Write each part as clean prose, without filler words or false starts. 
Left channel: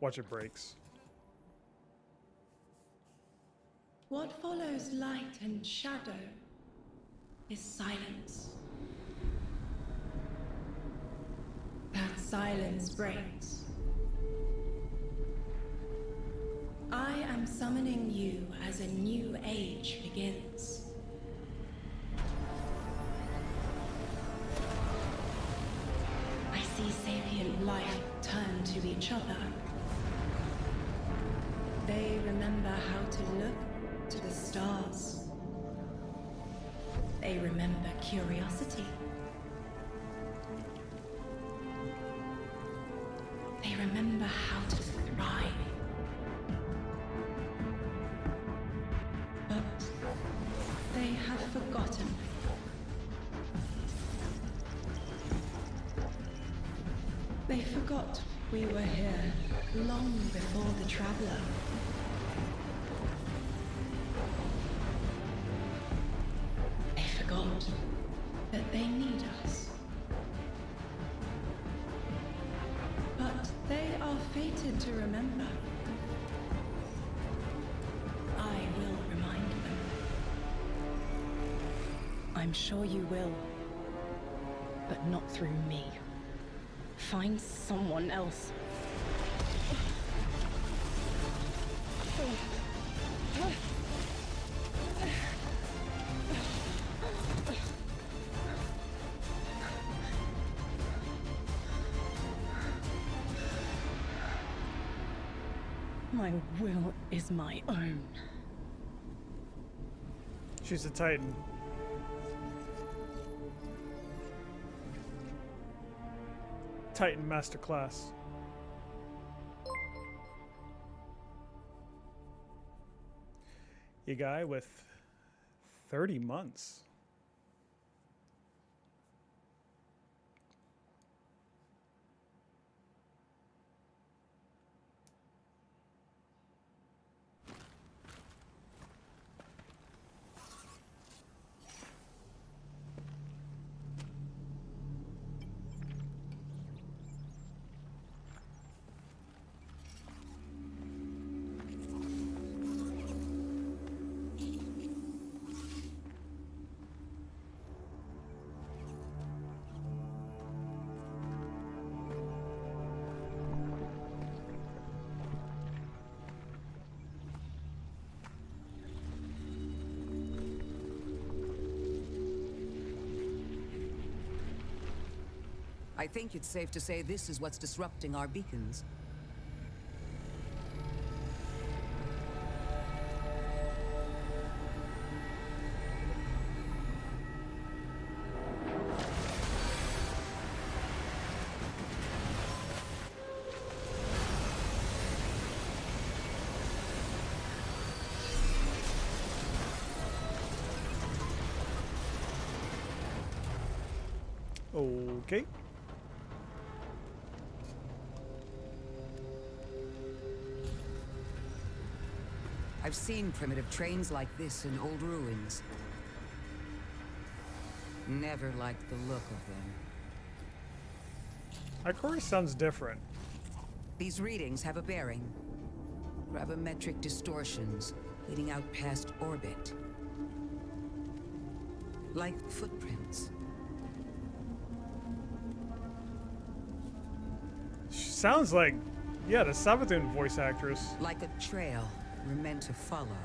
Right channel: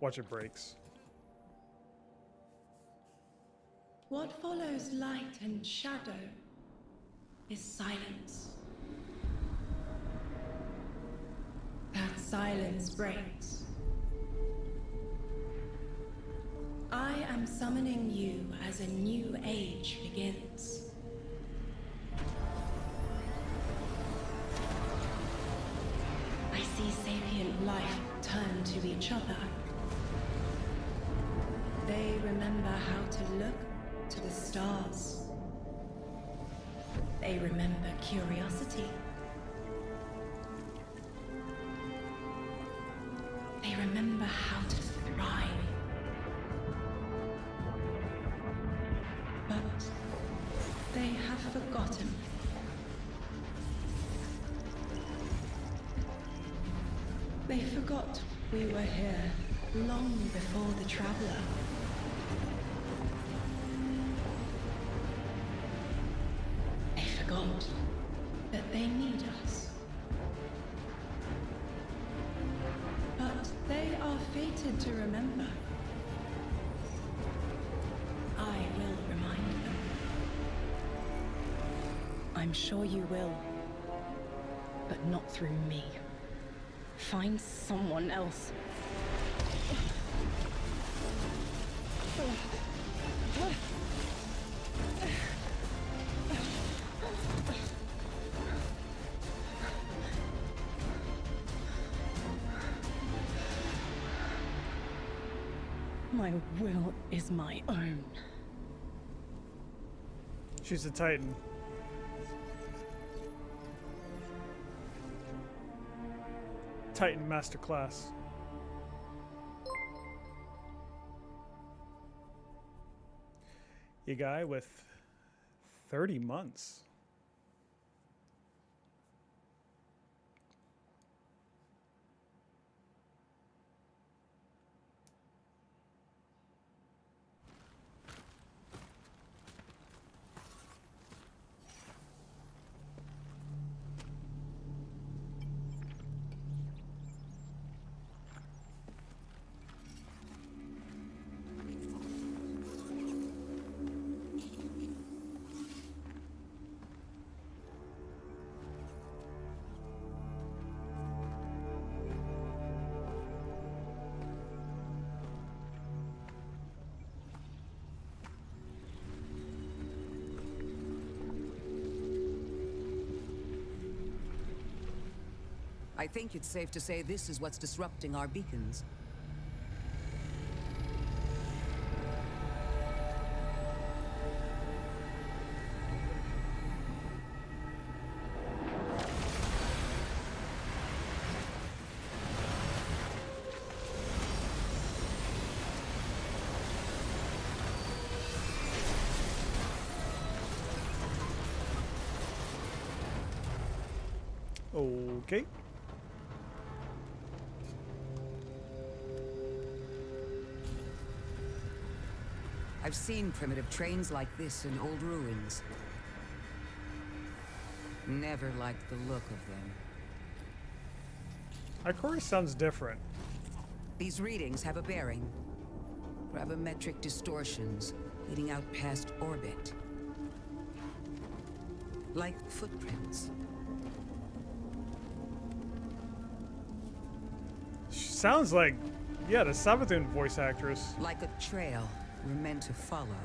Watch it breaks. What follows light and shadow is silence. That silence breaks. I am summoning you as a new age begins. I see sapient life turn to each other. They remember how to look to the stars. They remember curiosity. They remember how to thrive. But they have forgotten. They forgot we were here long before the Traveler. They forgot that they need us. But they are fated to remember. I will remind them. I'm sure you will. But not through me. Find someone else. My will is my own. She's a Titan. Titan Masterclass. You guy with 30 months. I think it's safe to say this is what's disrupting our beacons. Okay. I've seen primitive trains like this in old ruins. Never liked the look of them. Ikora sounds different. These readings have a bearing. Gravimetric distortions leading out past orbit. Like footprints. She sounds like, yeah, the Savathun voice actress. Like a trail we're meant to follow.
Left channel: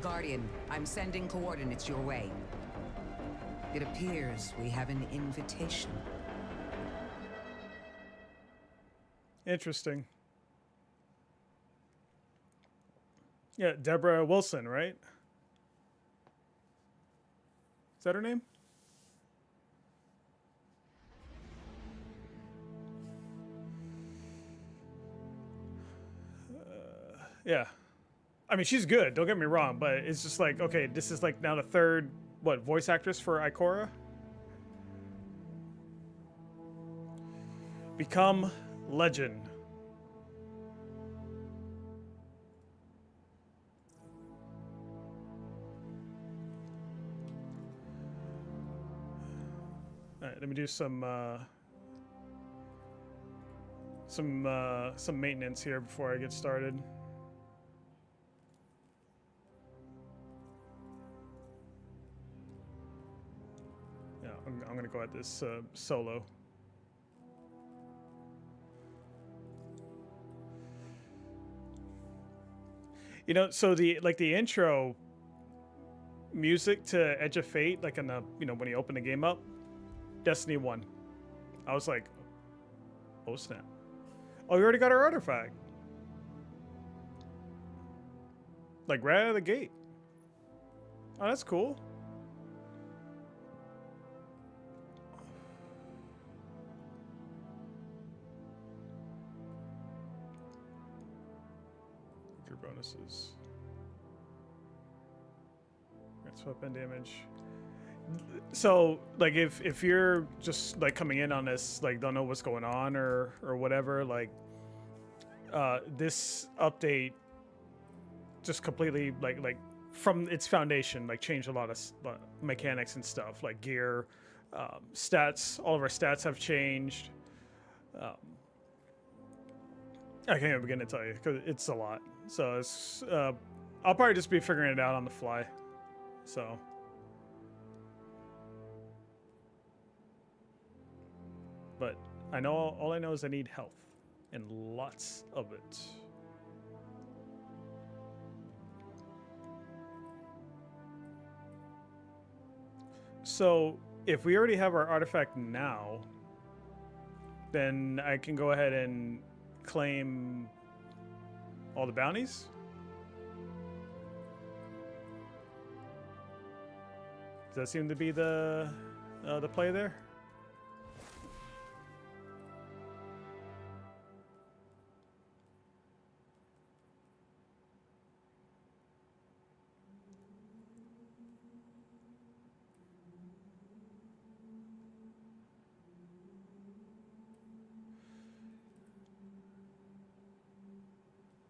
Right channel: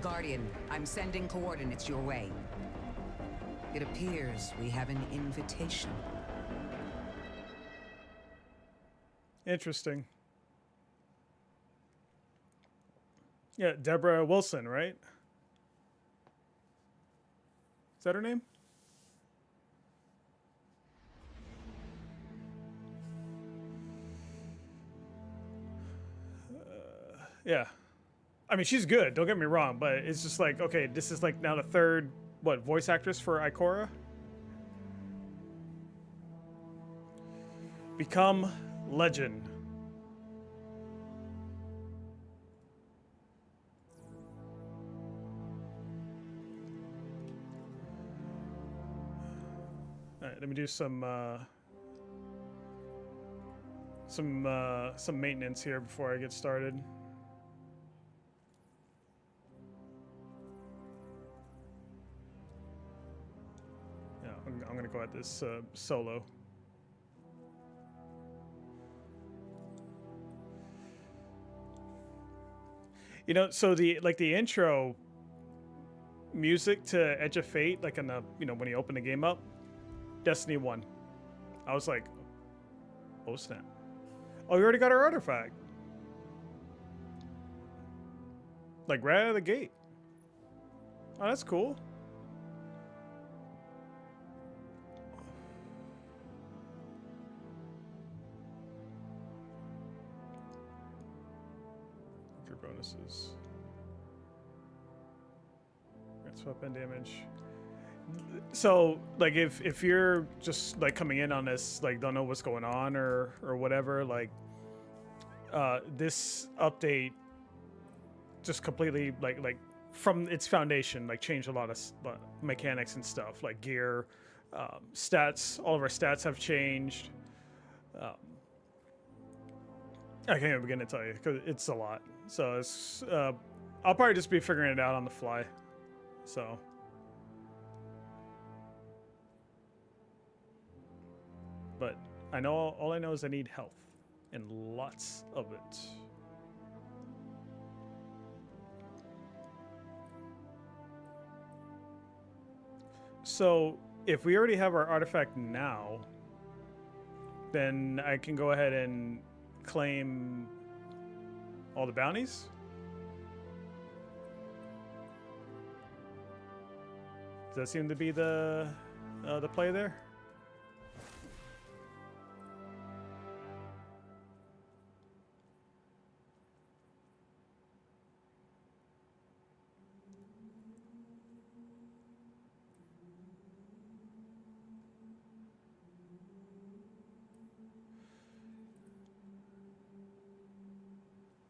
Guardian, I'm sending coordinates your way. It appears we have an invitation. Interesting. Yeah, Deborah Wilson, right? Is that her name? Yeah. I mean, she's good, don't get me wrong, but it's just like, okay, this is like now the third, what, voice actress for Ikora? Become legend. All right, let me do some some maintenance here before I get started. Yeah, I'm gonna go at this solo. You know, so the intro music to Edge of Fate, like in the when you open the game up, Destiny 1. I was like, oh snap. Oh, we already got our artifact. Like right out of the gate. Oh, that's cool. Your bonuses. That's weapon damage. So like if you're just like coming in on this, like don't know what's going on or whatever, like this update just completely like from its foundation like changed a lot of mechanics and stuff, like gear, stats. All of our stats have changed. I can't even begin to tell you because it's a lot. So it's I'll probably just be figuring it out on the fly. So but I know all I know is I need health and lots of it. So if we already have our artifact now, then I can go ahead and claim all the bounties. Does that seem to be the play there?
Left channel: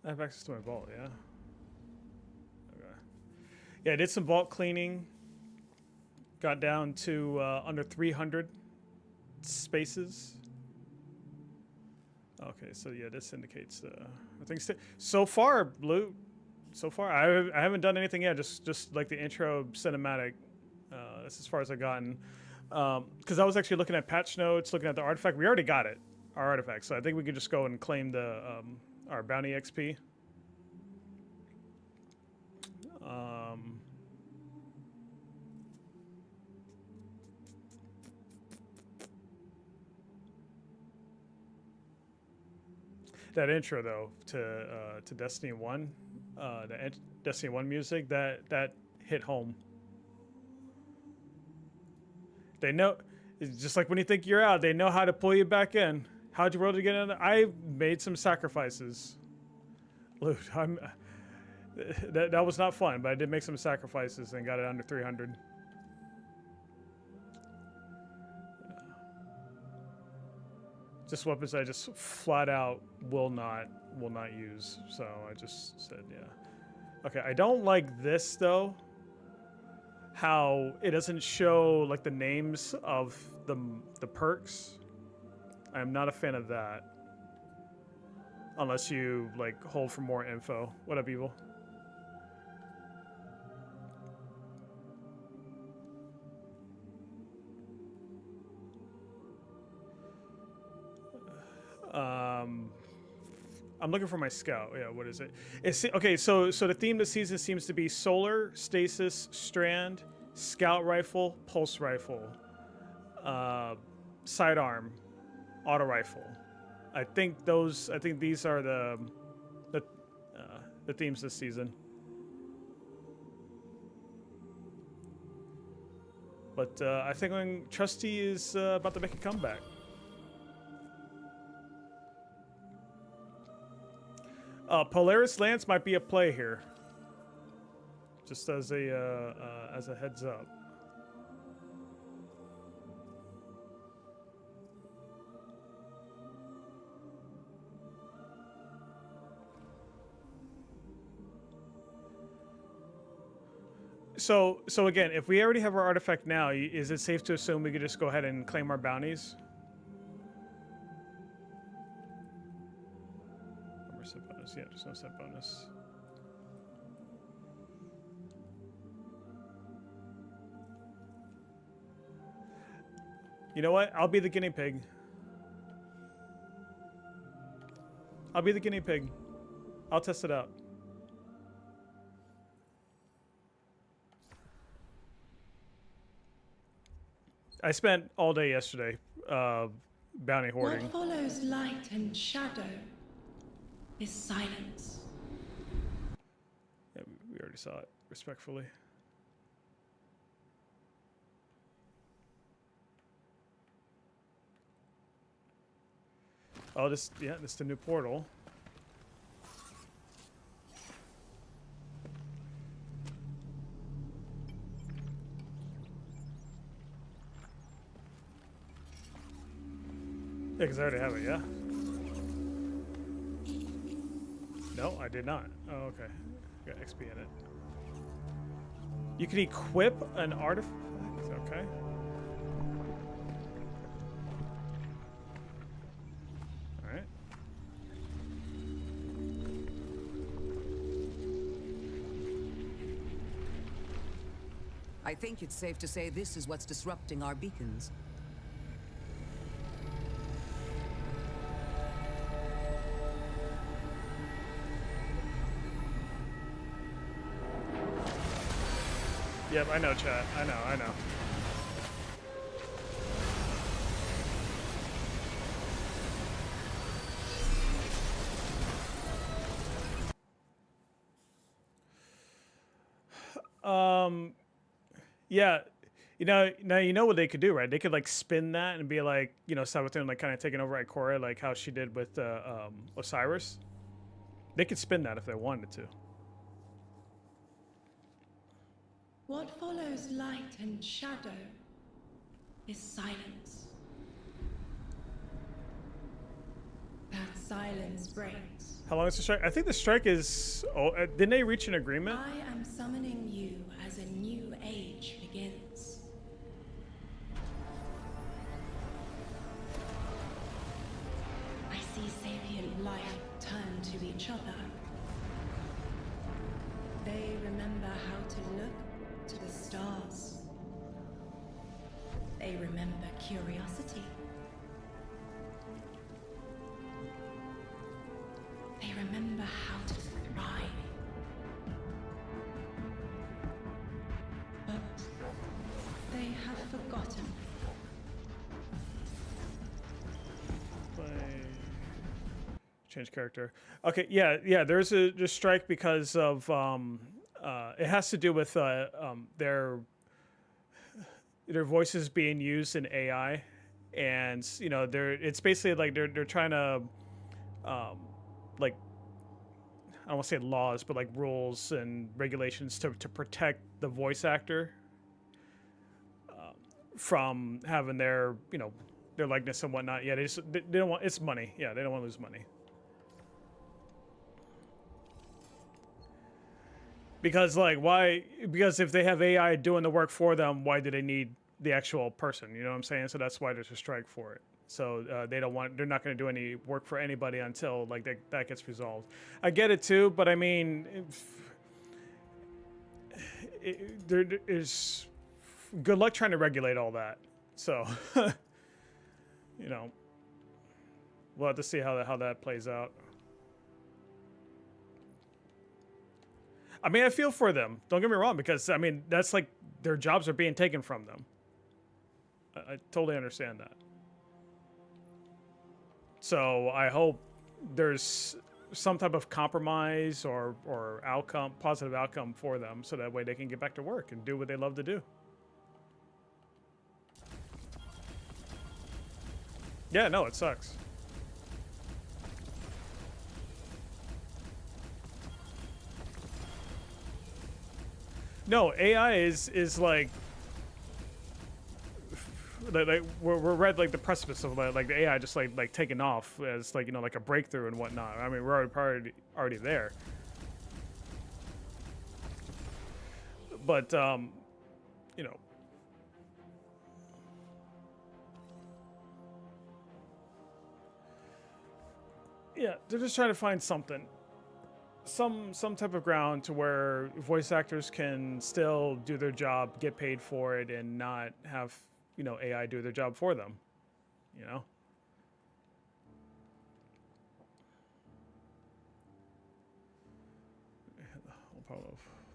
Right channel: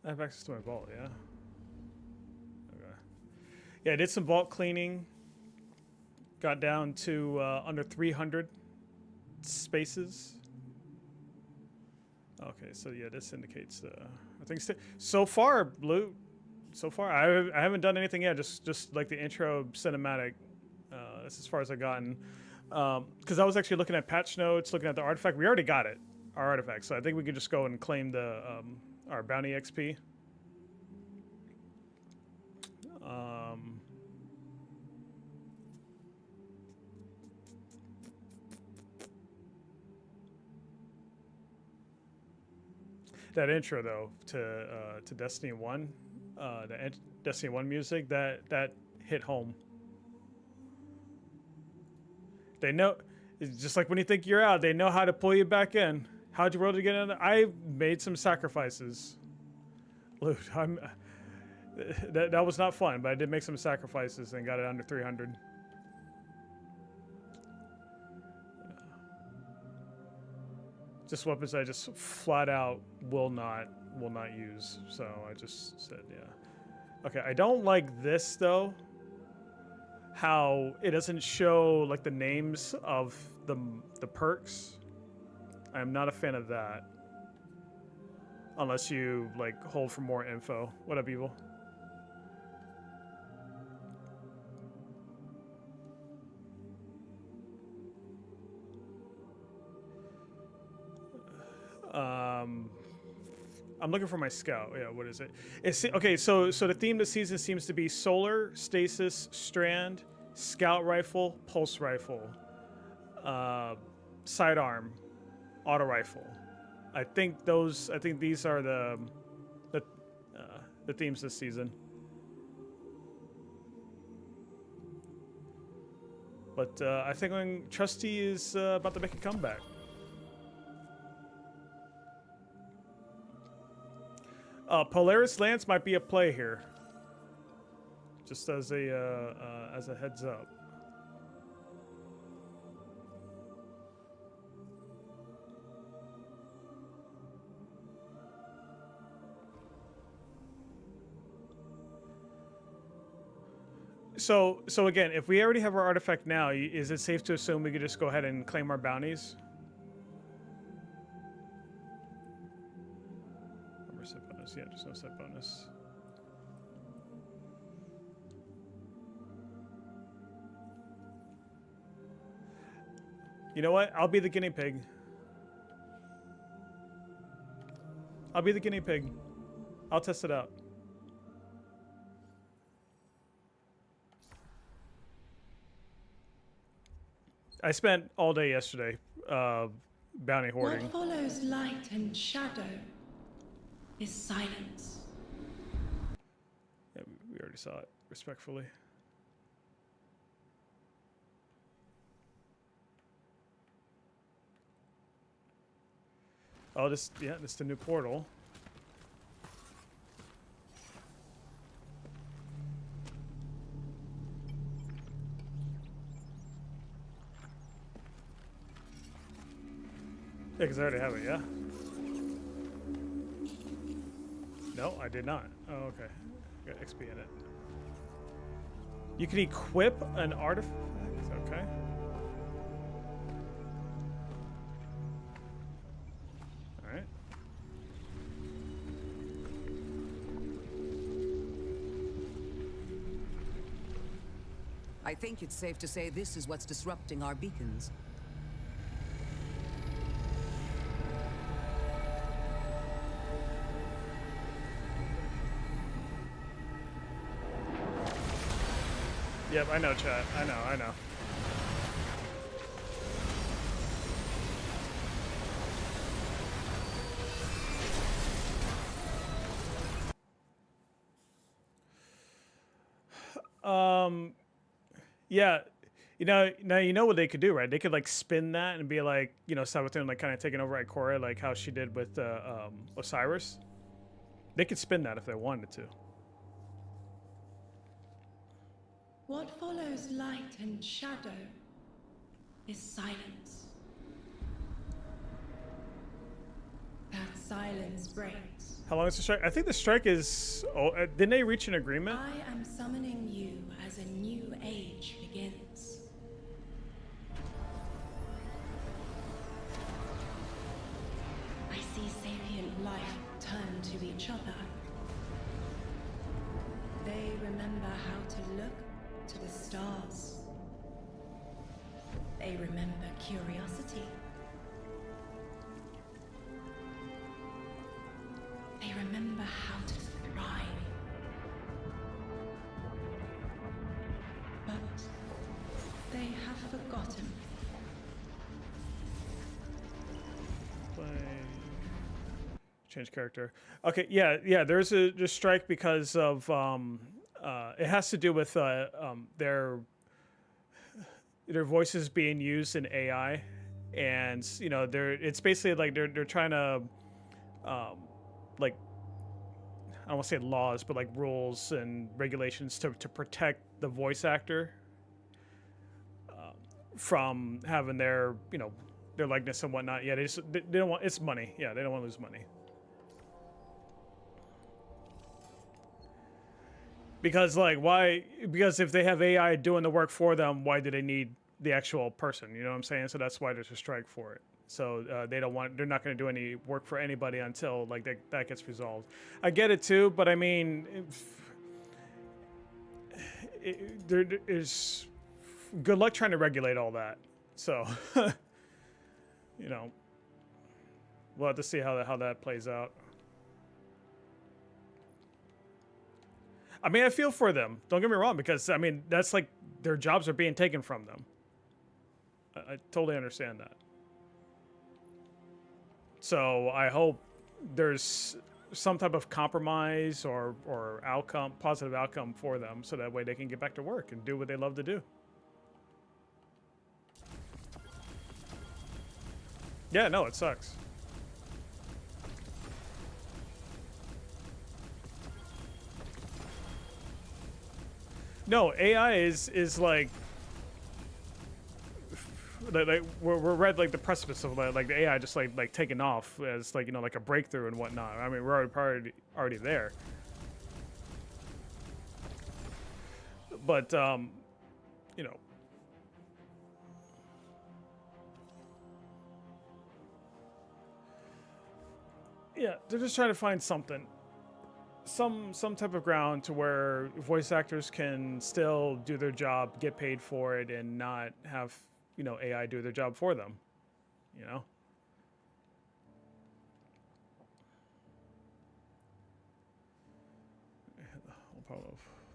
I have access to my vault, yeah. Okay. Yeah, I did some vault cleaning. Got down to under 300 spaces. Okay, so yeah, this indicates I think so far, loot. So far, I haven't done anything yet. Just like the intro cinematic. That's as far as I've gotten. Because I was actually looking at patch notes, looking at the artifact. We already got it, our artifact. So I think we could just go and claim the our bounty XP. That intro though to Destiny 1, the Destiny 1 music that hit home. They know, it's just like when you think you're out, they know how to pull you back in. How'd you roll to get in? I made some sacrifices. Loot, that was not fun, but I did make some sacrifices and got it under 300. Just weapons I just flat out will not use. So I just said, yeah. Okay, I don't like this though. How it doesn't show like the names of the perks. I am not a fan of that. Unless you like hold for more info. What up, Evil? I'm looking for my scout. Yeah, what is it? It's okay. So the theme this season seems to be solar, stasis, strand, scout rifle, pulse rifle, sidearm, auto rifle. I think these are the themes this season. But I think when Trustee is about to make a comeback. Polaris Lance might be a play here. Just as a heads up. So again, if we already have our artifact now, is it safe to assume we could just go ahead and claim our bounties? bonus. Yeah, just no set bonus. You know what? I'll be the guinea pig. I'll be the guinea pig. I'll test it out. I spent all day yesterday bounty hoarding. What follows light and shadow is silence. Yeah, we already saw it, respectfully. Oh, this is the new portal. Yeah, because I already have it, yeah? No, I did not. Oh, okay. Got XP in it. You can equip an artifact? Okay. Alright. I think it's safe to say this is what's disrupting our beacons. Yep, I know, chat. I know. Yeah, now you know what they could do, right? They could like spin that and be like, Sabathun like kind of taking over Ikora, like how she did with Osiris. They could spin that if they wanted to. What follows light and shadow is silence. That silence breaks. How long is the strike? I think the strike is. Oh, didn't they reach an agreement? I am summoning you as a new age begins. I see sapient life turn to each other. They remember how to look to the stars. They remember curiosity. They remember how to thrive. But they have forgotten. Play. Change character. Okay, yeah. There's a strike because of it has to do with their voices being used in AI, and it's basically like they're trying to like, I don't want to say laws, but like rules and regulations to protect the voice actor from having their their likeness and whatnot. Yeah, they don't want, it's money. Yeah, they don't want to lose money. Because like why? Because if they have AI doing the work for them, why do they need the actual person? You know what I'm saying? So that's why there's a strike for it. So they're not going to do any work for anybody until like that gets resolved. I get it too, but I mean, there is good luck trying to regulate all that. So we'll have to see how that plays out. I mean, I feel for them. Don't get me wrong, because I mean that's like their jobs are being taken from them. I totally understand that. So I hope there's some type of compromise or outcome, positive outcome for them, so that way they can get back to work and do what they love to do. Yeah, no, it sucks. No, AI is like we're at like the precipice of like the AI just like taking off as like like a breakthrough and whatnot. I mean, we're already there. But yeah, they're just trying to find something. some type of ground to where voice actors can still do their job, get paid for it, and not have, you know, AI do their job for them. You know.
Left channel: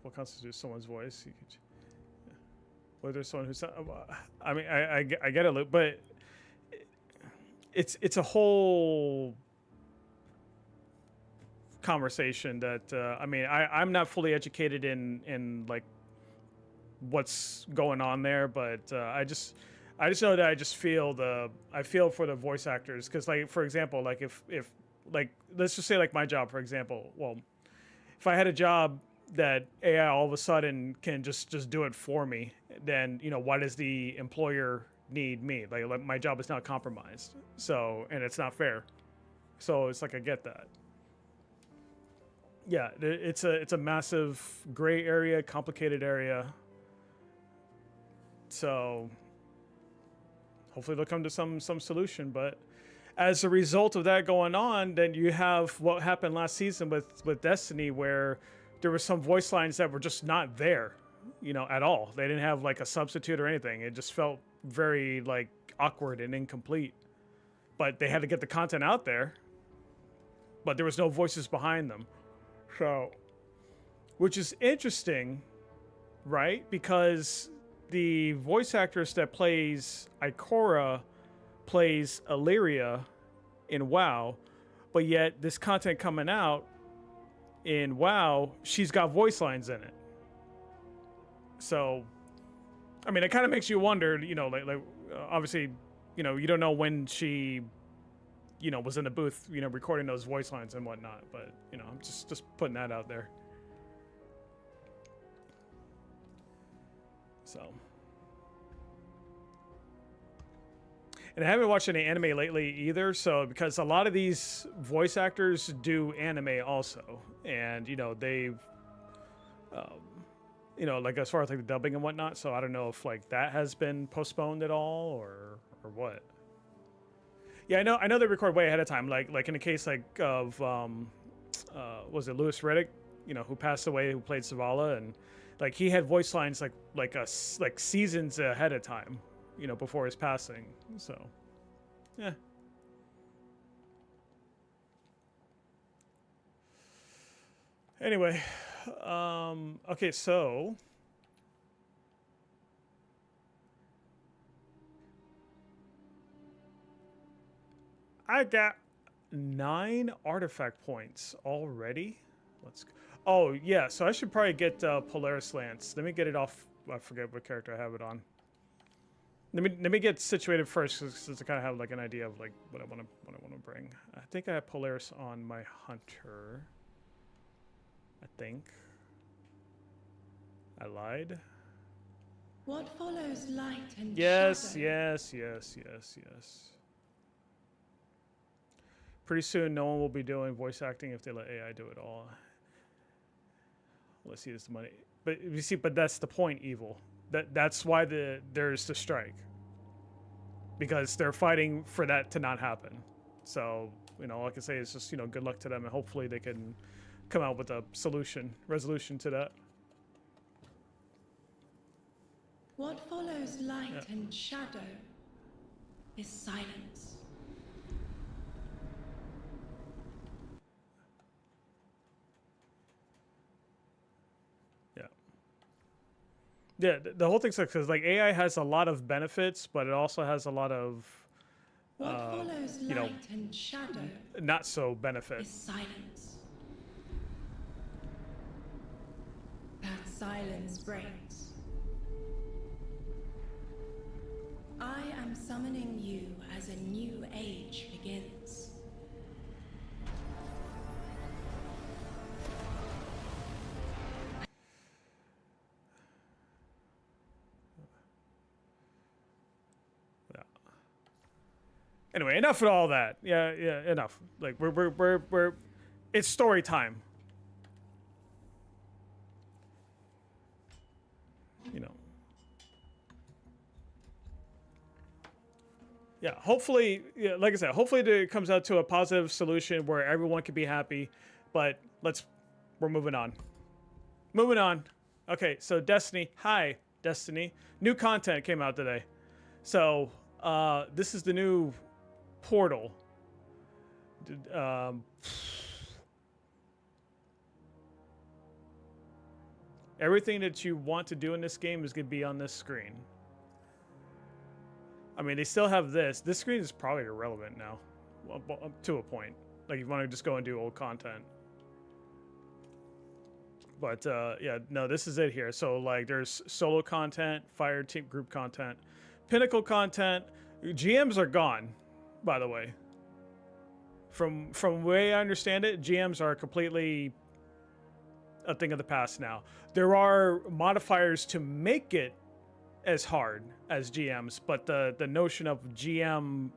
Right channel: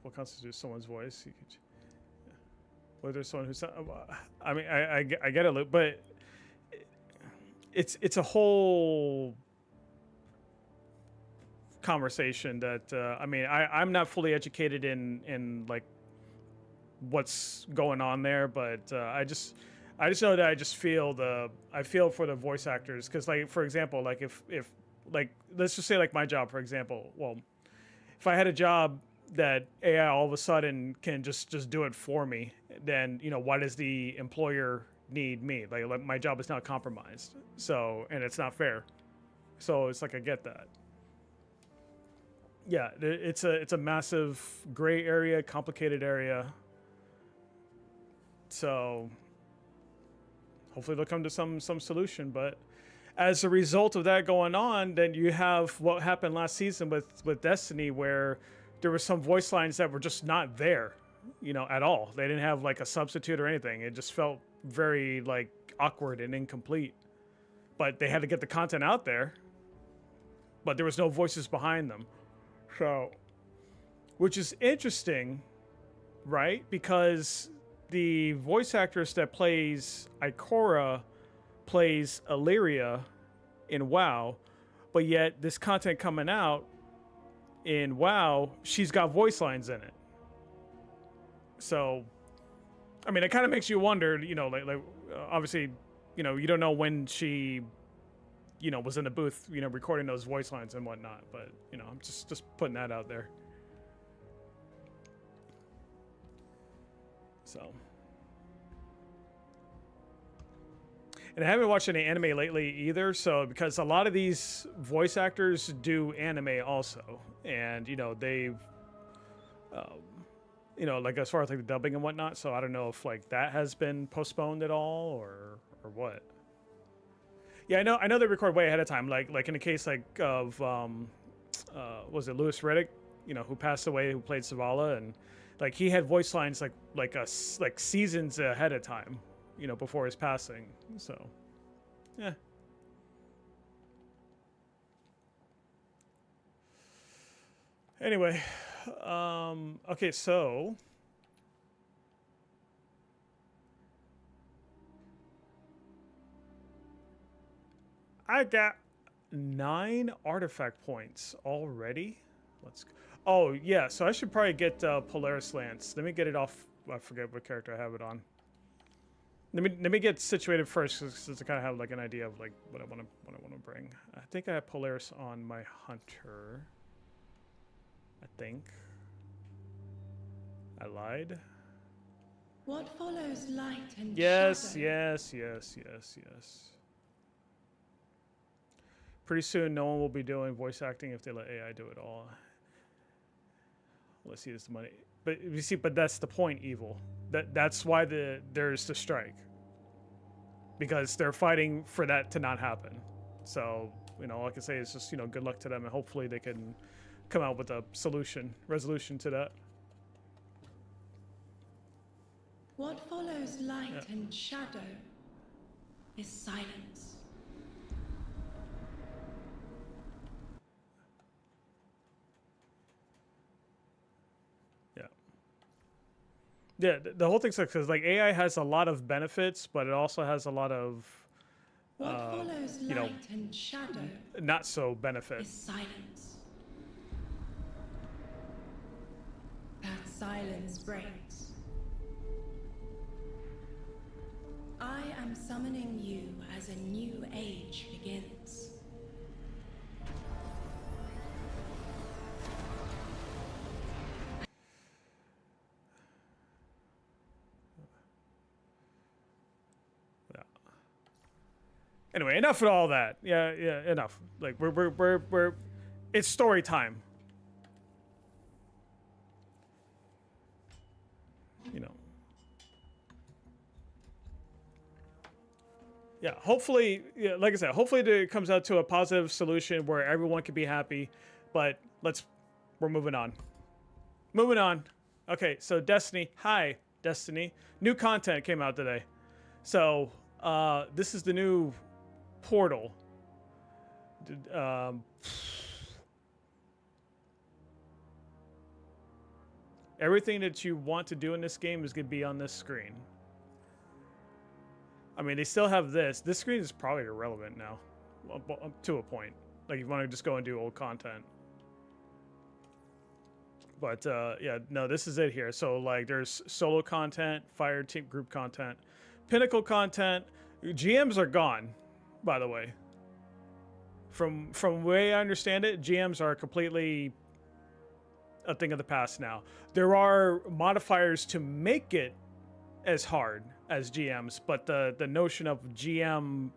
What constitutes someone's voice? You could, whether someone who's, I mean, I get it, but it's a whole conversation that I mean, I'm not fully educated in like what's going on there, but I just know that I feel for the voice actors, because like, for example, like if like, let's just say like my job, for example. Well, if I had a job that AI all of a sudden can just do it for me, then, you know, why does the employer need me? Like my job is now compromised. So, and it's not fair. So it's like, I get that. Yeah, it's a massive gray area, complicated area. So hopefully they'll come to some solution. But as a result of that going on, then you have what happened last season with Destiny, where there were some voice lines that were just not there, you know, at all. They didn't have like a substitute or anything. It just felt very like awkward and incomplete. But they had to get the content out there, but there was no voices behind them. So, which is interesting, right? Because the voice actress that plays Ikora plays Illyria in WoW, but yet this content coming out in WoW, she's got voice lines in it. So, I mean, it kind of makes you wonder, you know, like obviously, you know, you don't know when she, you know, was in the booth, you know, recording those voice lines and whatnot. But, you know, I'm just putting that out there. So. And I haven't watched any anime lately either, so, because a lot of these voice actors do anime also, and, you know, they've, you know, like as far as like the dubbing and whatnot. So I don't know if like that has been postponed at all or what. Yeah, I know they record way ahead of time. Like in the case like of was it Louis Riddick, you know, who passed away, who played Zavala, and like he had voice lines like seasons ahead of time, you know, before his passing. So, yeah. Anyway, okay, so I got 9 artifact points already. Let's go. Oh, yeah, so I should probably get Polaris Lance. Let me get it off. I forget what character I have it on. Let me get situated first, because I kind of have like an idea of like what I want to bring. I think I have Polaris on my hunter. I think I lied. What follows light and Yes, shadow? yes. Pretty soon, no one will be doing voice acting if they let AI do it all. Let's see, this money. But you see, but that's the point, Evil. That's why there's the strike, because they're fighting for that to not happen. So, you know, all I can say is just, you know, good luck to them, and hopefully they can come out with a resolution to that. What follows light and shadow is silence. Yeah, the whole thing's because like AI has a lot of benefits, but it also has a lot of What follows you know, light and shadow not so benefit. is silence. That silence breaks. I am summoning you as a new age begins. Anyway, enough of all that. Yeah, enough. Like we're it's story time. You know. Yeah, hopefully, yeah, like I said, hopefully it comes out to a positive solution where everyone can be happy. But let's we're moving on. Moving on. Okay, so Destiny. Hi, Destiny. New content came out today. So this is the new portal. Everything that you want to do in this game is going to be on this screen. I mean, they still have this. This screen is probably irrelevant now, to a point. Like, you want to just go and do old content. But, yeah, no, this is it here. So, like, there's solo content, fire team group content, pinnacle content. GMs are gone, by the way. From the way I understand it, GMs are completely a thing of the past now. There are modifiers to make it as hard as GMs, but the notion of GM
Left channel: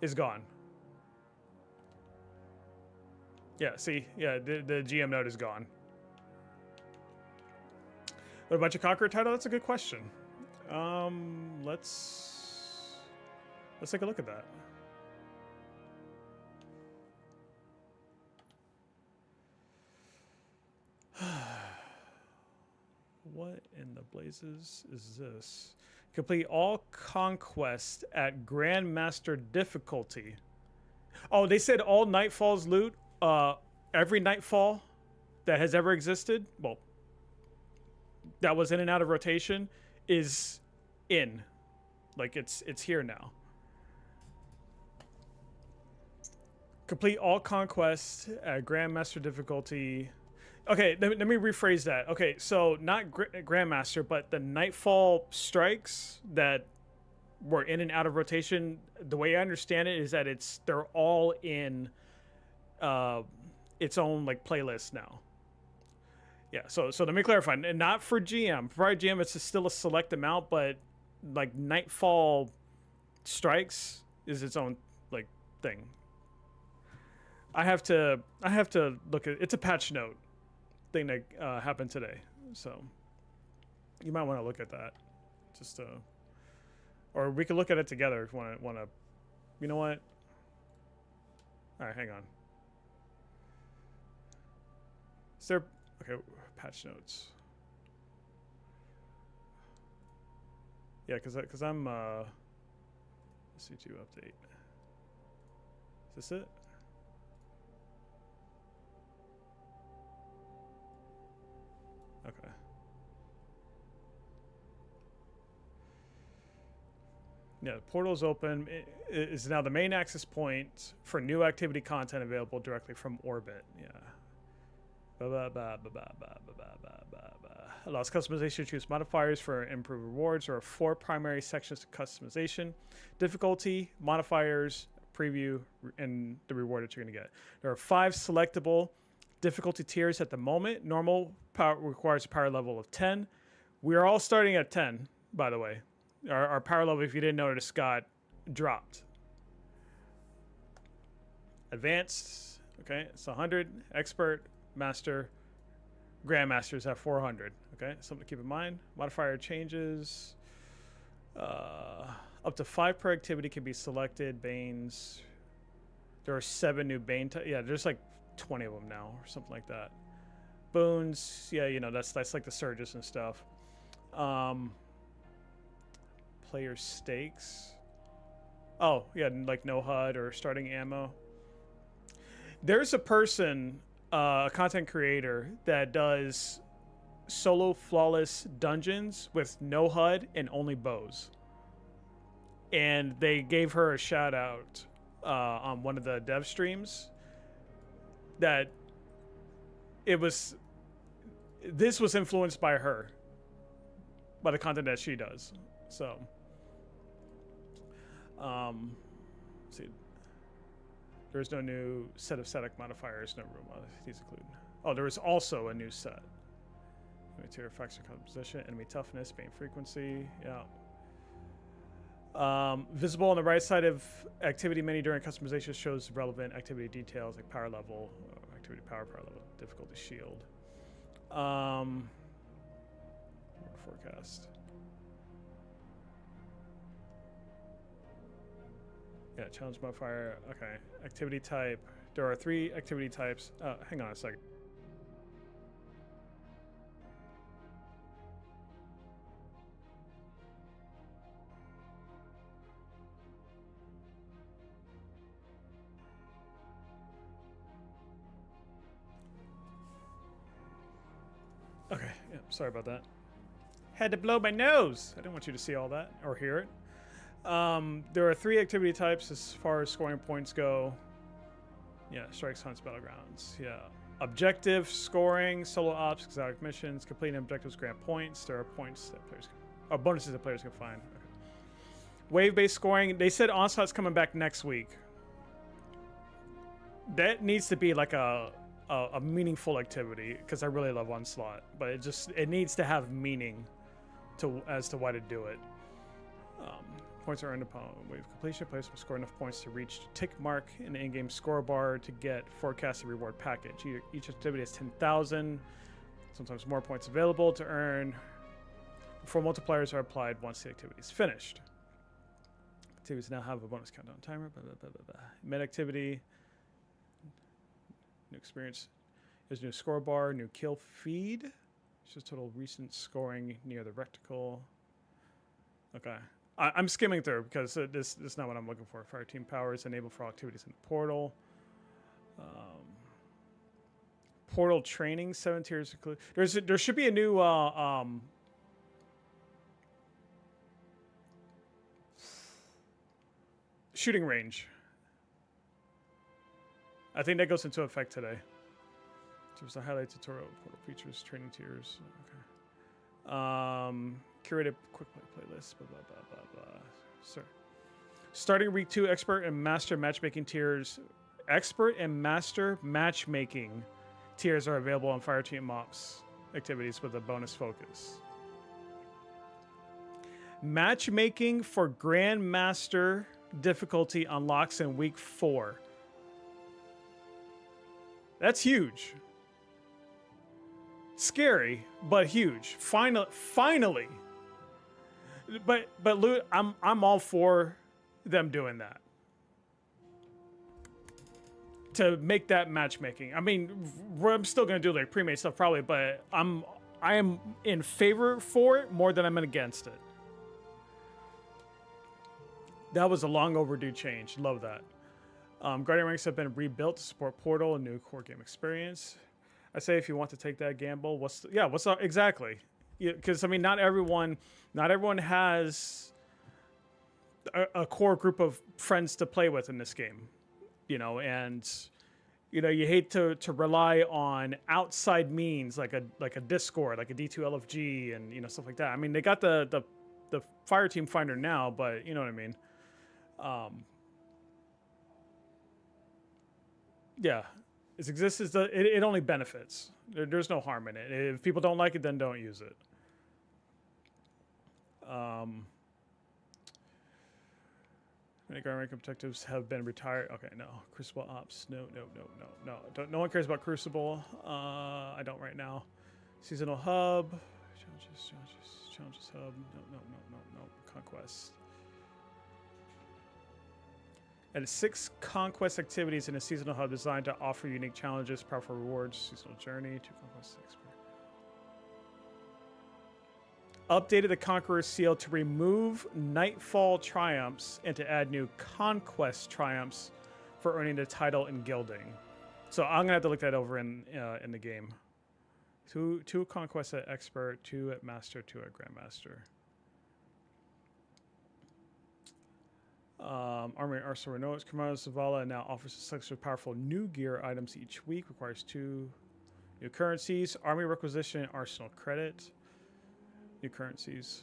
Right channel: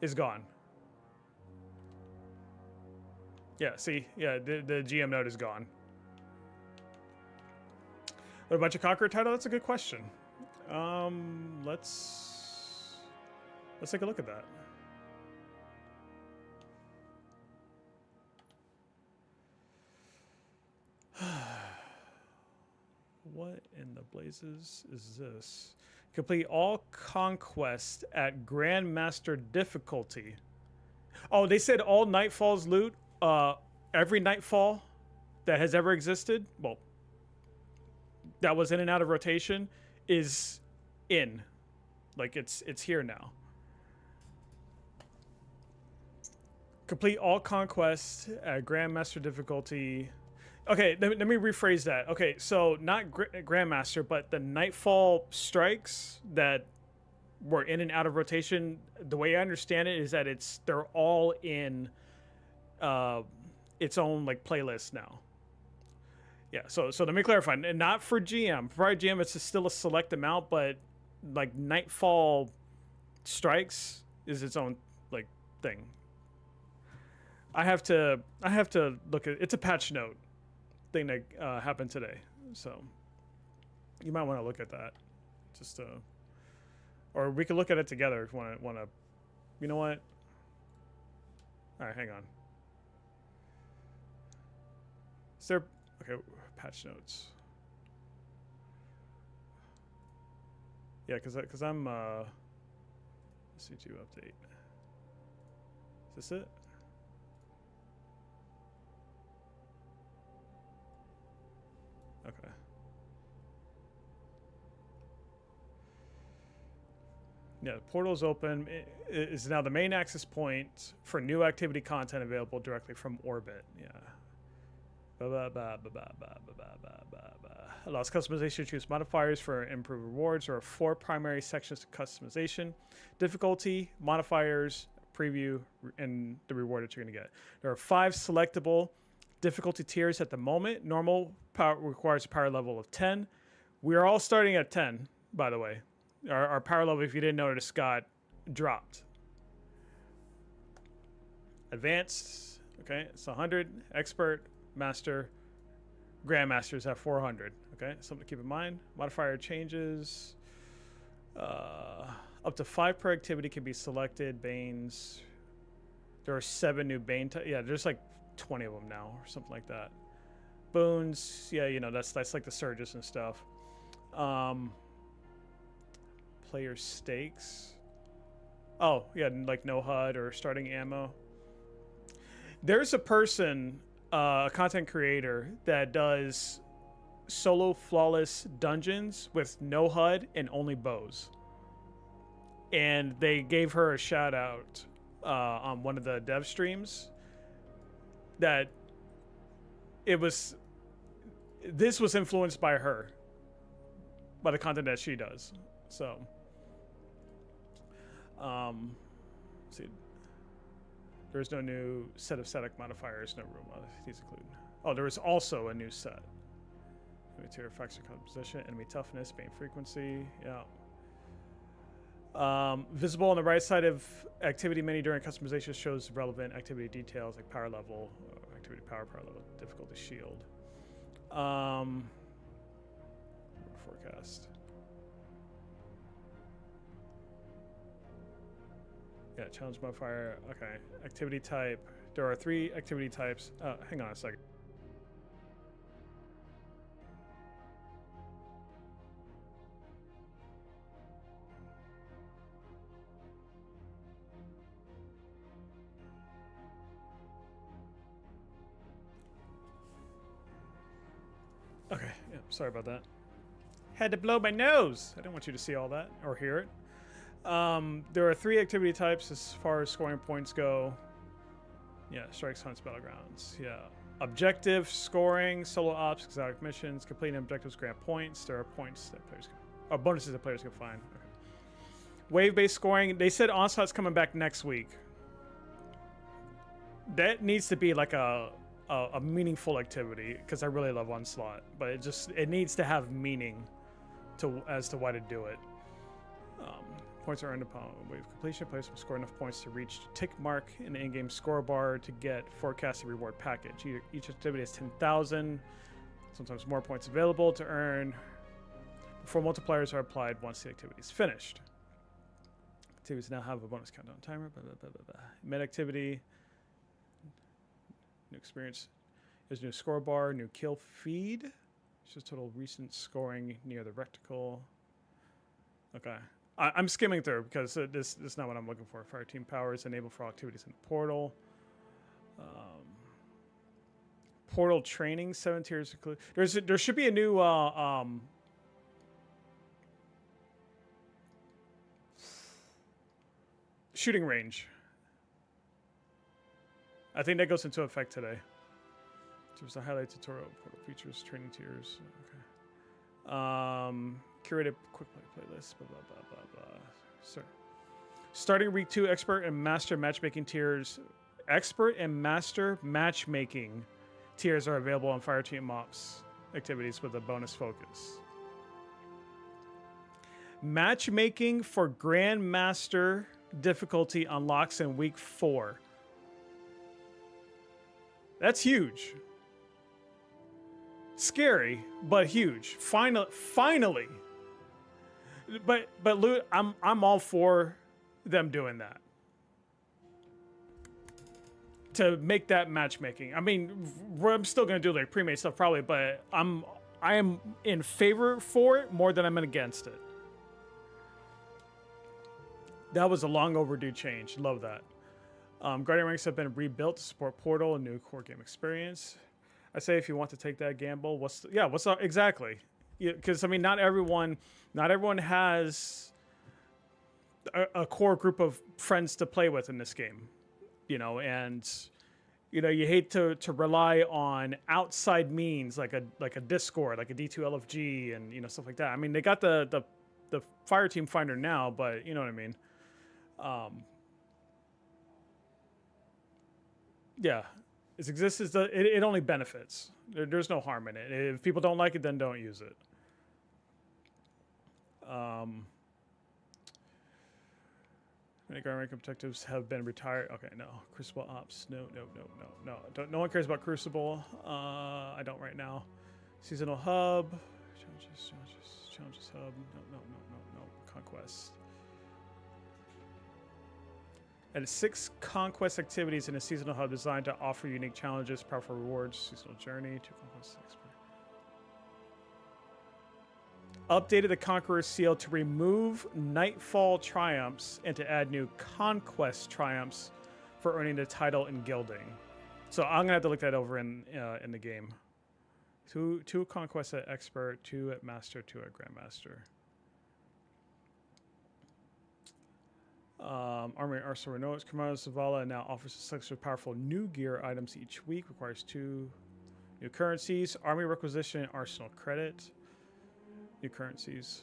is gone. Yeah, see? Yeah, the GM node is gone. What about your Conqueror title? That's a good question. Let's take a look at that. What in the blazes is this? Complete all conquest at Grandmaster difficulty. Oh, they said all Nightfall's loot, every Nightfall that has ever existed, well, that was in and out of rotation, is in. Like, it's here now. Complete all conquest at Grandmaster difficulty. Okay, let me rephrase that. Okay, so not Grandmaster, but the Nightfall strikes that were in and out of rotation. The way I understand it is that they're all in its own like playlist now. Yeah, so let me clarify. And not for GM. For GM, it's still a select amount, but like Nightfall strikes is its own like thing. I have to look at it's a patch note thing that happened today, so you might want to look at that, just or we could look at it together if you want to. You know what? All right, hang on. Is there okay? Patch notes. Yeah, because I'm C2 update. Is this it? Okay. Yeah, the portal is open. It is now the main access point for new activity content available directly from orbit. Yeah. Allows customization to choose modifiers for improved rewards. There are 4 primary sections to customization: difficulty, modifiers, preview, and the reward that you're going to get. There are 5 selectable difficulty tiers at the moment. Normal power requires a power level of 10. We are all starting at 10, by the way. Our power level, if you didn't notice, got dropped. Advanced, okay, it's 100. Expert, master, grandmasters have 400. Okay, something to keep in mind. Modifier changes. Up to 5 per activity can be selected. Banes. There are 7 new Bane. Yeah, there's like 20 of them now, or something like that. Boons, yeah, you know, that's like the surges and stuff. Player stakes. Oh, yeah, like no HUD or starting ammo. There's a person, a content creator, that does solo flawless dungeons with no HUD and only bows. And they gave her a shout out on one of the dev streams that this was influenced by her, by the content that she does. So, see, there's no new set of static modifiers, no room. These include. Oh, there is also a new set. Material factor composition, enemy toughness, bane frequency. Yeah. Visible on the right side of activity menu during customization shows relevant activity details like power level, activity power level, difficulty shield. Forecast. Yeah, challenge modifier. Okay, activity type. There are 3 activity types. Hang on a second. Sorry about that. Had to blow my nose. I didn't want you to see all that or hear it. There are 3 activity types as far as scoring points go. Yeah, strikes, hunts, battlegrounds. Yeah. Objective, scoring, solo ops, exotic missions, completing objectives grant points. There are points that players can, or bonuses that players can find. Okay. Wave-based scoring. They said Onslaught's coming back next week. That needs to be like a meaningful activity because I really love Onslaught, but it needs to have meaning as to why to do it. Points are earned upon wave completion. Players will score enough points to reach the tick mark in the in-game score bar to get forecasted reward package. Each activity has 10,000, sometimes more points available to earn before multipliers are applied once the activity is finished. Activities now have a bonus countdown timer. Blah, blah, blah, blah, blah. Mid-activity. New experience. There's a new score bar, new kill feed. It's just total recent scoring near the reticle. Okay. I'm skimming through because this is not what I'm looking for. Fire team powers enable for all activities in the portal. Portal training, 7 tiers include. There should be a new shooting range. I think that goes into effect today. There's a highlight tutorial, portal features, training tiers. Okay. Curated quick play playlist. Blah blah blah blah blah. Sir. Starting week 2, expert and master matchmaking tiers. Expert and master matchmaking tiers are available on Fireteam Ops activities with a bonus focus. Matchmaking for Grandmaster difficulty unlocks in week 4. That's huge. Scary, but huge. Finally. But Loot, I'm all for them doing that. To make that matchmaking. I mean, I'm still gonna do like pre-made stuff probably, but I am in favor for it more than I'm against it. That was a long overdue change. Love that. Guardian ranks have been rebuilt to support Portal and new core game experience. I say if you want to take that gamble, what's up exactly? Because I mean, not everyone has a core group of friends to play with in this game, and you hate to rely on outside means like a Discord, like a D2LFG, and stuff like that. I mean, they got the Fire Team Finder now, but you know what I mean. Yeah, its existence it only benefits. There's no harm in it. If people don't like it, then don't use it. Many guard rank objectives have been retired. Okay, no. Crucible Ops. No. No one cares about Crucible. I don't right now. Seasonal Hub. Challenges Hub. No. Conquest. And 6 conquest activities in a seasonal hub designed to offer unique challenges, powerful rewards, seasonal journey, 2 conquest expert. Updated the Conqueror's Seal to remove Nightfall triumphs and to add new conquest triumphs for earning the title and gilding. So I'm gonna have to look that over in the game. 2 conquests at expert, 2 at master, 2 at grandmaster. Army Arsenal Renault's Commander Zavala now offers a selection of powerful new gear items each week. Requires 2 new currencies. Army Requisition and Arsenal Credit. New currencies.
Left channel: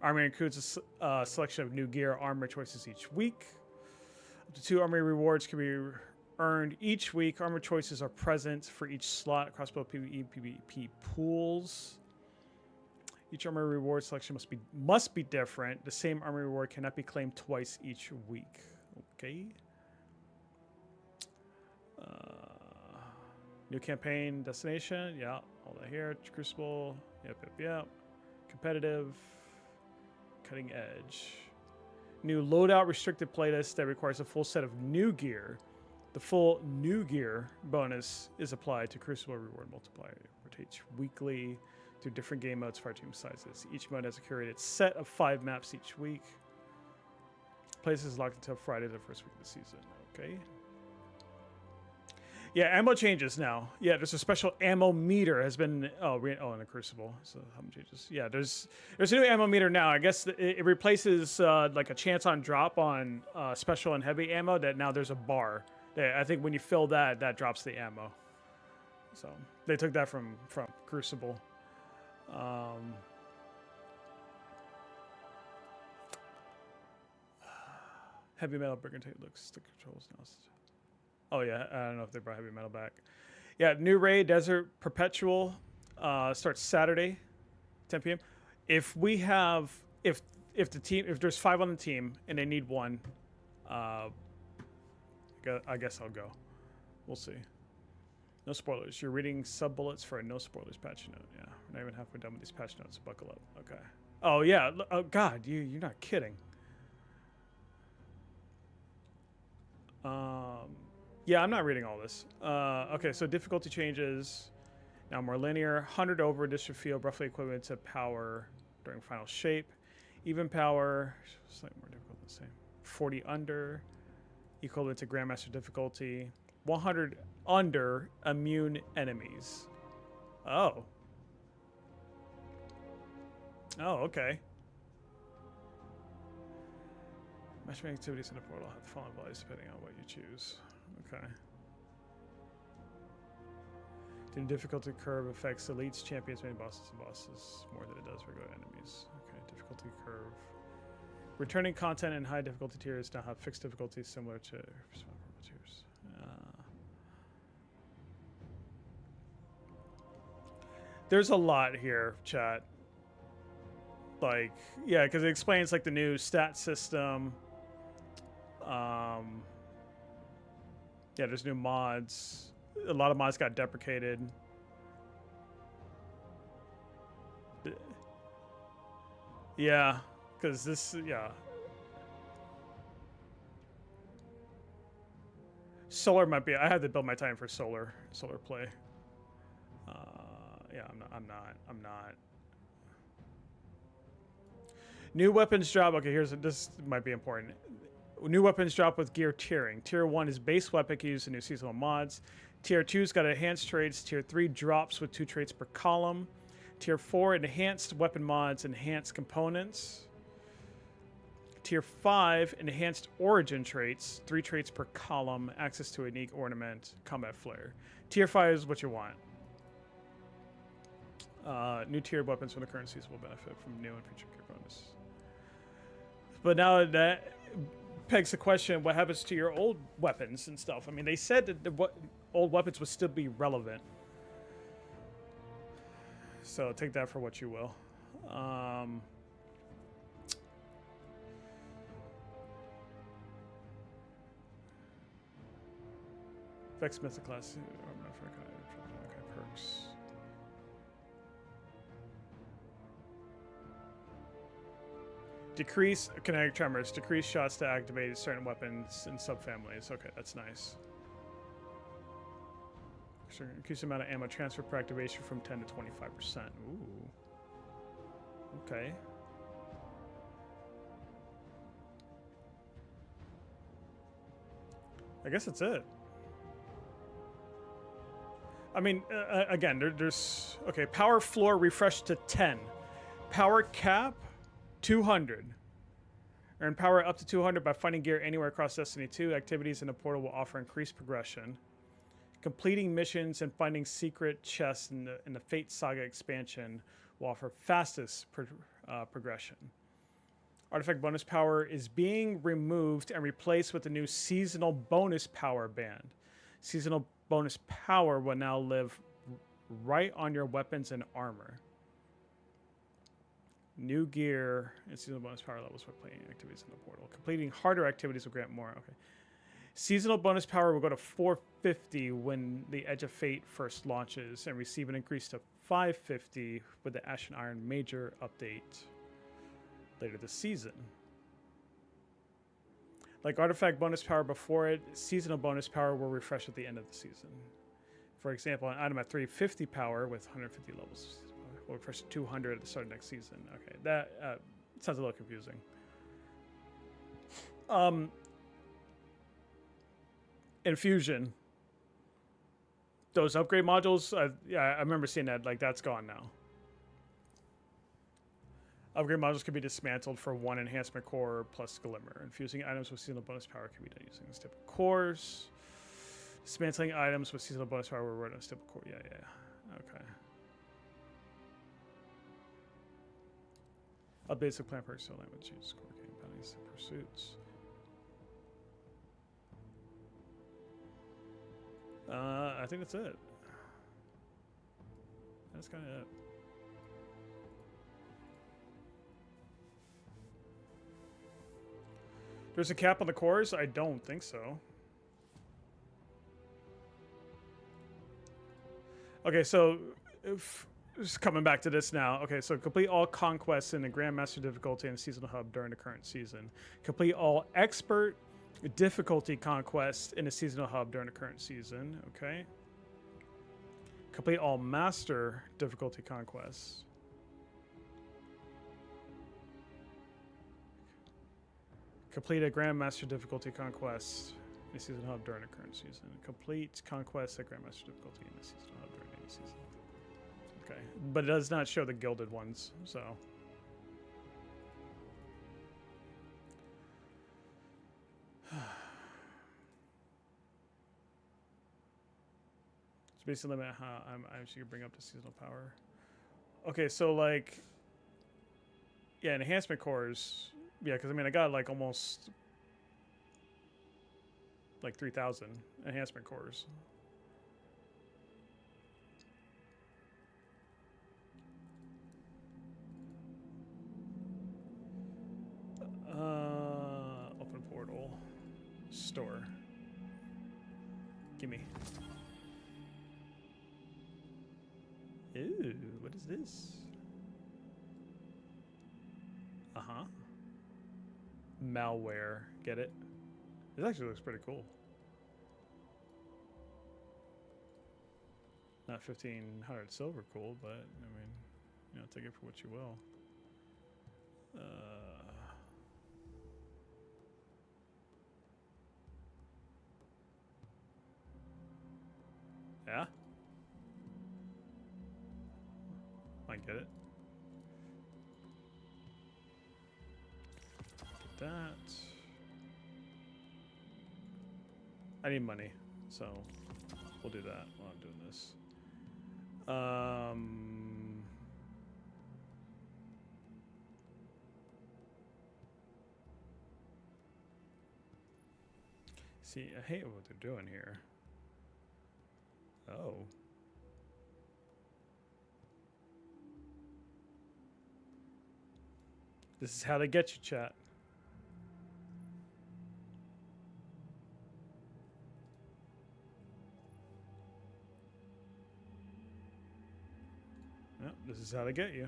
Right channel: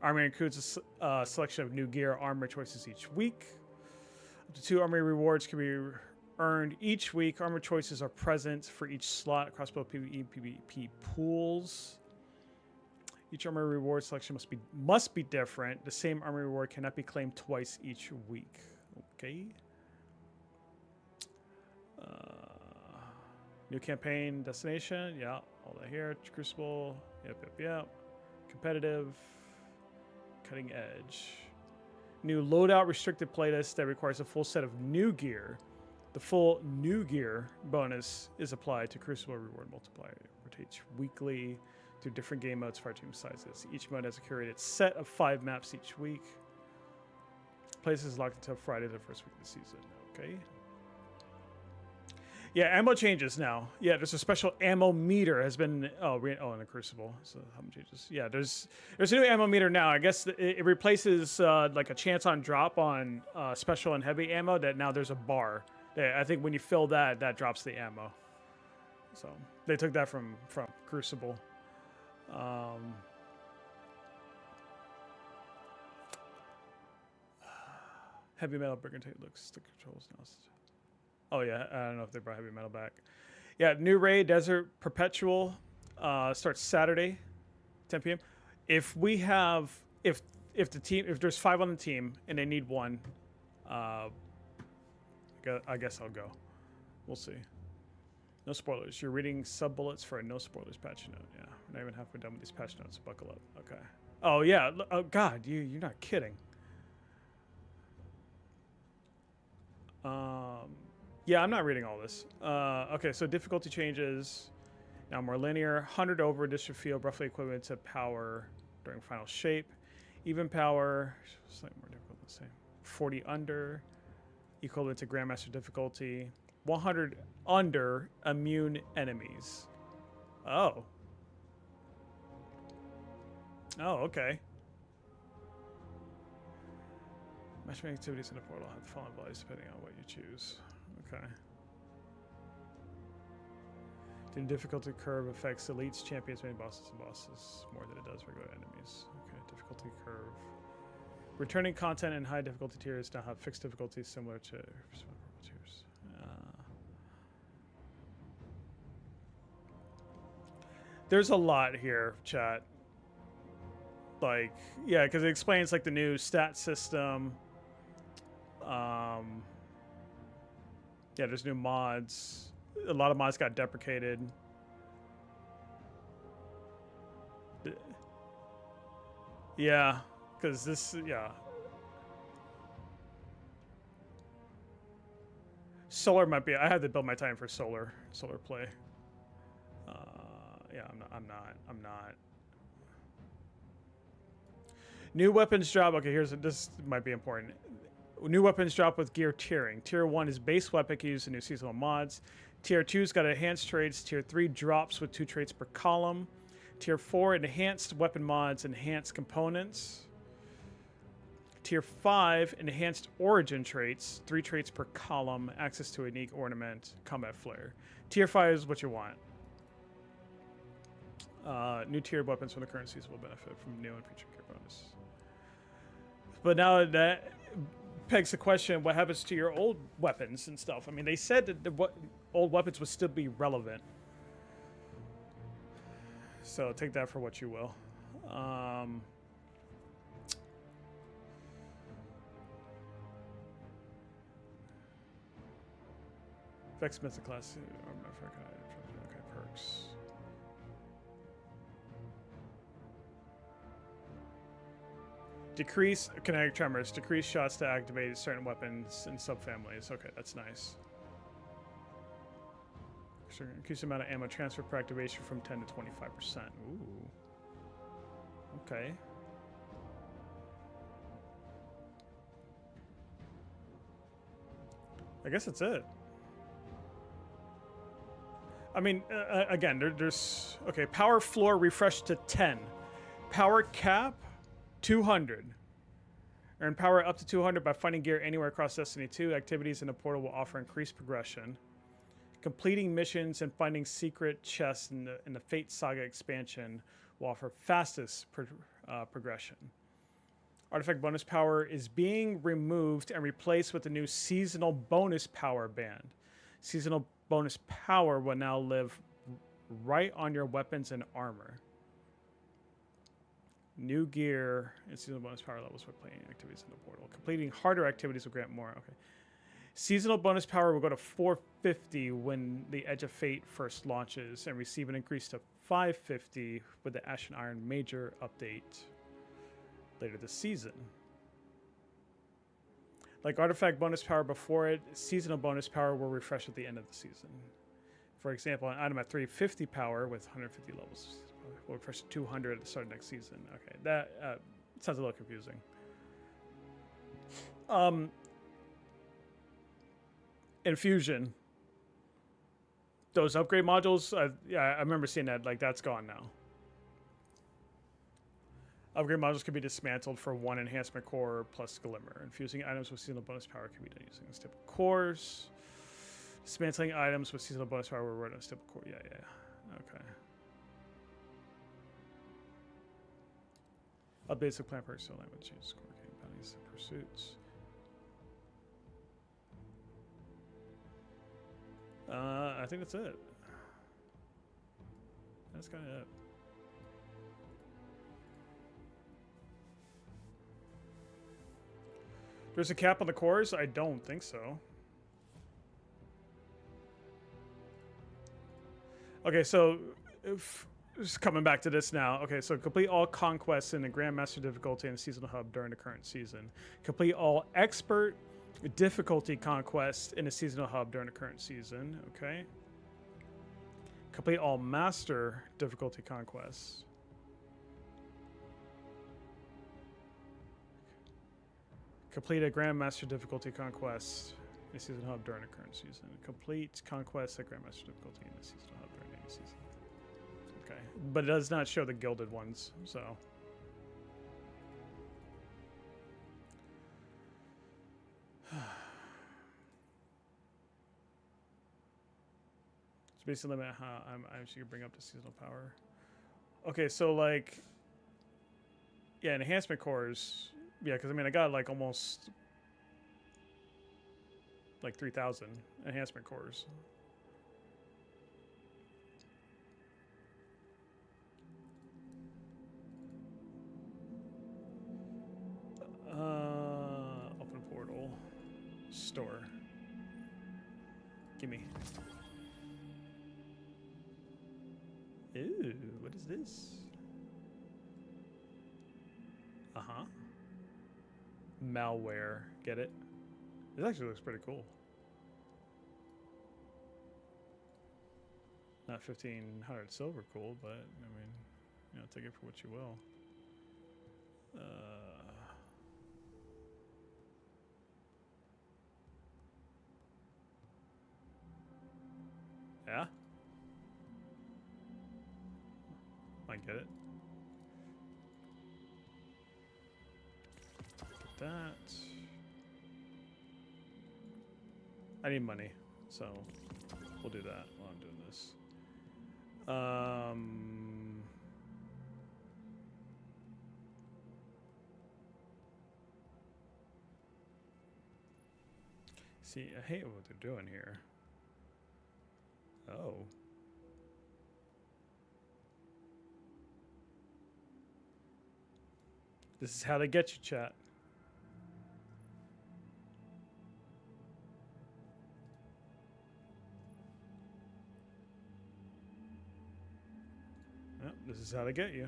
Army includes a selection of new gear armor choices each week. Up to 2 army rewards can be earned each week. Armor choices are present for each slot across both PvE and PvP pools. Each armor reward selection must be different. The same armor reward cannot be claimed twice each week. Okay. New campaign destination. Yeah, all that here. Crucible. Yep. Competitive. Cutting edge. New loadout restricted playlist that requires a full set of new gear. The full new gear bonus is applied to Crucible reward multiplier. It rotates weekly through different game modes, fire team sizes. Each mode has a curated set of 5 maps each week. Places locked until Friday, the first week of the season. Okay. Yeah, ammo changes now. Yeah, there's a special ammo meter has been in the Crucible. So how many changes? Yeah, there's a new ammo meter now. I guess it replaces like a chance on drop on special and heavy ammo. That now there's a bar. That I think when you fill that, that drops the ammo. So they took that from Crucible. Heavy metal brigade looks the controls now. Oh yeah, I don't know if they brought heavy metal back. Yeah, new raid Desert Perpetual starts Saturday, 10 p.m. If we have if there's 5 on the team and they need 1, I guess I'll go. We'll see. No spoilers. You're reading sub bullets for a no spoilers patch note. Yeah, we're not even halfway done with these patch notes. Buckle up. Okay. Oh yeah. Oh God, you're not kidding. Yeah, I'm not reading all this. Okay, so difficulty changes. Now more linear. 100 over district field, roughly equivalent to power during final shape. Even power, slightly more difficult than the same. 40 under, equivalent to Grandmaster difficulty. 100 under immune enemies. Oh. Oh, okay. Matchmaking activities in the portal have the following values depending on what you choose. Okay. The difficulty curve affects elites, champions, main bosses, and bosses more than it does regular enemies. Okay, difficulty curve. Returning content in high difficulty tiers now have fixed difficulties similar to tiers. There's a lot here, chat. Like, yeah, because it explains like the new stat system. Yeah, there's new mods. A lot of mods got deprecated. Yeah, because this, yeah. Solar might be, I had to build my time for solar play. Yeah, I'm not. New weapons drop. Okay, this might be important. New weapons drop with gear tiering. Tier 1 is base weapon used in new seasonal mods. Tier 2's got enhanced traits. Tier 3 drops with 2 traits per column. Tier 4 enhanced weapon mods, enhanced components. Tier 5 enhanced origin traits, 3 traits per column, access to a unique ornament, combat flare. Tier 5 is what you want. New tiered weapons from the current season will benefit from new and future gear bonus. But now that begs the question, what happens to your old weapons and stuff? I mean, they said that the old weapons would still be relevant. So take that for what you will. Vex Mythic class. Okay, perks. Decrease kinetic tremors. Decrease shots to activate certain weapons and subfamilies. Okay, that's nice. Increase the amount of ammo transfer per activation from 10 to 25%. Ooh. Okay. I guess that's it. I mean, again, there's... Okay, power floor refreshed to 10. Power cap, 200. Earn power up to 200 by finding gear anywhere across Destiny 2. Activities in the portal will offer increased progression. Completing missions and finding secret chests in the Fate Saga expansion will offer fastest progression. Artifact bonus power is being removed and replaced with the new seasonal bonus power band. Seasonal bonus power will now live right on your weapons and armor. New gear and seasonal bonus power levels for playing activities in the portal. Completing harder activities will grant more. Okay. Seasonal bonus power will go to 450 when the Edge of Fate first launches and receive an increase to 550 with the Ash and Iron Major update later this season. Like artifact bonus power before it, seasonal bonus power will refresh at the end of the season. For example, an item at 350 power with 150 levels will refresh to 200 at the start of next season. Okay, that sounds a little confusing. Infusion. those upgrade modules, yeah, I remember seeing that. Like, that's gone now. Upgrade modules can be dismantled for 1 enhancement core plus glimmer. Infusing items with seasonal bonus power can be done using this type of cores. Dismantling items with seasonal bonus power will run on step core. Yeah, yeah. Okay. Updates to plant perks to align with changes core game bounties and pursuits. I think that's it. That's kind of it. There's a cap on the cores? I don't think so. Okay, so just coming back to this now. Okay, so complete all conquests in the Grandmaster difficulty and seasonal hub during the current season. Complete all expert difficulty conquests in the seasonal hub during the current season. Okay. Complete all master difficulty conquests. Complete a Grandmaster difficulty conquest in the season hub during the current season. Complete conquest at Grandmaster difficulty in the season hub during any season. Okay, but it does not show the gilded ones, so. It's basically limit how I'm actually gonna bring up the seasonal power. Okay, so like, yeah, enhancement cores. Yeah, because I mean, I got like almost like 3,000 enhancement cores. Open portal. Store. Gimme. Ooh, what is this? Uh-huh. Malware. Get it? This actually looks pretty cool. Not 1,500 silver cool, but I mean, you know, take it for what you will. Yeah? I get it. Get that. I need money, so we'll do that while I'm doing this. See, I hate what they're doing here. Oh. This is how they get you, chat. Yep, this is how they get you.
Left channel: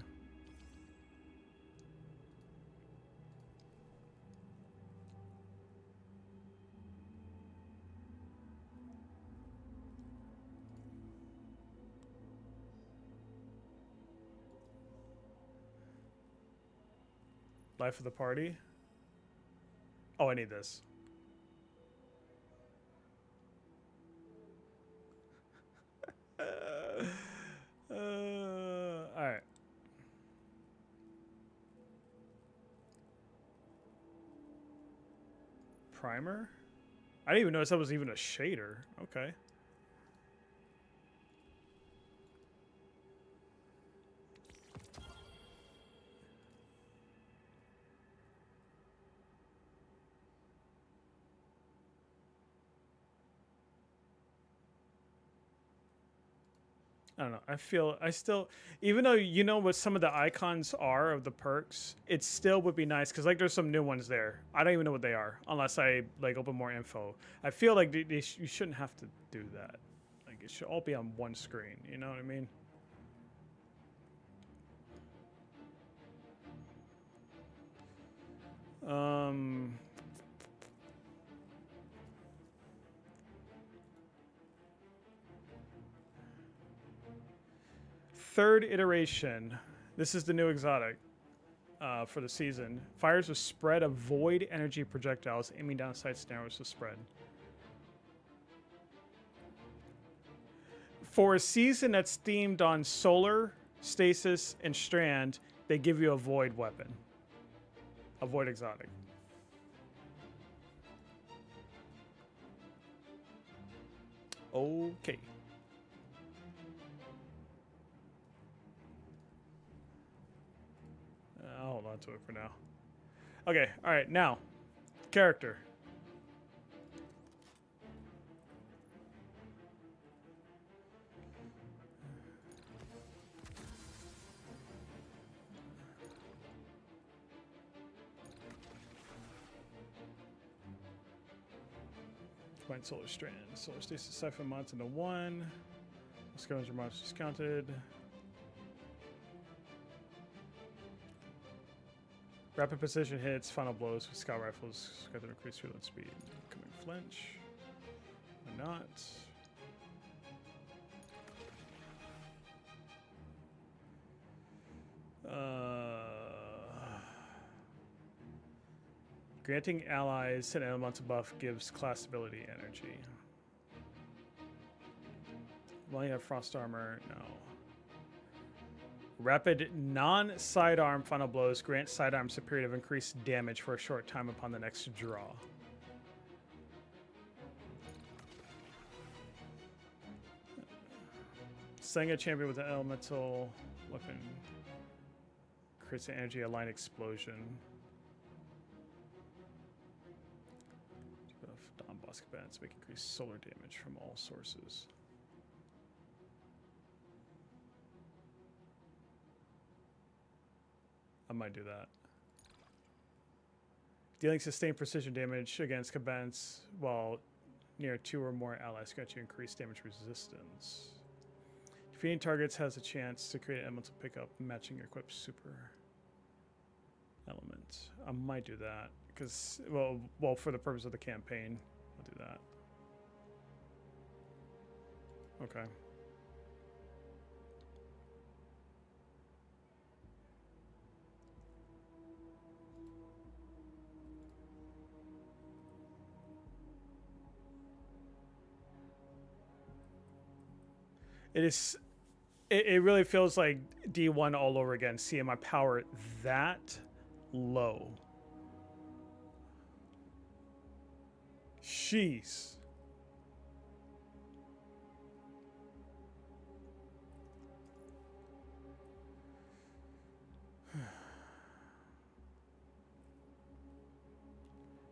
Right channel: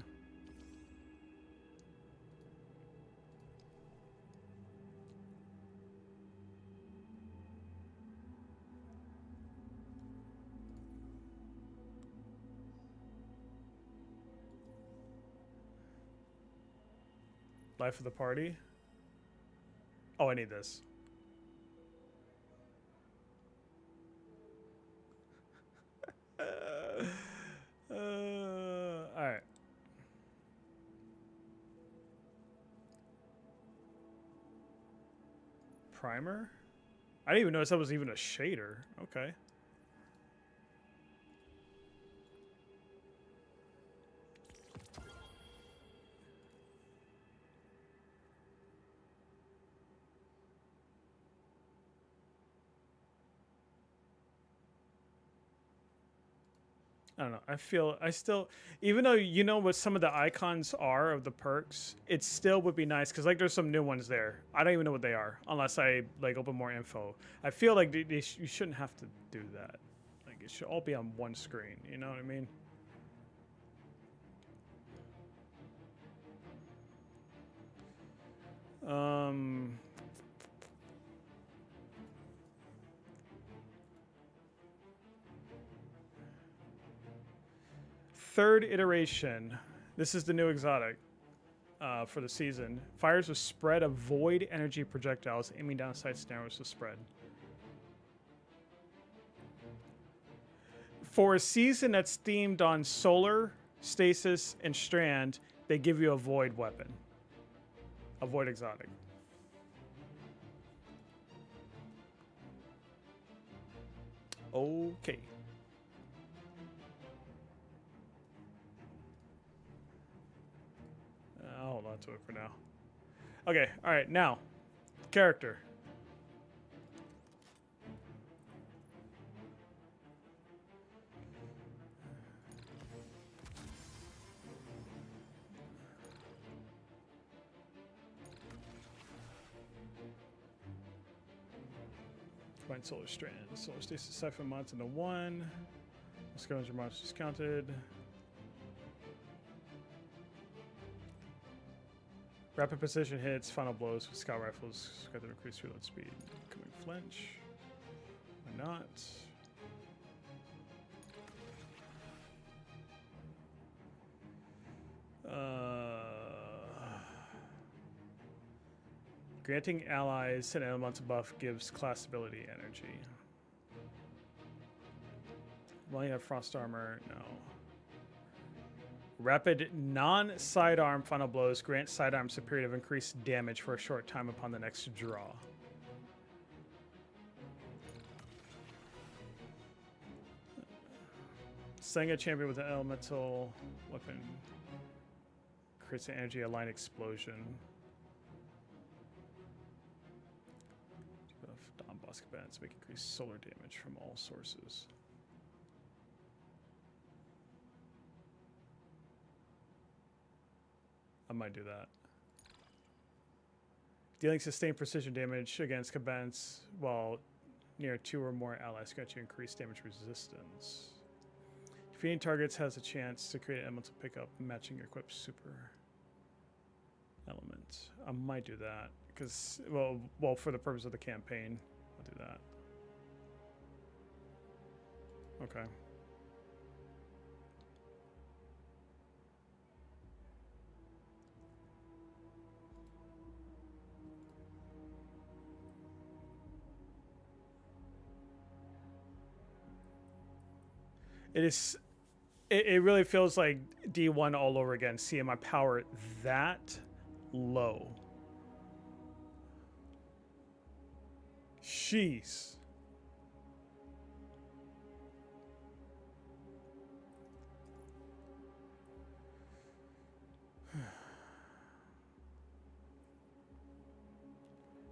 Life of the party. Oh, I need this. All right. Primer? I didn't even notice that was even a shader. Okay. I don't know. I still, even though you know what some of the icons are of the perks, it still would be nice because like there's some new ones there. I don't even know what they are unless I like open more info. I feel like you shouldn't have to do that. Like it should all be on one screen. You know what I mean? Third iteration. This is the new exotic for the season. Fires a spread of void energy projectiles aiming down sights narrows the spread. For a season that's themed on solar, stasis, and strand, they give you a void weapon. A void exotic. Okay. I'll hold on to it for now. Okay, alright, now. Character. Combined solar strand. Solar stasis siphon mods into 1. Scavenger mods discounted. Rapid precision hits, final blows with scout rifles. Got to increase reload speed. Coming flinch. Why not? Granting allies an elemental buff gives class ability energy. Well, you have frost armor. No. Rapid non-sidearm final blows grant sidearm superior of increased damage for a short time upon the next draw. Slaying a champion with an elemental weapon creates an energy aligned explosion. Dawn boss combatants make increased solar damage from all sources. I might do that. Dealing sustained precision damage against combatants while near 2 or more allies grant you increased damage resistance. Defeating targets has a chance to create an elemental pickup matching your equipped super element. I might do that because, well, for the purpose of the campaign, I'll do that. Okay. It really feels like D1 all over again, seeing my power that low. Jeez.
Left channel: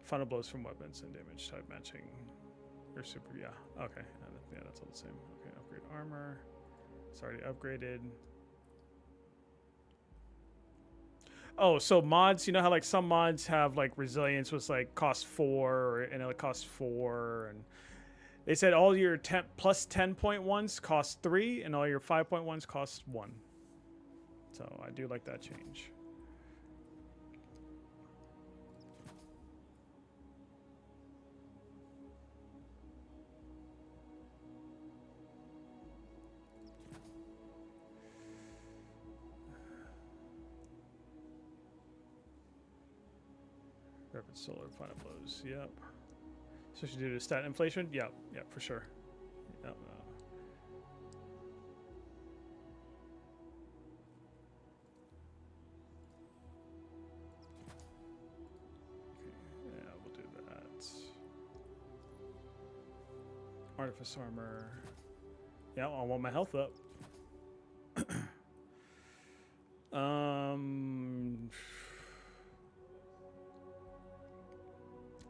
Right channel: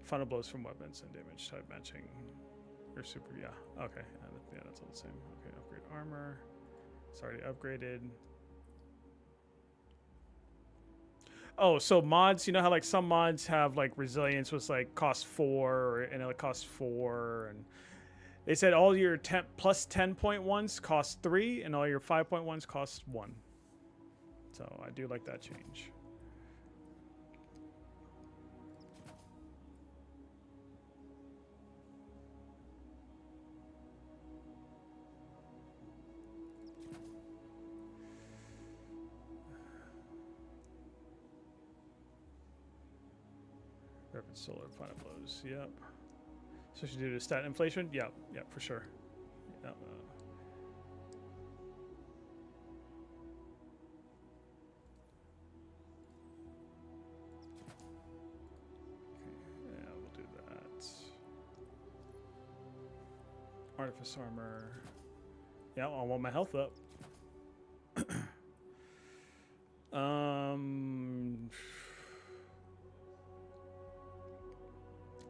Final blows from weapons and damage type matching. Or super, yeah. Okay, yeah, that's all the same. Okay, upgrade armor. It's already upgraded. Oh, so mods, you know how like some mods have like resilience was like cost 4 and it costs 4, and they said all your plus 10.1s cost 3 and all your 5.1s cost 1. So I do like that change. Rapid solar final blows. Yep. Especially due to stat inflation. Yep. Yep. For sure. Yep. Okay. Yeah, we'll do that. Artifice armor. Yeah, I want my health up.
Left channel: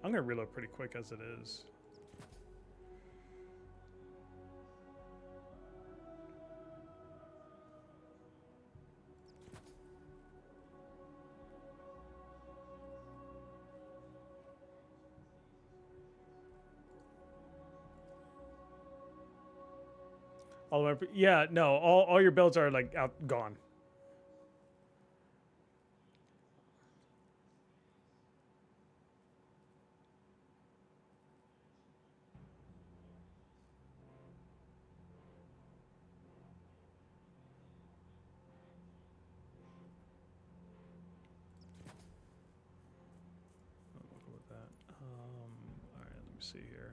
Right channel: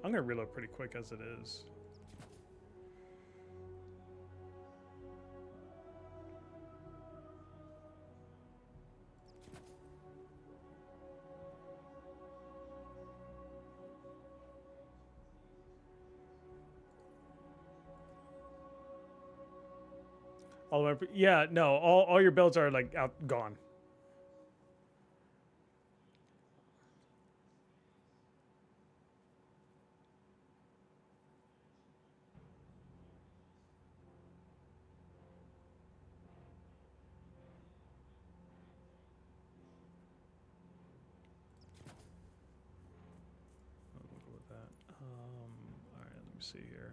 I'm gonna reload pretty quick as it is. All the way, yeah, no, all your builds are like gone. All right, let me see here.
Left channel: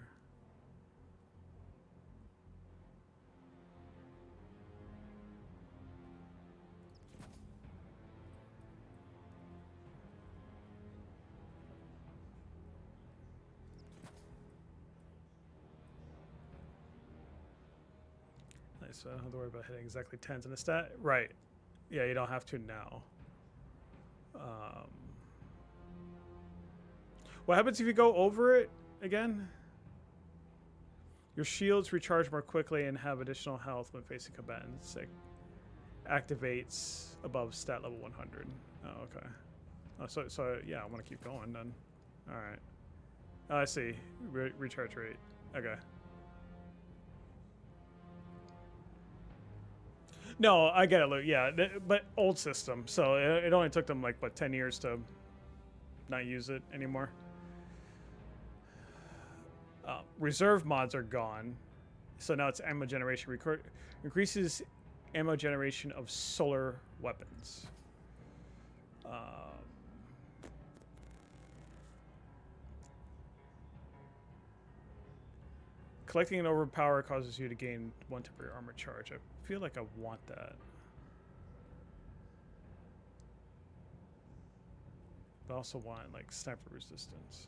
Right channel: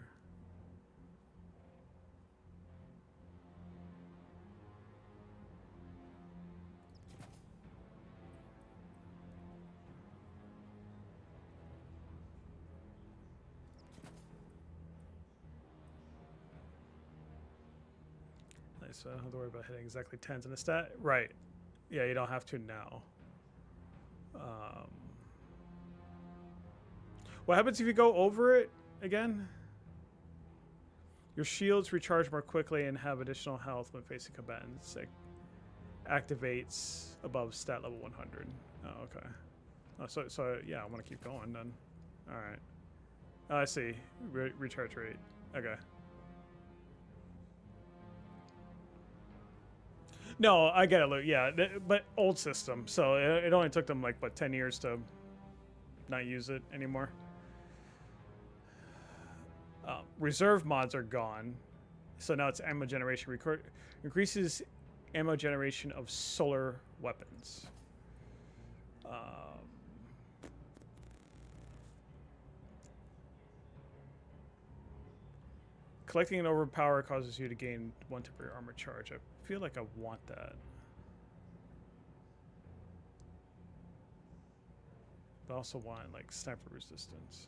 Nice. I don't have to worry about hitting exactly 10s in a stat. Right. Yeah, you don't have to now. What happens if you go over it again? Your shields recharge more quickly and have additional health when facing combatants. It activates above stat level 100. Oh, okay. Oh, so yeah, I want to keep going then. All right. Oh, I see. Recharge rate. Okay. No, I get it, Luke. Yeah, but old system. So it only took them like what 10 years to not use it anymore. Reserve mods are gone, so now it's ammo generation. Increases ammo generation of solar weapons. Collecting an overpower causes you to gain 1 temporary armor charge. I feel like I want that. But I also want like sniper resistance.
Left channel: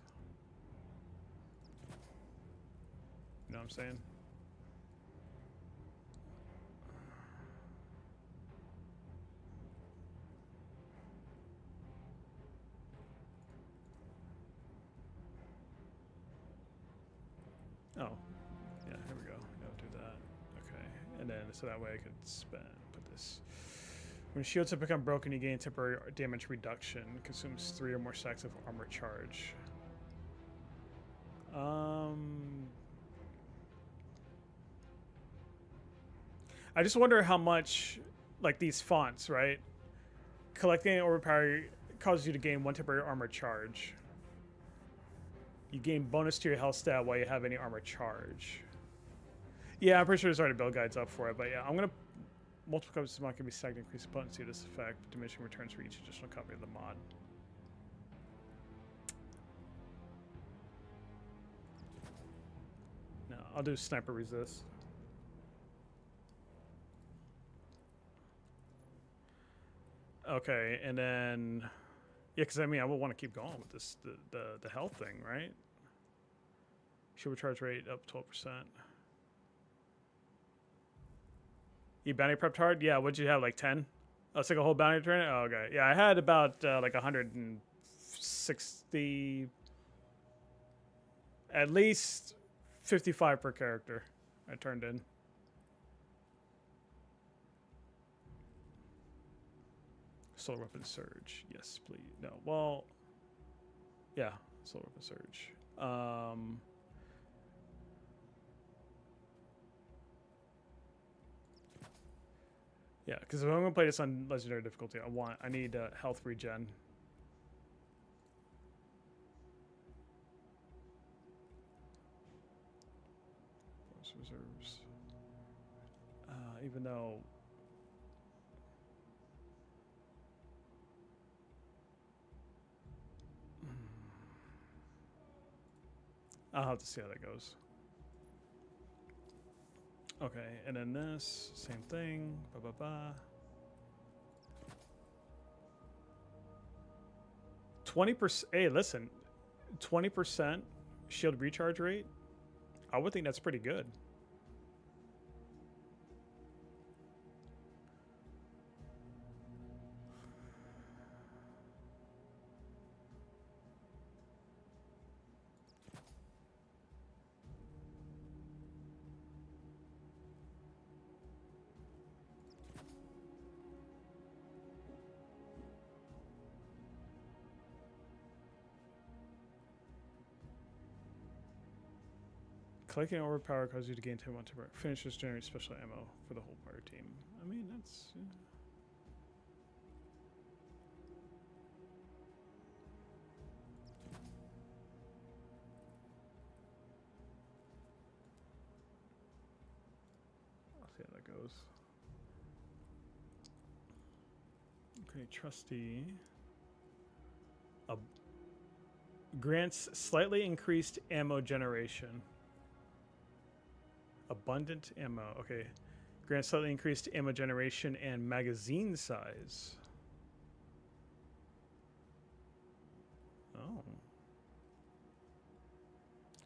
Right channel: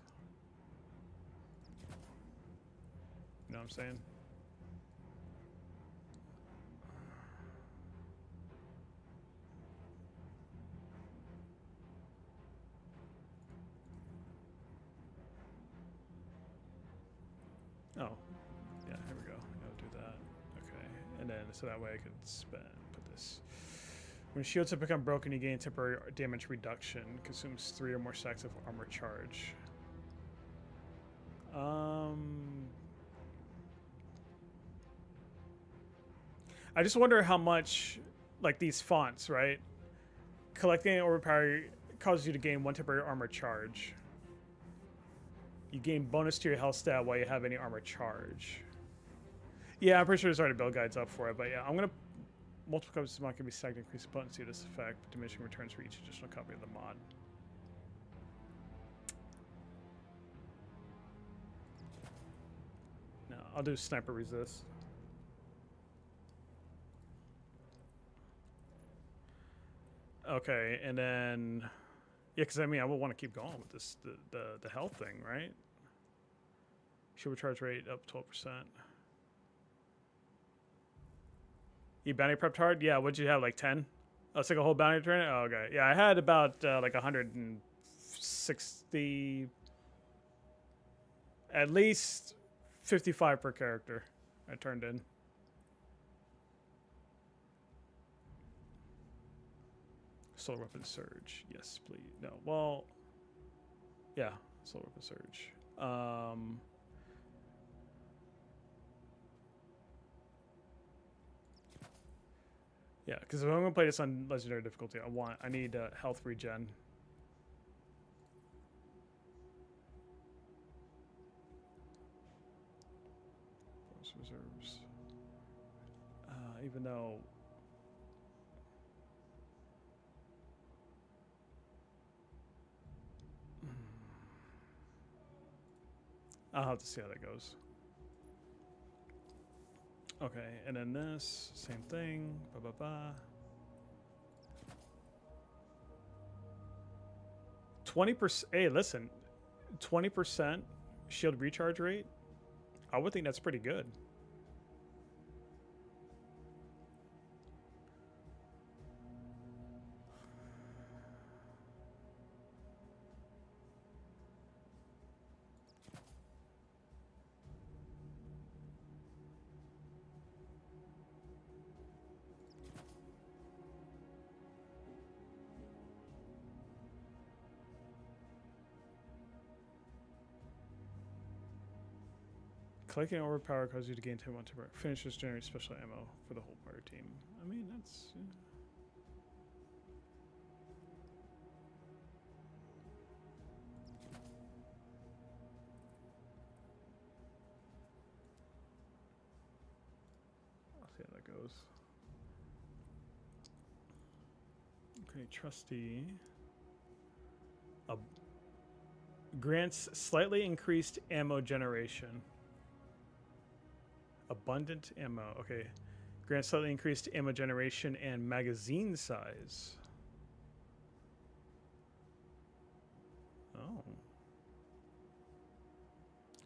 You know what I'm saying? Oh, yeah, here we go. I'll do that. Okay, and then so that way I could put this. When shields have become broken, you gain temporary damage reduction. Consumes 3 or more stacks of armor charge. I just wonder how much, like these fonts, right? Collecting an overpower causes you to gain 1 temporary armor charge. You gain bonus to your health stat while you have any armor charge. Yeah, I'm pretty sure there's already build guides up for it, but yeah, I'm gonna multiple copies of the mod can be stacked to increase the potency of this effect, diminishing returns for each additional copy of the mod. No, I'll do sniper resist. Okay, and then yeah, because I mean I will want to keep going with this the health thing, right? Shield recharge rate up 12%. You bounty prepped hard? Yeah, what'd you have, like 10? Oh, it's like a whole bounty turn? Oh, okay. Yeah, I had about like 160, at least 55 per character I turned in. Solar weapon surge. Yes, please. No, well, yeah, solar weapon surge. Yeah, because if I'm gonna play this on legendary difficulty, I need health regen. Force reserves. Even though. I'll have to see how that goes. Okay, and then this, same thing. 20%. Hey, listen, 20% shield recharge rate. I would think that's pretty good. Collecting overpower causes you to gain 10 temporary. Finishes generate special ammo for the whole player team. I mean, that's. Yeah. I'll see how that goes. Okay, Trustee. Grants slightly increased ammo generation. Abundant ammo. Okay. Grants slightly increased ammo generation and magazine size. Oh.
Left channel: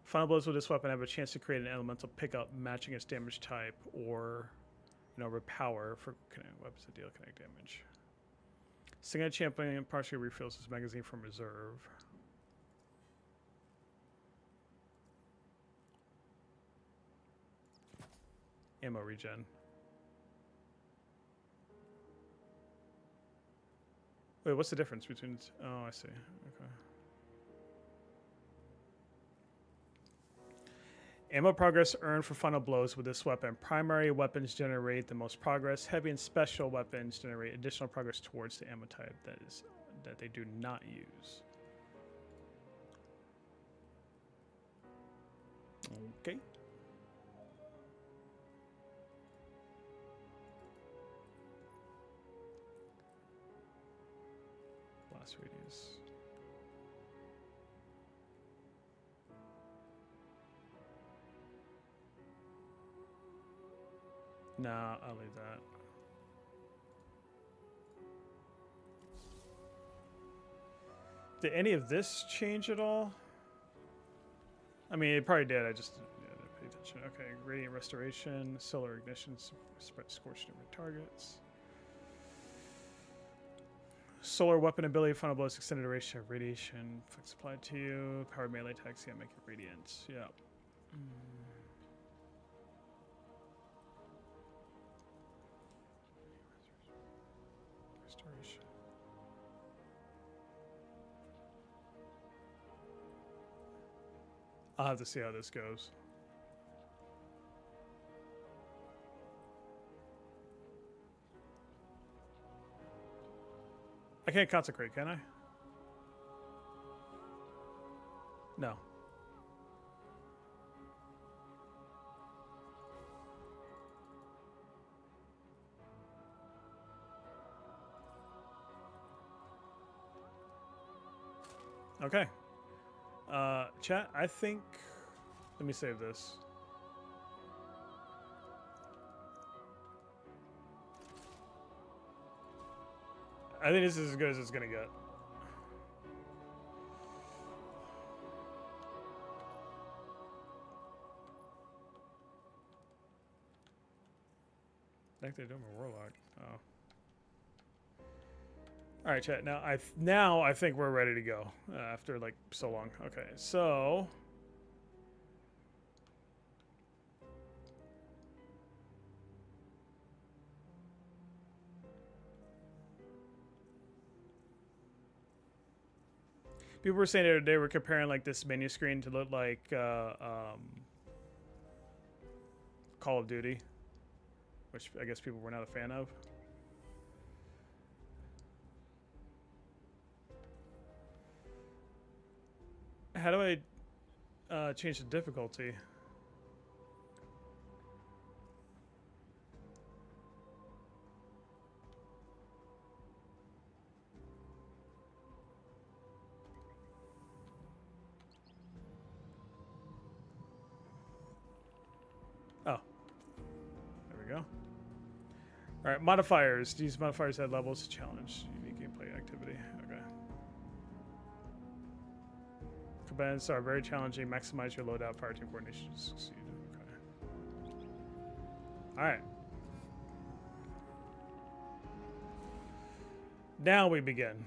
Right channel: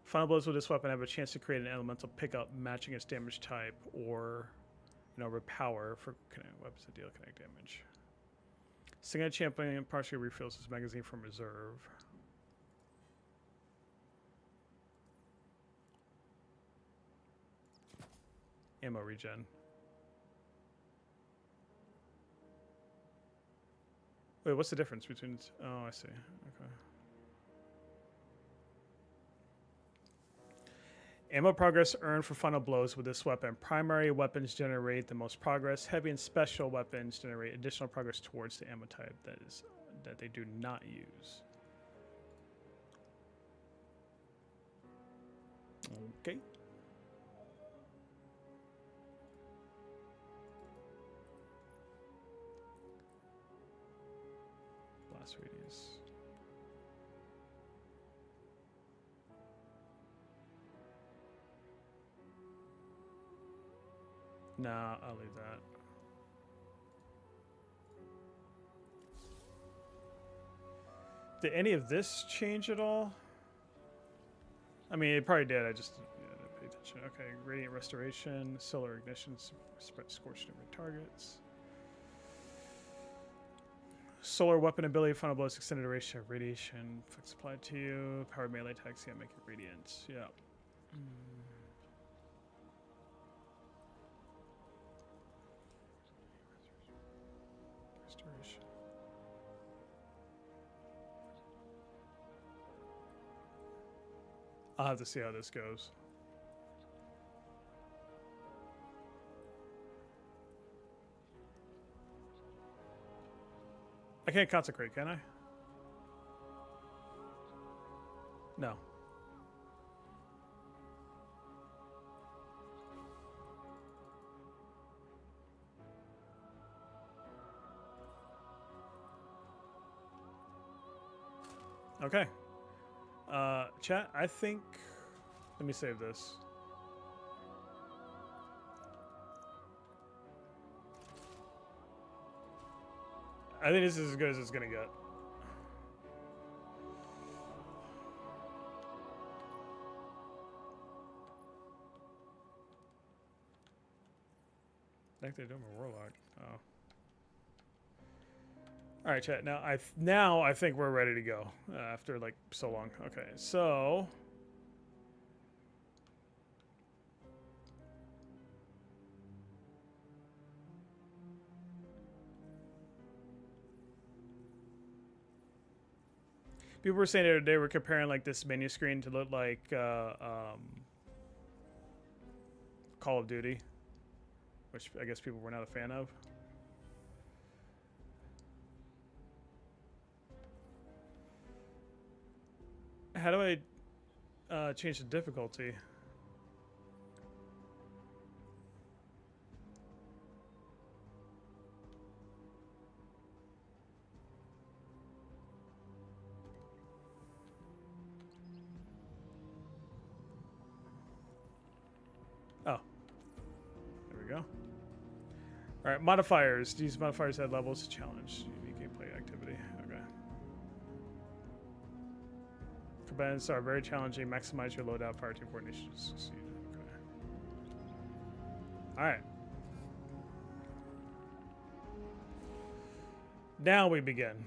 Final blows with this weapon have a chance to create an elemental pickup matching its damage type or and overpower for weapons that deal kinetic damage. Single champion partially refills his magazine from reserve. Ammo regen. Wait, what's the difference between? Oh, I see. Okay. Ammo progress earned for final blows with this weapon. Primary weapons generate the most progress. Heavy and special weapons generate additional progress towards the ammo type that they do not use. Okay. Blast radius. Nah, I'll leave that. Did any of this change at all? I mean, it probably did. I just didn't pay attention. Okay, radiant restoration, solar ignition, spread scorched different targets. Solar weapon ability, final blows, extended duration of radiation, flex applied to you. Power melee attacks, yeah, make it radiant. Yeah. Restoration. I'll have to see how this goes. I can't consecrate, can I? No. Okay. Chat, I think... Let me save this. I think this is as good as it's gonna get. I think they're doing a warlock. Oh. All right, chat. Now I think we're ready to go after like so long. Okay, so. People were saying they were comparing like this menu screen to look like Call of Duty, which I guess people were not a fan of. How do I change the difficulty? Oh, there we go. All right, modifiers. These modifiers add levels to challenge unique gameplay activity. Okay. Combatants are very challenging. Maximize your loadout. Fire team coordination to succeed. Okay. All right. Now we begin.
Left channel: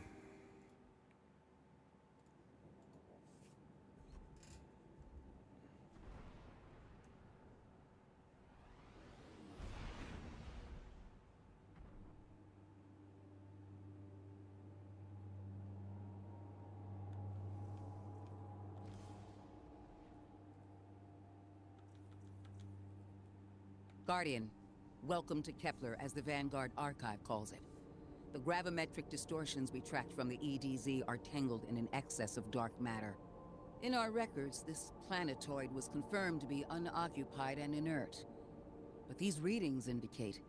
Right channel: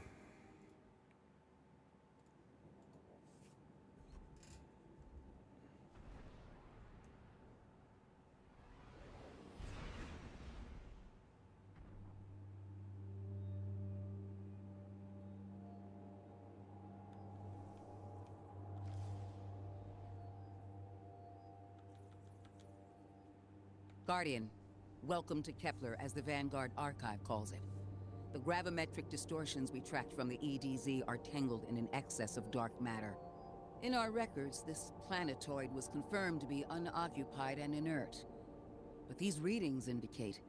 Guardian, welcome to Kepler, as the Vanguard Archive calls it. The gravimetric distortions we tracked from the EDZ are tangled in an excess of dark matter. In our records, this planetoid was confirmed to be unoccupied and inert. But these readings indicate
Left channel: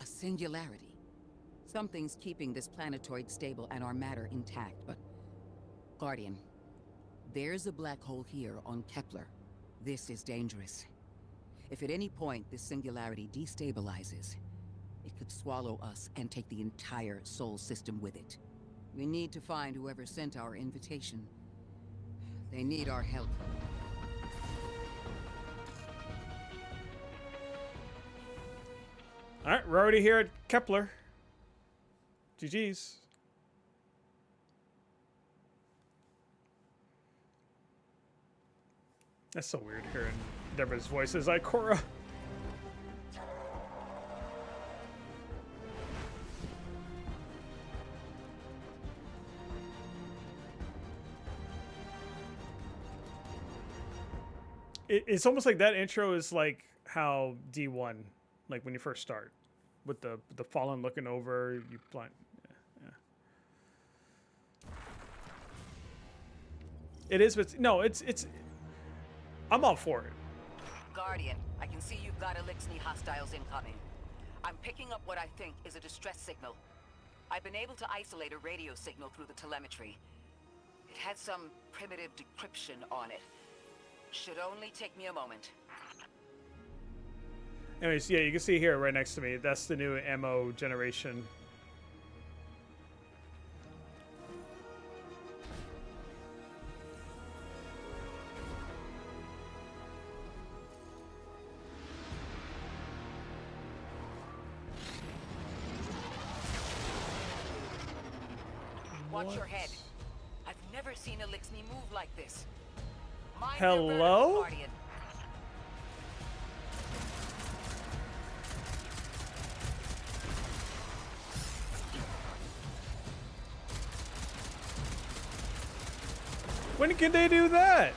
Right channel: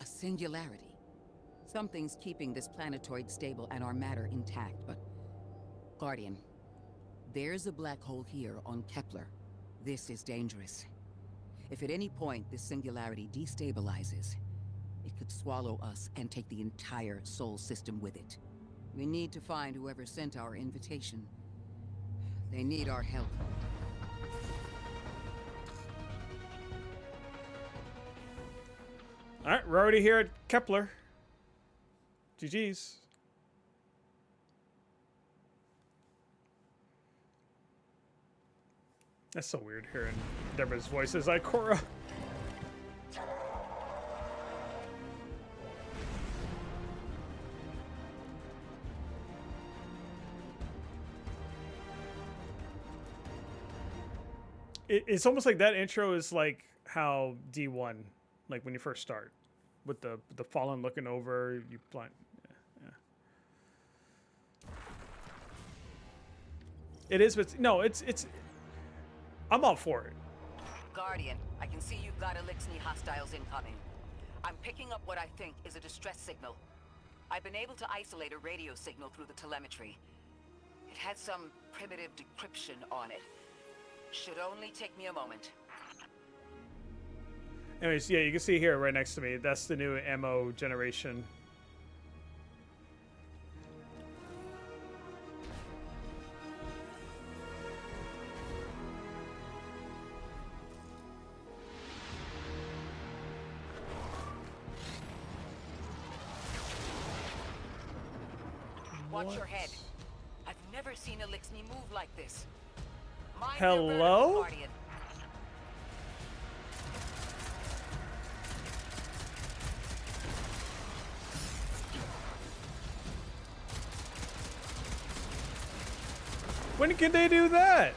a singularity. Something's keeping this planetoid stable and our matter intact, but... Guardian, there's a black hole here on Kepler. This is dangerous. If at any point this singularity destabilizes, it could swallow us and take the entire Sol system with it. We need to find whoever sent our invitation. They need our help. All right, we're already here at Kepler. GG's. That's so weird hearing Deborah's voice as Ikora. It's almost like that intro is like how D1, like when you first start, with the Fallen looking over you blind. Yeah. It is, but no, it's. I'm all for it. Guardian, I can see you've got Elixni hostiles incoming. I'm picking up what I think is a distress signal. I've been able to isolate a radio signal through the telemetry. It had some primitive decryption on it. Should only take me a moment. Anyways, yeah, you can see here right next to me. That's the new ammo generation. Watch your head. I've never seen Elixni move like this. Mind Hello? your vertical, Guardian. When can they do that?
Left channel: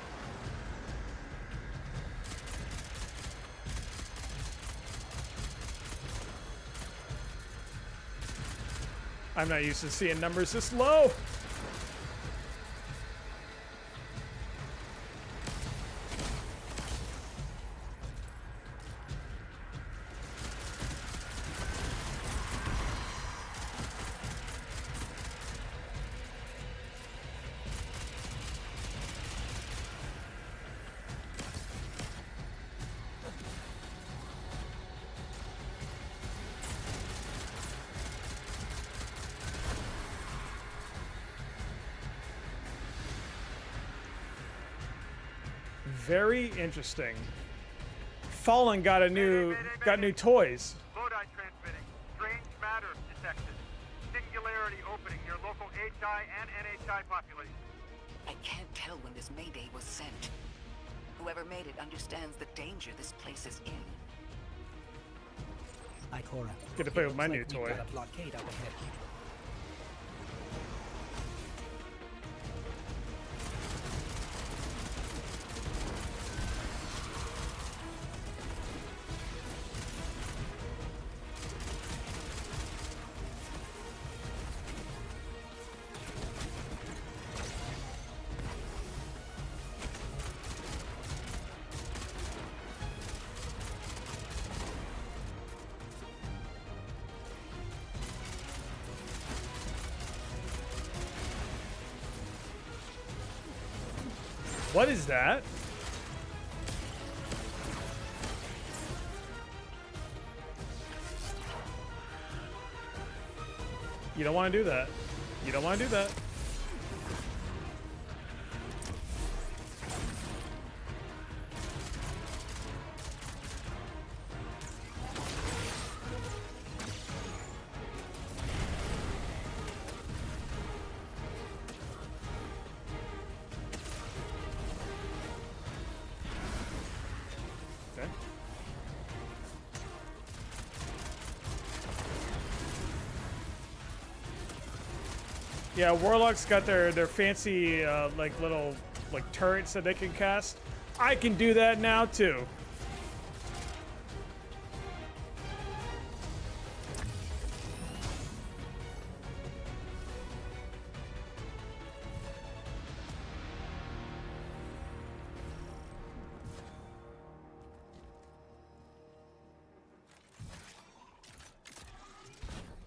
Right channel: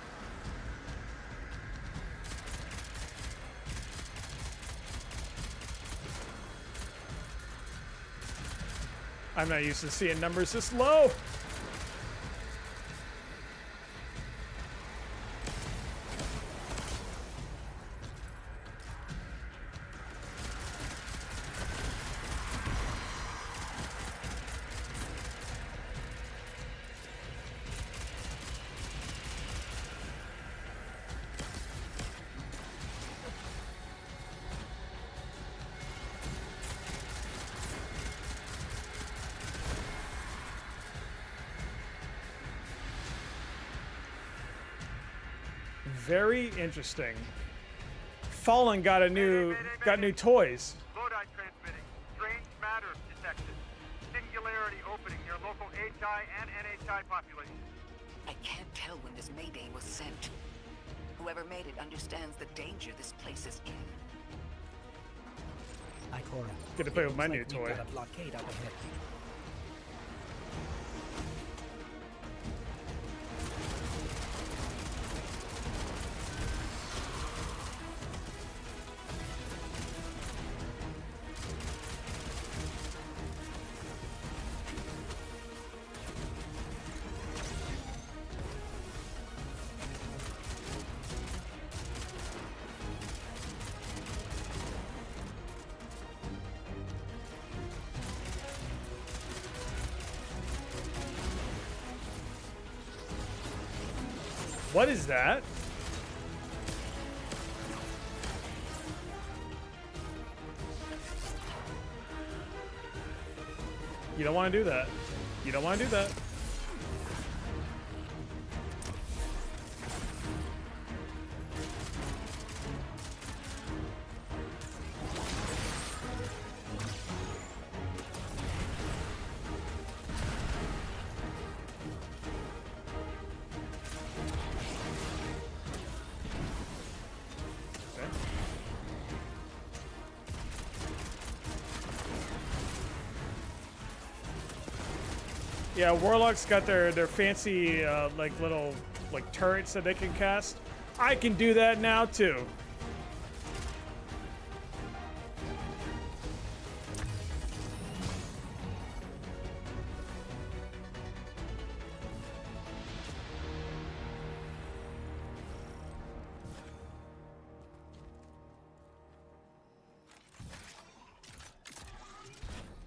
I'm not used to seeing numbers this low. Very interesting. Fallen got new toys. Lodi transmitting. Strange matter detected. Singularity opening near local HI and NHI population. I can't tell when this Mayday was sent. Whoever made it understands the danger this place is in. Ikora. Get to play it with my looks new like we've toy. got a blockade up ahead. What is that? You don't want to do that. You don't want to do that. Okay. Yeah, Warlock's got their fancy like little like turrets that they can cast. I can do that now too.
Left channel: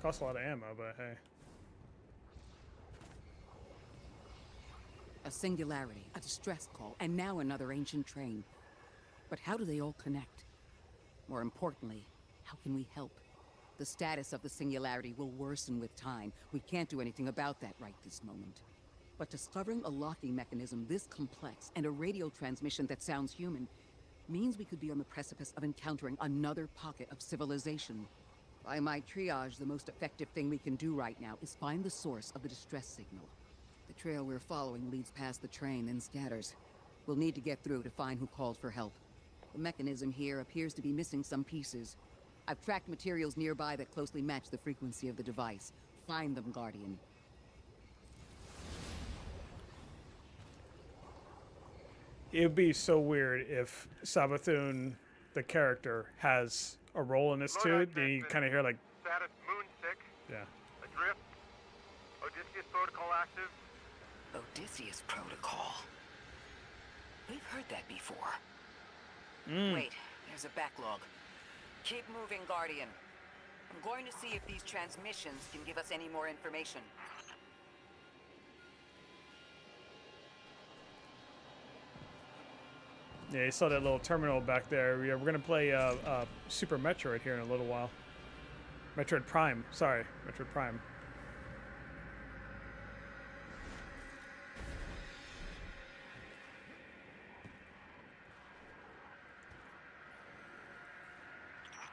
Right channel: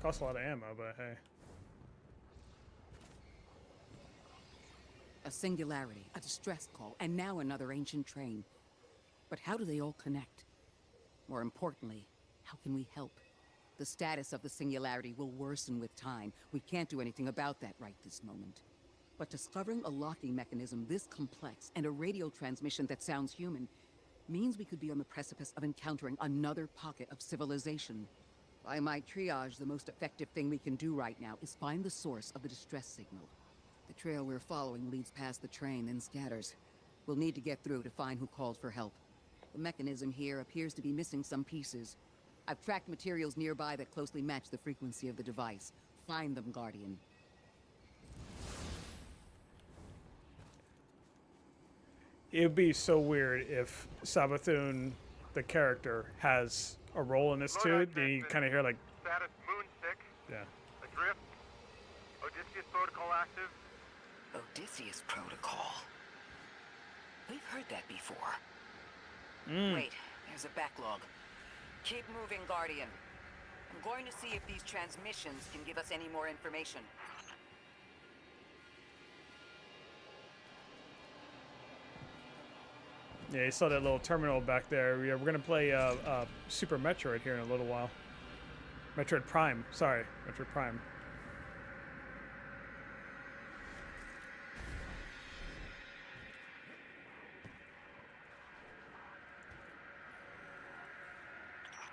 Costs a lot of ammo, but hey. A singularity, a distress call, and now another ancient train. But how do they all connect? More importantly, how can we help? The status of the singularity will worsen with time. We can't do anything about that right this moment. But discovering a locking mechanism this complex and a radio transmission that sounds human means we could be on the precipice of encountering another pocket of civilization. By my triage, the most effective thing we can do right now is find the source of the distress signal. The trail we're following leads past the train, then scatters. We'll need to get through to find who called for help. The mechanism here appears to be missing some pieces. I've tracked materials nearby that closely match the frequency of the device. Find them, Guardian. It would be so weird if Sabathun, the character, has a role in this too. Then you kind of hear like, Status moonsick. yeah. Adrift. Odysseus protocol active. Odysseus protocol. We've heard that before. Mm. Wait, there's a backlog. Keep moving, Guardian. I'm going to see if these transmissions can give us any more information. Yeah, you saw that little terminal back there. Yeah, we're gonna play Super Metroid here in a little while. Metroid Prime. Sorry, Metroid Prime.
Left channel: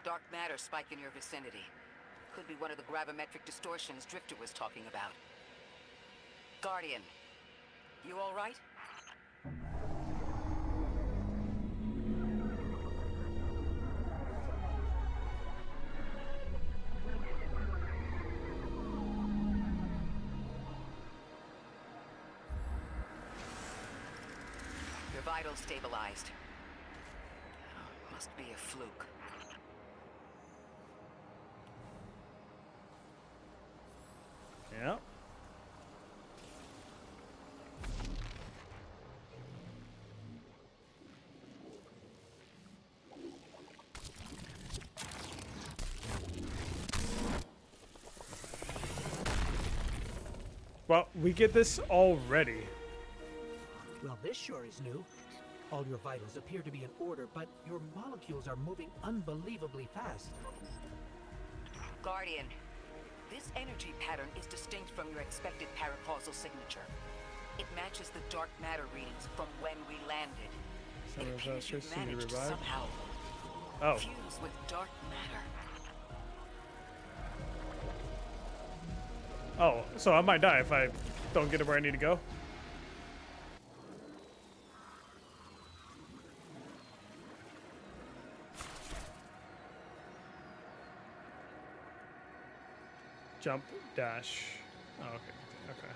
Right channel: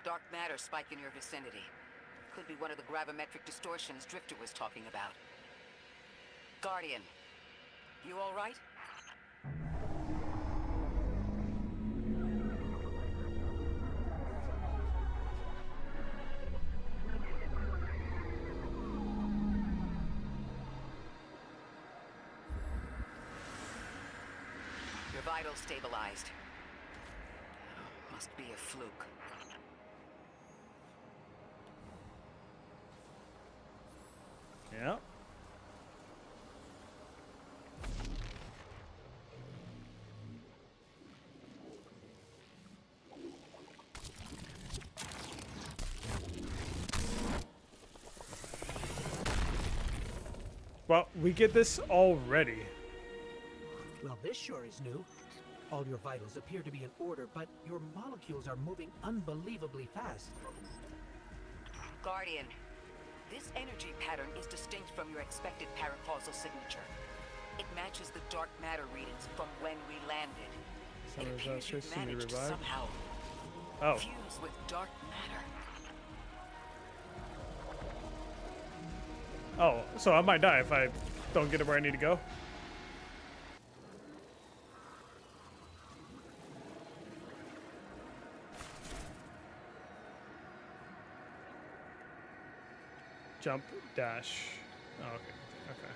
Dark matter spike in your vicinity. Could be one of the gravimetric distortions Drifter was talking about. Guardian, you all right? Your vitals stabilized. Must be a fluke. Yeah. Well, we get this already. Well, this sure is new. All your vitals appear to be in order, but your molecules are moving unbelievably fast. Guardian, this energy pattern is distinct from your expected paracausal signature. It matches the dark matter readings from when we landed. It appears you've managed to somehow fuse with dark matter. Oh, so I might die if I don't get it where I need to go. Jump, dash. Oh, okay. Okay.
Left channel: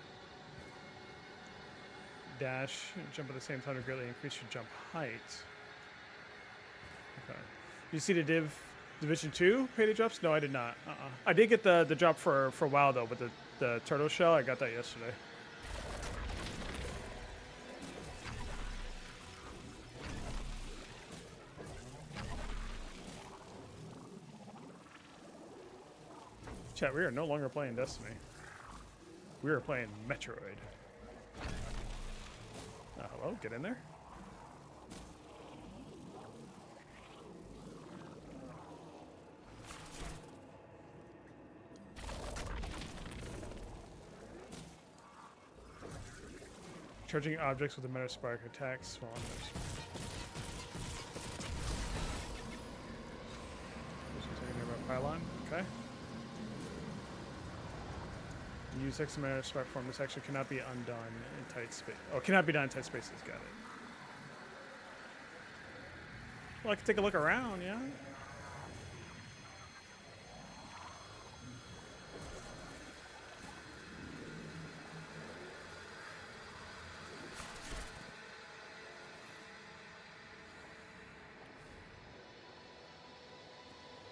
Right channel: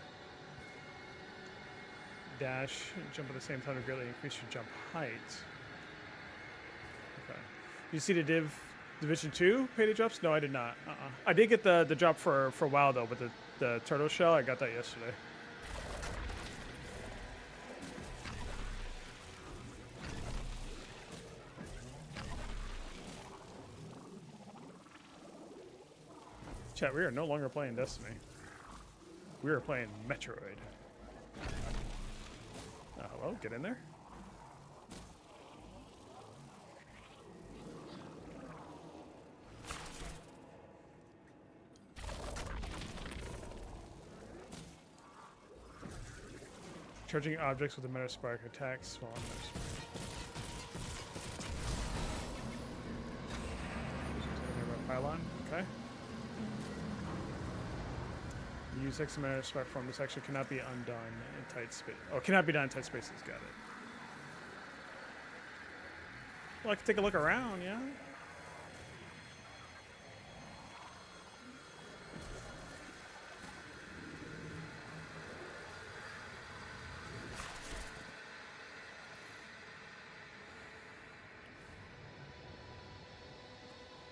Dash, jump at the same time to greatly increase your jump height. Okay. You see the Division 2 payday drops? No, I did not. I did get the drop for WoW though, with the turtle shell. I got that yesterday. Chat, we are no longer playing Destiny. We are playing Metroid. Hello, get in there. Charging objects with a Meta Spark attacks while on Meta Spark. Pylon, okay. Use X Meta Spark form. This action cannot be undone in tight space. Oh, cannot be done in tight spaces. Got it. Well, I can take a look around, yeah.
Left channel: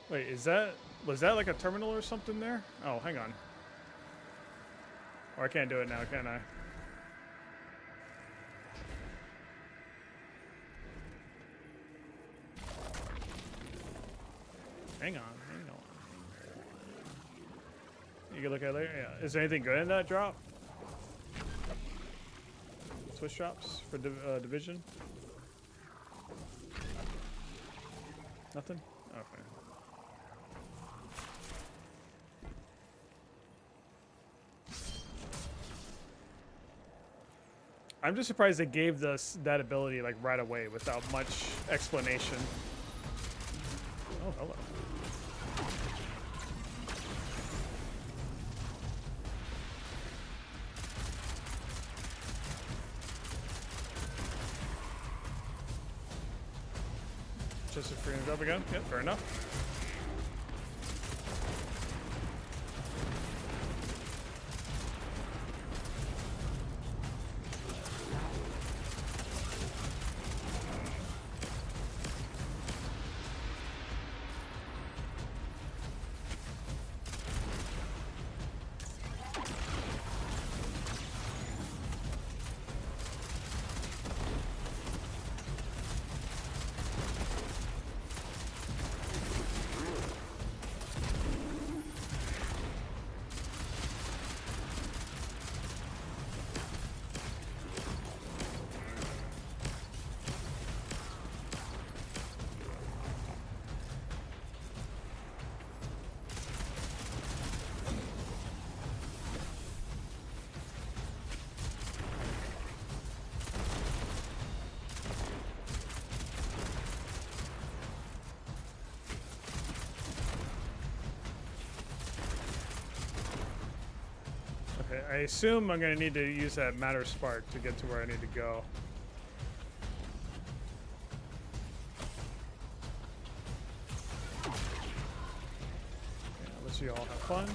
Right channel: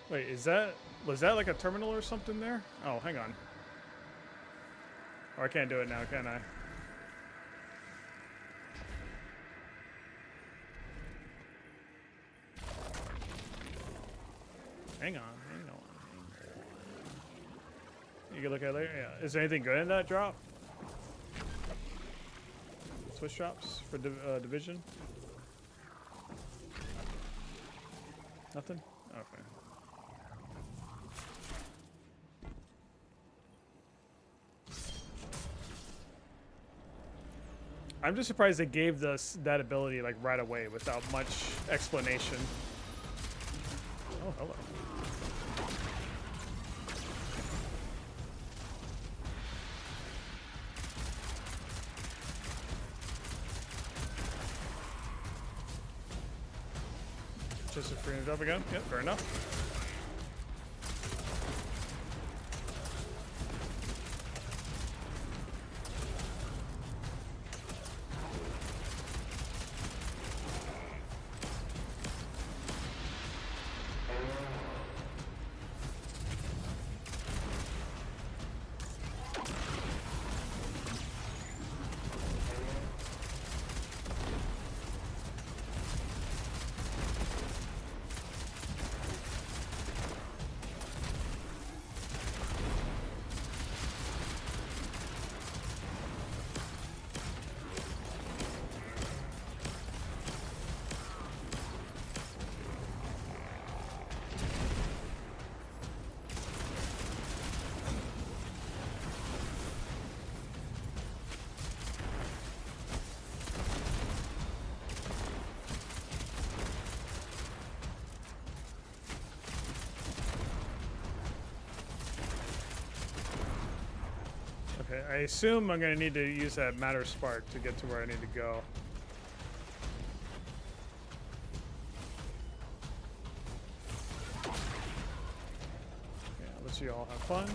Wait, was that like a terminal or something there? Oh, hang on. Or I can't do it now, can I? Hang on. You can look at it later. Yeah. Is there anything good in that drop? Switch drops for Division? Nothing? Okay. I'm just surprised they gave us that ability like right away without much explanation. Oh, hello. Just a free drop again. Yep, fair enough. Okay, I assume I'm going to need to use that matter spark to get to where I need to go. Yeah, let's you all have fun.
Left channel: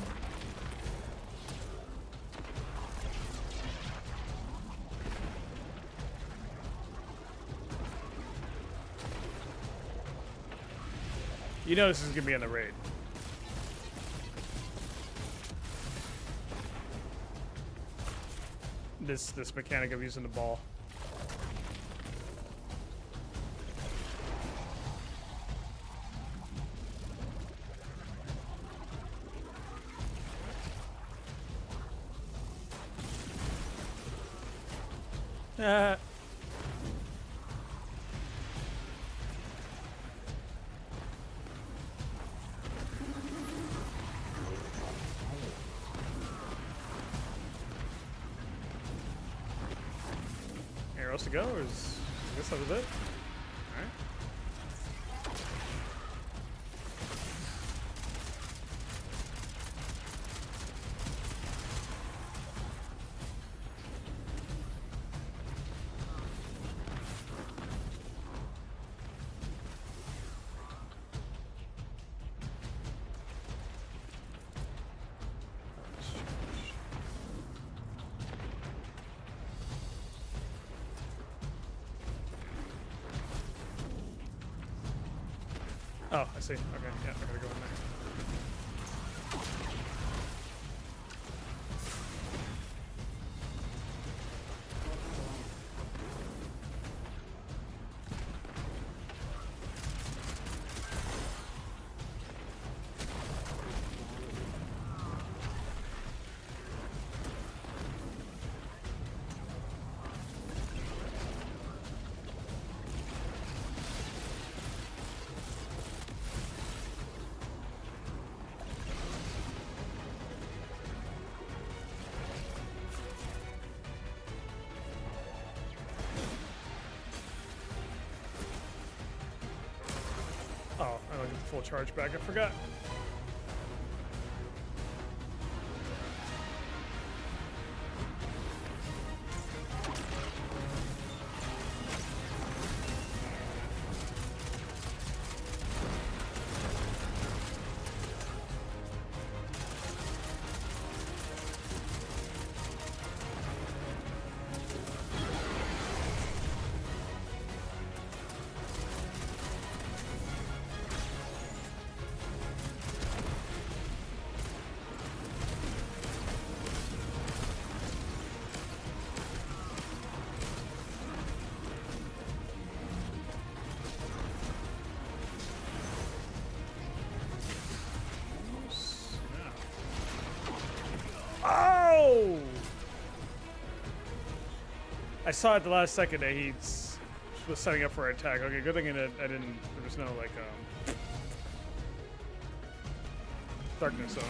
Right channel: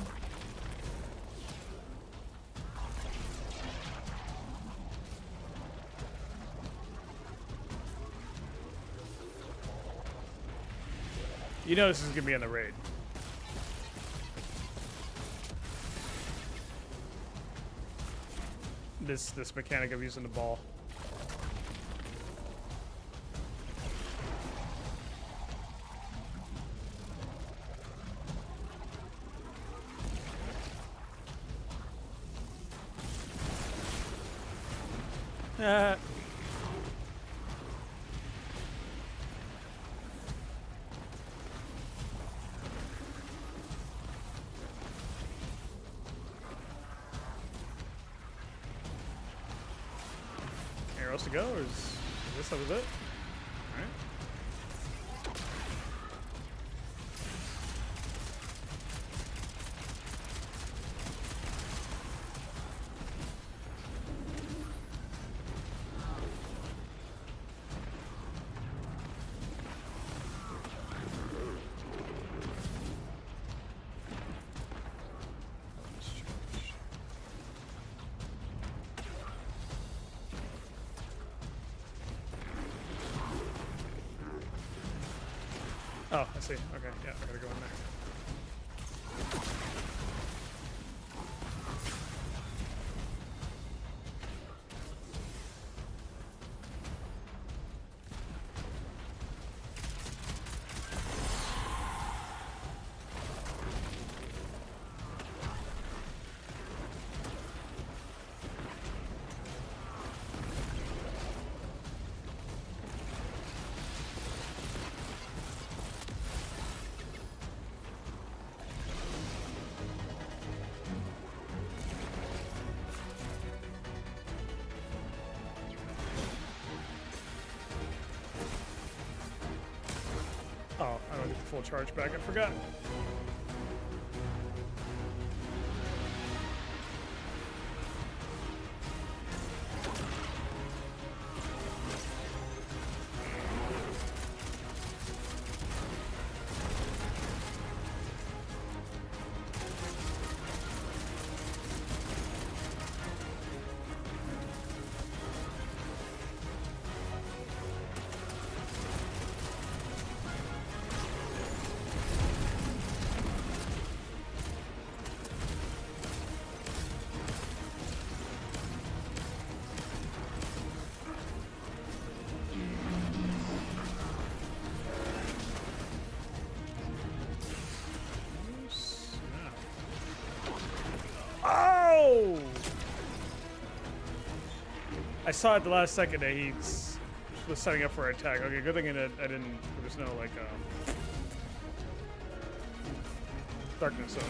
You know this is going to be in the raid. This mechanic of using the ball. Anywhere else to go, or is, I guess that was it. All right. Oh, I see. Okay, yeah, I gotta go in there. Oh, I don't get the full charge back. I forgot. I saw at the last second that he was setting up for an attack. Okay, good thing I didn't. There was no like darkness zone.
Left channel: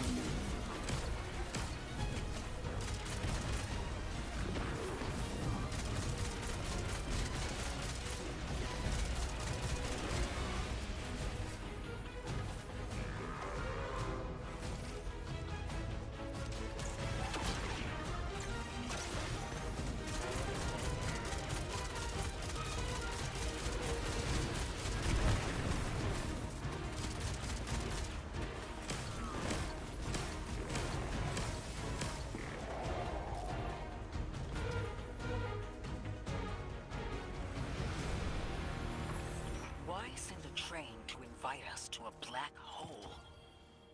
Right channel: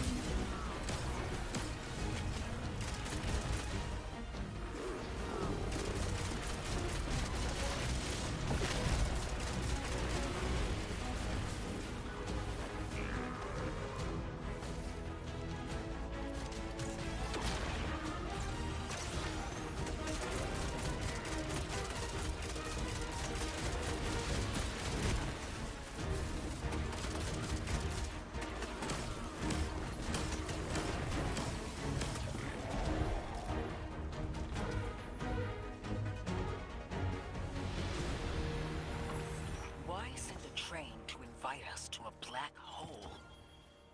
they send a train to invite us to a black hole?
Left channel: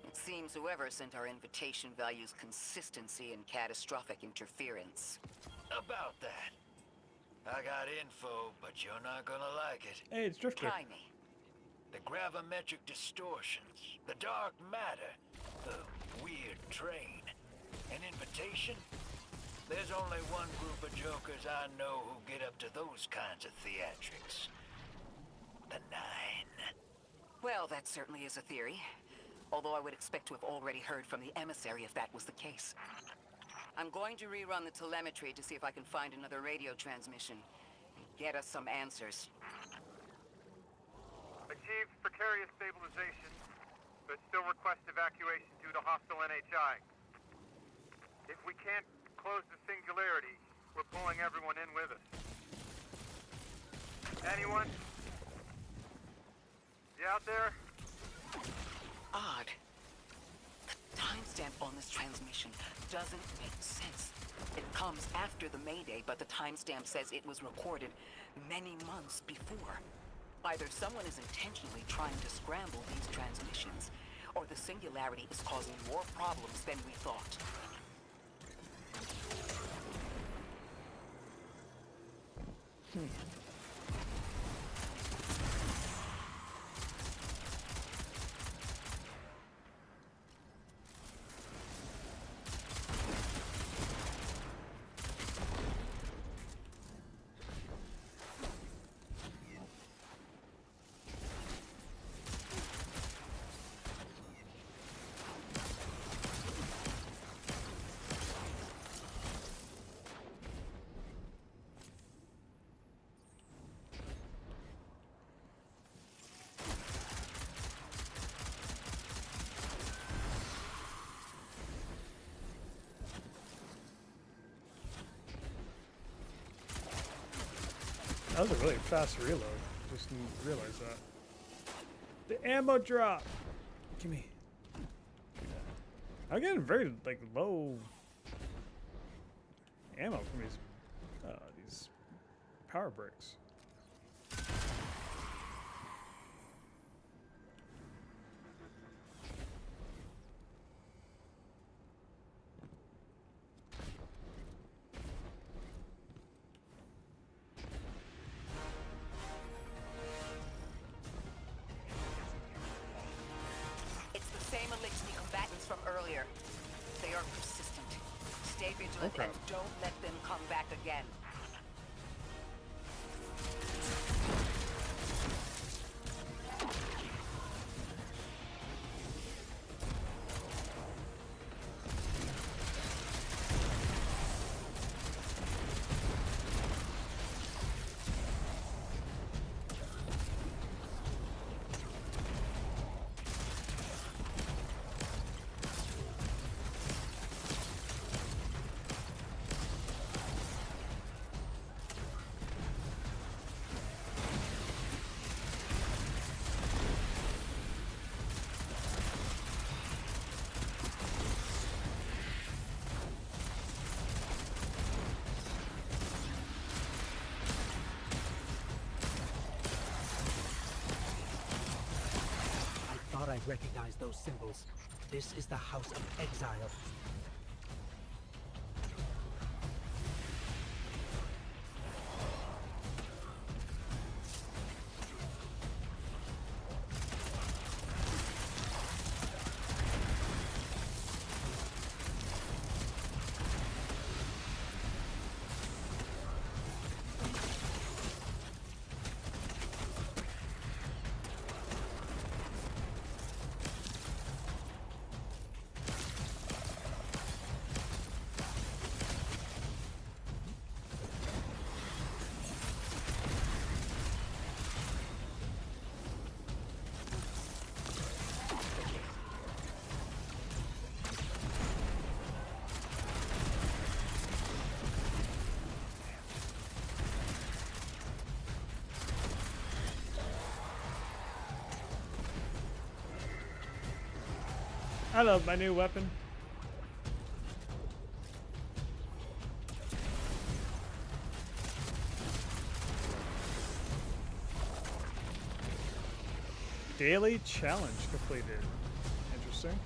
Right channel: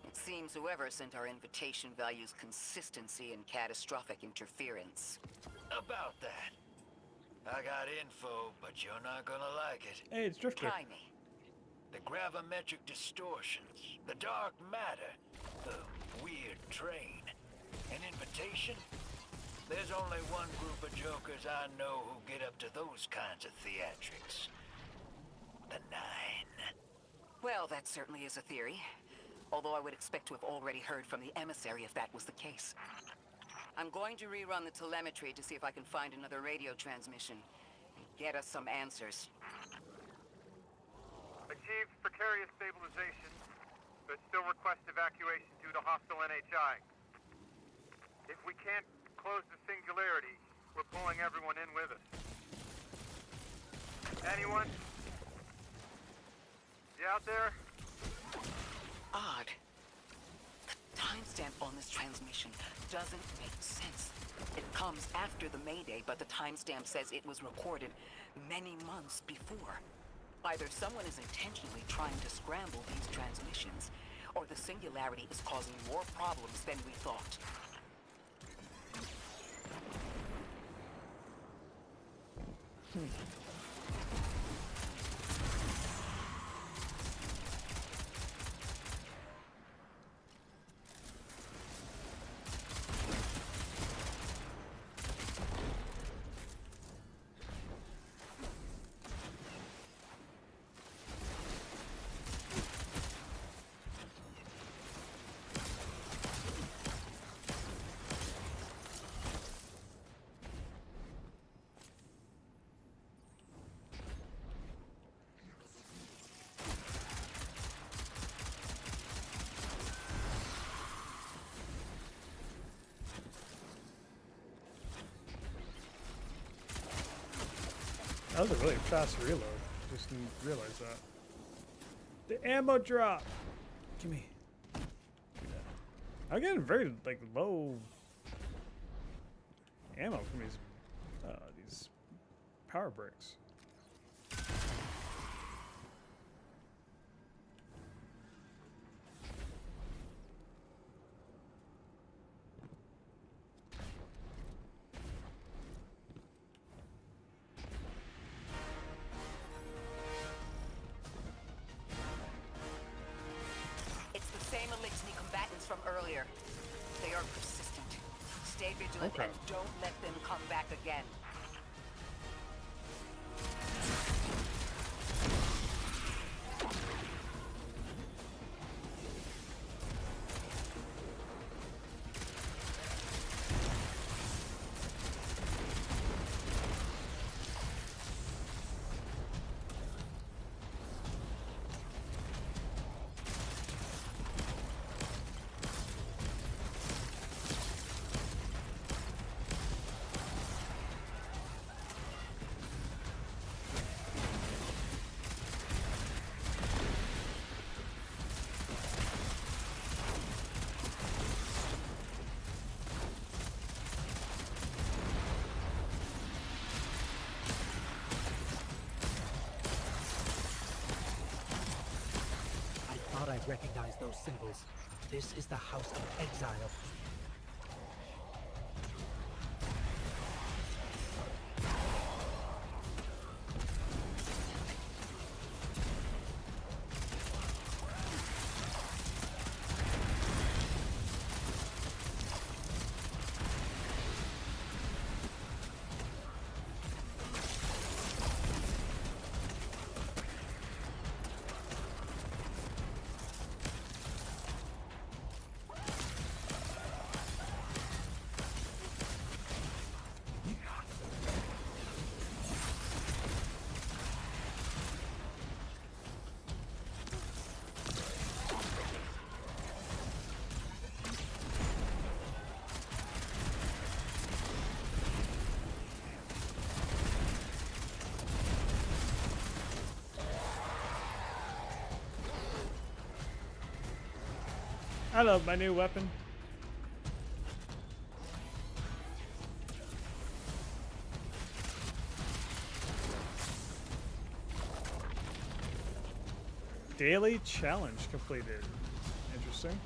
It seems whoever sent our invitation values consistency and catastrophic interference. About that. I got info, but you're not gonna like it. Hey, it's Drifter. Try me. The gravimetric distortions, the dark matter, the weird train. An invitation? There's only one group of jokers I know who get up to those kinds of theatrics. The Nine. Well, that certainly is a theory. Although I would expect to have already heard from the emissary if that was the case. I'm going to rerun the telemetry to see if I can find another radio transmission and get us some answers. Achieved precarious stabilization, but still request evacuation due to hostile NHI. If we can't close the singularity, we're pulling everyone in with us. Anyone? You out there? Odd. The timestamp on this transmission doesn't make sense. It comes after the Mayday, but the timestamp says it was recorded many months before. Either someone is intentionally trying to scramble these transmissions, or the singularity is causing more problems than we thought. That was a really fast reload. Just didn't realize that. The ammo drop. Gimme. I'm getting very like low ammo from these power bricks. From earlier. They are persistent. Stay vigilant Okay. and don't let them come back again. I recognize those symbols. This is the House of Exile. I love my new weapon. Daily challenge completed. Interesting.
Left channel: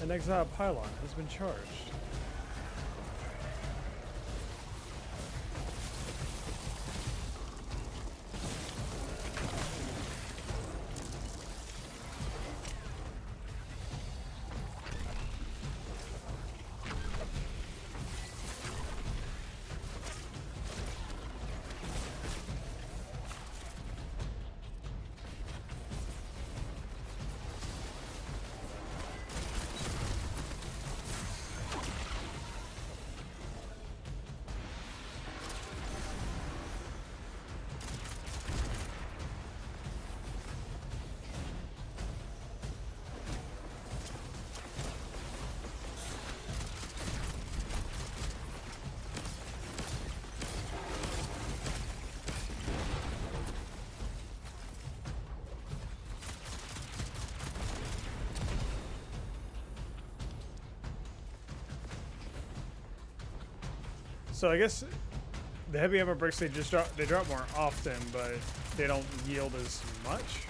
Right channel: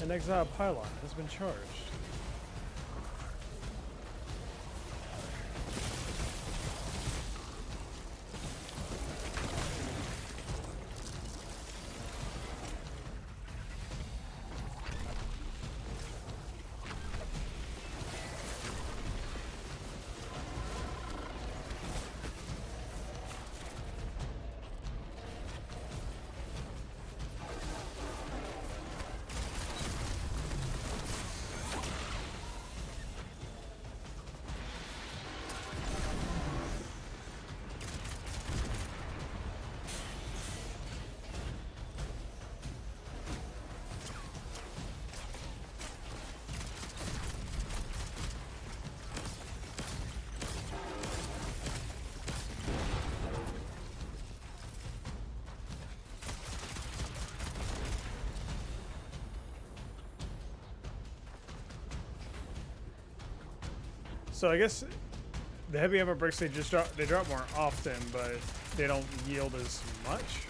An exile pylon has been charged. So I guess the heavy ammo bricks they drop more often, but they don't yield as much.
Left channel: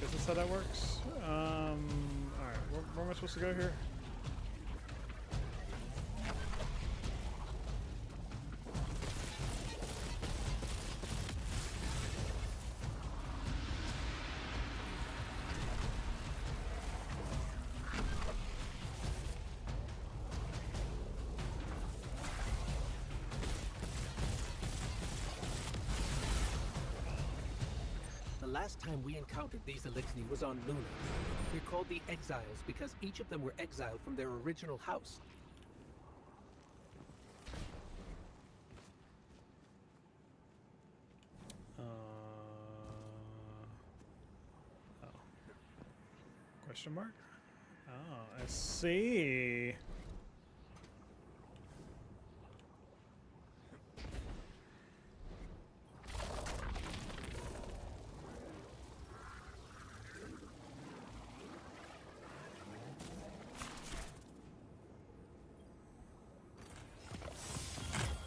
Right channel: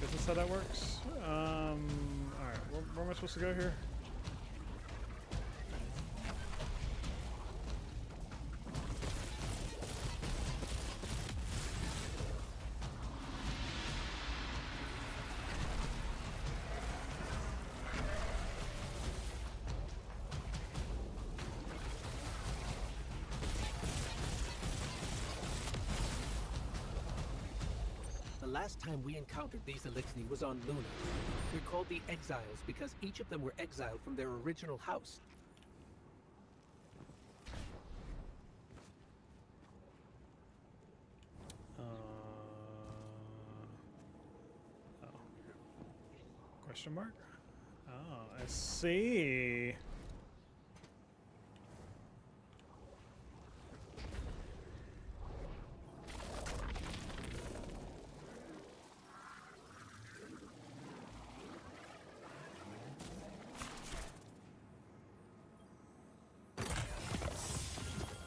Guess that's how that works. All right, where am I supposed to go here? The last time we encountered these Elixni was on Luna. They're called the Exiles because each of them were exiled from their original house. Oh. Question mark? Oh, I see.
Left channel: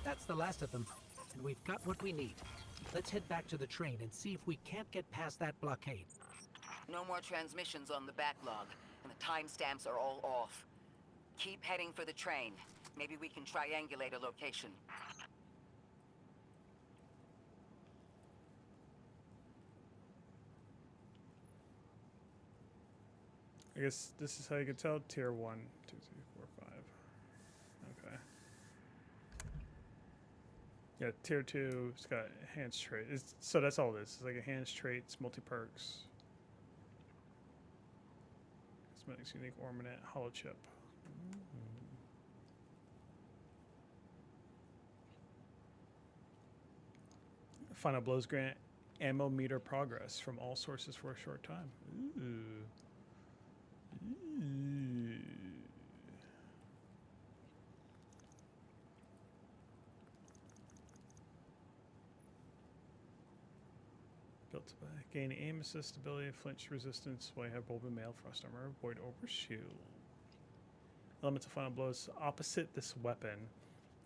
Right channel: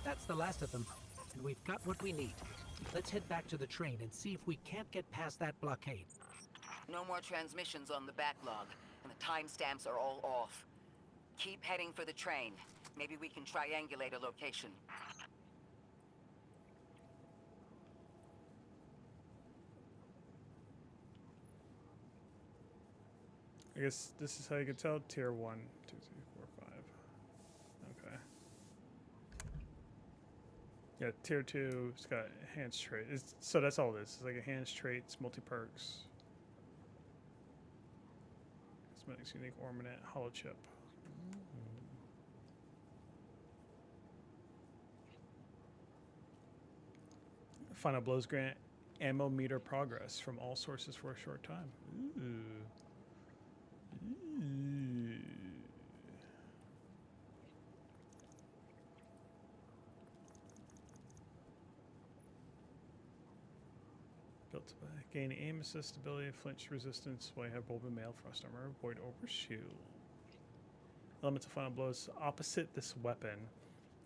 That's the last of them, and we've got what we need. Let's head back to the train and see if we can't get past that blockade. No more transmissions on the backlog, and the timestamps are all off. Keep heading for the train. Maybe we can triangulate a location. I guess this is how you can tell. Tier 1, 2, 3, 4, 5. Okay. Yeah, tier 2, it's got enhanced trait. So that's all this. It's like enhanced traits, multi-perks. Cosmetics, unique ornament, hollow chip. Final blows grant ammo meter progress from all sources for a short time. Ooh. Ooh. Built to gain aim assist ability, flinch resistance while you have Bulbin Mail, Frost Armor, Void Overshield. Elemental final blows opposite this weapon.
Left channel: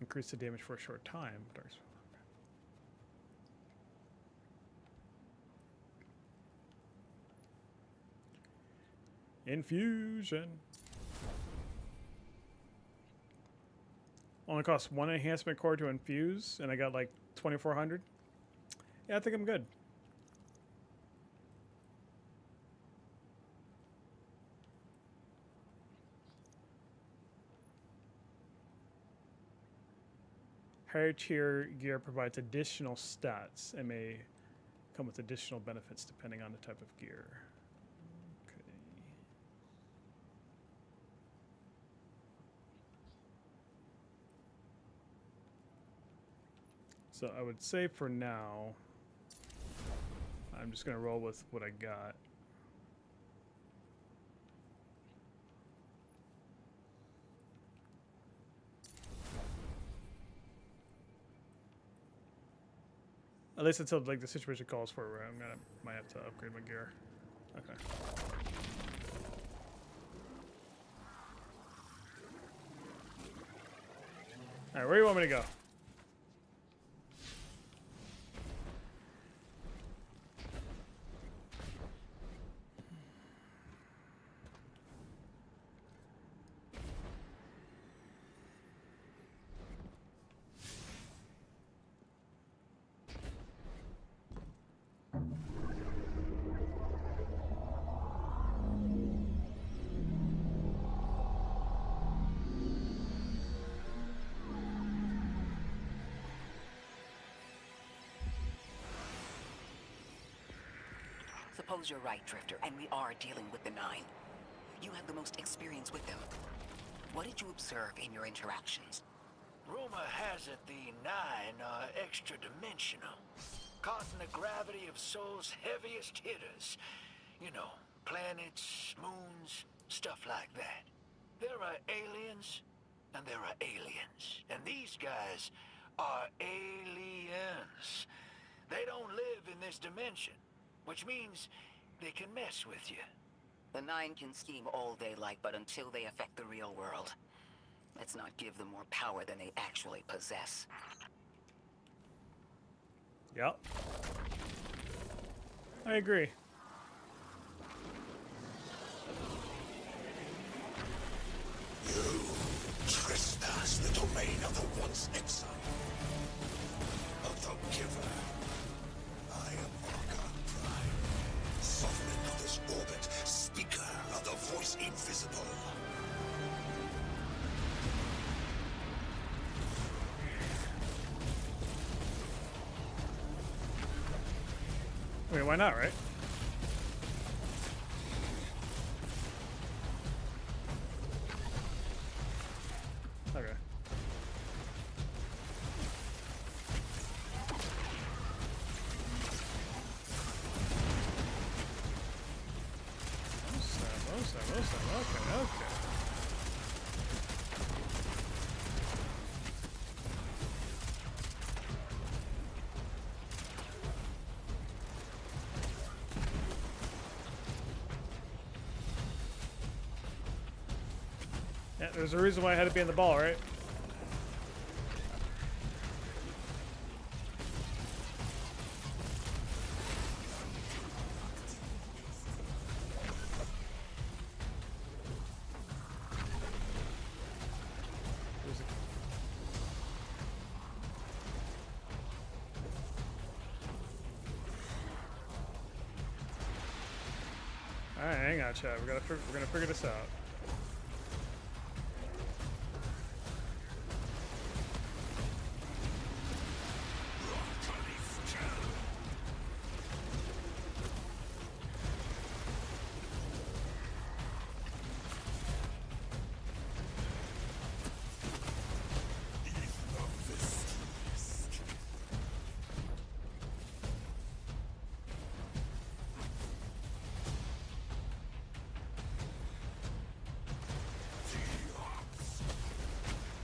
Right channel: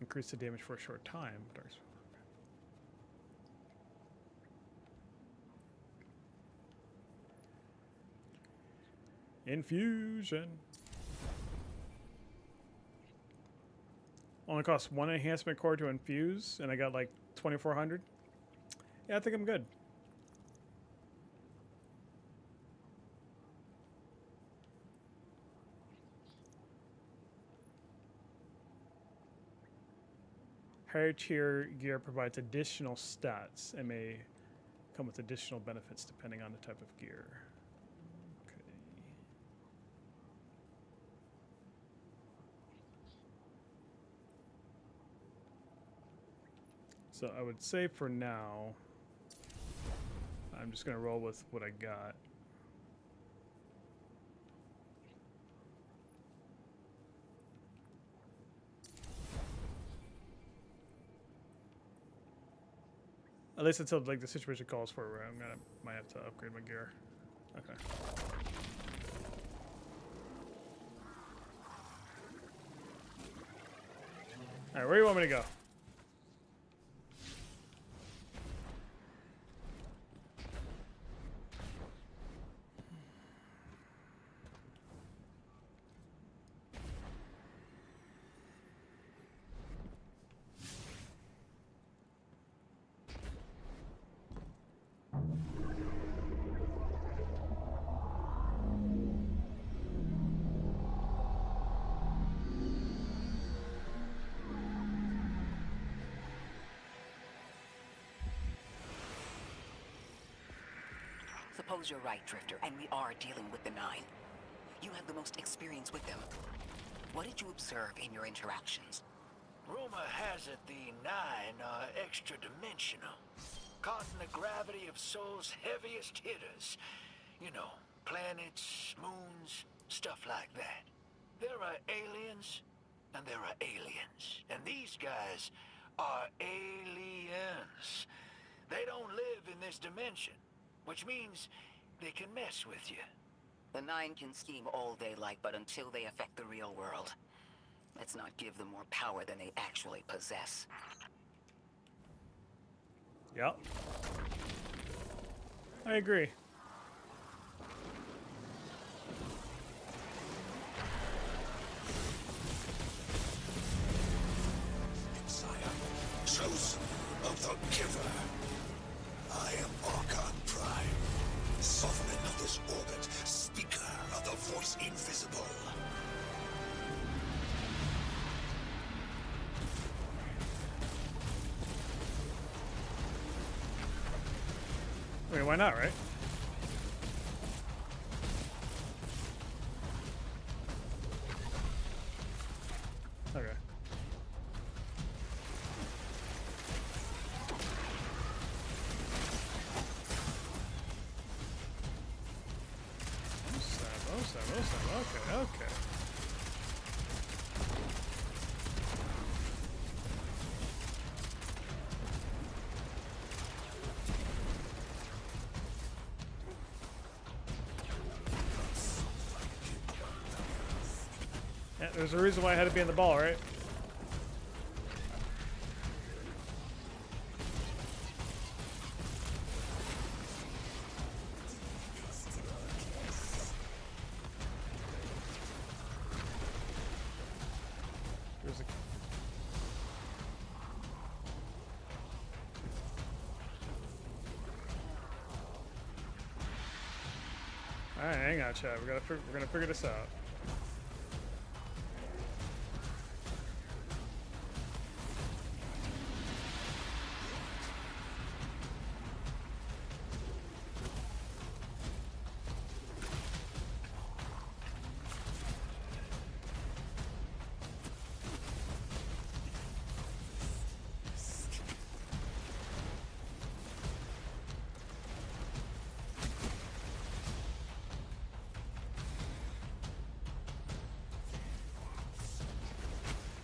Increase the damage for a short time. Dark. Infusion. Only costs 1 enhancement core to infuse, and I got like 2,400. Yeah, I think I'm good. Higher tier gear provides additional stats and may come with additional benefits depending on the type of gear. Okay. So I would say for now, I'm just going to roll with what I got. At least until like the situation calls for it, where might have to upgrade my gear. Okay. All right, where do you want me to go? Suppose you're right, Drifter, and we are dealing with the Nine. You have the most experience with them. What did you observe in your interactions? Rumor has it the Nine are extra-dimensional. Caught in the gravity of Sol's heaviest hitters. You know, planets, moons, stuff like that. There are aliens, and there are aliens. And these guys are aliens. They don't live in this dimension, which means they can mess with you. The Nine can scheme all they like, but until they affect the real world, let's not give them more power than they actually possess. Yep. I agree. Trespass the domain of the once exile, chosen of the giver. I am Auger Prime, sovereign of this orbit, speaker of the voice invisible. I mean, why not, right? Okay. Okay, okay. Yeah, there's a reason why I had to be in the ball, right? There's a... All right, hang on, Chad. We're gonna figure this out.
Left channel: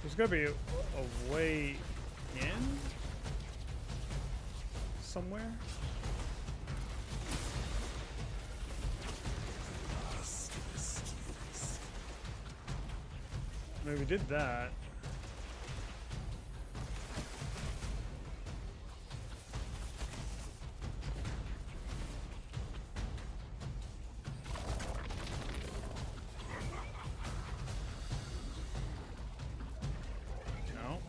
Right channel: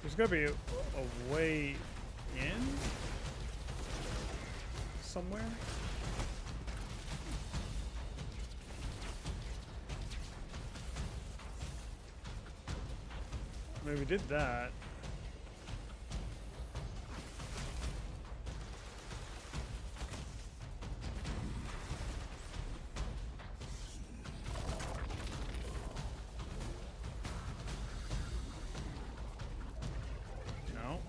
There's gotta be a way in somewhere. Maybe we did that. No.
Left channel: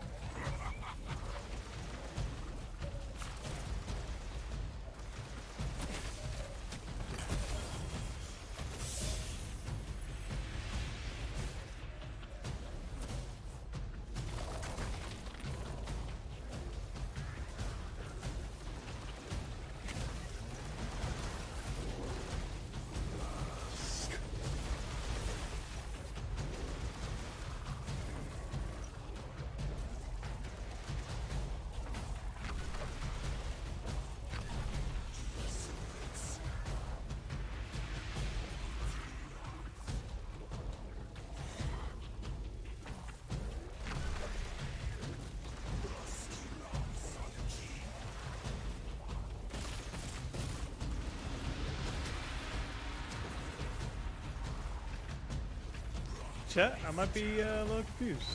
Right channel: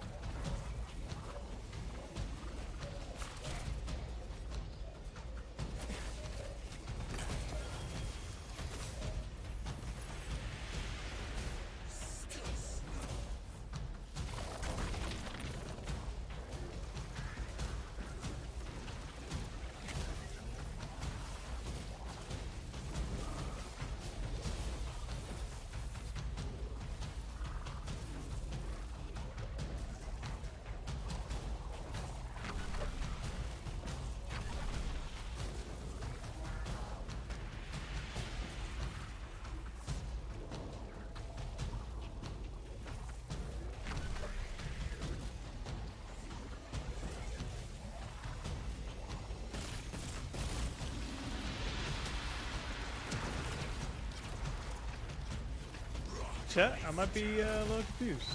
Chat, I might be a little confused.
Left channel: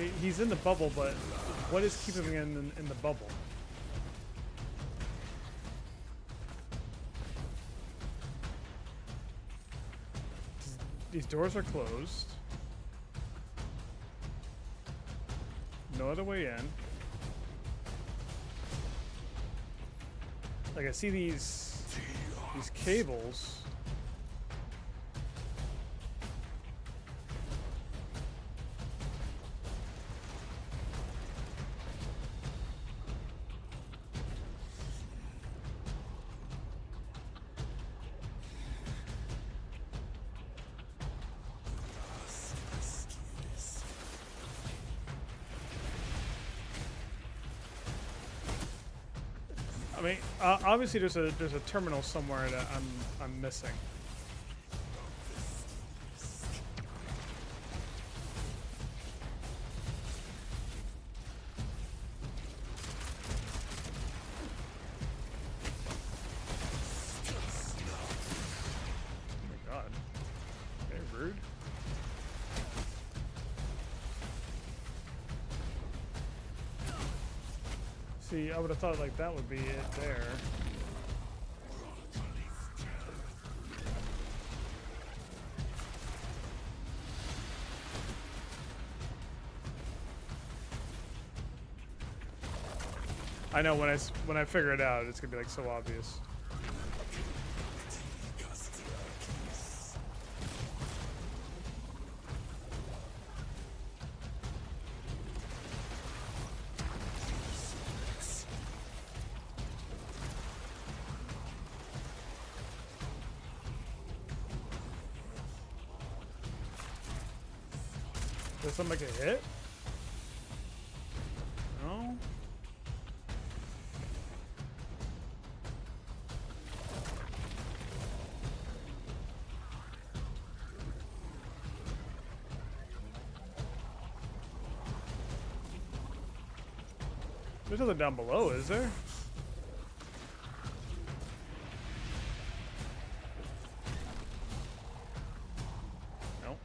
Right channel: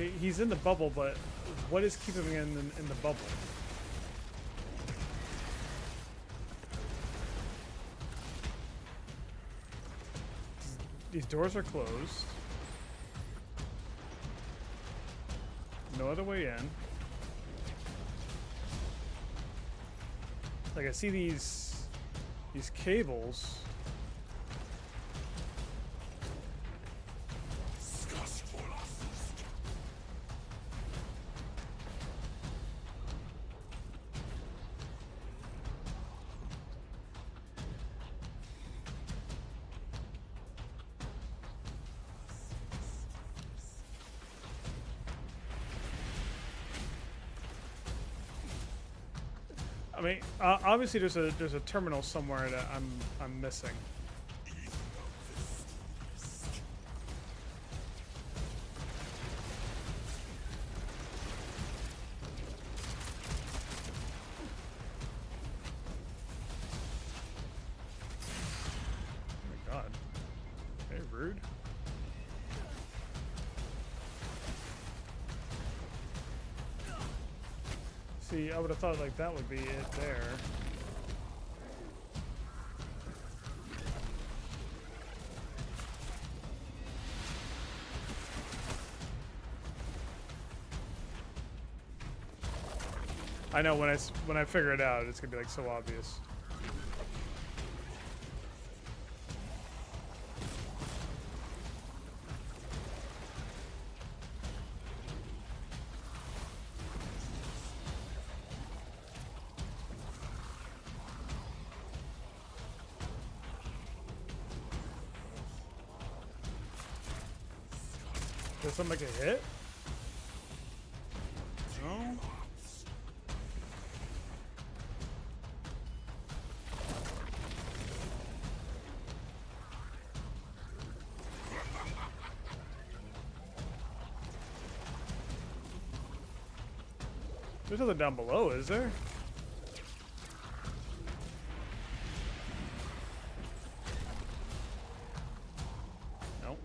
Okay, he's in the bubble, but what is keeping him in the bubble? These doors are closed. No other way in. Like I see these cables. I mean, obviously there's a terminal somewhere that I'm missing. Oh my god. Very rude. See, I would have thought like that would be it there. I know when I figure it out, it's gonna be like so obvious. Does something make a hit? No. There's nothing down below, is there? No.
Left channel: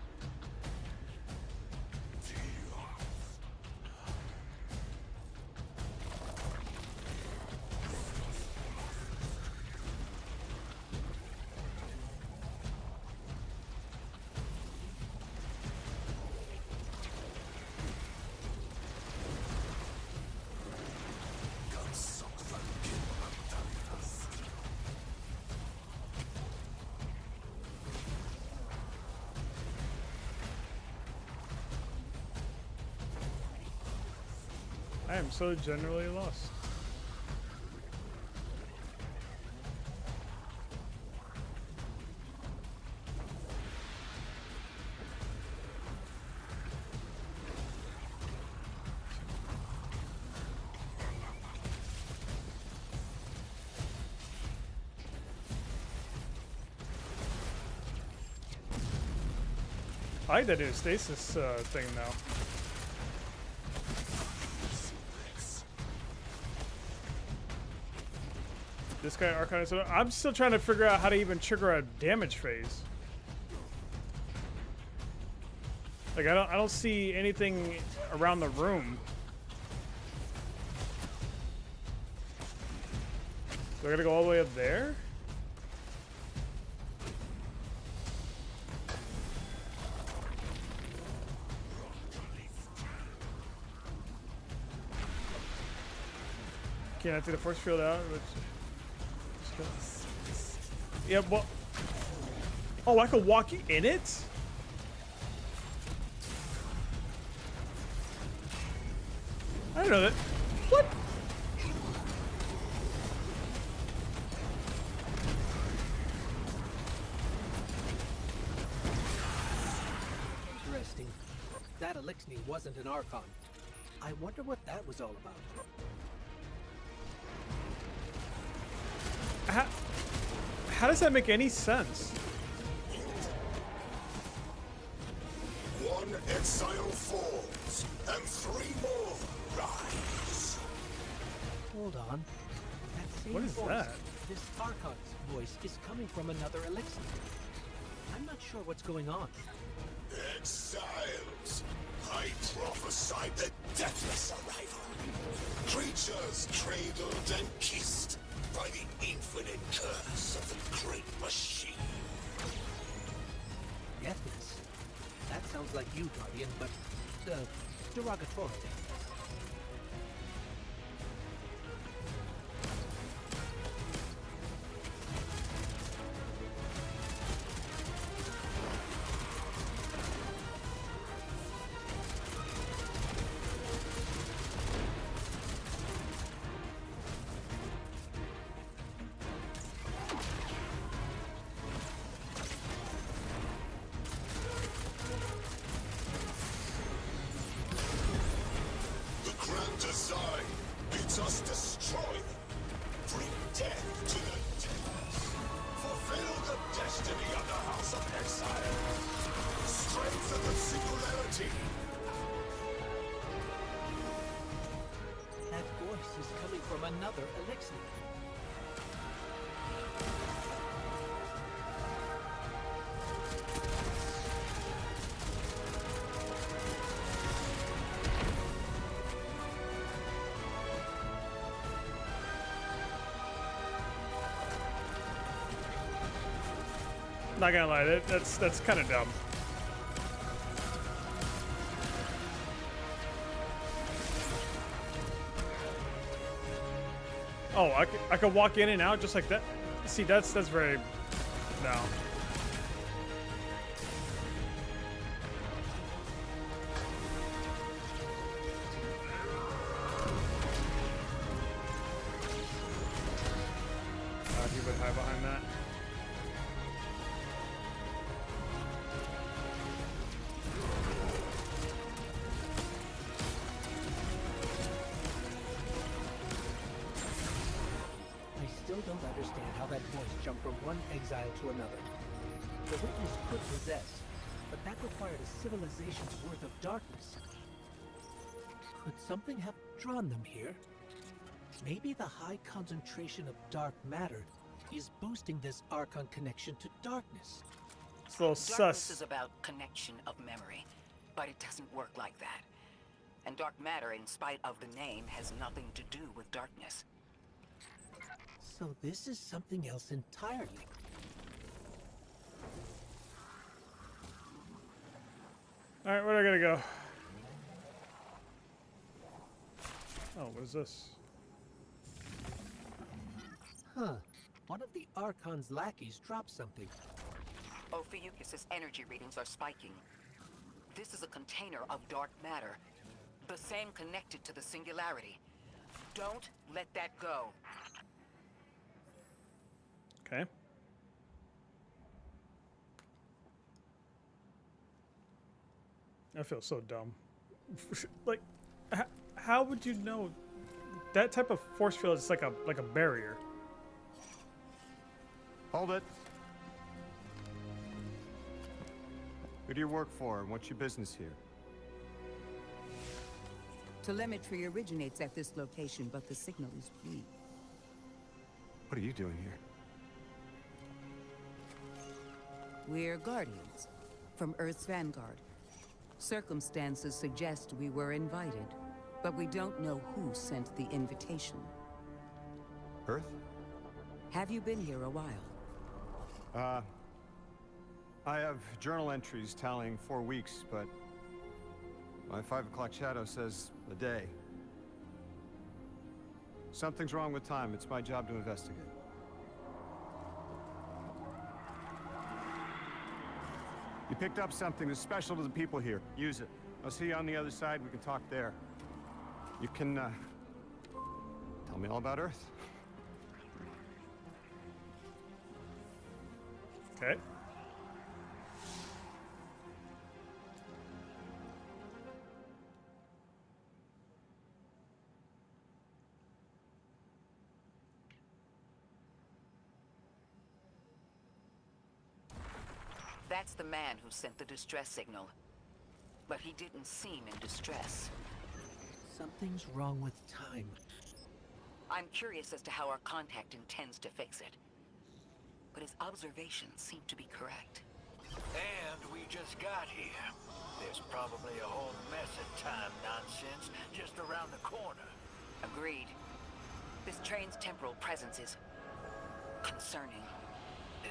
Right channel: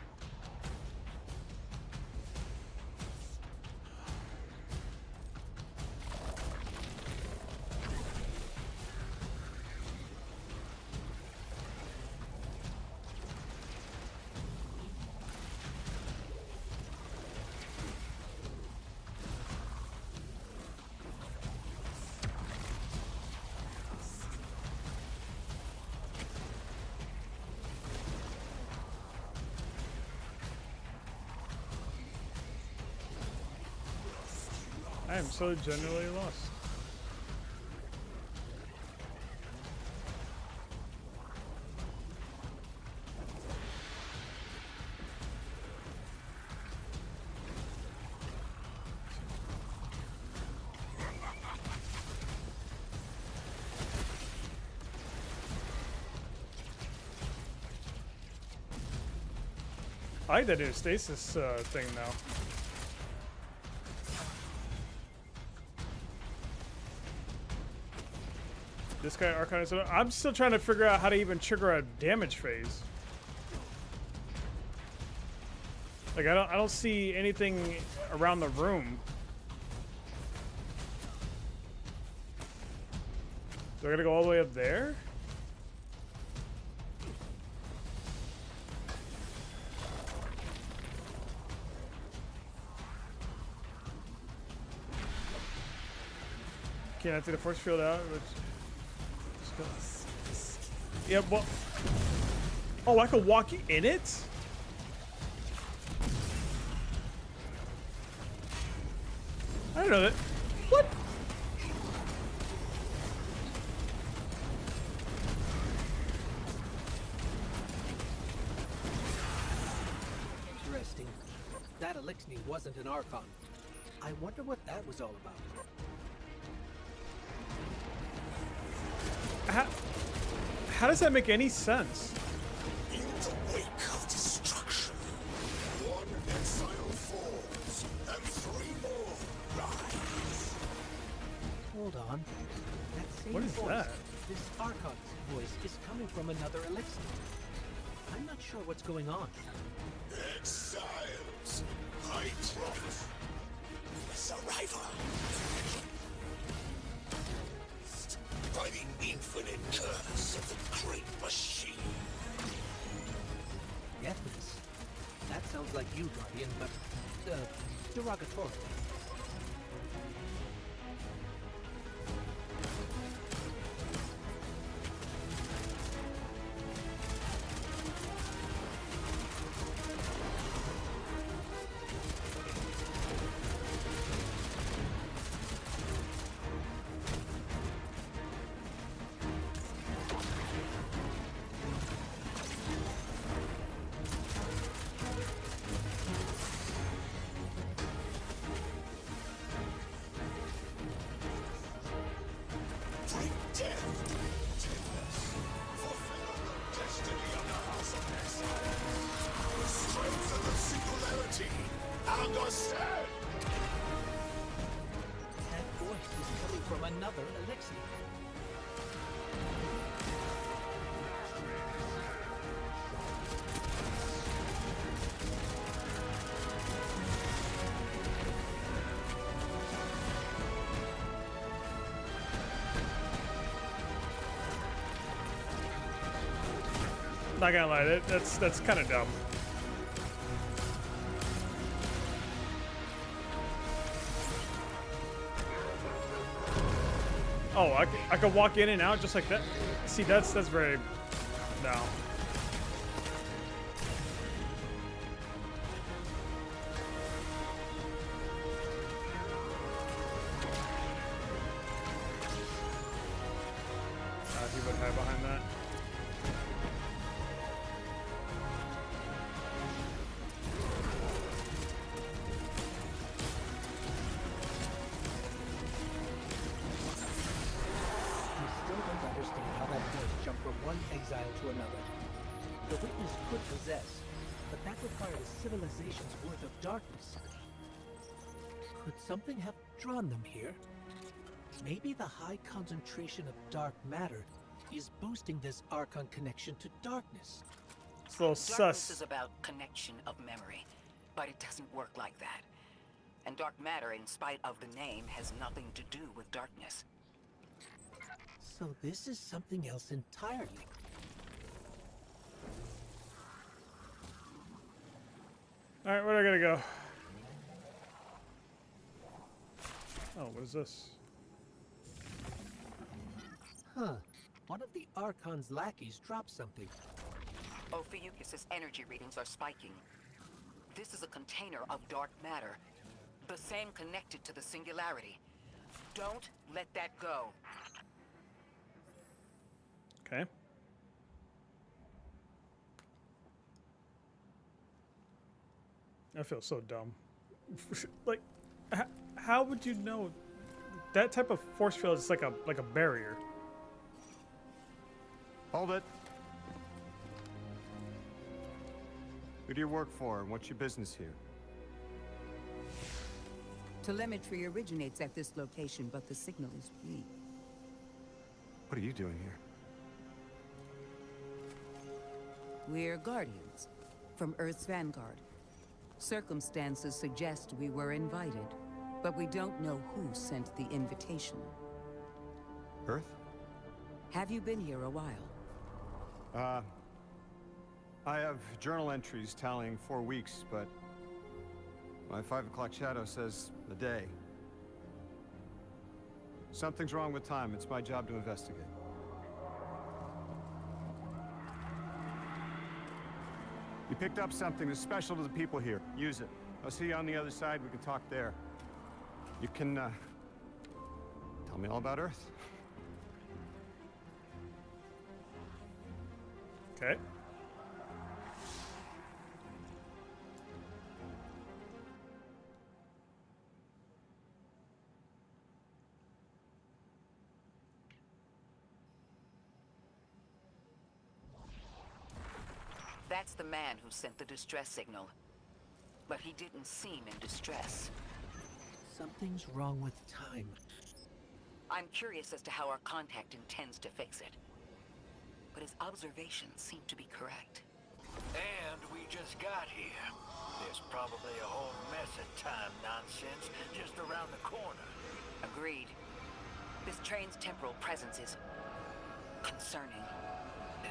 I am so generally lost. I like that new stasis thing now. This guy Archon is. I'm still trying to figure out how to even trigger a damage phase. Like I don't see anything around the room. Do I gotta go all the way up there? Can't I take the force field out? Yeah, well. Oh, I could walk in it? I don't know that. What? Interesting. That elixir wasn't an Archon. I wonder what that was all about. How does that make any sense? In the wake of destruction, one exile falls, and 3 more rise. Hold on. That same What is voice, that? this Archon's voice, is coming from another elixir. I'm not sure what's going on. Exiles, I prophesy I'm the deathless arrival. Creatures cradled and kissed by the infinite curse of the great machine. Deathless? That sounds like you, Guardian, but, derogatorily. That voice is coming from another elixir. Not gonna lie, that's kind of dumb. Oh, I could walk in and out just like that. See, that's very no. He would hide behind that. Don't understand how that voice jumped from one exile to another. The witness could possess, but that required a civilization's worth of darkness. Could something have drawn them here? Maybe the high concentration of dark matter is boosting this Archon connection to darkness. It's a little Darkness sus. is about connection of memory, but it doesn't work like that. And dark matter, in spite of the name, has nothing to do with darkness. So this is something else entirely. Alright, where do I gotta go? Oh, what is this? Huh. One of the Archon's lackeys dropped something. Ophiuchus's energy readings are spiking. This is a container of dark matter, the same connected to the Singularity. Don't let that go. Okay. I feel so dumb. Like, how would you know? That type of force field is like a barrier. Hold it. Who do you work for, and what's your business here? Telemetry originates at this location, but the signal is weak. What are you doing here? We're Guardians from Earth's vanguard. Circumstances suggest we were invited, but we don't know who sent the invitation. Earth? Have you been here a while? I have journal entries tallying 4 weeks, but my 5 o'clock shadow says a day. Something's wrong with time. It's my job to investigate. You picked up something that's special to the people here. Use it. I'll see you on the other side. We can talk there. You can, tell me all about Earth. Okay. That's the man who sent the distress signal. But he didn't seem in distress. Something's wrong with time. I'm curious as to how our contact intends to fix it. But his observations seem to be correct. And we just got here. There's probably a whole mess of time nonsense just around the corner. Agreed. This train's temporal presence is concerning.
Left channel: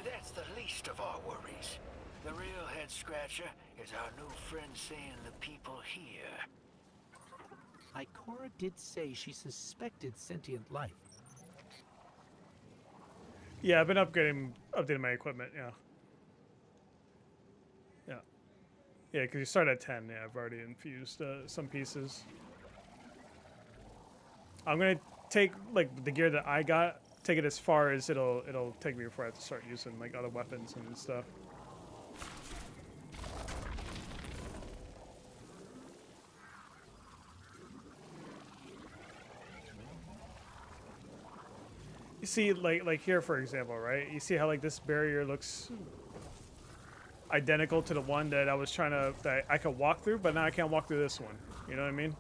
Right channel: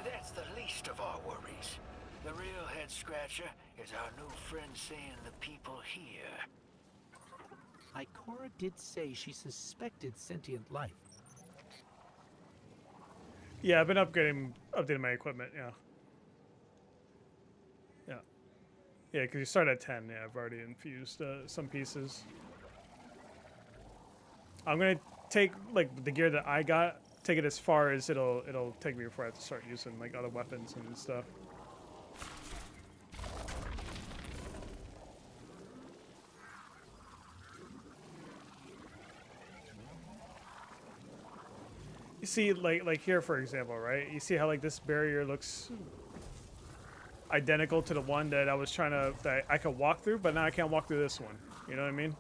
That's the least of our worries. The real head-scratcher is our new friend seeing the people here. Ikora did say she suspected sentient life. Yeah, I've been updating my equipment. Yeah. Yeah, because you start at 10. Yeah, I've already infused some pieces. I'm gonna take like the gear that I got, take it as far as it'll take me before I have to start using like other weapons and stuff. You see, like here for example, right? You see how like this barrier looks identical to the one that that I could walk through, but now I can't walk through this one. You know what I mean?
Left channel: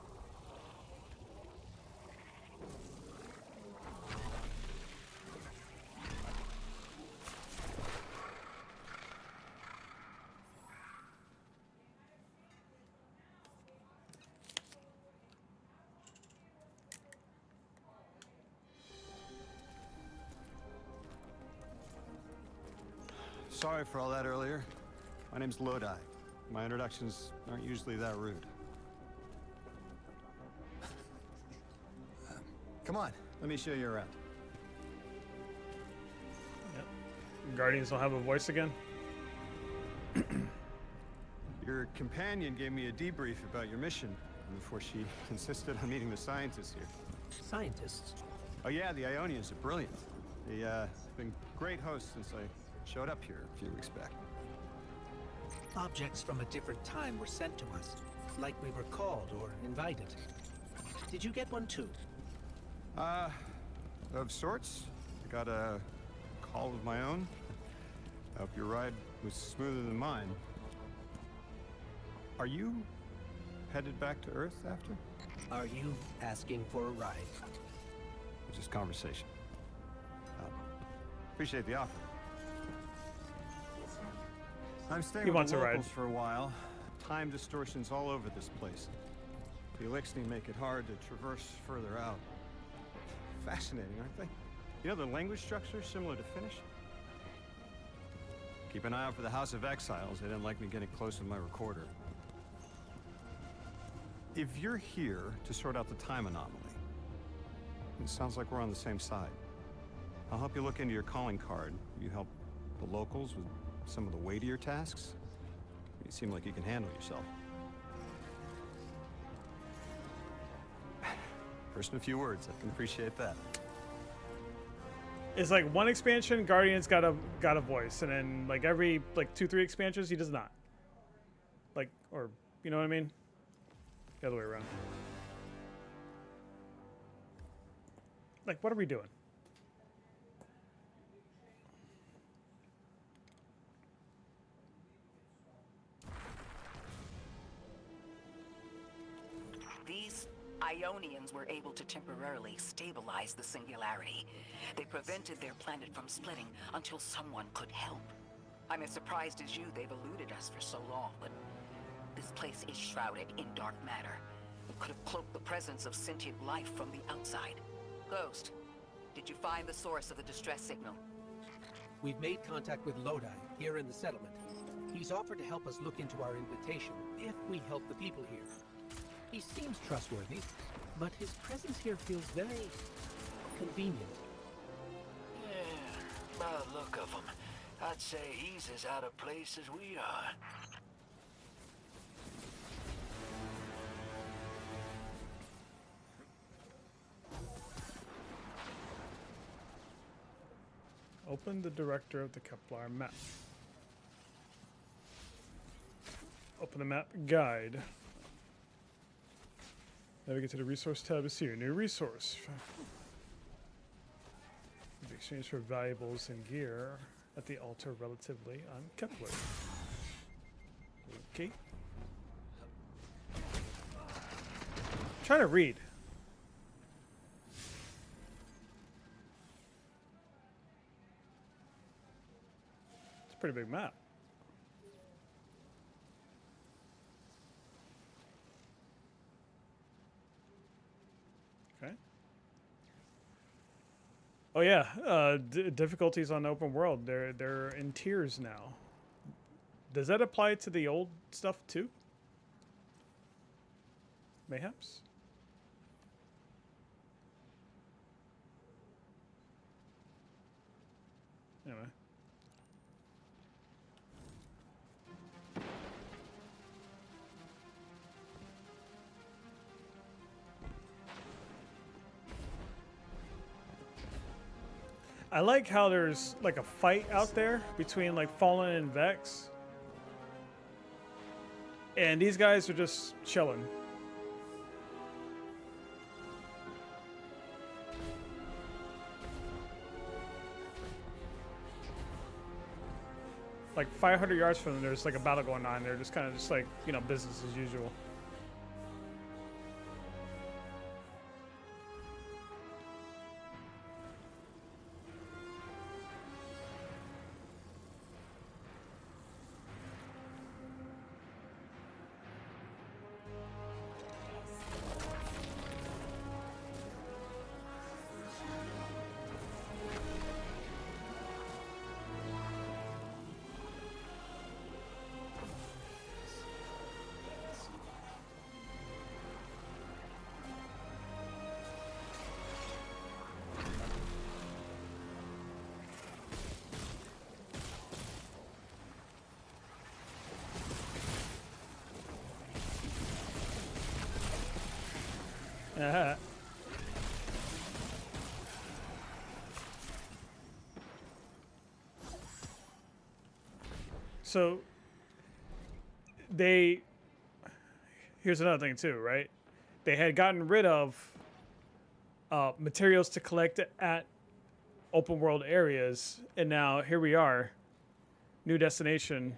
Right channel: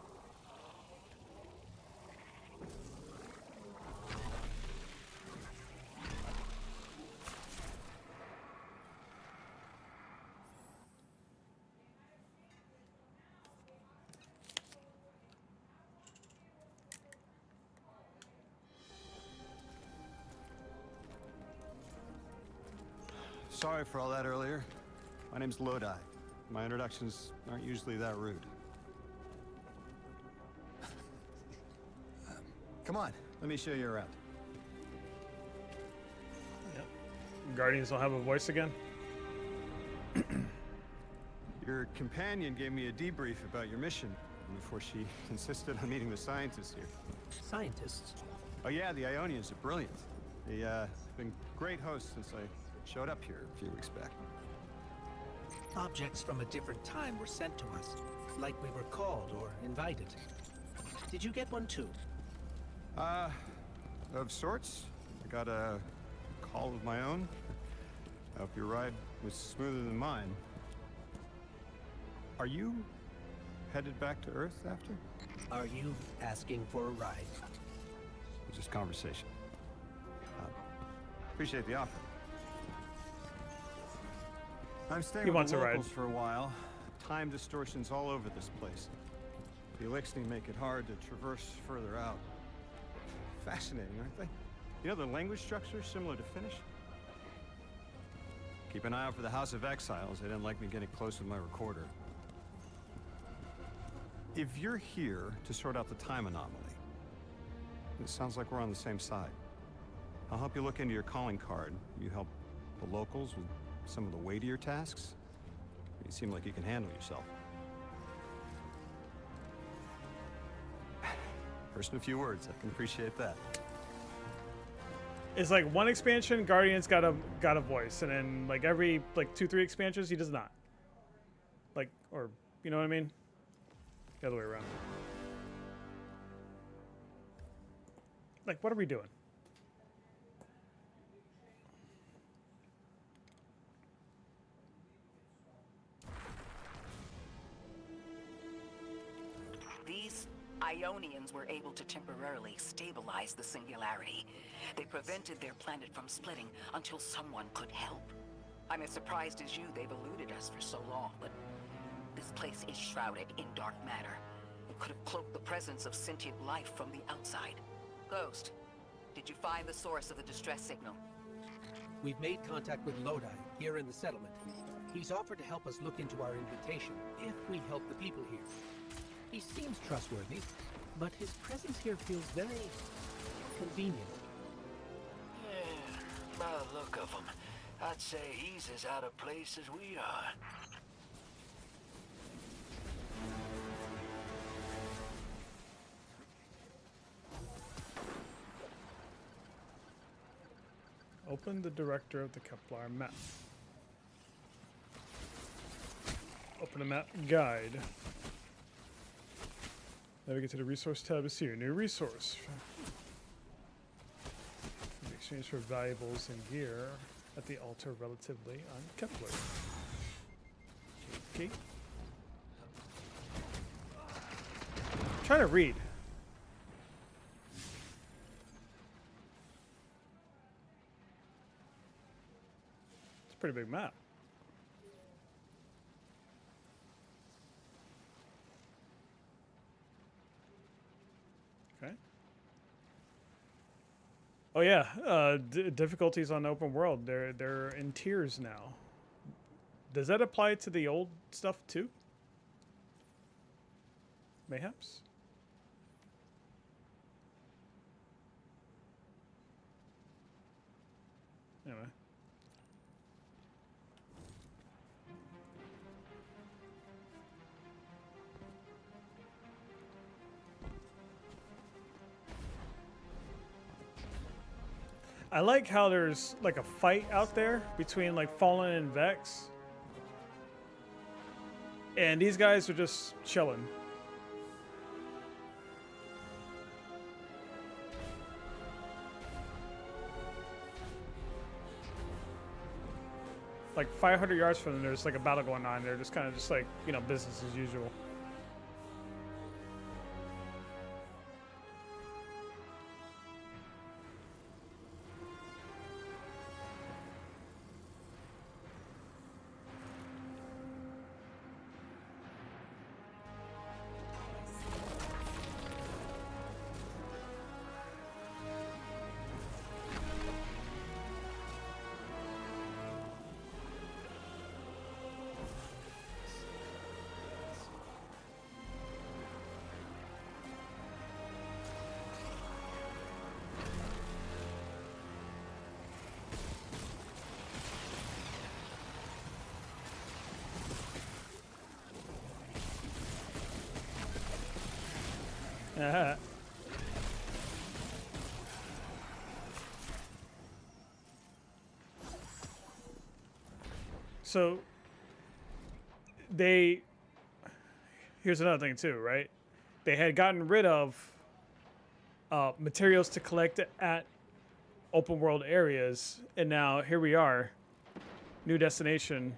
Sorry for all that earlier. My name's Lodi. My introductions aren't usually that rude. Come on, let me show you around. Yep. Guardians don't have a voice again. Your companion gave me a debrief about your mission before she insisted on meeting the scientists here. Scientists? Oh yeah, the Ionians are brilliant. They've been great hosts since I showed up here a few weeks back. Objects from a different time were sent to us, like we were called or invited. Did you get one too? Of sorts. I got a call of my own. I hope your ride was smoother than mine. Are you headed back to Earth after? Are you asking for a ride? Just conversation. Appreciate the offer. I'm staying with the locals for a while. Time distortions all over this place. The Elixni make it hard to traverse further out. Fascinating, aren't they? You know, the language structure is similar to Finnish. Keep an eye out for the House of Exiles. They didn't like me getting close with my recorder. If you're here to sort out the time anomaly, it sounds like we're on the same side. I'll help you look into your calling card. You help the locals with some of the weightier tasks. You seem like you can handle yourself. First in a few words, I can appreciate that. It's like one expansion, Guardian's got a voice, and then like every like 2-3 expansions, he does not. Like, or you know what I mean? The other way around. Like, what are we doing? These Ionians were able to temporarily stabilize the singularity. They prevented their planet from splitting until someone could help. I'm as surprised as you they've eluded us for so long, but this place is shrouded in dark matter. It could have cloaked the presence of sentient life from the outside. Ghost, did you find the source of the distress signal? We've made contact with Lodi, here in the settlement. He's offered to help us look into our invitation, if we help the people here. He seems trustworthy, but his presence here feels very convenient. Yeah, by the look of him, I'd say he's as out of place as we are. Open the director of the Kepler map. Open the map guide. Navigate to the resource tab to see your new resource. In exchange for valuables and gear at the altar relatively on Kepler. Okay. I'm trying to read. It's a pretty big map. Okay. Oh yeah, difficulties on open world. They're in tiers now. Does that apply to the old stuff too? Mayhaps. Anyway. I like how there's like a fight out there between like Fallen and Vex. And these guys are just chilling. Like 500 yards from them, there's like a battle going on. They're just kind of just like, you know, business as usual. So here's another thing too, right? They had gotten rid of materials to collect at open world areas, and now here we are, new destination.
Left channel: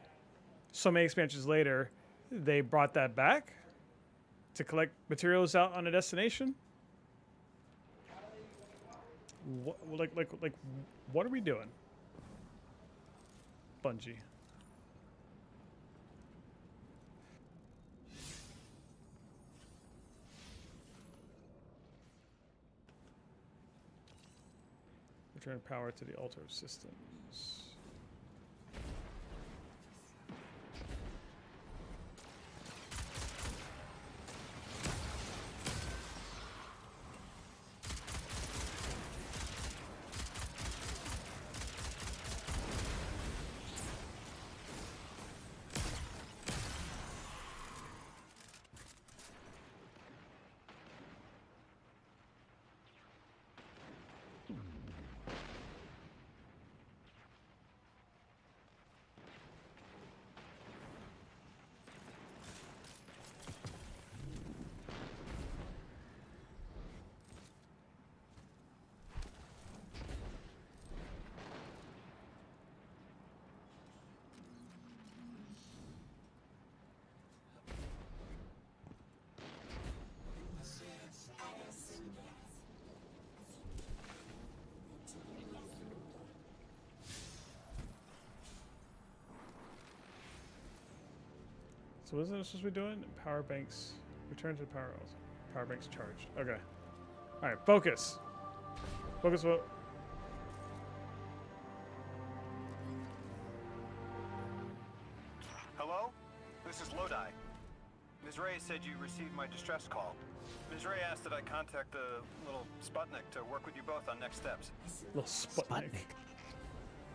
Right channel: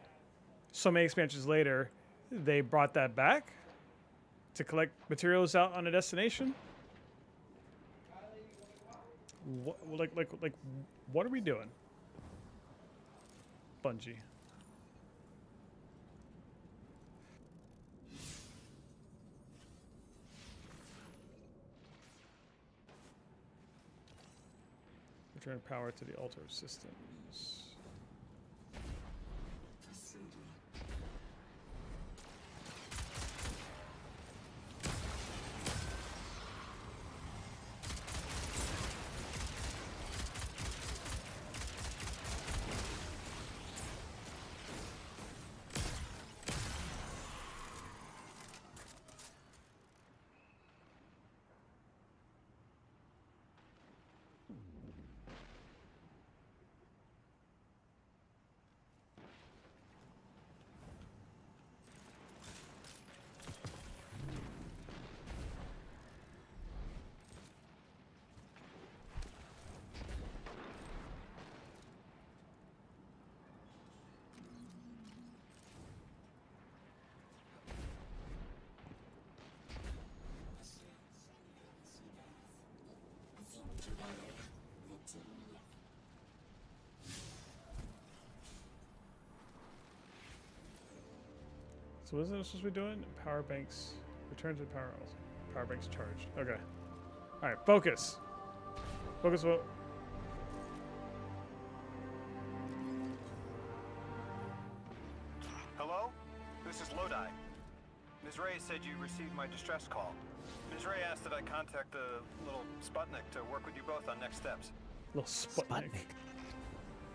So many expansions later, they brought that back to collect materials out on a destination. Like, what are we doing, Bungie? Return power to the altar of systems. So what is it supposed to be doing? Power banks. Return to power. Power banks charged. Okay. All right. Focus. Focus. What? Hello? This is Lodi. Ms. Ray said you received my distress call. Ms. Ray asked that I contact the little Sputnik to work with you both on next steps. Little Sputnik.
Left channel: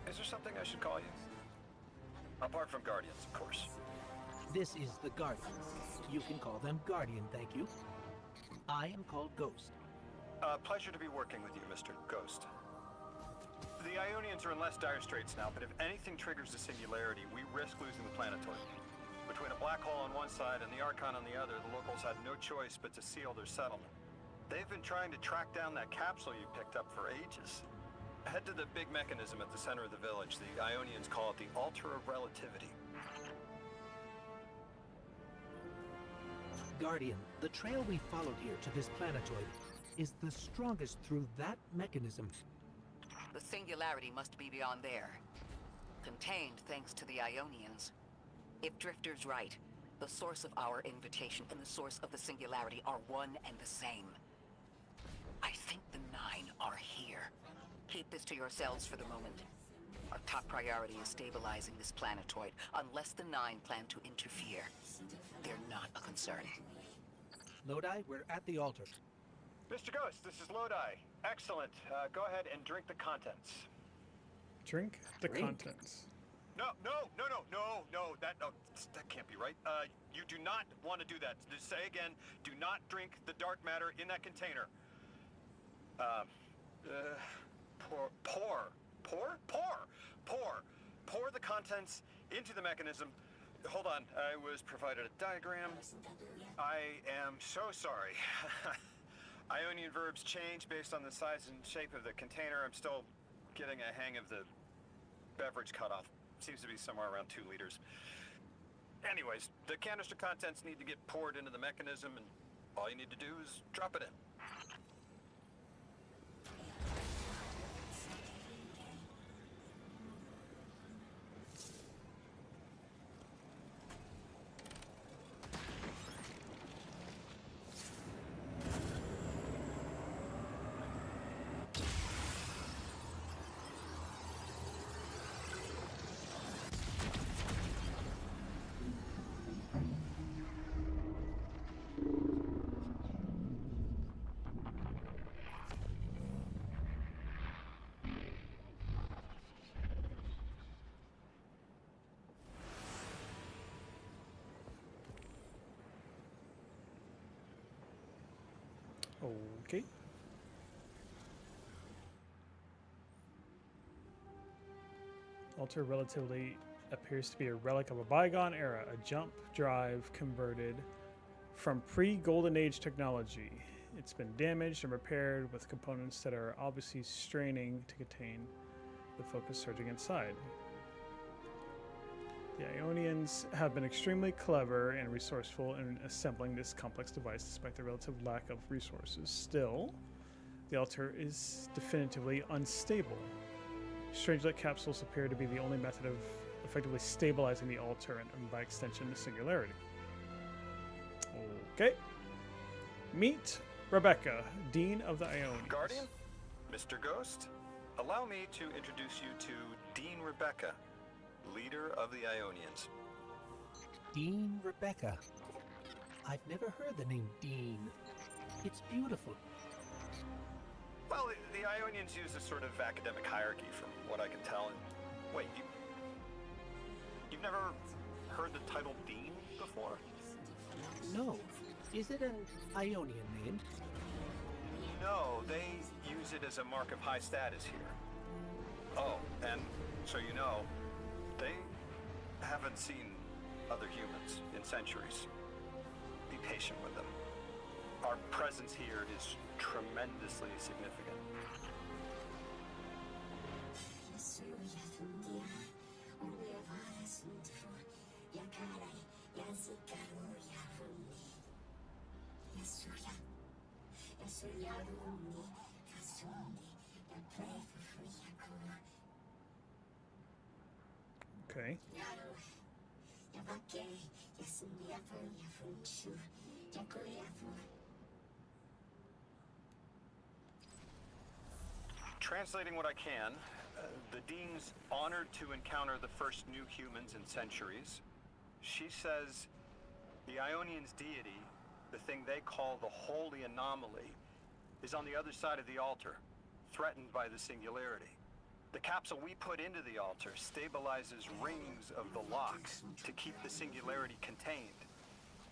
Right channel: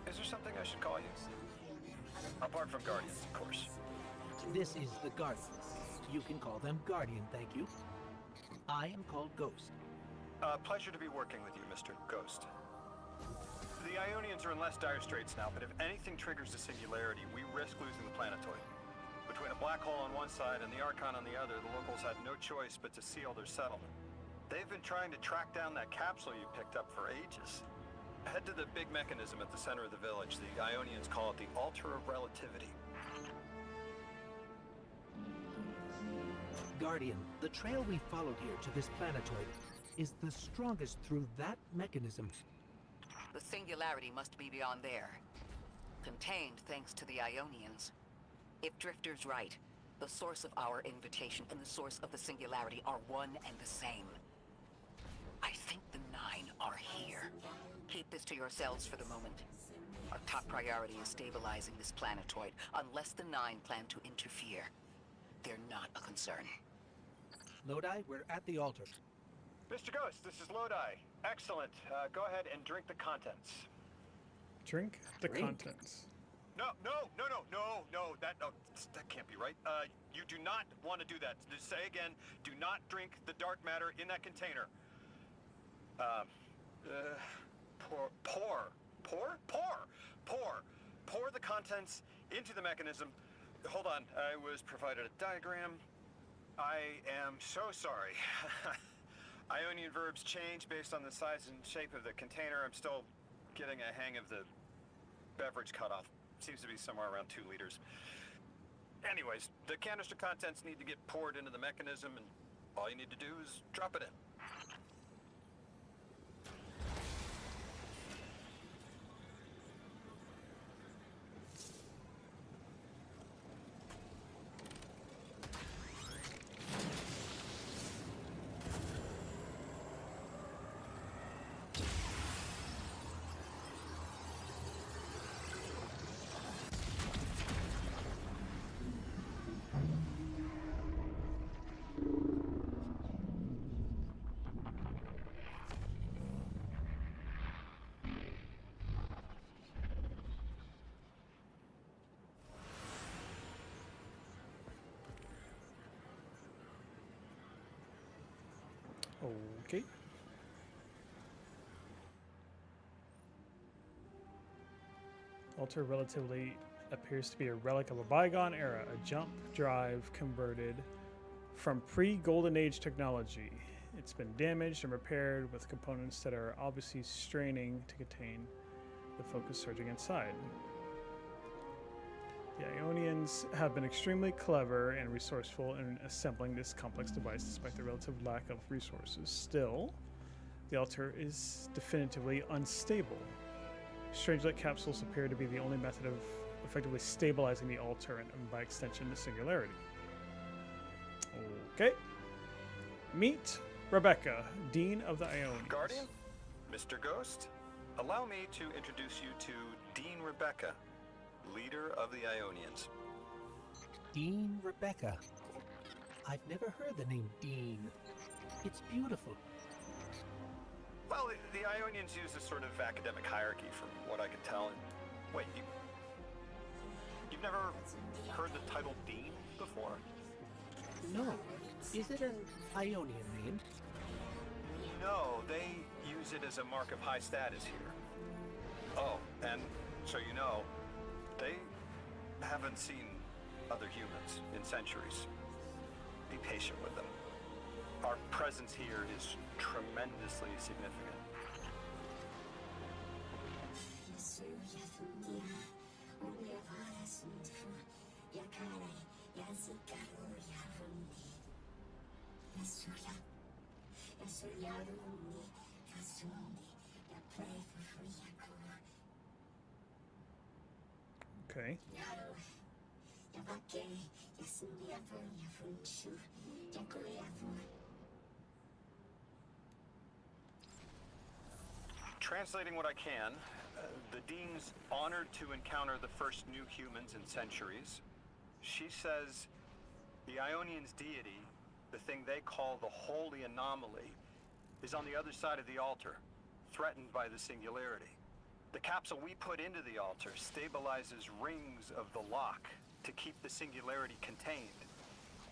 Is there something I should call you? Apart from Guardians, of course. This is the Guardian. You can call them Guardian, thank you. I am called Ghost. Pleasure to be working with you, Mr. Ghost. The Ionians are in less dire straits now, but if anything triggers the singularity, we risk losing the planetoid. Between a black hole on one side and the Archon on the other, the locals had no choice but to seal their settlement. They've been trying to track down that capsule you picked up for ages. Head to the big mechanism at the center of the village. The Ionians call it the Altar of Relativity. Guardian, the trail we followed here to this planetoid is the strongest through that mechanism. The singularity must be beyond there. Contained thanks to the Ionians. If Drifter's right, the source of our invitation and the source of the singularity are one and the same. this to yourselves for the moment. Our top priority is stabilizing this planetoid, unless the Nine plan to interfere. They're not a concern. Lodi, we're at the altar. Mr. Ghost, this is Lodi. Excellent. Go ahead and drink the contents. Drink the Drink? contents. No, that can't be right. You do not want to do that. Just say again, do not drink the dark matter in that container. Pour the contents into the mechanism. Hold on, I was provided a diagram. I am so sorry. Ionian verbs change based on the size and shape of the container. I'm still getting a hang of the beverage cutoff. Seems to be somewhere around 2 liters. Anyways, the canister contents need to get poured into the mechanism, and all you need to do is drop it in. Okay. Altar relatively appears to be a relic of a bygone era, a jump drive converted from pre-Golden Age technology. It's been damaged and repaired with components that are obviously straining to contain the focus surging inside. The Ionians have been extremely clever and resourceful in assembling this complex device despite the relative lack of resources. Still, the altar is definitively unstable. Strangelet capsules appear to be the only method of effectively stabilizing the altar and by extension the singularity. Okay. Meet Rebecca, Dean of the Ionians. Guardian? Mr. Ghost? Allow me to introduce you to Dean Rebecca, leader of the Ionians. Dean Rebecca. I've never heard the name Dean. It's beautiful. Well, the Ionians use a sort of academic hierarchy from what I can tell. And wait, you've never heard the title Dean before? No. Is it an Ionian name? No, they use it as a mark of high status here. Oh, and so you know, they haven't seen other humans in centuries. Be patient with them. Our presence here is tremendously significant. Okay. Translating what I can, the Dean's honored to encounter the first new humans in centuries. She says the Ionians' deity, the thing they call the holy anomaly, is on the other side of the altar, threatened by the singularity. The capsule we put into the altar stabilizes rings of the lock to keep the singularity contained.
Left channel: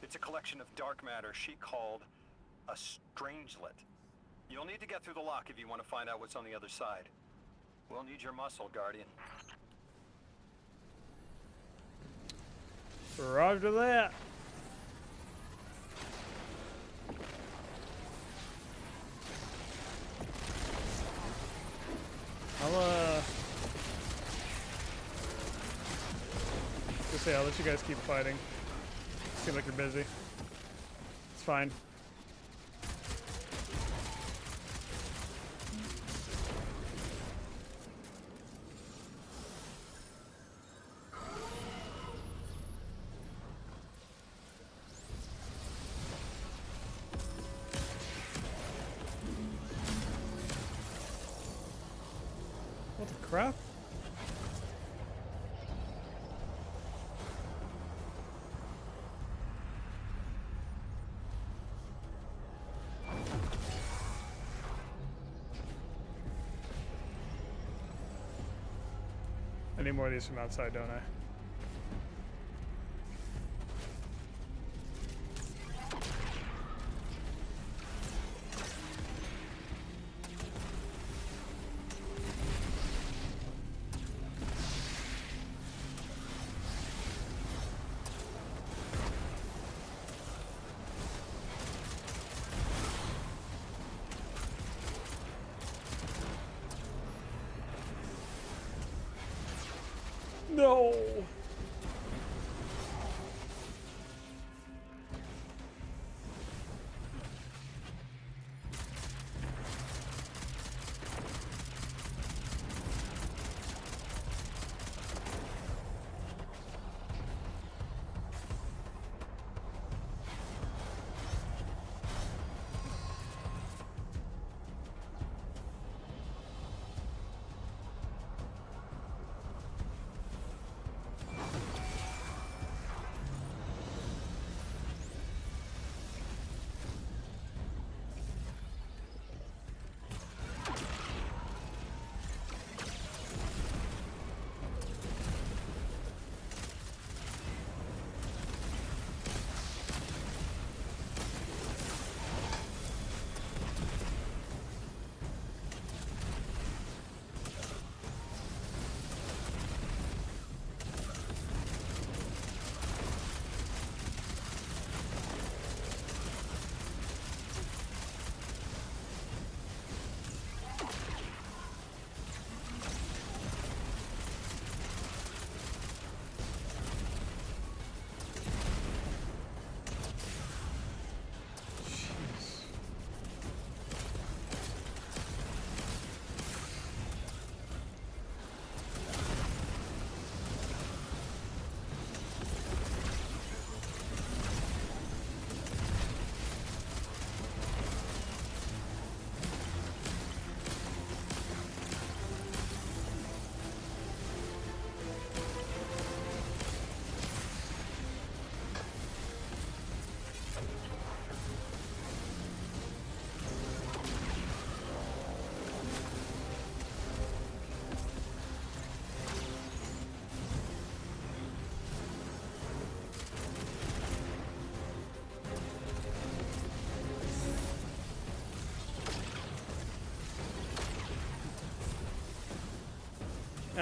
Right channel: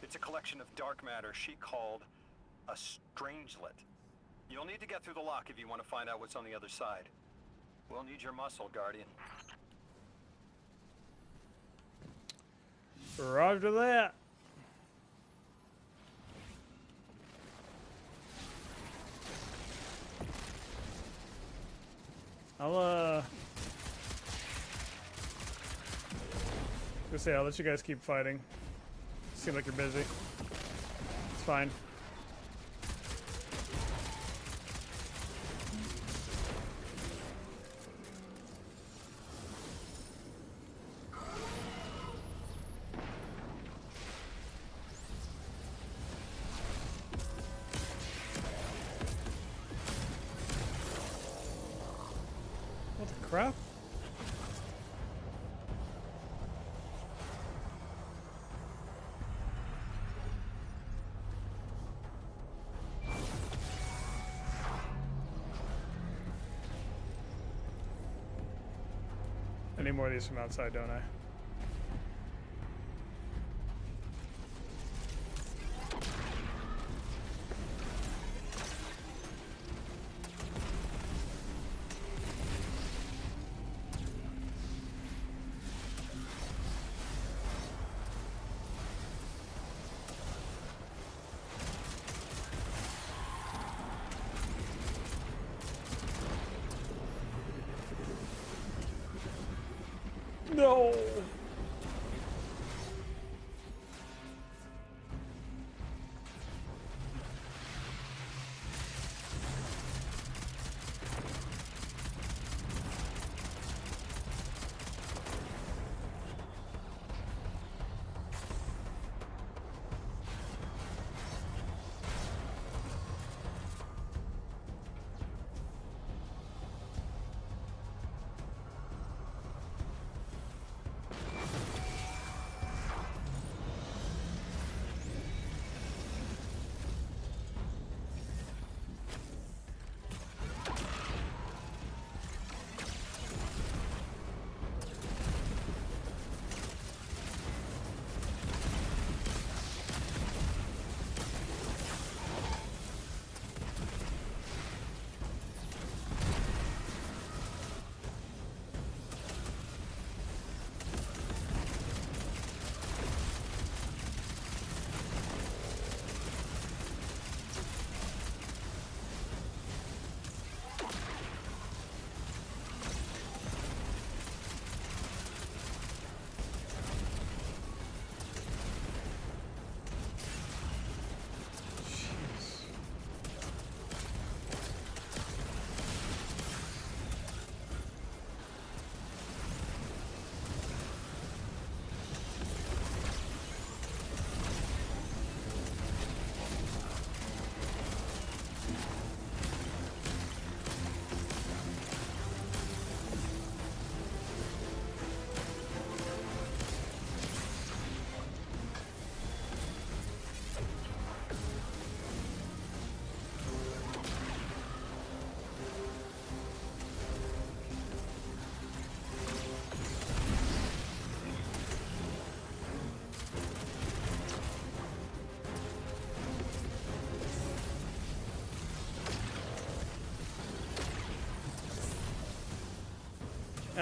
It's a collection of dark matter she called a strangelet. You'll need to get through the lock if you want to find out what's on the other side. We'll need your muscle, Guardian. Roger that. I'll let you guys keep fighting. Seem like you're busy. It's fine. What the crap? I need more of these from outside, don't I? No.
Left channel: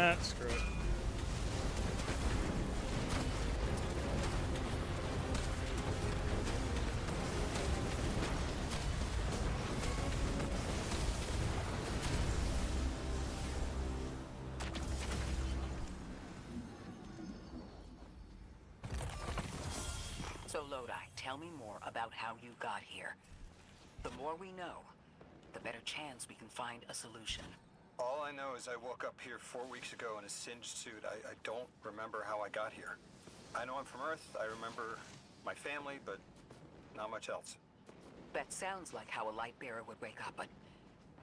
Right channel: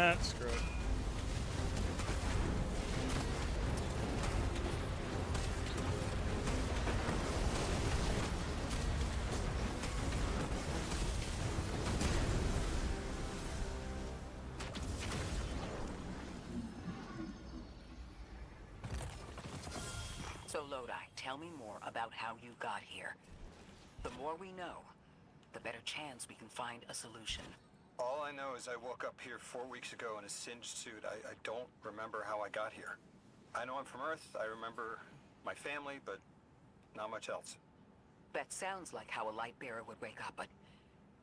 Ah, screw it. So Lodi, tell me more about how you got here. The more we know, the better chance we can find a solution. All I know is I woke up here 4 weeks ago in a singed suit. I don't remember how I got here. I know I'm from Earth. I remember my family, but not much else. That sounds like how a light bearer would wake up, but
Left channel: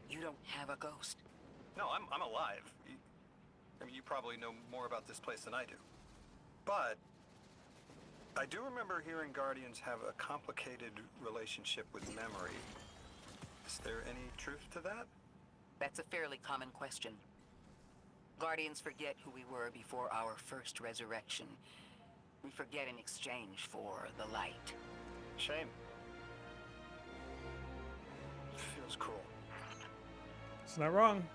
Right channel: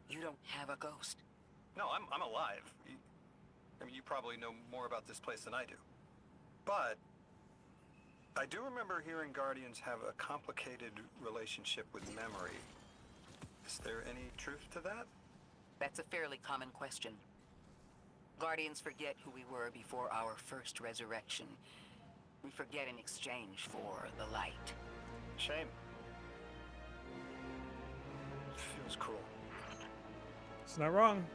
you don't have a ghost. No, I'm alive. I mean, you probably know more about this place than I do. But I do remember hearing Guardians have a complicated relationship with memory. Is there any truth to that? That's a fairly common question. Guardians forget who we were before our first resurrection. We forget in exchange for the light. Shame. Feels cruel. It's not wrong.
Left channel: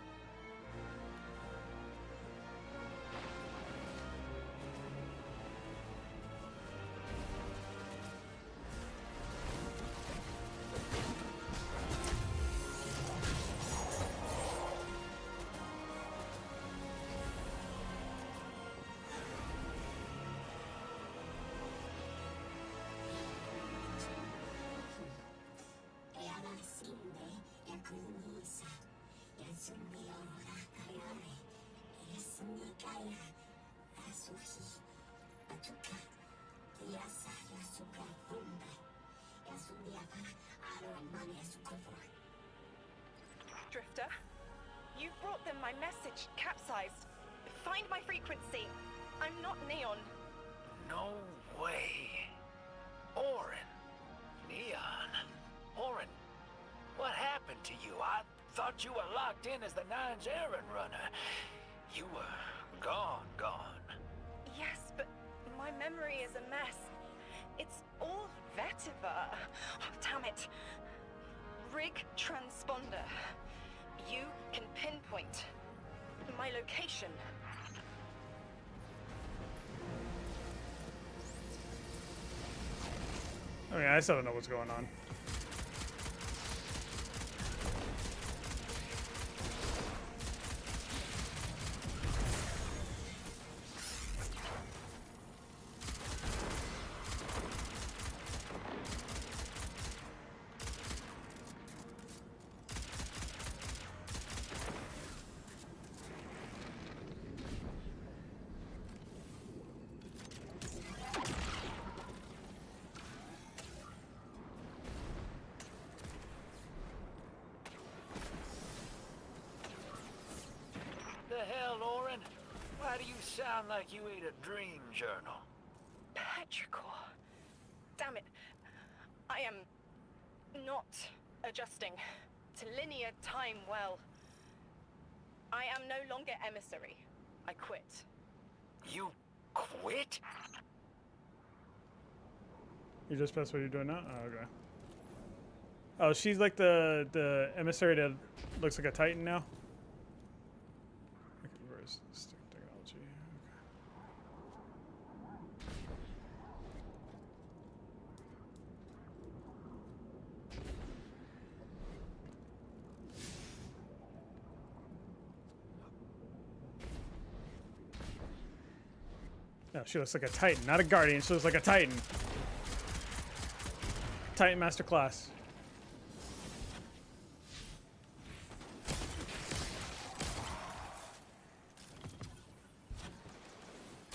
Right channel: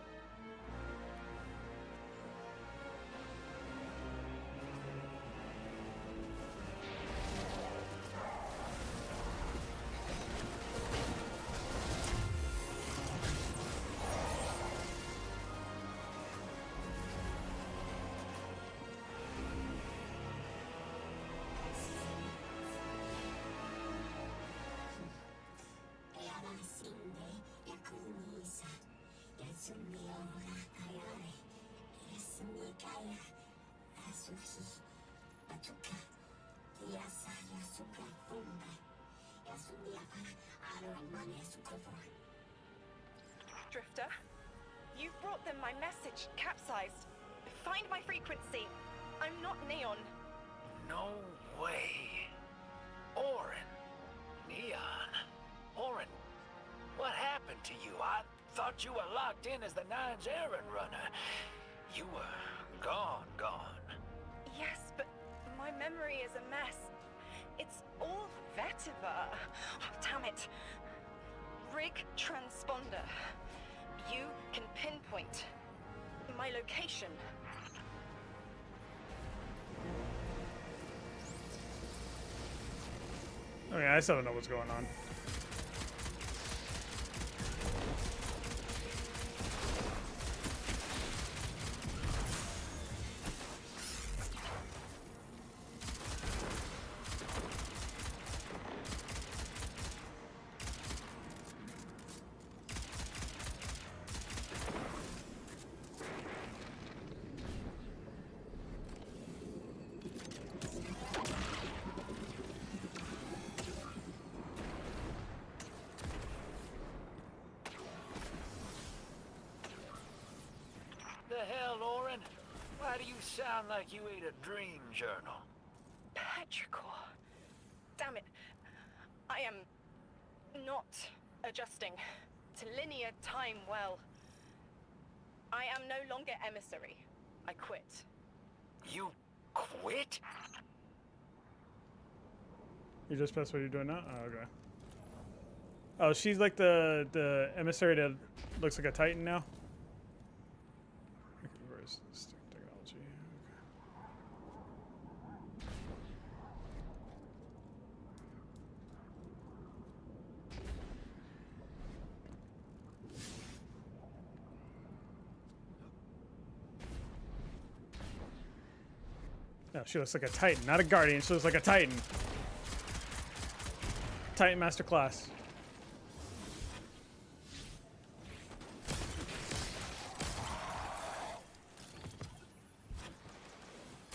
Drifter, You brought them my message, capsized. Find my frequency. I'm not Neon. No way. Orin. Neon. Orin, what happened to you? I thought you were locked in as the Nine's errand runner. You were gone. Yes, but my memory is a mess. It's all vetiver. Oh, damn it. Rig transponder. You can pinpoint my location. I mean, I still don't know what's going on. The hell, Orin? Why do you sound like you ate a dream journal? Petrichor. Damn it. I am not adjusting to linear time well. I am no longer emissary. I quit. You quit? You just press what you're doing now? Oh, okay. Oh, she's like the emissary that looks like a Titan now? Okay, where's this technology? Okay. No, she looks like a Titan, not a Guardian. She looks like a Titan. Titan Master Class.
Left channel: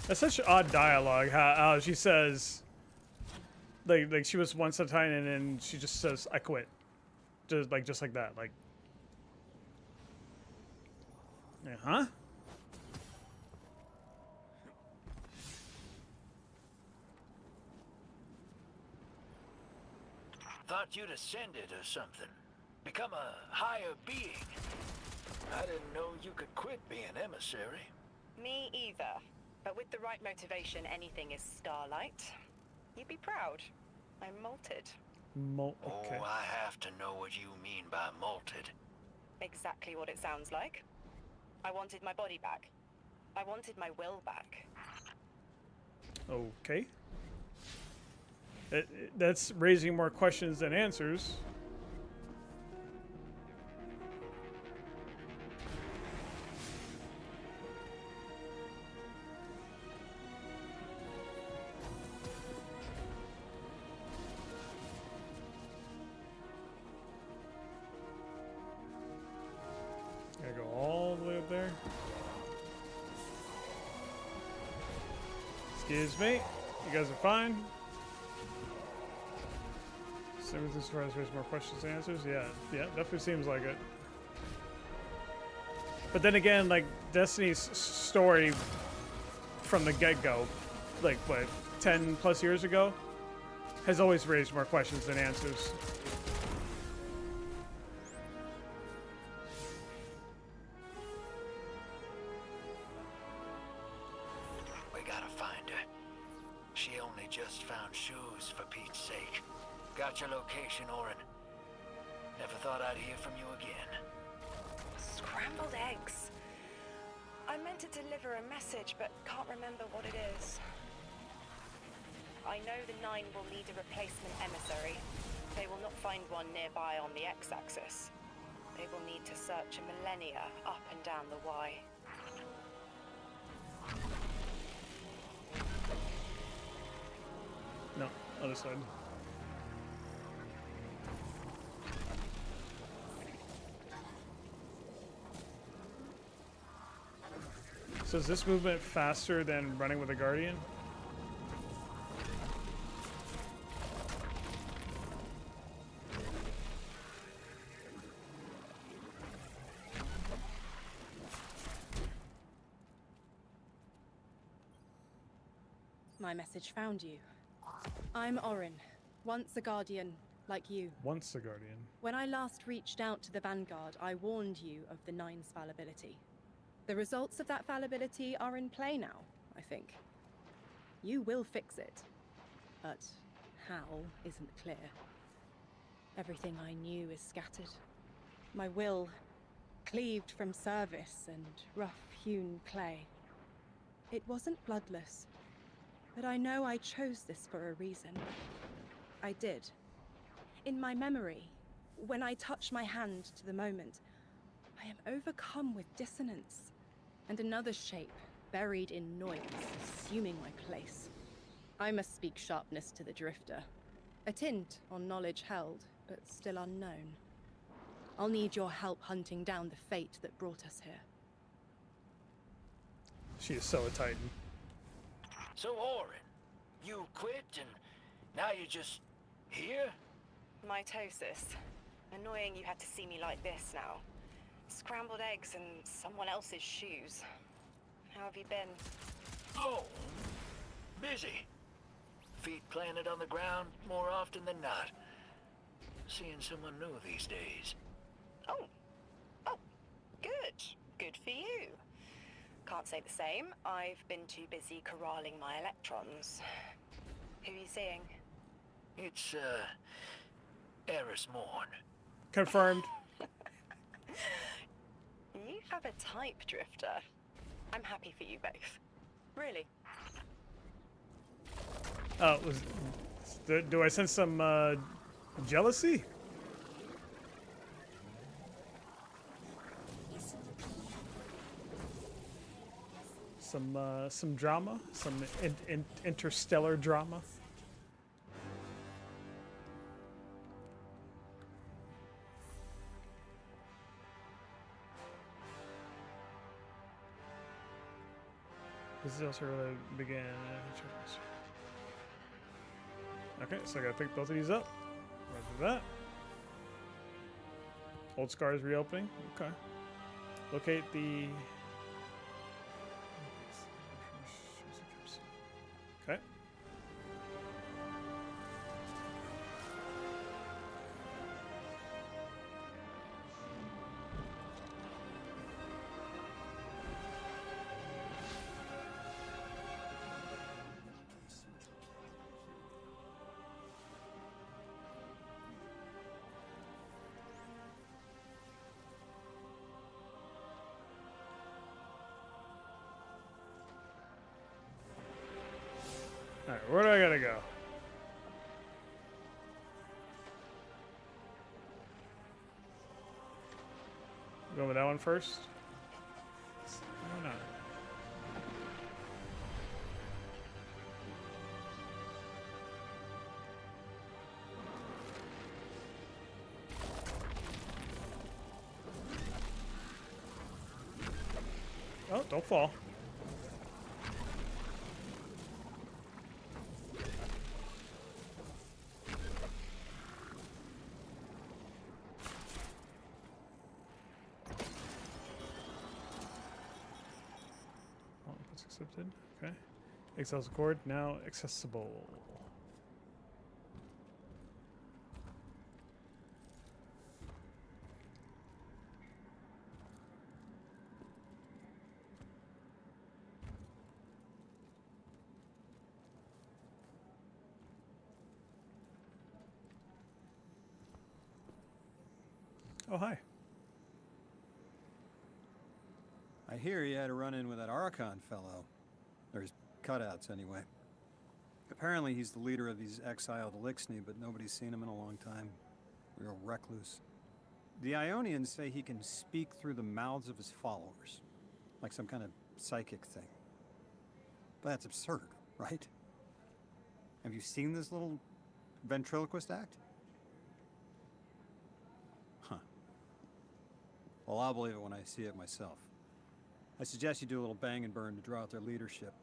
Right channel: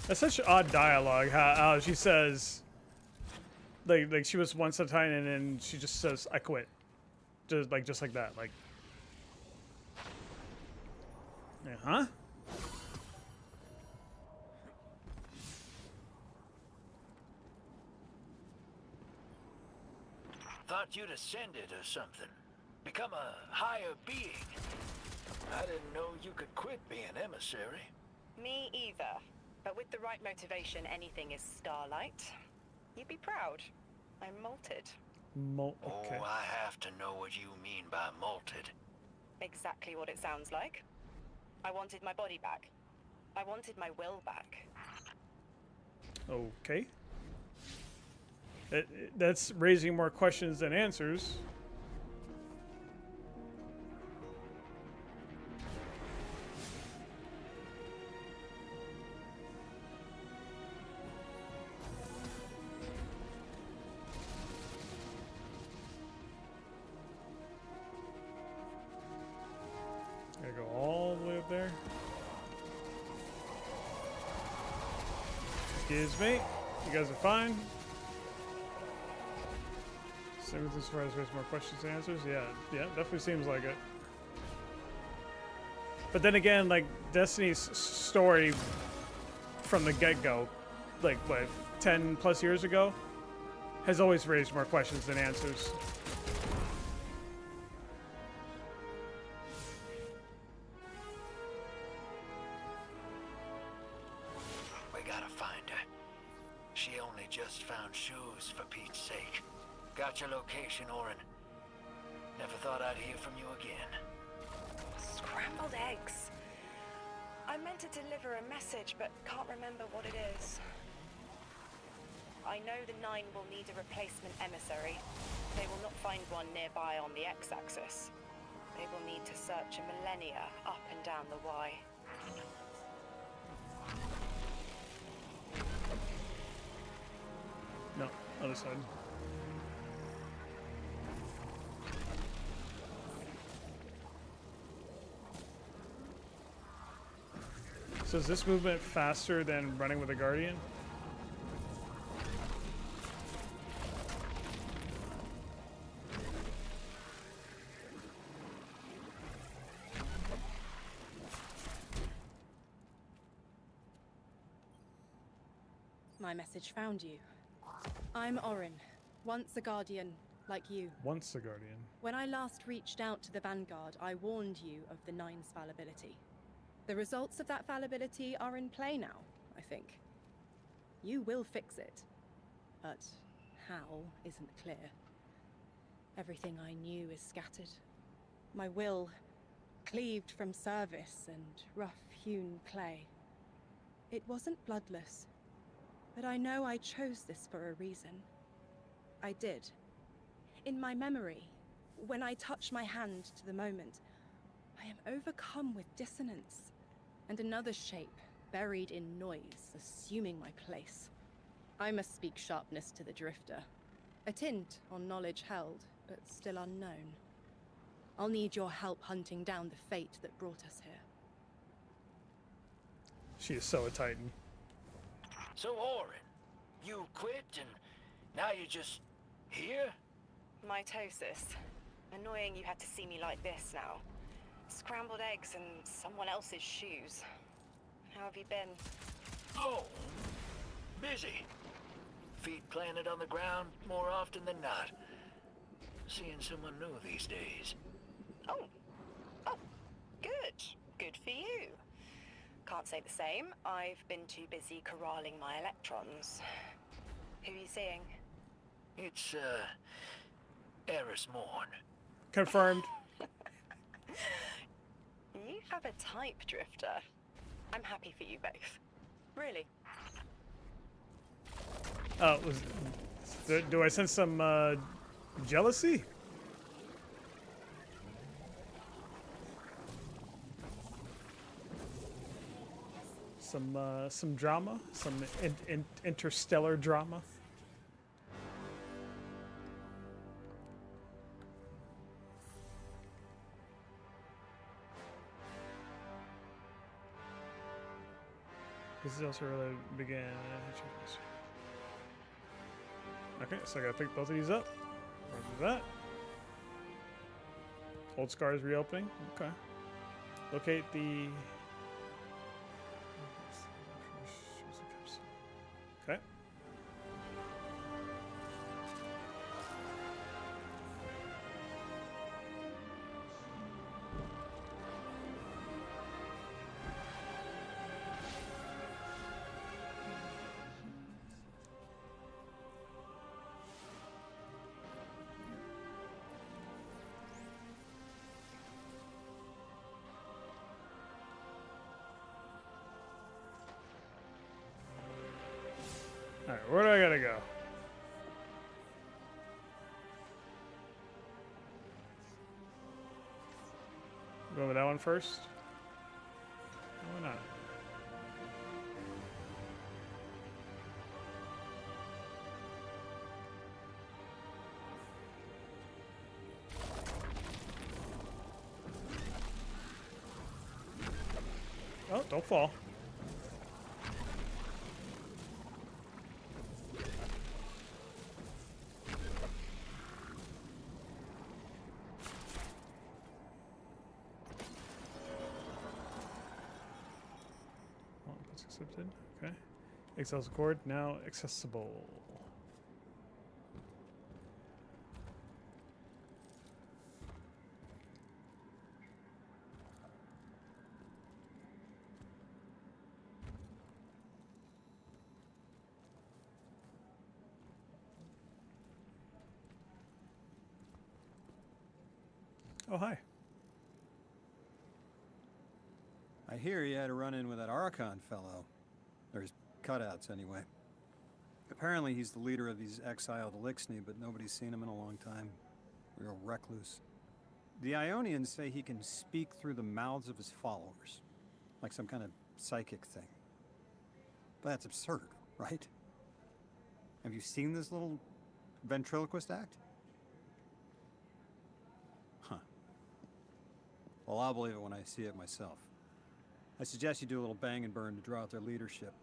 That's such odd dialogue. How she says, like she was once a Titan, and then she just says, "I quit," just like that. Like, yeah, huh? Thought you'd ascended or something. Become a higher being. I didn't know you could quit being emissary. Me either. But with the right motivation, anything is starlight. You'd be proud. I'm molted. Okay. Oh, I have to know what you mean by molted. Exactly what it sounds like. I wanted my body back. I wanted my will back. Okay. That's raising more questions than answers. Gotta go all the way up there. Excuse me. You guys are fine. Same as far as raise more questions and answers. Yeah, definitely seems like it. But then again, like Destiny's story from the get-go, like what, 10 plus years ago, has always raised more questions than answers. We gotta find her. She only just found shoes, for Pete's sake. Got your location, Orin. Never thought I'd hear from you again. Scrambled eggs. I meant to deliver a message, but can't remember what it is. I know the Nine will need a replacement emissary. They will not find one nearby on the X-axis. They will need to search a millennia up and down the Y. No, other side. So is this movement faster than running with a Guardian? my message found you. I'm Orin, once a Guardian, like you. Once a Guardian. When I last reached out to the Vanguard, I warned you of the Nine's fallibility. The results of that fallibility are in play now, I think. You will fix it, but how isn't clear. Everything I knew is scattered. My will, cleaved from service and rough-hewn clay. It wasn't bloodless, but I know I chose this for a reason. I did. In my memory, when I touch my hand to the moment, I am overcome with dissonance, and another shape, buried in noise, assuming my place. I must speak sharpness to the Drifter. A tint on knowledge held, but still unknown. I'll need your help hunting down the fate that brought us here. She is so a Titan. So, Orin, you quit and now you're just here? Mitosis. Annoying you had to see me like this now. Scrambled eggs and someone else's shoes. How have you been? Oh, busy. Feet planted on the ground more often than not. Seeing someone new these days. Oh, good. Good for you. Can't say the same. I've been too busy corralling my electrons. Who are you seeing? It's, Eris Morn. Confirmed. You have a type, Drifter. I'm happy for you both. Really. Do I sense some jealousy? Some drama, some interstellar drama. This is also really began. Okay, so I gotta pick both of these up. Roger that. Old scars reopening. Okay. Locate the. Okay. Alright, where do I gotta go? Go with that one first? Why not? Oh, don't fall. Accepted. Okay. Excel's cord now accessible. Oh, hi. I hear you had a run-in with that Archon fellow. Or his cutouts, anyway. Apparently he's the leader of these exiled Elixni, but nobody's seen him in a long time. Real recluse. The Ionians say he can speak through the mouths of his followers. Like some kind of psychic thing. But that's absurd, right? Have you seen this little ventriloquist act? Huh. Well, I'll believe it when I see it myself. I suggest you do a little bang and burn to draw out their leadership.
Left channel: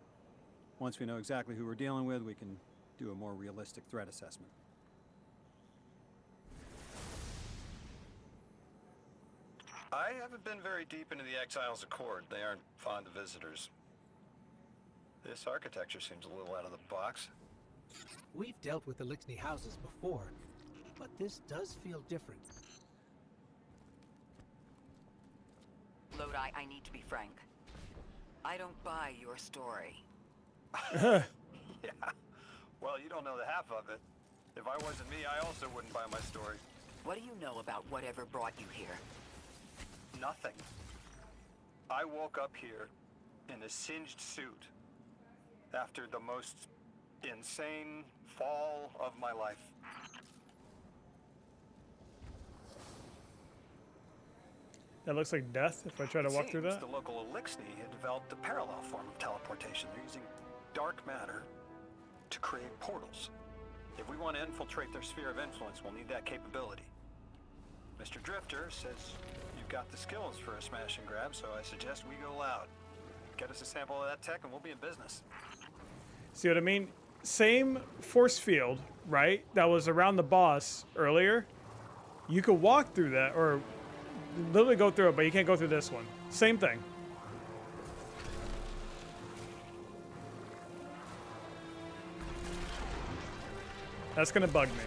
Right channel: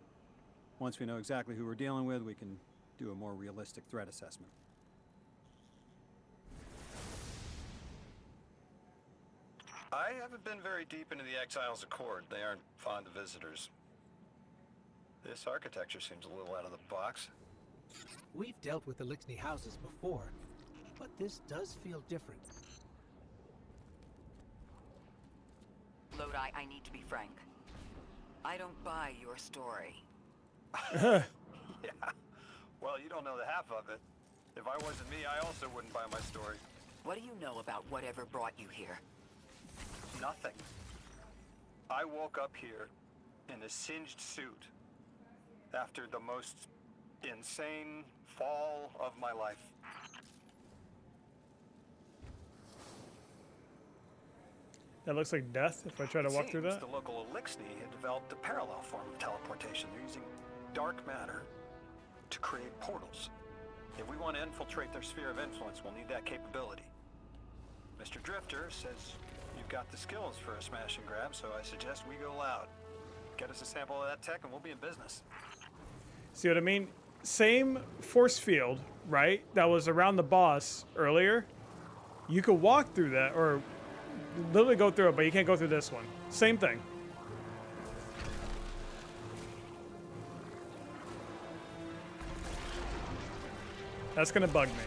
Once we know exactly who we're dealing with, we can do a more realistic threat assessment. I haven't been very deep into the Exiles' Accord. They aren't fond of visitors. This architecture seems a little out of the box. We've dealt with Elixni houses before, but this does feel different. Lodi, I need to be frank. I don't buy your story. Yeah. Well, you don't know the half of it. If I wasn't me, I also wouldn't buy my story. What do you know about whatever brought you here? Nothing. I woke up here in a singed suit after the most insane fall of my life. That looks like death if I try to walk through that. The local Elixni had developed a parallel form of teleportation. They're using dark matter to create portals. If we want to infiltrate their sphere of influence, we'll need that capability. Mr. Drifter says you've got the skills for a smash and grab, so I suggest we go loud. Get us a sample of that tech and we'll be in business. See what I mean? Same force field, right? That was around the boss earlier. You could walk through that, or literally go through it, but you can't go through this one. Same thing. That's gonna bug me.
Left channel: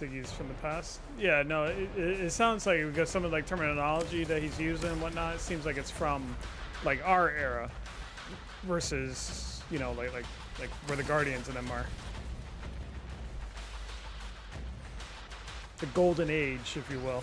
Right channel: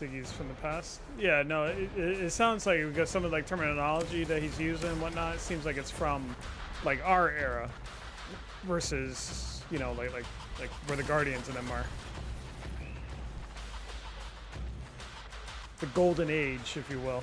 Think he's from the past. Yeah, no, it sounds like because some of like terminology that he's using and whatnot, it seems like it's from like our era versus, you know, like where the Guardians and them are. The golden age, if you will.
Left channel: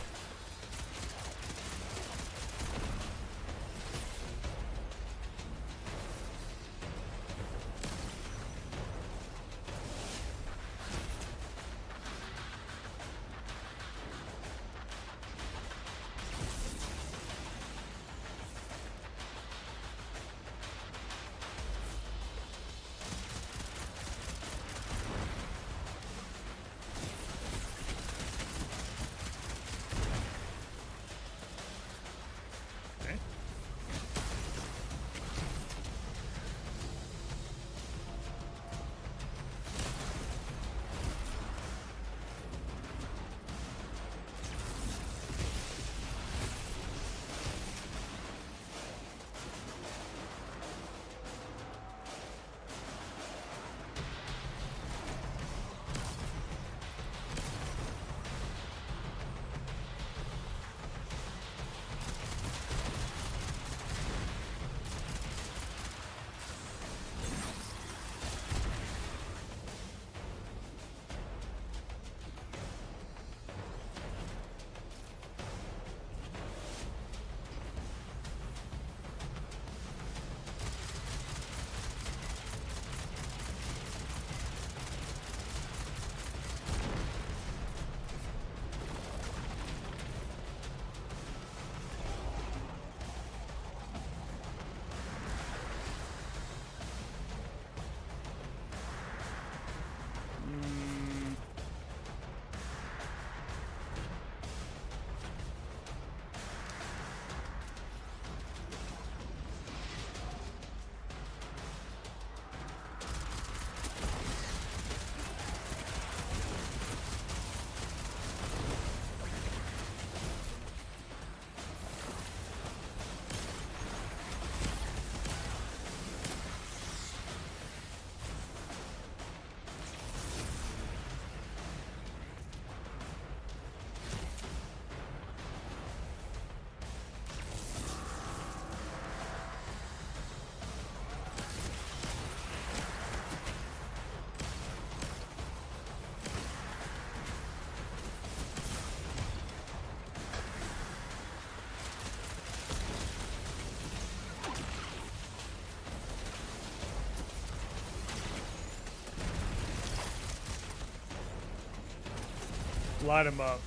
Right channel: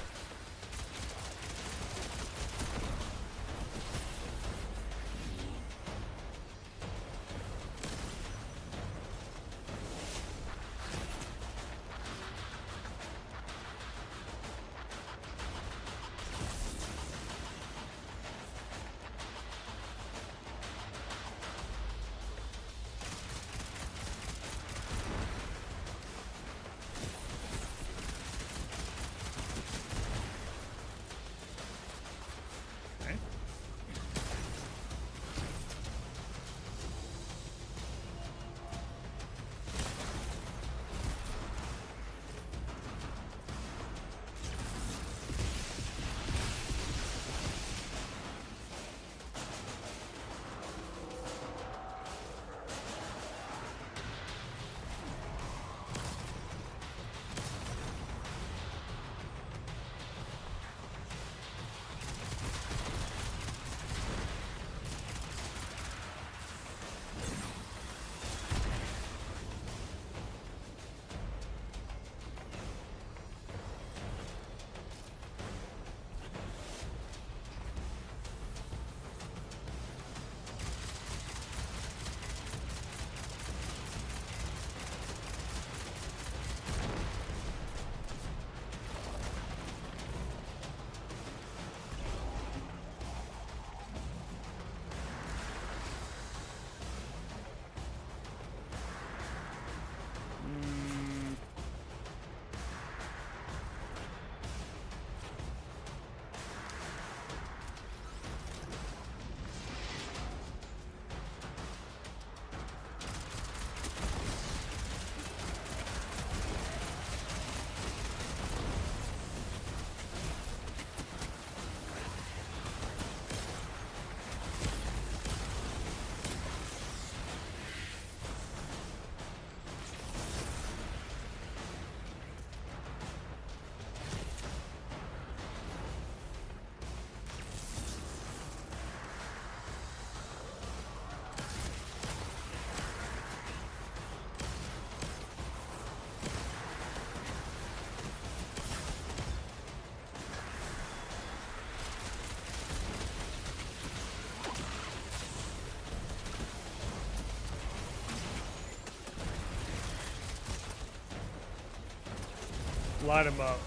Light him up.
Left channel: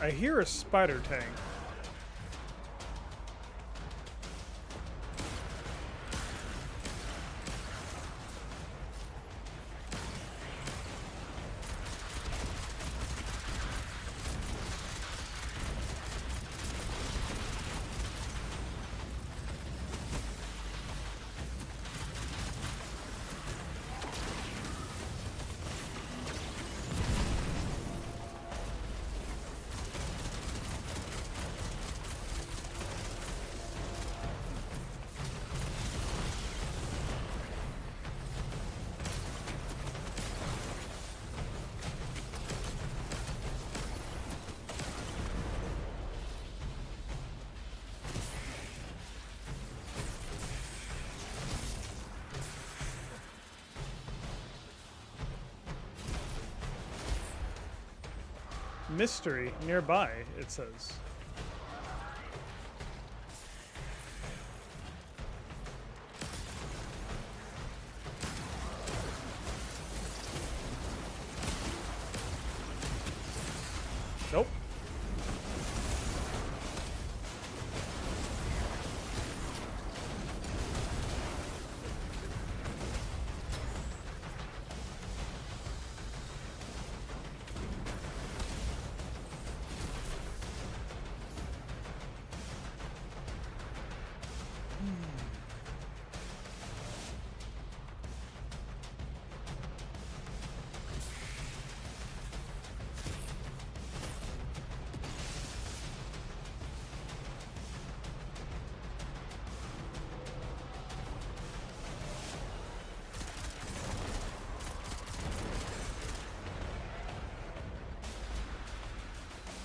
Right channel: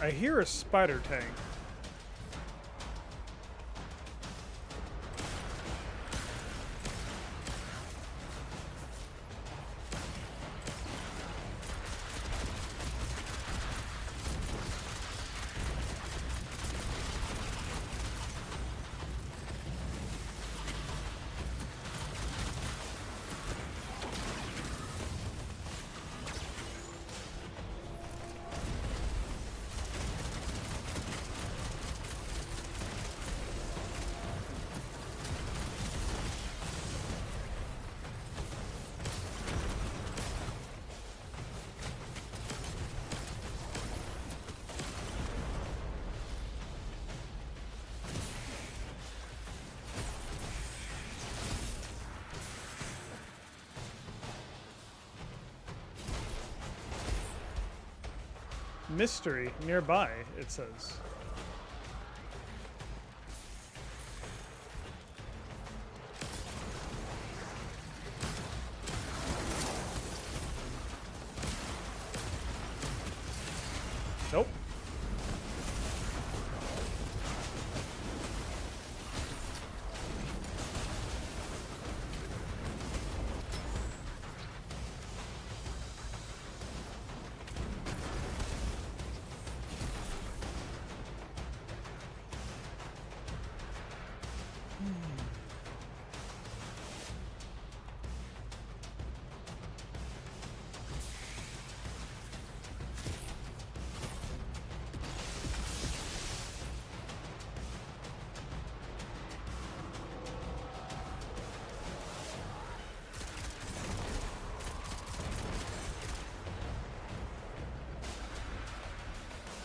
I hear a spider tank. Mystery nearby, it says. Nope.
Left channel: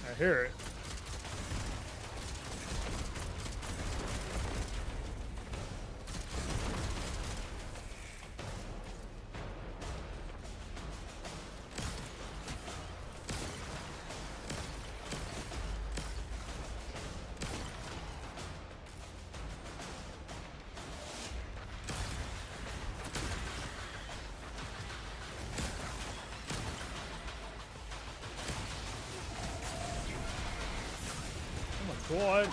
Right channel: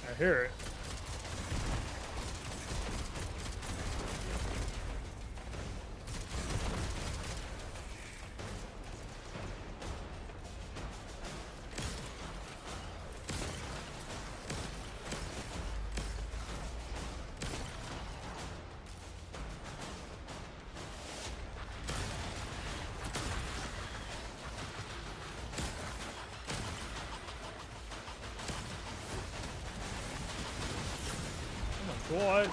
I hear it. God.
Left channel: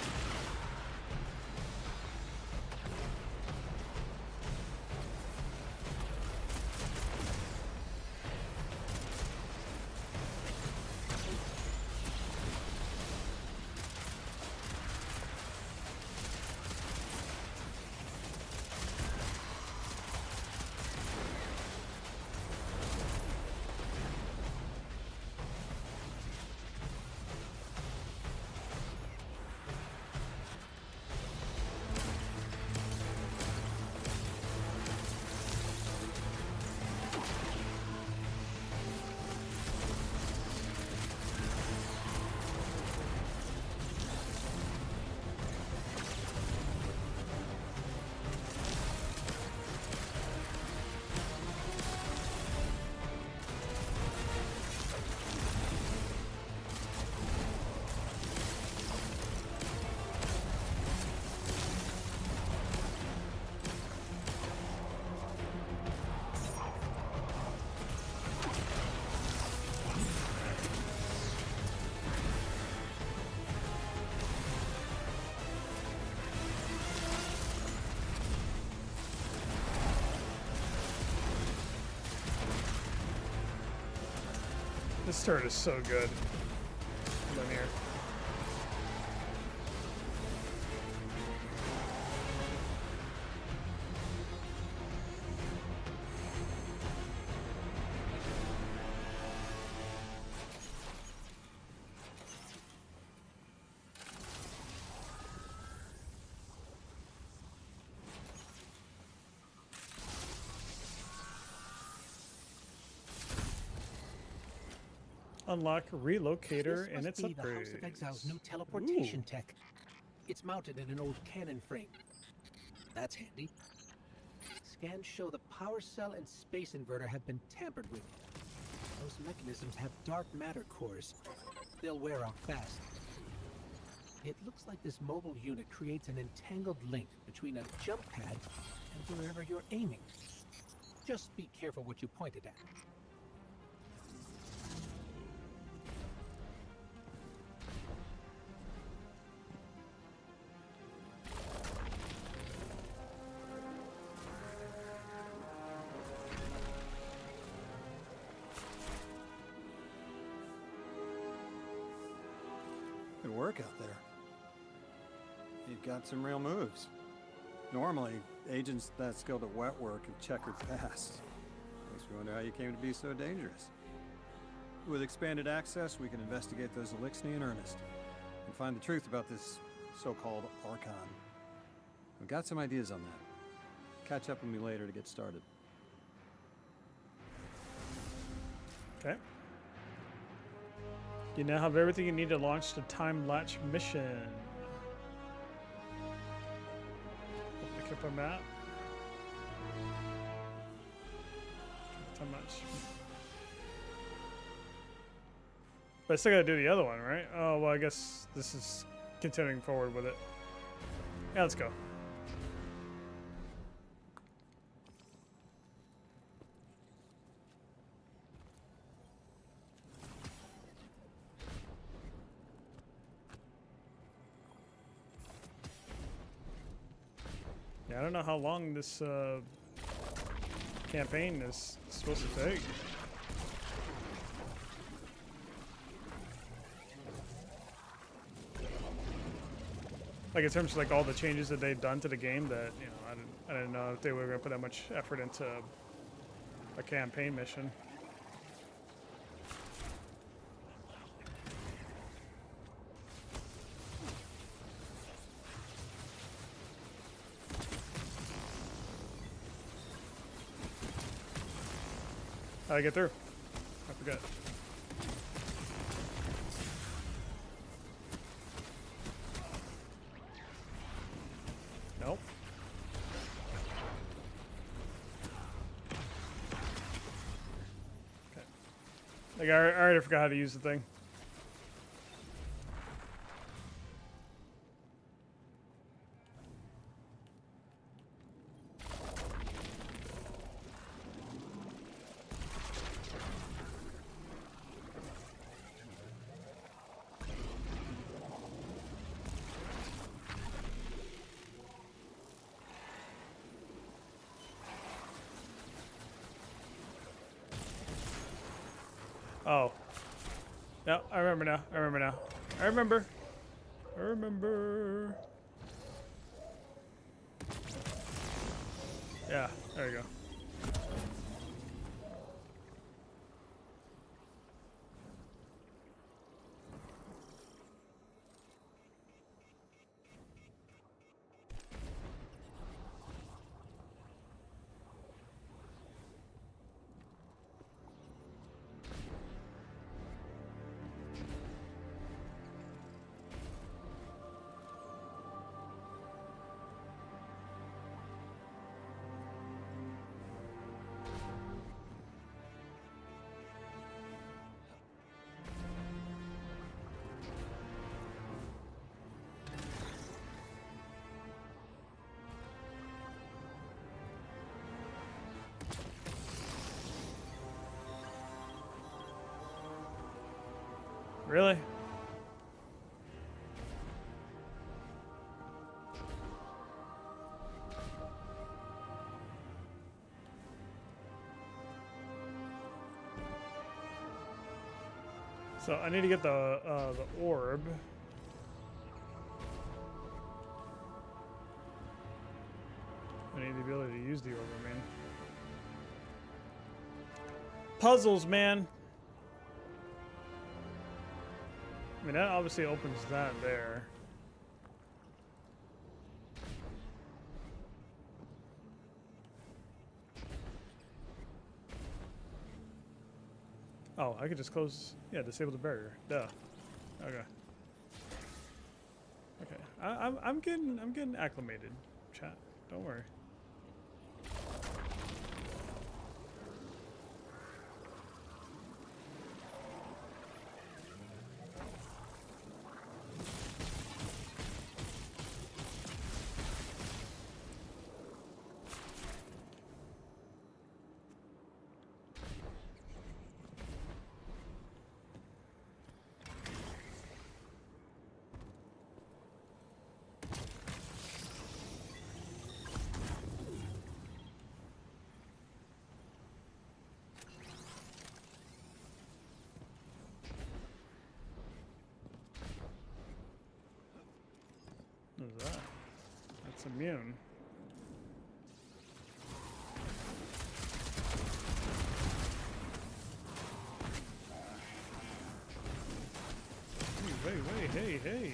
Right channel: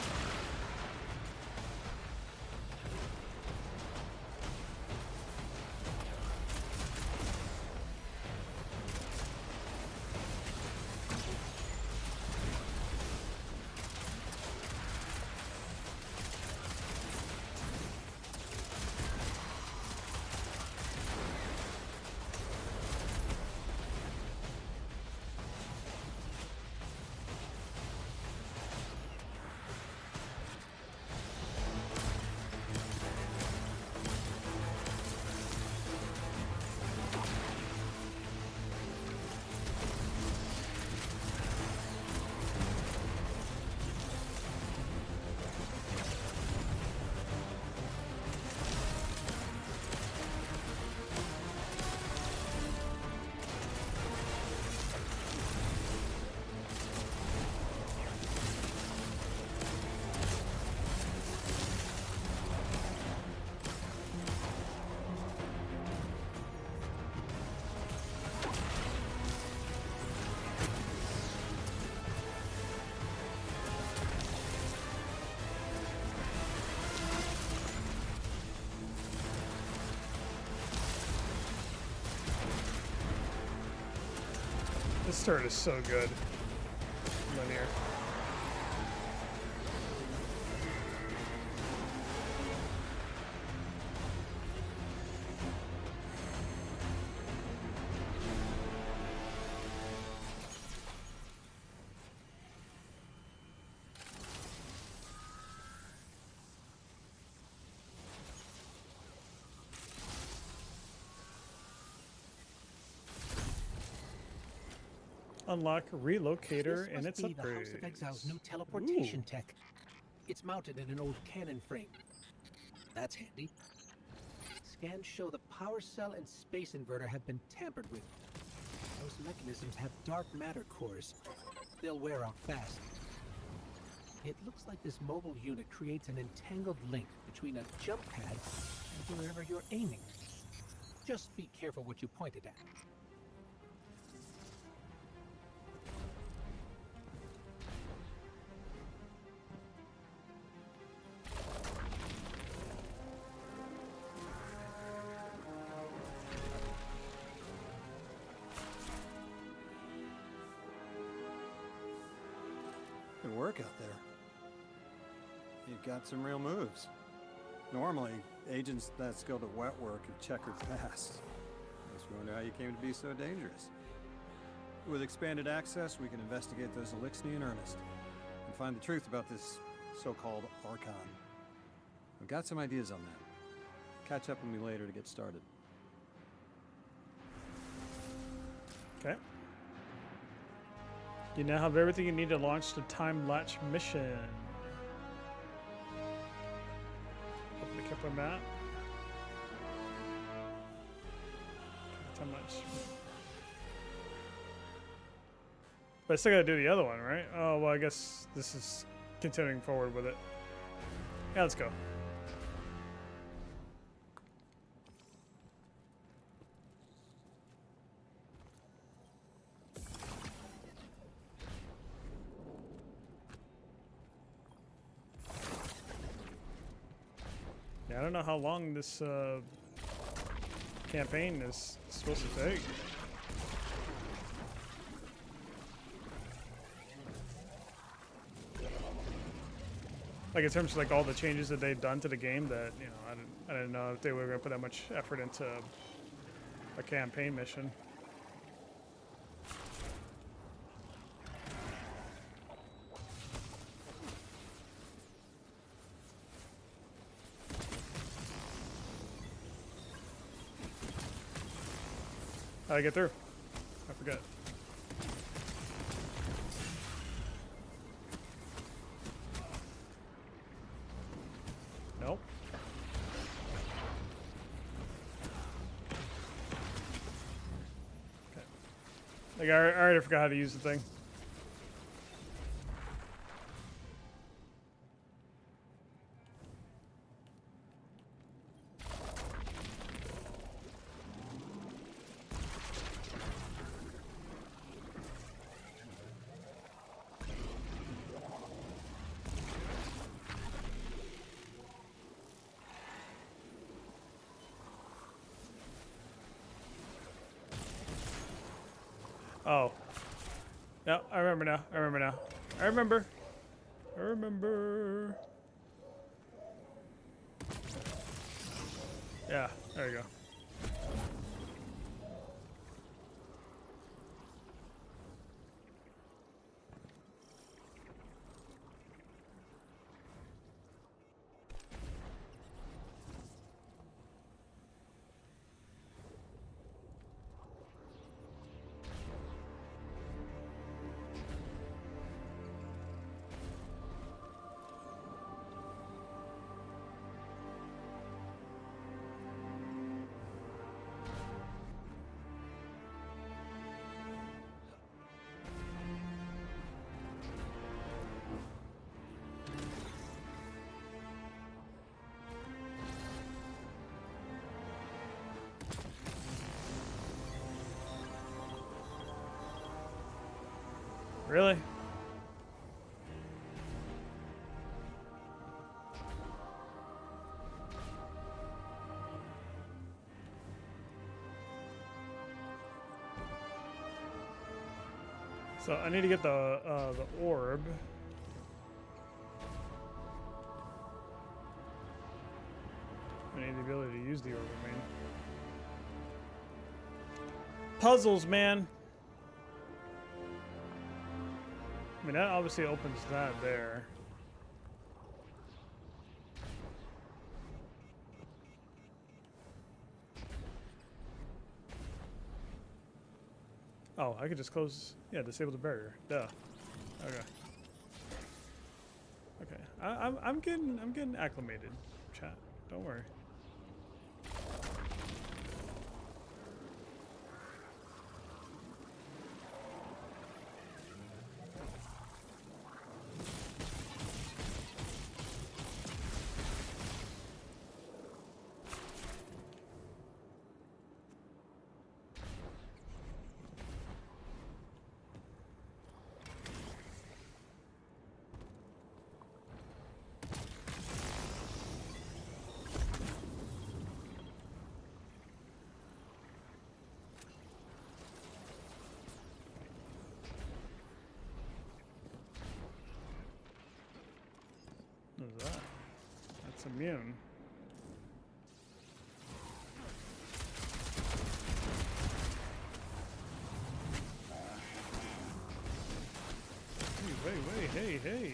This turret is so good. Linear. Unlock relocator and its This must be the House of upgrades. Exile's new teleportation tech. It's mounted in an old cannon frame. That's handy. Scans show the power cell and space inverter have been tampered with. Those mechanisms have dark matter cores. They'll wear out fast. It looks like this mobile unit creates an entangled link between a jump pad and wherever you're aiming. Just be careful what you pointed at. Good work out there. You've got some real moves. Normally, agents that skilled at wet work have checkered past. Makes me wonder how you came to be so dangerous. With expanded access, we can investigate those Elixni in earnest and find the truth about this so-called Archon. I've got some ideas on that. Catch up with me later to get started. Okay. You now have everything you need to launch the time latch mission. Open the Kepler map. Time latch. But I still gotta do the other one, right? Oh, well, I guess this is continuing forward with it. Yeah, let's go. Yeah, I don't know how long this campaign is supposed to take. Like in terms of like all the changes that they've done to the game, that I didn't know if they were gonna put that much effort into a campaign mission. How'd I get through? I forget. Nope. Okay. Like I already forgot how to use the thing. Oh. No, I remember now. I remember now. I remember. I remember. Yeah, there you go. Really? So I need to get the orb. I need the ability to use the orb, I mean. Puzzles, man. I mean, that obviously opens that there. Oh, I could just close, yeah, disable the barrier. Duh. Okay. Okay. I'm getting acclimated, chat. Don't worry. What is that? That's immune. Hey.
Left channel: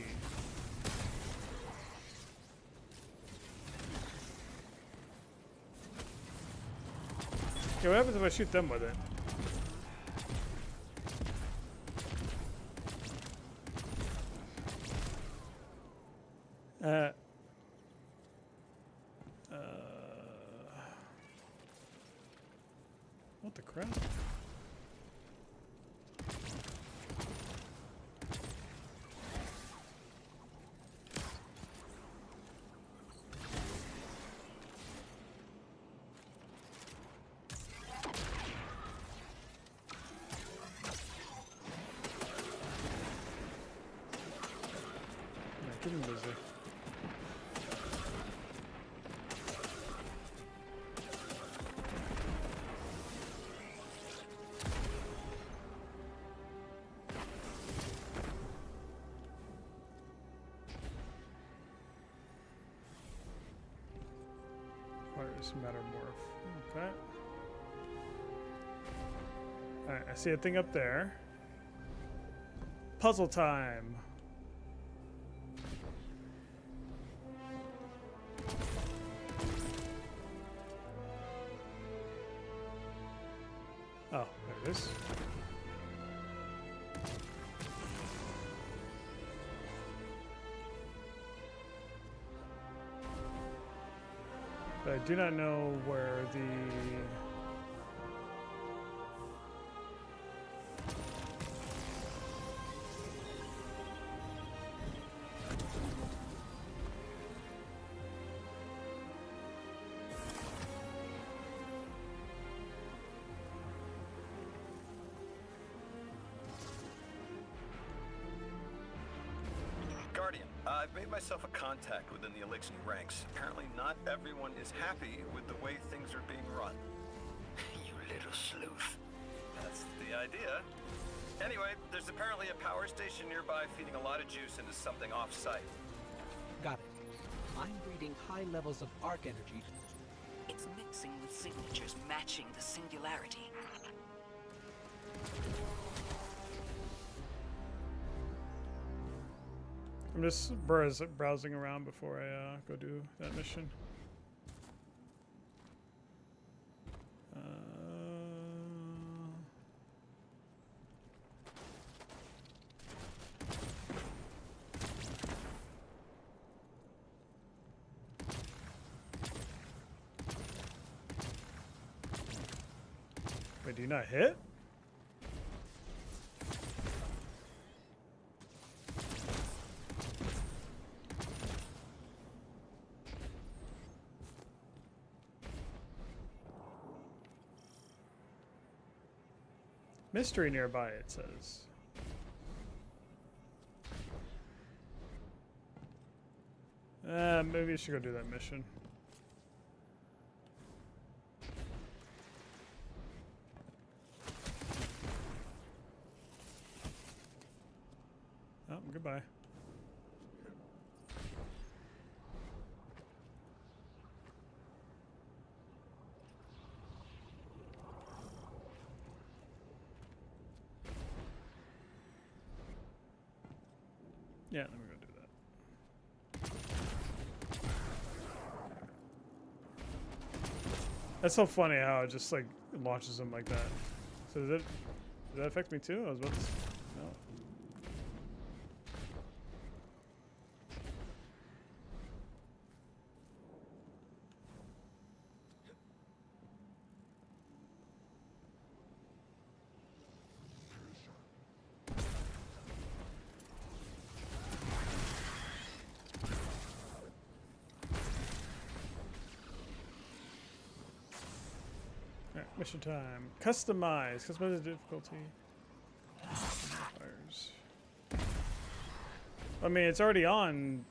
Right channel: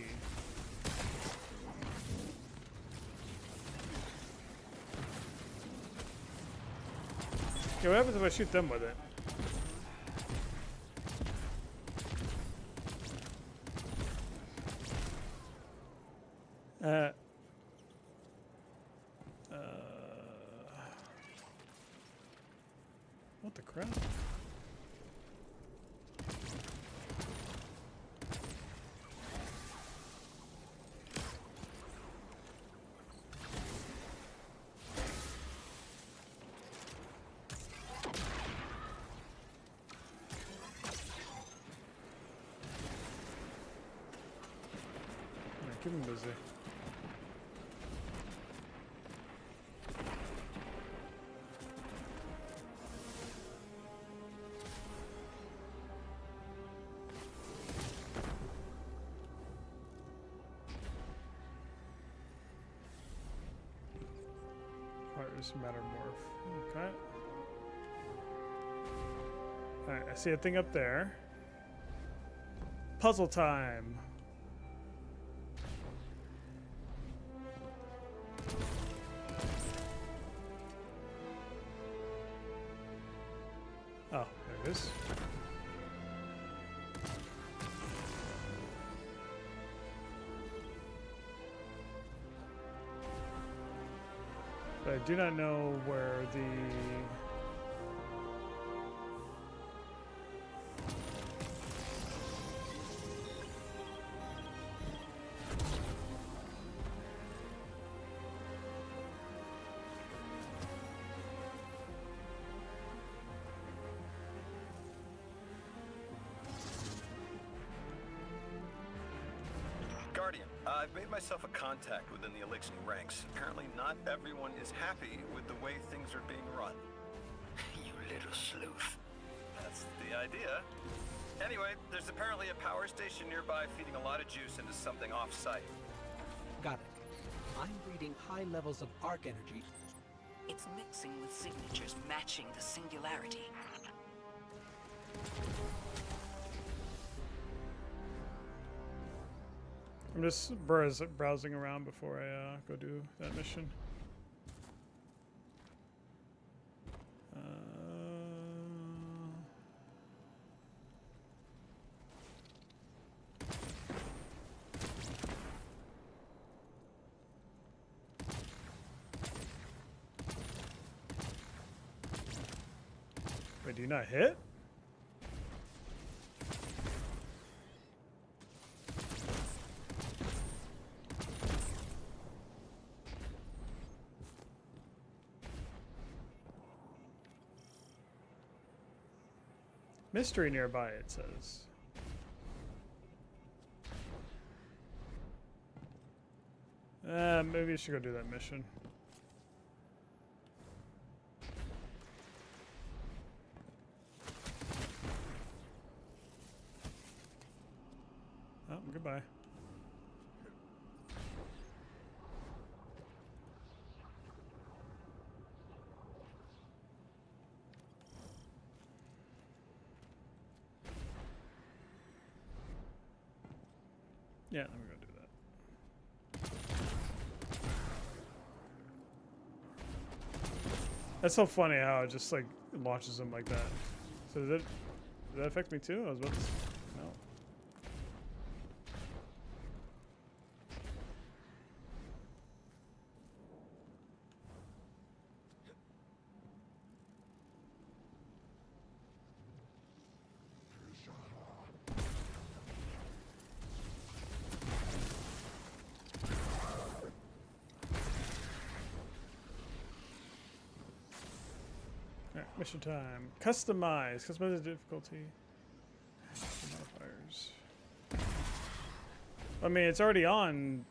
Okay, what happens if I shoot them with it? What the crap? Keep him busy. Heartless Mattermorph. Okay. Alright, I see a thing up there. Puzzle time. Oh, there it is. But I do not know where the... Guardian, I've made myself a contact within the Elixir ranks. Apparently not everyone is happy with the way things are being run. You little sleuth. That's the idea. Anyway, there's apparently a power station nearby feeding a lot of juice into something off-site. Got it. I'm reading high levels of arc energy. It's mixing with signatures matching the singularity. I'm just browsing around before I go do that mission. Wait, do you not hit? Mystery nearby, it says. Maybe I should go do that mission. Oh, goodbye. Yeah, let me go do that. That's so funny how it just like launches them like that. So does that affect me too? I was about to no. Mission time. Customize. Customize the difficulty. Modifiers. I mean, it's already on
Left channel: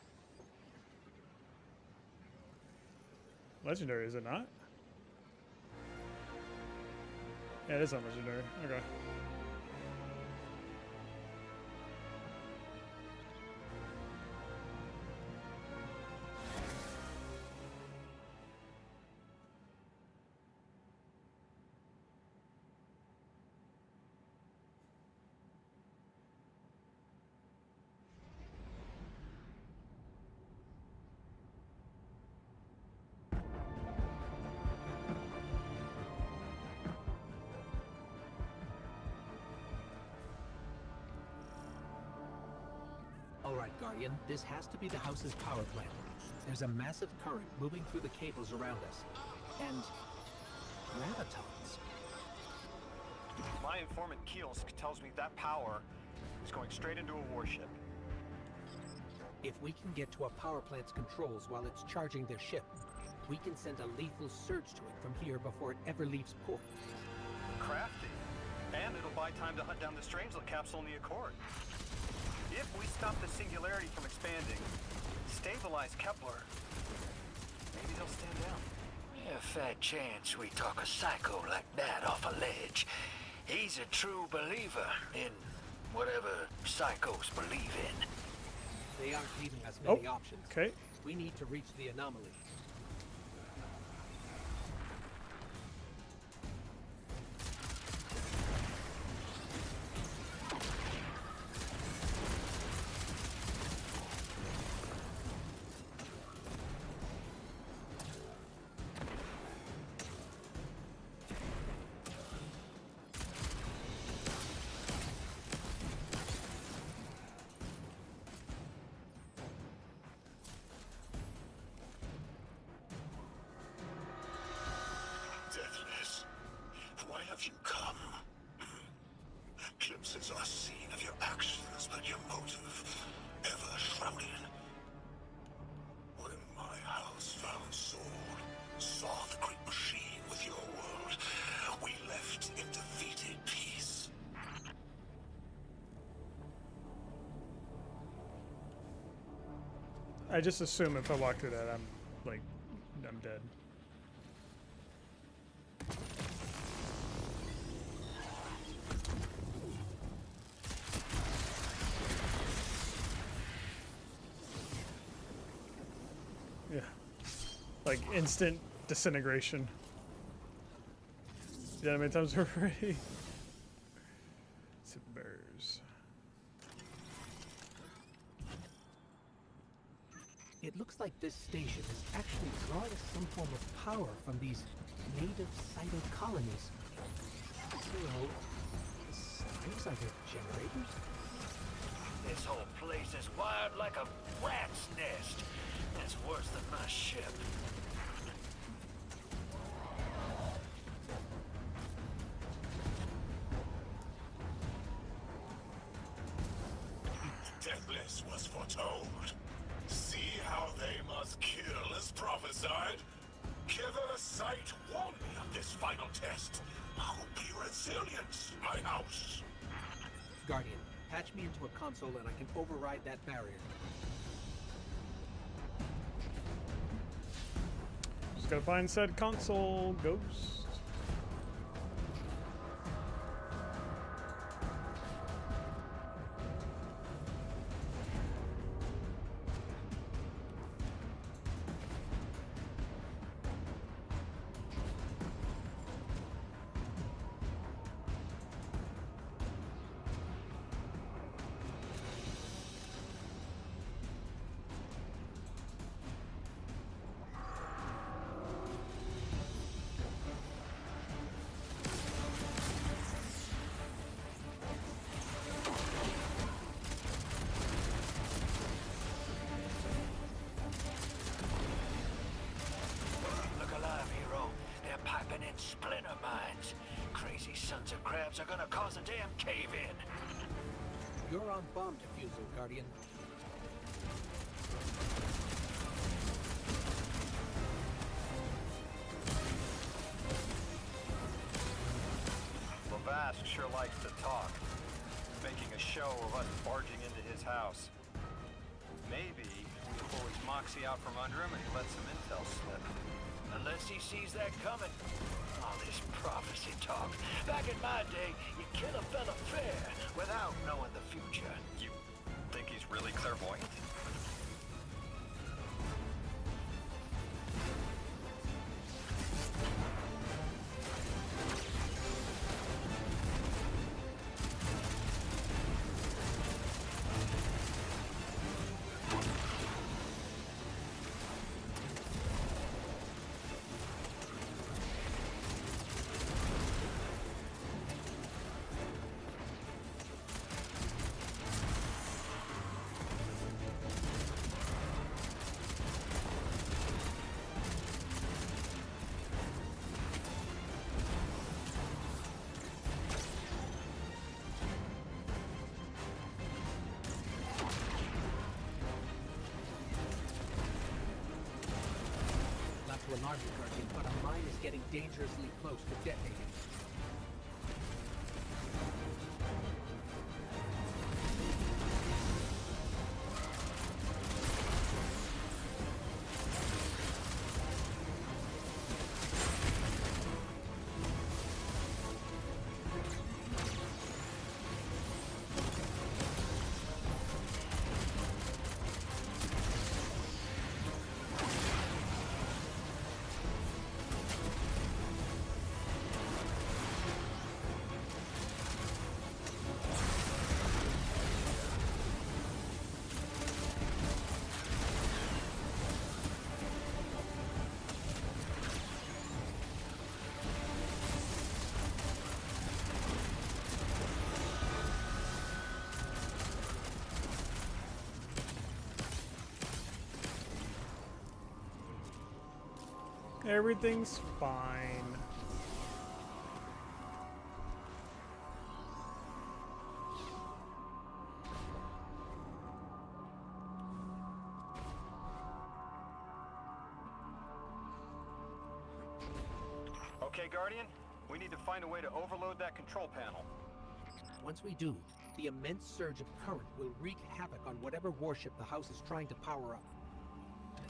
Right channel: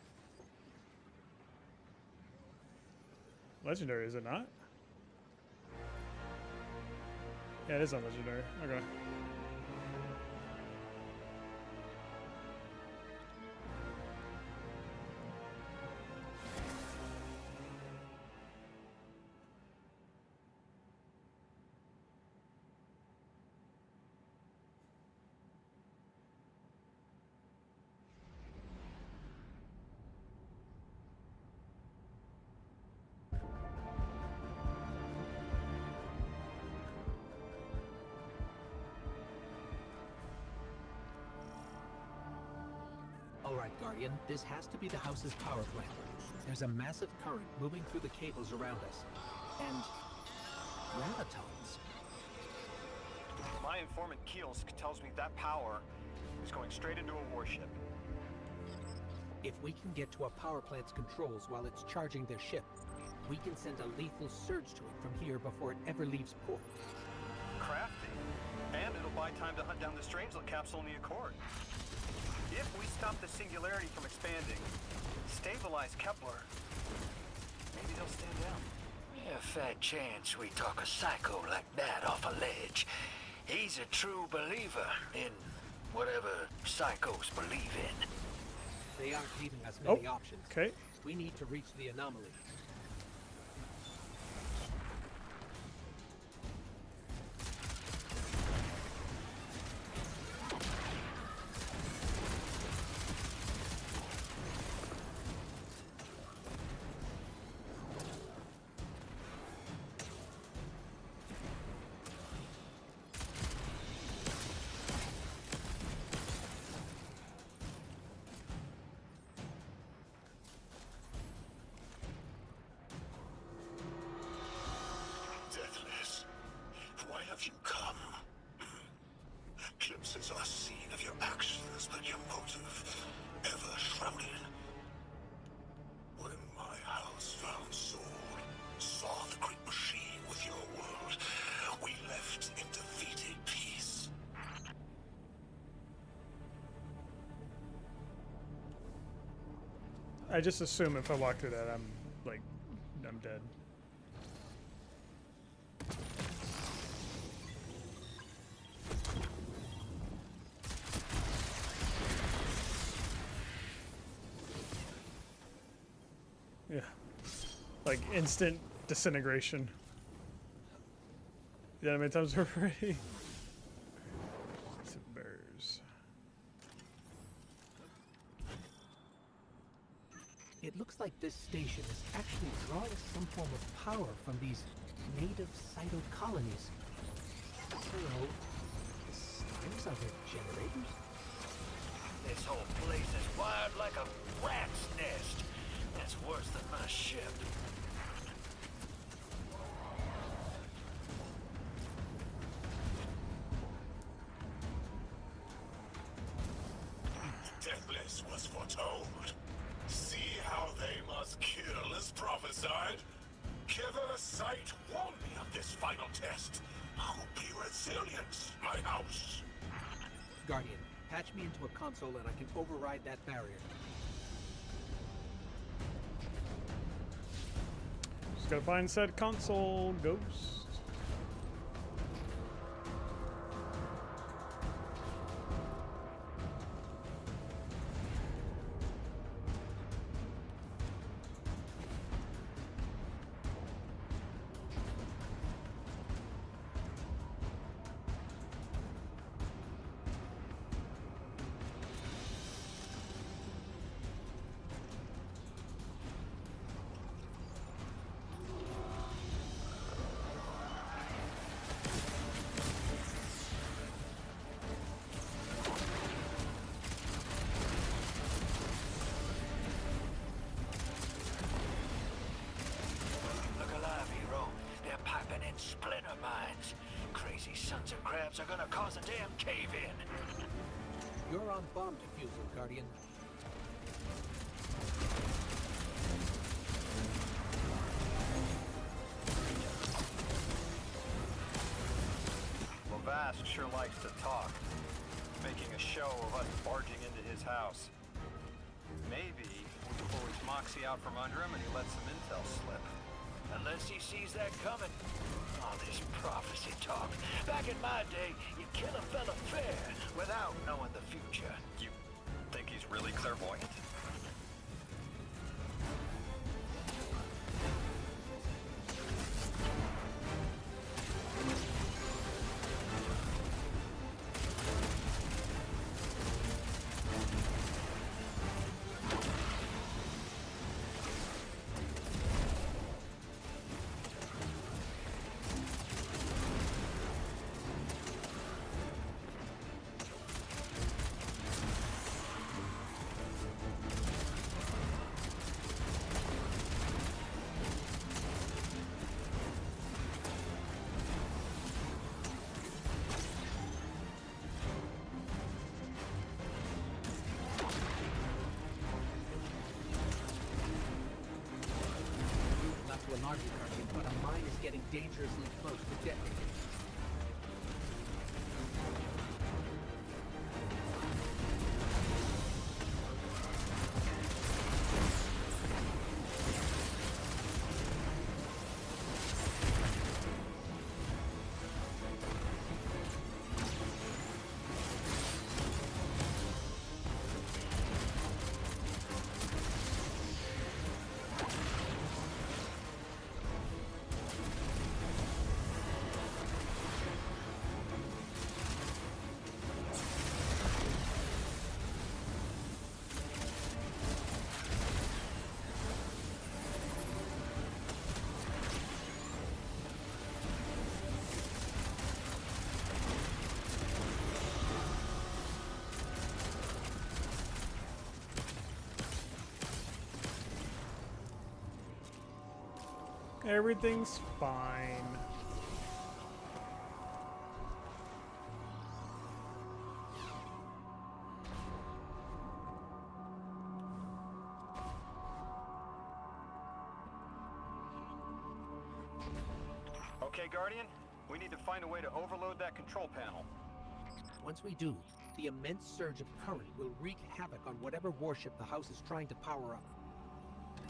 Legendary, is it not? Yeah, it is on Legendary. Okay. Alright, Guardian, this has to be the house's power plant. There's a massive current moving through the cables around us. And gravitons. My informant Kielsk tells me that power is going straight into a warship. If we can get to a power plant's controls while it's charging their ship, we can send a lethal surge to it from here before it ever leaves port. Crafty. And it'll buy time to hunt down the Strangelet capsule in the Accord. If we stop the Singularity from expanding, stabilize Kepler, maybe they'll stand down. A fat chance we talk a psycho like that off a ledge. He's a true believer in whatever psychos believe in. They aren't leaving us many options. Okay. We need to reach the anomaly. Deathless, why have you come? Glimpses are seen of your actions, but your motive ever shrouded. When my house found Soul, saw the great machine with your world, we left in defeated peace. I just assume if I walk through that, I'm dead. Yeah. Like instant disintegration. Yeah, how many times we're ready? Bears. It looks like this station is actually drawing some form of power from these native cyto colonies. So, the slimes are their generators? This whole place is wired like a rat's nest. That's worse than my ship. Deathless was foretold. See how they must kill as prophesied? Kiver Sight warned me of this final test. I'll be resilient, my house. Guardian, patch me into a console and I can override that barrier. Just gotta find said console ghost. Splinter mines. Crazy sons of crabs are gonna cause a damn cave-in. You're on bomb defusal, Guardian. Vask sure likes to talk, making a show of us barging into his house. Maybe we pull his moxie out from under him and he lets some intel slip. Unless he sees that coming. All this prophecy talk. Back in my day, you kill a fella fair without knowing the future. You think he's really clairvoyant? To alarm you, Guardian, but a mine is getting dangerously close to detonating. Everything's fine. Okay, Guardian, we need to find a way to overload that control panel. Once we do, the immense surge of current will wreak havoc on whatever warship the house is trying to power up.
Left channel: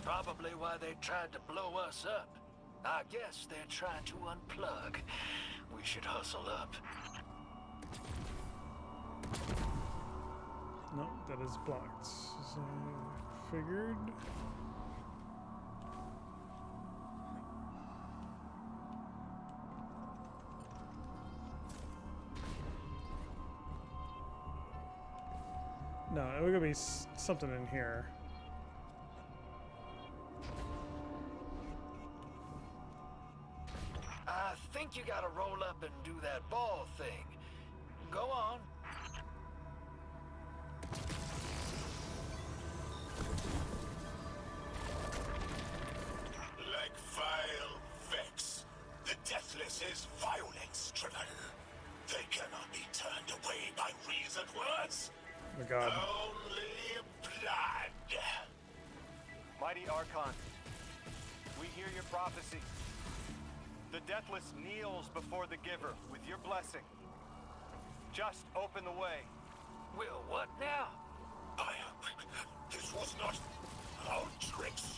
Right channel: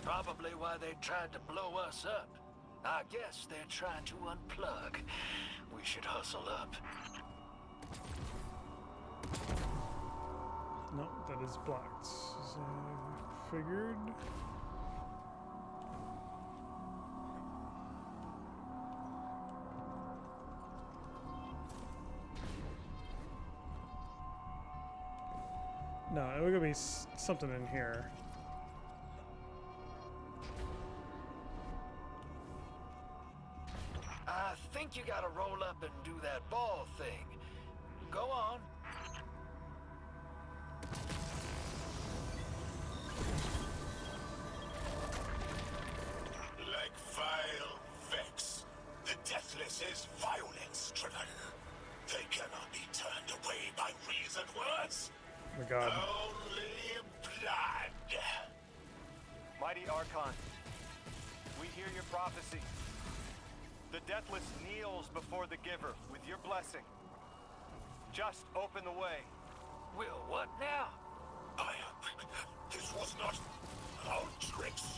Probably why they tried to blow us up. I guess they're trying to unplug. We should hustle up. No, that is blocked. As I figured. No, it would be something in here. I think you gotta roll up and do that ball thing. Go on. Like vile Vex, the Deathless is violence-driven. They cannot be turned away by reasoned words. Oh my God. Only blood. Mighty Archon, we hear your prophecy. The Deathless kneels before the Giver with your blessing. Just open the way. Will what now? This was not our tricks.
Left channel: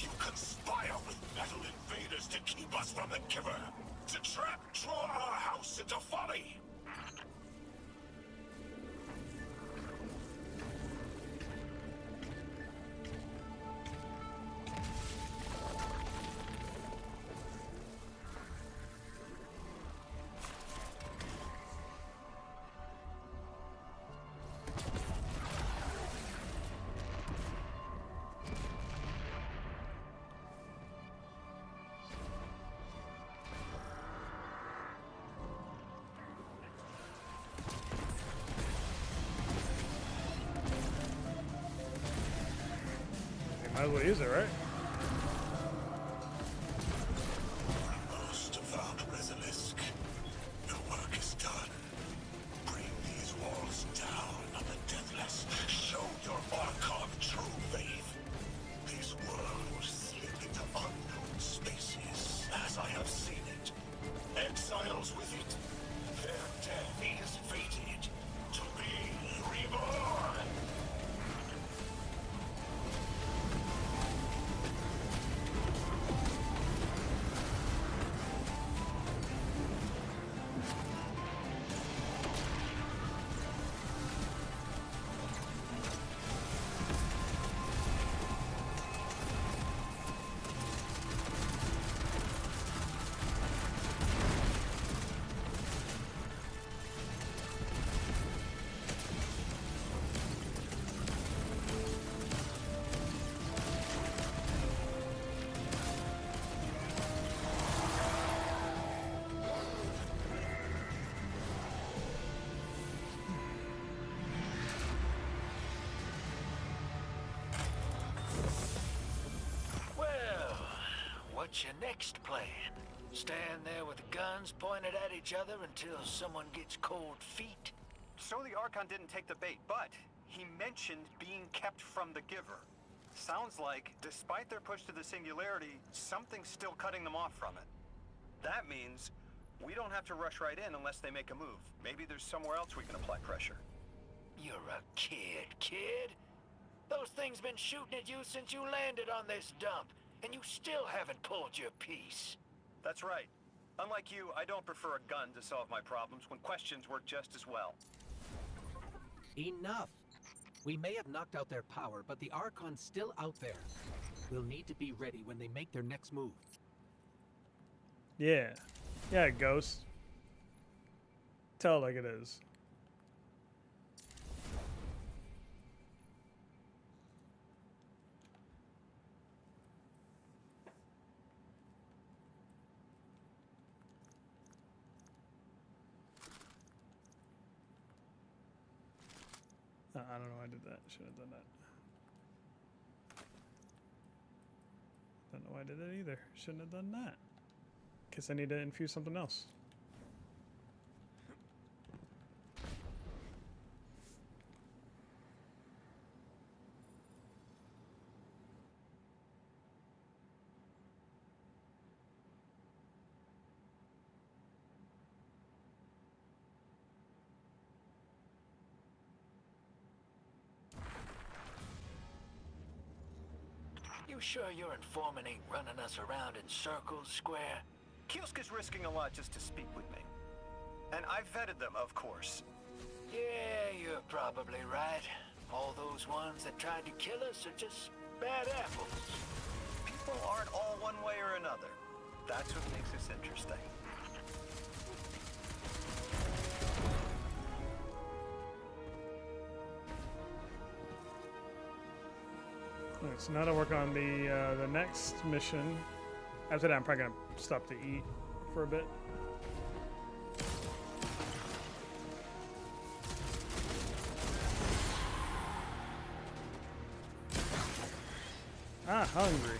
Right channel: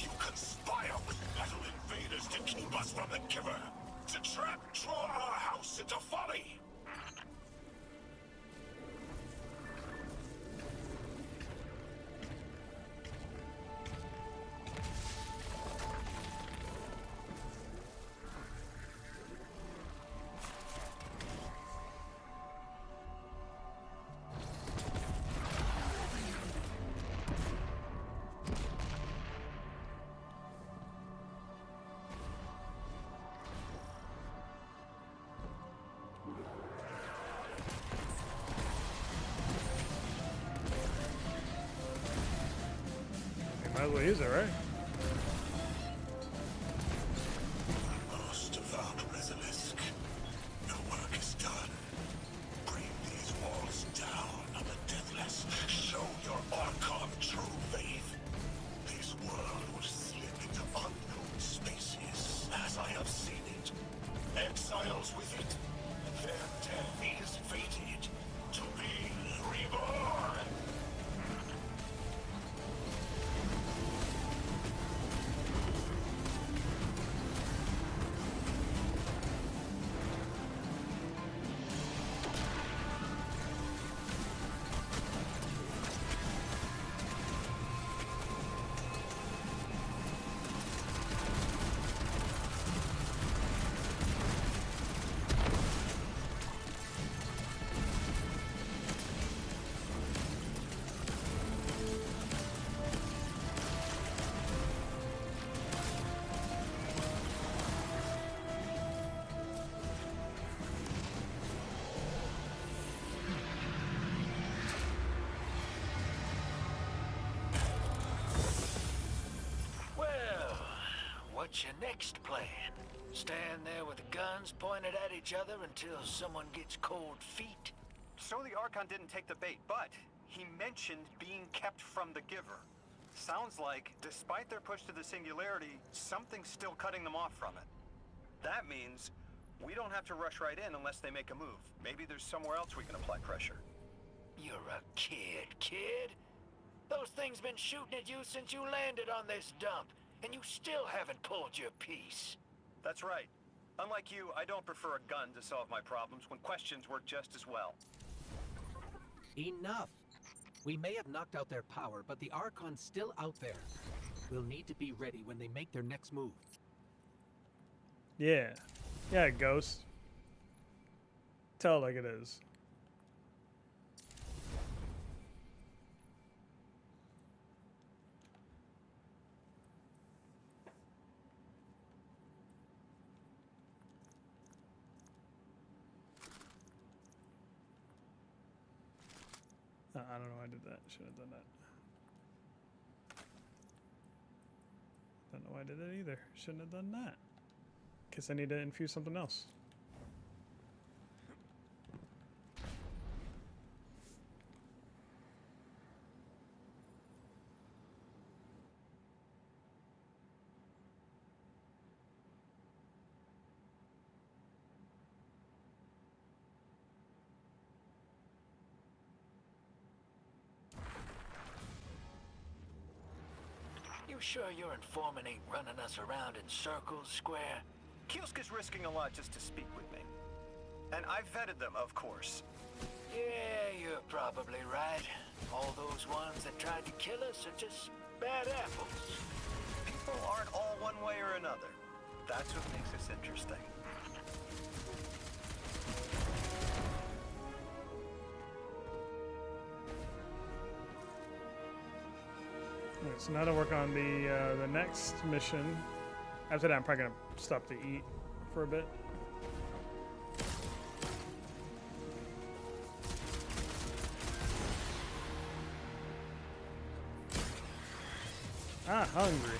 You conspire with metal invaders to keep us from the Giver. To draw our house into folly. Might as well use it, right? Most of our Basilisk, your work is done. Bring these walls down on the Deathless. Show your Archon true faith. This world will slip into unknown spaces, as I have seen it. Exiles with it. Their what's your next plan? Stand there with the guns pointed at each other until someone gets cold feet? So the Archon didn't take the bait, but he mentioned being kept from the Giver. Sounds like, despite their push to the Singularity, something's still cutting them off from it. That means we don't have to rush right in unless they make a move. Maybe there's somewhere else we can apply pressure. You're a kid. Those things been shooting at you since you landed on this dump, and you still haven't pulled your piece. That's right. Unlike you, I don't prefer a gun to solve my problems when questions work just as well. Enough! We may have knocked out their power, but the Archon's still out there. We'll need to be ready when they make their next move. Yeah. Yeah, Ghost. Tell it like it is. I don't know why I did that. Shouldn't have done that. Don't know why I did that either. Shouldn't have done that. Guess I need to infuse something else. You sure your informant ain't running us around in circles, Square? Kielska's risking a lot just to speak with me. And I've vetted them, of course. Yeah, you're probably right. All those ones that tried to kill us are just bad apples. People aren't all one way or another. That's what makes us interesting. Alright, so now to work on the next mission. After that, I'm probably gonna stop to eat for a bit. Ah, hungry.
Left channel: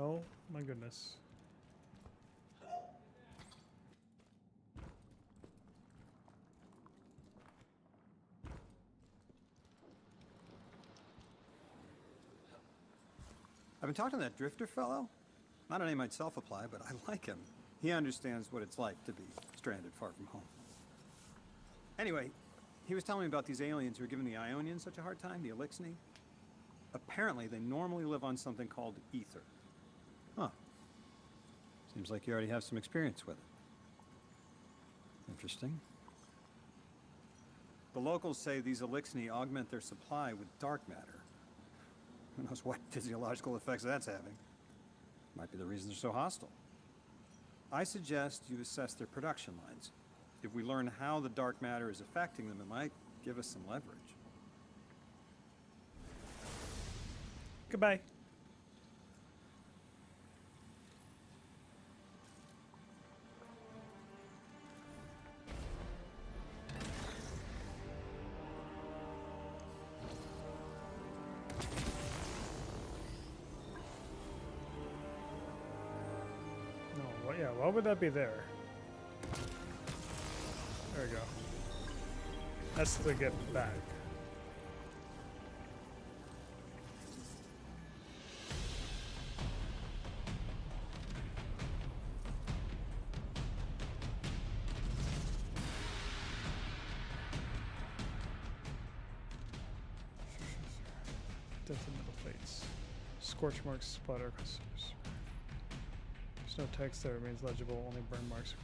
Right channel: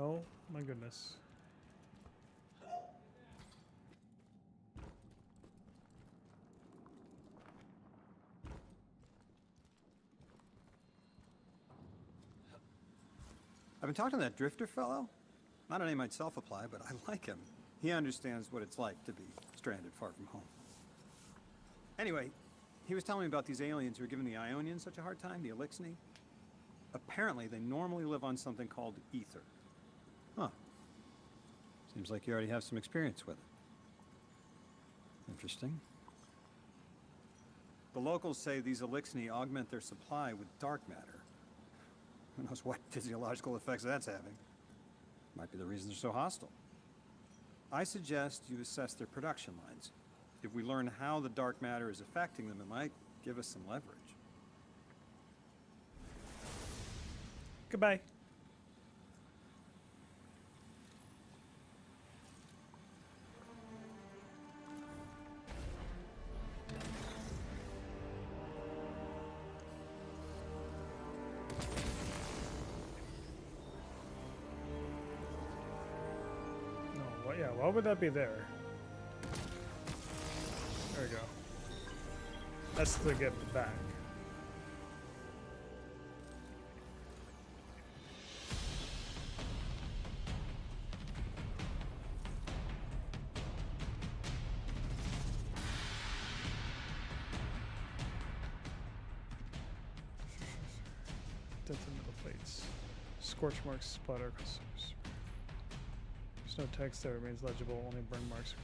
Oh my goodness. I've been talking to that drifter fellow. Not a name I'd self-apply, but I like him. He understands what it's like to be stranded far from home. Anyway, he was telling me about these aliens who are giving the Ionians such a hard time, the Elixni. Apparently, they normally live on something called ether. Huh. Seems like you already have some experience with it. Interesting. The locals say these Elixni augment their supply with dark matter. Who knows what physiological effects that's having. Might be the reason they're so hostile. I suggest you assess their production lines. If we learn how the dark matter is affecting them, it might give us some leverage. Goodbye. No, what? Yeah, why would that be there? There we go. That's to get back. Dented metal plates. Scorch marks splatter across surface. There's no text that remains legible, only burn marks.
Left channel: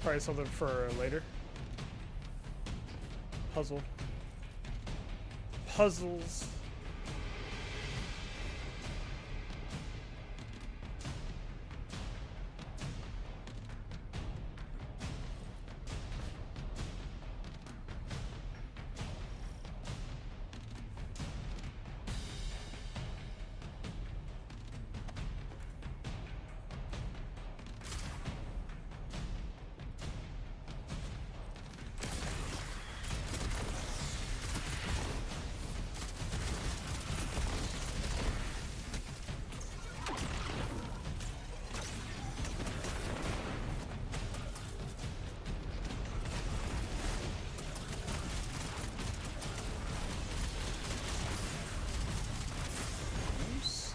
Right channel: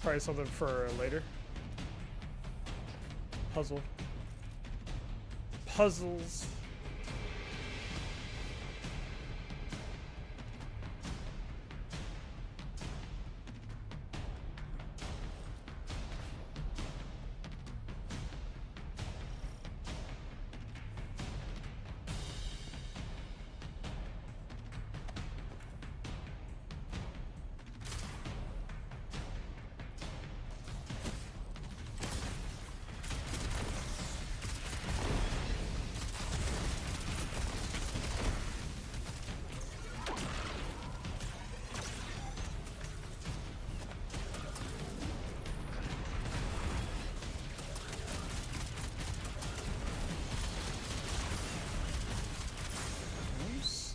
Probably something for later. Puzzle. Puzzles.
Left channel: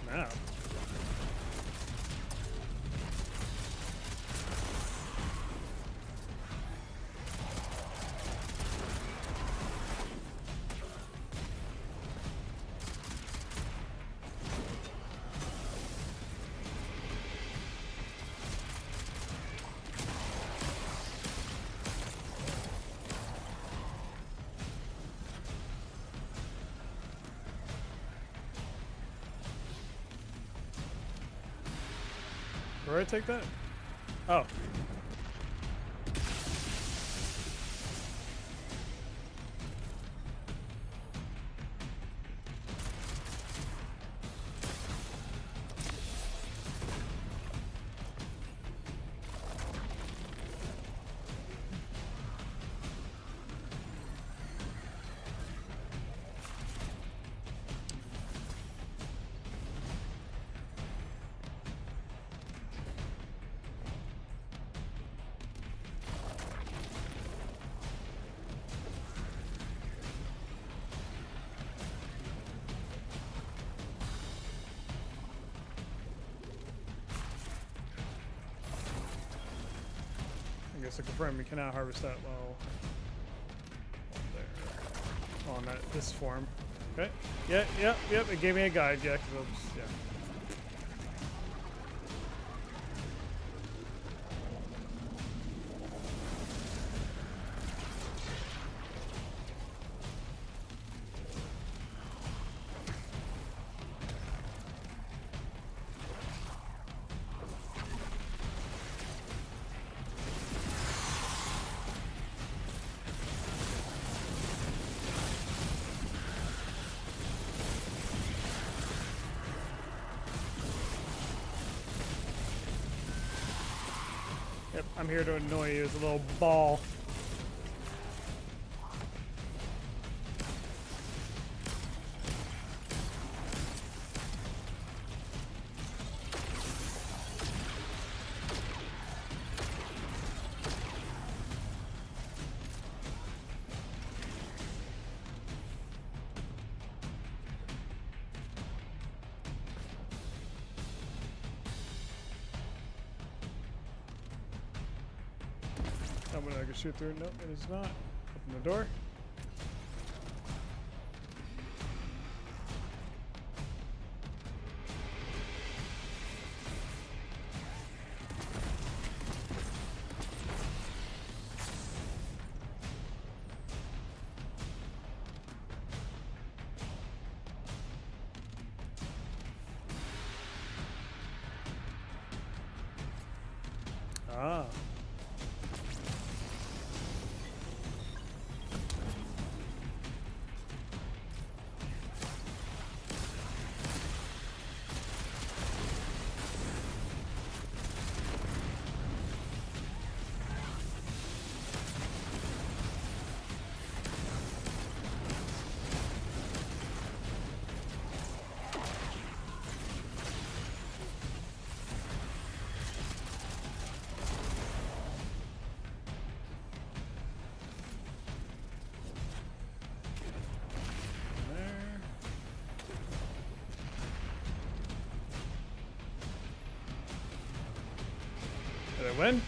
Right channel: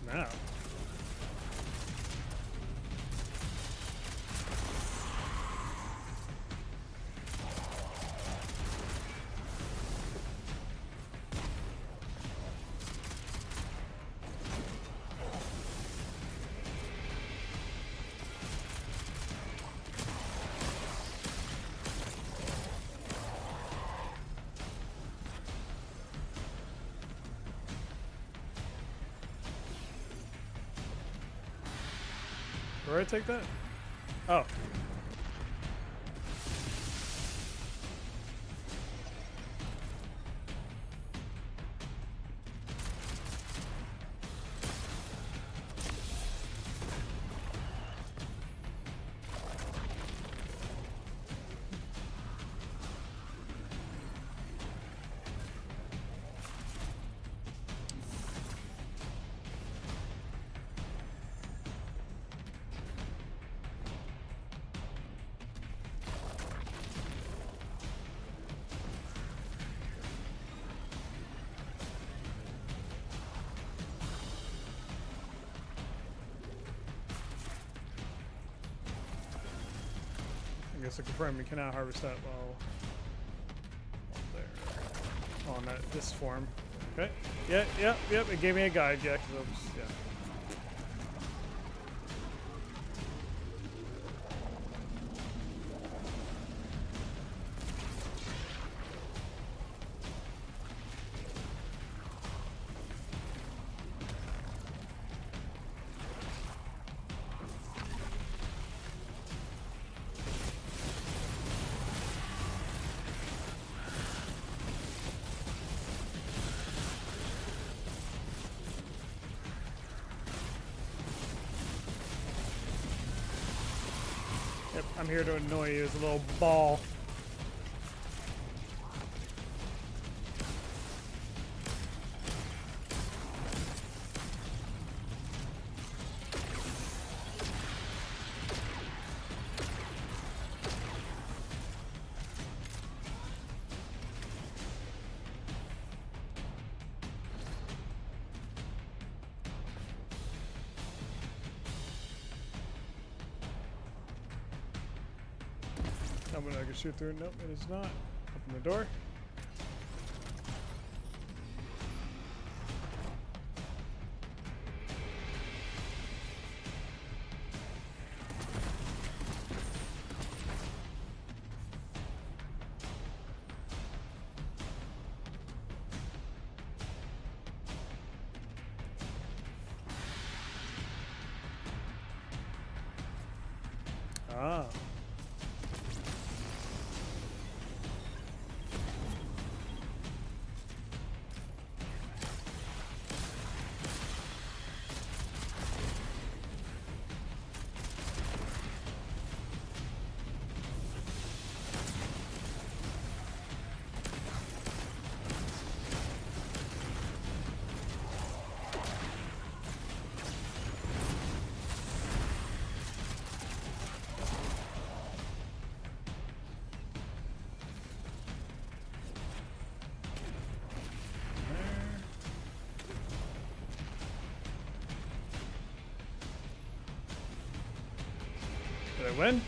Snap. Where do I take that? Oh. I guess I confirm we cannot harvest that while on there. On that this form. Okay. Yeah, yep. It gave me a guide. Yeah, because I was, yeah. Yep, I'm here to annoy you as a little ball. Someone I can shoot through. Nope, it is not. Open the door. Ah. Did I win?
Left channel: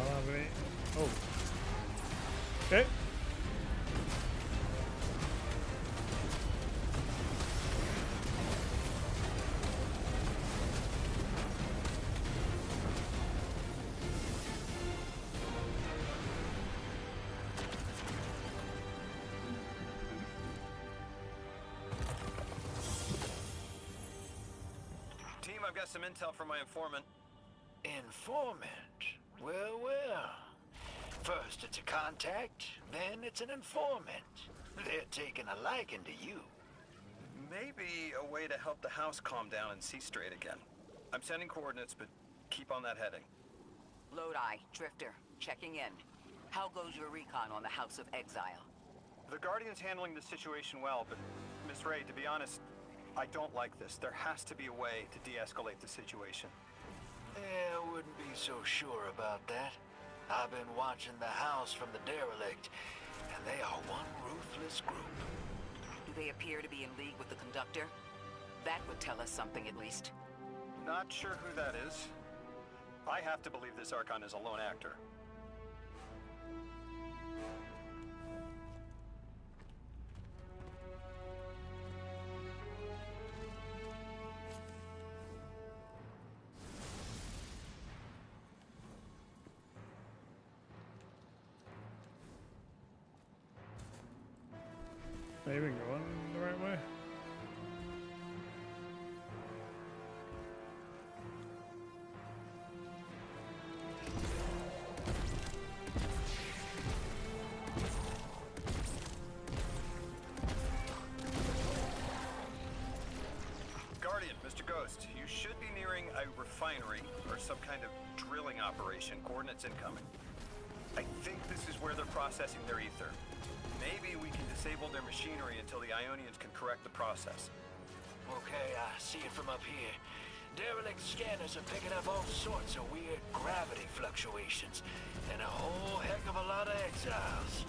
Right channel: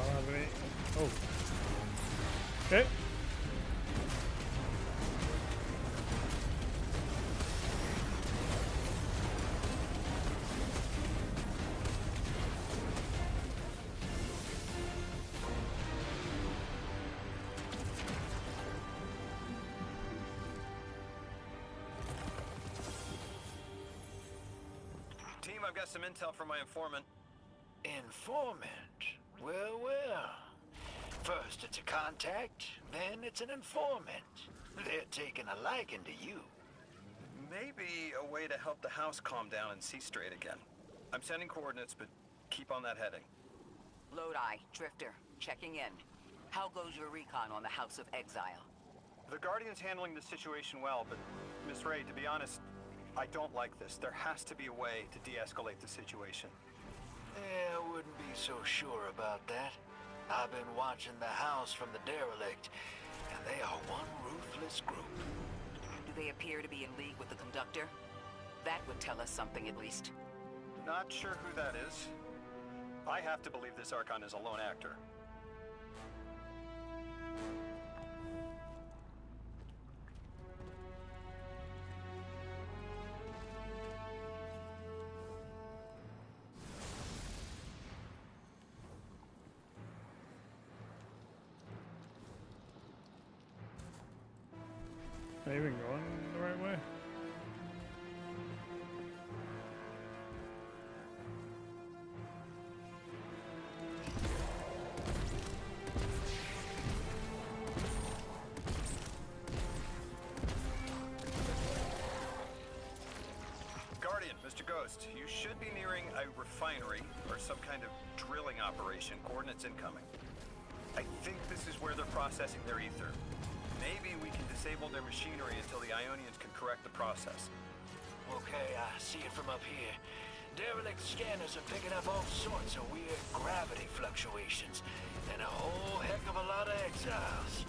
I don't have any. Oh. Okay. Team, I've got some intel from my informant. Informant? Well, well. First it's a contact, then it's an informant. They're taking a liking to you. Maybe a way to help the house calm down and see straight again. I'm sending coordinates, but keep on that heading. Lodi, Drifter, checking in. How goes your recon on the House of Exile? The Guardian's handling the situation well, but Miss Ray, to be honest, I don't like this. There has to be a way to de-escalate the situation. I wouldn't be so sure about that. I've been watching the house from the derelict, and they are one ruthless group. Do they appear to be in league with the Conductor? That would tell us something at least. Not sure who that is. I have to believe this Archon is a lone actor. Am I even going the right way? Guardian, Mr. Ghost, you should be nearing a refinery or some kind of drilling operation. Coordinates incoming. I think this is where they're processing their ether. Maybe we can disable their machinery until the Ionians can correct the process. Okay, I see it from up here. Derelict scanners are picking up all sorts of weird gravity fluctuations, and a whole heck of a lot of exiles.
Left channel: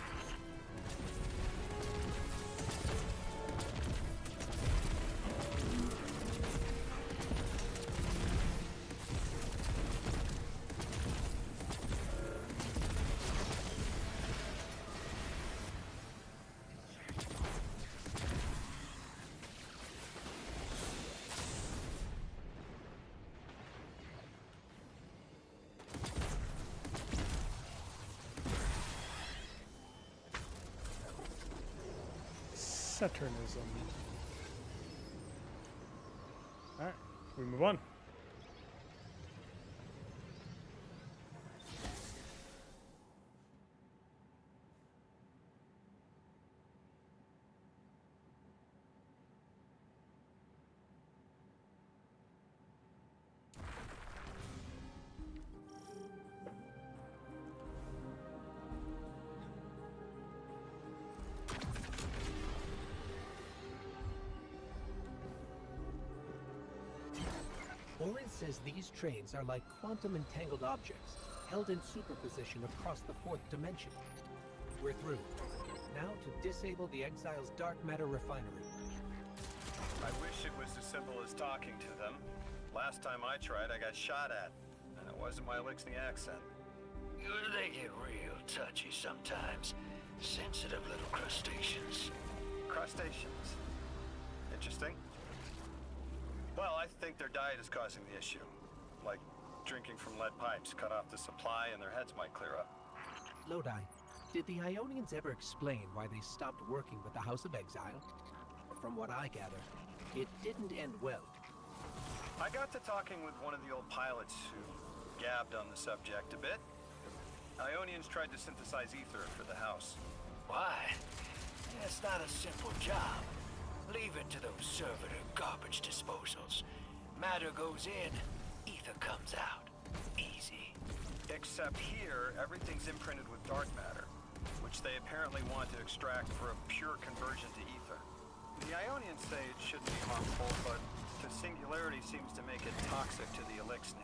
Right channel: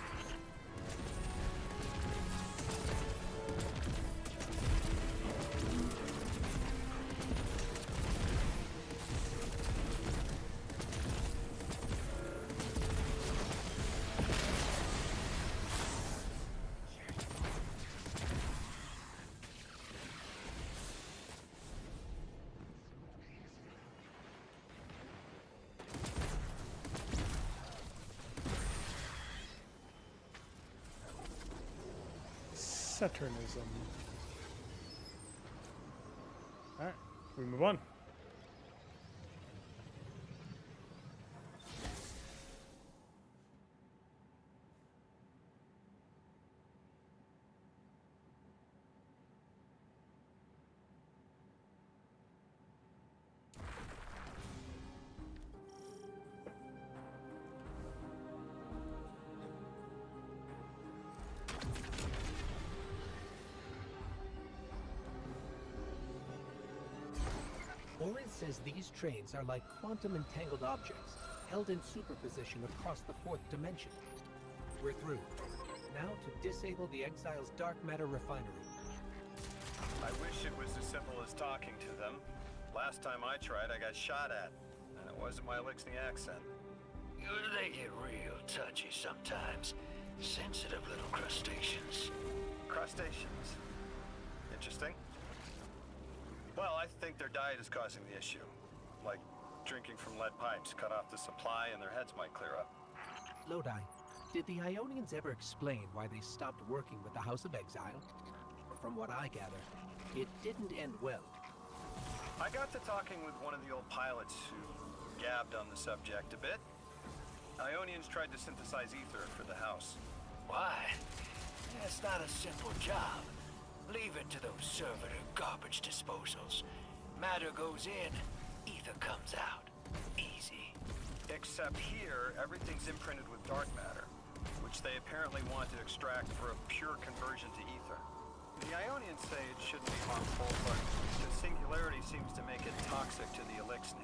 Saturnism. Alright, we move on. Orin says these trains are like quantum entangled objects, held in superposition across the fourth dimension. We're through. Now to disable the Exile's dark matter refinery. I wish it was as simple as talking to them. Last time I tried, I got shot at, and it wasn't my Elixir accent. They get real touchy sometimes. Sensitive little crustaceans. Crustaceans. Interesting. Well, I think their diet is causing the issue. Like drinking from lead pipes cut off the supply and their heads might clear up. Lodi, did the Ionians ever explain why they stopped working with the House of Exile? From what I gather, it didn't end well. I got to talking with one of the old pilots who gabbed on the subject a bit. Ionians tried to synthesize ether for the house. Why? It's not a simple job. Leave it to those servitor garbage disposals. Matter goes in, ether comes out. Easy. Except here, everything's imprinted with dark matter, which they apparently want to extract for a pure conversion to ether. The Ionians say it shouldn't be harmful, but the singularity seems to make it toxic to the Elixir.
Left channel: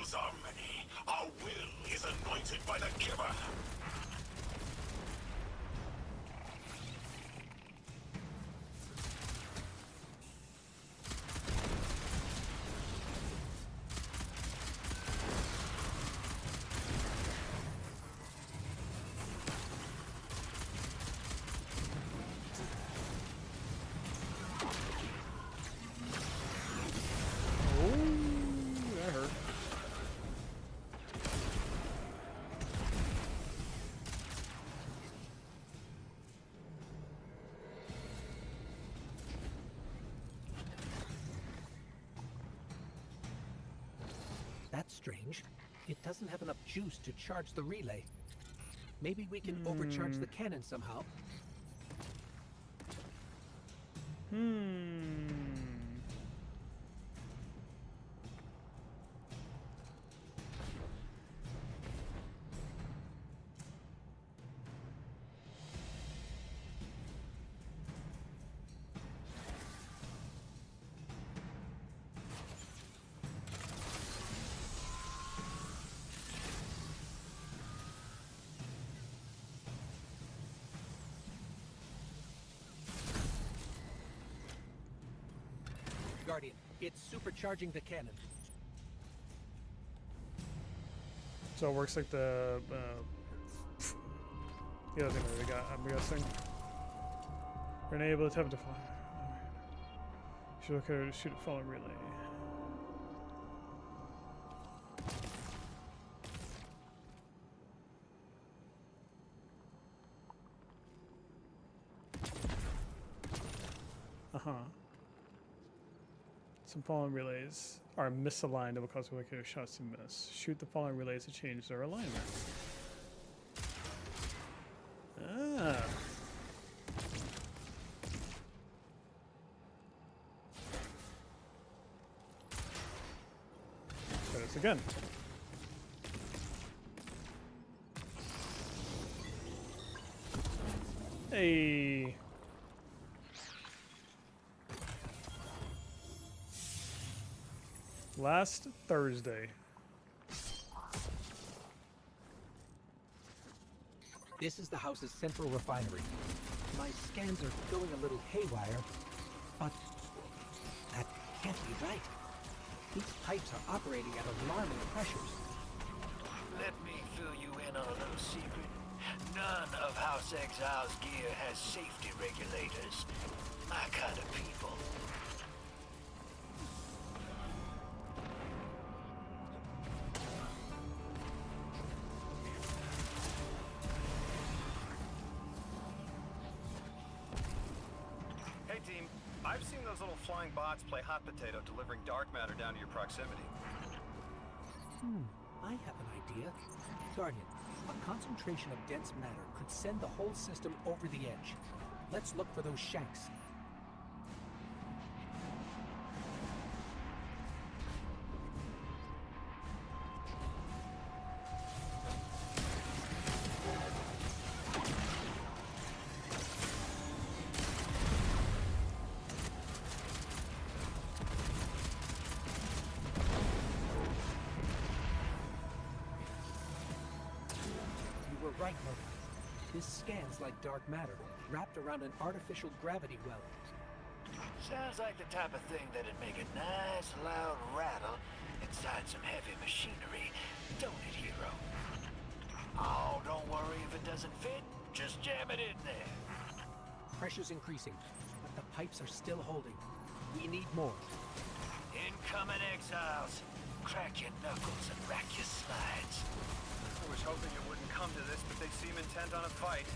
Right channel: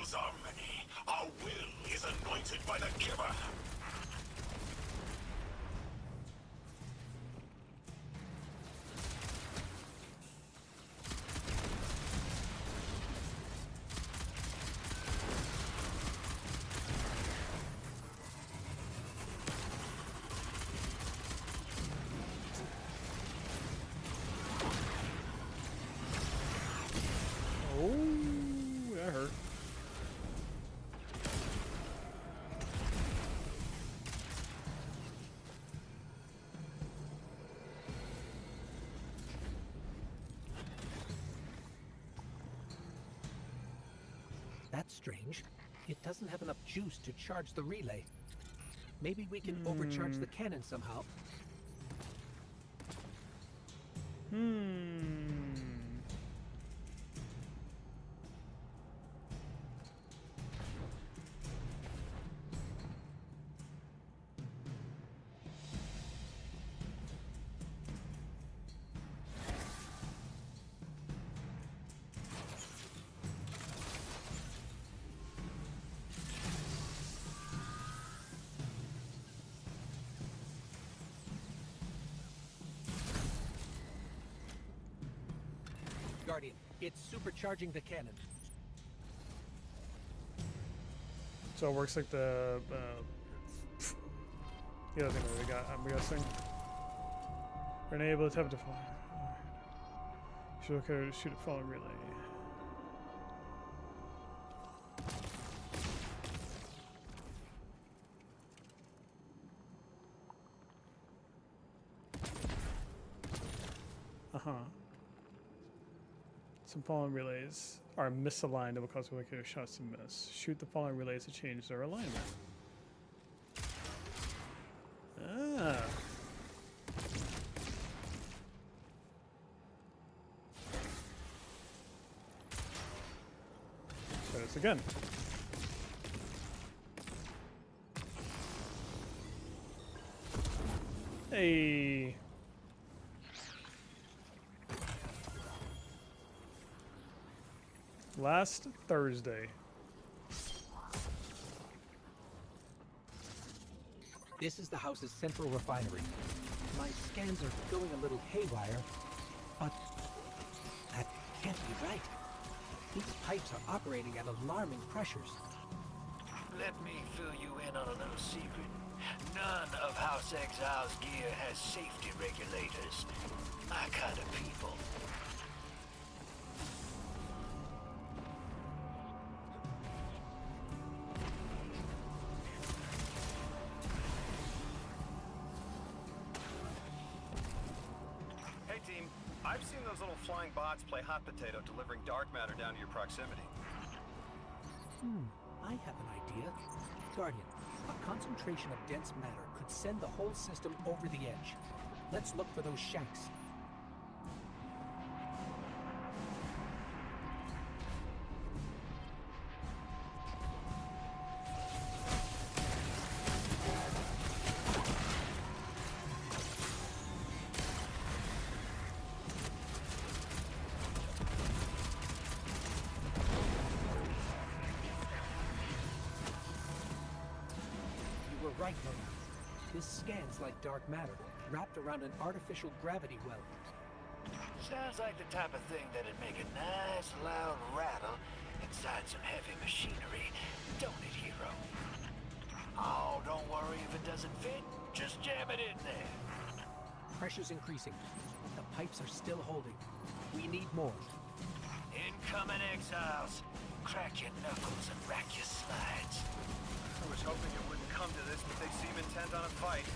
Foes are many. Our will is anointed by the Giver. That hurt. That's strange. It doesn't have enough juice to charge the relay. Maybe we can overcharge the cannon somehow. Guardian, it's supercharging the cannon. So it works like the other thing that they got, I'm guessing. Grenade able to tap to fire. Should okay to shoot a falling relay. Some falling relays are misaligned and will cause wicked shots to miss. Shoot the falling relays to change their alignment. Ah. Try this again. Hey. Last Thursday. This is the house's central refinery. My scans are going a little haywire, but that can't be right. These pipes are operating at alarming pressures. Let me fill you in on a little secret. None of House Exile's gear has safety regulators. My kind of people. I've seen those little flying bots play hot potato, delivering dark matter down to your proximity. I have an idea. Guardian, a concentration of dense matter could send the whole system over the edge. Let's look for those shanks. Right, Mona. This scans like dark matter, wrapped around an artificial gravity well. Sounds like the type of thing that'd make a nice loud rattle inside some heavy machinery, don't it, hero? Oh, don't worry if it doesn't fit. Just jam it in there. Pressure's increasing, but the pipes are still holding. We need more. Incoming exiles. Crack your knuckles and rack your slides. I was hoping it wouldn't come to this, but they seem intent on a fight.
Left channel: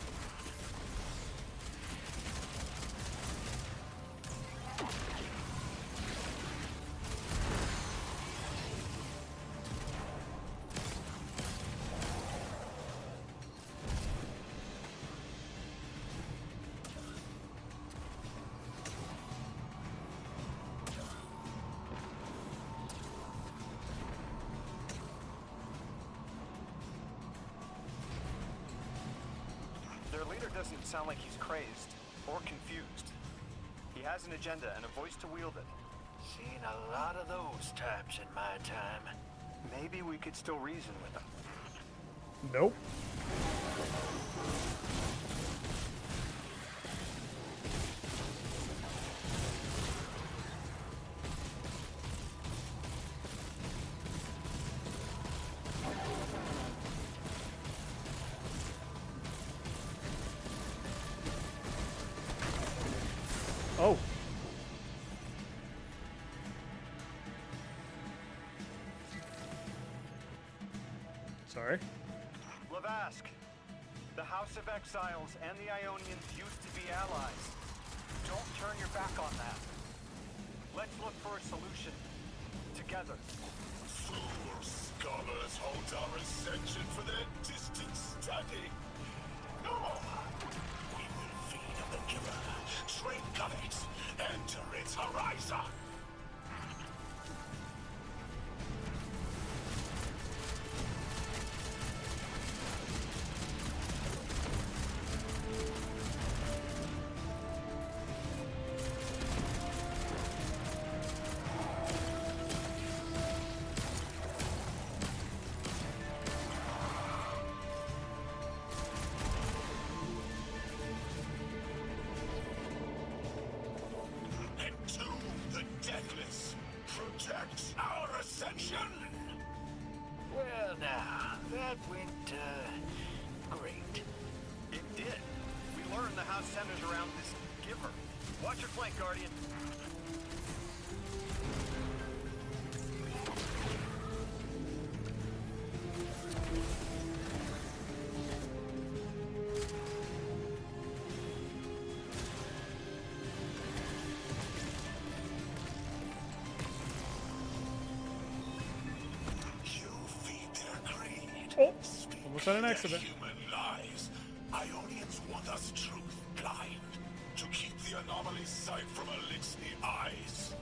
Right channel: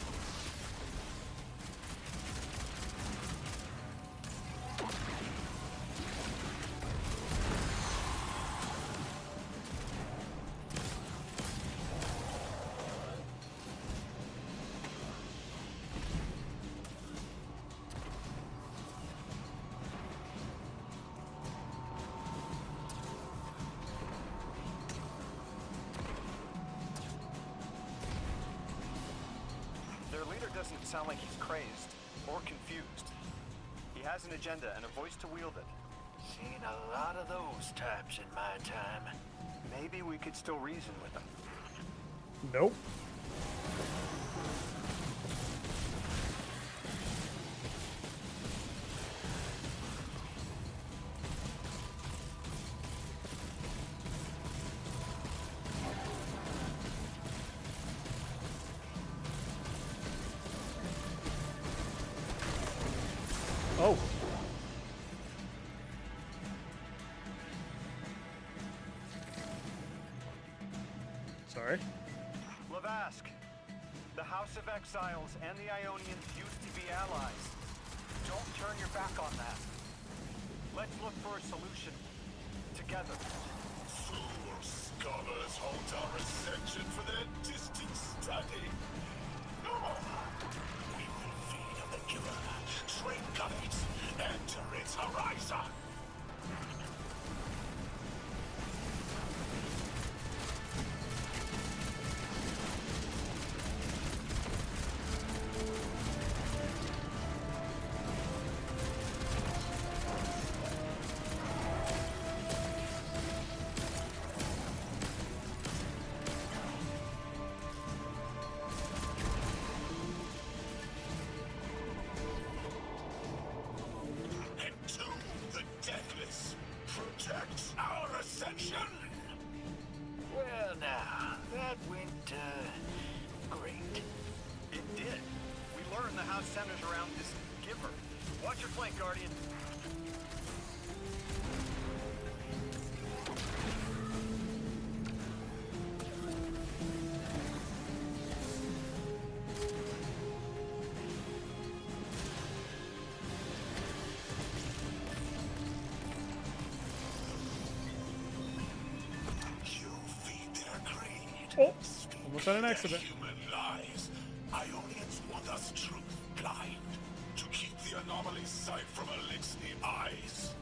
Their leader doesn't sound like he's crazed or confused. He has an agenda and a voice to wield it. Seen a lot of those types in my time. maybe we could still reason with them. Nope. Oh. Sorry. Lavask, the House of Exiles and the Ionians used to be allies. Don't turn your back on that. Let's look for a solution. Together. Fool scholars hold our ascension for their distant study. No more. We will feed on the giver, train covet, enter its horizon. Well, now, that went, great. It did. We learned the house centers around this giver. Watch your flank, Guardian. Oh, almost had an accident. Human lies. Ionians want us truth blind to keep the anomaly's sight from Elixir eyes.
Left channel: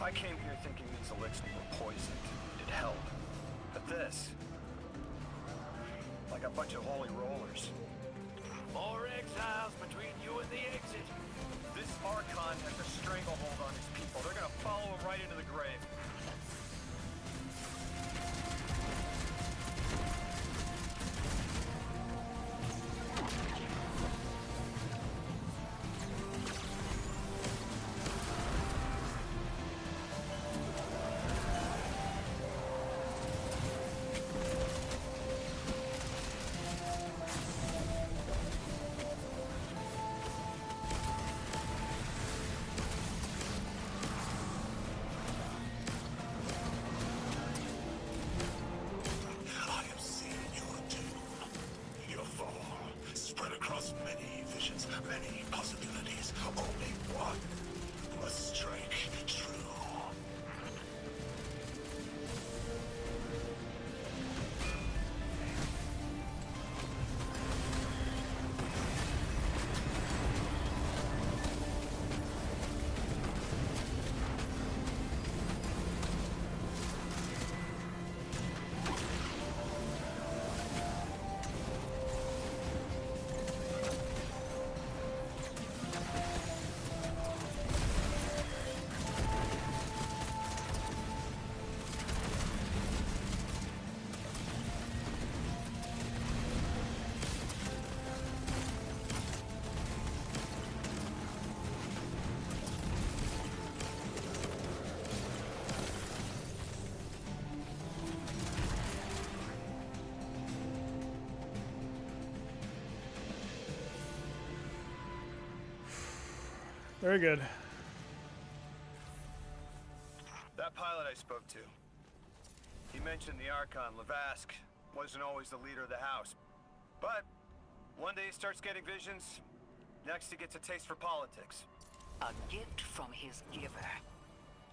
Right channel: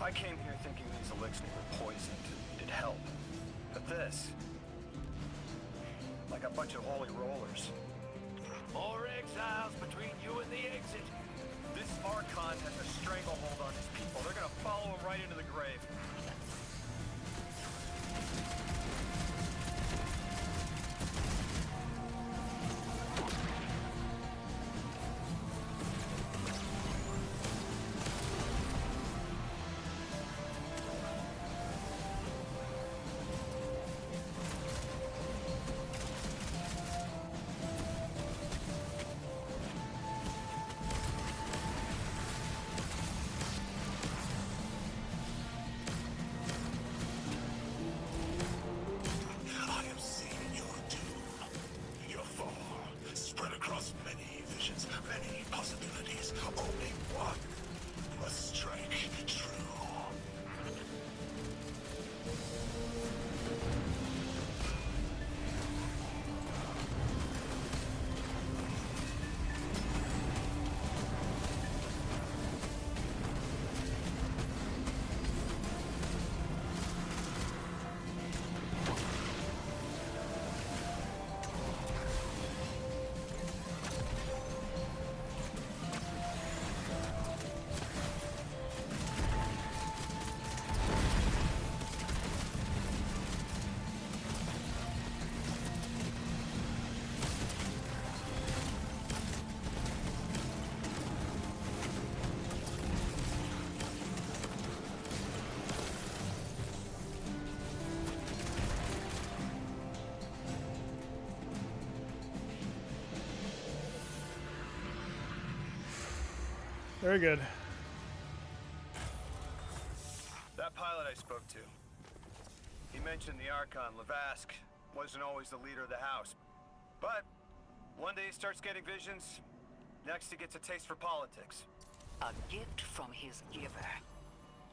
I came here thinking these Elixir were poisoned and needed help. But this... like a bunch of holy rollers. More exiles between you and the exit. This Archon has a stranglehold on his people. They're gonna follow him right into the grave. Very good. That pilot I spoke to, he mentioned the Archon, Levask, wasn't always the leader of the house. But one day he starts getting visions, next he gets a taste for politics. A gift from his giver.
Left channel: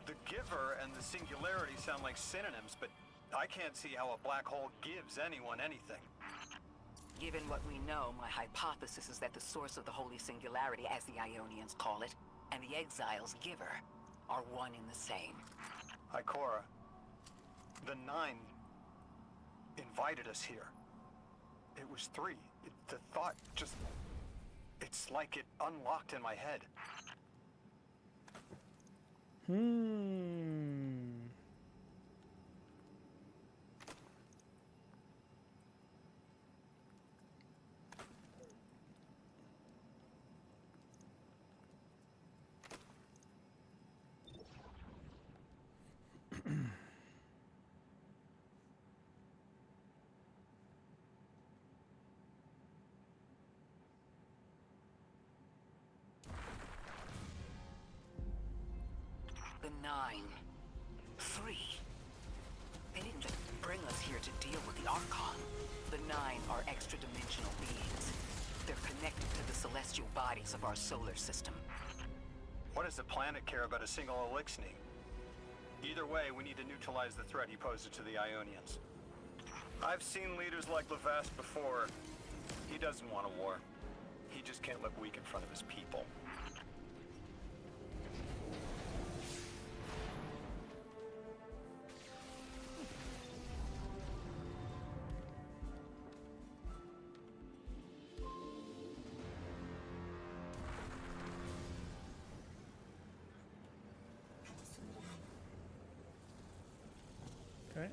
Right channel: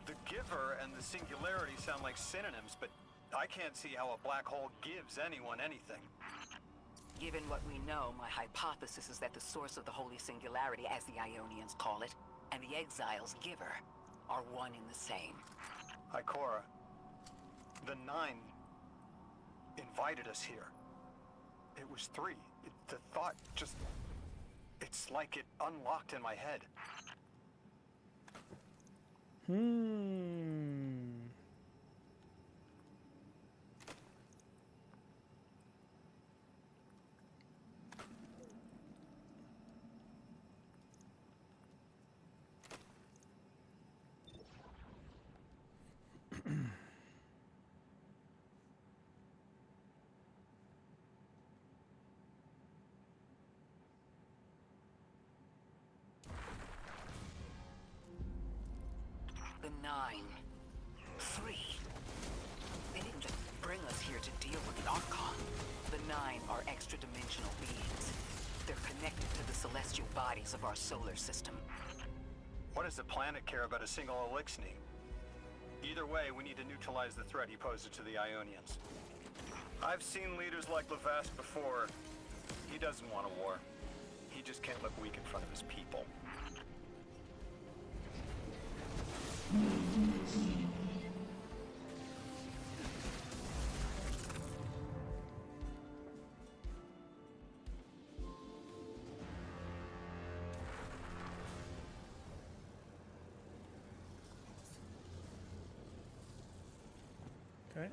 The giver and the singularity sound like synonyms, but I can't see how a black hole gives anyone anything. Given what we know, my hypothesis is that the source of the Holy Singularity, as the Ionians call it, and the Exile's giver are one and the same. Ikora, the Nine invited us here. It was 3. The thought just... It's like it unlocked in my head. The Nine. 3. They didn't just bring us here to deal with the Archon. The Nine are extra-dimensional beings. They're connected to the celestial bodies of our solar system. What does the planet care about a single Elixni? Either way, we need to neutralize the threat he poses to the Ionians. I've seen leaders like Levask before. He doesn't want a war. He just can't look weak in front of his people. Okay.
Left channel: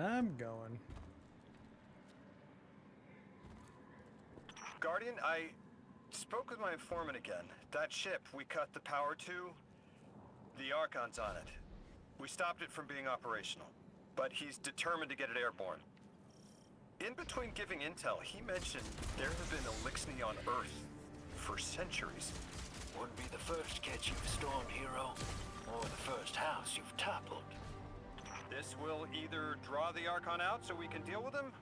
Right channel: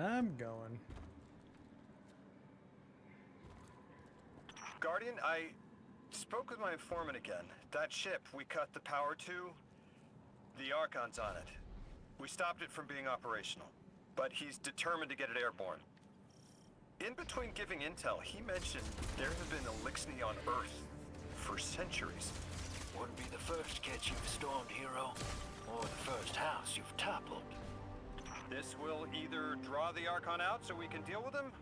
I'm going. Guardian, I spoke with my informant again. That ship we cut the power to, the Archon's on it. We stopped it from being operational, but he's determined to get it airborne. In between giving intel, he mentioned there have been Elixni on Earth for centuries. Wouldn't be the first catch you've stormed, hero, or the first house you've toppled. This will either draw the Archon out so we can deal with him,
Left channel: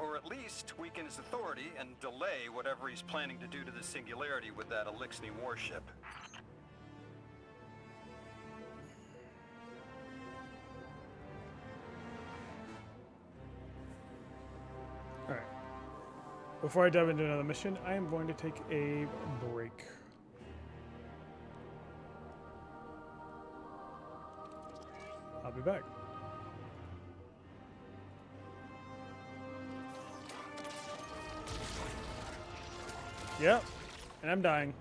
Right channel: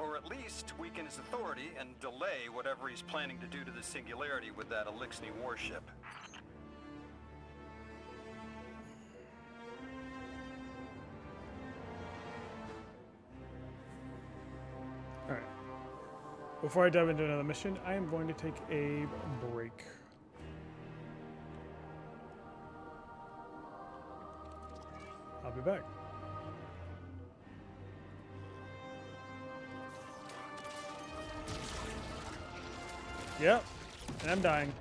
or at least weaken his authority and delay whatever he's planning to do to the Singularity with that Elixni warship. Alright. Before I dive into another mission, I am going to take a break. I'll be back. Yep, and I'm dying.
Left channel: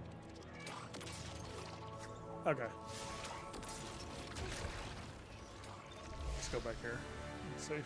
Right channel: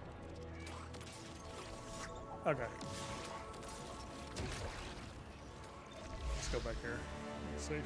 Okay. Let's go back here. It's safe.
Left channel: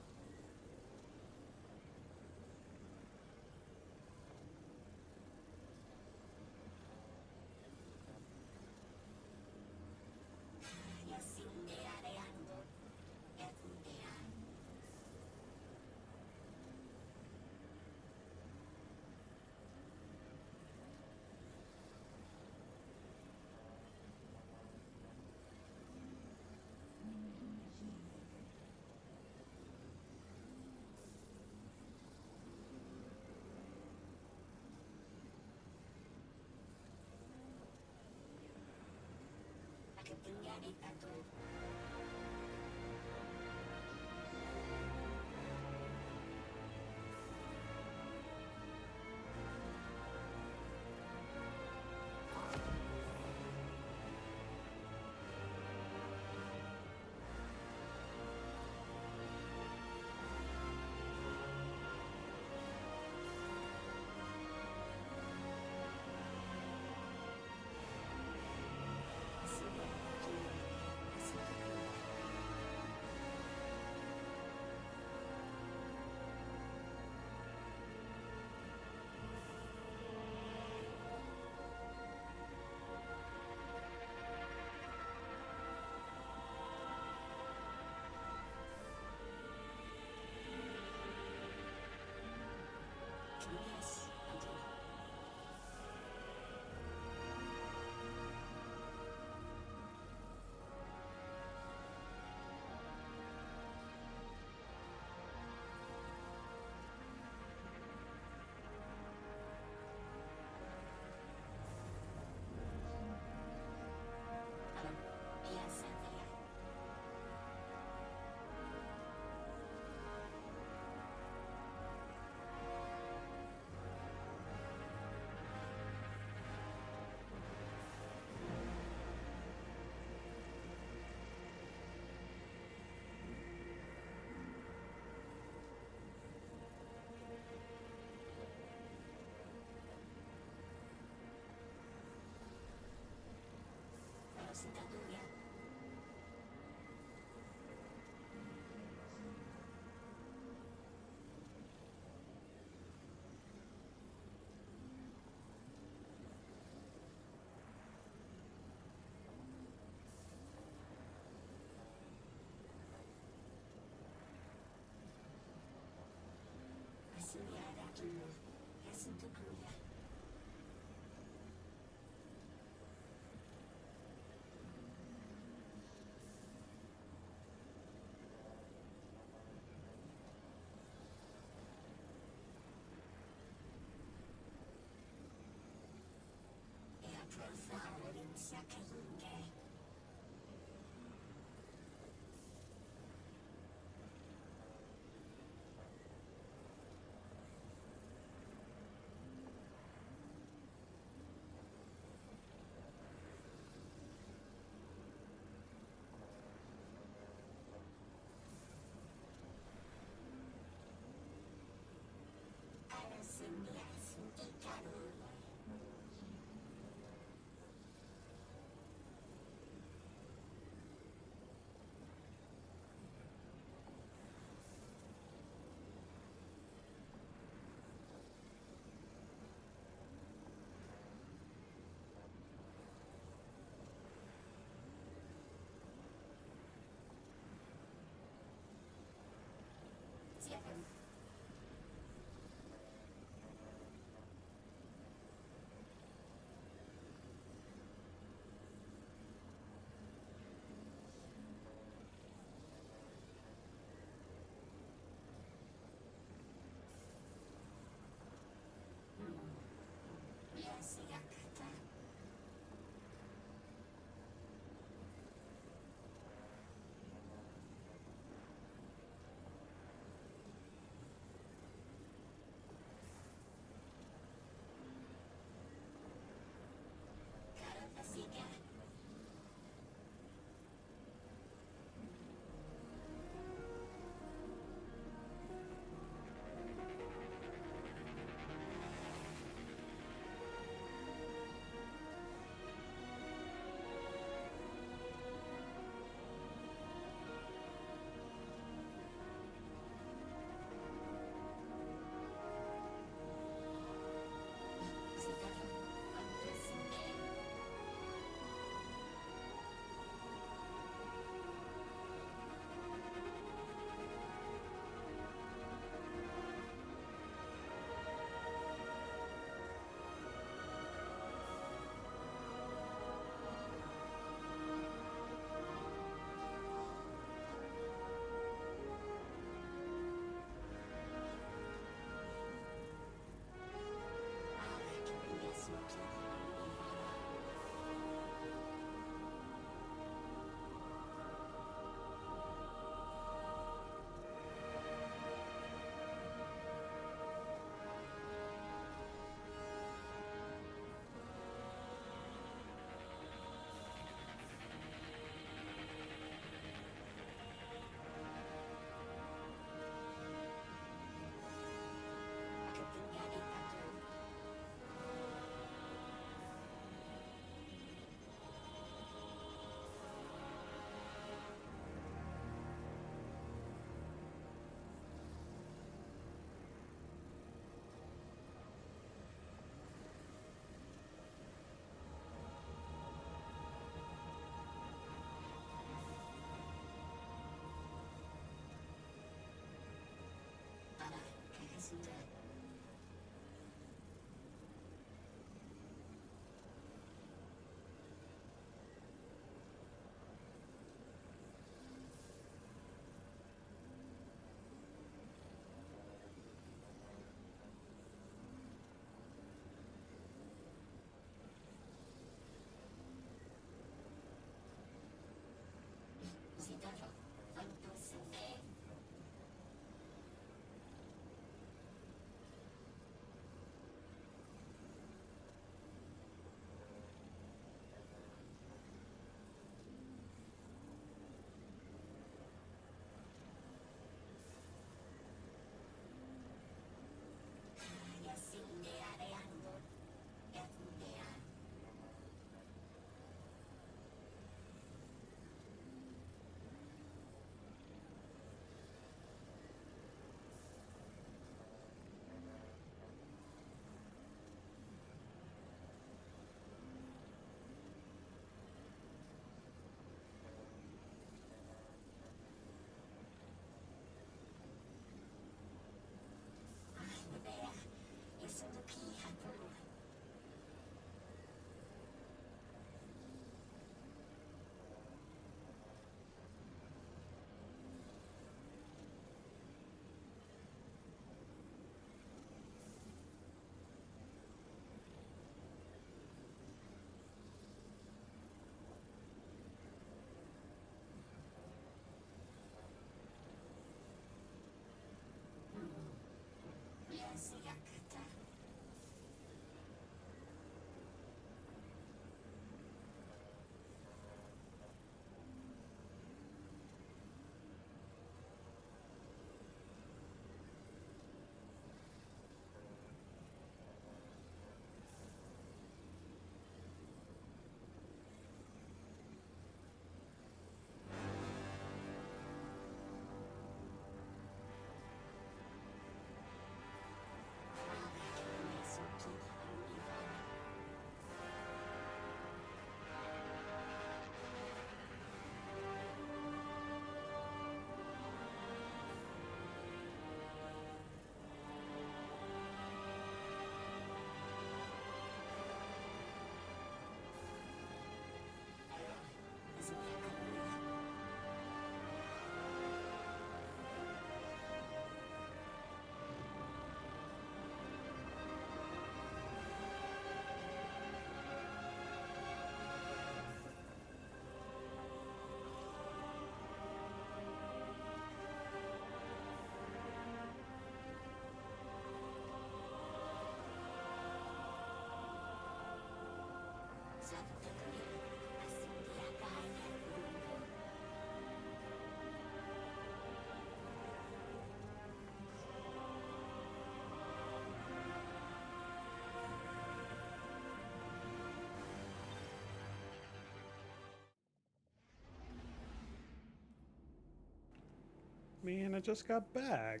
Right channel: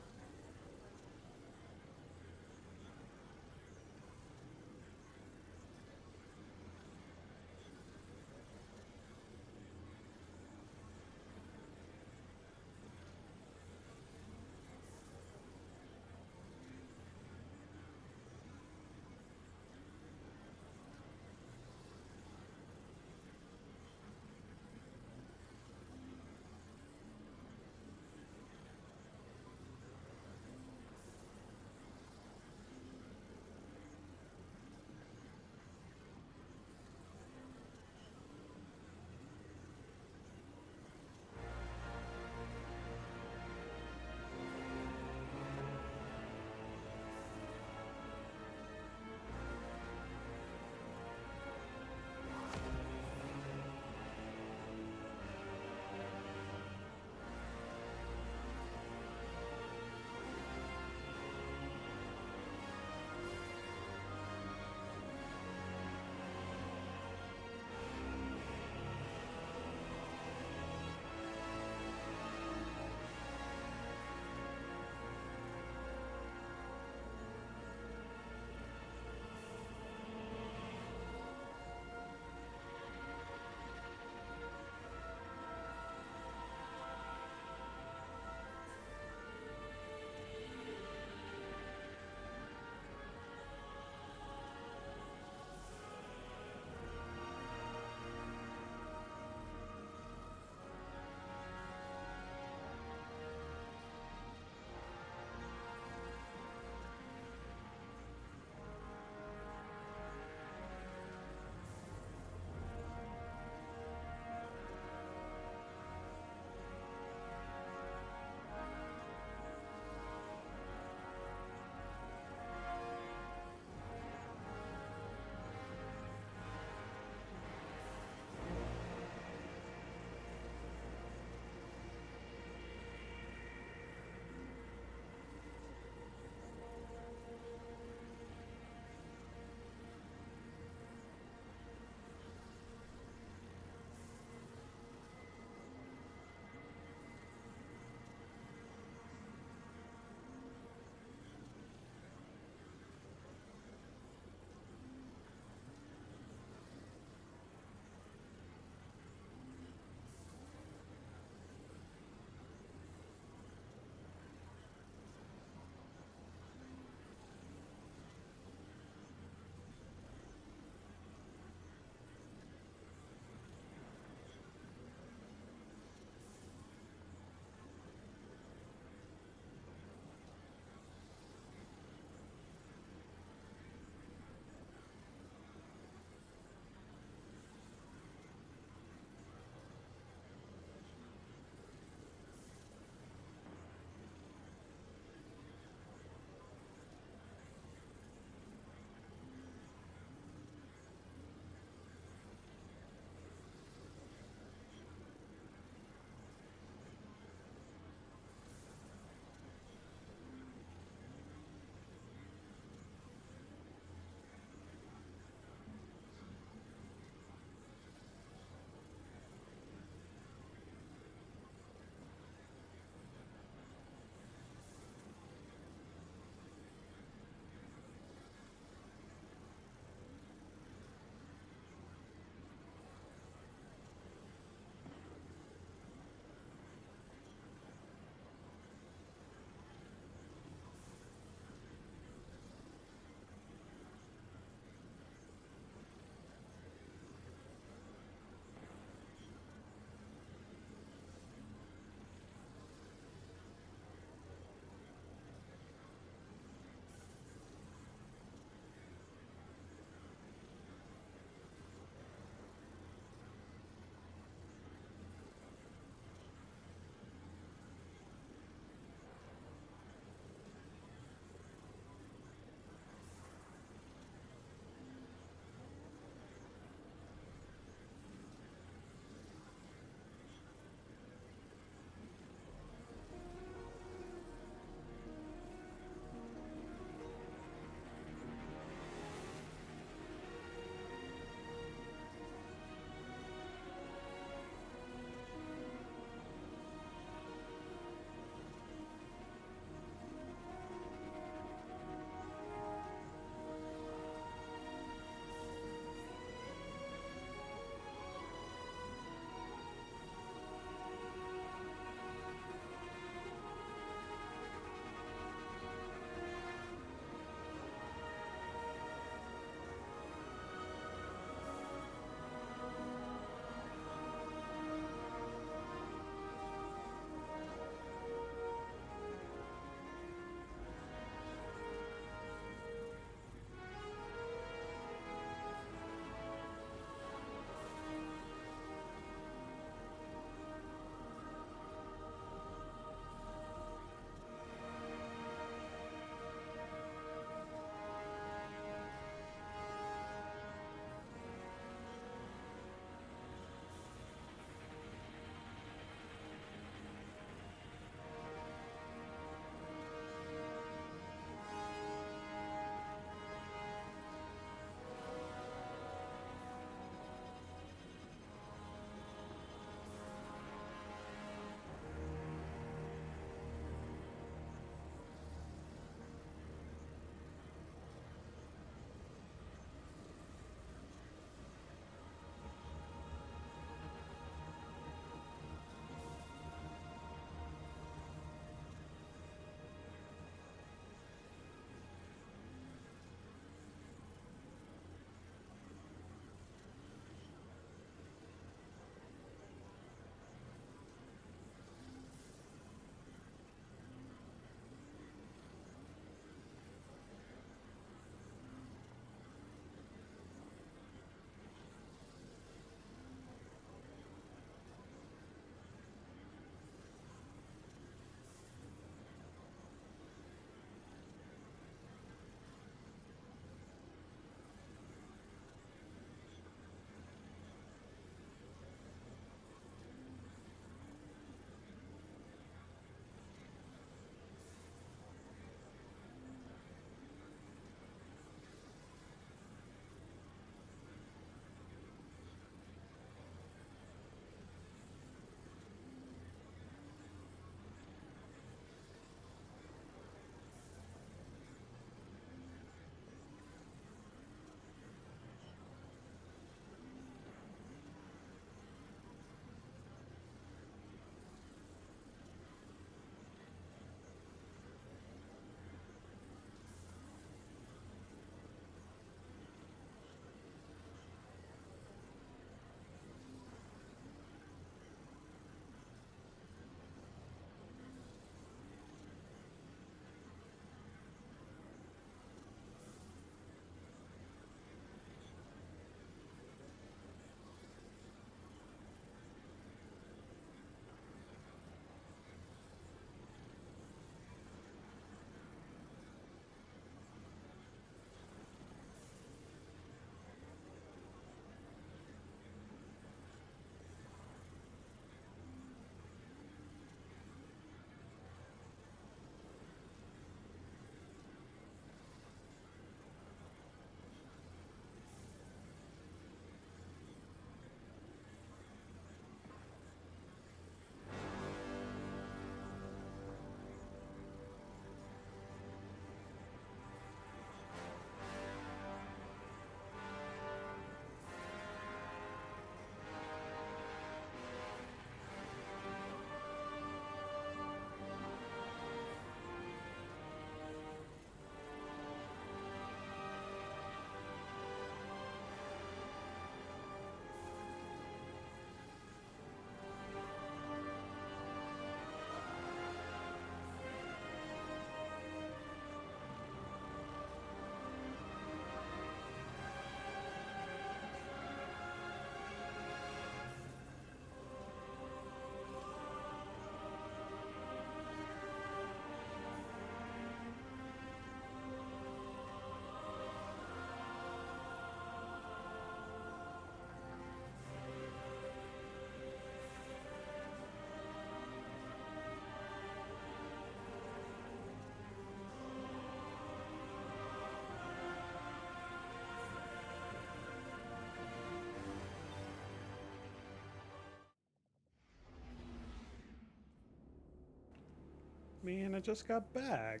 Man, I just got back.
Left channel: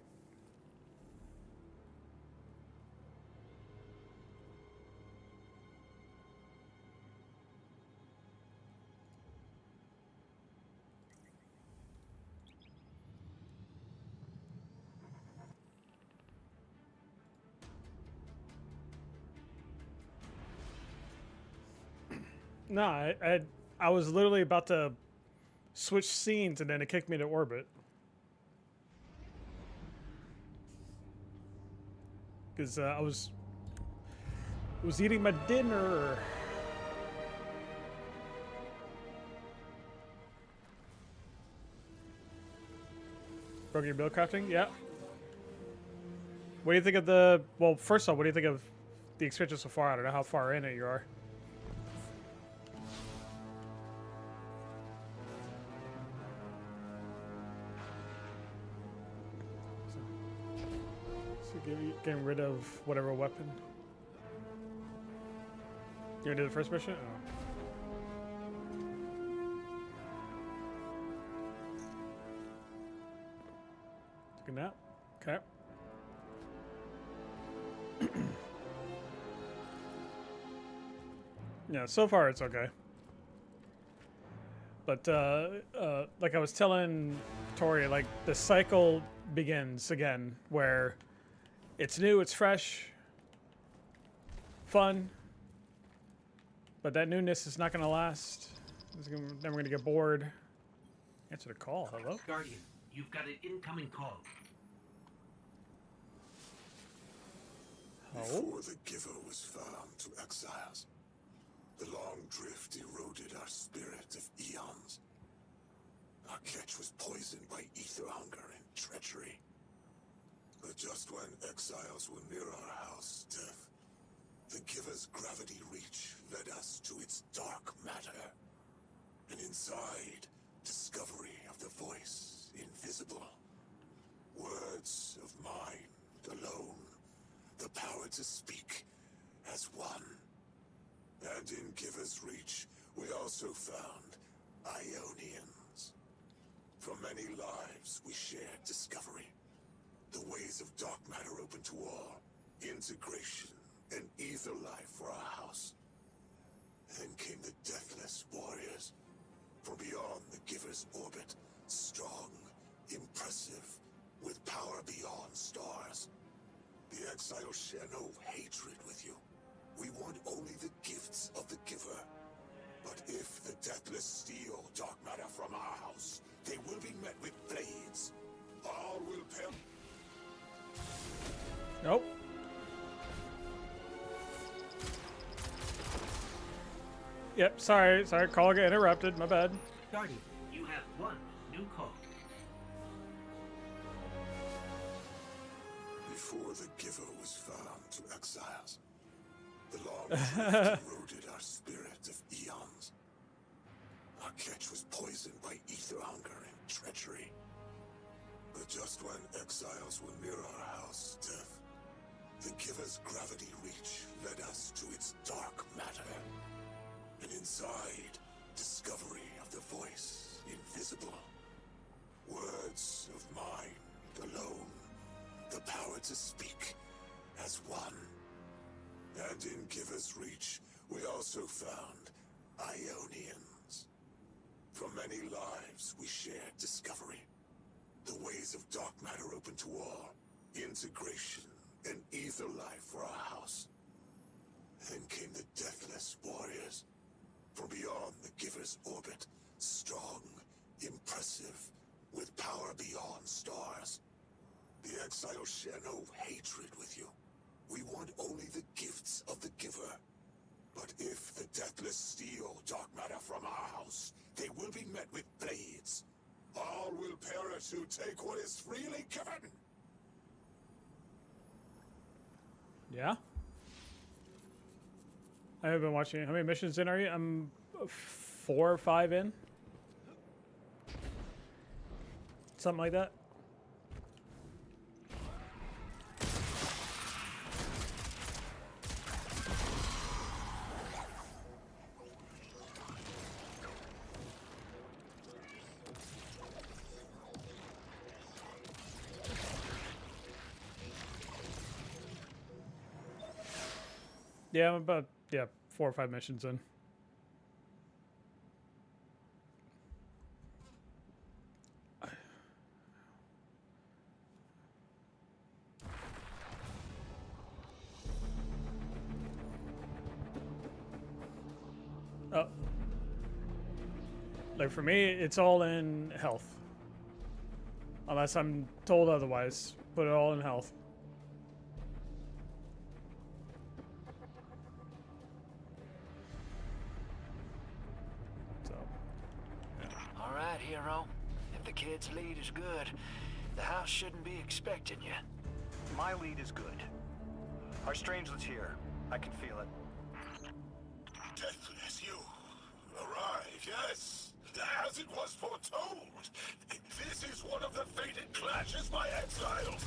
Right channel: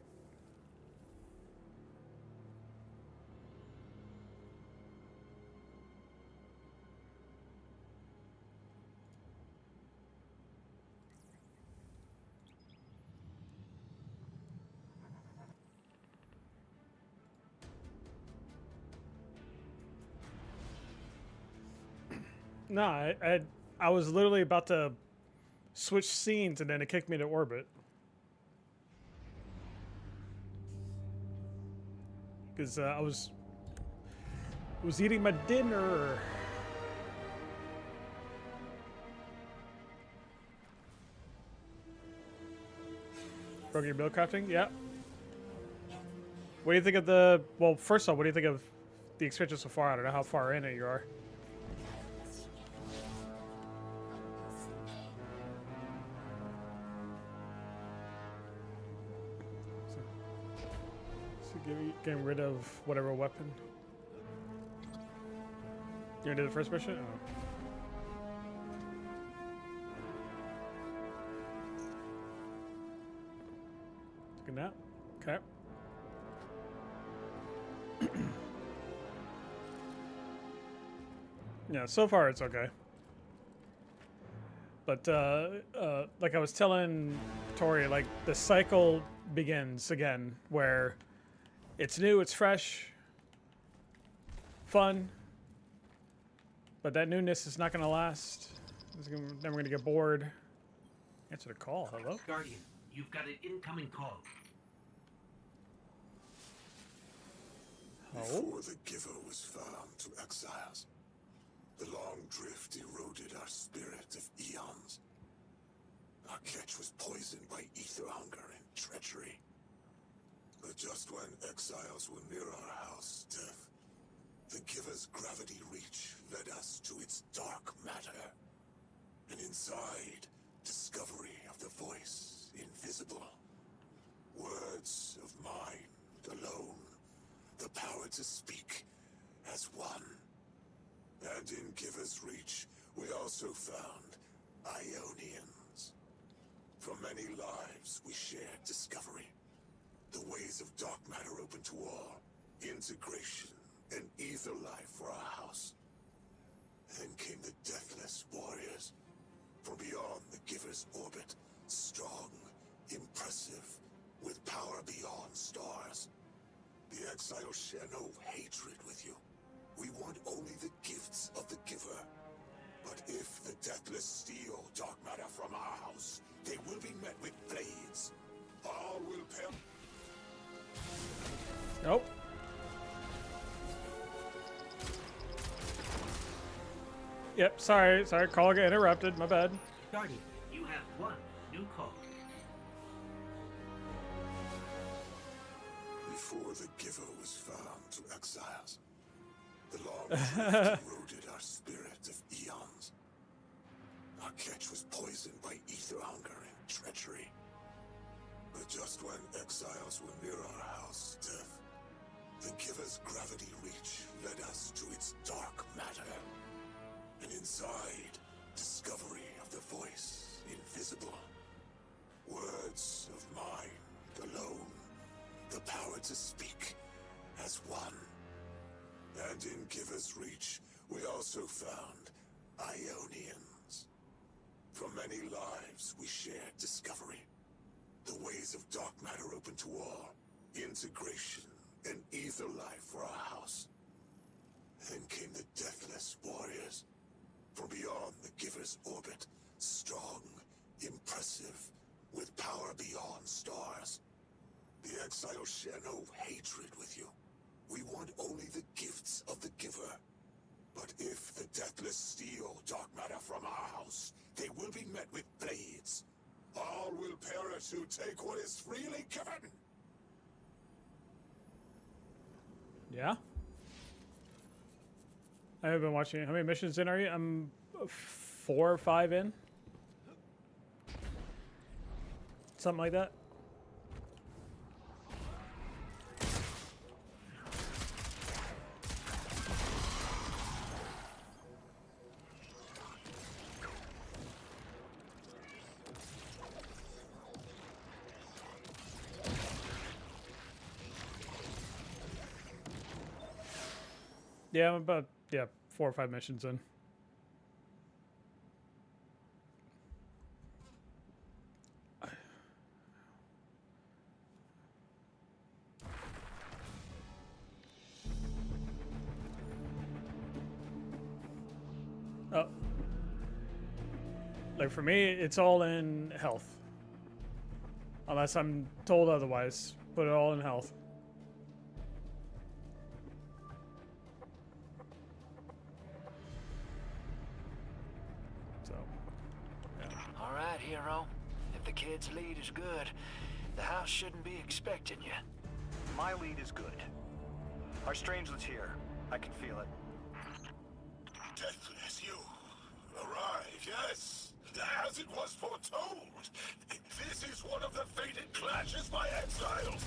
No, I was literally about to switch scenes and then it kicked me to orbit. Because I was eating my dinner. Broken your build crafting? Yeah. What do you think of the... Well, first off, what do you think of the expansion so far? I don't know how far in it you are. So getting rid of whatever weapon. You gonna do the first mission? Oh. Take a nap. Okay. Yeah, so far it's okay. But like I was telling Tori, like the cycle begins again where it's new, it's fresh, fun, but that newness is not going to last. Then we're going to get bored. Answer the call. Hello? Guardian, you've got an incoming call. Before the Giver was found to exiles, the long drift eroded our spirit of eons. Our catch was poisoned by ether hunger and treachery. But just when exiles were near our house, death, the Giver's gravity reach led us to its dark matter. And inside, discovery of the voice invisible. Words of mind alone. The power to speak as one. And in Giver's reach, we also found Ionians. For many lives, we shared discovery. The ways of dark matter open to all. Integration and ether life for our house. Then came the Deathless Warriors. From beyond the Giver's orbit. Strong, impressive, with power beyond stars. The exiles share no hatred with you. We want only the gifts of the Giver. But if the Deathless steal dark matter from our house, they will be met with blades. All will perish. Nope. Yep, sorry, call got interrupted, my bad. Guardian, you have one new call. Before the Giver was found to exiles, the long drift eroded our spirit of eons. Our catch was poisoned by ether hunger and treachery. But just when exiles were near our house, death, the Giver's gravity reach led us to its dark matter. And inside, discovery of the voice invisible. Words of mind alone. The power to speak as one. And in Giver's reach, we also found Ionians. For many lives, we shared discovery. The ways of dark matter open to all. Integration and ether life for our house. Then came the Deathless Warriors. From beyond the Giver's orbit. Strong, impressive, with power beyond stars. The exiles share no hatred with you. We want only the gifts of the Giver. But if the Deathless steal dark matter from our house, they will be met with blades. All will perish who take what is freely given. Yeah? I haven't been watching. How many missions in are you? I'm 4 or 5 in. Something like that. Yeah, I'm about 4 or 5 missions in. Oh. Like for me, it's all in health. Unless I'm told otherwise, put it all in health. So, yeah. All right, hero. If the kid's lead is good, the house shouldn't be expecting you. My lead is good. Our strangelet's here. I can feel it. Deathless, you arrive, yes, as it was foretold. This is one of the fated clashes by exiles.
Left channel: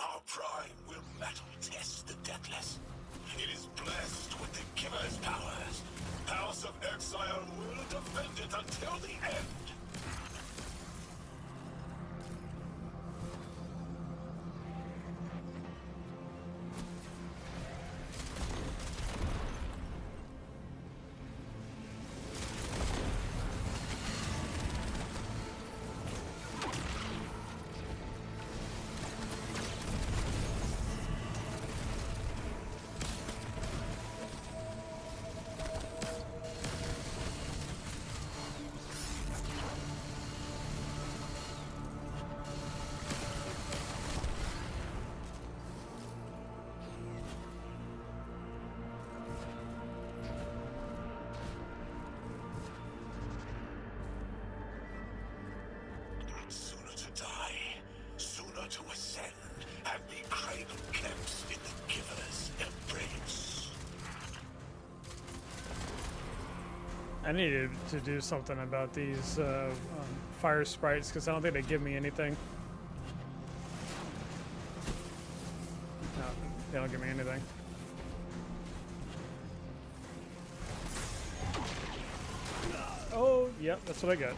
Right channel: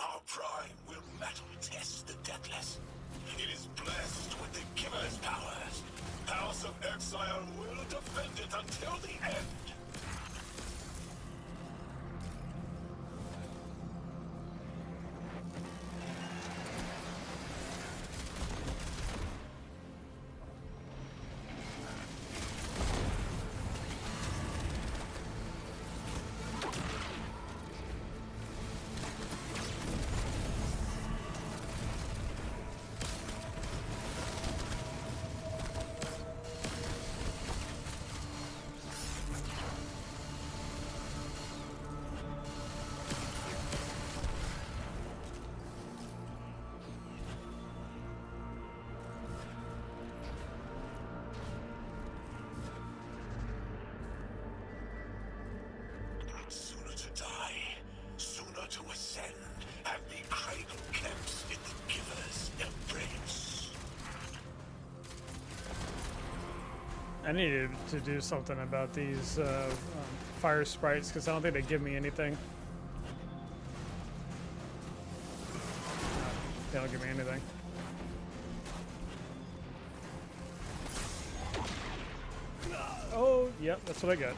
Our prime will metal test the Deathless. It is blessed with the Giver's powers. House of Exile will defend it until the end. Sooner to die, sooner to ascend, and be cradle kept in the Giver's embrace. I needed to do something about these fire sprites because I don't think they give me anything. No, they don't give me anything. Oh, yep, that's what I got.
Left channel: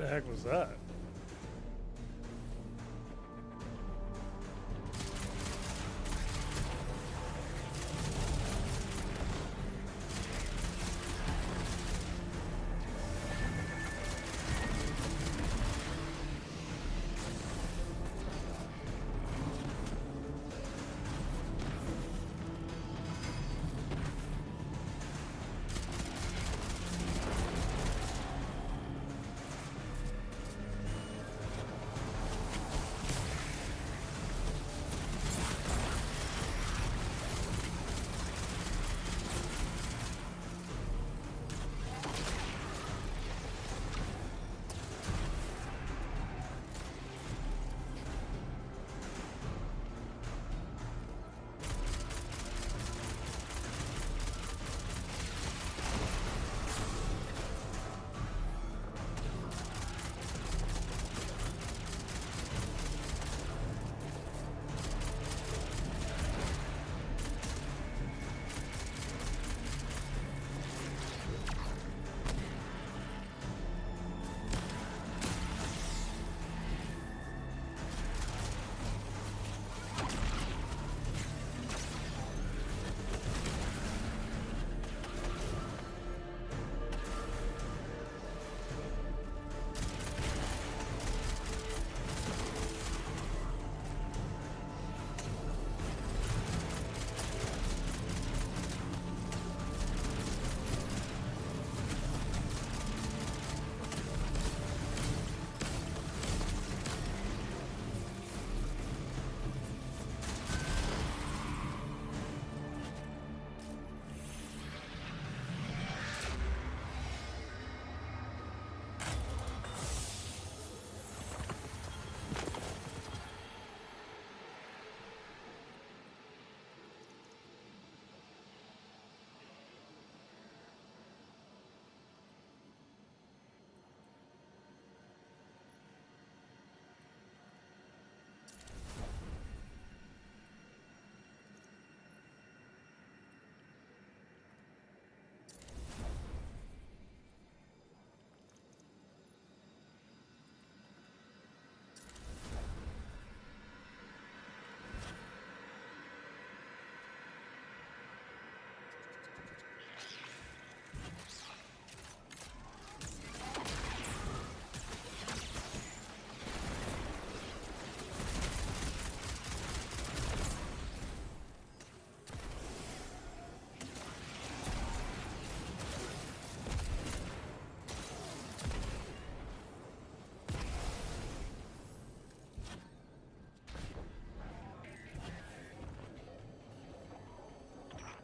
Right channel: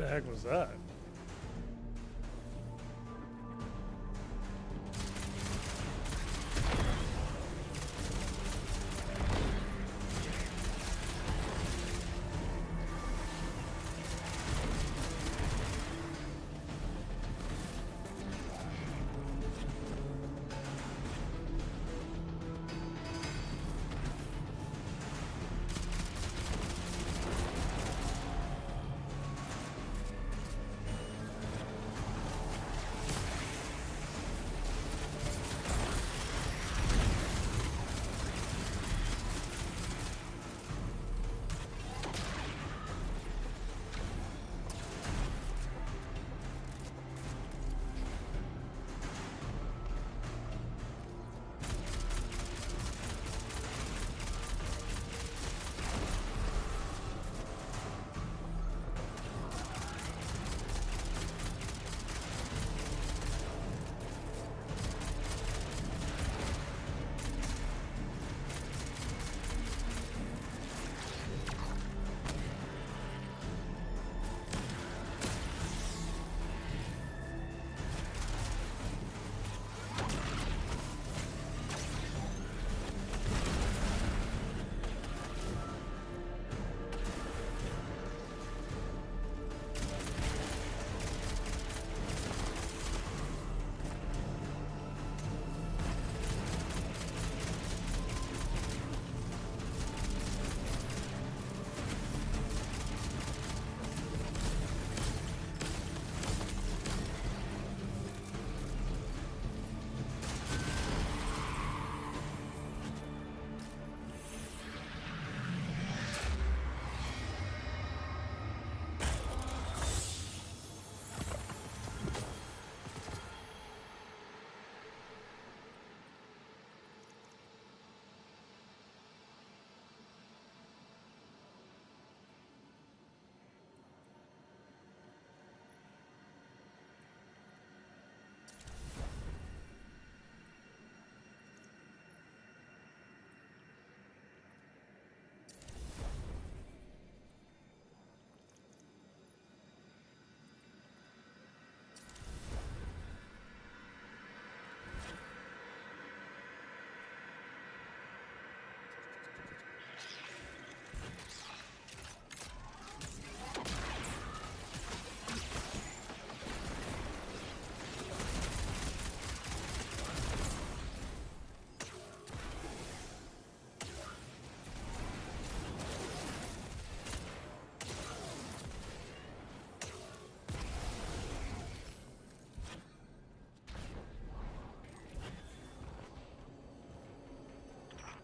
The heck was that?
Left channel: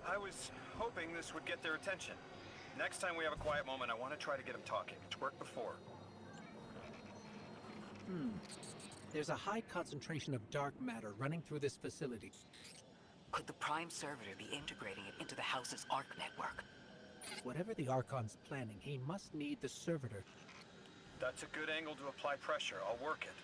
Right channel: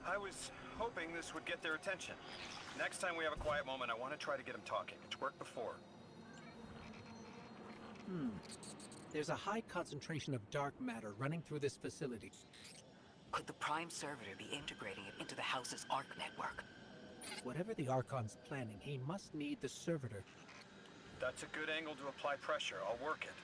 I was hoping this would get their attention. Next time we have a quiet moment, I want to try to get them talking. It's worked before. There's a high concentration of dark matter running through this facility. Could the Prime Servitor be integrating it into the House's Arc network? Whatever the Archon's planning, he must need the Servitor. That's a good angle to apply pressure. I'll work it.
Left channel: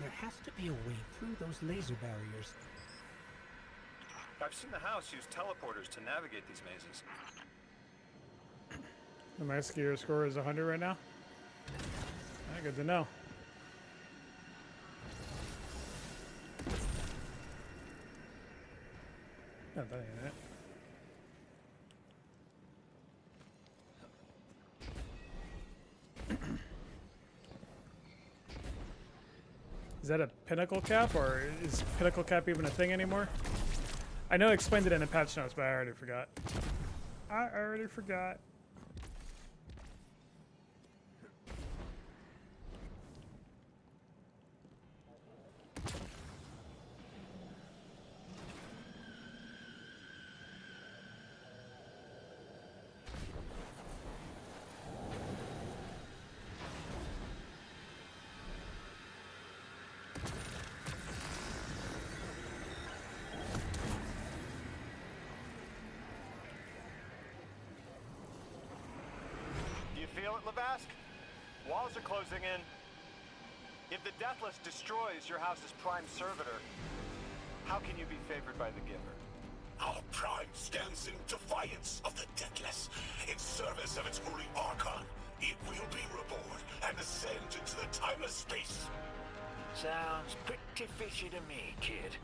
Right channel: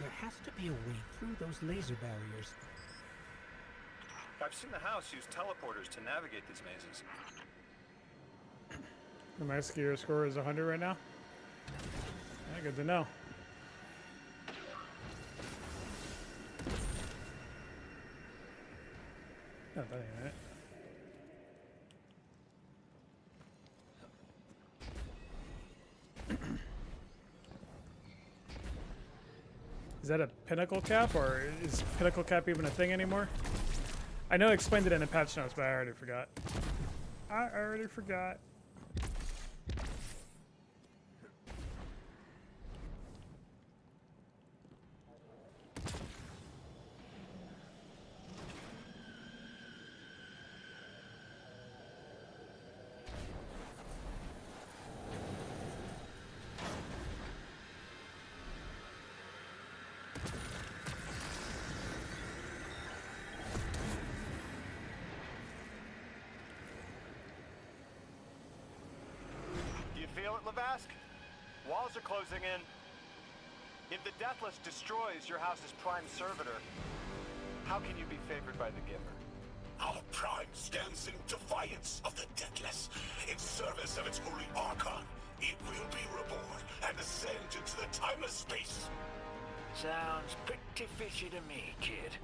There has to be a way through those laser barriers. I've seen the House use teleporters to navigate these mazes. My skier score is 100 right now. Yeah, good to know. No, that ain't it. Is that a pinnacle cap, or is pinnacle cap even a thing anymore? I know I explained it in the patch notes, but I already forgot. Feel it, Lavask? Walls are closing in. If the Deathless destroys your house's prime servitor, how can you be favored by the Giver? Our prime stands in defiance of the Deathless, in service of its holy Archon. It will be reborn and ascend into the timeless space. Sounds pretty fishy to me, kid.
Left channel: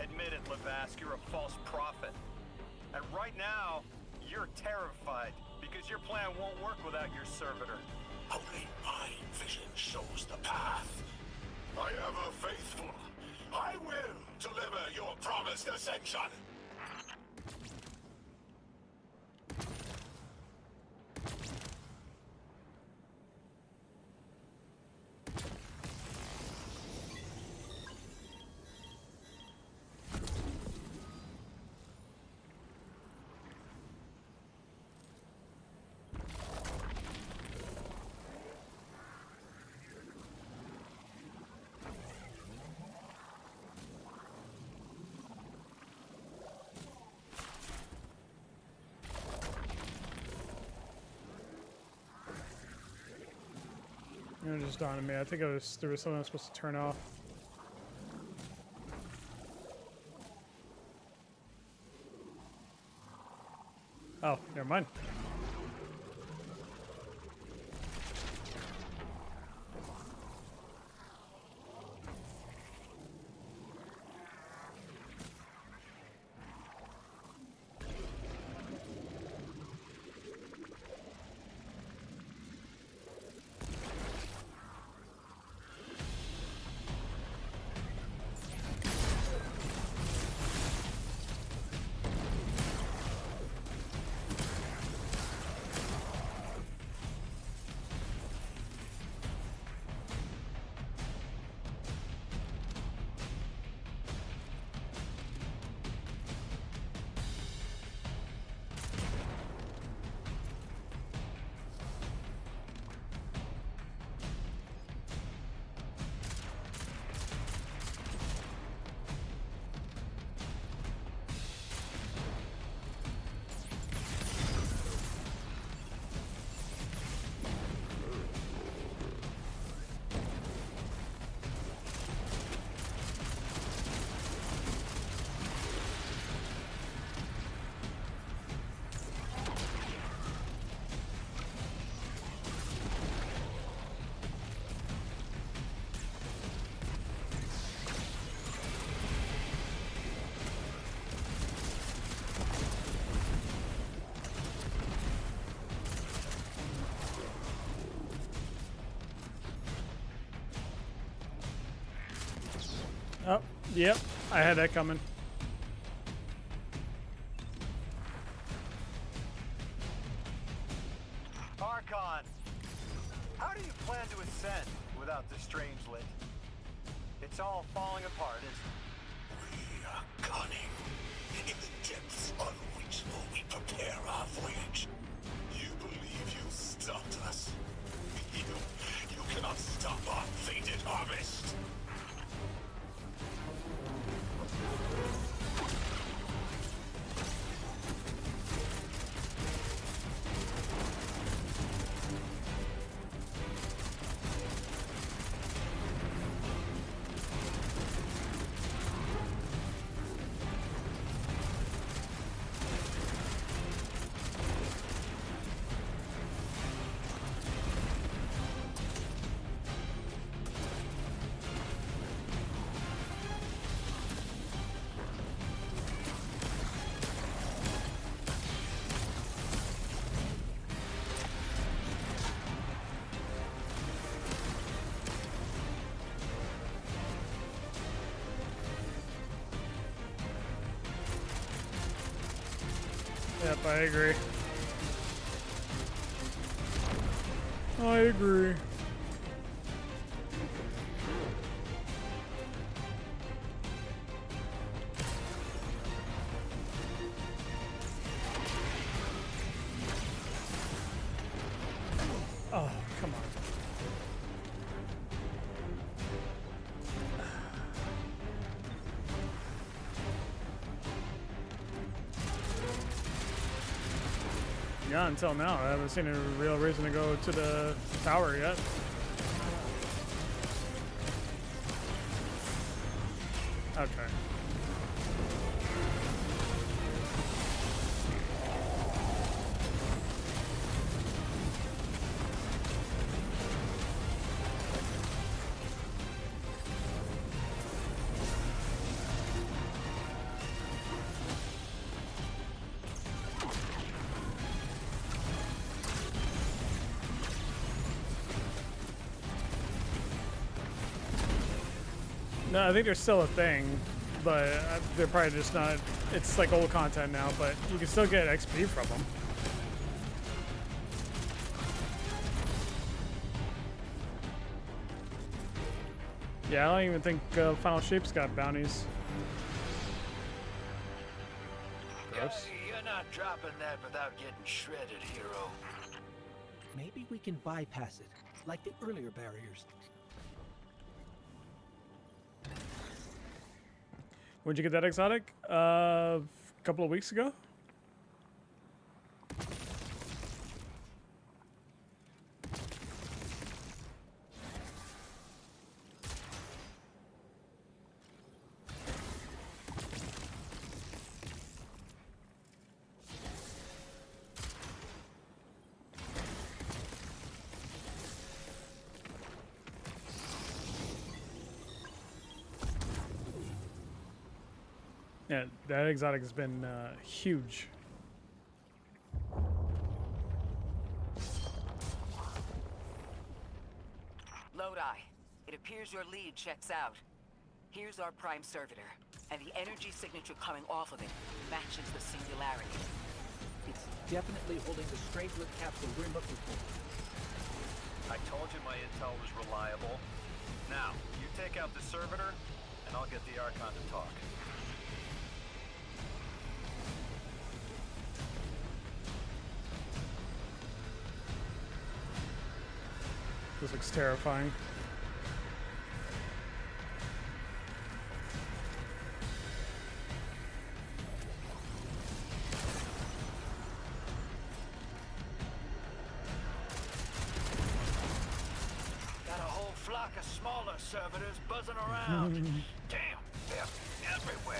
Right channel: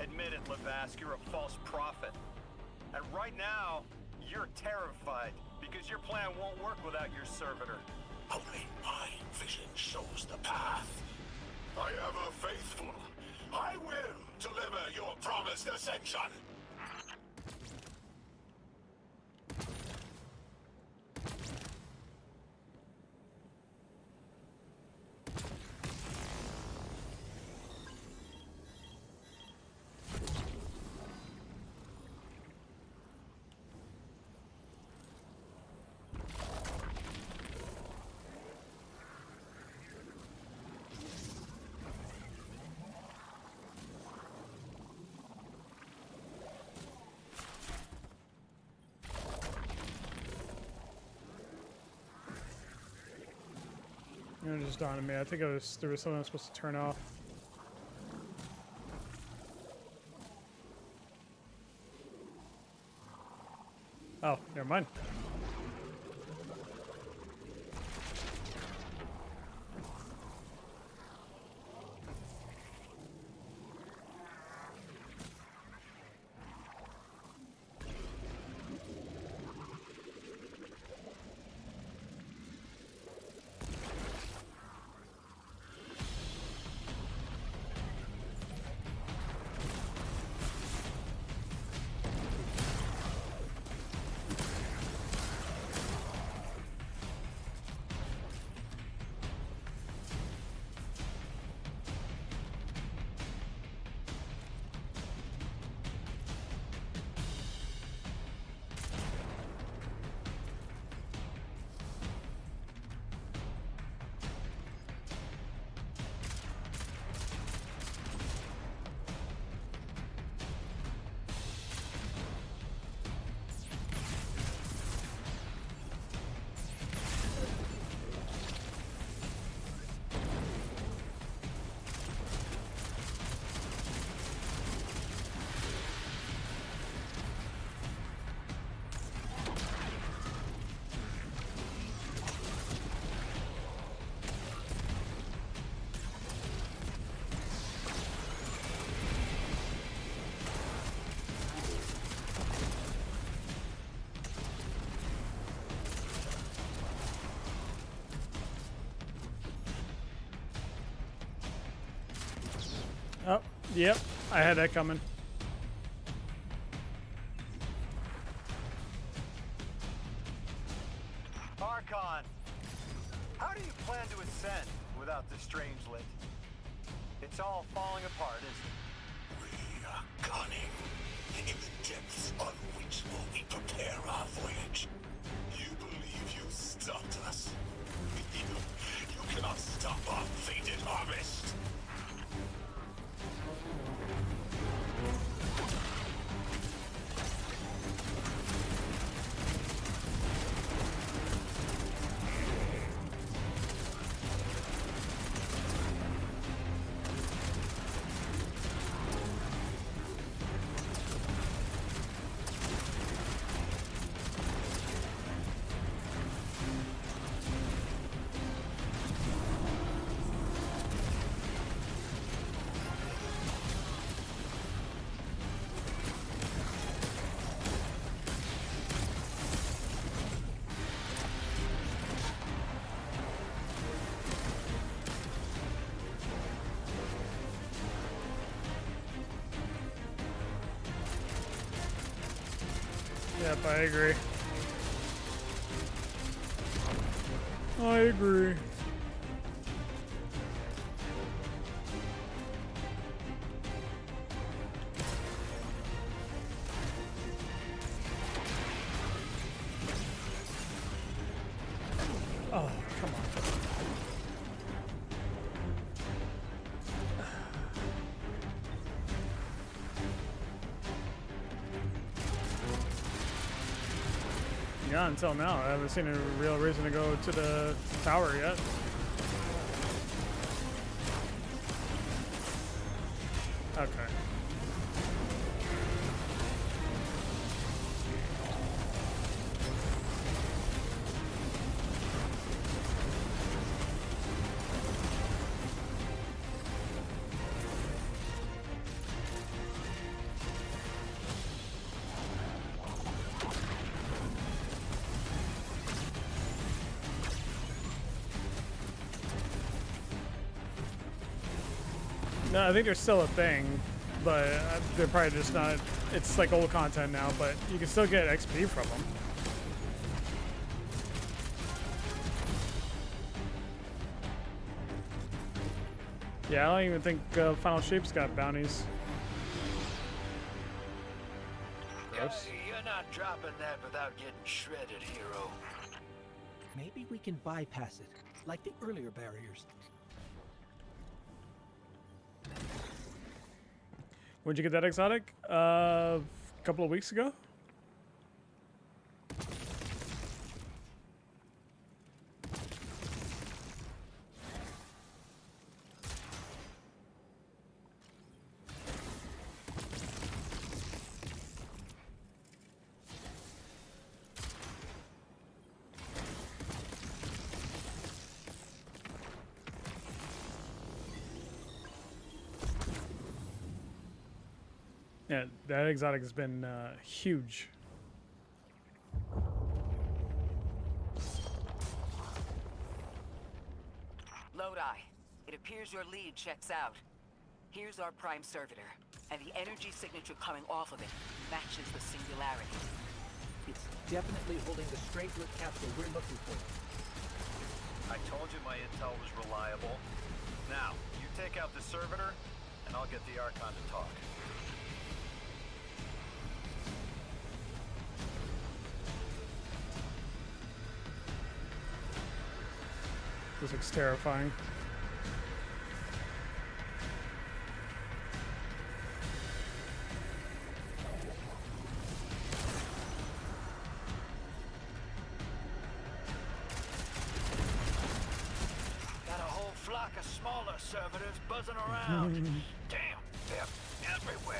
Admit it, Lavask, you're a false prophet. And right now, you're terrified. Because your plan won't work without your servitor. Only my vision shows the path. I am a faithful. I will deliver your promised ascension. It just dawned on me. I think there was something I was supposed to turn off. Oh, never mind. Oh, yep. I had that coming. Archon, how do you plan to ascend without the Strangelet? It's all falling apart, isn't it? We are cunning. In the depths unreachable, we prepare our voyage. You believe you stopped us? You cannot stop our fated harvest. Yep, I agree. I agree. Oh, come on. Yeah, until now, I haven't seen a real reason to go to the tower yet. Okay. No, I think there's still a thing, but they're probably just not. It's like old content now, but you can still get XP from them. Yeah, I don't even think Final Shape's got bounties. Gross. You're not dropping that without getting shredded, hero. Maybe we can bypass it, like the earlier barriers. When'd you get that exotic? A couple of weeks ago? Yeah, that exotic has been huge. Lodi, it appears your lead checks out. Here's our prime servitor, and the energy signature coming off of it matches the singularity. It's definitely holding the strange-lit capsule we're looking for. I told you my intel was reliable. Now, you take out the servitor, and I'll get the Archon to talk. This looks terrifying. Got a whole flock of smaller servitors buzzing around. Damn, they're everywhere.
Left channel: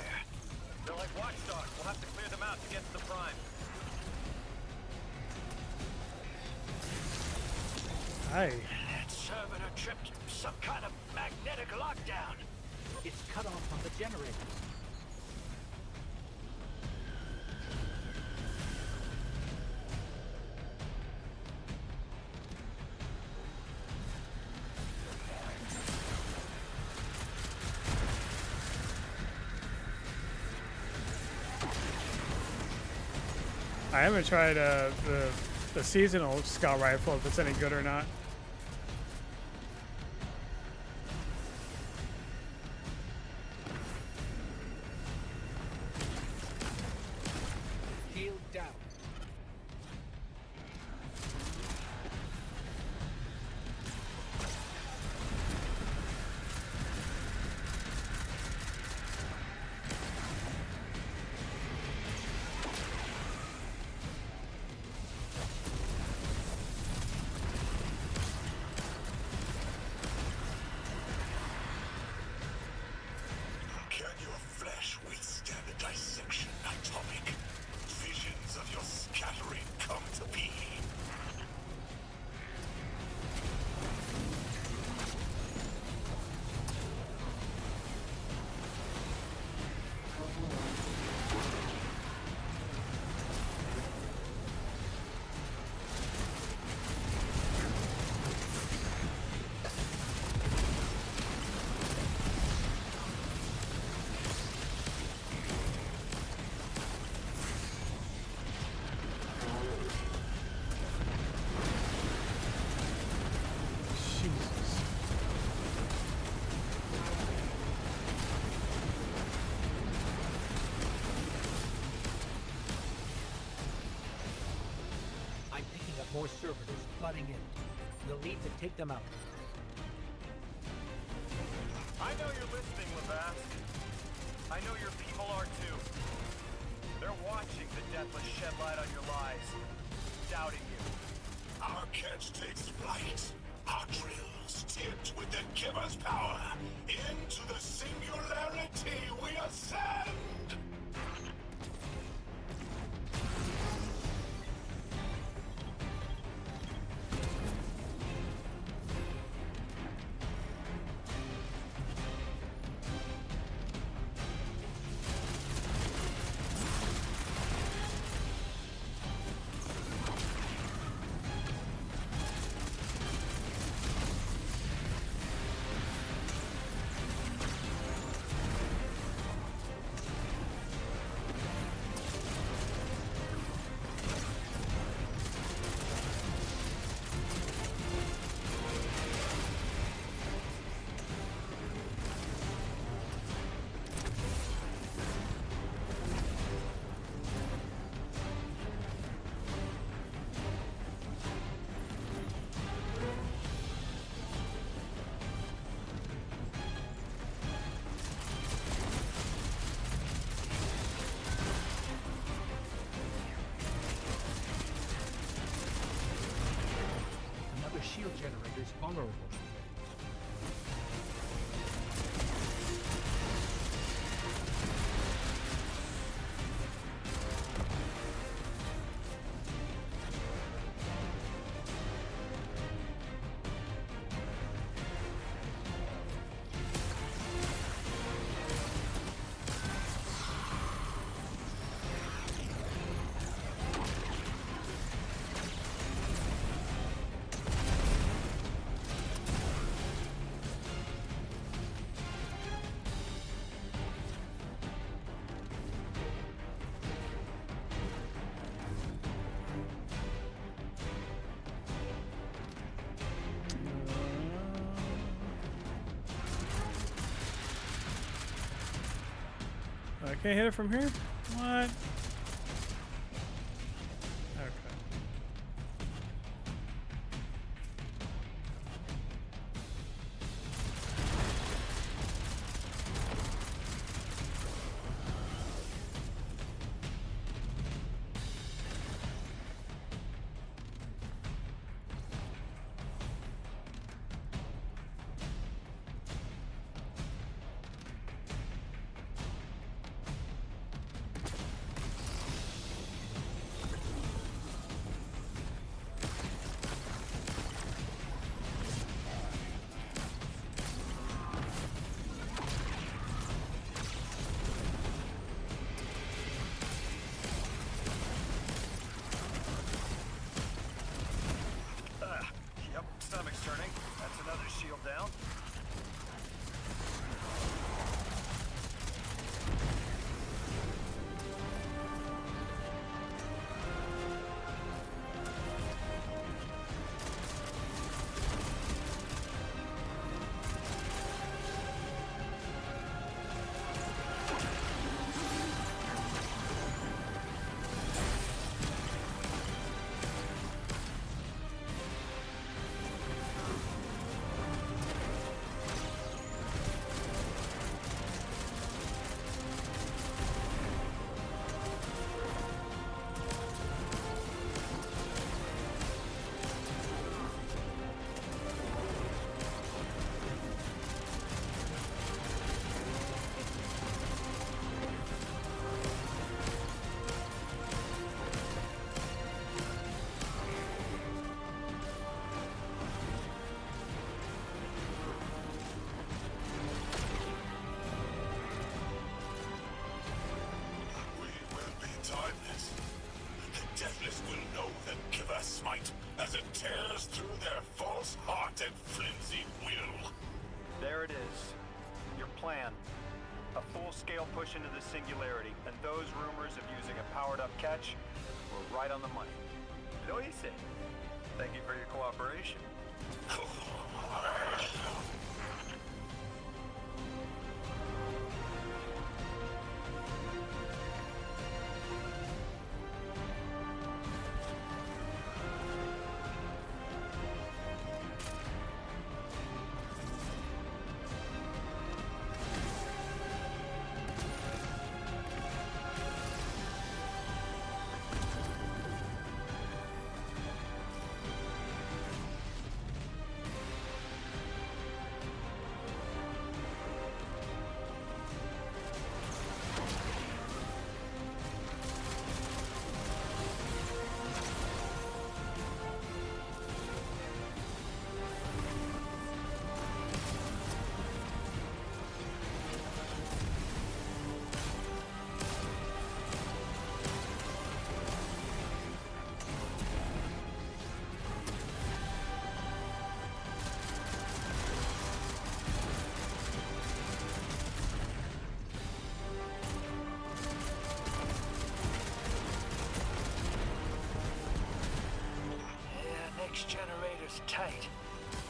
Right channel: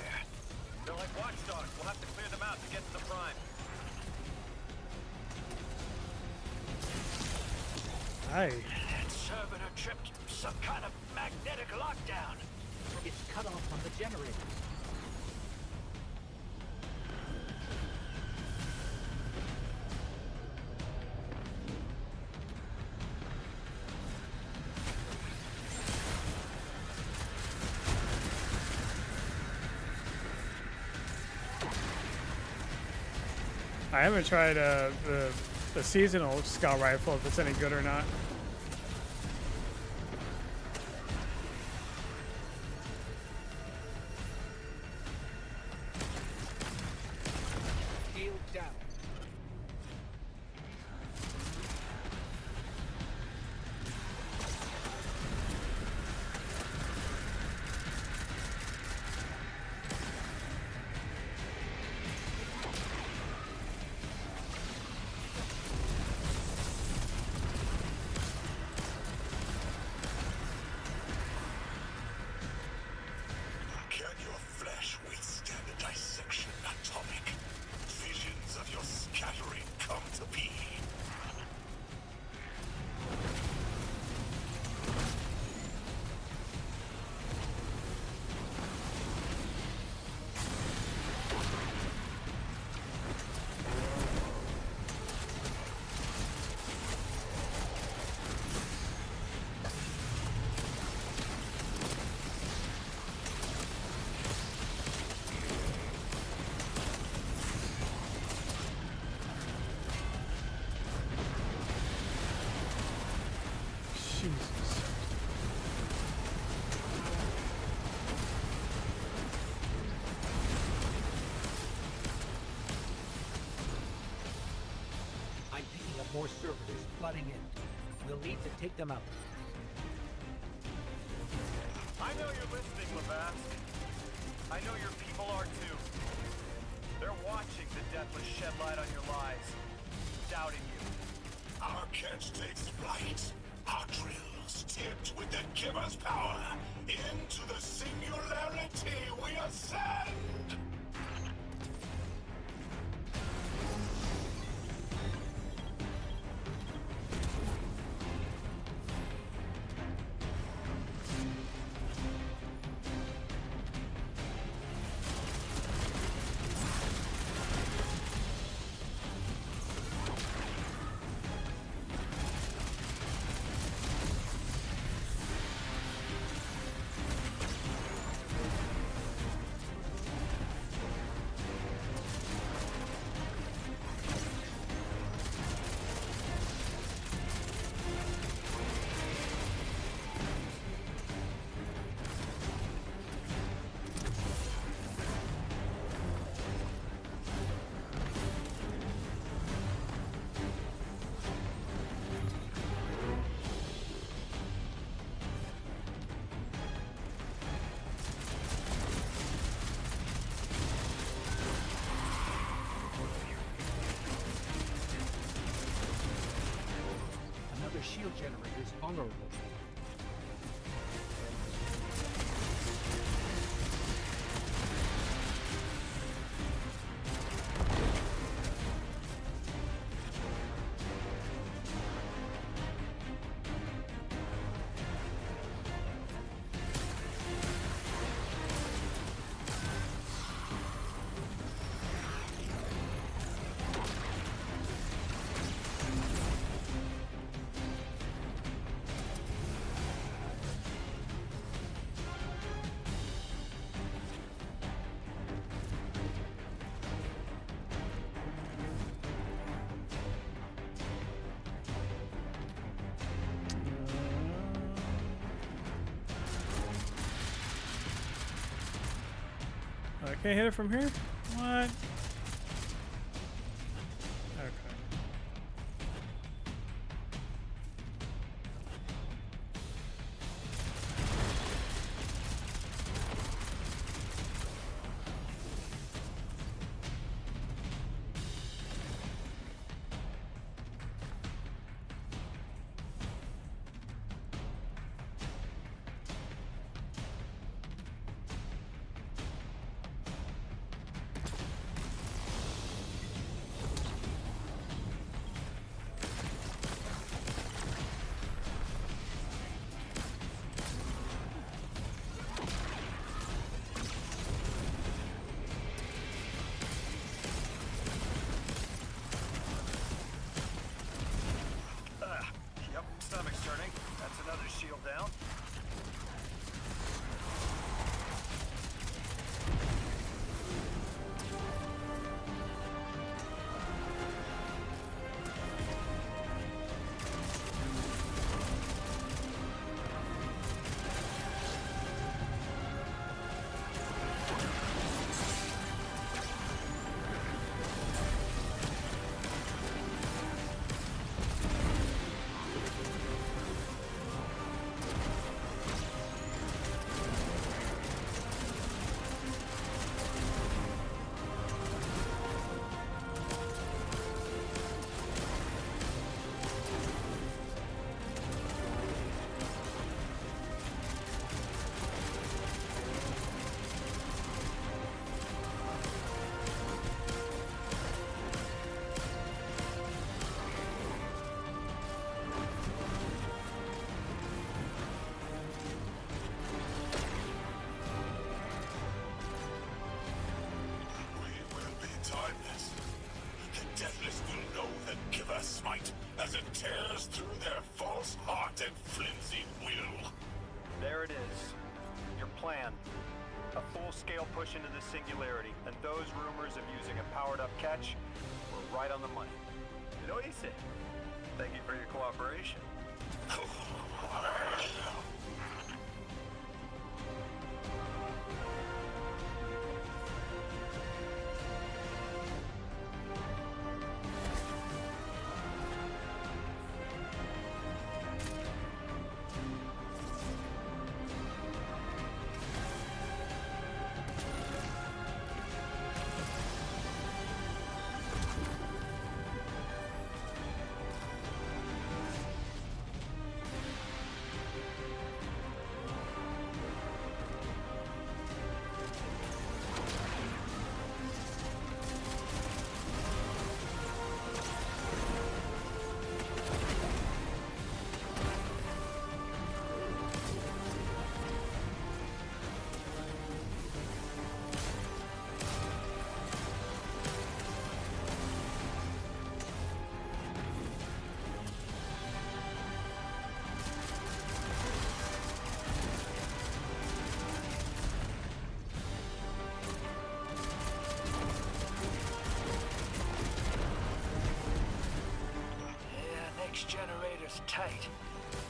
They're like watchdogs. We'll have to clear them out to get to the Prime. Hi. That servitor tripped some kind of magnetic lockdown. It's cut off from the generators. I haven't tried the seasonal scout rifle, if it's any good or not. Shield down. Jesus. I'm picking up more servitors flooding in. We'll need to take them out. I know you're listening, Lavask. I know your people are too. They're watching the Deathless shed light on your lies, doubting you. Our catch takes flight. Our drills tipped with the Giver's power. Into the singularity we ascend! Another shield generator's vulnerable. I can't hit it from here? What? Okay. Yep, stomach's turning. That's another shield down. Timeless. The Deathless will know the Giver smite as it tears through their false heart and flimsy will. There it is. Your plan. A full-scale push into the singularity, and those rumors of using a powered-up catch were right on the money. Lo hice. Thank you for your cooperation. Oh, physics generator's tight.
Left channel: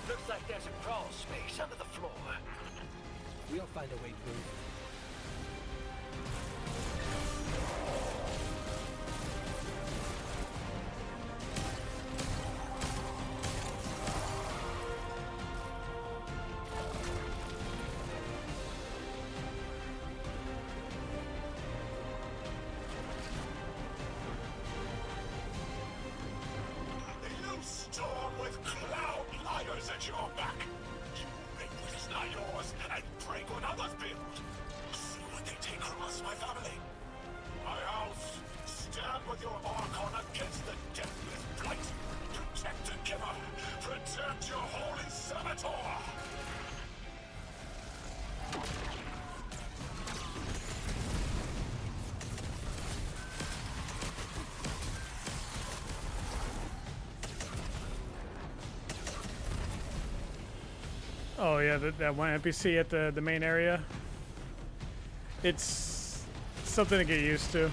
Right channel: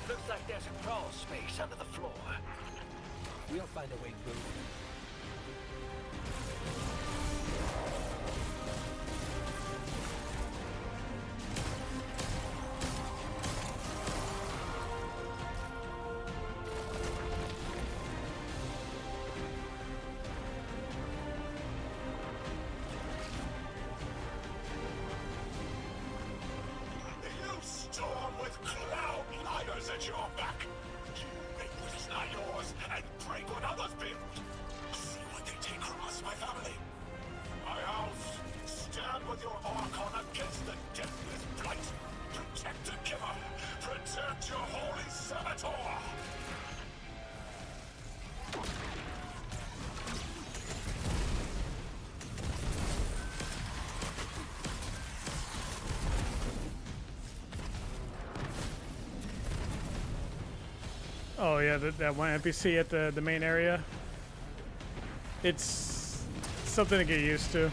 Looks like there's a crawl space under the floor. We'll find a way through. You storm with cloud liars at your back. You make what is not yours and break what others build. See what they take from us, my family. My house, stand with your Archon against the deathless blight. Protect the giver. Protect your holy servitor. Oh yeah, that one NPC at the main area. It's something to get used to.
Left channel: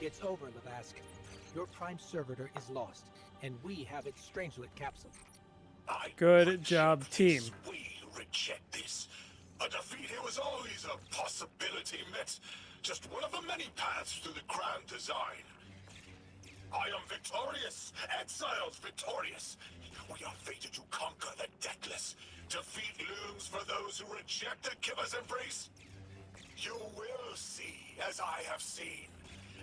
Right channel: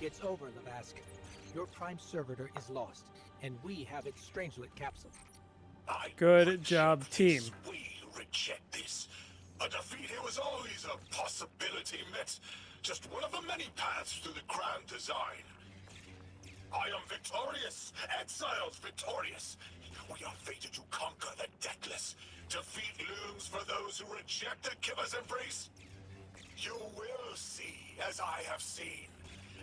It's over, Lavask. Your prime servitor is lost, and we have its Strangelet capsule. Good job, team. We reject this. A defeat here was always a possibility, met. Just one of the many paths to the grand design. I am victorious. Exiles victorious. We are fated to conquer the deathless. Defeat looms for those who reject the giver's embrace. You will see, as I have seen.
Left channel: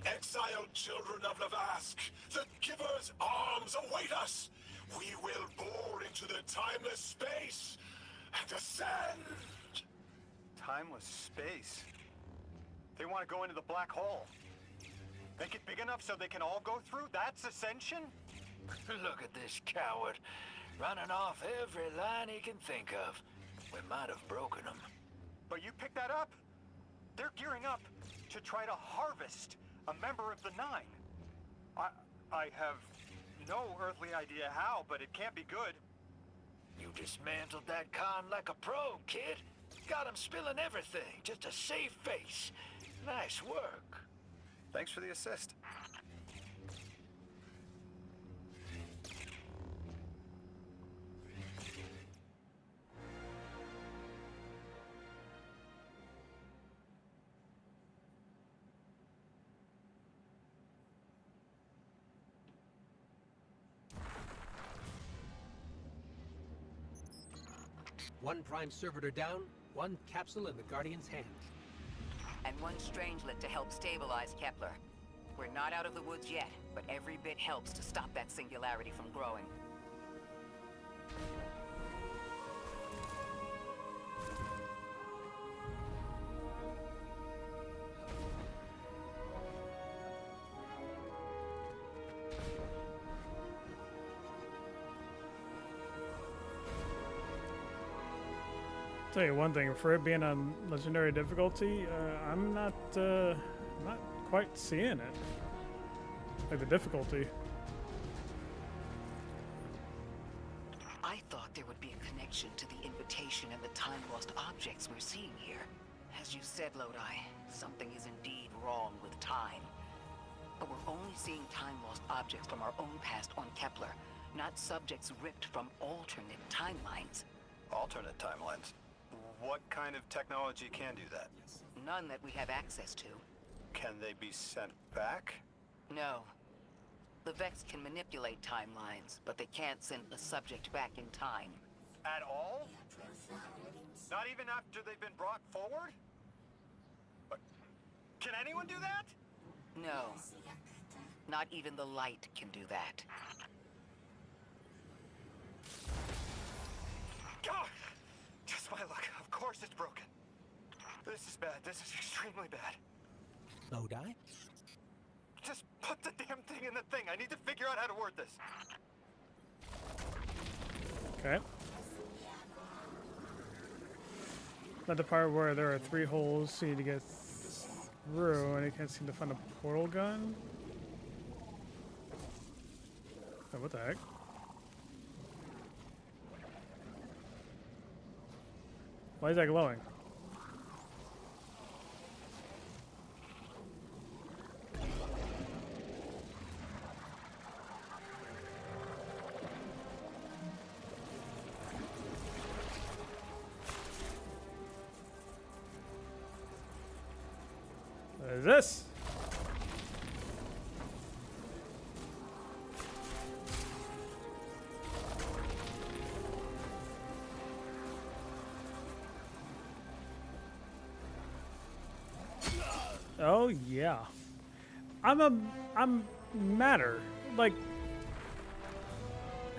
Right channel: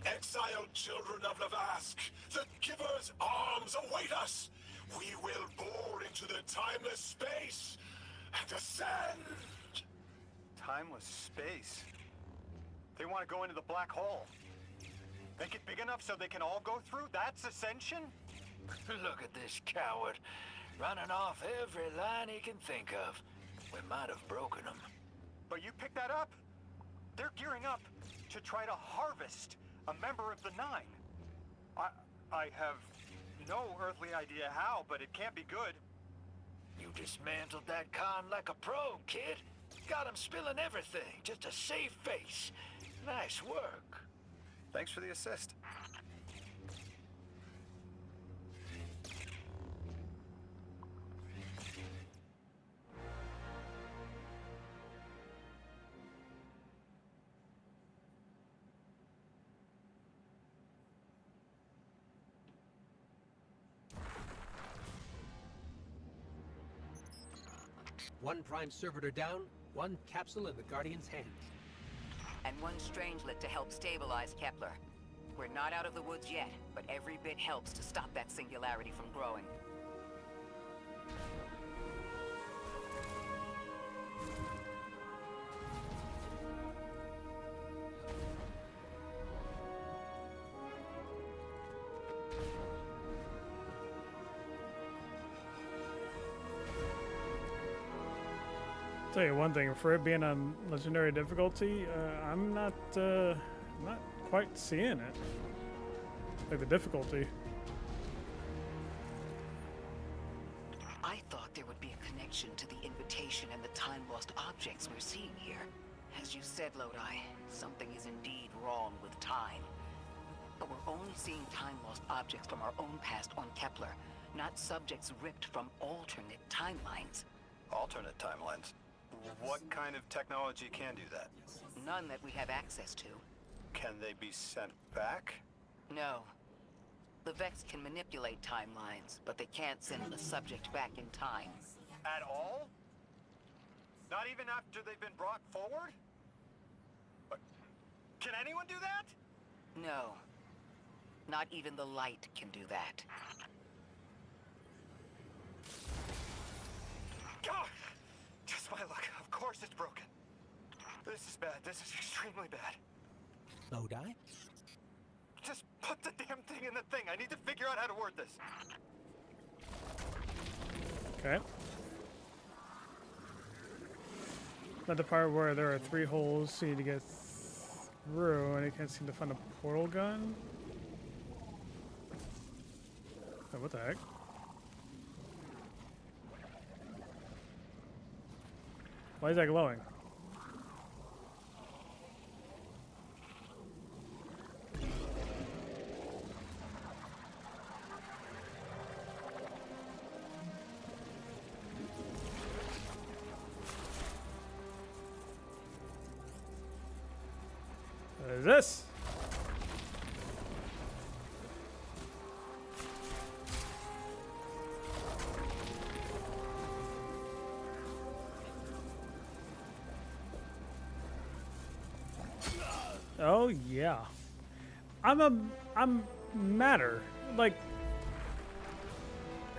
Exiled children of Lavask, the giver's arms await us. We will bore into the timeless space and ascend. Timeless space? They want to go into the black hole. Make it big enough so they can all go through? That's ascension? Look at this coward, running off every line he can think of. We might have broken him. But you picked that up? They're gearing up to try to harvest a member of the Nine. I have no earthly idea how, but it can't be good. You dismantled that con like a pro, kid. Got him spilling everything, just to save face. Nice work. Thanks for the assist. One prime servitor down, one capsule in the Guardian's hand. And one Strangelet to help stabilize Kepler. We're not out of the woods yet, but every bit helps to stop that singularity from growing. Tell you one thing, for it being on legendary difficulty, I'm not quite seeing it. Like the difficulty. I thought there would be a connection to the invitation and the time-lost objects we're seeing here. As you said, Lodi, something is indeed wrong with time. But we're only seeing time-lost objects from our own past on Kepler, not subjects ripped from alternate timelines. Alternate timelines? What kind of technology can do that? None that we have access to. Can they be sent back? No. The Vex can manipulate timelines, but they can't send a subject back in time. At all? Not even after they've been brought forward? But can anyone do that? No. Not even the light can do that. bad. This is extremely bad. Lodi? Just put the damn thing in the thing. I need to figure out how to word this. Okay. Not the part where there are 3 holes, so you need to get through, and I can't seem to find a portal gun. Oh, what the heck? Why is that glowing? What is this? Oh yeah, I'm matter. Like,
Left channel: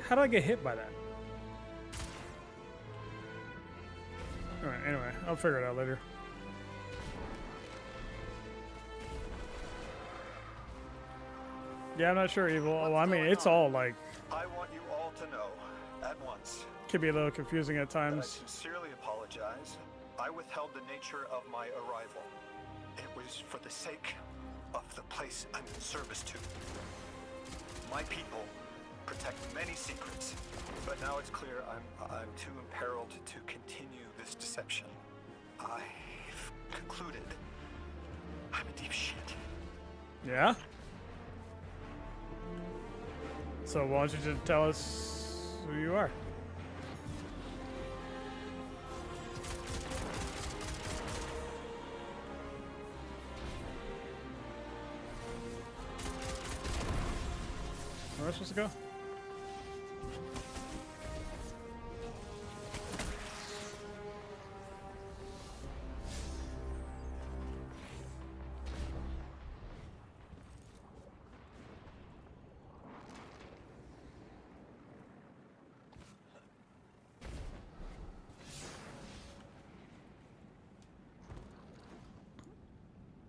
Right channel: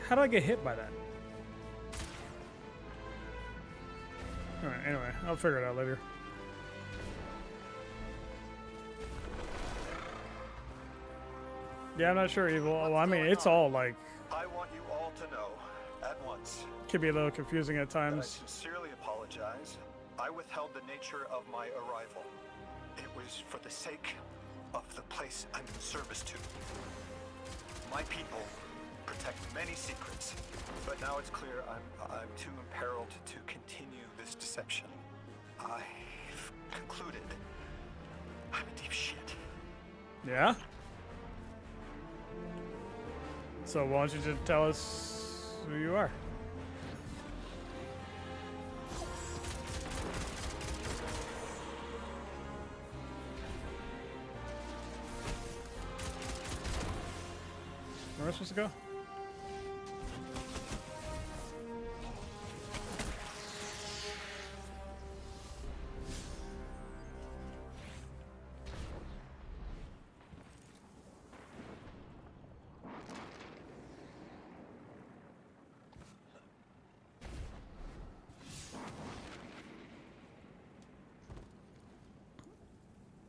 how do I get hit by that? All right. Anyway, I'll figure it out later. Yeah, I'm not sure, Evil. Well, I mean, it's all like. I want you all to know at once. Could be a little confusing at That I times. sincerely apologize. I withheld the nature of my arrival. It was for the sake of the place I'm in service to. My people protect many secrets, but now it's clear I'm too imperiled to continue this deception. I've concluded I'm in deep shit. Yeah. So why don't you just tell us who you are? Where am I supposed to go?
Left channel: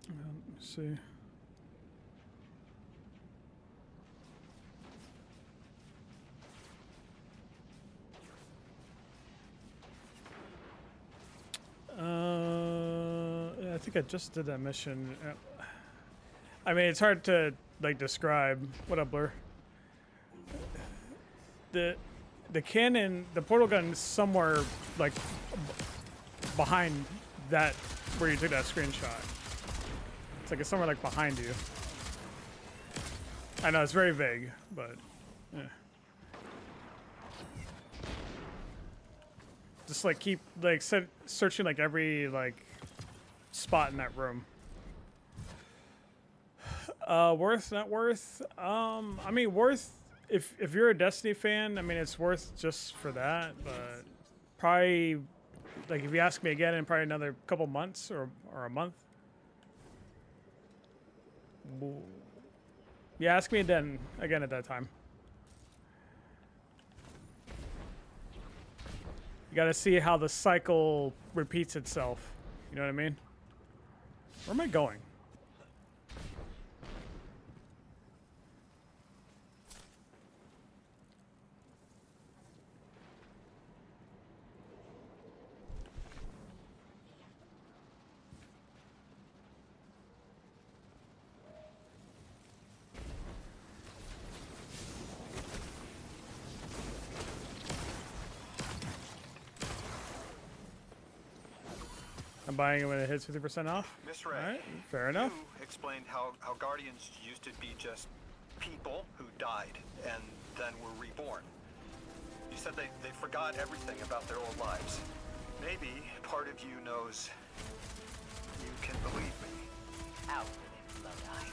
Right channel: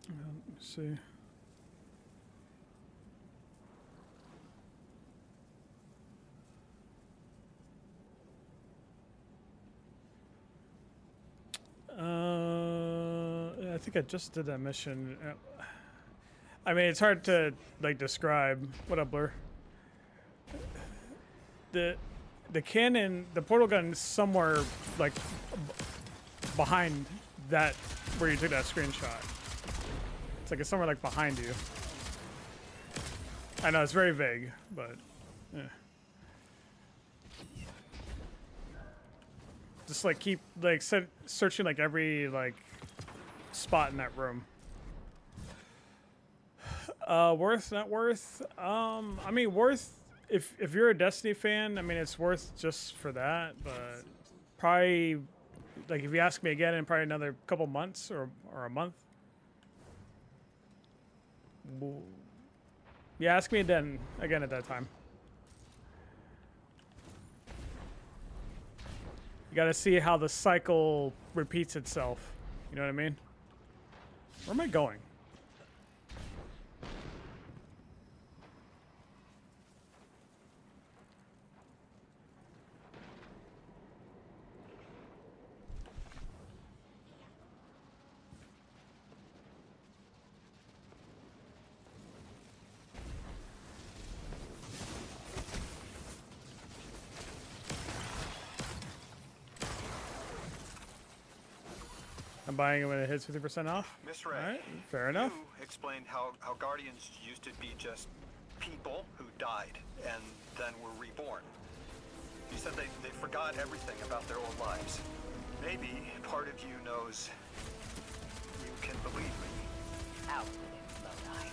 Let me see. I think I just did that mission. I mean, it's hard to like describe. What up, Blur? The cannon, the portal gun is somewhere like behind that where you took that screenshot. It's like it's somewhere like behind you. I know it's very vague, but yeah. Just like keep like searching like every like spot in that room. Worth, not worth. I mean, worth if you're a Destiny fan. I mean, it's worth just for that. But probably like if you ask me again in probably another couple months or a month. Yeah, ask me again at that time. You got to see how the cycle repeats itself. You know what I mean? Where am I going? I'm buying it when it hits 50% off. Miss Ray, all right, fair enough. You explained how Guardians used to be just people who died and then were reborn. You said they forgot everything about their old lives. Maybe part of you knows you can believe me. Out with it, Lodi.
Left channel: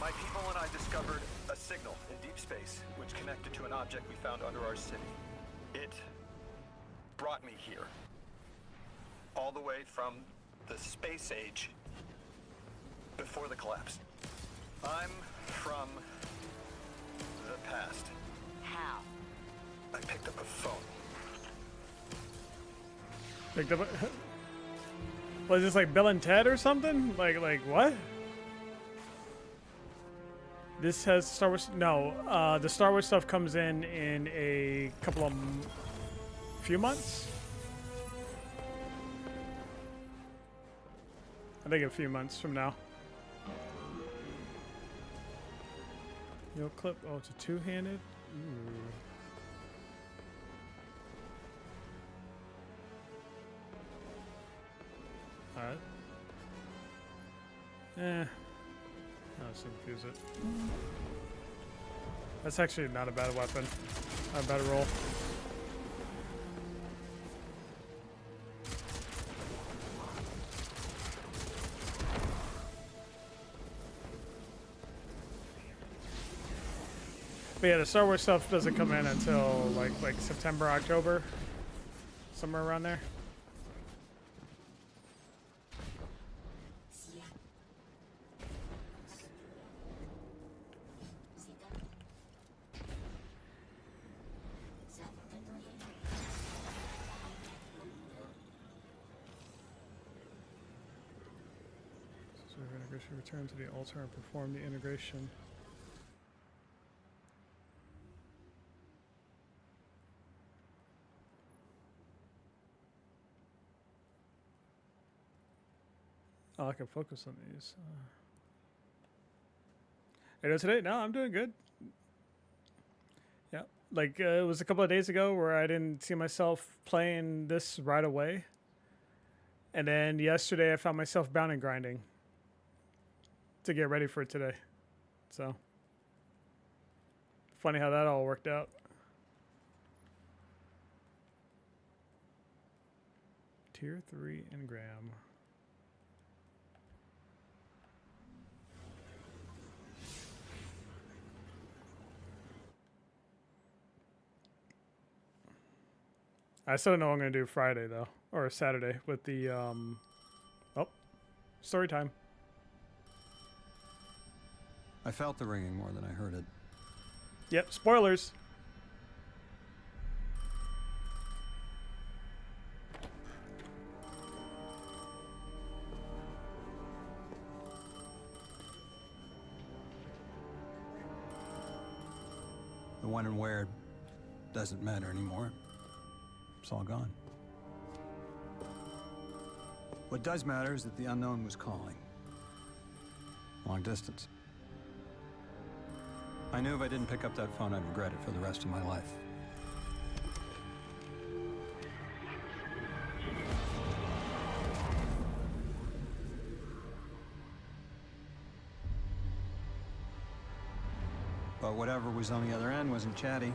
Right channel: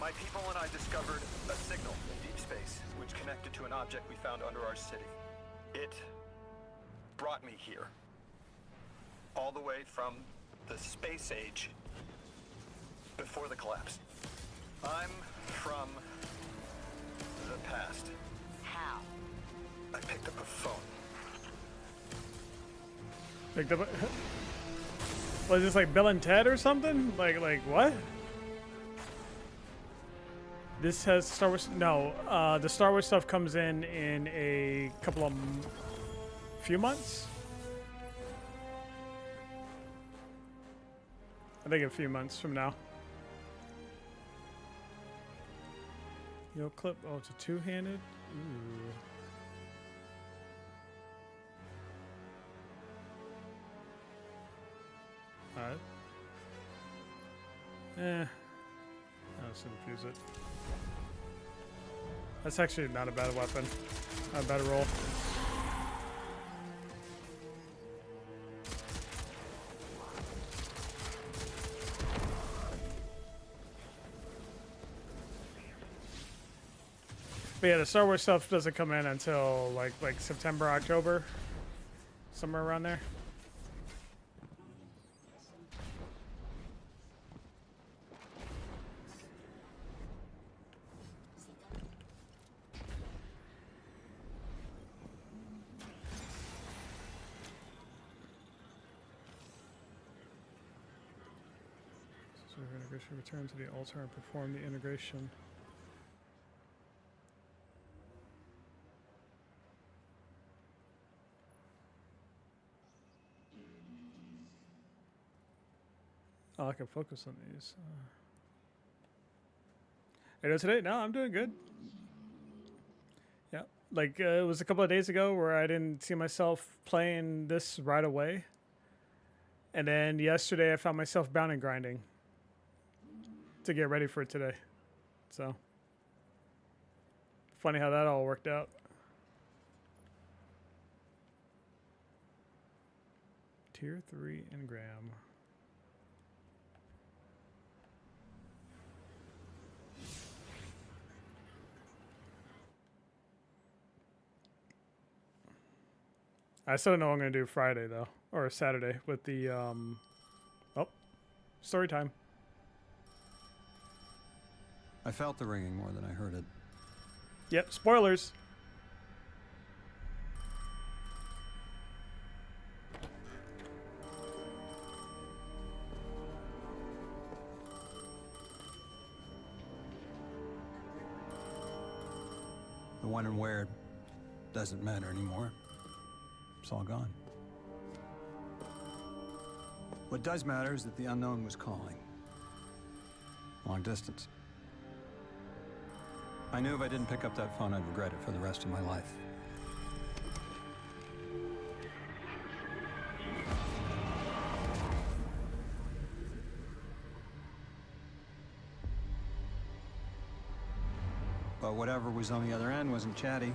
My people and I discovered a signal in deep space which connected to an object we found under our city. It brought me here. All the way from the space age before the collapse. I'm from the past. How? I picked up a phone. Picked up. Was this like Bill and Ted or something? Like what? This has Star Wars. No, the Star Wars stuff comes in a couple of few months. I think a few months from now. Yo, clip. Oh, it's a two-handed. Ooh. Alright. I'll just infuse it. That's actually not a bad weapon. Not a bad roll. But yeah, the Star Wars stuff doesn't come in until like September, October, somewhere around there. So integration, return to the altar and perform the integration. Oh, I can focus on these. You know, today, no, I'm doing good. Yeah, like it was a couple of days ago where I didn't see myself playing this right away. And then yesterday I found myself bound and grinding to get ready for today. So, funny how that all worked out. Tier 3 engram. I still don't know what I'm going to do Friday, though. Or Saturday with the, oh, story time. I felt the ringing more than I heard it. Yep, spoilers. The when and where doesn't matter anymore. It's all gone. What does matter is that the unknown was calling. Long distance. I knew if I didn't pick up that phone, I'd regret it for the rest of my life. But whatever was on the other end wasn't chatty.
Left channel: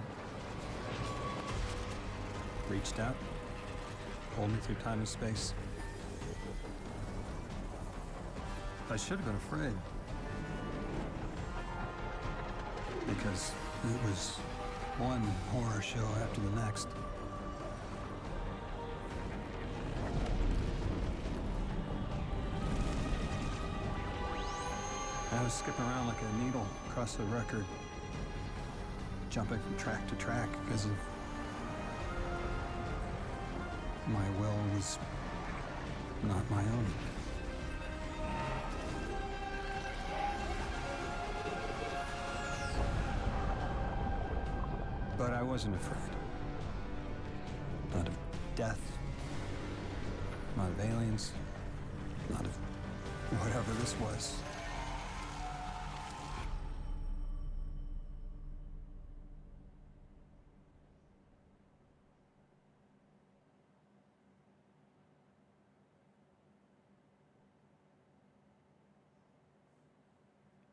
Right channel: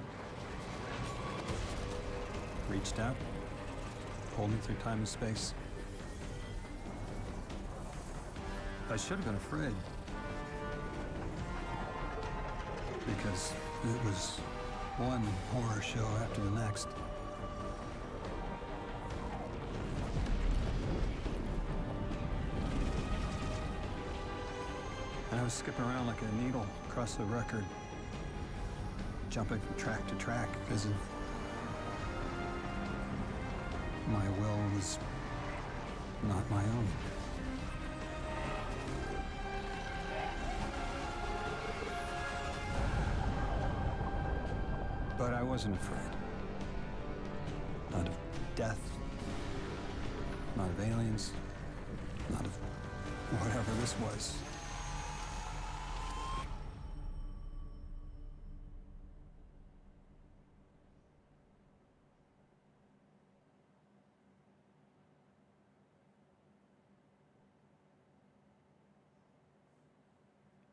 Reached out, pulled me through time and space. I should have been afraid. Because it was one horror show after the next. I was skipping around like a needle across the record, jumping from track to track because of my will was not my own. But I wasn't afraid. Not of death, not of aliens, not of whatever this was.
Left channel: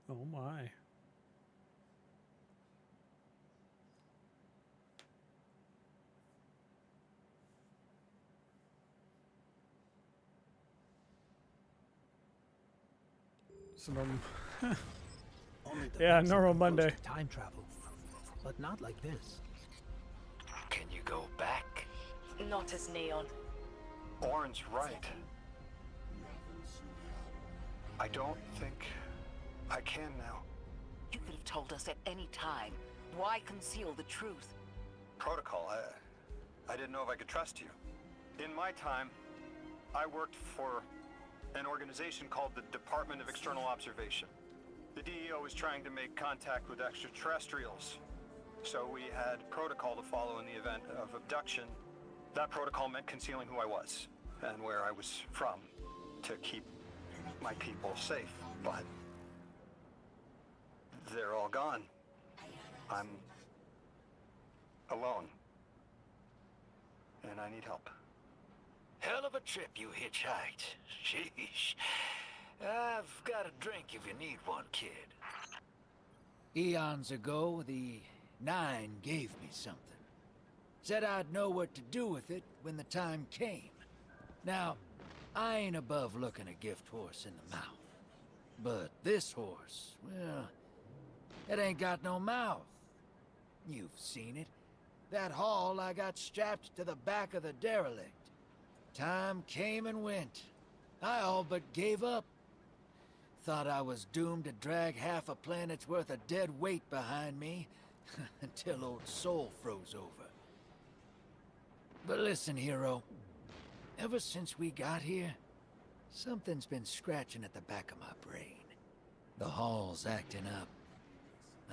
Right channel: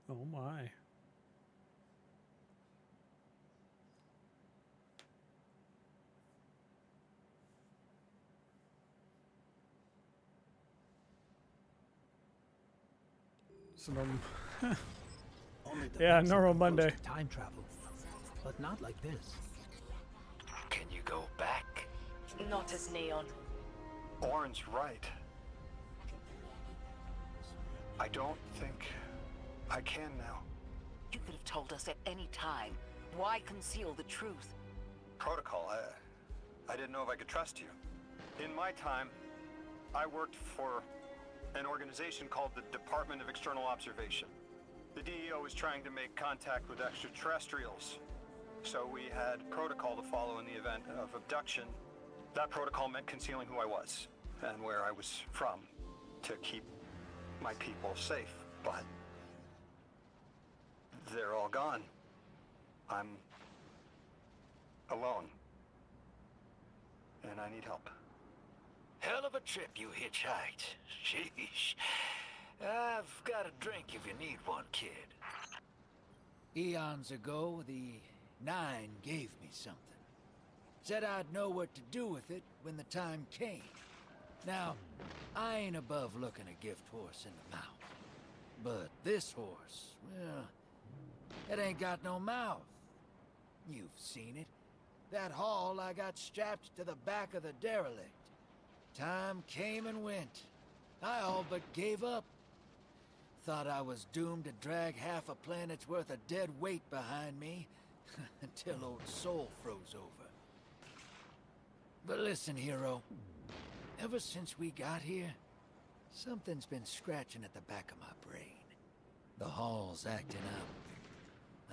Oh my. So yeah, normal Monday. Time travel, but not like this. Can you go back? Not as Neon. Orin's right. I don't think I can now. You could have told us at any time. Why conceal the truth? Protocol, I didn't know if I could trust you. In my time, I worked for an organization called the Department of External Observation. The DEO was trying to make contact with extraterrestrials, so we had protocol to follow in the event of abduction. That protocol meant concealing who I was and where I was from to keep my people safe, but they're all gone. I'm alone, and I need help. Hell of a trip you hitchhiked. Sheesh. I've got a drink if you need one, kid. Eons ago, the Nine gave me something. Said I'd know what to do with it when the time came. Now, I ain't above looking a gift horse in the mouth. But this horse, well, it ain't got no mouth. You've seen it. That haul I got strapped to the back of the derelict. Time came and went. I all but gave up. Thought I was doomed to drag half a planet's worth of dead weight behind me until old Soul froze over. But listen, hero. Ever since we got here, something's been scratching at the back of my brain. The hall's acting up.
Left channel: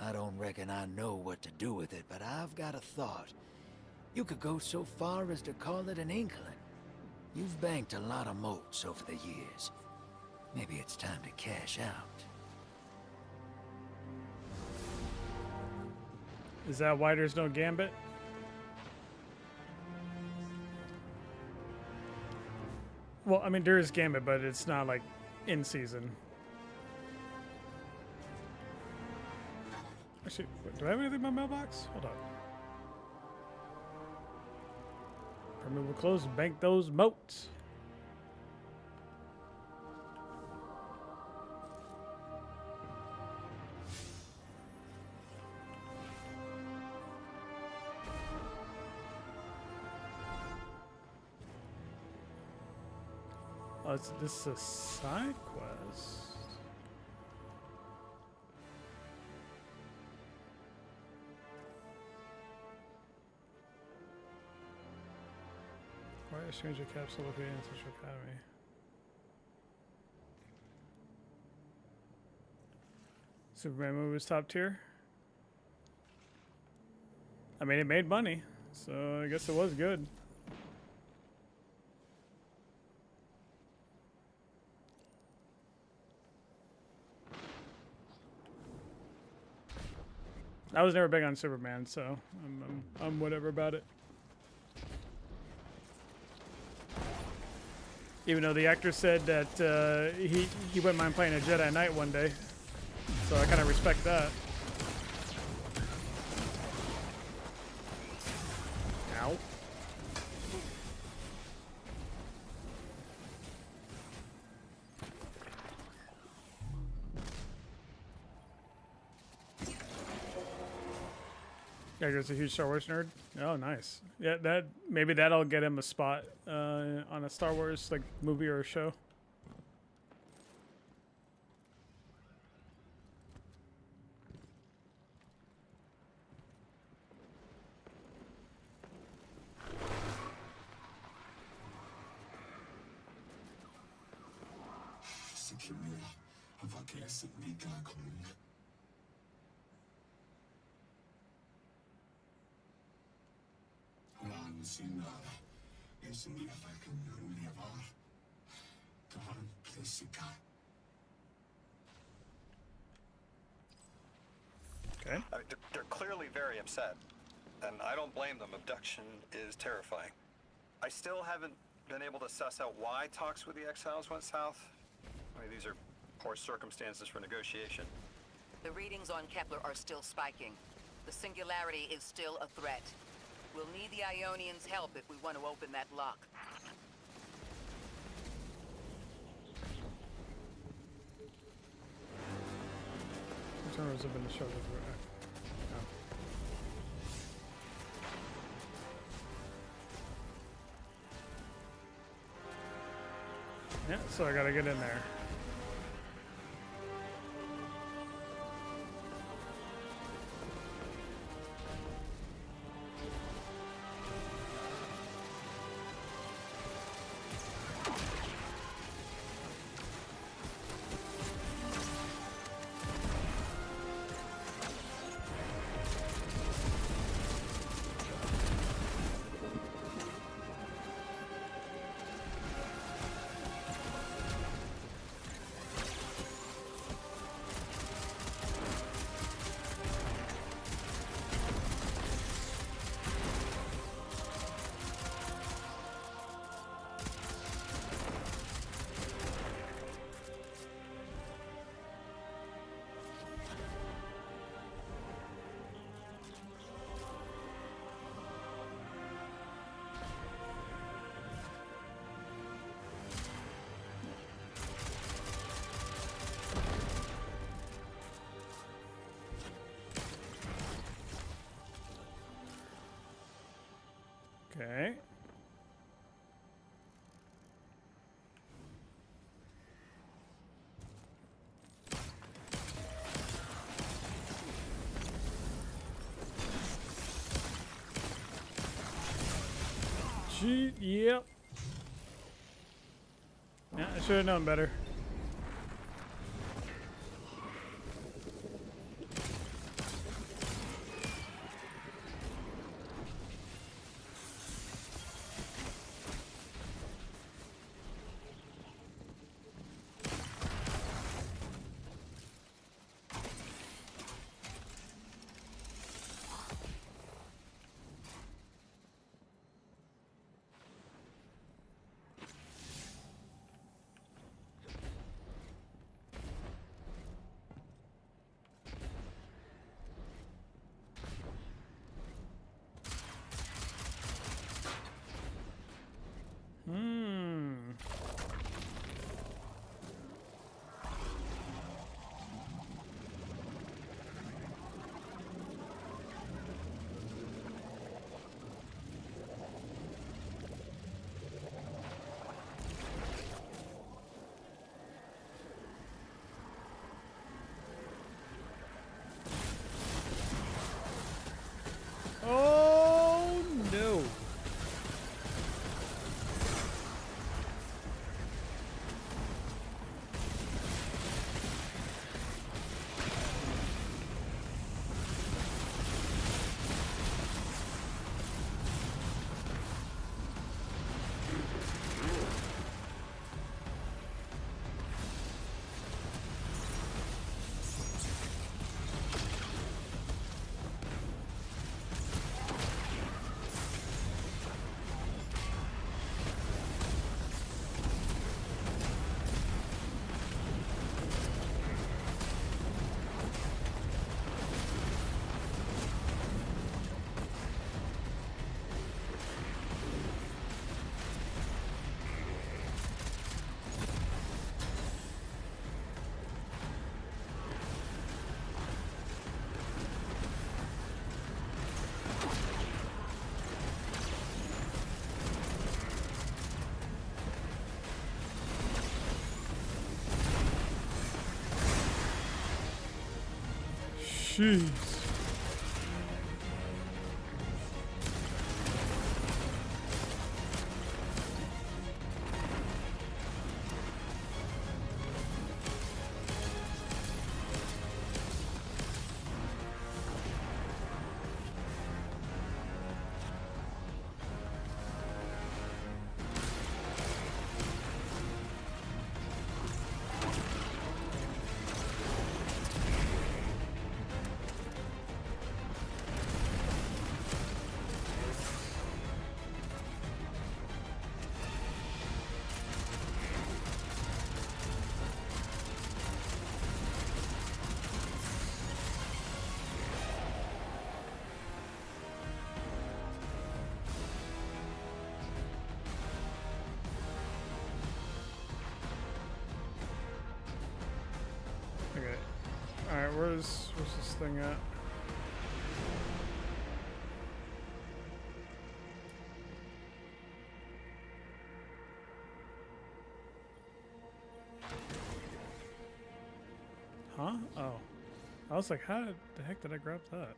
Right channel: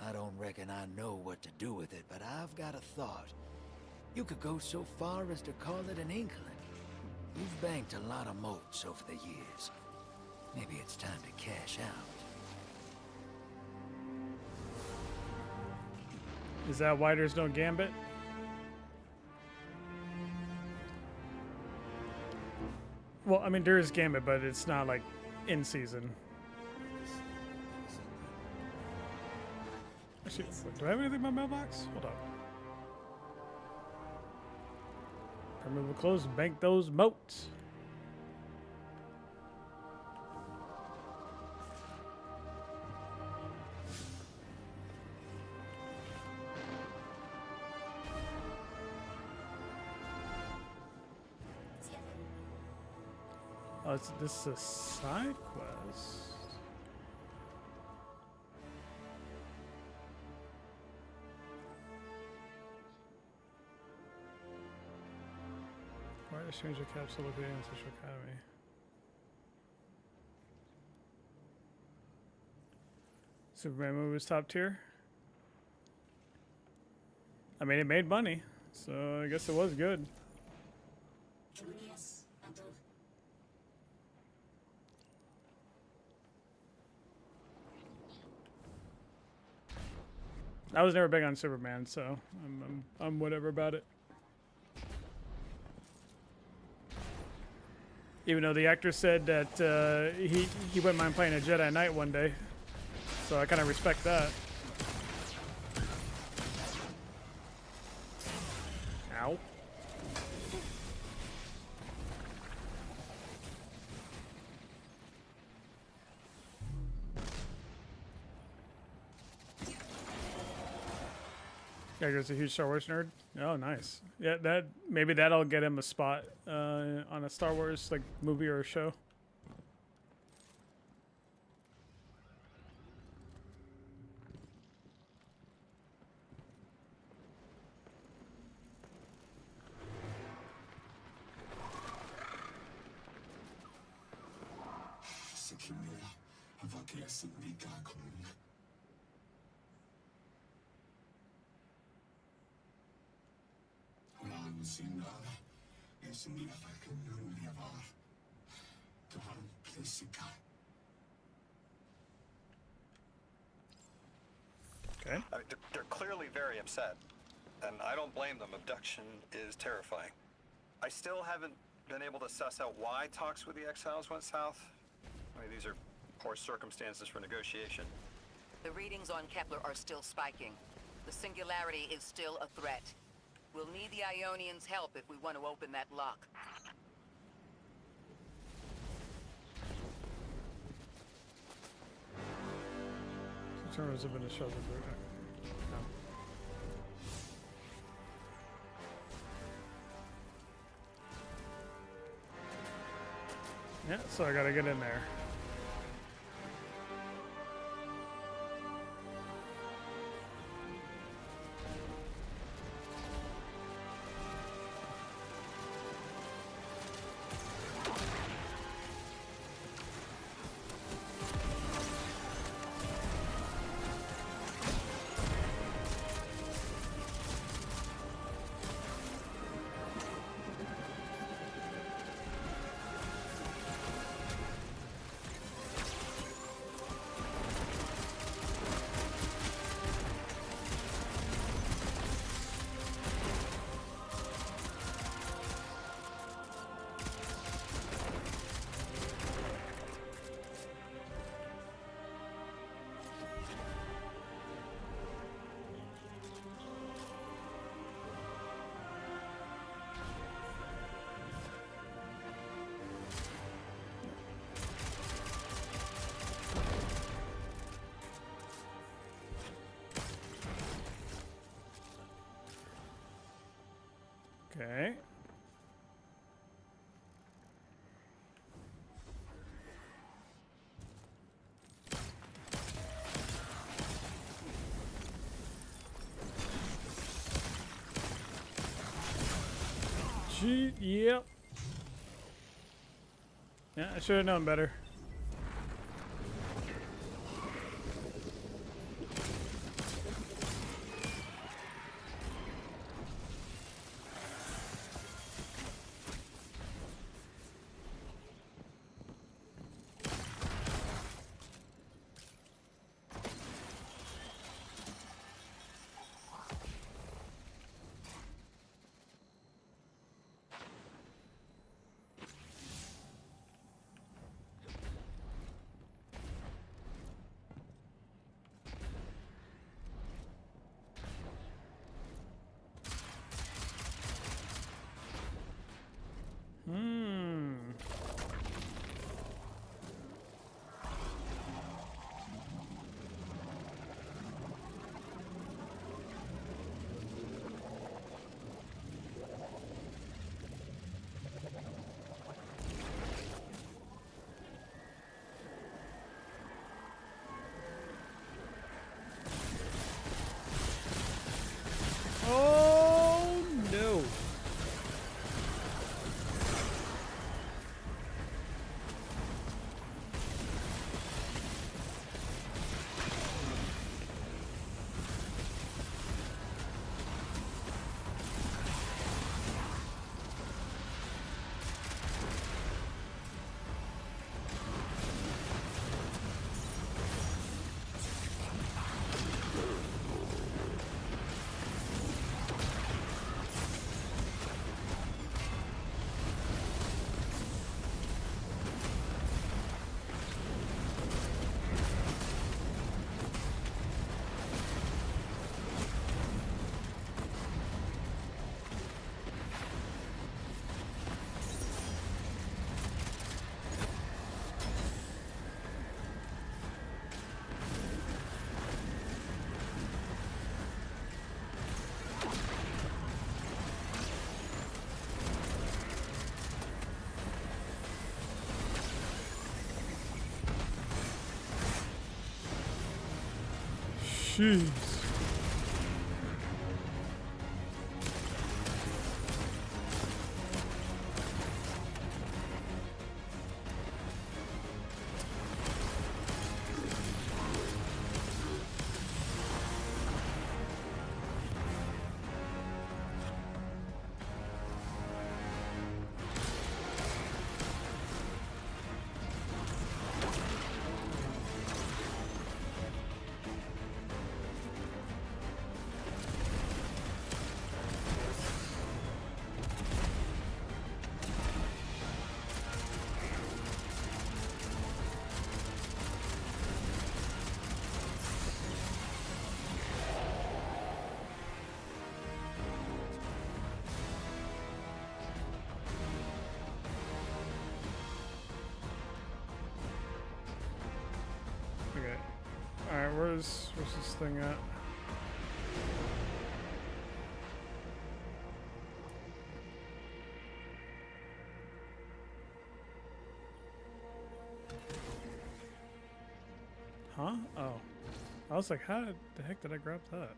I don't reckon I know what to do with it, but I've got a thought. You could go so far as to call it an inkling. You've banked a lot of motes over the years. Maybe it's time to cash out. Is that why there's no Gambit? Well, I mean, there is Gambit, but it's not like in season. Actually, wait, do I have anything in my mailbox? Hold up. Permeable clothes, bank those moats. Oh, this is a side quest. Why a stranger capsule located in Central Academy? Superman movie was top tier. I mean, it made money, so I guess it was good. I was never big on Superman, so I'm whatever about it. Even though the actor said that he wouldn't mind playing a Jedi Knight one day, so I kind of respect that. Ow. Geiger's a huge Star Wars nerd. Oh, nice. Yeah, maybe that'll get him a spot on a Star Wars like movie or a show. Okay. They're clearly very upset, and I don't blame them. Abduction is terrifying. I still haven't been able to suss out why talks with the Exiles went south. I mean, these are poor circumstances for negotiation. The readings on Kepler are still spiking. The Singularity is still a threat. We'll need the Ionians' help if we want to open that lock. Terminals have been to show the route. No. Yeah, so I gotta get in there. Okay. Gee, yep. Yeah, I should have known better. Oh no. Jeez. Okay. Alright, where's this thing at? Huh? Oh. I was like, how the heck did I grab that?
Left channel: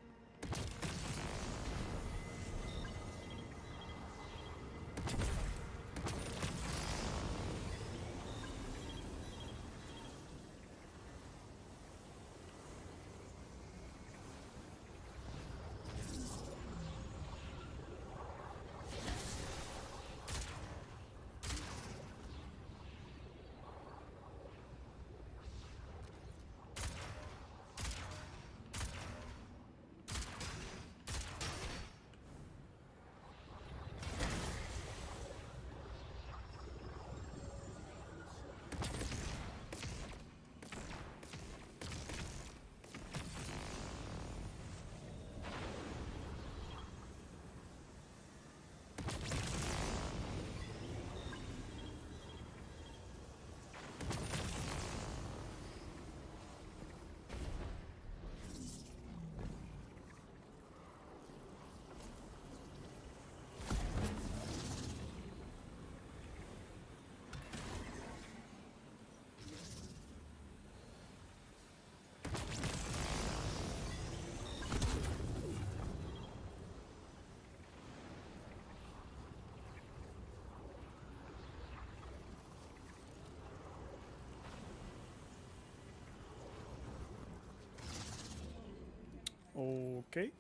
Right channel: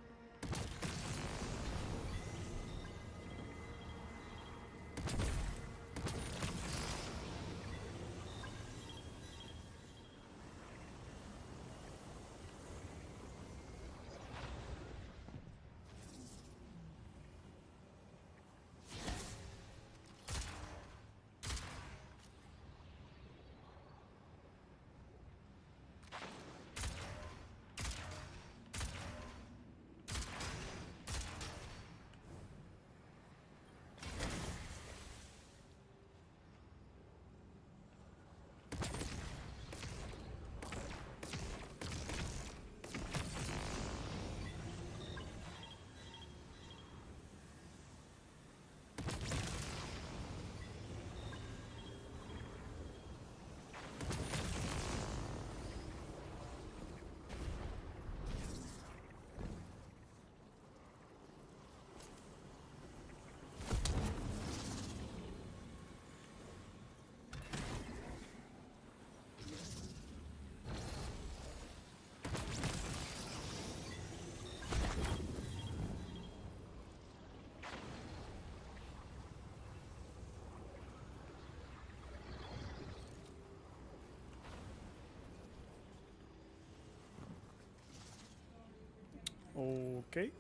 Okay.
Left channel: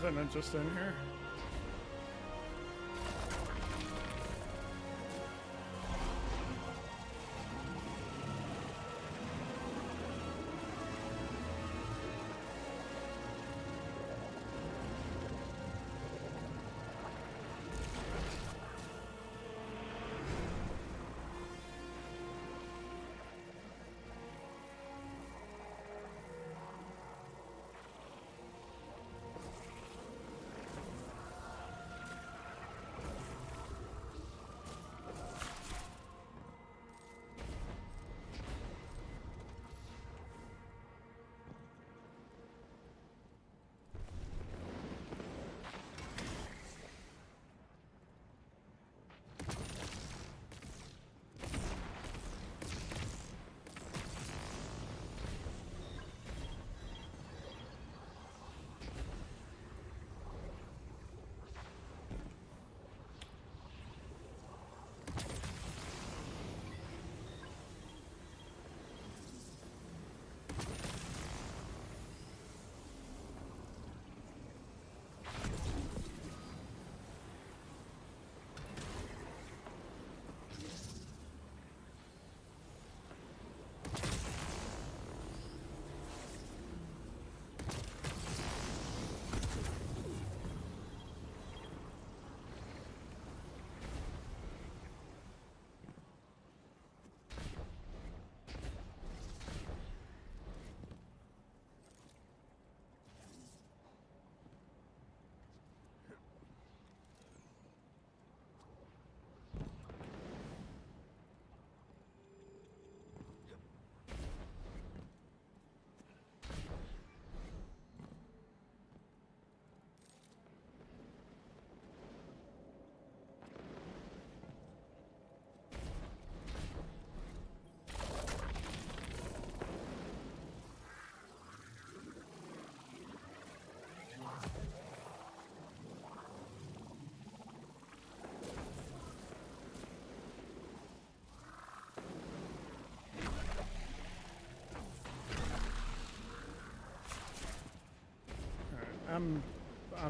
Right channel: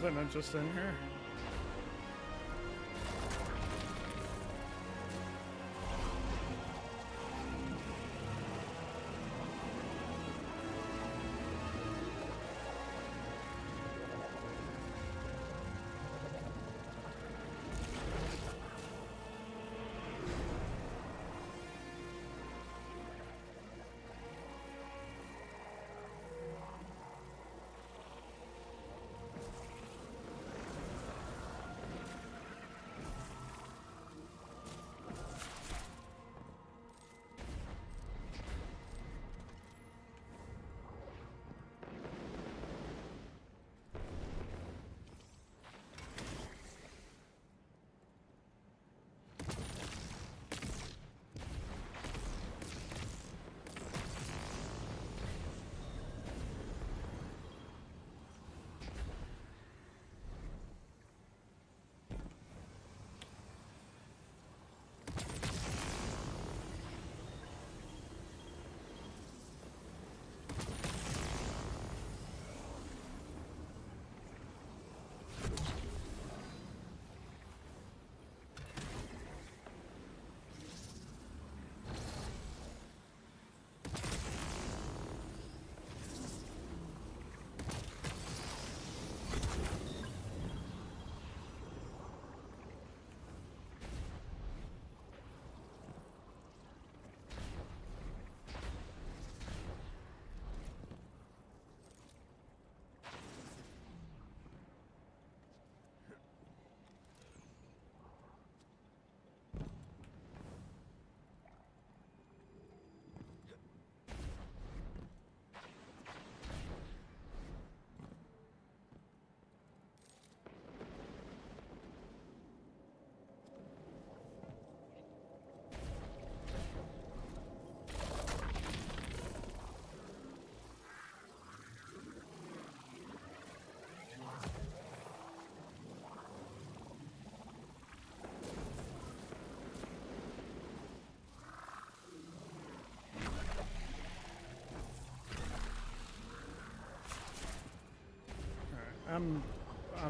Was I not just in here?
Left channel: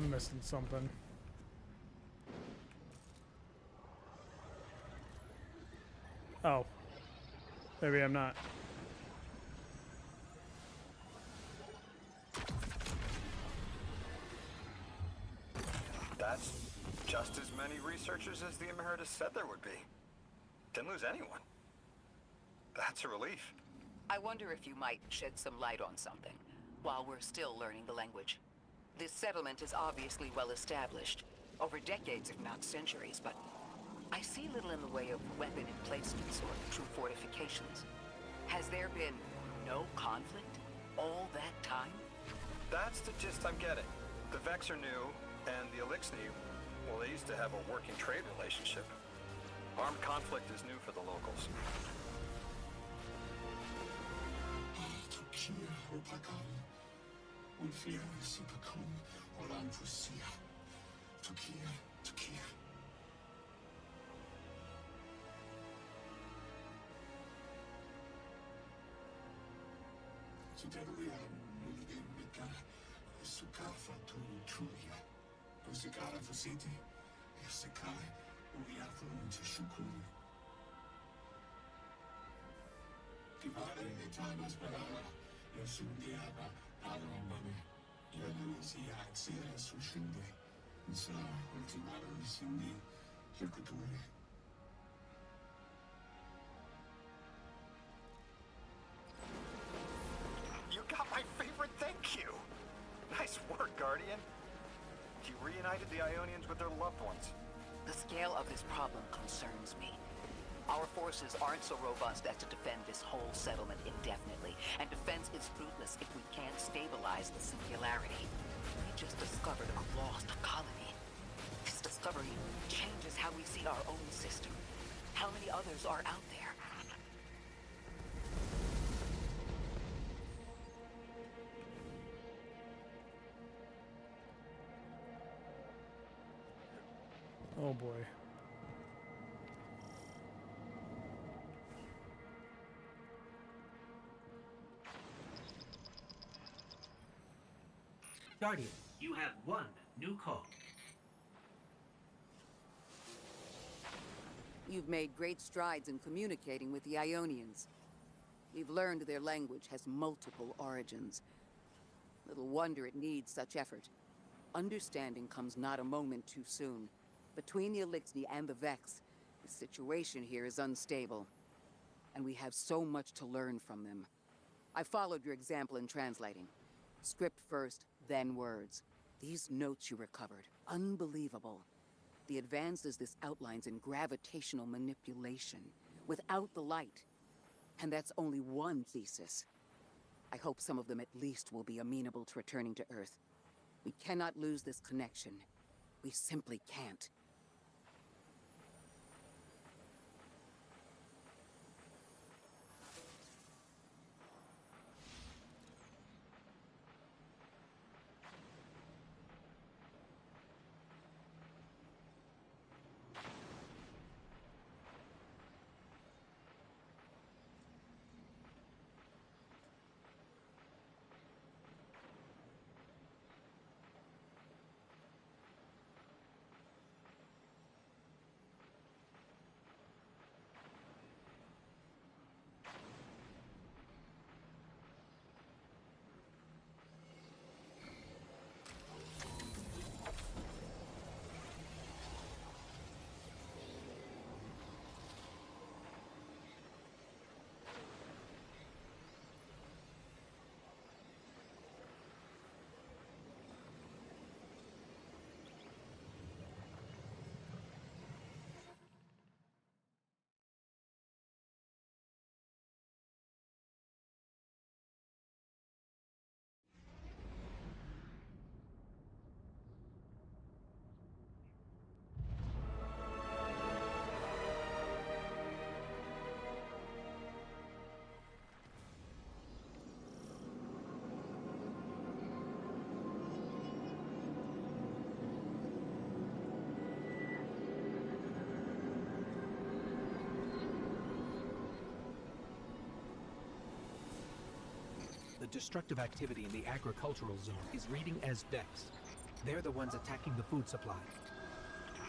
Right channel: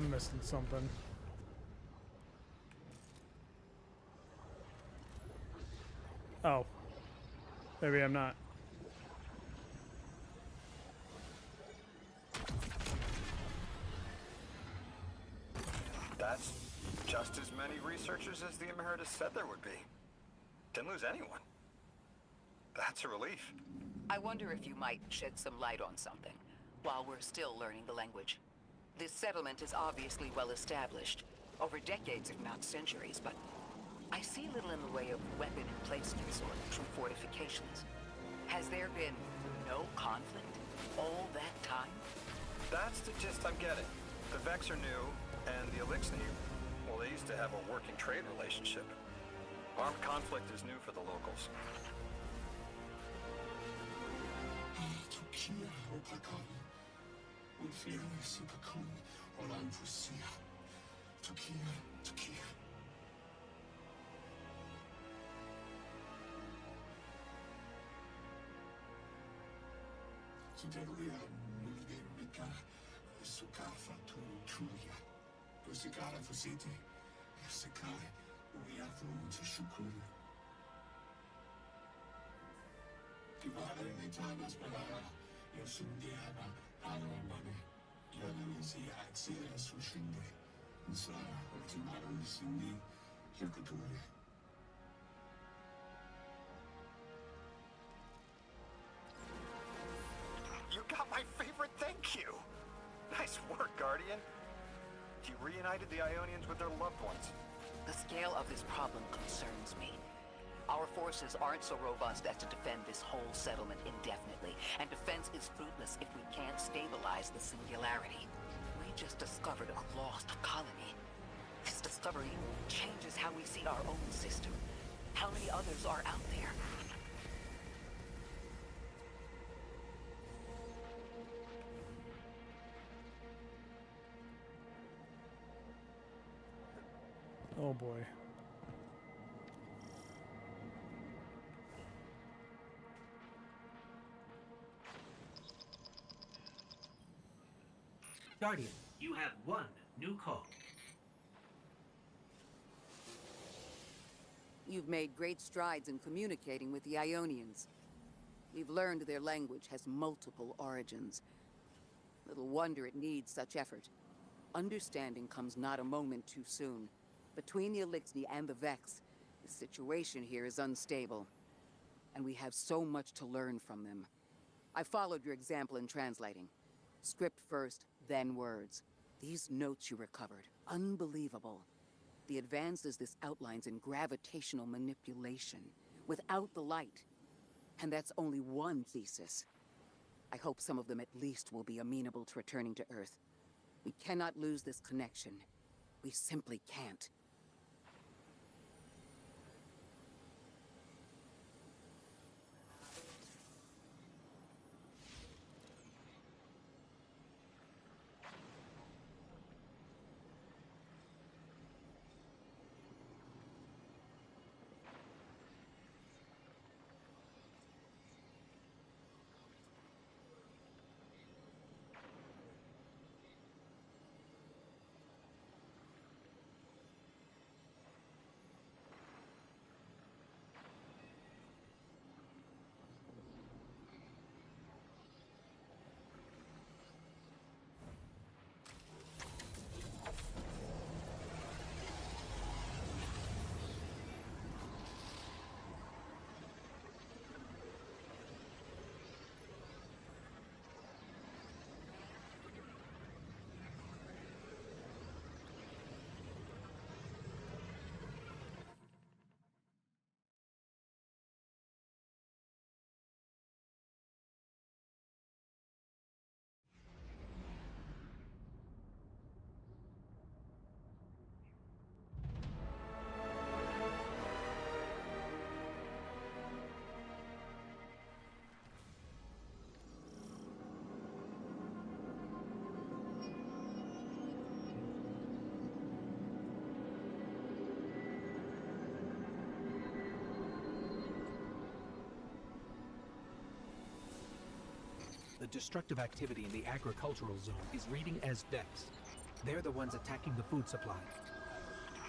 I'm missing something. Oh. Maybe I'm not. That's just as many researchers as the Emeritus said there would be. Didn't lose anyone. That's a relief. I wonder if you might shed some light on something while we're still learning the language. This settlement is obviously well established, over decades if not centuries, but I see little in the way of weapon emplacements or true fortifications. Has there been no conflict all that time? That's the gist I'm getting. The Vex are new, and the Elixni, well, they used to have a working trade relationship. Armed conflict is new for the locals. You got my favorite thank you! Nice work, Guardian. You reunited the Ionians with their loved ones. The scale of this problem concerns me. Our forces aren't so robust as to defend this whole settlement indefinitely, and defense is fruitless if we can't stabilize the singularity. We just discovered a lost colony. This discovery changes how we see our own system. How many others are out there? Oh boy. Guardian, you have one new call. You've made great strides in communicating with the Ionians. We've learned their language has multiple origins. Little wonder it needs such effort. Understanding comes not a moment too soon. Between the Elixni and the Vex, the situation here is unstable. And we have so much to learn from them. I followed your example in translating. Script first, then words. These notes you recovered, unbelievable. The advances this outlines in gravitational manipulation, without the light. And that's only one thesis. I hope some of them at least will be amenable to returning to Earth. We cannot lose this connection. We simply can't. The destructive activity in the agricultural zone is reading as Vex. They're the ones attacking the food supply.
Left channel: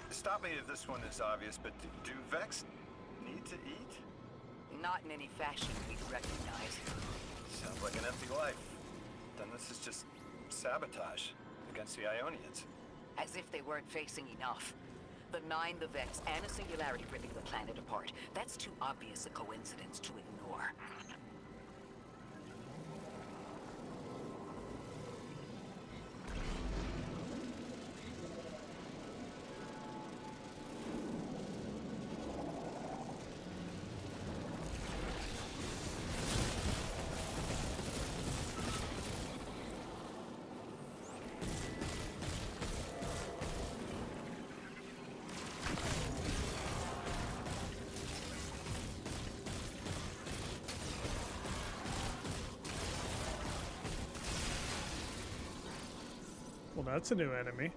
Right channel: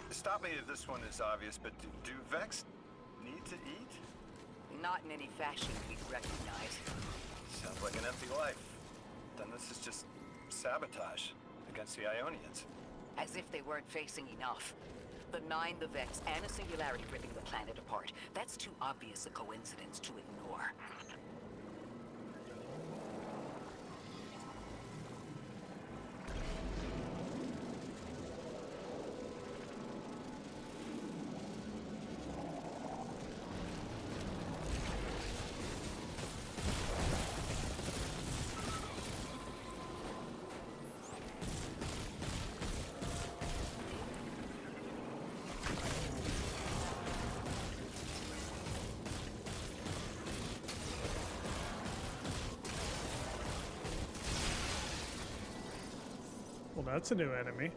Stop me if this one is obvious, but do Vex need to eat? Not in any fashion we'd recognize. Sounds like an empty life. Then this is just sabotage against the Ionians. As if they weren't facing enough. The Nine, the Vex, and a singularity ripping the planet apart. That's too obvious a coincidence to ignore. Well, that's a new enemy.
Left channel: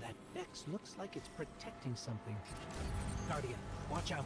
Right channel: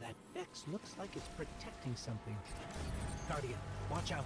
That Vex looks like it's protecting something. Guardian, watch out.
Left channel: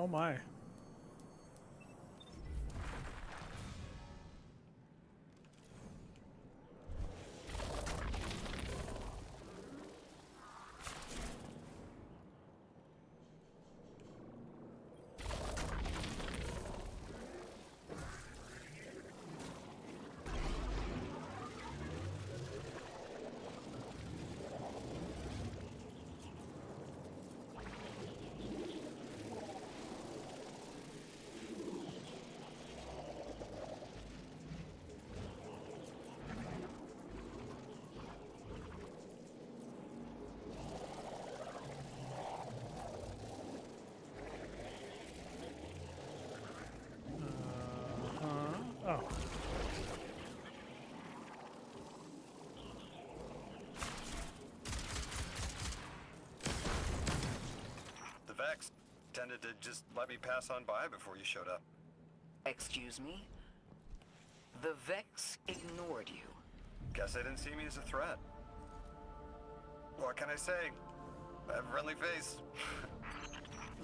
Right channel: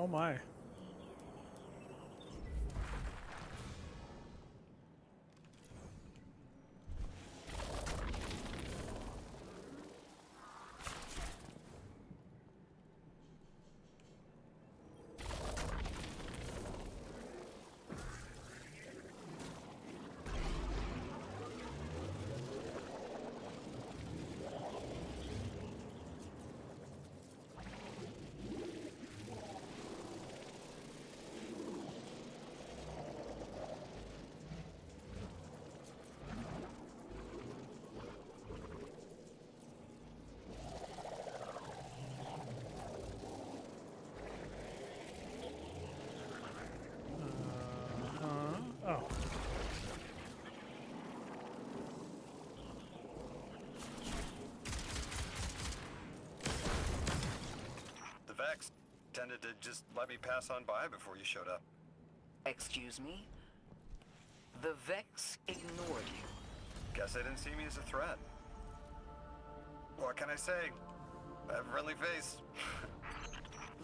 Oh my. Oh. The Vex tended to just let me pass on by before you showed up. Excuse me? The Vex ignored you. Guess they didn't see me as a threat. What can I say? I have a friendly face.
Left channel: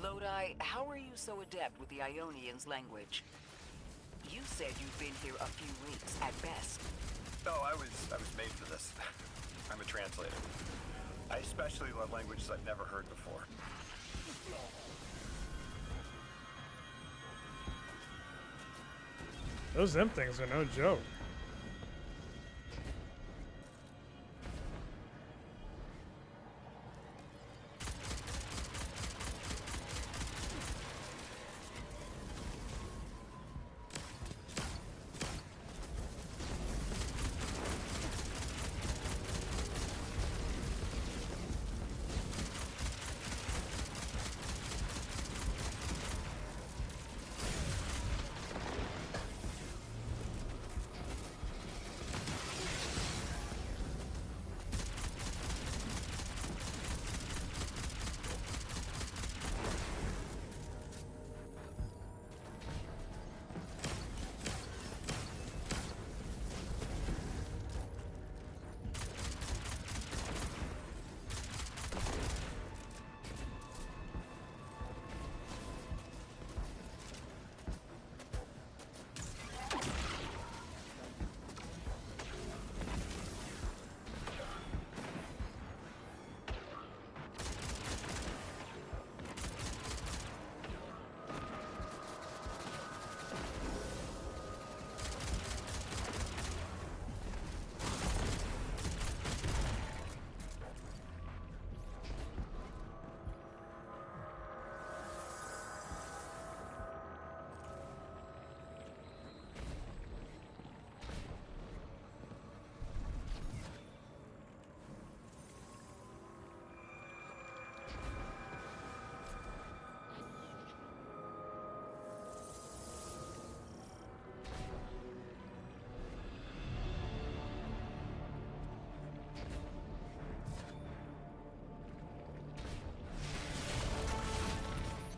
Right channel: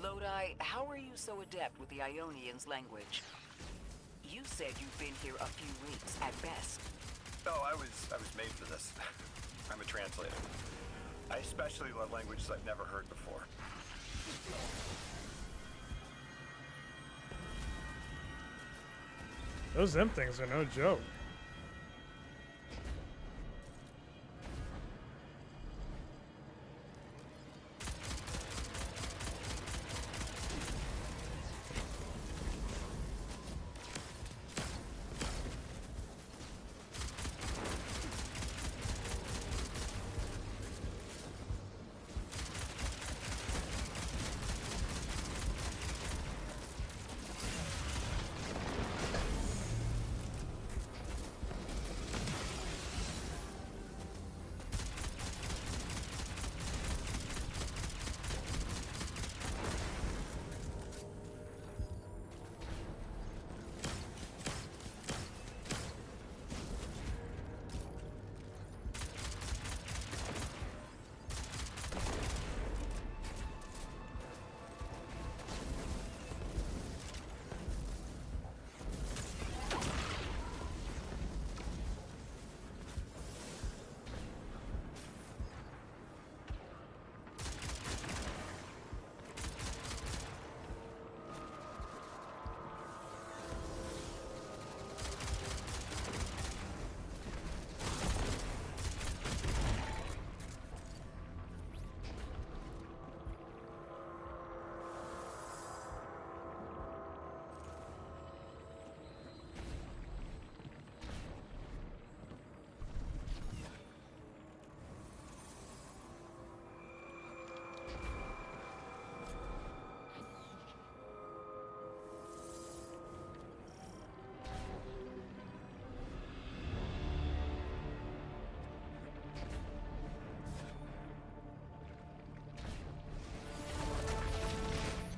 Lodi, how are you so adept with the Ionian's language? You said you've been here a few weeks at best. Oh, I was made for this. I'm a translator. I especially love languages I've never heard before. Those them things are no joke.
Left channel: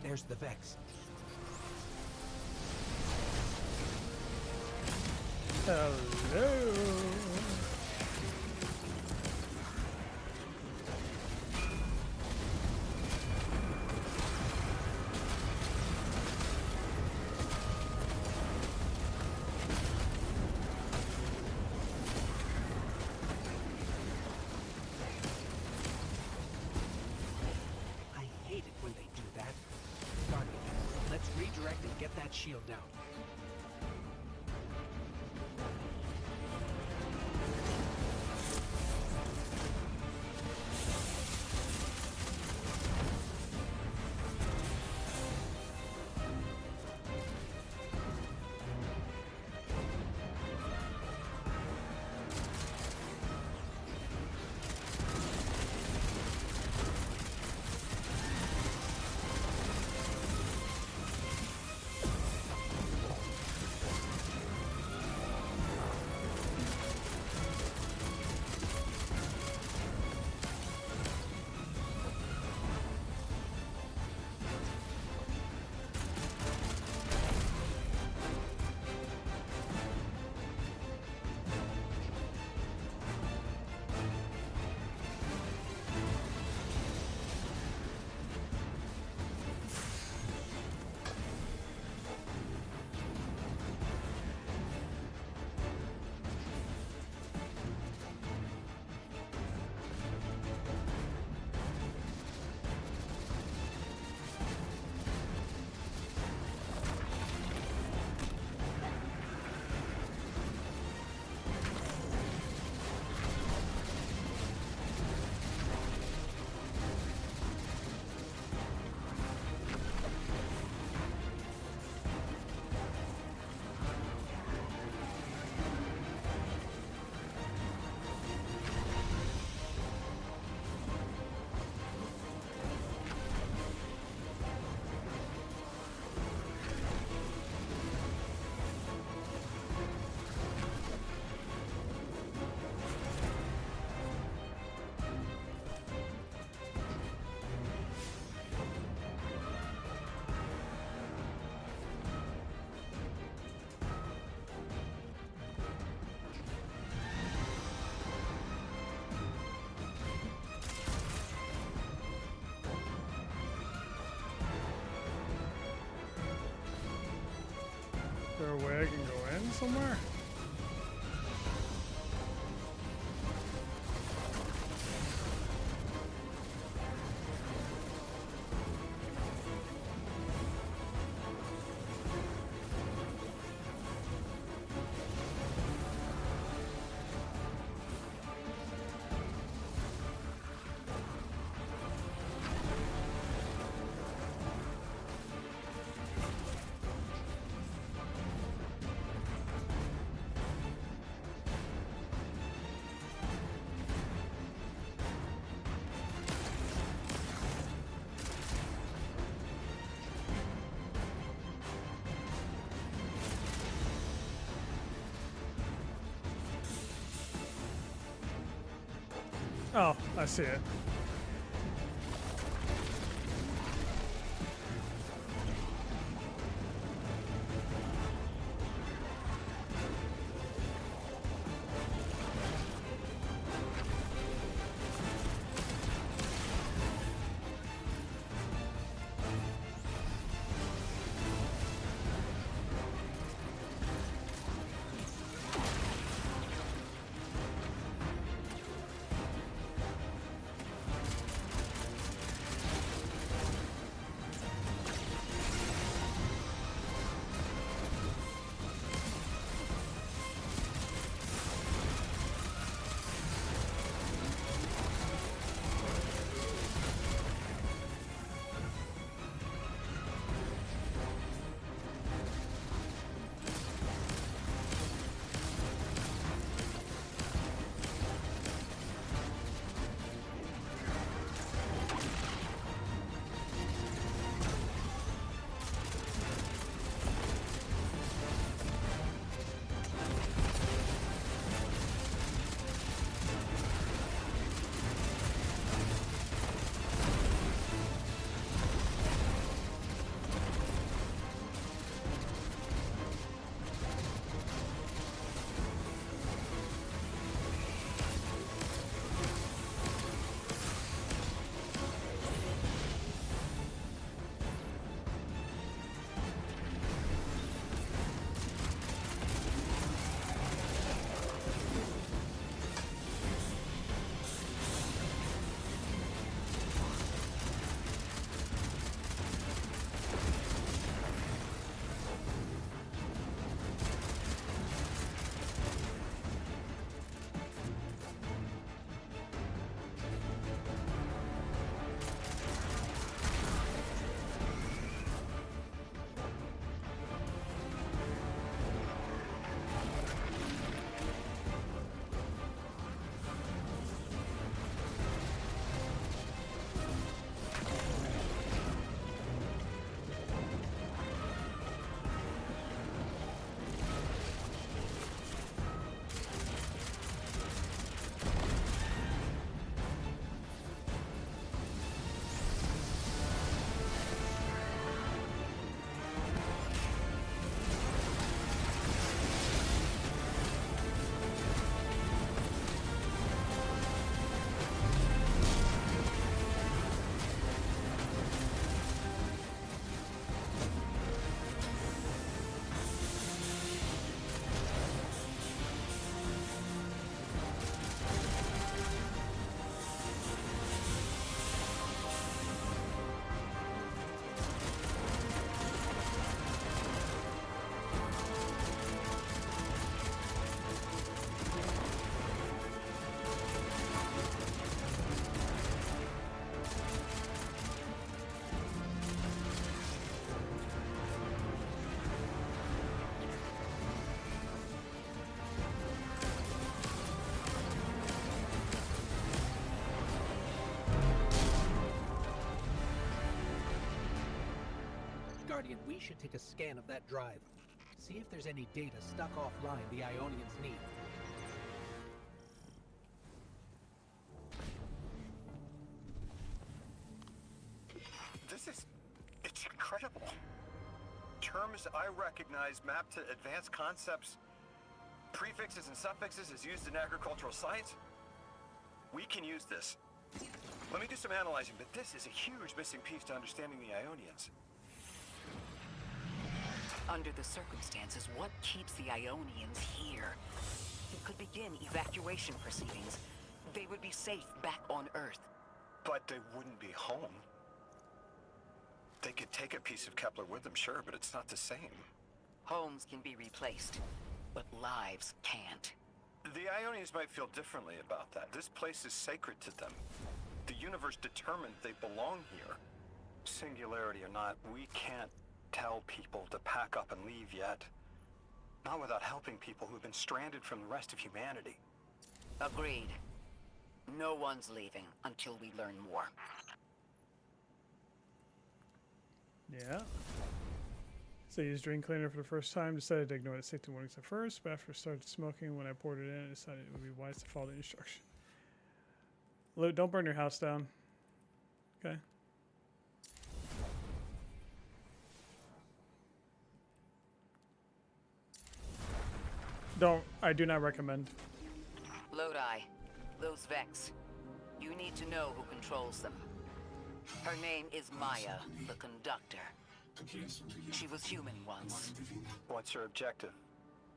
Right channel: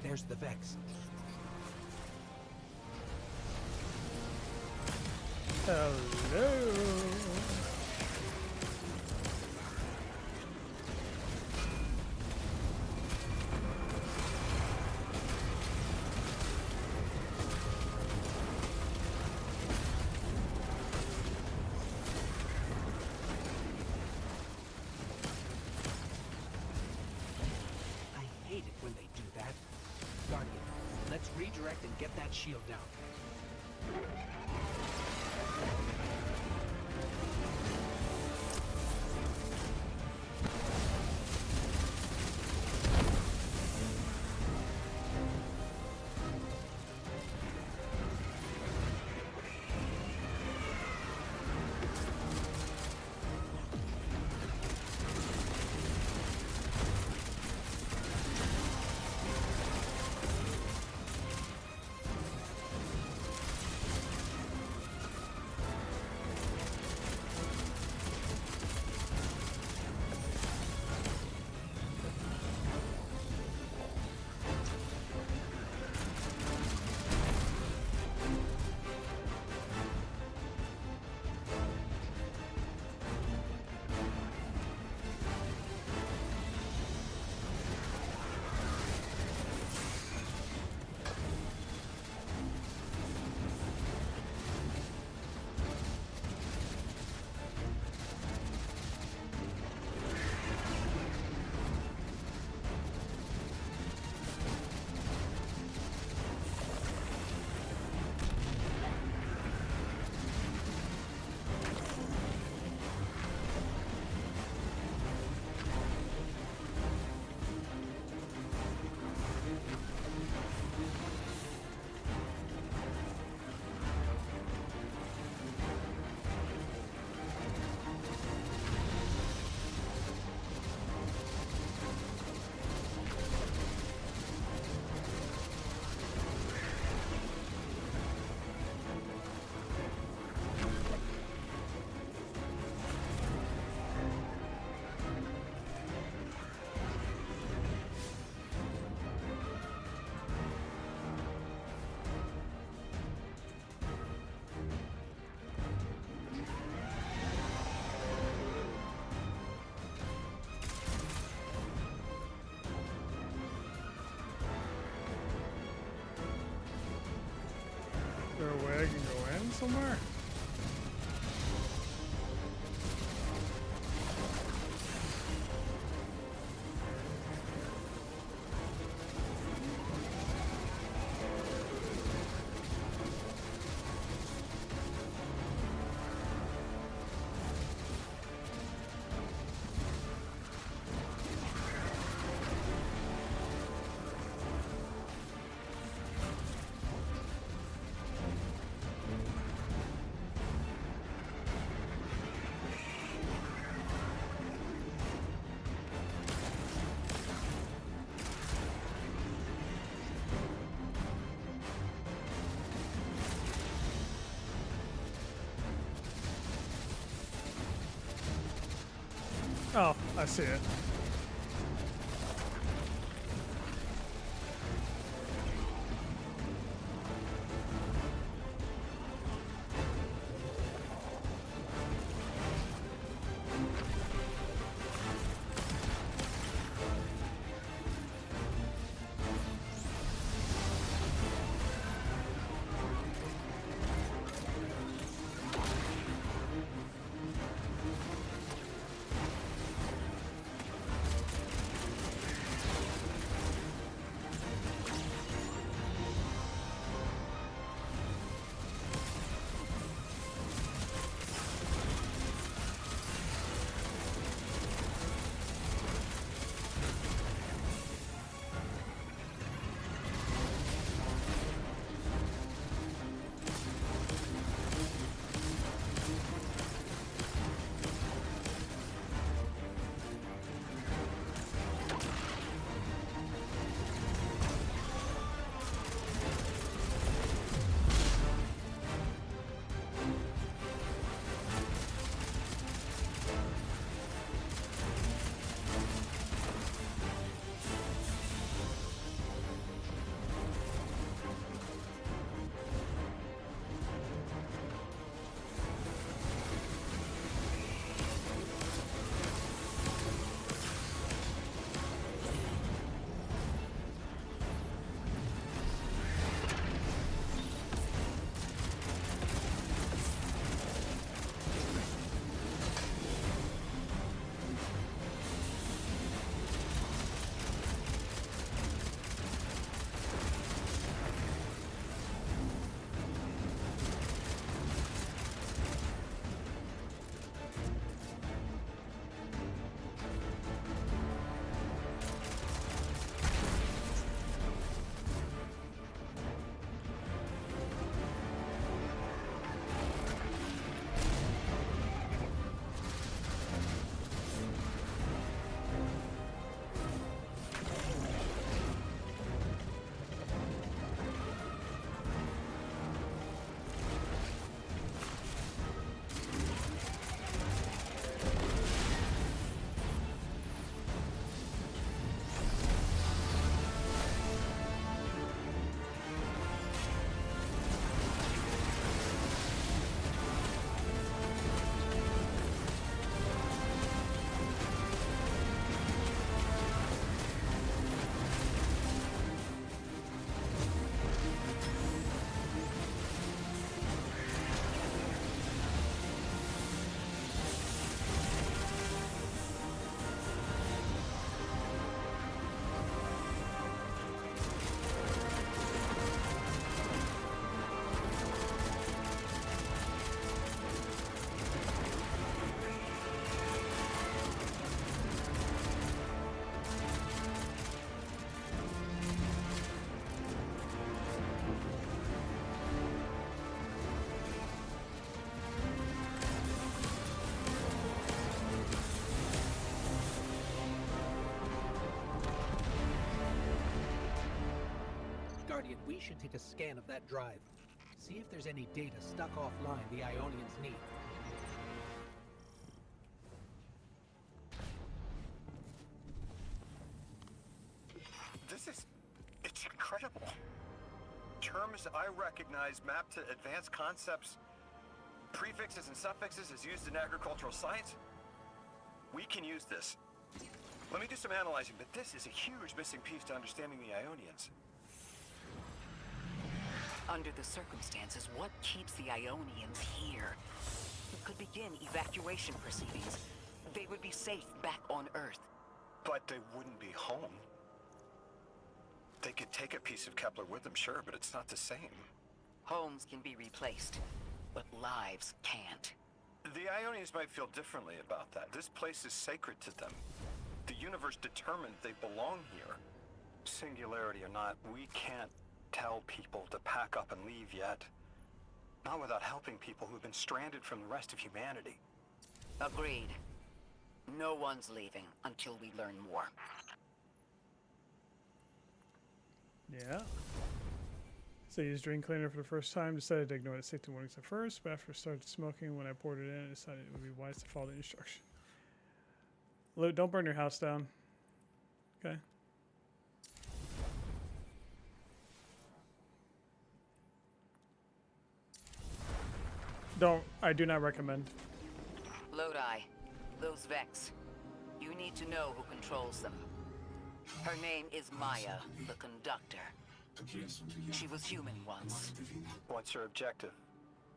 There's the Vex. Hello. I hate it when they do that. Guardian, let's redirect and get that shield down. there a way I can go in somewhere? Oh, I see it. Guardian, we should take a scan of that drive. See if there's any data stuck offline the Ionians need. It's incredible. Terms I recognize mapped to advanced concepts, prefixes and suffixes as used in agricultural science. We can use this. Let me do some analyzing, but this is a huge missing piece to understanding the Ionians. Under the circumstances, what keeps the Ionians here? We could begin evacuation proceedings. They would be safe back on Earth. But they wouldn't be home. They could take a piece of Kepler with them, sure, but it's not the same. Homes can be replaced, but lives can't. The Ionians might feel differently about that. This place is sacred to them. The universe determined they belong here. Singularity or not, we can't tell people to pack up and leave yet. Not without helping people who've been stranded from the rest of humanity. Agreed. No one's leaving until we learn more. Yeah. So I used drain cleaner for the first time, decided to ignore the safety warnings at first, but after I started smoking, when I poured it in, I decided it would be wise to follow the instruction. Luke, don't burn your house down. Okay. I do not recommend. Lodi, those Vex. You need to know who controls them. Her name is Maya, the conductor. She was human once. What's her objective?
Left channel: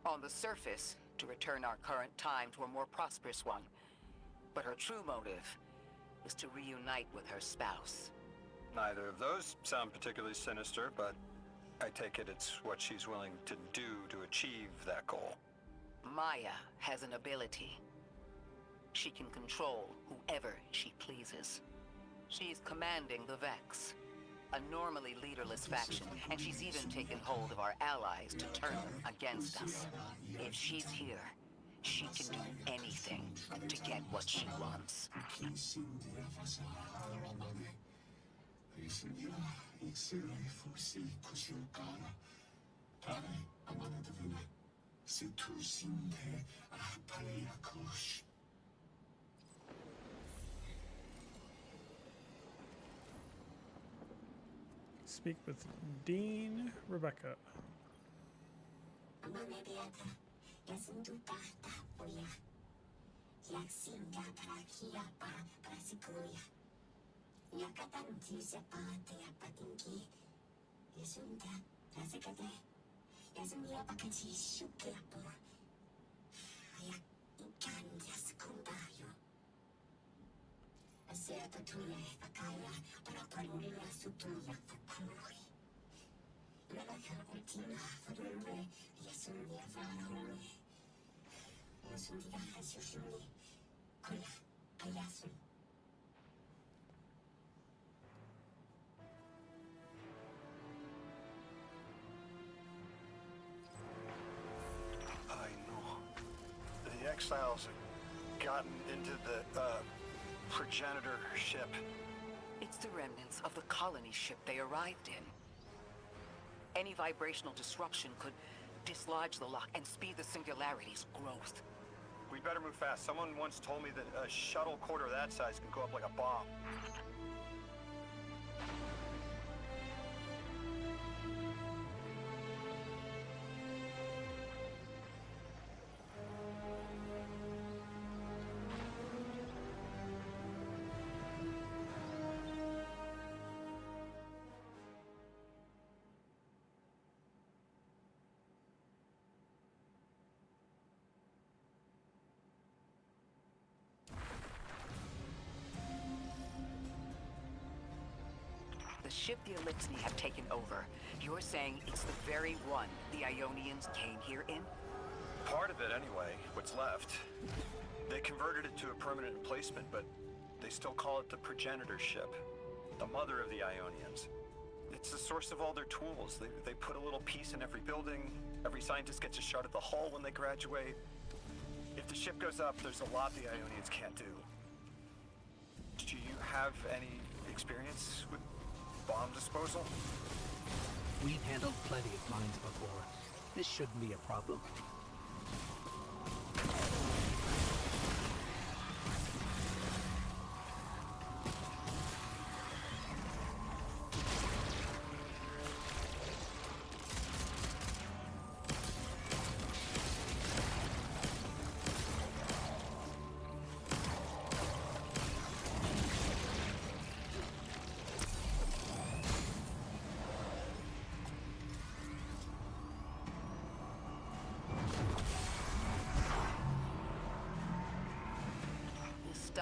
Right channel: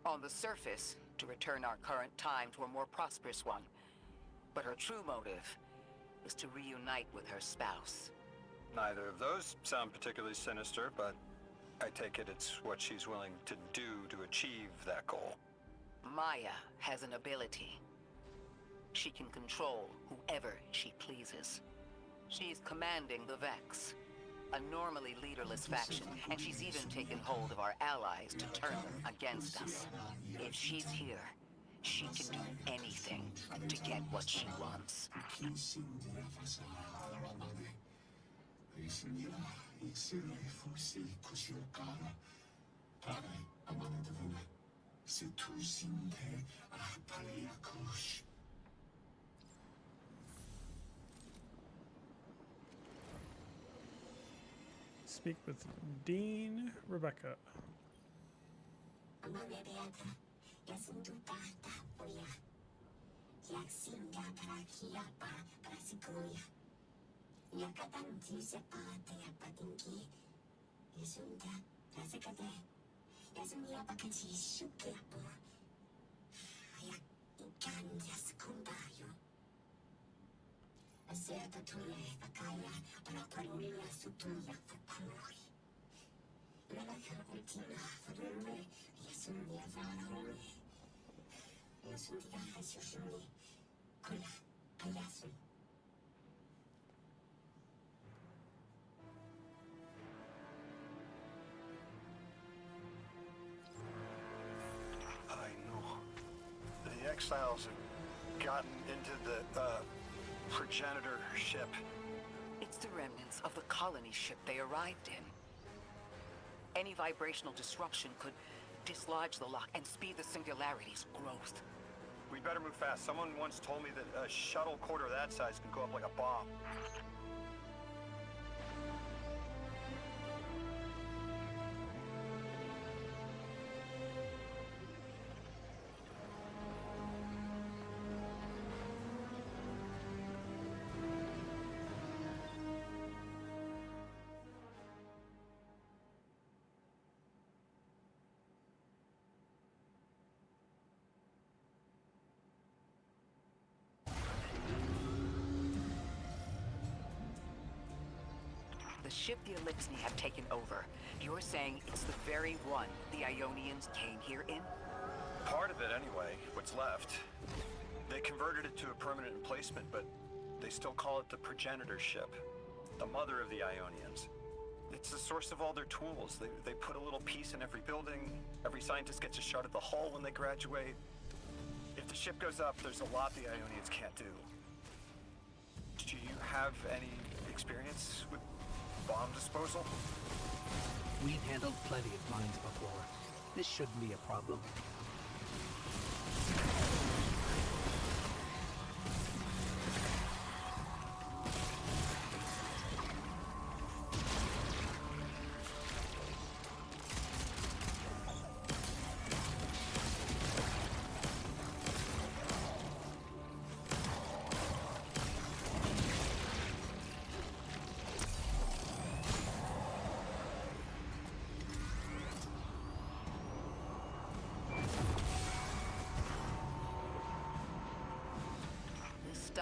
On the surface, to return our current time to a more prosperous one. But her true motive is to reunite with her spouse. Neither of those sound particularly sinister, but I take it it's what she's willing to do to achieve that goal. Maya has an ability. She can control whoever she pleases. She's commanding the Vex, a normally leaderless faction, and she's even taken hold of our allies to turn them against us. If she's here, she can do anything to get what she wants. Speak with Dean Rebecca. I know. The exiles have gotten into the, progenitor ship. It's the remnants of the colony ship they arrived in. Any vibrational disruption could dislodge the lock and speed the Singularity's growth. We better move fast. Someone once told me that a shuttle quarter that size can go up like a bomb. The ship the Elixni have taken over. You're saying it's the very one the Ionians came here in? Part of it, anyway. What's left. They converted it to a permanent emplacement, but they still call it the progenitor ship. The mother of the Ionians. It's the source of all their tools. They put a little piece in every building. Every scientist gets a shot at the hull when they graduate. If the ship goes up, there's a lot the Ionians can't do. Do you have any experience with bomb disposal? We've handled plenty of mines before. This shouldn't be a problem.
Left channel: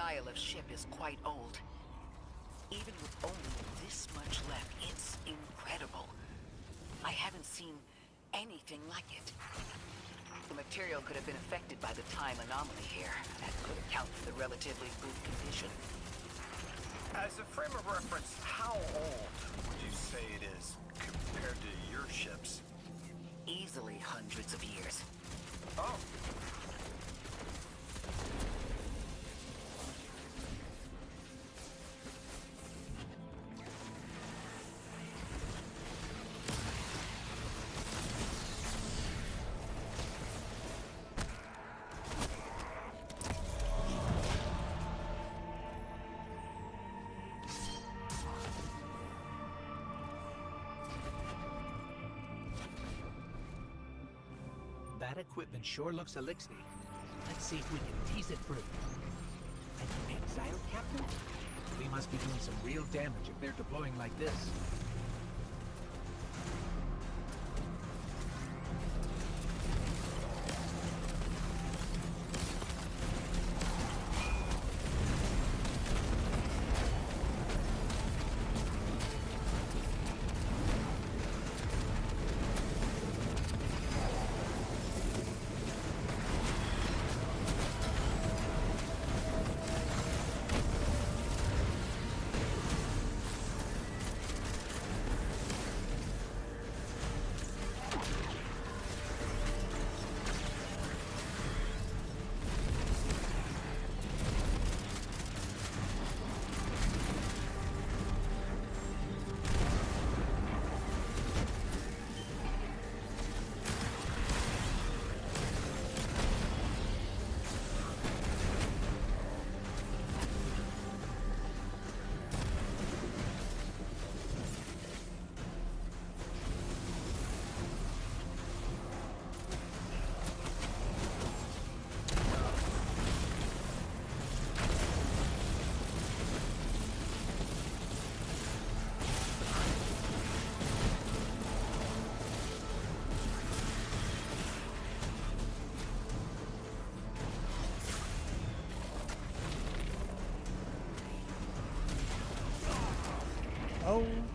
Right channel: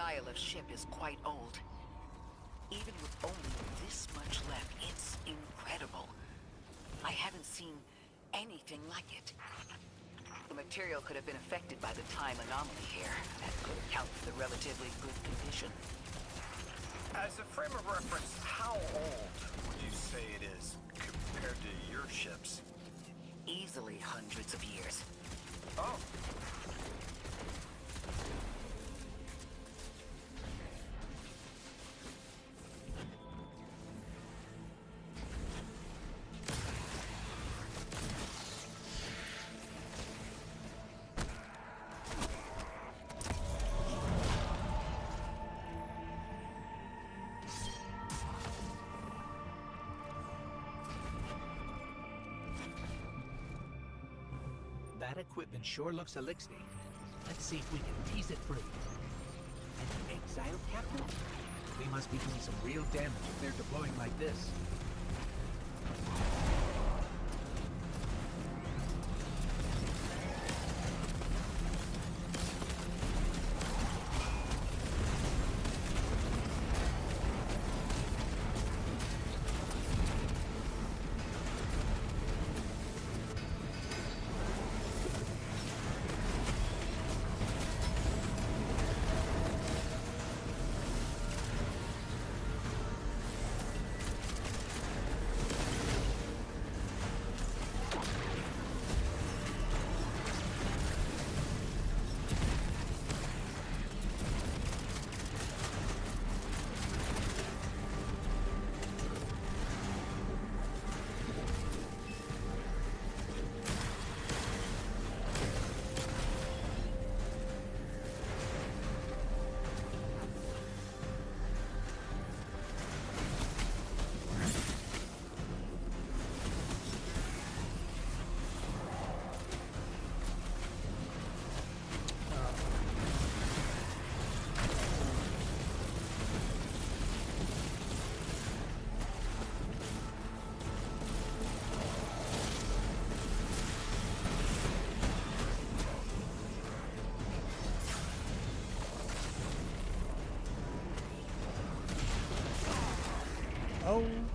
style of ship is quite old. Even with only this much left, it's incredible. I haven't seen anything like it. The material could have been affected by the time anomaly here. That could account for the relatively good condition. As a frame of reference, how old would you say it is compared to your ships? Easily hundreds of years. Oh. That equipment sure looks elixir. Let's see if we can tease it through. An exile captain? We must be doing some real damage if they're deploying like this.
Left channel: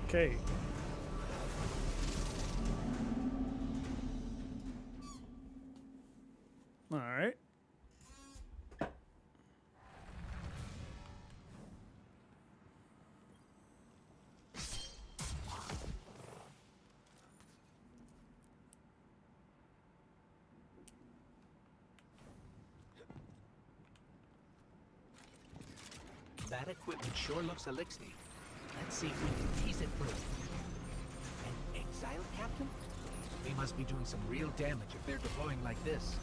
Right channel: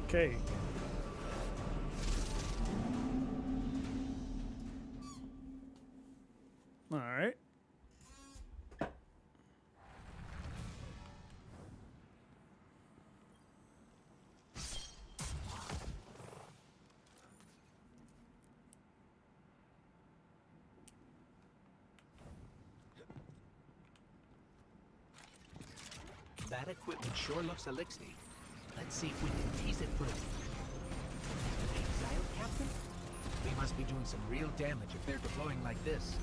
Okay. All right. That equipment sure looks elixir. Let's see if we can tease it through. An exile captain? We must be doing some real damage if they're deploying like this.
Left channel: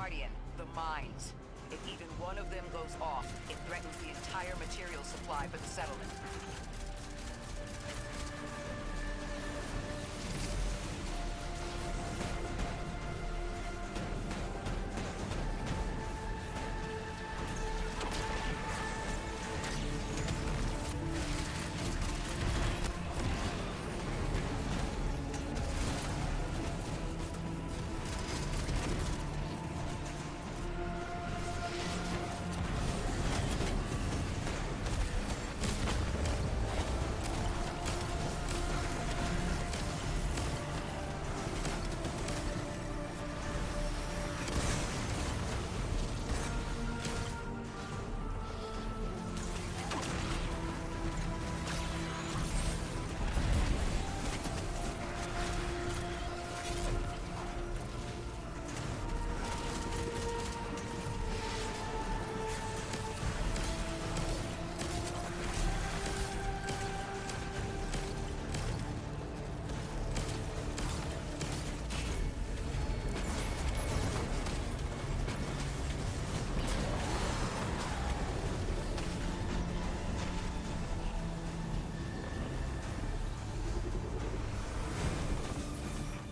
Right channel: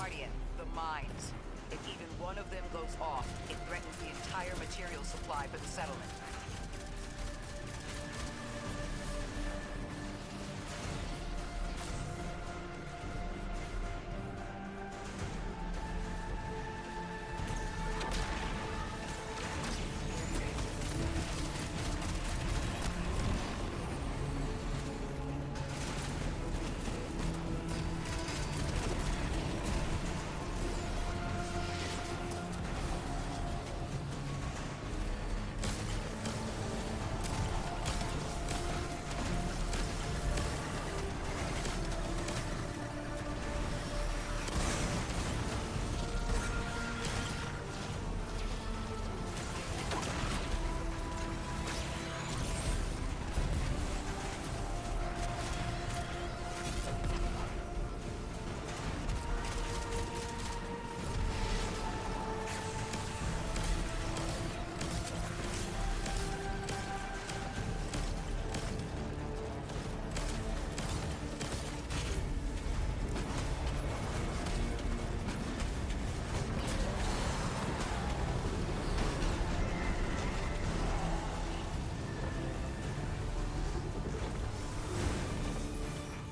Guardian, the mines. If even one of them goes off, it threatens the entire material supply for the settlement.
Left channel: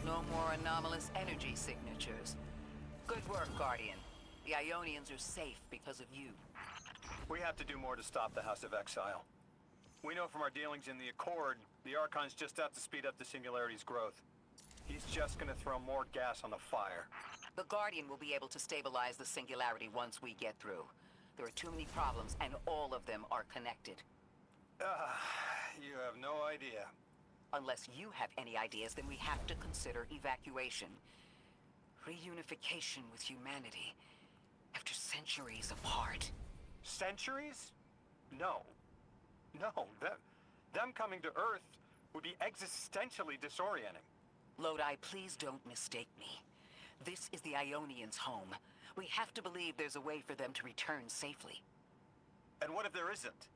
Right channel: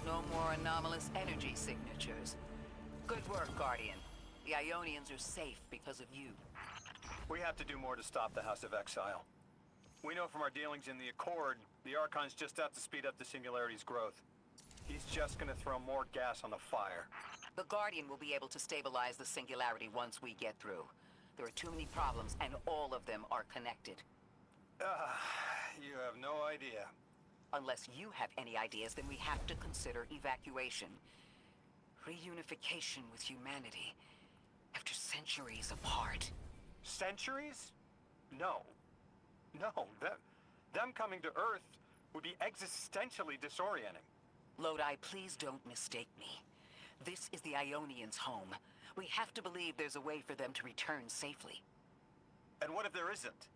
No more anomalous energy signatures. Good work, Guardian. The Ionians are safe because of you. We have to do more to stop the House of Exile. We know from our dealings in the Accord, the Archon's just out to speed up the Singularity's growth. He's just gonna throw more gas on the fire. The Guardian will be able to stabilize the Singularity once we get through. There are too many problems, and all of them are connected. You have no idea. Unless you have any ideas, then we have to consider evacuation. Reunification with humanity. After centuries apart. Centuries? No. No, them coming to Earth would be existentially disorienting. Lodi, please don't mistake me. This is the Ionians' home. We have to believe there's a way for them to return safely. And what if there isn't?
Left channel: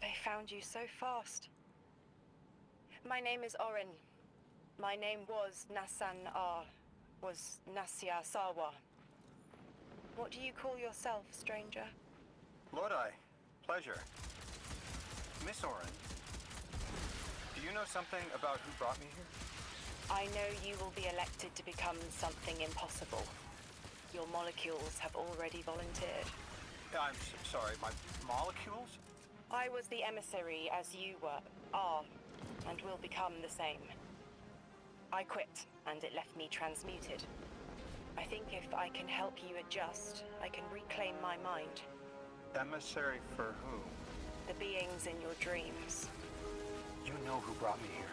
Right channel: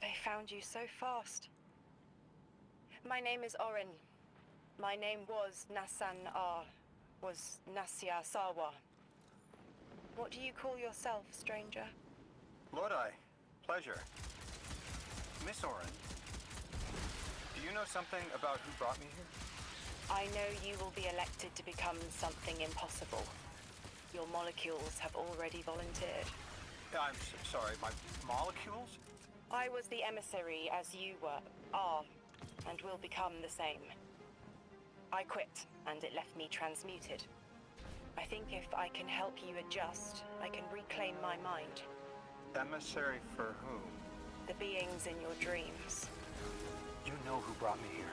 They found you so fast. My name is Orin. My name was Nasan R. Was Nasya Sawa. What do you call yourself, stranger? Lodi, pleasure. Miss Orin, do you know something about who brought me here? I know you will be elected to become something impossible. Your molecules have already volunteered. I'm sorry, my molecules? I was the emissary as you are, and will become the same. I quit, and it left me transmuted. I think if I can help you adjust, I can reclaim my mind. Emissary for whom? The beings in your dreams. You know who brought me here.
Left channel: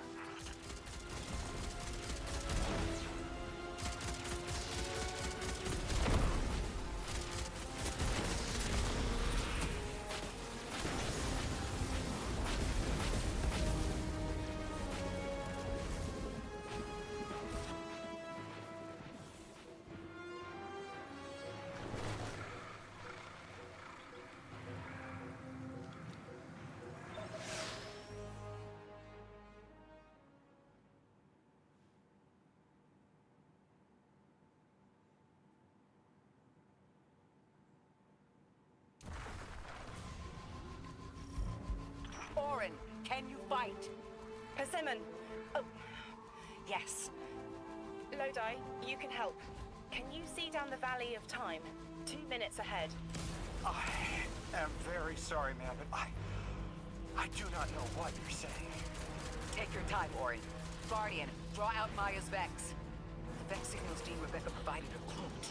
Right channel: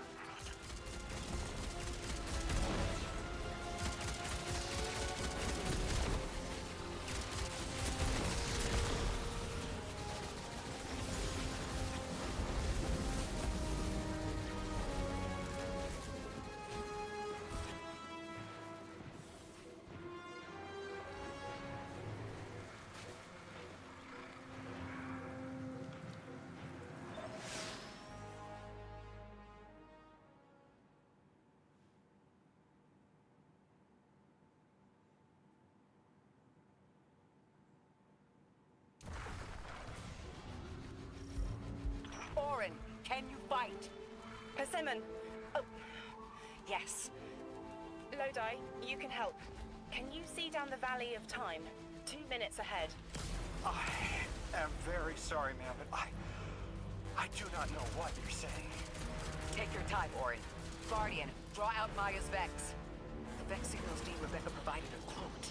right. Persimmon! Oh, yes. Lodi, you can help. Can you see down the Valley of Time? 2 minutes ahead. I am very sorry, ma'am, but I do not know what you're saying. Take your time, Orin. Guardian, draw out Maya's Vex. The Vex signals Dean Rebecca provided are cloaked.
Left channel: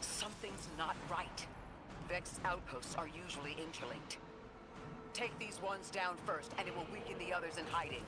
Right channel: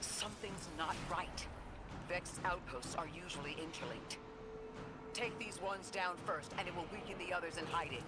Something's not right. Vex outposts are usually interlinked. Take these ones down first, and it will weaken the others in hiding.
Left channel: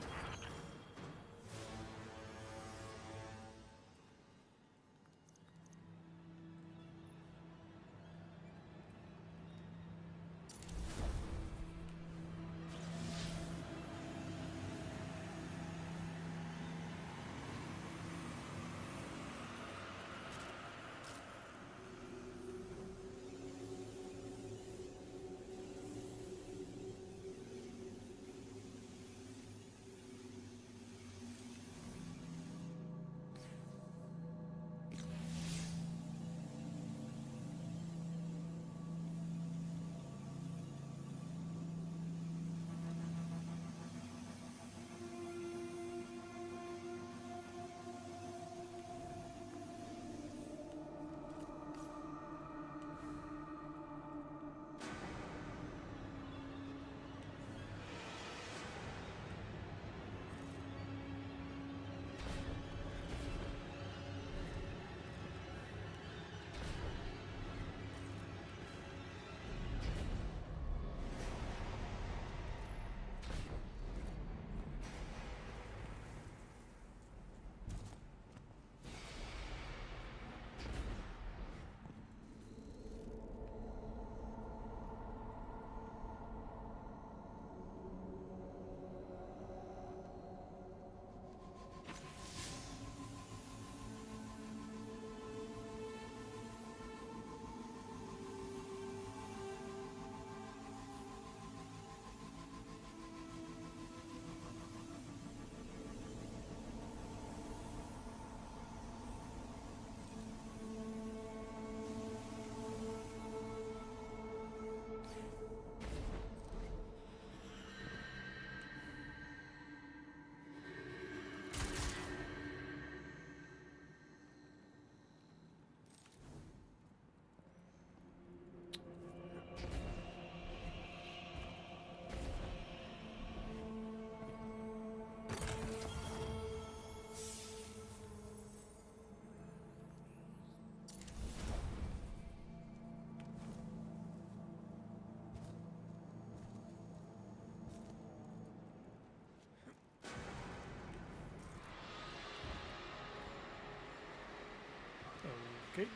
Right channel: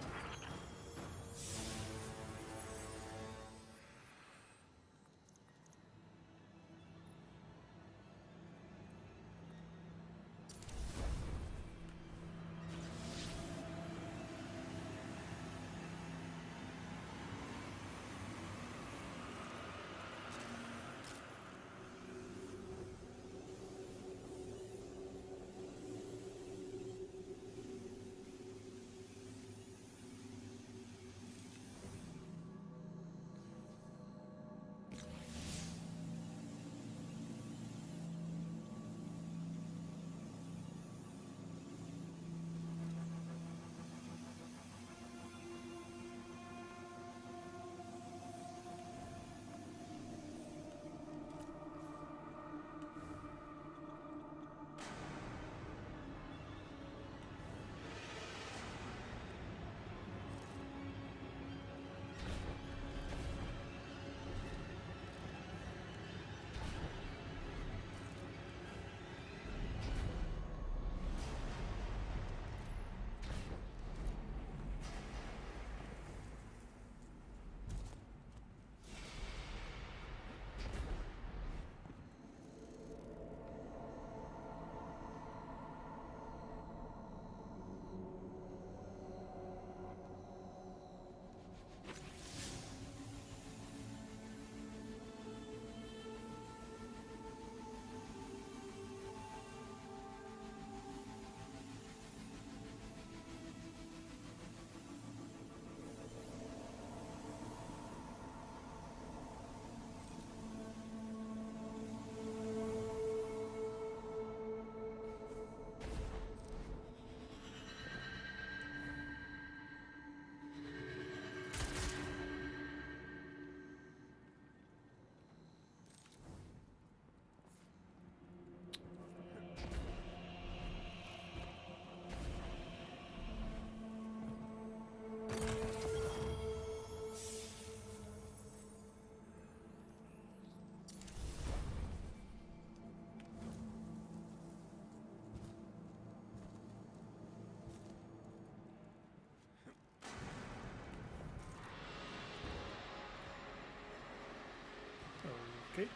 Okay.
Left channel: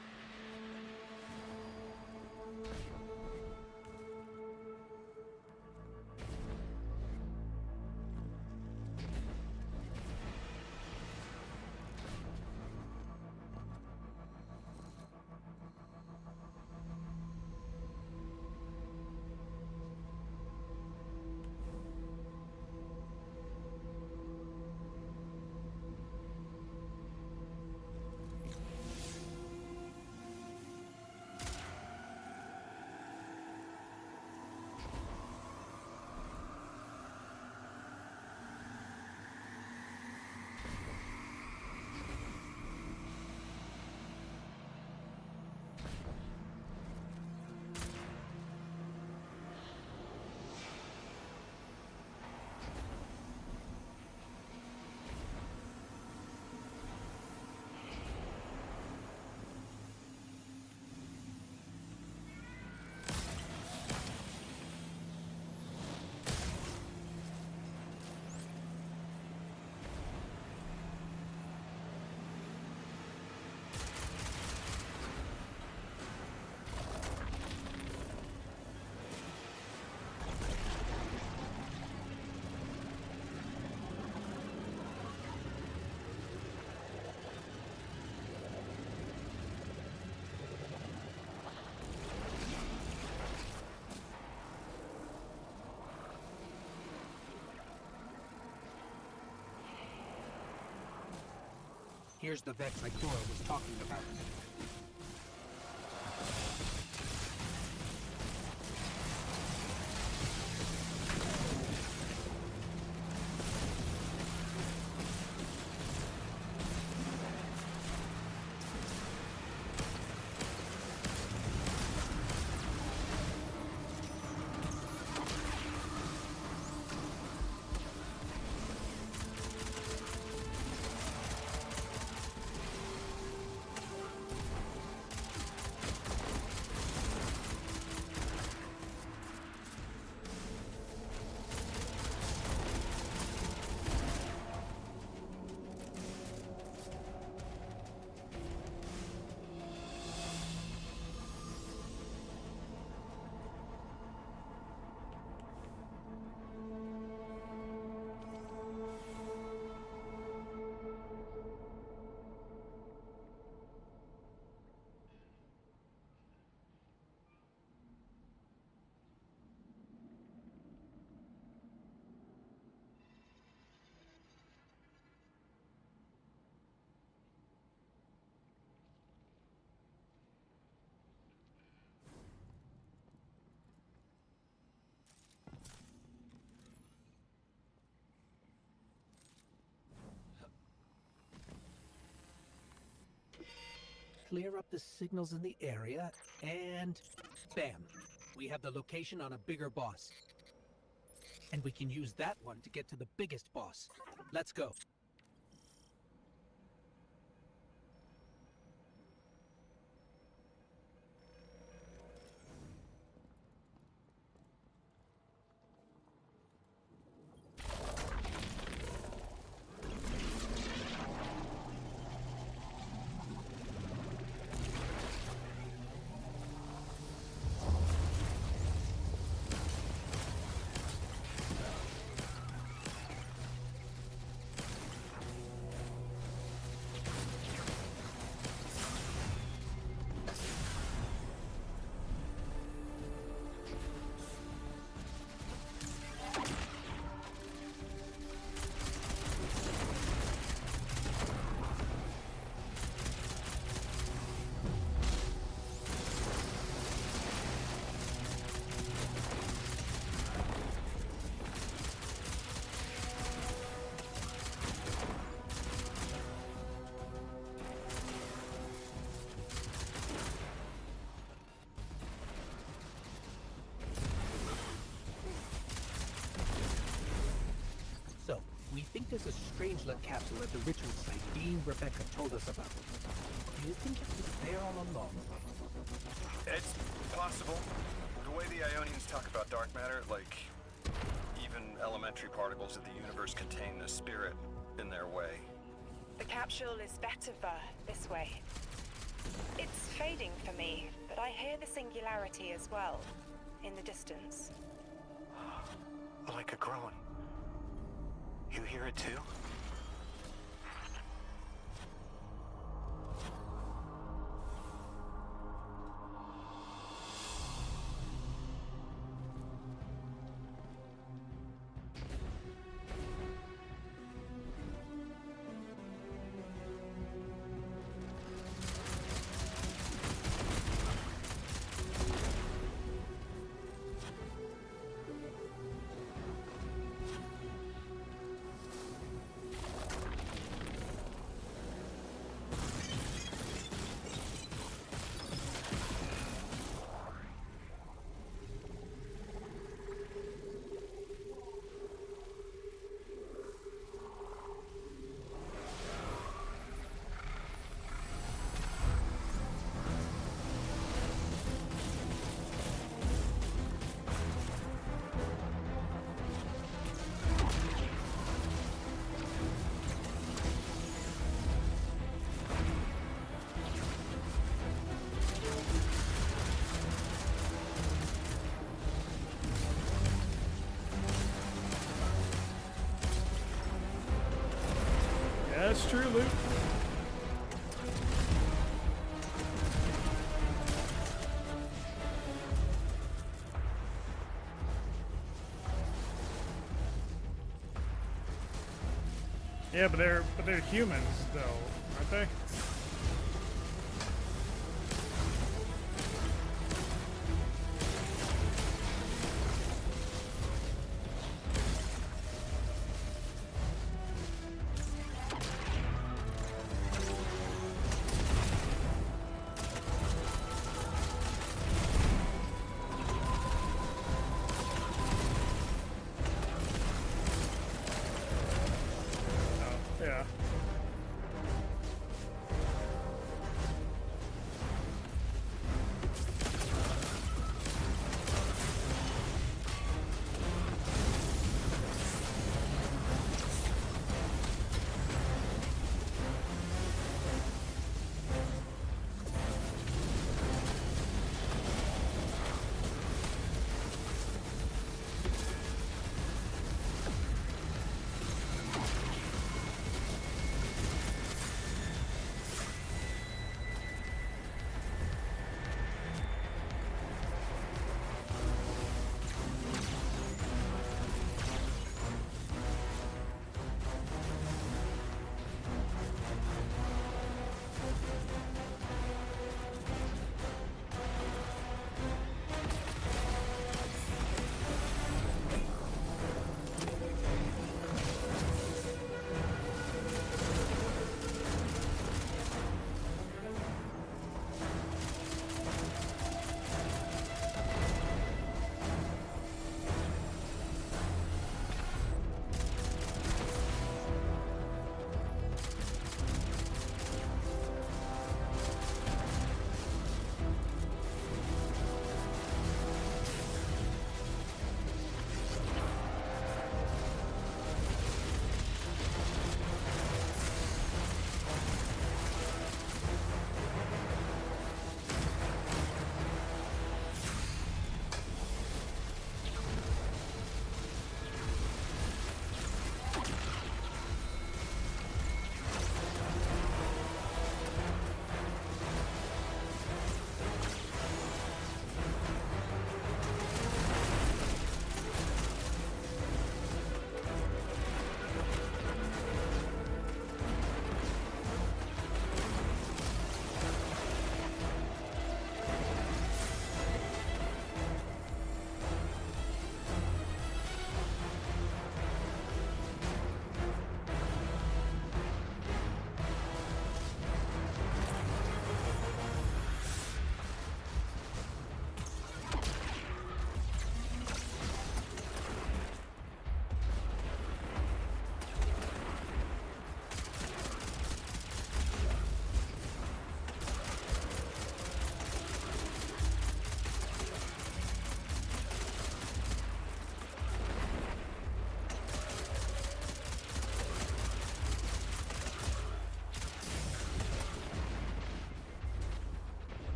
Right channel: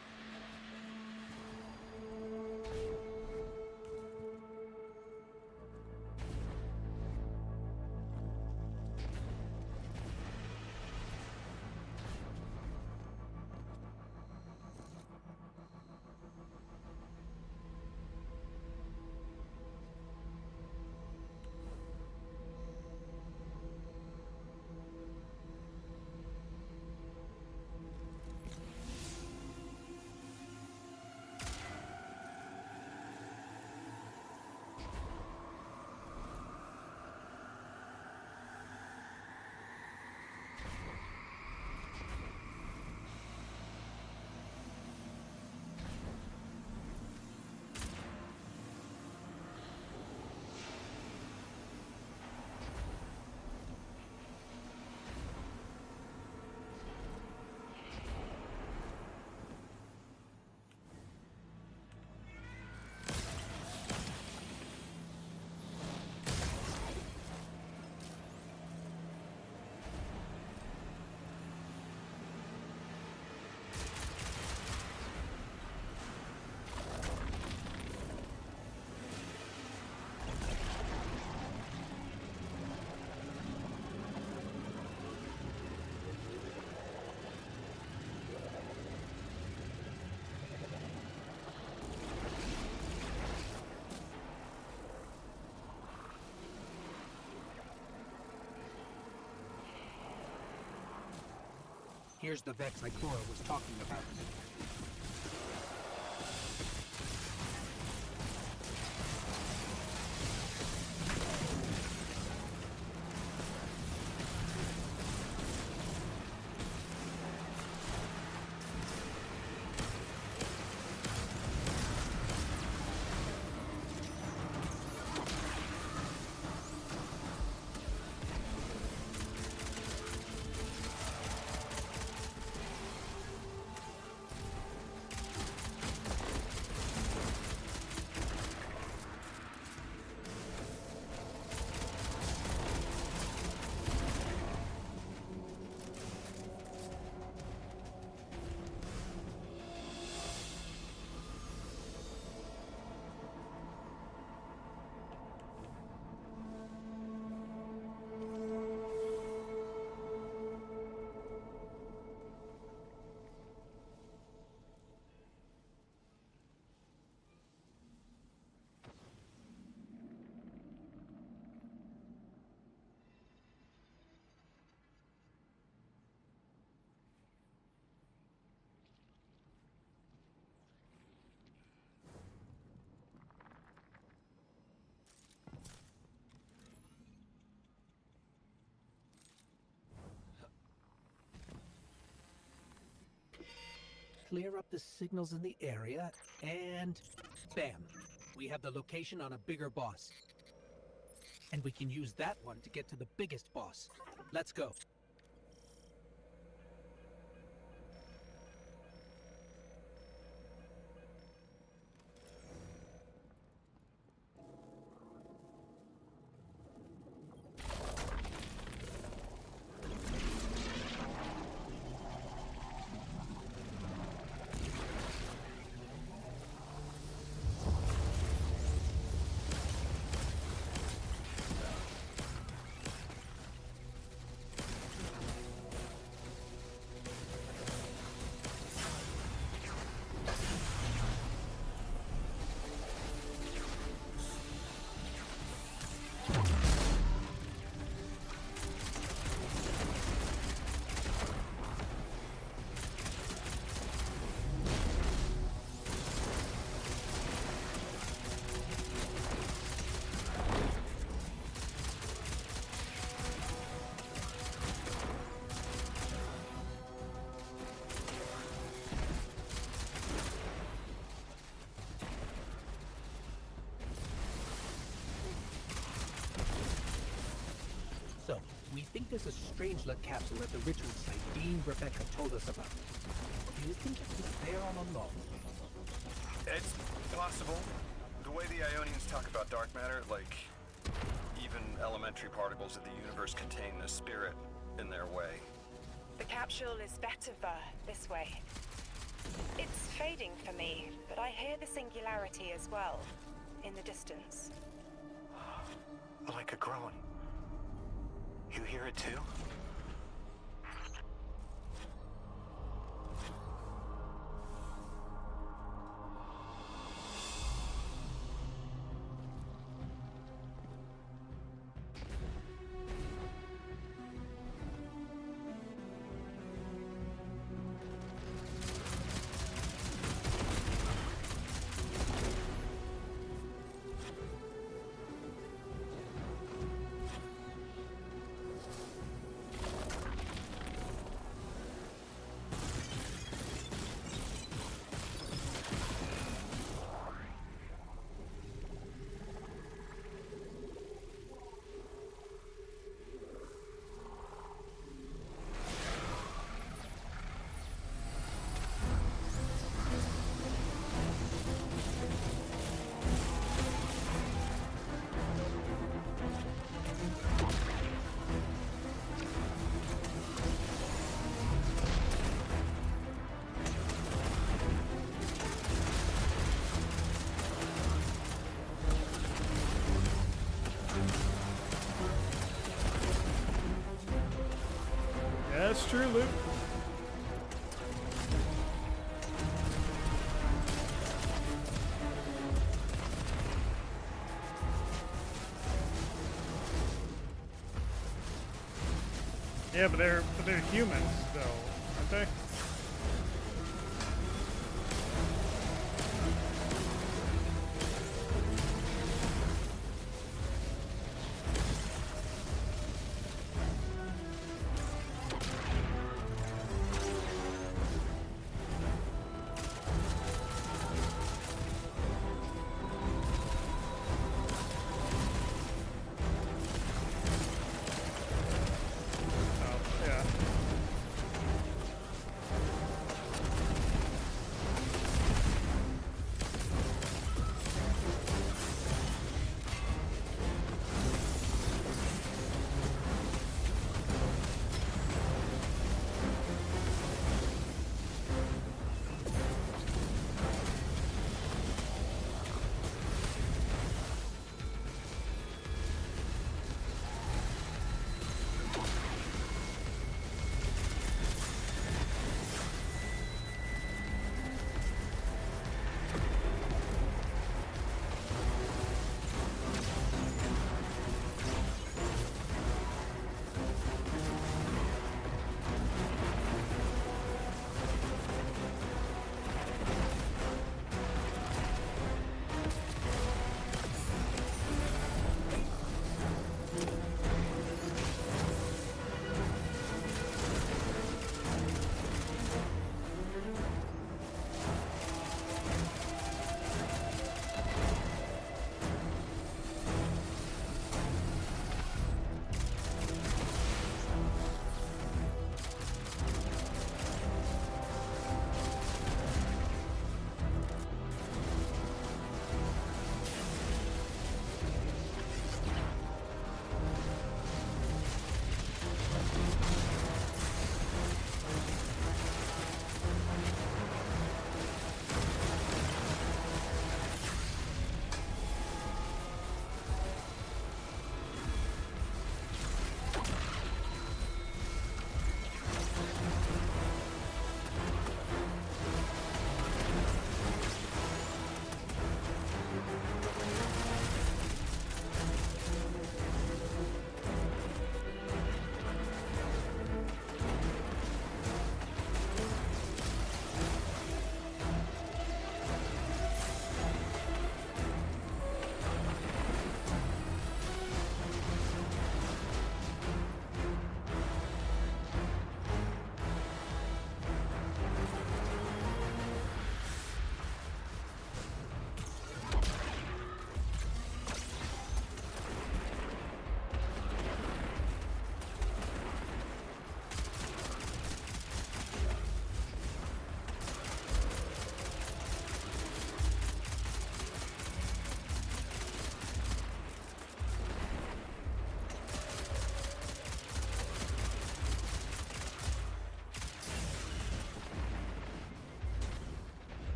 Here's the Vex Ikora was talking about. clear up the signals in the area, and bam! We have the location on a bigger boss. And we can use that one to get to the biggest boss. Let's go. So, we think there's a Strangelet capsule at the ritual site Dean Rebecca told us about. Do you think it was there all along? It's possible. The way the Ionians talk about dark matter, like, even elementary particles of the universe contain the spirit in their way. The capsule is better this way. It's fading for me, but I hear the singularity as well, in the distance. Like a groan. You hear it too? Yeah, that's true, Luke. Yeah, but they're humans though, aren't they?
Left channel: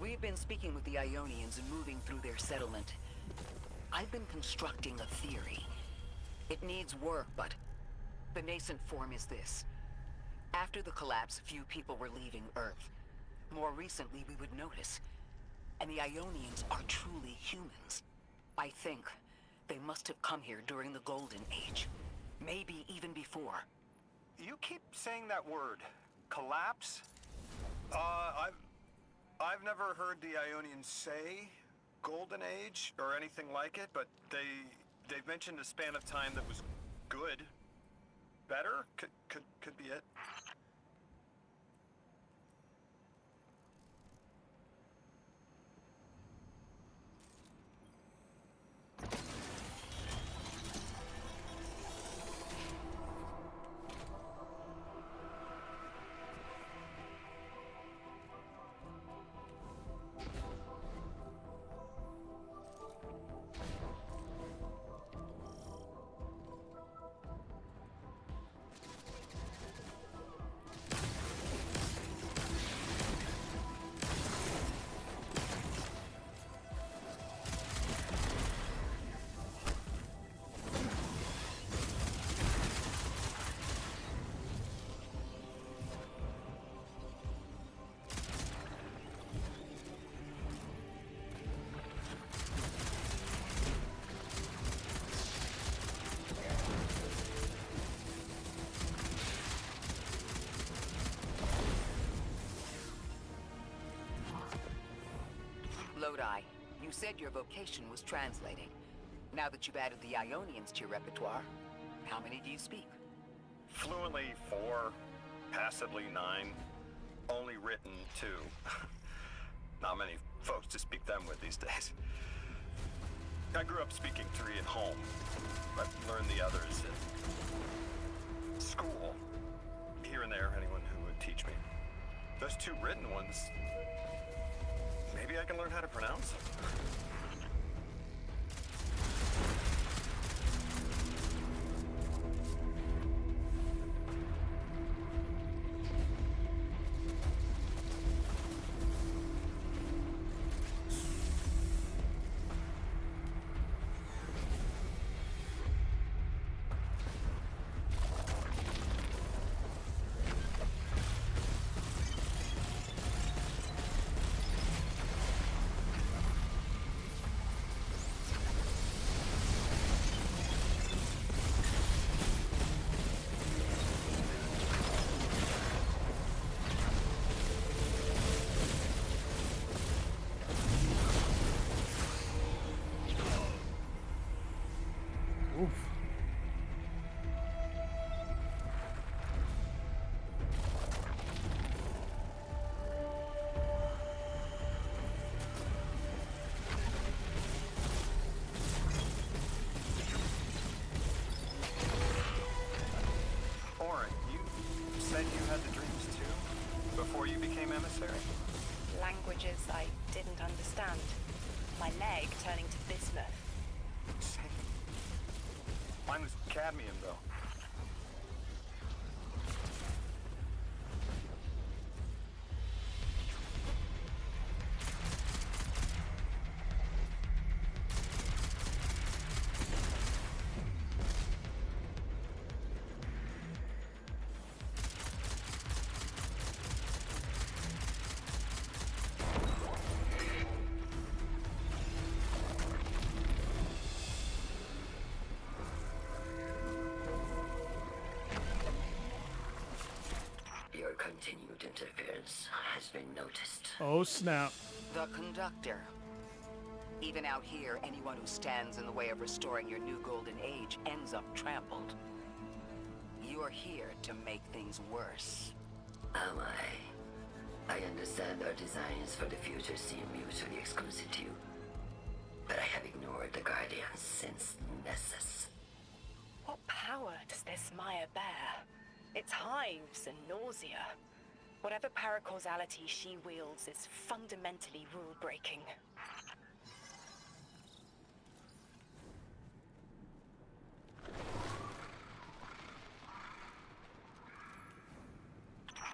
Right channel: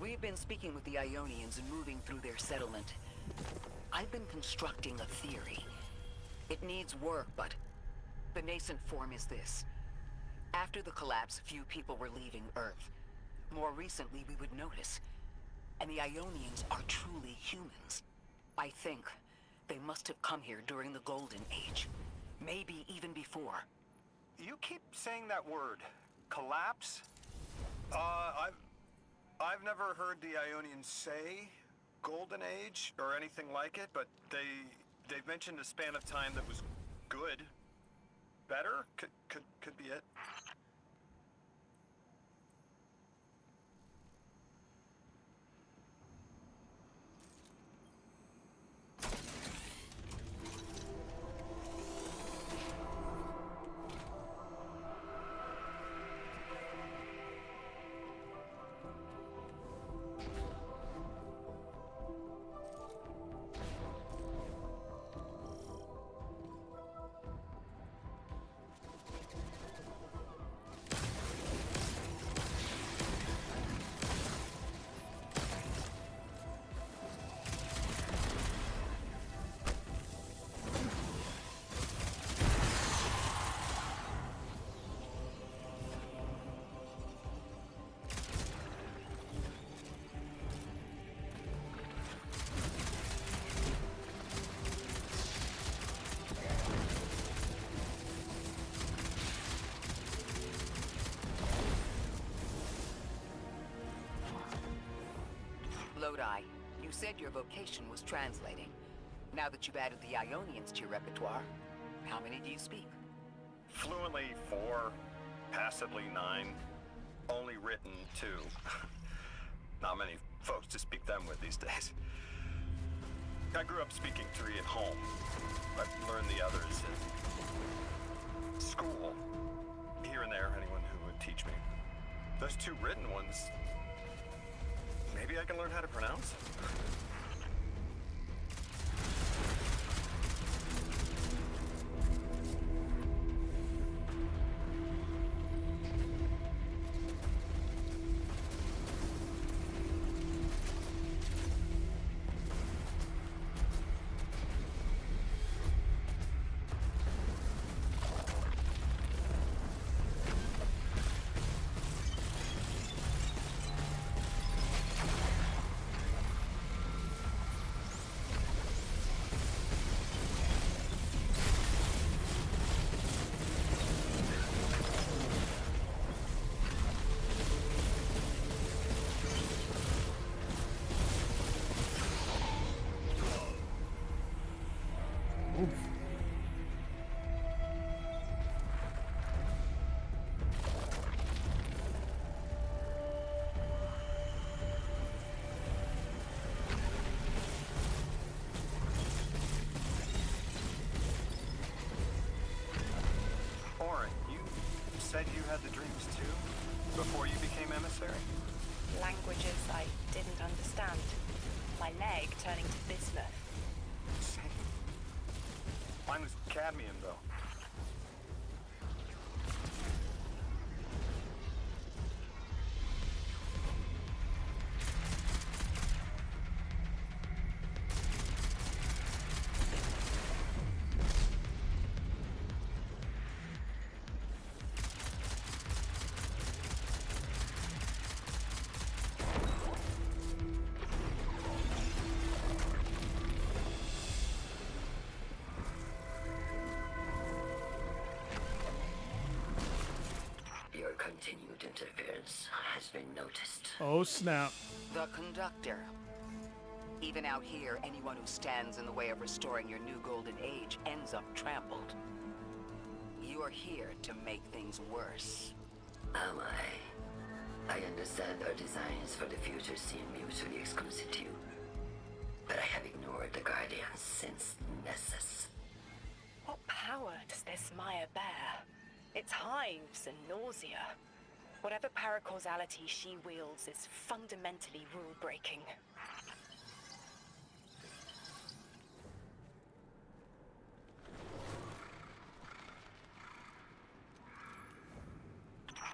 As we've been speaking with the Ionians and moving through their settlement, I've been constructing a theory. It needs work, but the nascent form is this. After the collapse, few people were leaving Earth. More recently, we would notice. And the Ionians are truly humans. I think they must have come here during the Golden Age. Maybe even before. You keep saying that word. Collapse? I've never heard the Ionians say Golden Age or anything like it, but they've mentioned a span of time that was good. Better? Could be it. Lodi, you said your vocation was translating. Now that you've added the Ionians to your repertoire, how many do you speak? Fluently 4, passably 9, only written 2. Not many folks to speak them with these days. I grew up speaking 3 at home. I've learned the others in school. Here and there, anyone who would teach me. Those 2 written ones, maybe I can learn how to pronounce them. Oof. Oren, you said you had the dreams too? Before you became emissary? Languages I didn't understand. My leg turning to bismuth. Same. Mine was cadmium, though. Your continued interference has been noticed. Oh, snap. The conductor. Even out here, anyone who stands in the way of restoring your new golden age ends up trampled. You're here to make things worse. Am I? I understand our designs for the future seem mutually exclusive to you. But I have ignored the Guardians since Nessus. What power does this Maya bear? It's hives and nausea. Whatever paracausality she wields is fundamentally rule-breaking.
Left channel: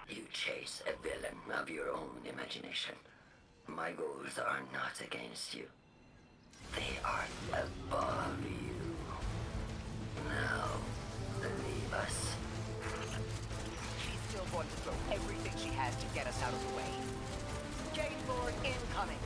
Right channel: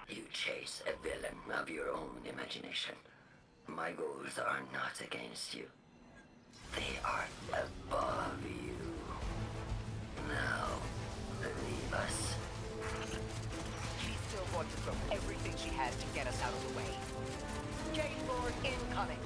You chase a villain of your own imagination. my goals are not against you. They are above you. Now, leave us. She's still going to throw everything she has to get us out of the way. Gate Lord incoming!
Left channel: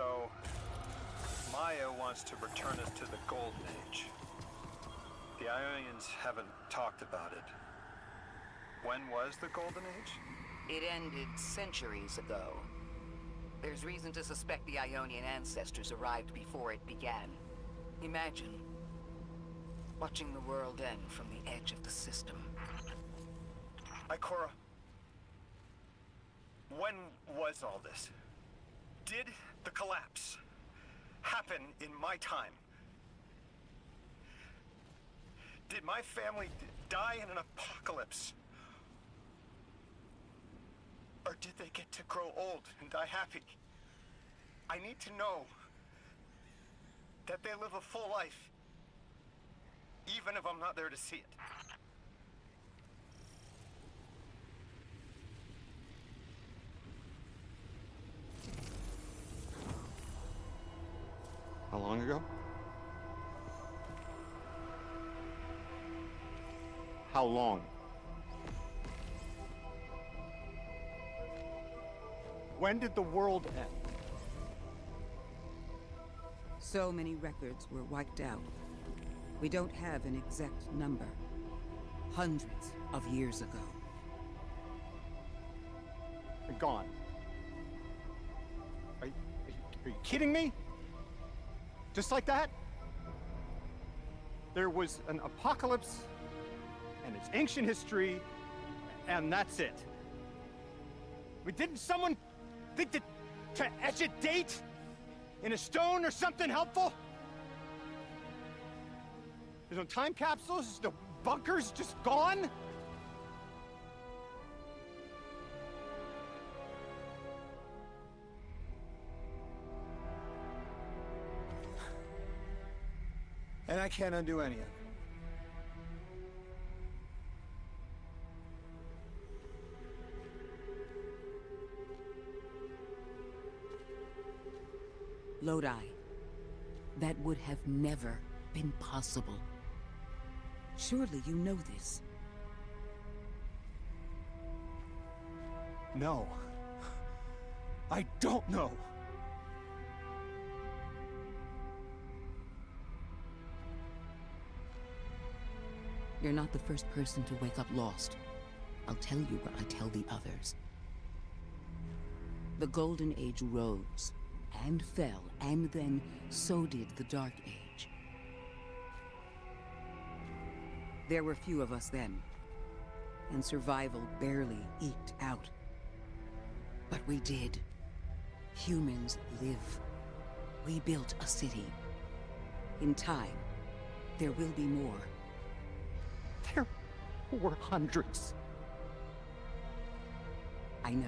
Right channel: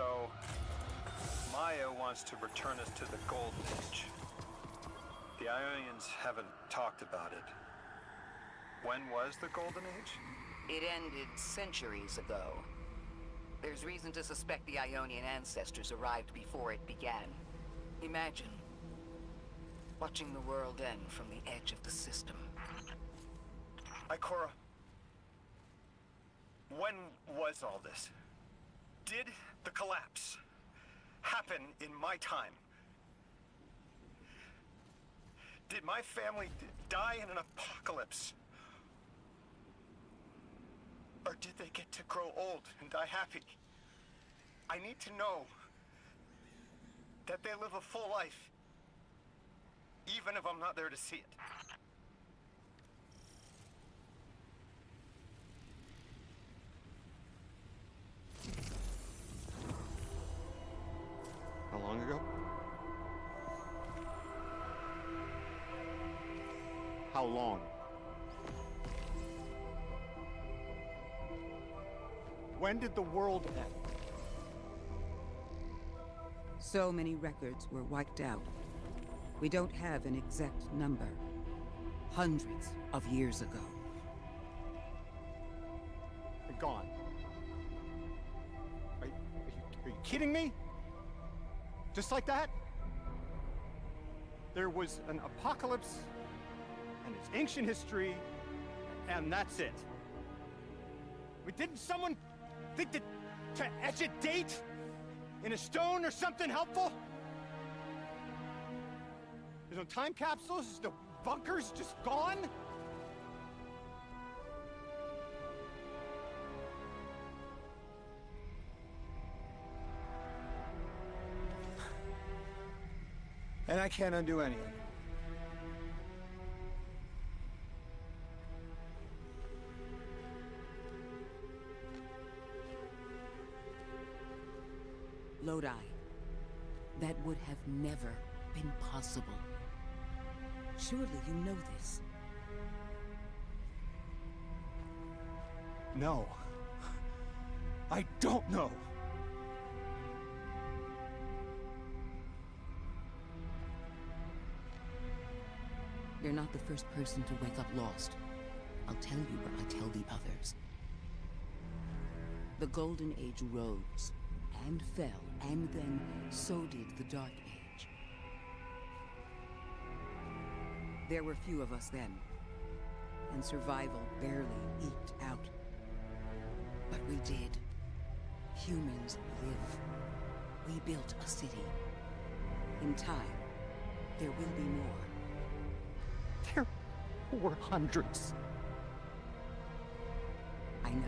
So, Maya wants to return us to the Golden Age. The Ionians haven't talked about it. When was the Golden Age? It ended centuries ago. There's reason to suspect the Ionian ancestors arrived before it began. Imagine watching the world end from the edge of the system. Ikora, when was all this? Did the collapse happen in my time? Did my family die in an apocalypse? Or did they get to grow old and die happy? I need to know that they live a full life, even if I'm not there to see it. How long ago? How long? When did the world end? So many records were wiped out. We don't have an exact number. Hundreds of years ago. They're gone. Are you kidding me? Just like that? There was an apocalypse, and it's ancient history, and that's it. I mean, didn't someone think that to etch a date in a stone or something helpful? There's no time capsules, there's no bunkers, just gone? And I can't undo any of it. Lodi. That would have never been possible. Surely you know this. No. I don't know. You're not the first person to wake up lost. I'll tell you what I tell the others. The Golden Age rose, and fell, and then so did the Dark Age. There were few of us then, and survival barely eked out. But we did. Humans live. We built a city. In time, there will be more. There were hundreds. I know.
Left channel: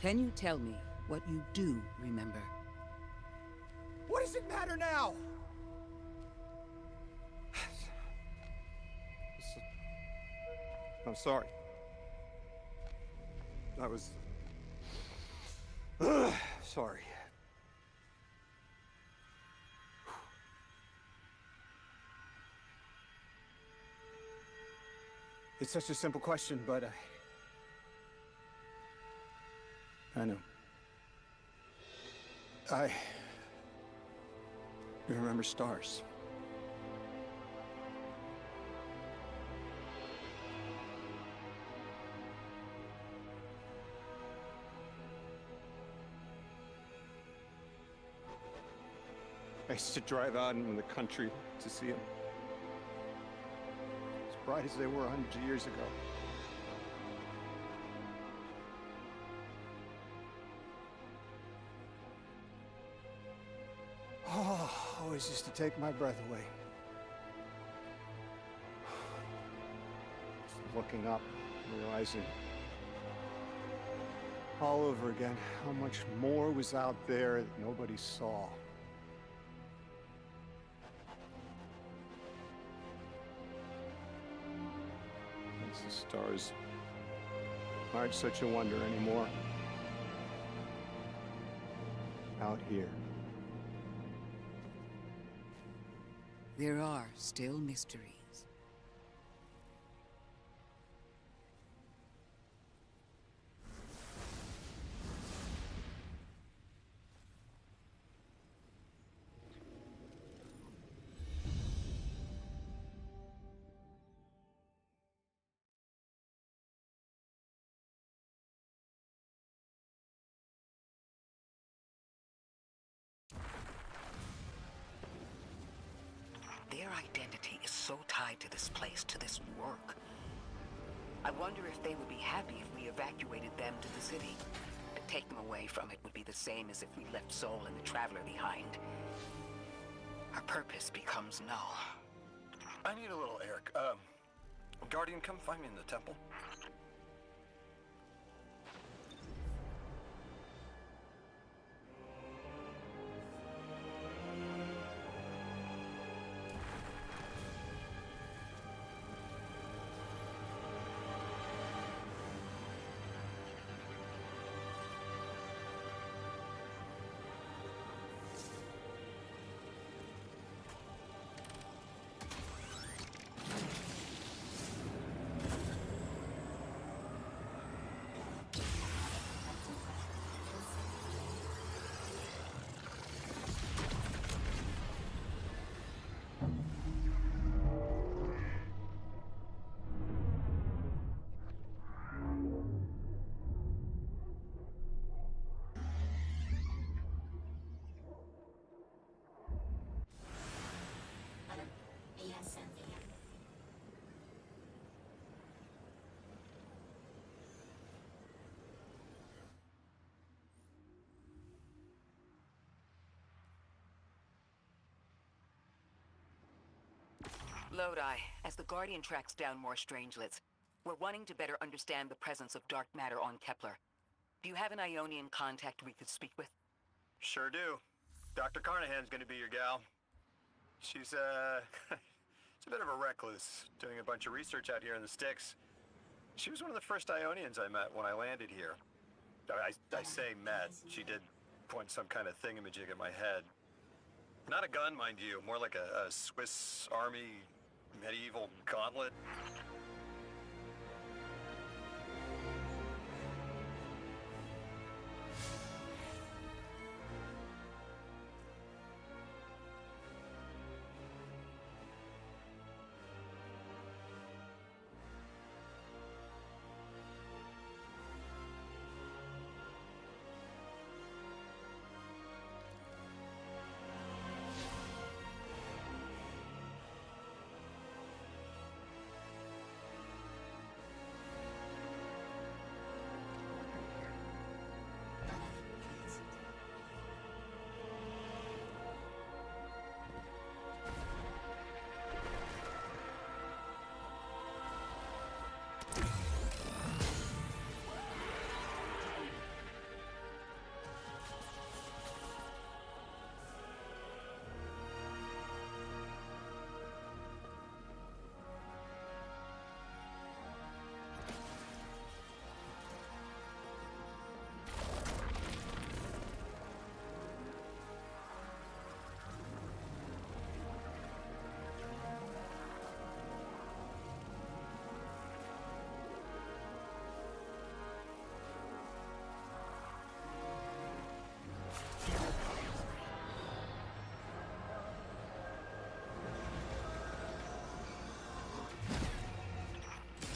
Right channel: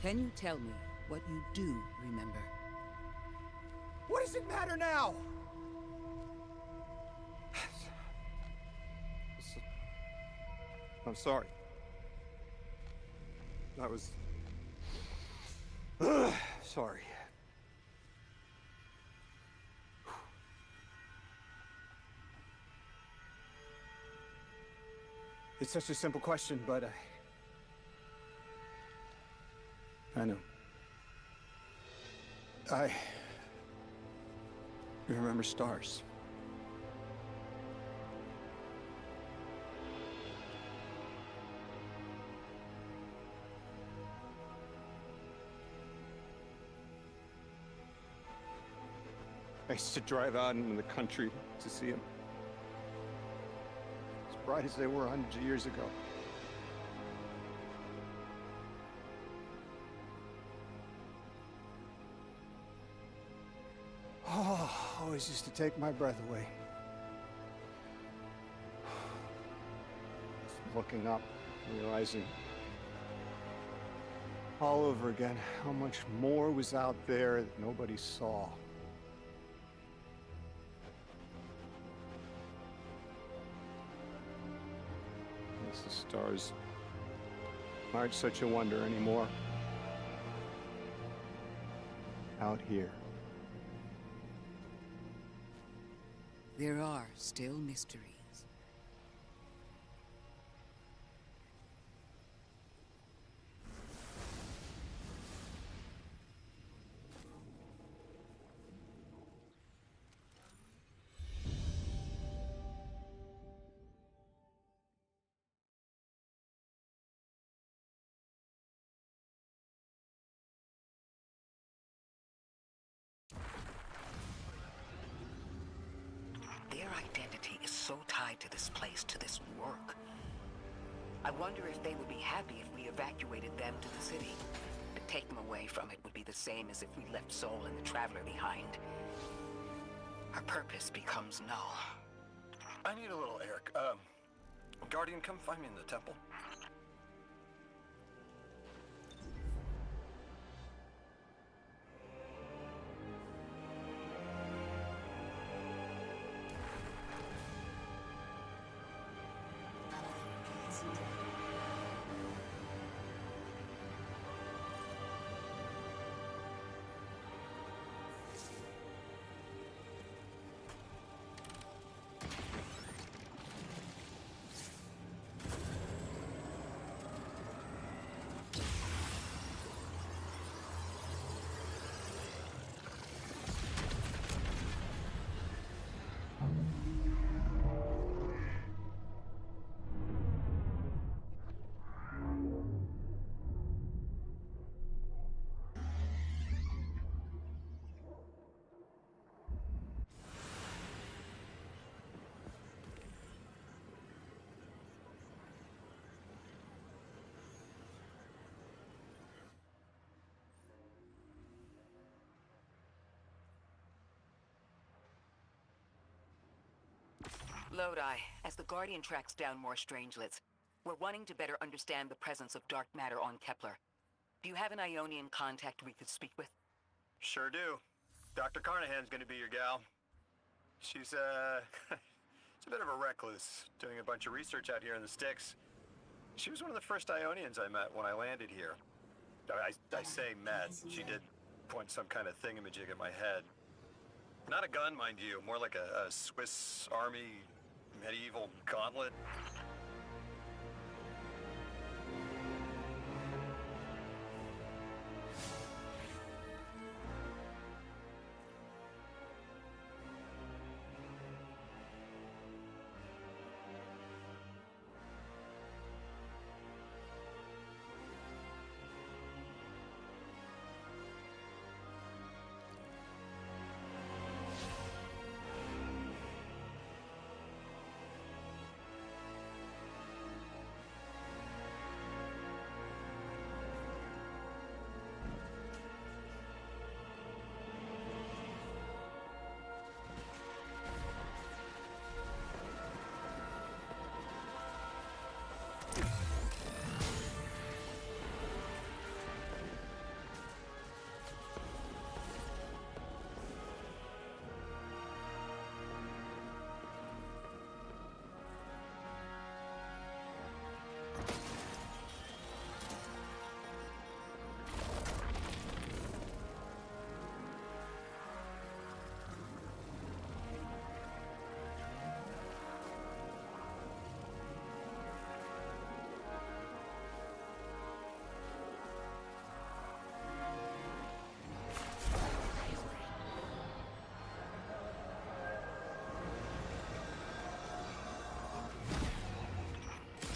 Can you tell me what you do remember? What does it matter now? I'm sorry. That was... sorry. It's such a simple question, but I know. I remember stars. I used to drive out in the country to see them. As bright as they were hundreds of years ago. Oh, always used to take my breath away. Just looking up, realizing all over again how much more was out there that nobody saw. The stars aren't such a wonder anymore. Out here. There are still mysteries. identity is so tied to this place, to this work. I wonder if they would be happy if we evacuated them to the city. To take them away from it would be the same as if we left Soul and the Traveler behind. Our purpose becomes null. I need a little air. Guardian, come find me in the temple. Lodi, as the Guardian tracks down more strangelets, we're wanting to better understand the presence of dark matter on Kepler. Do you have an Ionian contact we could speak with? Sure do. Dr. Carnahan's gonna be your gal. She's, she's a bit of a recluse, doing a bunch of research out here in the sticks. She was one of the first Ionians I met when I landed here. I say met. She did point some kind of thingamajig at my head. Not a gun, mind you, more like a Swiss Army medieval gauntlet.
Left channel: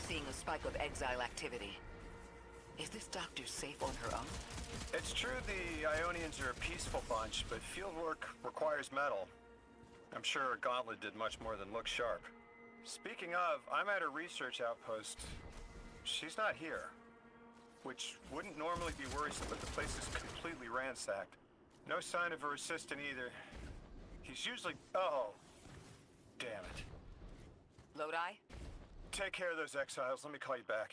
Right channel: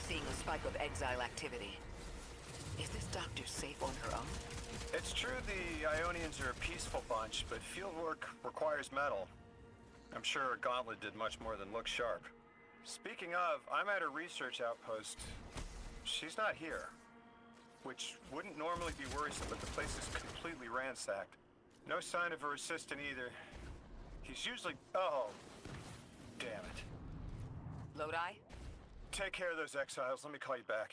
Seeing a spike of exile activity. Is this doctor safe on her own? It's true the Ionians are a peaceful bunch, but fieldwork requires metal. I'm sure Gauntlet did much more than look sharp. Speaking of, I'm at a research outpost. She's not here. Which wouldn't normally be worrisome, but the place is completely ransacked. No sign of her assistant either. He's usually... Oh, damn it. Lodi? Take care of those exiles. Let me call you back.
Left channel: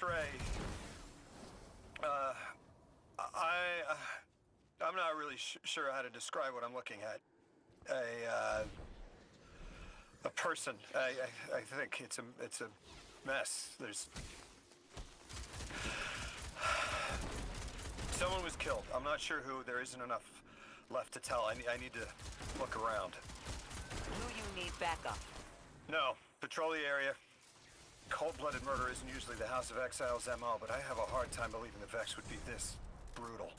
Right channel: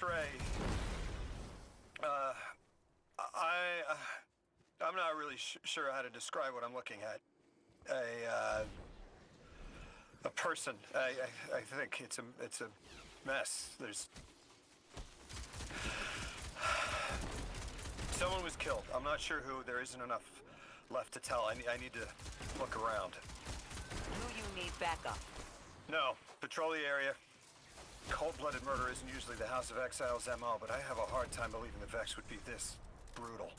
X-ray. I'm not really sure how to describe what I'm looking at. A person. I think it's a mess. There's someone was killed. I'm not sure who. There isn't enough left to tell. I need to look around. Do you need backup? No. Patrol the area. Cold-blooded murder isn't usually the House of Exile's MO, but I have a hard time believing the Vex would be this brutal.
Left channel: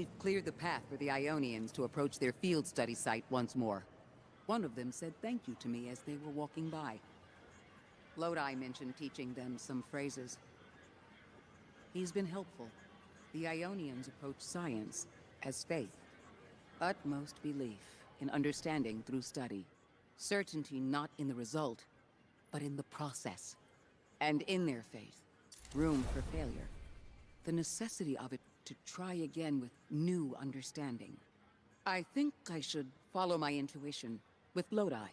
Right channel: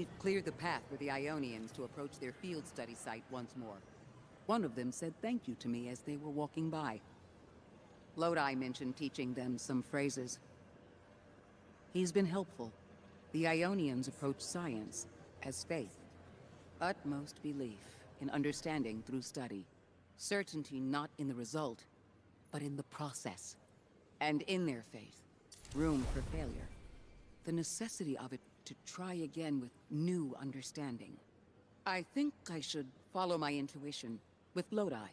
We've cleared the path for the Ionians to approach their field study site once more. One of them said thank you to me as they were walking by. Lodi mentioned teaching them some phrases. He's been helpful. The Ionians approach science as faith. Utmost belief in understanding through study. Certainty not in the result, but in the process. And in their faith, room for failure. The necessity of it to try again with new understanding. I think I should follow my intuition with Lodi.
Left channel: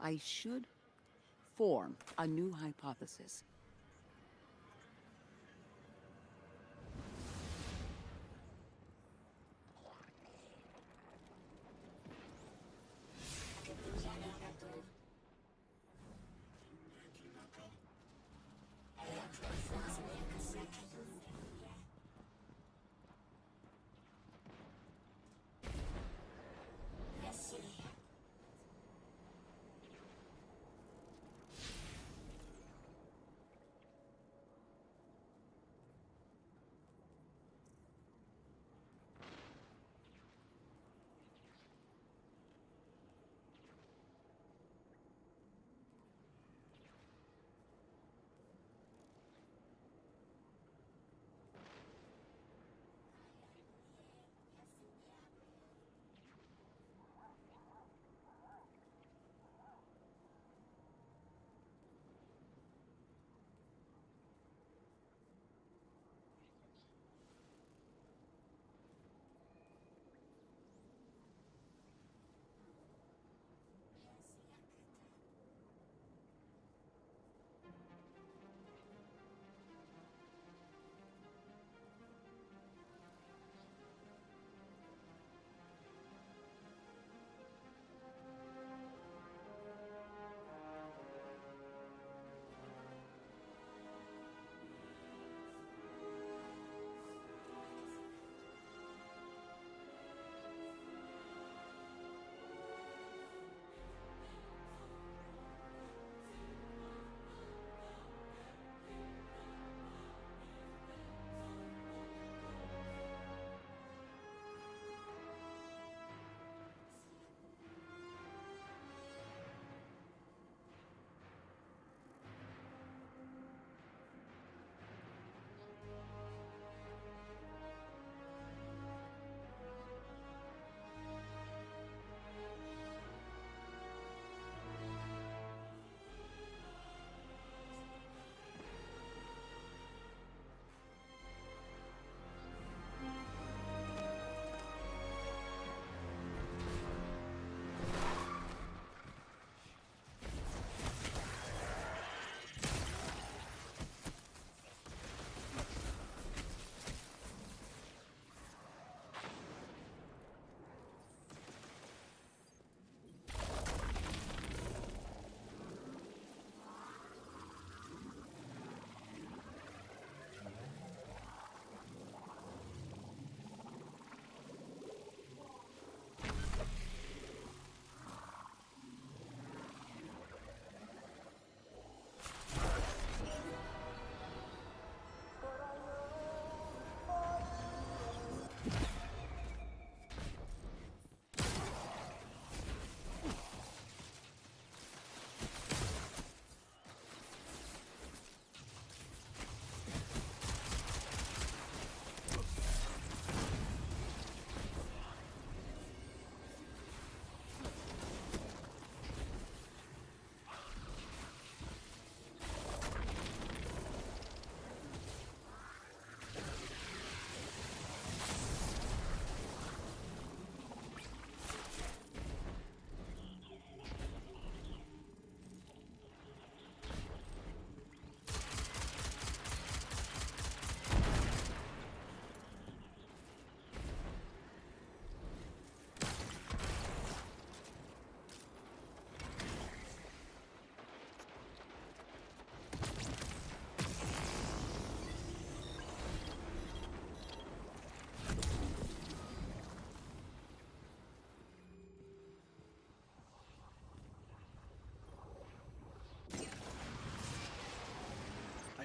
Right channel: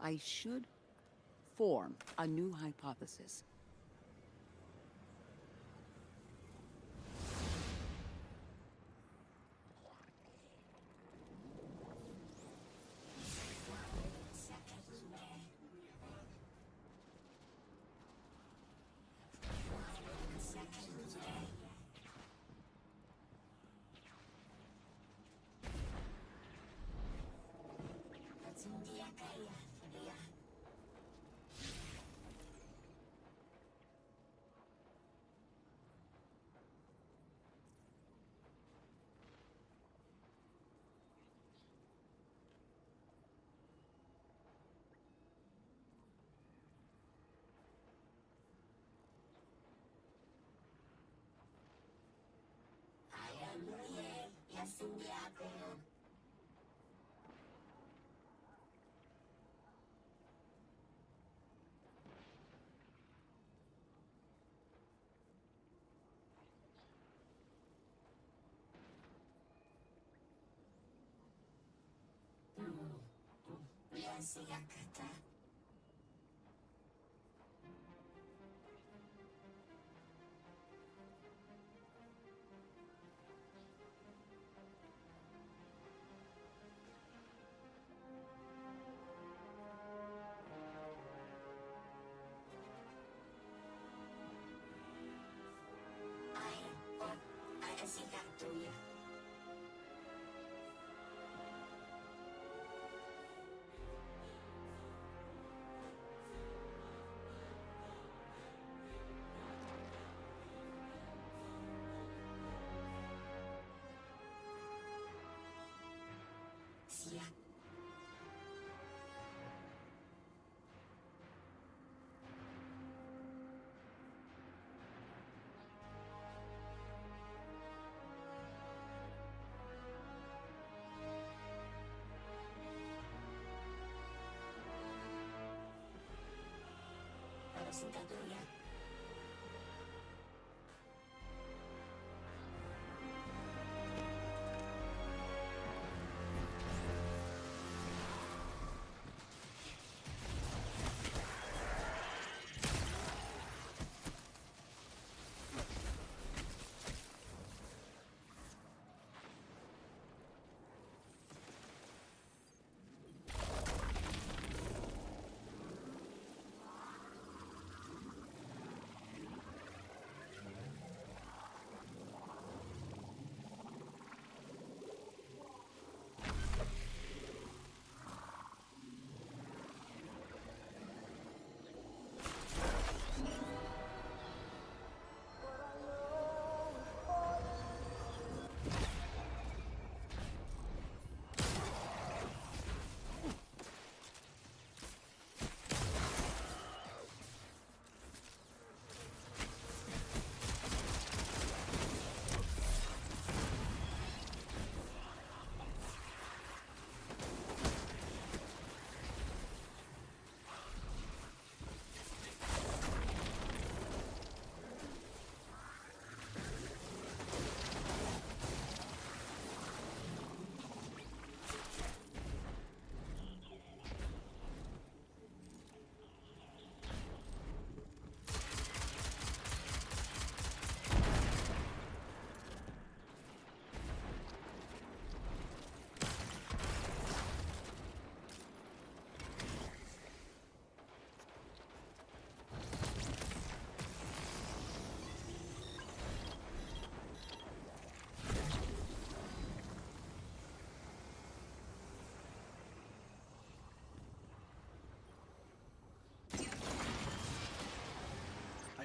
I should form a new hypothesis.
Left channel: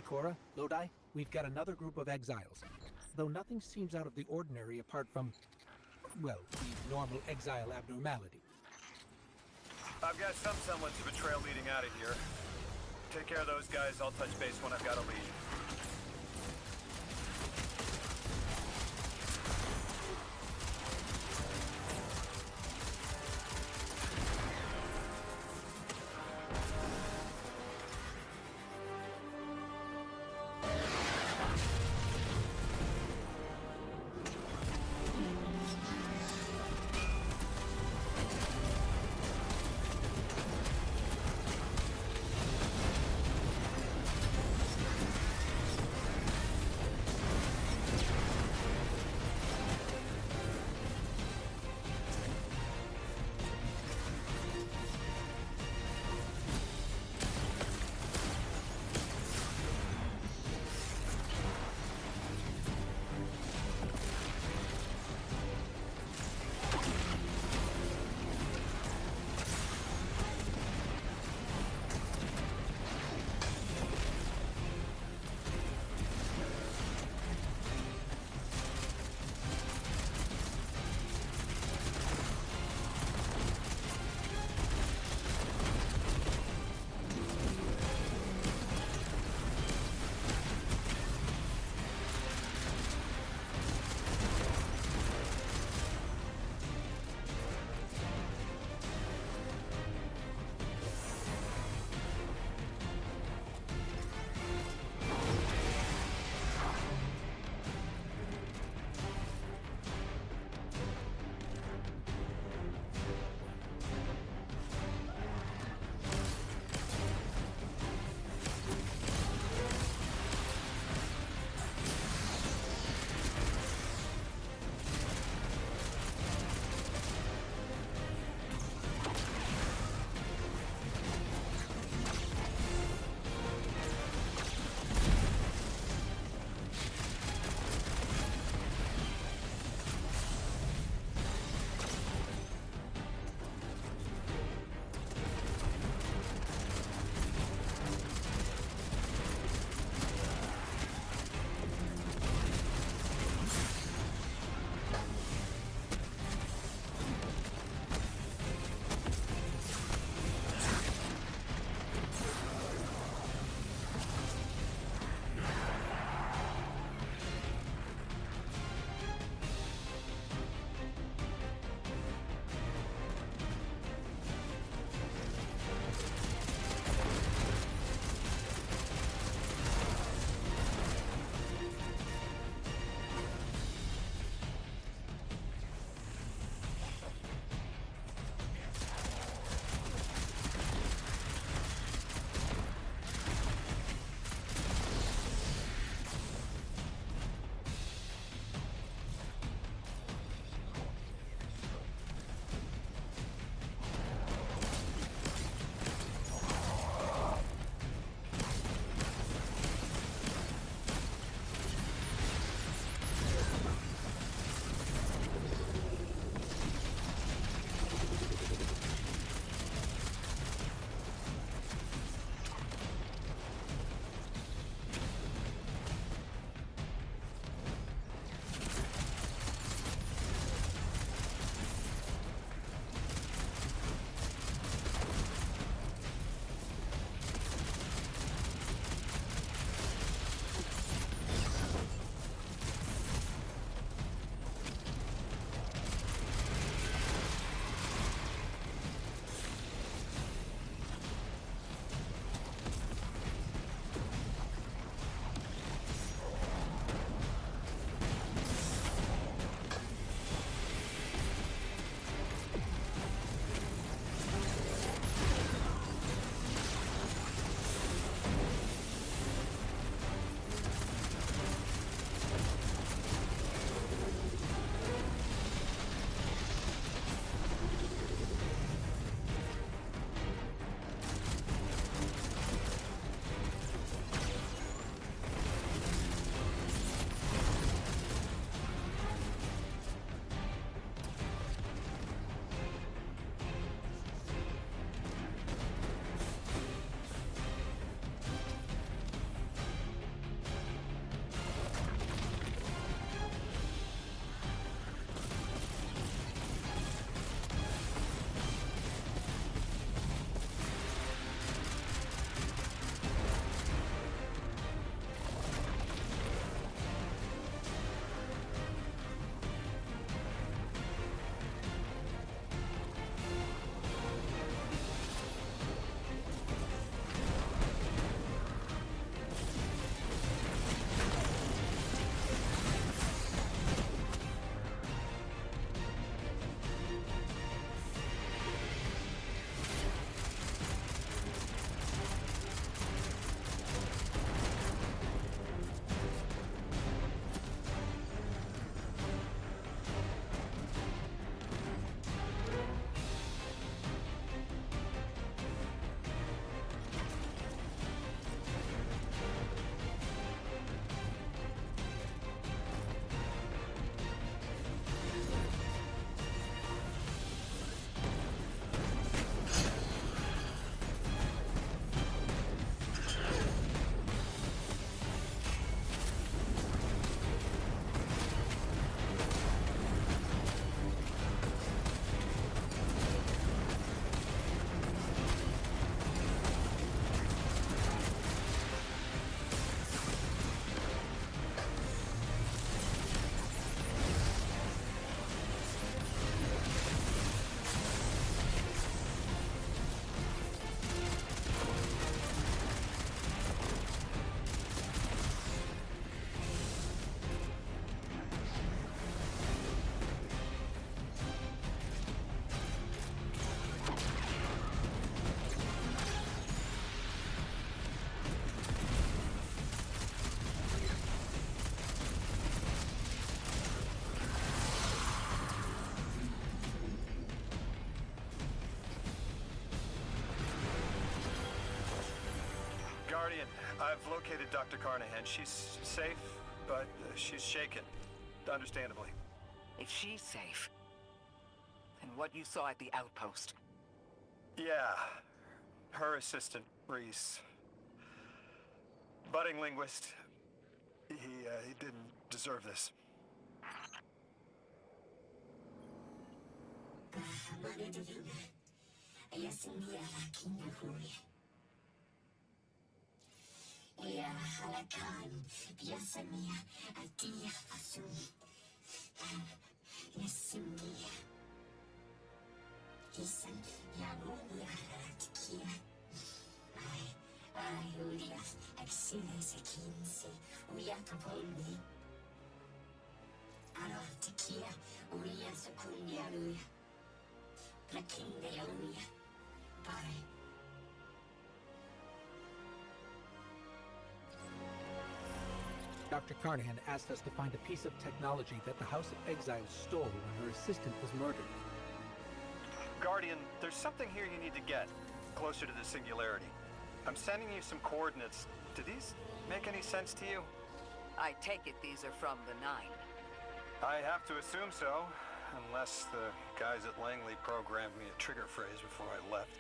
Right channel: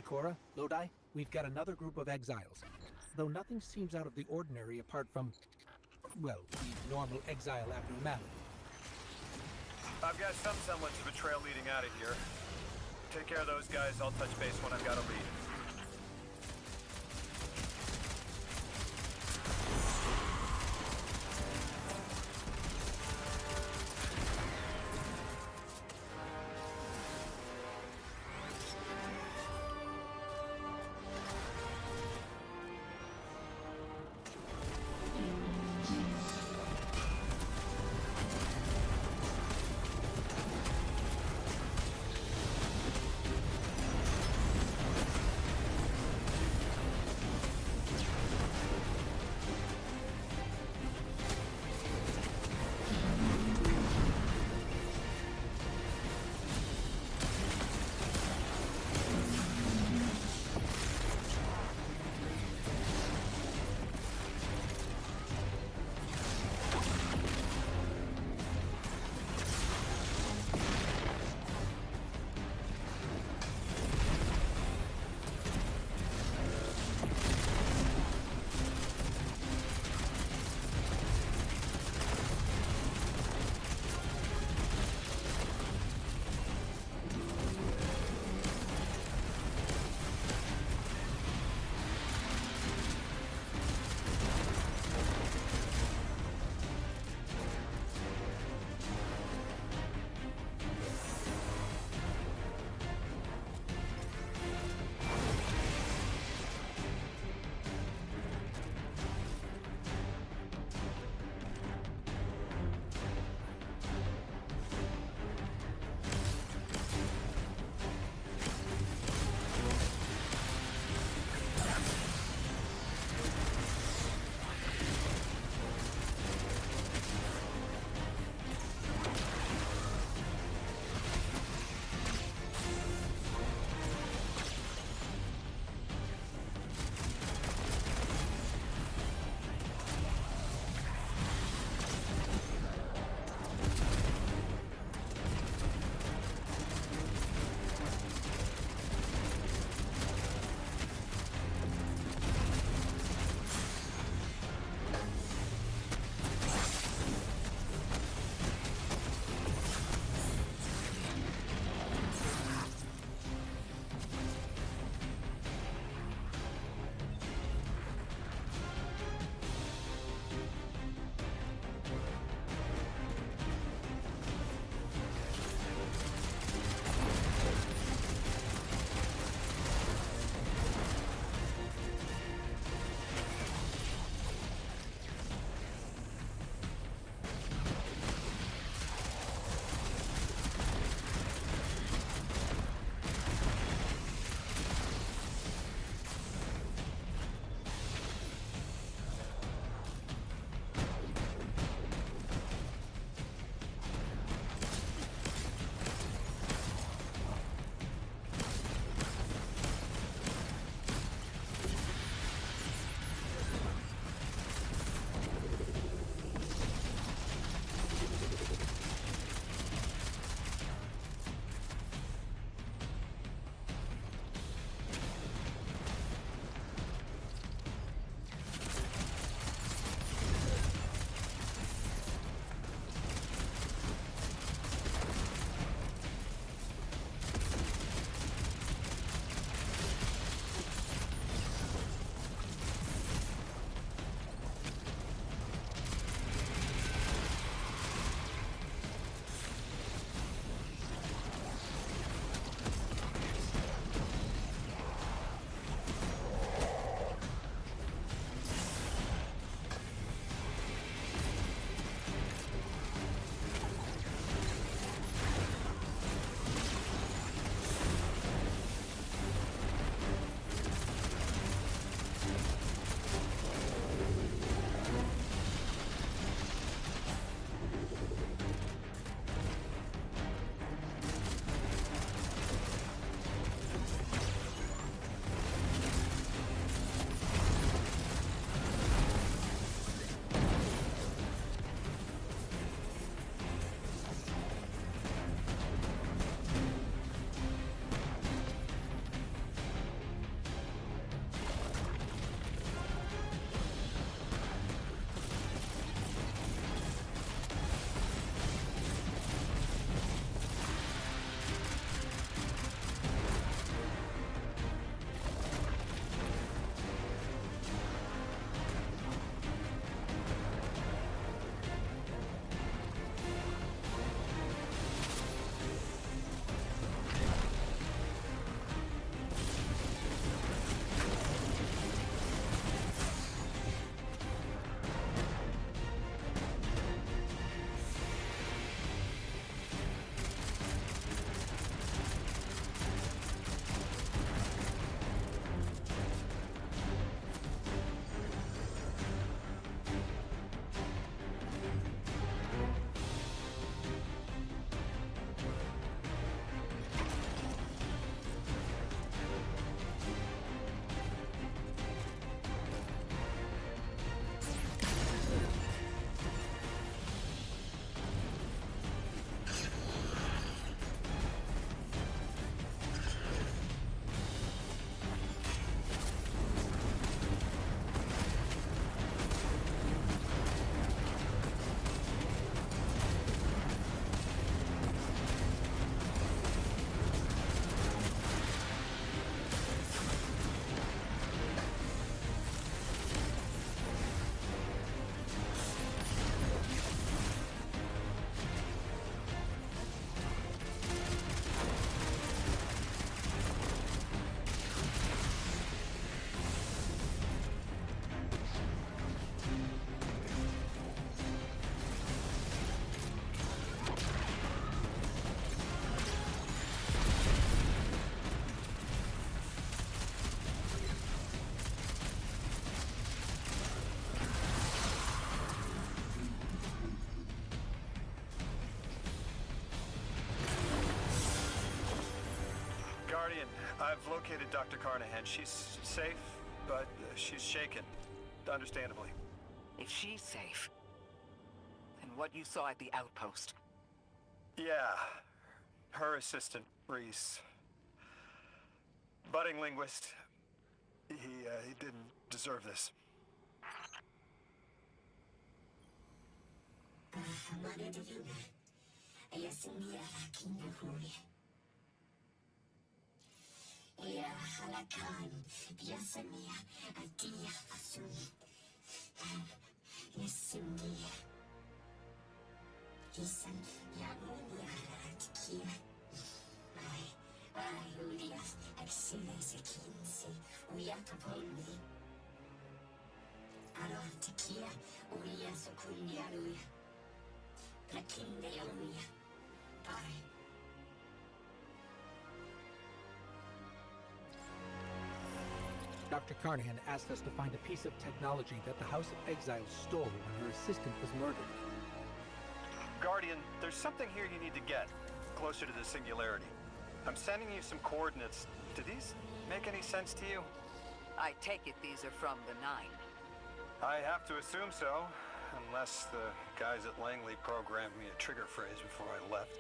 Ikora, Lodi, we've got another group of exiles. though nothing seems out of the ordinary apart from, well, the normal exile abnormality. I've got some semblance of a trail leading out of here. Take care of those guys. I'll touch base when I've got a lead. Guardian, I've located Dr. Carnahan. She's safe, but she's shaken. Understandably. If she's safe, then what you saw at the outpost. Yeah. Her assistant, Reese. Budding linguist. He didn't deserve this. Dr. Carnahan asked us to find a piece of technology that the House of Exiles stole when her assistant was murdered. Guardian, there's something here you need to get, closer to the Singularity. I'm sending you some coordinates. Do these make any sense to you? I take it these are from the Nine. I have to assume so, unless the guys at Langley programmed me a trigger phrase before I left.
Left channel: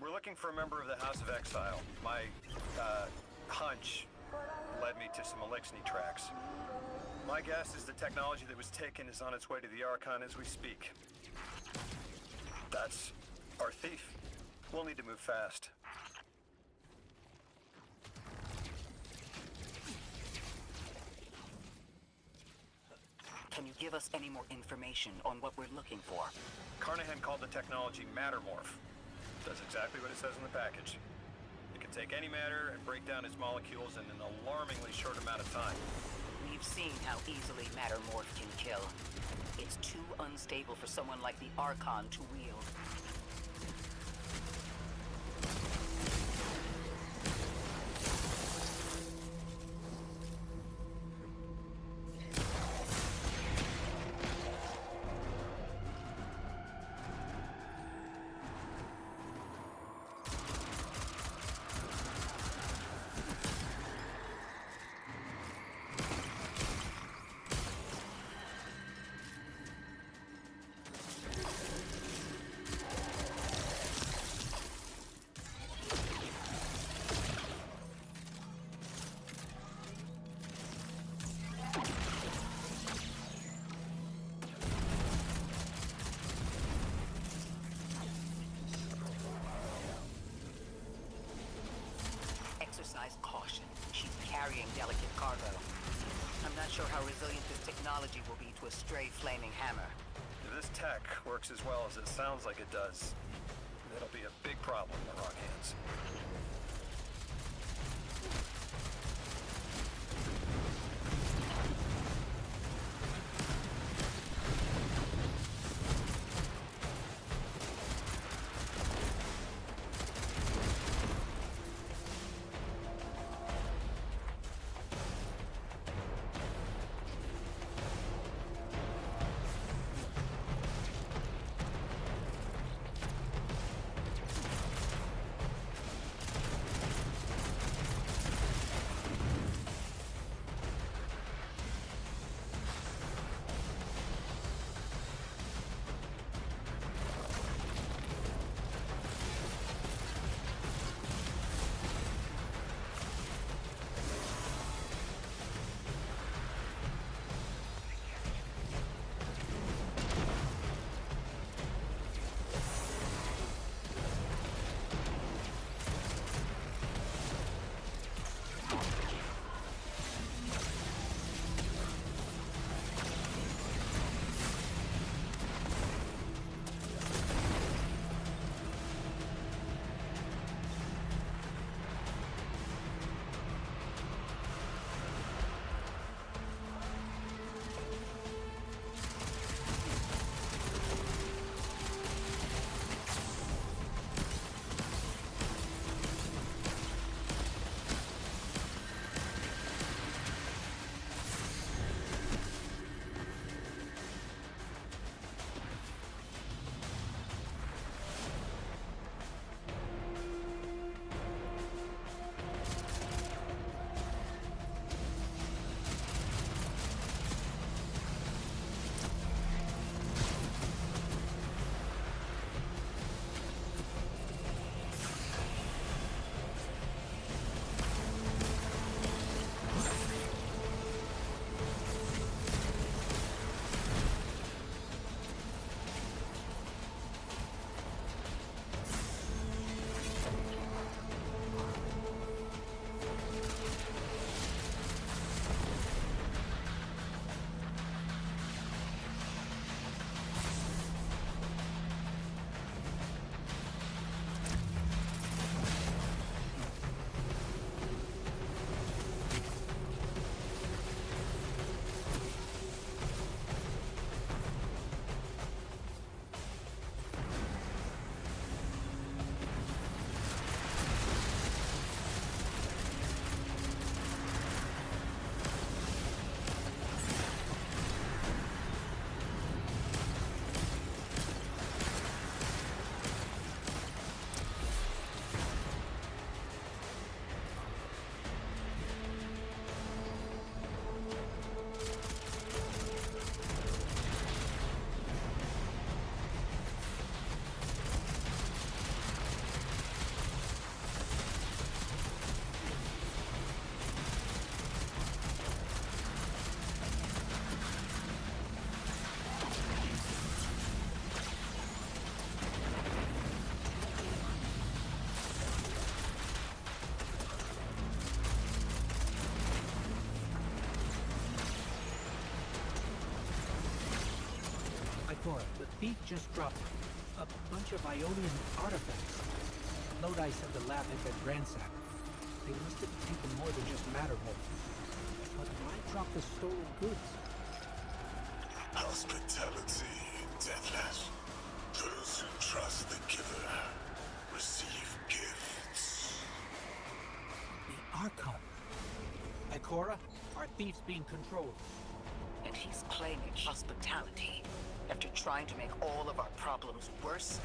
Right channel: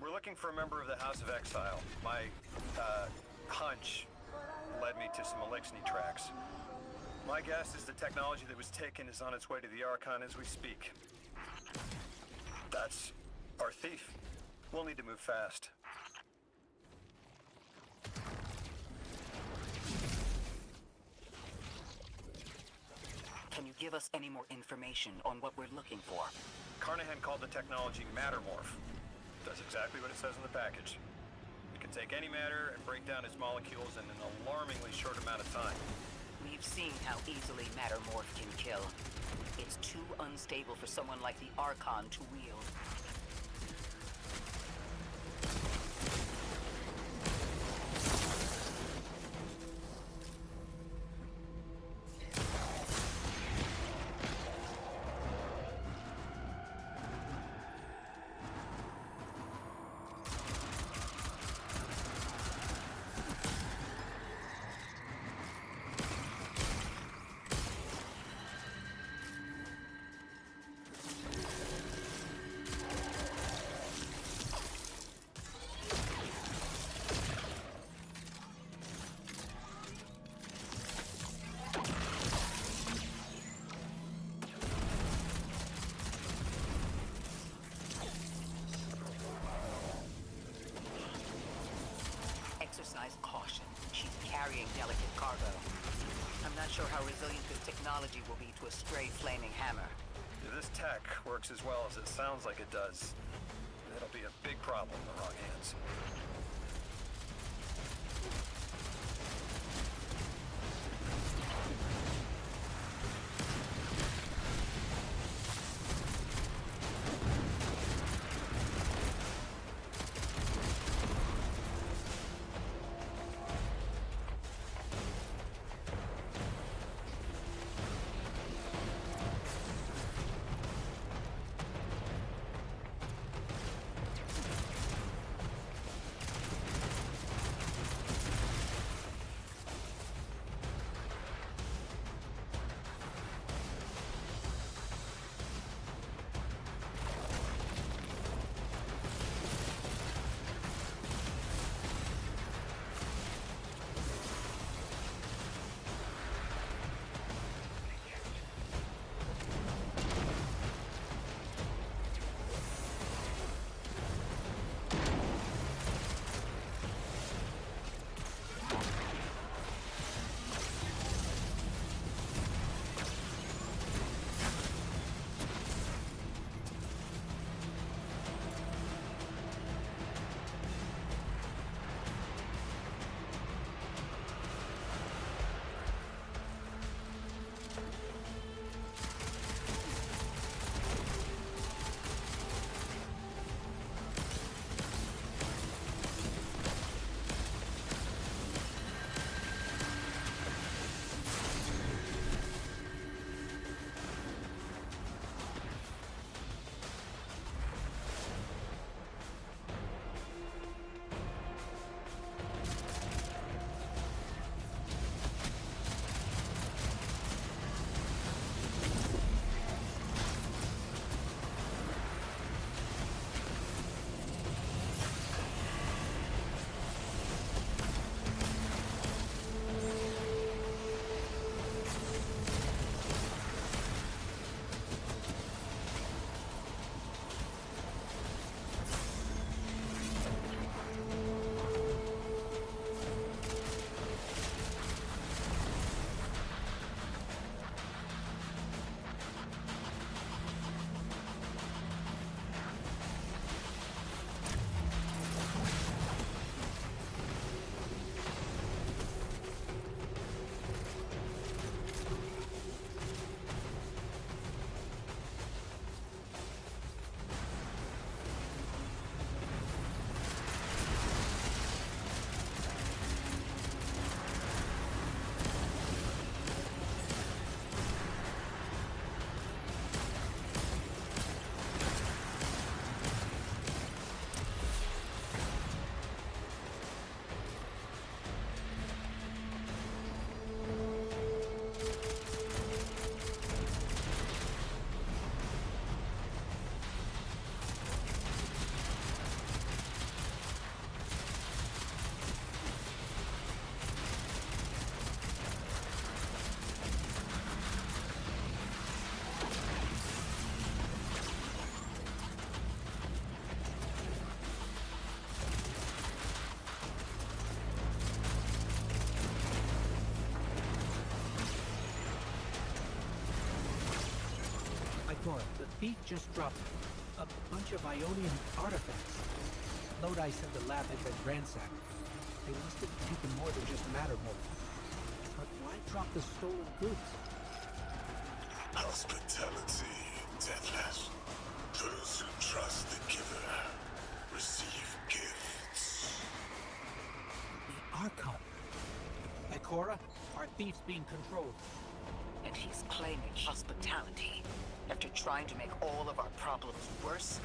We're looking for a member of the House of Exile. My, hunch led me to some Elixni tracks. My guess is the technology that was taken is on its way to the Archon as we speak. That's our thief. We'll need to move fast. Can you give us any more information on what we're looking for? Carnahan called the technology Mattermorph. Does exactly what it says in the package. It can take any matter and break down its molecules in an alarmingly short amount of time. We've seen how easily Mattermorph can kill. It's too unstable for someone like the Archon to wield. Exercise caution. She's carrying delicate cargo. I'm not sure how resilient this technology will be to a stray flaming hammer. If this tech works as well as it sounds like it does, that'll be a big problem in the wrong hands. thief just dropped a bunch of Ionian artifacts. Lodi said the lab had been ransacked. They must have taken more than just Mattermorph. But why drop the stolen goods? Hospitality, Deathless. Those who trust the giver receive gifts. The Archon. Ikora, our thief's being controlled. And he's claiming hospitality after trying to make all of our problems worse?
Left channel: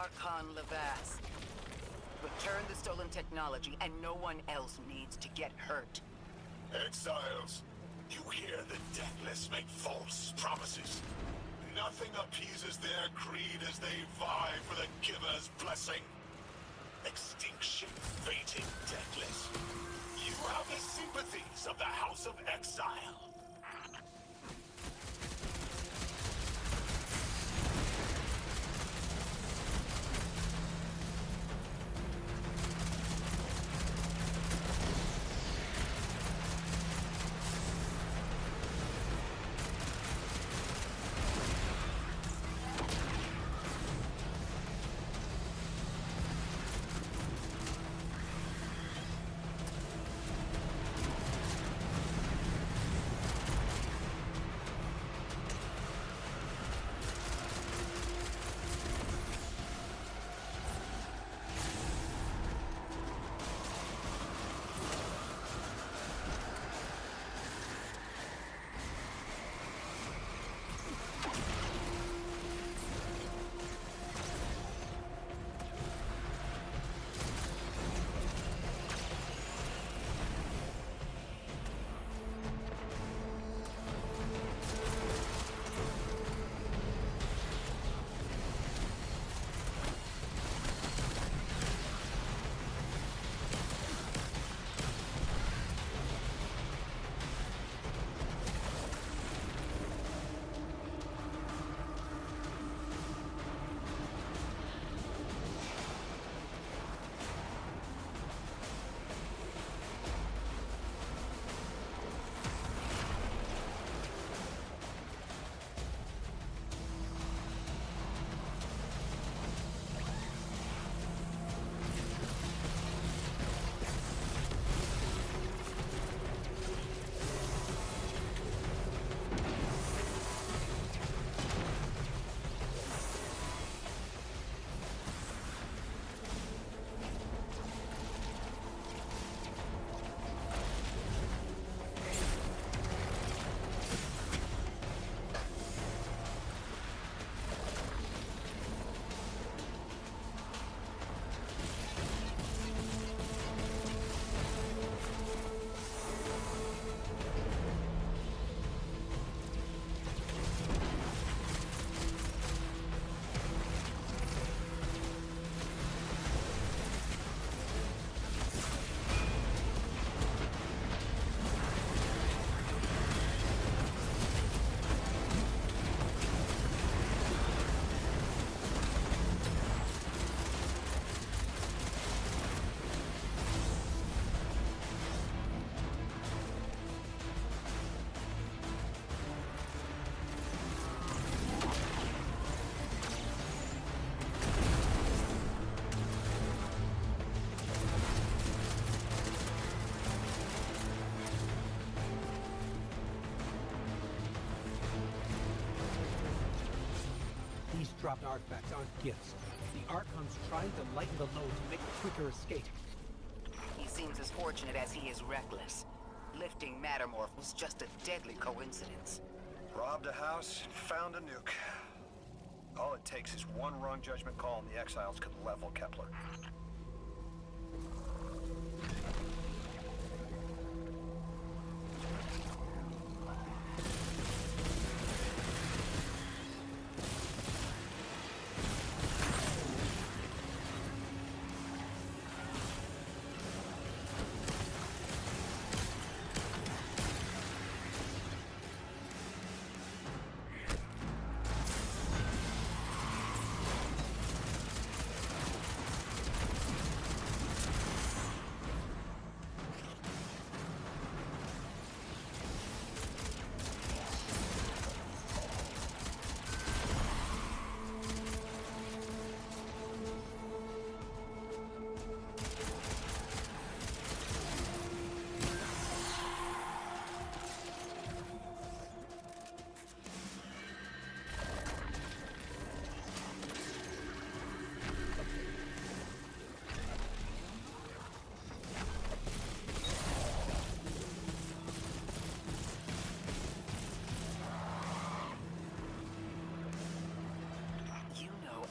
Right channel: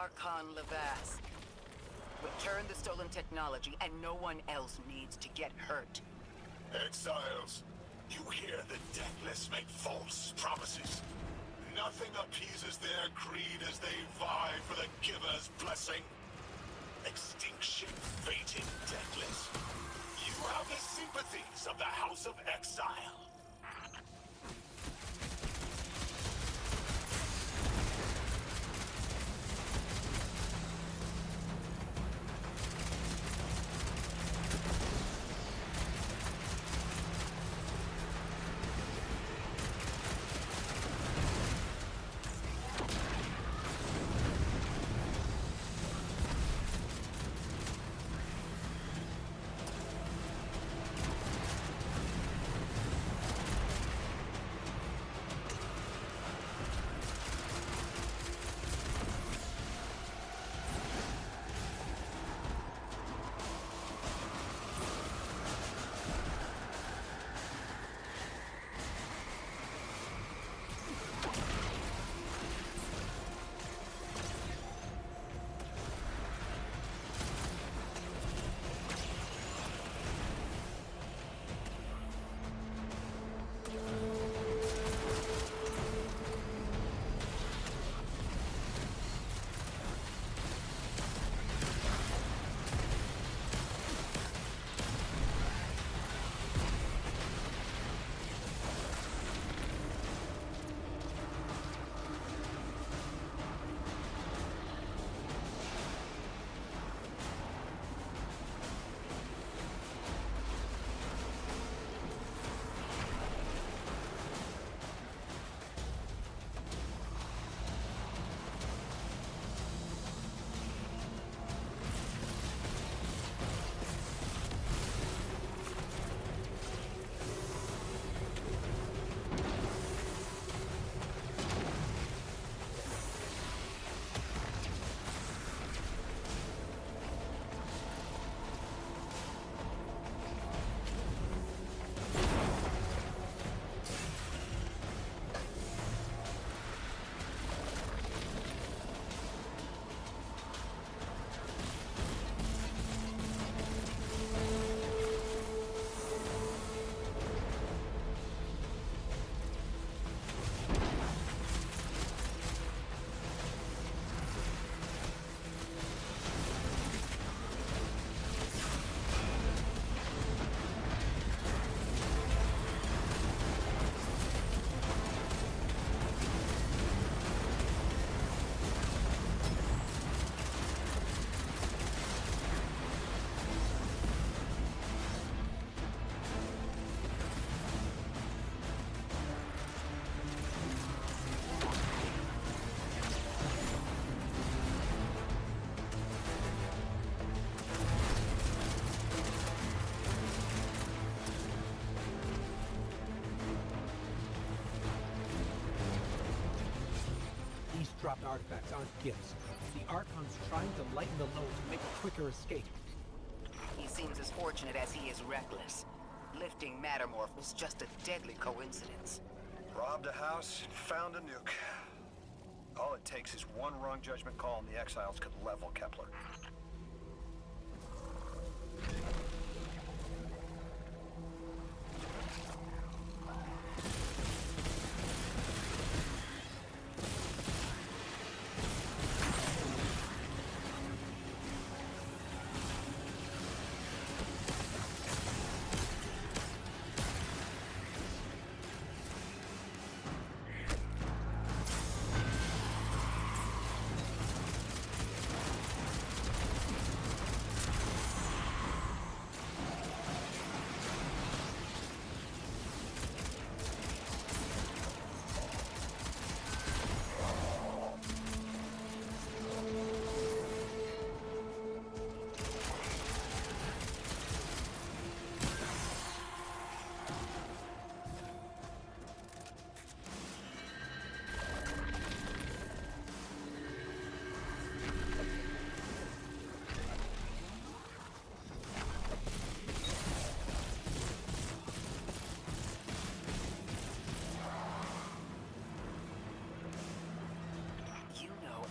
Archon Levas. Return the stolen technology, and no one else needs to get hurt. Exiles, you hear the Deathless make false promises. Nothing appeases their creed as they vie for the giver's blessing. Extinction fated, Deathless. You have the sympathies of the House of Exile. These dropped artifacts aren't gifts. The Archon's trying to lighten the load to make a quicker escape. He seems as fortunate as he is reckless. Lifting Mattermorph was just a deadly coincidence. Robbed a house, found a nuke. All it takes is one wrong judgment call and the Exiles could level Kepler.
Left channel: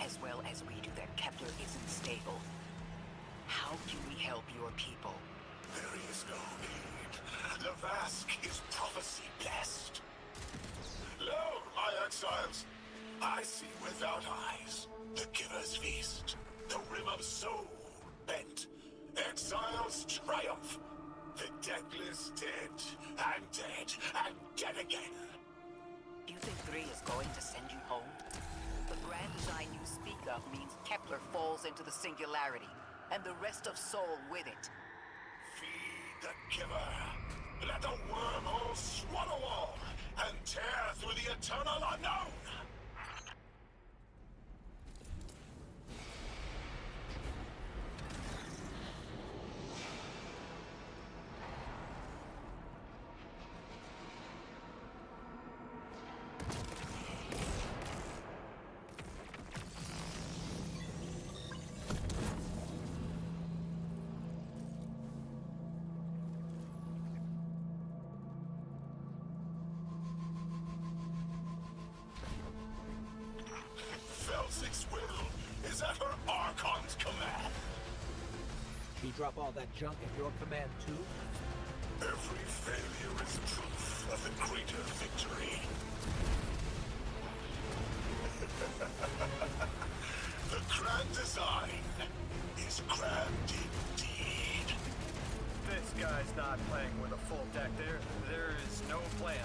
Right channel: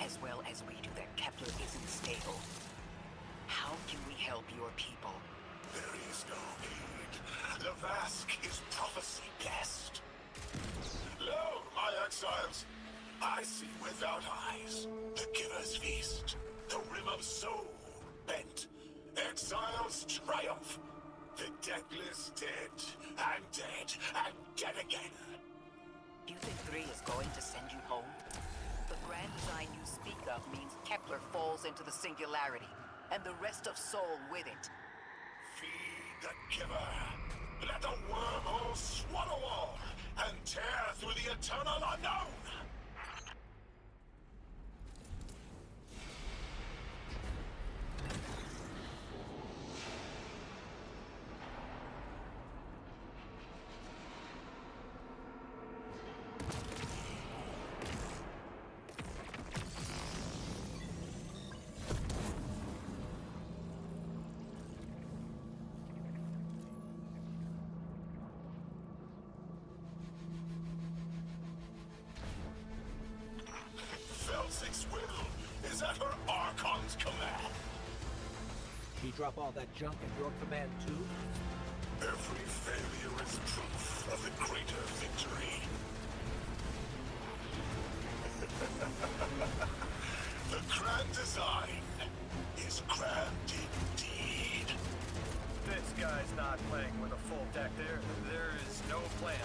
As well as we do that Kepler isn't stable. How can we help your people? There is no need. The Vask is prophecy blessed. Lo, my exiles, I see without eyes. The Giver's feast. The rim of soul bent. Exiles triumph. The deathless dead and dead again. Do you think 3 is going to send you home? The grand design you speak of means Kepler falls into the singularity, and the rest of Sol with it. Feed the Giver. Let the wormhole swallow all, and tear through the eternal unknown! Felsic's will is at her Archon's command. She drop all that junk at your command too? Every failure is proof of the greater victory. The grand design is grand indeed. This guy's not playing with a full deck. There is no plan.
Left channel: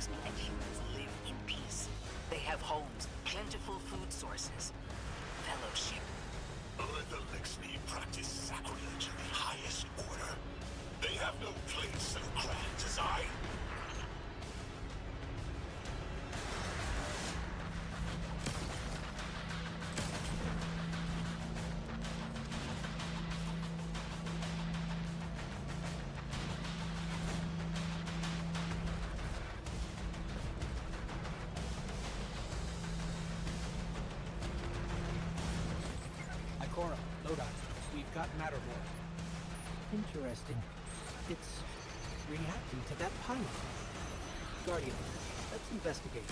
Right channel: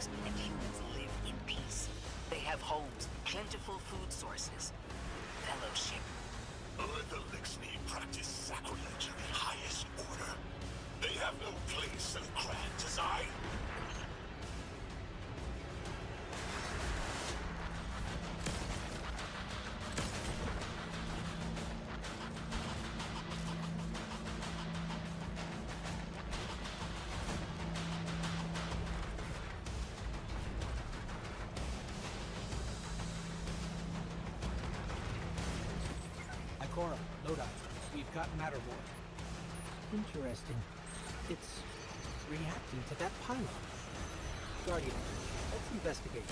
Lixni and humans live in peace. They have homes, plentiful food sources, fellowship. The Lixni practice sacrilege of the highest order. They have no place in grand design. Ikora, Lodi, we've got Mattermore. Interesting. It's reacting to that pylon. Guardian, let's investigate.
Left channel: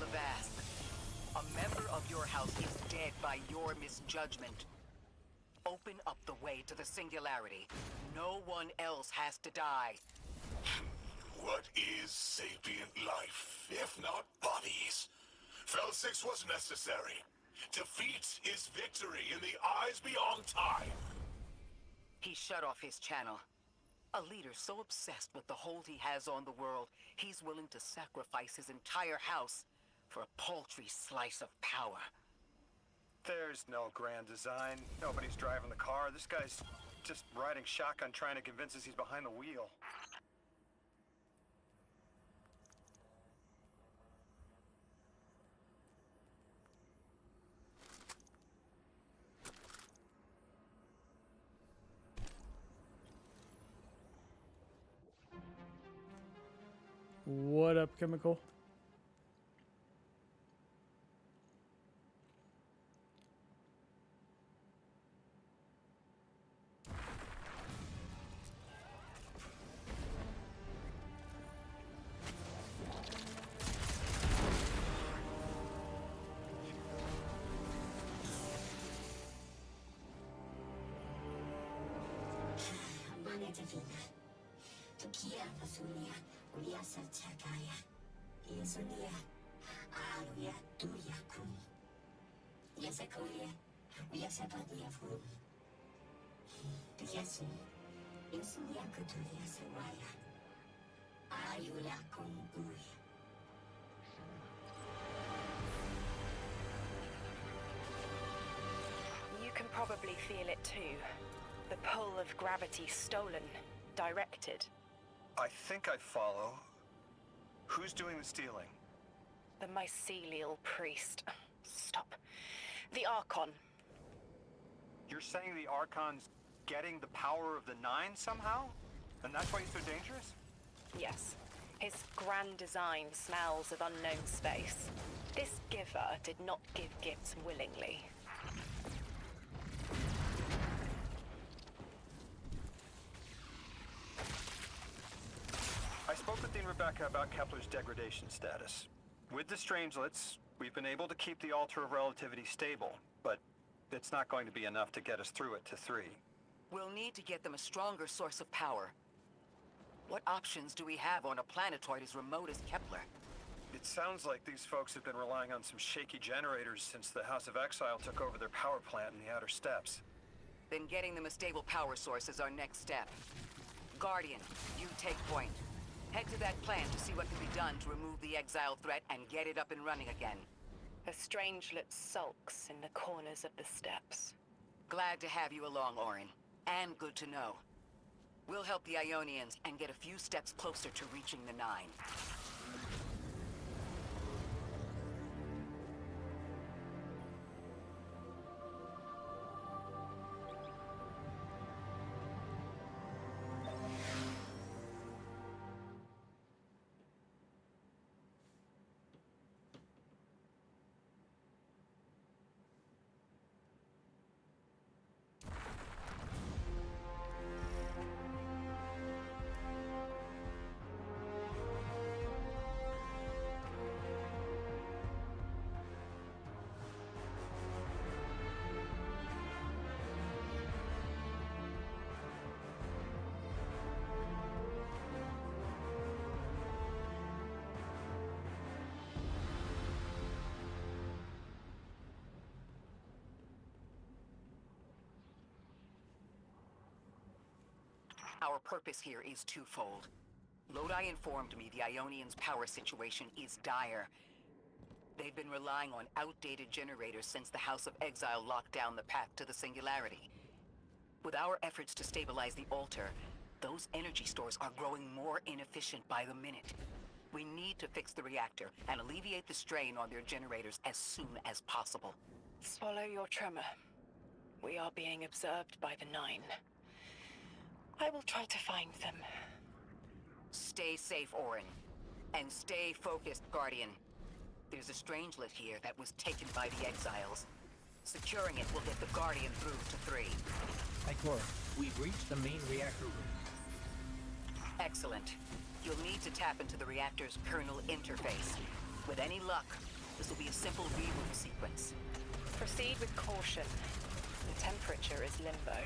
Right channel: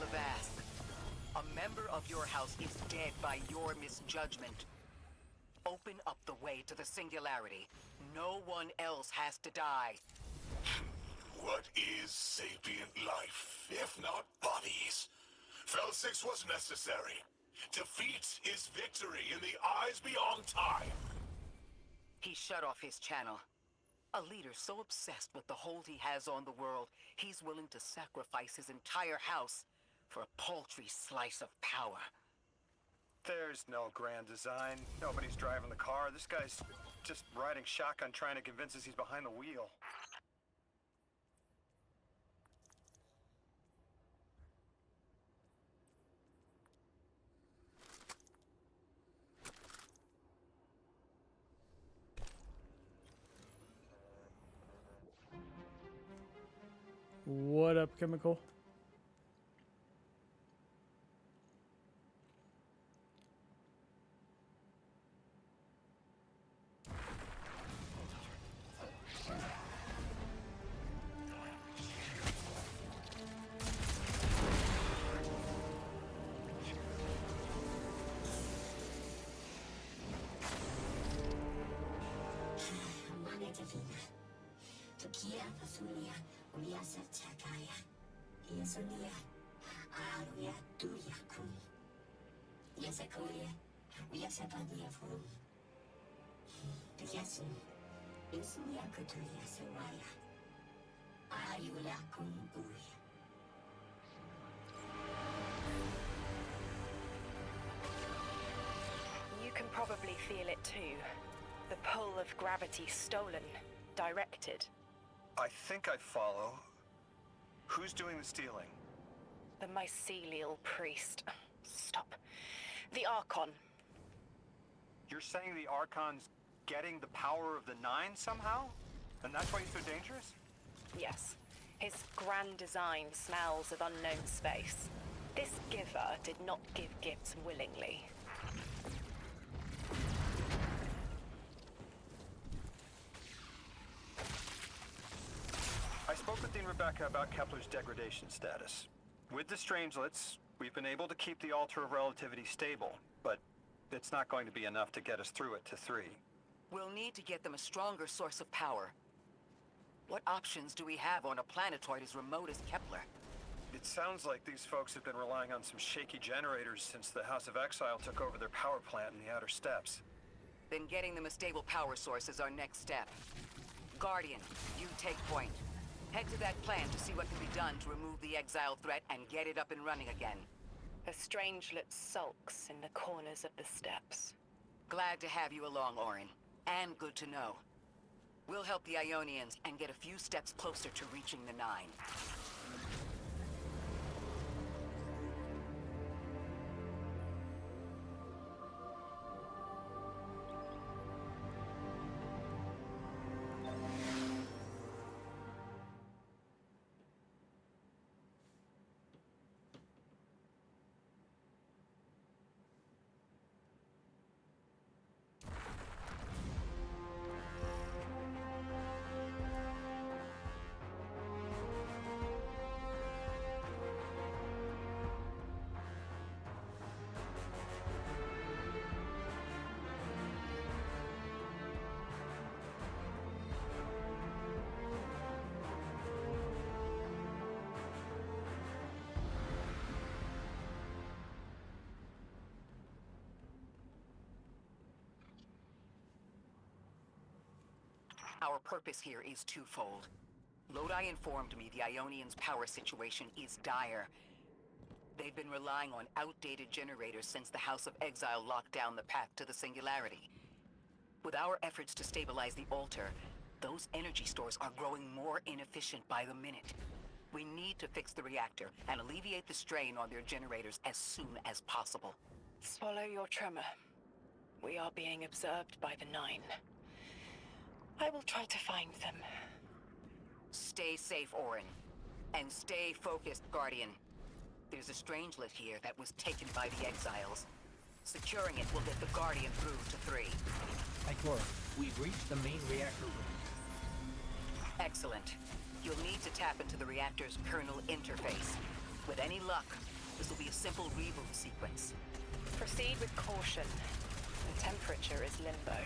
Levast, a member of your house is dead by your misjudgment. Open up the way to the Singularity. No one else has to die. What is sapient life, if not bodies? Fel 6 was necessary. Defeat is victory in the eyes beyond time. He shut off his channel. A leader so obsessed with the hold he has on the world, he's willing to sacrifice his entire house for a paltry slice of power. There's no grand design. Nobody's driving the car. This guy's just riding shotgun trying to convince us he's behind the wheel. What up, Chemical? You can probably feel it too. The pull of gravity stolen, directed. I think I follow. Who's doing the stealing? The mycelial priest. Stop. The Archon. You're saying the Archon's getting the power of the Nine somehow? And that's why he's so dangerous? Yes. His grand design smells of unknown space. This giver did not give gifts willingly. I spoke with Dean Rebecca about Kepler's degradation status. With the Strangelets, we've been able to keep the Altar of Relativity stable, but it's not going to be enough to get us through it to 3. We'll need to get them a stronger source of power. What options do we have on a planetoid as remote as Kepler? It sounds like these folks have been relying on some shaky generators since the House of Exile took over their power plant in the Outer Steppes. Then getting them a stable power source is our next step. Guardian, you take point. Head to that plan to see what can be done to remove the exile threat and get it up and running again. The Strangelet sulks in the corners of the steppes. Glad to have you along, Orin. And good to know. We'll help the Ionians and get a few steps closer to reaching the Nine. Our purpose here is twofold. Lodi informed me the Ionians' power situation is dire. They've been relying on outdated generators since the House of Exile locked down the path to the Singularity. With our efforts to stabilize the altar, those energy stores are growing more inefficient by the minute. We need to fix the reactor and alleviate the strain on their generators as soon as possible. Swallow your tremor. We are being observed by the Nine. I will try to find them. Stay safe, Orin. And stay focused, Guardian. There's a Strangelet here that was taken by the Exiles. Securing it will get the Guardian through to 3. Ikora, we've reached the main reactor room. Excellent. You'll need to tap into the reactor's kernel interface. With any luck, this will be a simple reboot sequence. Proceed with caution. The temperature is limbo.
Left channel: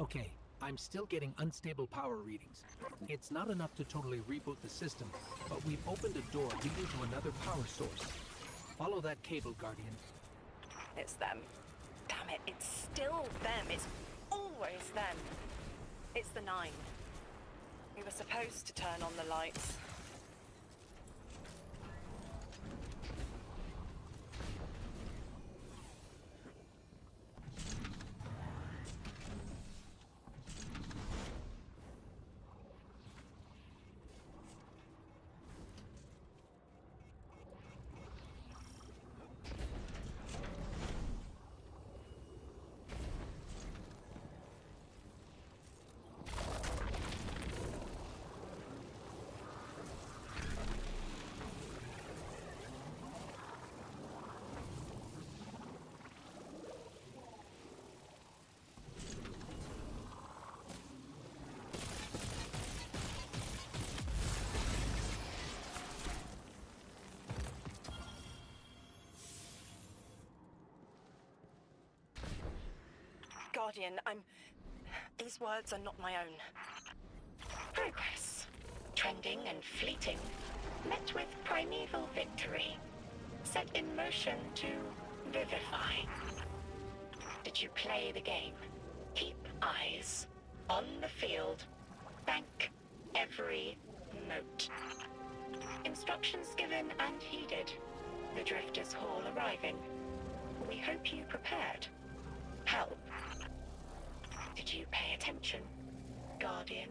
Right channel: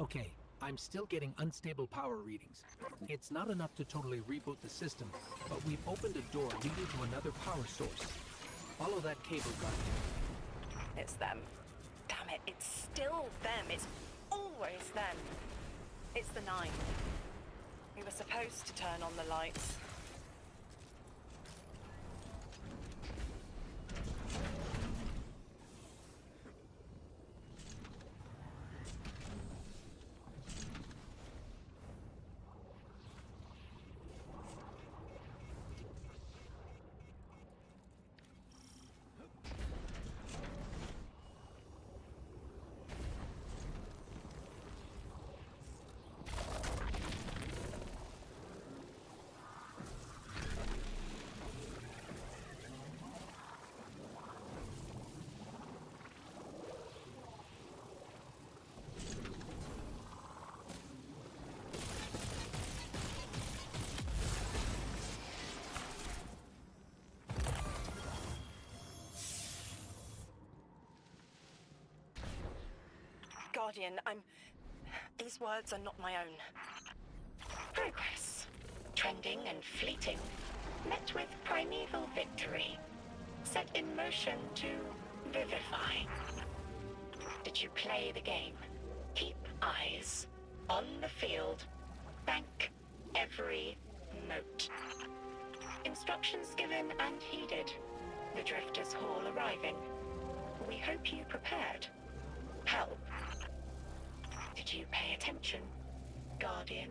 Okay, I'm still getting unstable power readings. It's not enough to totally reboot the system, but we've opened a door leading to another power source. Follow that cable, Guardian. It's them. Damn it, it's still them. It's always them. It's the 9. We were supposed to turn on the lights. Guardian, these words are not my own. Progress. Trending and fleeting. Met with primeval victory. Set in motion to vivify. Did you play the game? Keep eyes on the field. Bank every note. Instructions given and heeded. The Drifter's Hall arriving. We hope you prepared. Help. Did you pay attention, Guardian?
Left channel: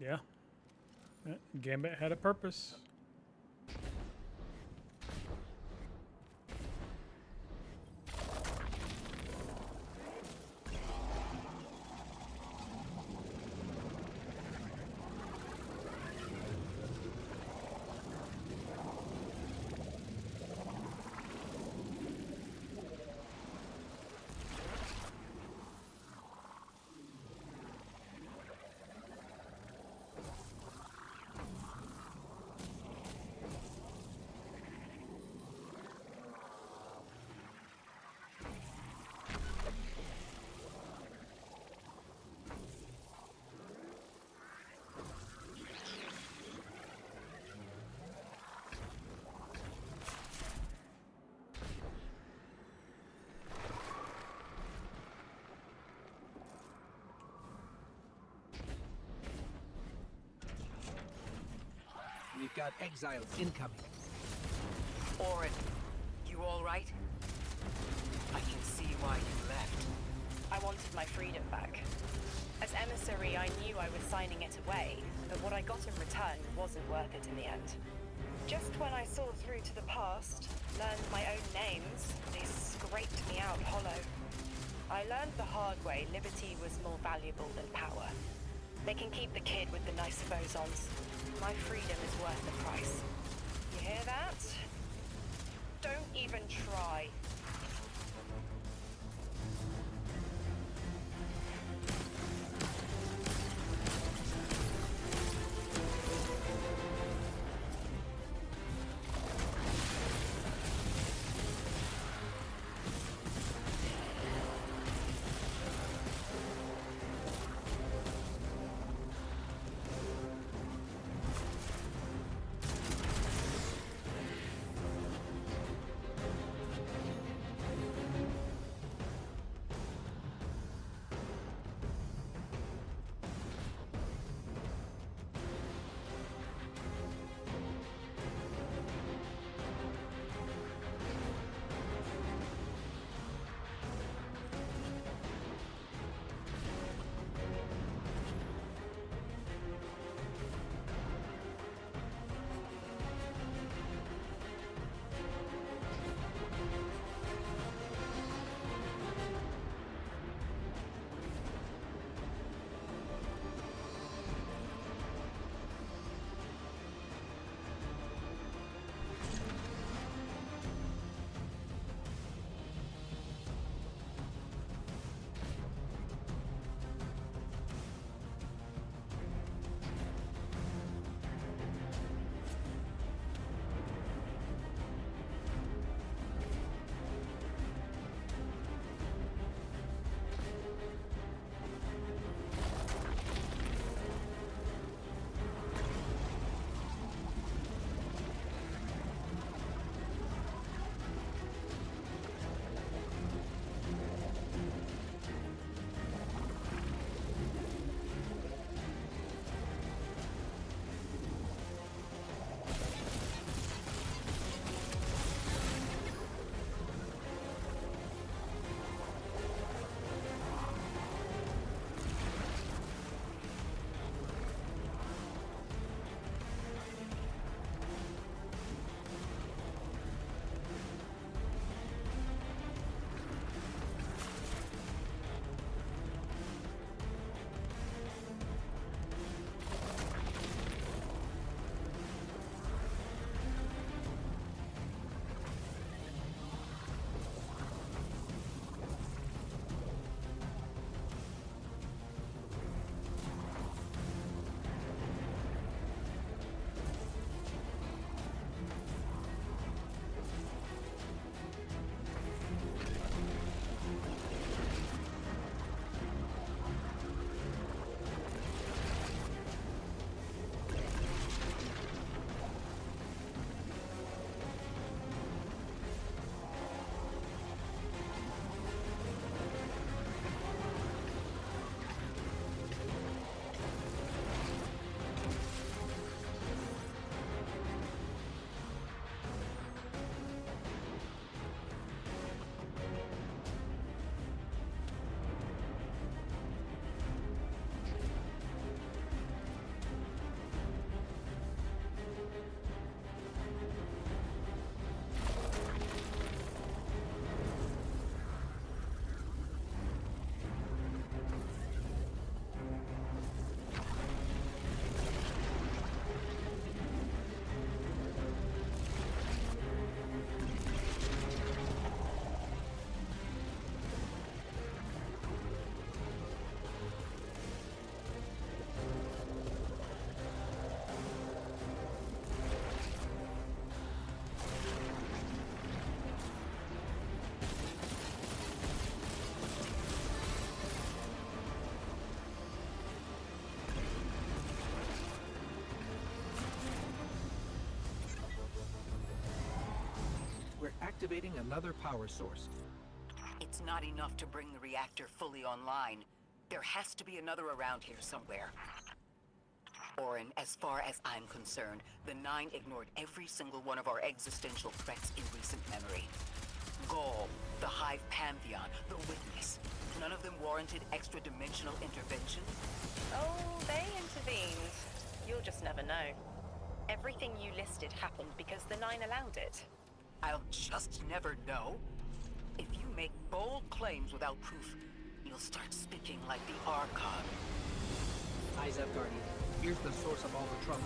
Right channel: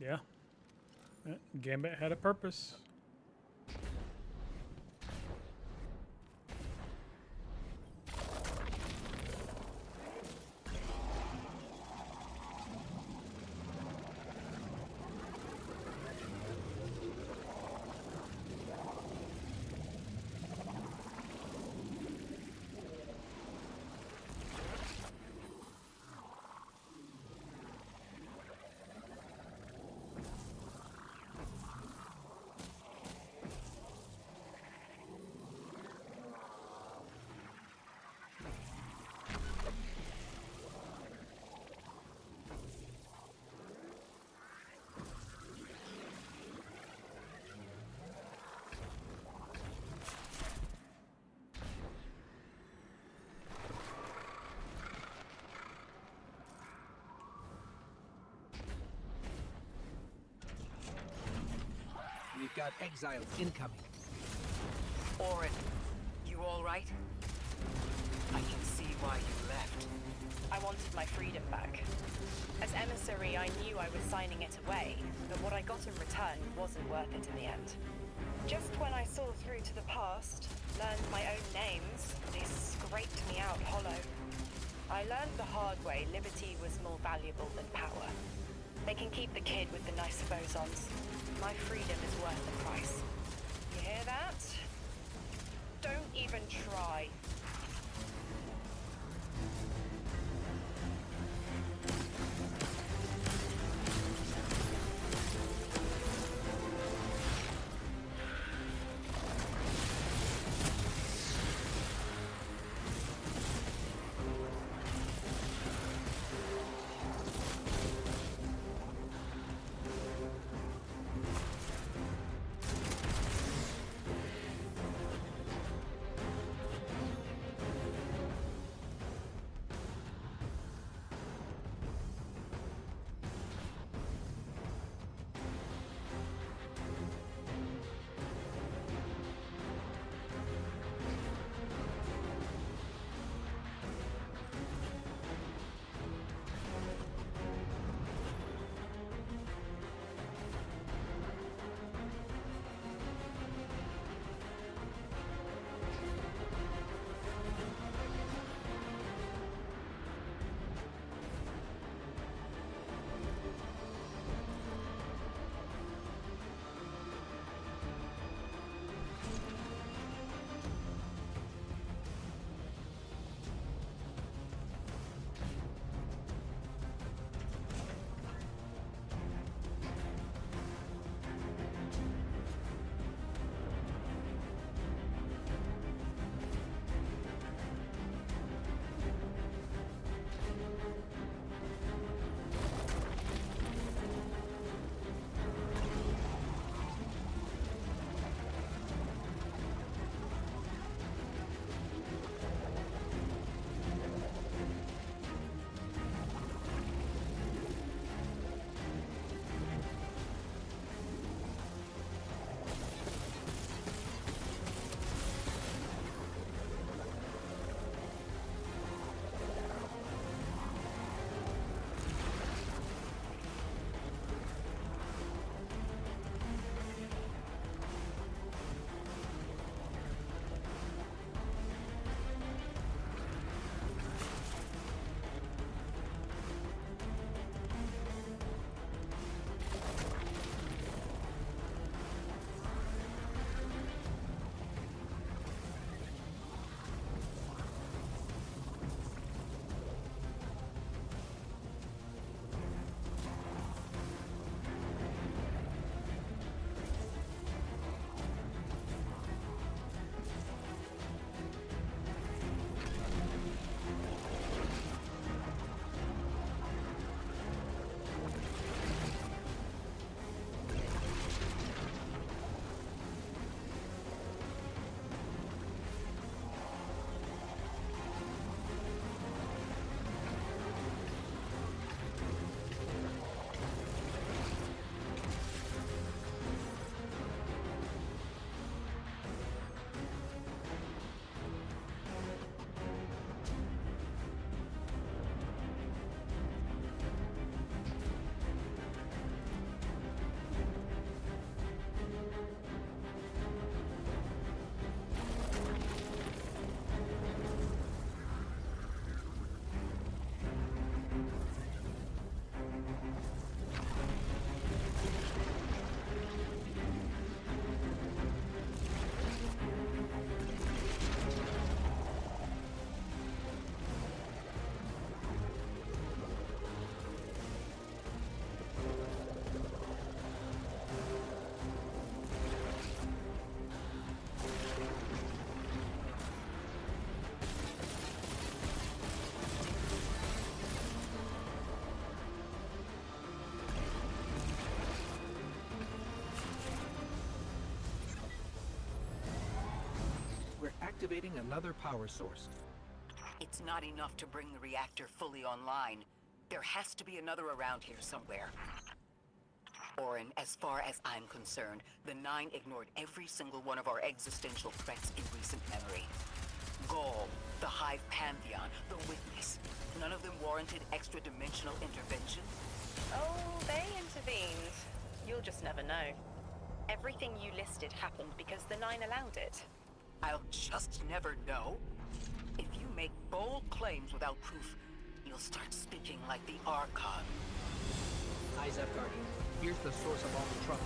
Yeah. Gambit had a purpose. We've got exiles incoming. Orin, you all right? I can see why you left. I wanted my freedom back. As emissary, I knew I was signing it away, but what I got in return wasn't worth it in the end. Just when I saw through to the past, learned my own names, they scraped me out hollow. I learned the hard way liberty was more valuable than power. They can keep the kid with the nicer bosons. My freedom is worth the price. You hear that? Don't even try. activating another power source. It's not enough to bring the reactor fully online. There has to be another around here somewhere. Orin, as far as I'm concerned, the Nine ignored every single one of our existential threats in recent memory. Gaul, the Hive Pantheon, the Witness. None of them warranted extra-dimensional intervention? Oh, they intervened. You'll just never know. Everything you listed happened because the Nine allowed it. I'll just never know. If you make bold claims without proof, you'll start speaking like the Archon. Eyes up, Guardian. Here's the source of all the trouble.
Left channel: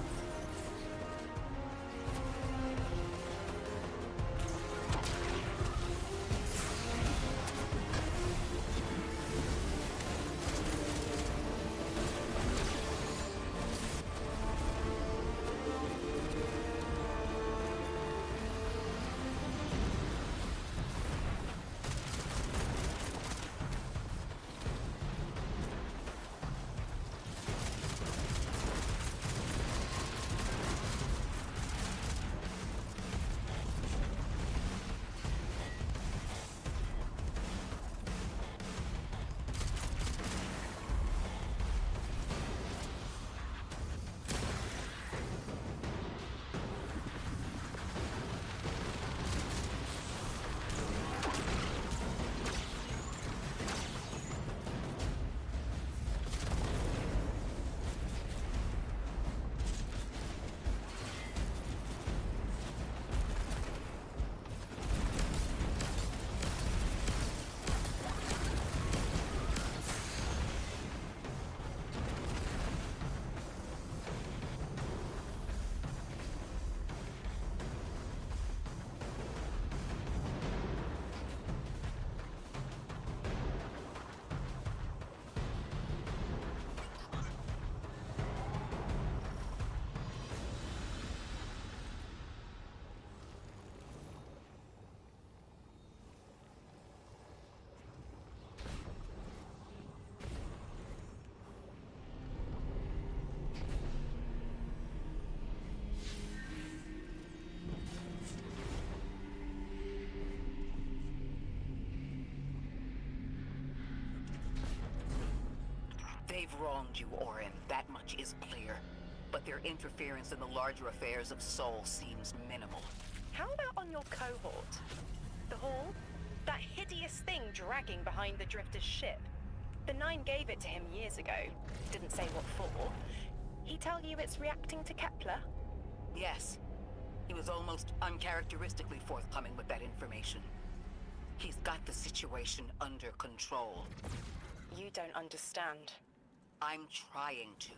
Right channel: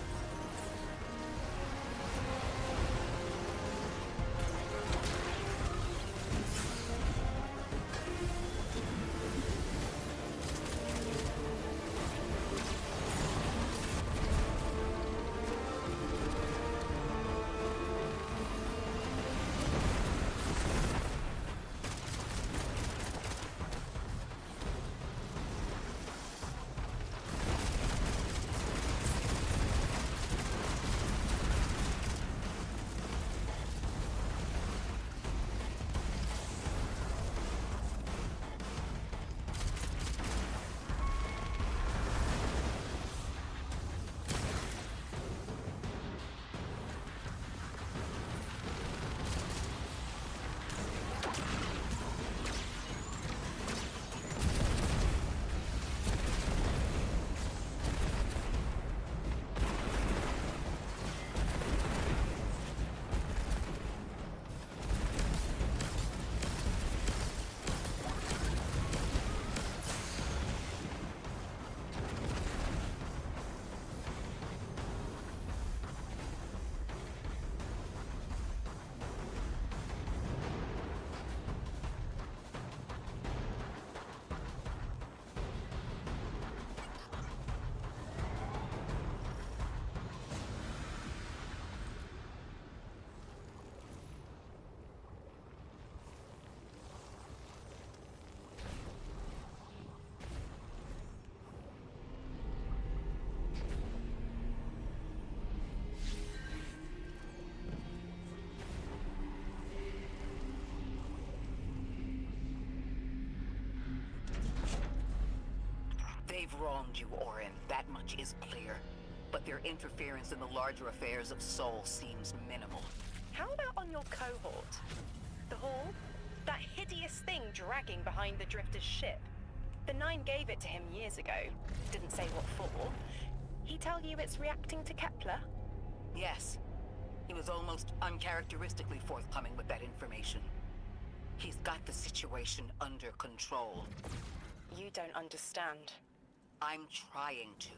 They've wronged you, Orin. That much is clear. But their interference in the larger affairs of Sol seems minimal. How about on your cohort? The Hall? That hideous thing dragging behind the Drifter's ship. The Nine gave it to him years ago. Didn't say what for. He tell you it's reacting to Kepler? Yes. He was almost uncharacteristically forthcoming with that information. He's got the situation under control. You don't understand. I'm trying to.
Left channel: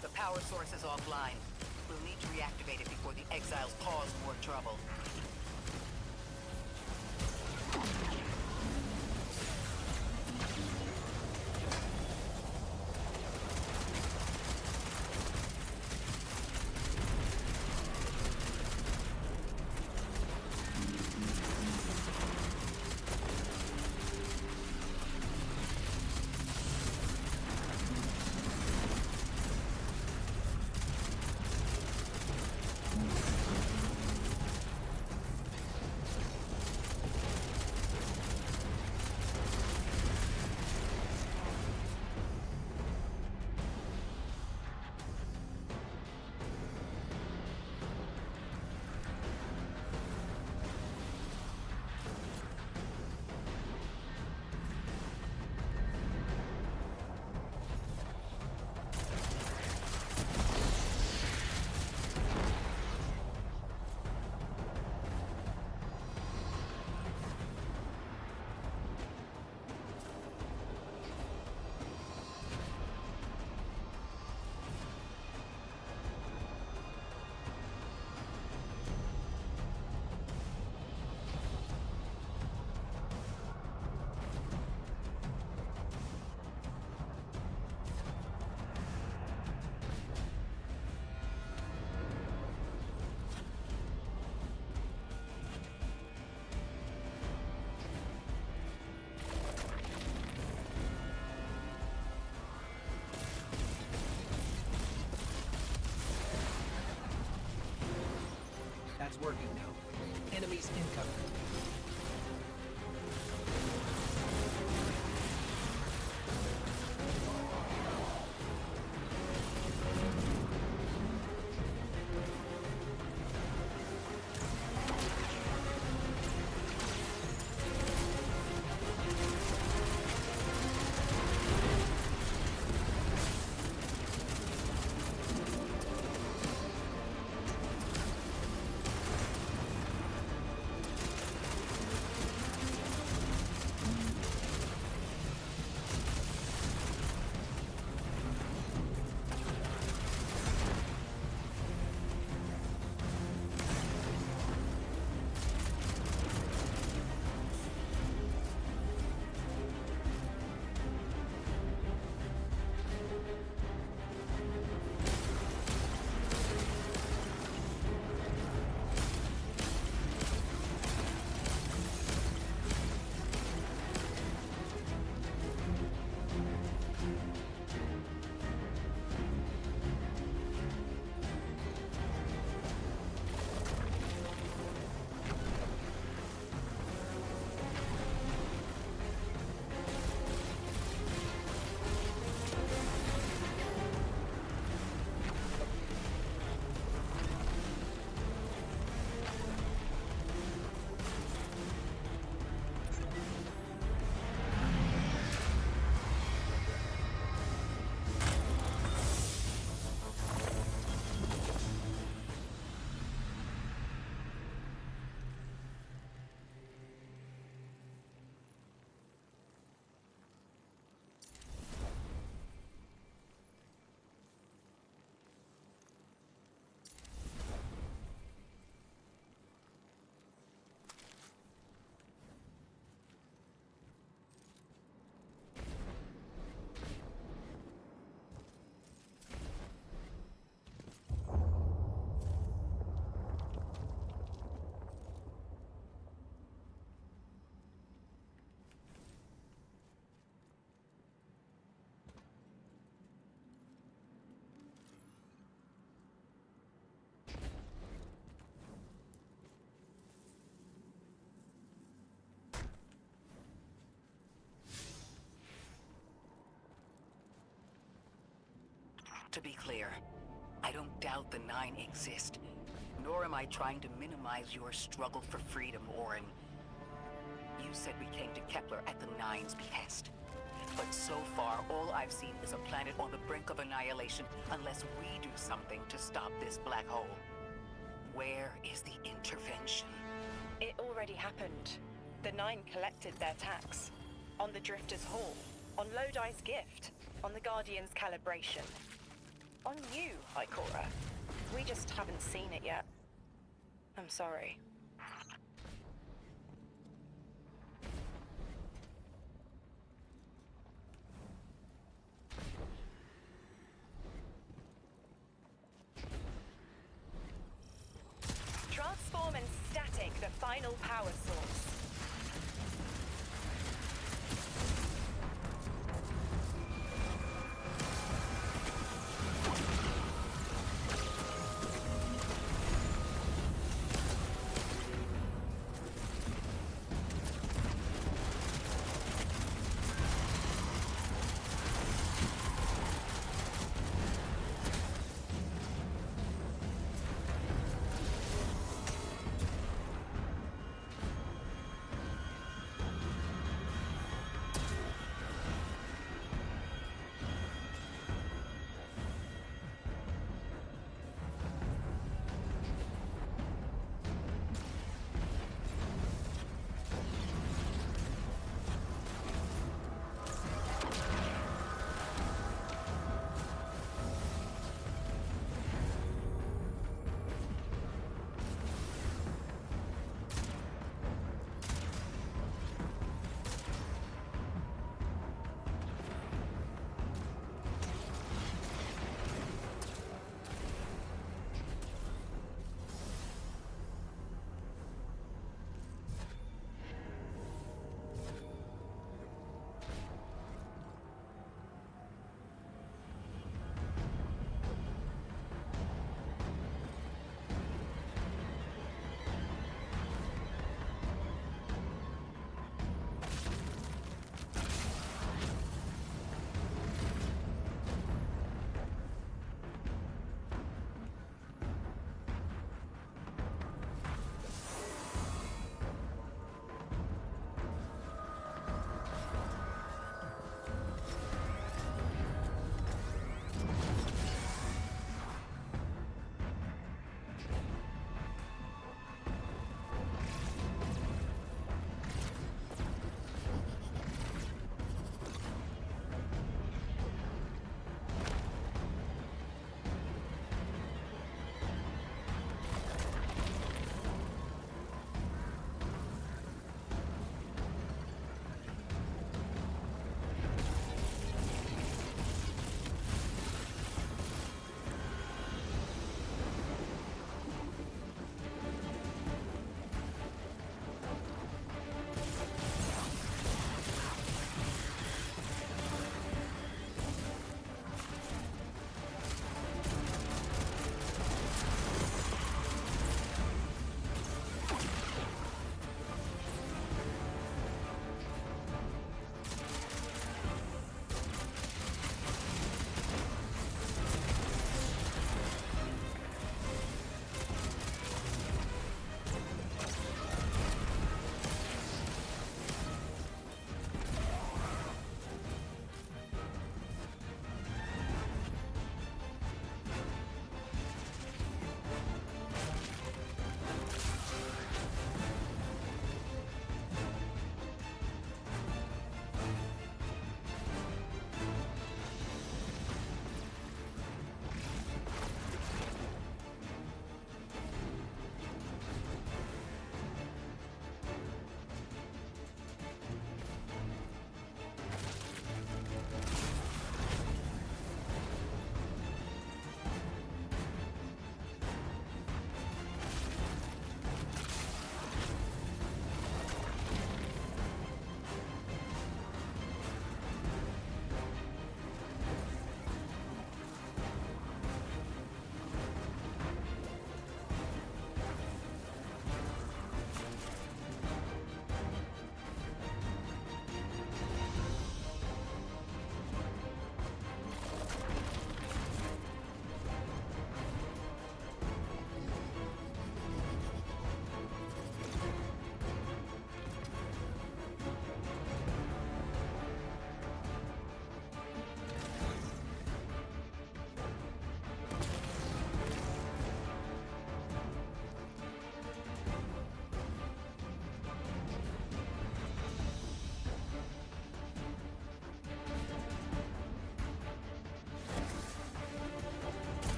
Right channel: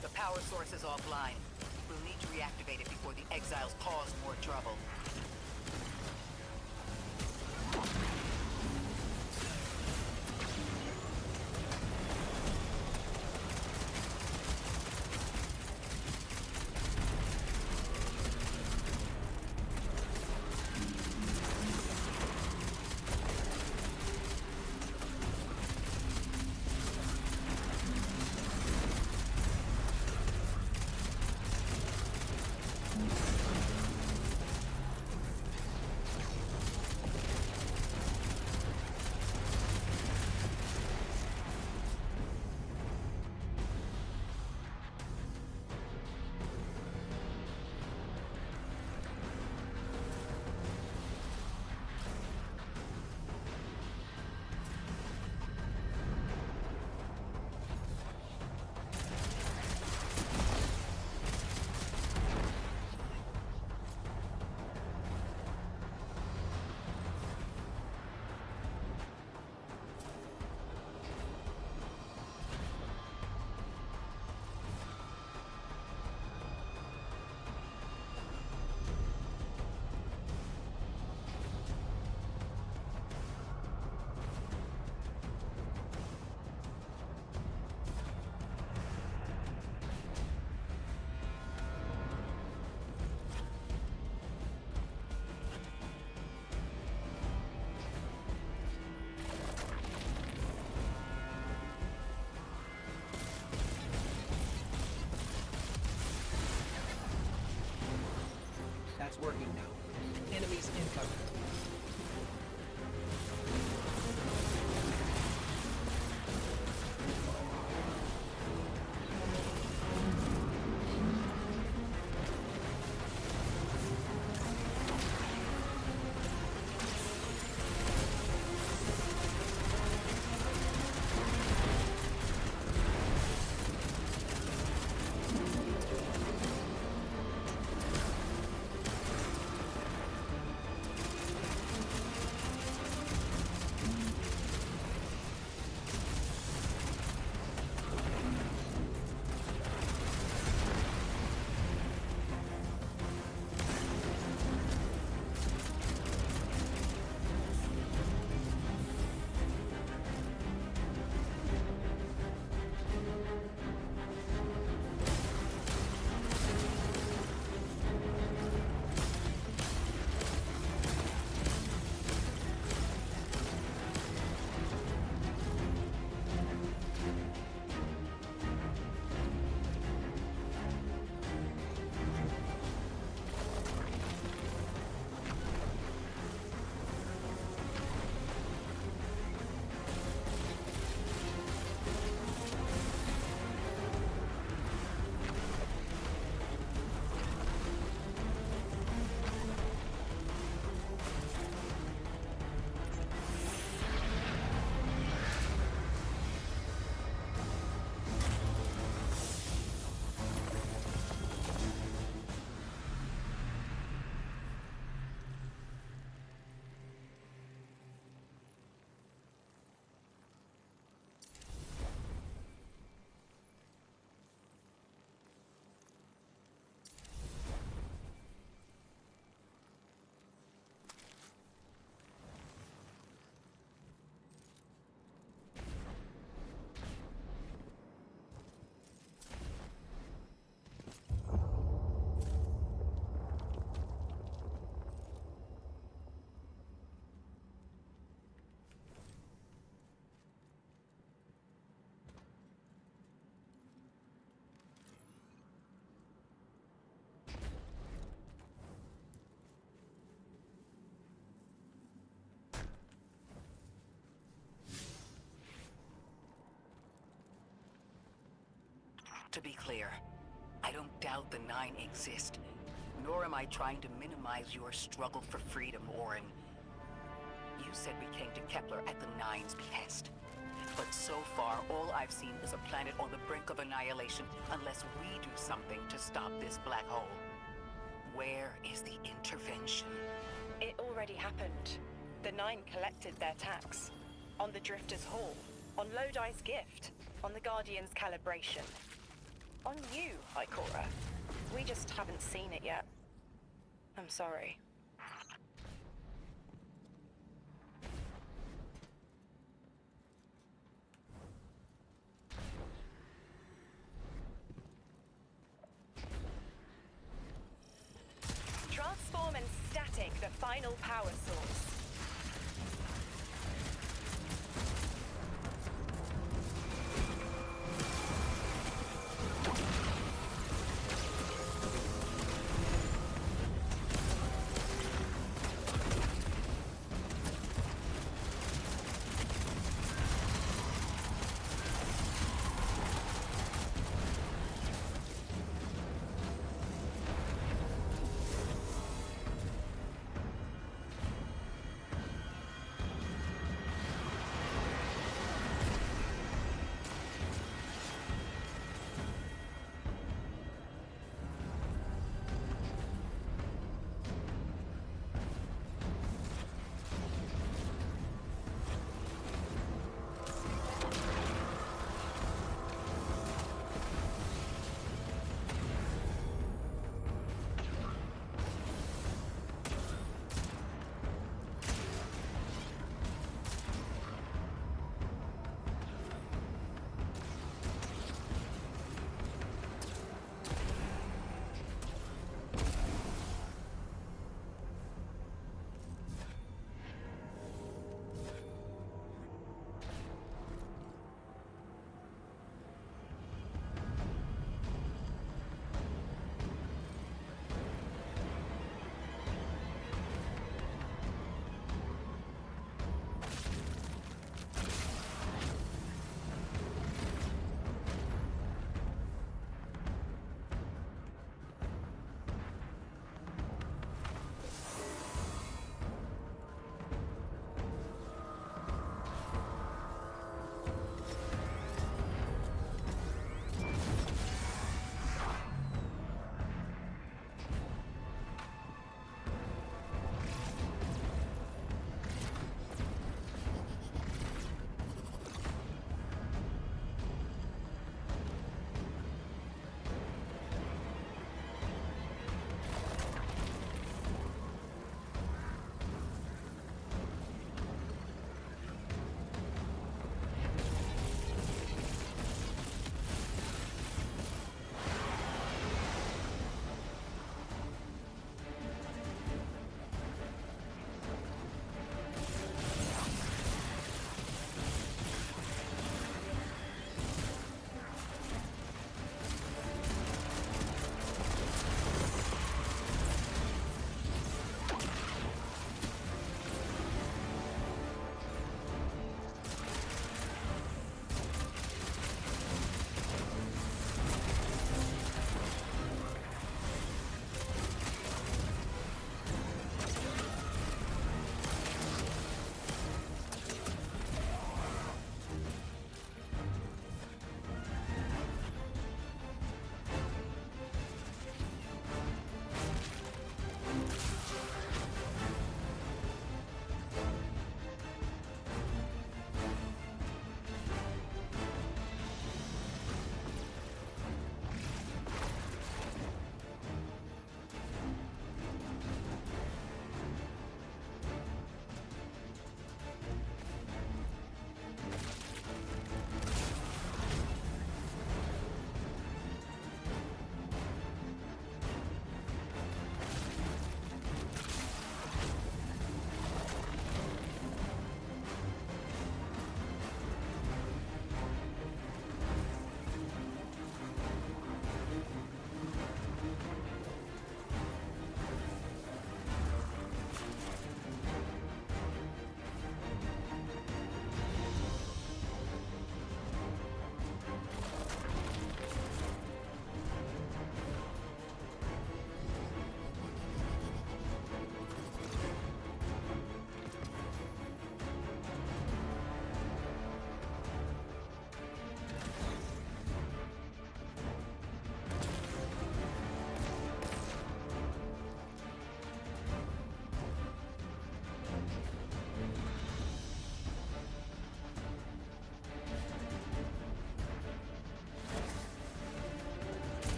The power source is offline. We'll need to reactivate it before the exiles cause more trouble. That's working now. Enemies incoming. To be clear, I don't doubt the Nine exist, nor am I trying to minimize your struggle for freedom, Orin. You said we came to Kepler at the Nine's behest. But so far, all I've seen is a planet on the brink of annihilation unless we do something to stop this black hole. Where is the intervention? It already happened. The Nine collected their tax. On the Drifter's Hall, on Lodi's gift, on the Guardian's calibration. On you, Ikora. We just haven't seen it yet. I'm sorry. Transform and static the final power source.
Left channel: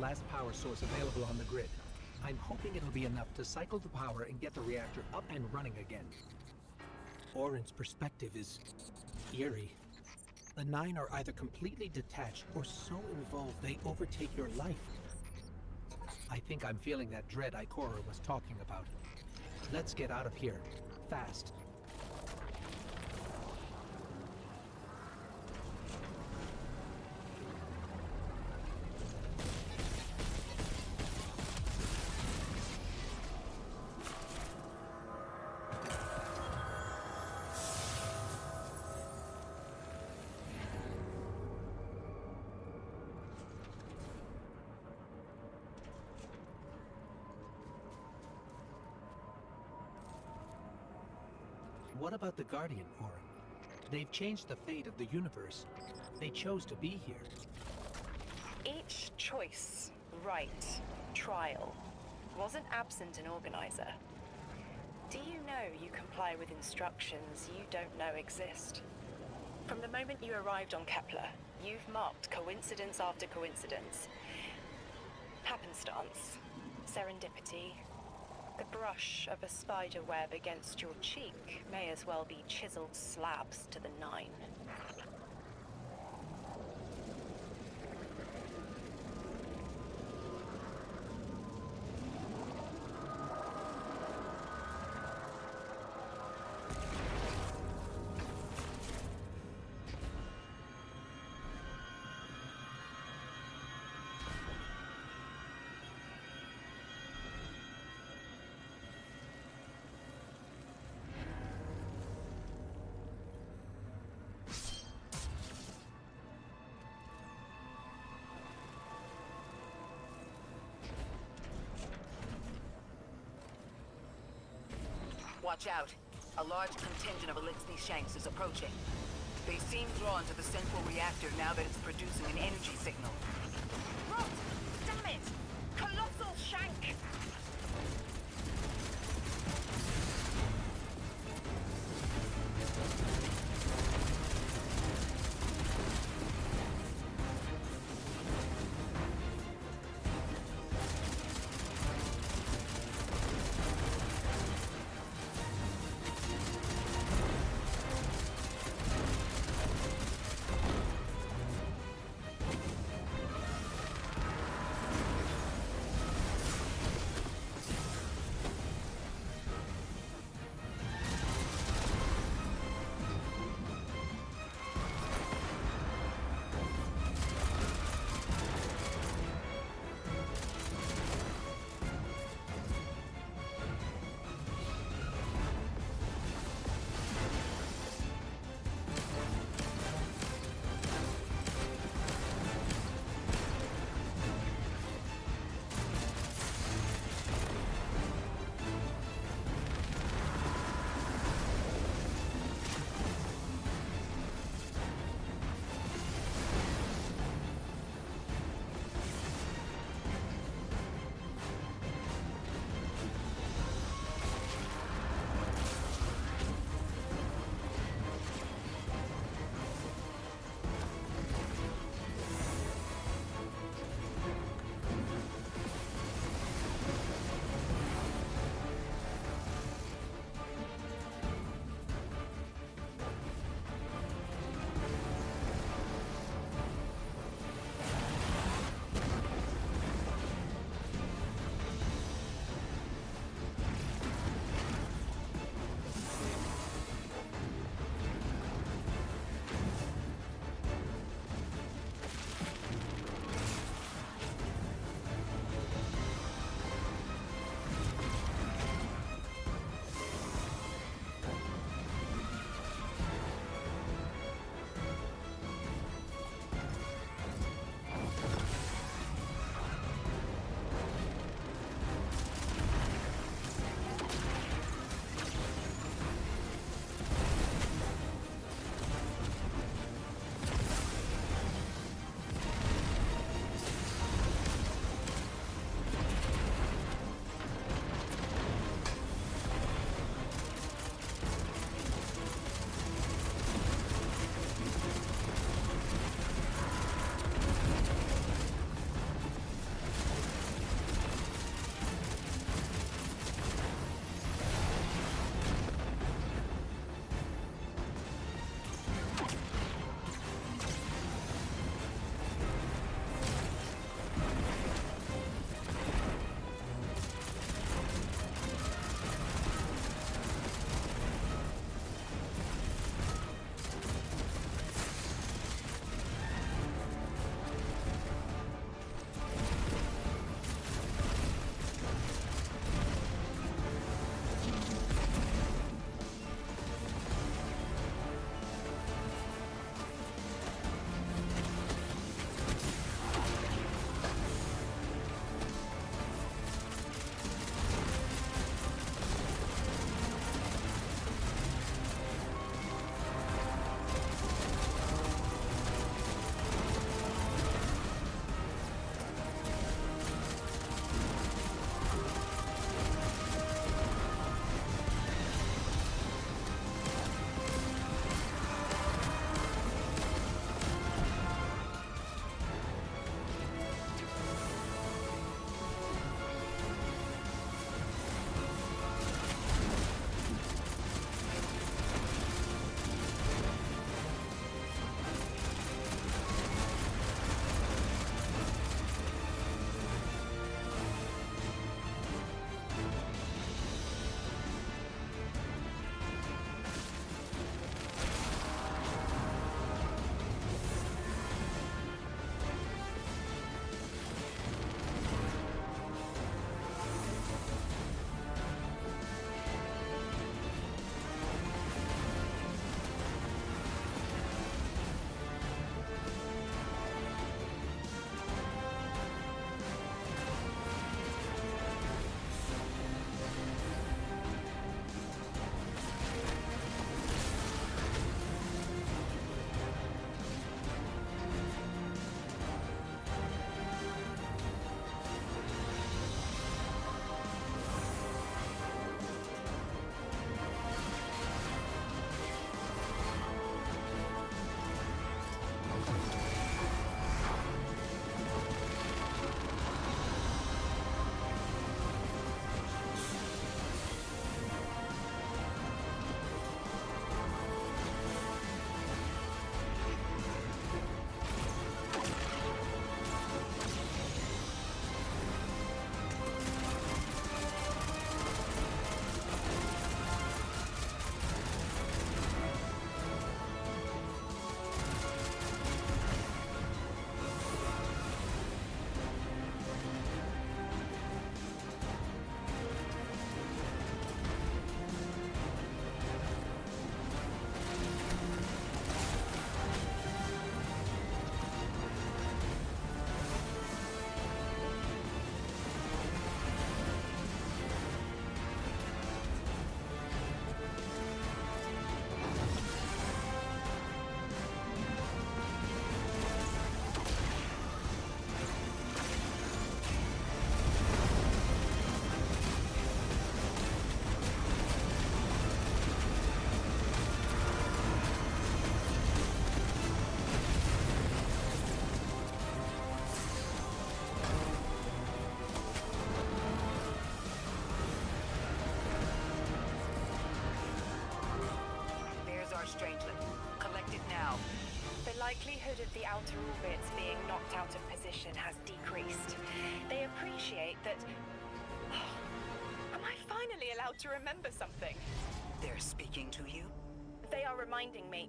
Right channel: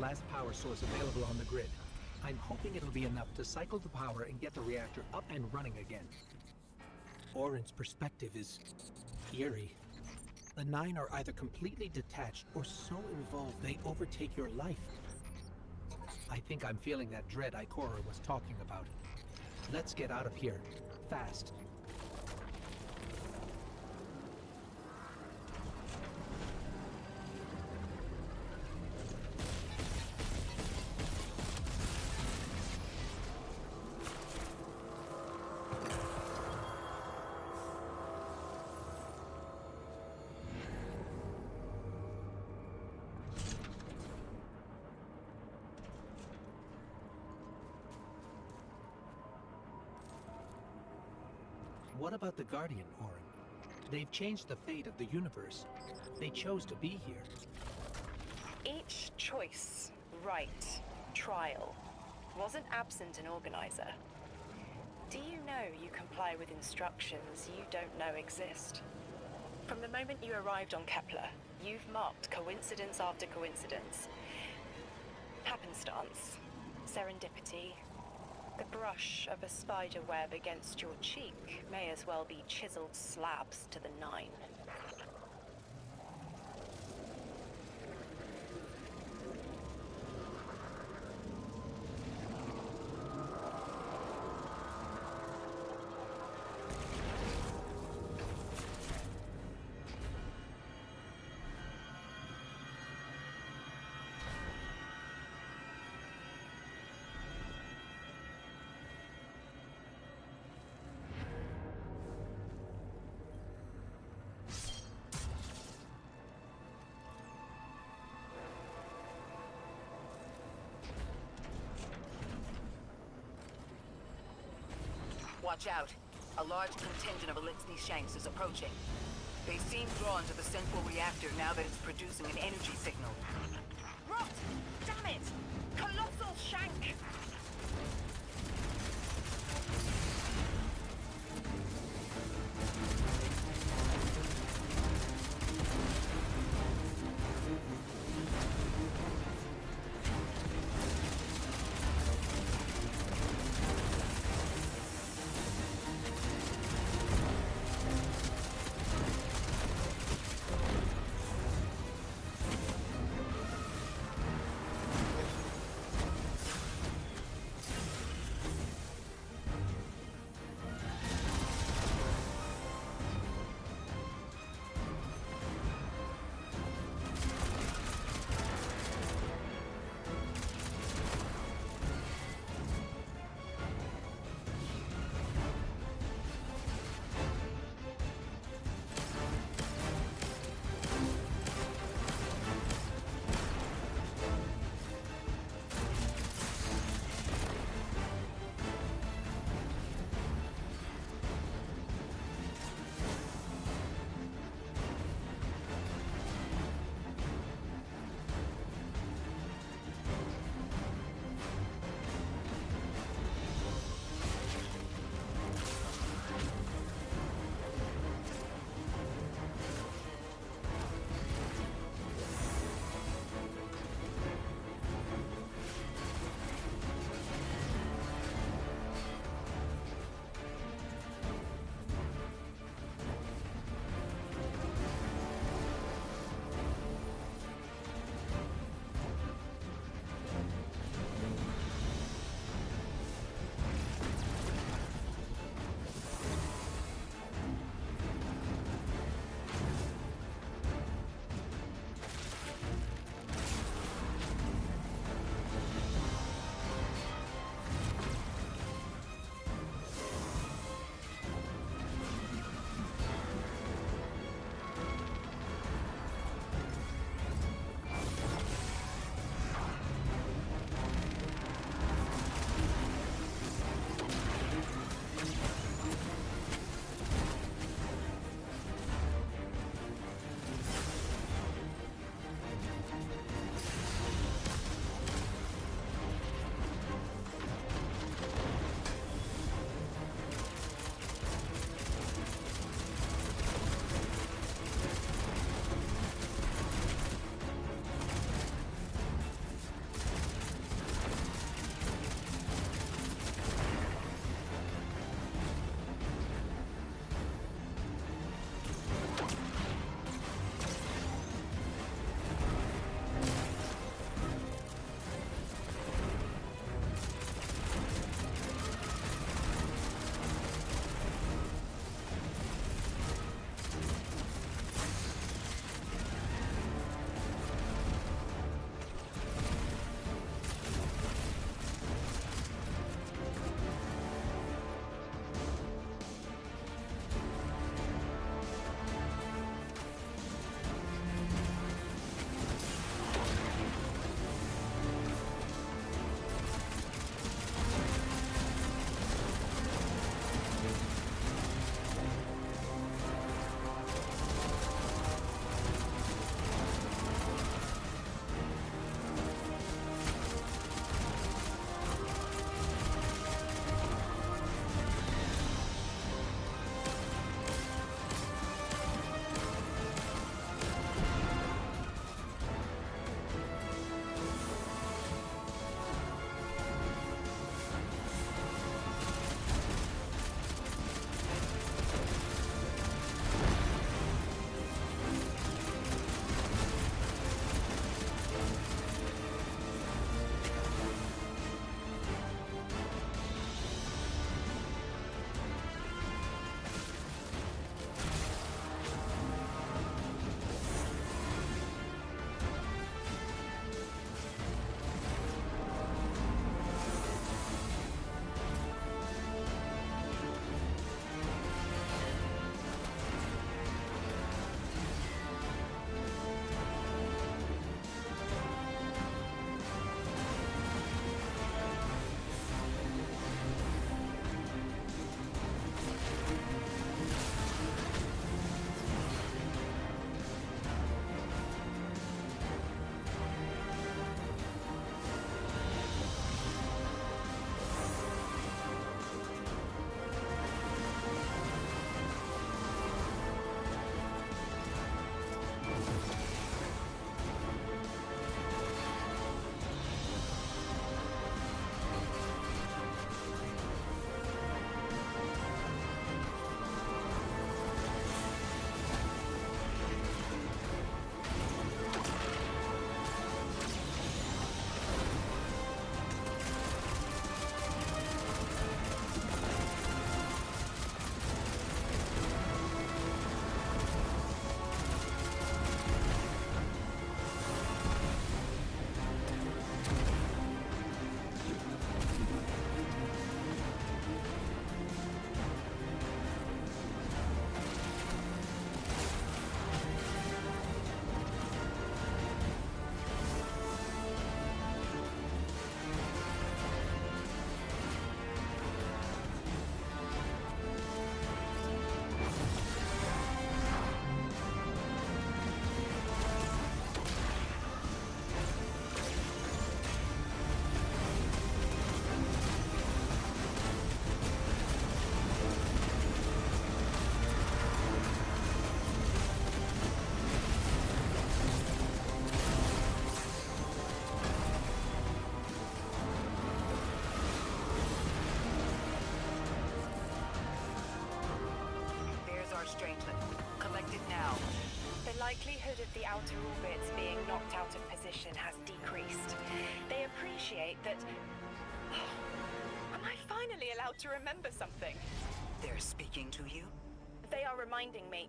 last power source available on the grid. I'm hoping it'll be enough to cycle the power and get the reactor up and running again. Orin's perspective is eerie. The Nine are either completely detached or so involved they overtake your life. I think I'm feeling that dread Ikora was talking about. Let's get out of here. Fast. What about the Guardian, Orin? They've changed the fate of the universe. They chose to be here. Each choice, right, trial, wasn't absent an organizer. Do you know you comply with instructions you don't know exist? From the moment you arrived on Kepler, you've marked coincidence after coincidence. Happenstance, serendipity. The brush of a spider web against your cheek may as well be chiseled slabs to the Nine. Watch out. A large contingent of Elixni Shanks is approaching. They seem drawn to the central reactor now that it's producing an energy signal. Rot! Damn it! Colossal Shank! Strangelet. Collect it now. The likelihood of the outer orbits being knocked out of position has decreased. They appreciate that... Oh, am I finally allowed to remember something? They're speaking to you? They are reminding me...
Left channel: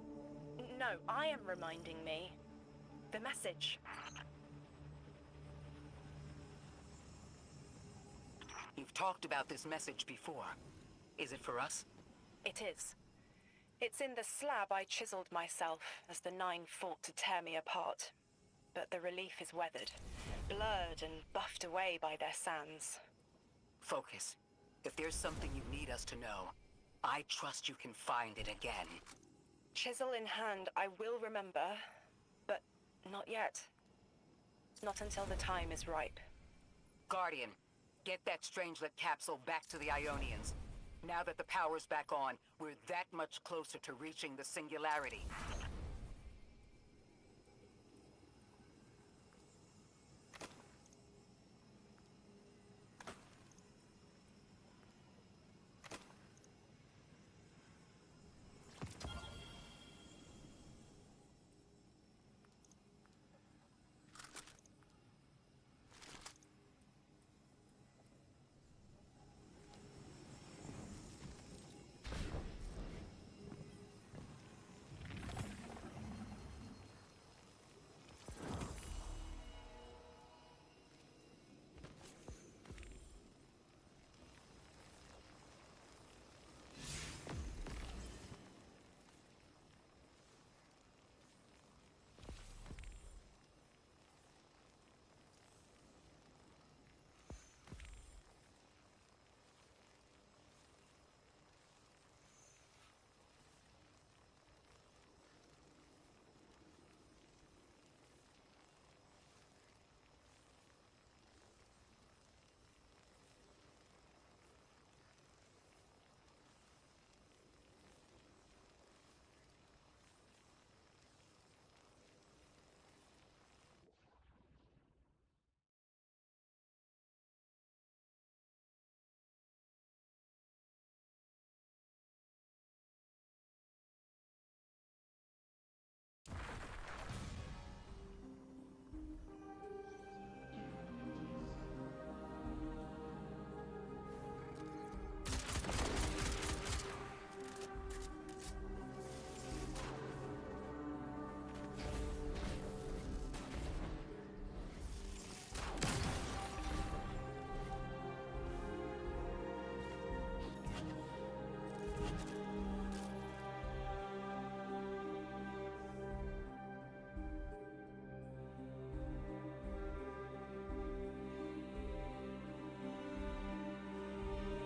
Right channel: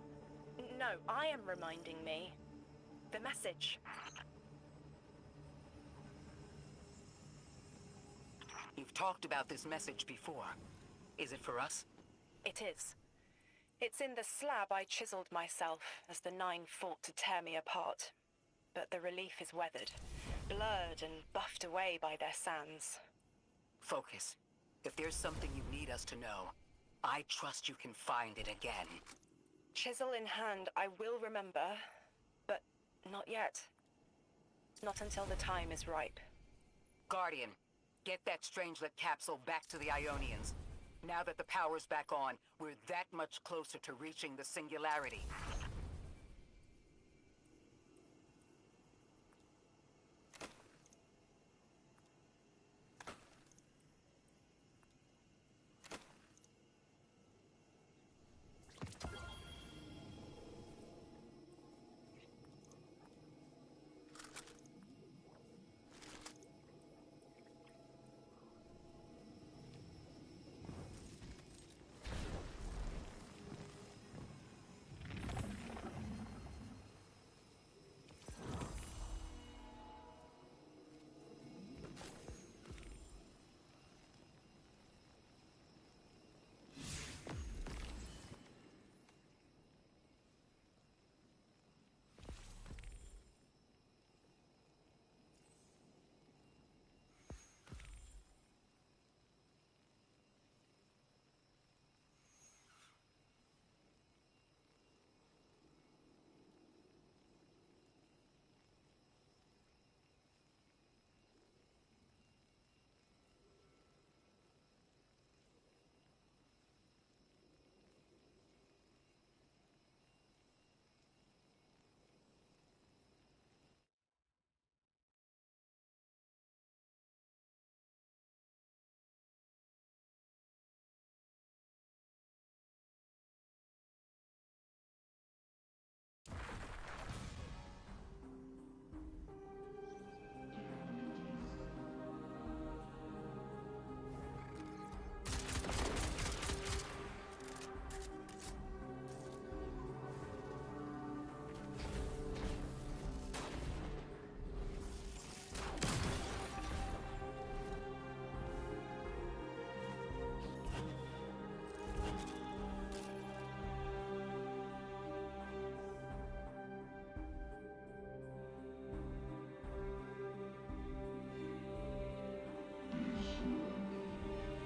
No, I am reminding me. The message. You've talked about this message before. Is it for us? It is. It's in the slab I chiseled myself as the Nine fought to tear me apart. But the relief is weathered, blurred and buffed away by their sands. Focus. If there's something you need us to know, I trust you can find it again. Chisel in hand, I will remember, but not yet. Not until the time is ripe. Guardian, get that Strangelet capsule back to the Ionians. Now that the power's back on, we're that much closer to reaching the Singularity.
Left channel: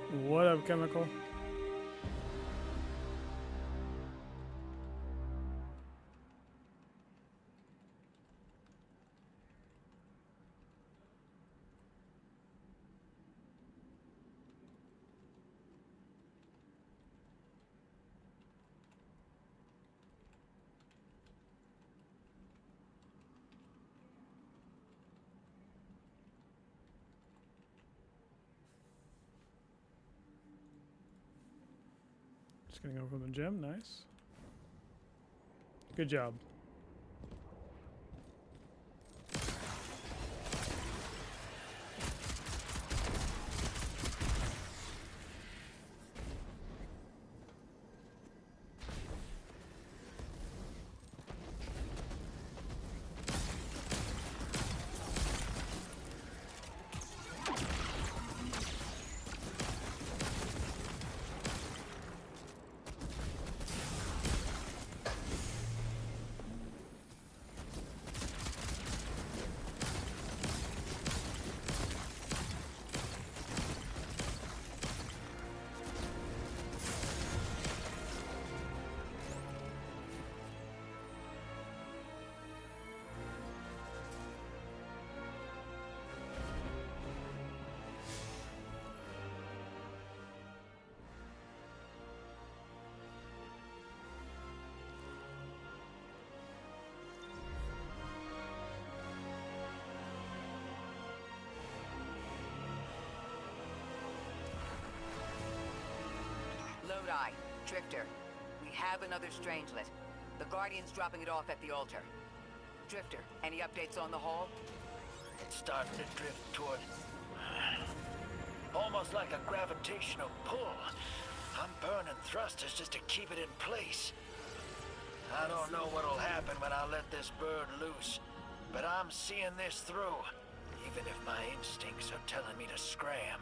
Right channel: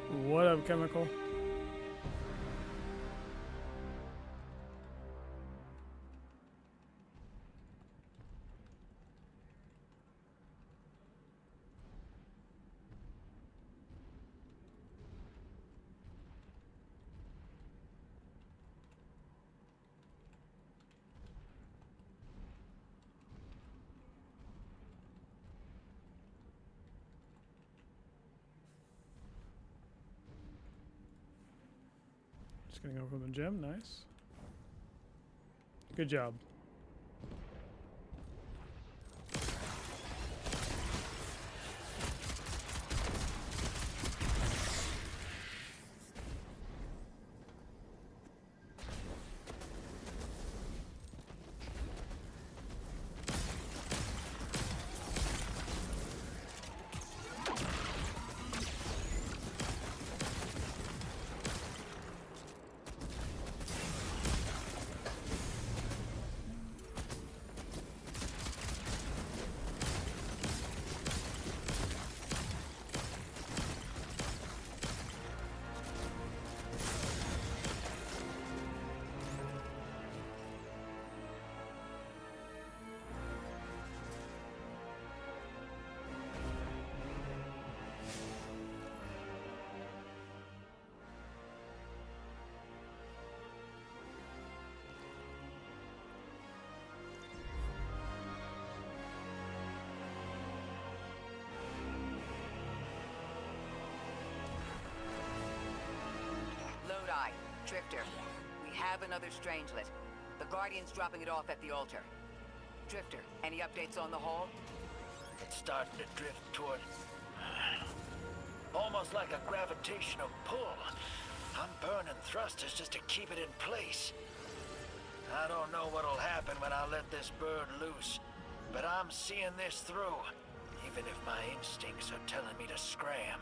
What up, Chemical? Just getting over from the gym, nice. Good job. Lodi, Drifter, we have another Strangelet. The Guardian's dropping it off at the altar. Drifter, any updates on the Hall? It's starting to drift toward... almost like a gravitational pull. I'm burning thrusters just to keep it in place. I don't know what'll happen when I let this bird loose, but I'm seeing this through, even if my instincts are telling me to scram.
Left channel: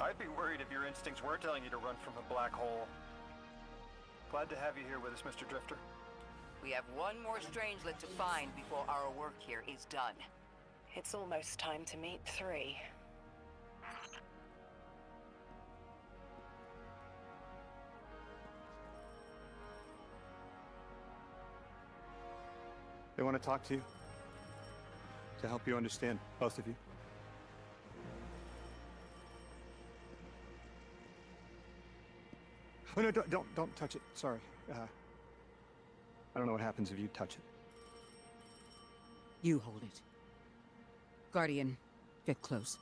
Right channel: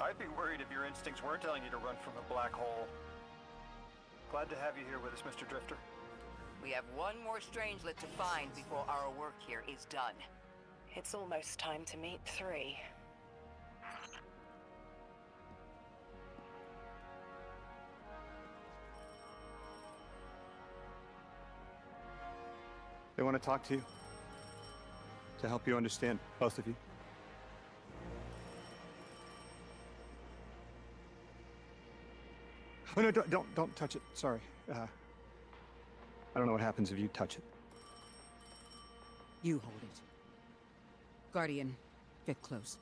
I'd be worried if your instincts weren't telling you to run from a black hole. Glad to have you here with us, Mr. Drifter. We have one more Strangelet to find before our work here is done. It's almost time to meet 3. They want to talk to you. To help you understand, both of you. Oh no, don't touch it. Sorry. I don't know what happens if you touch it. You hold it. Guardian, get close.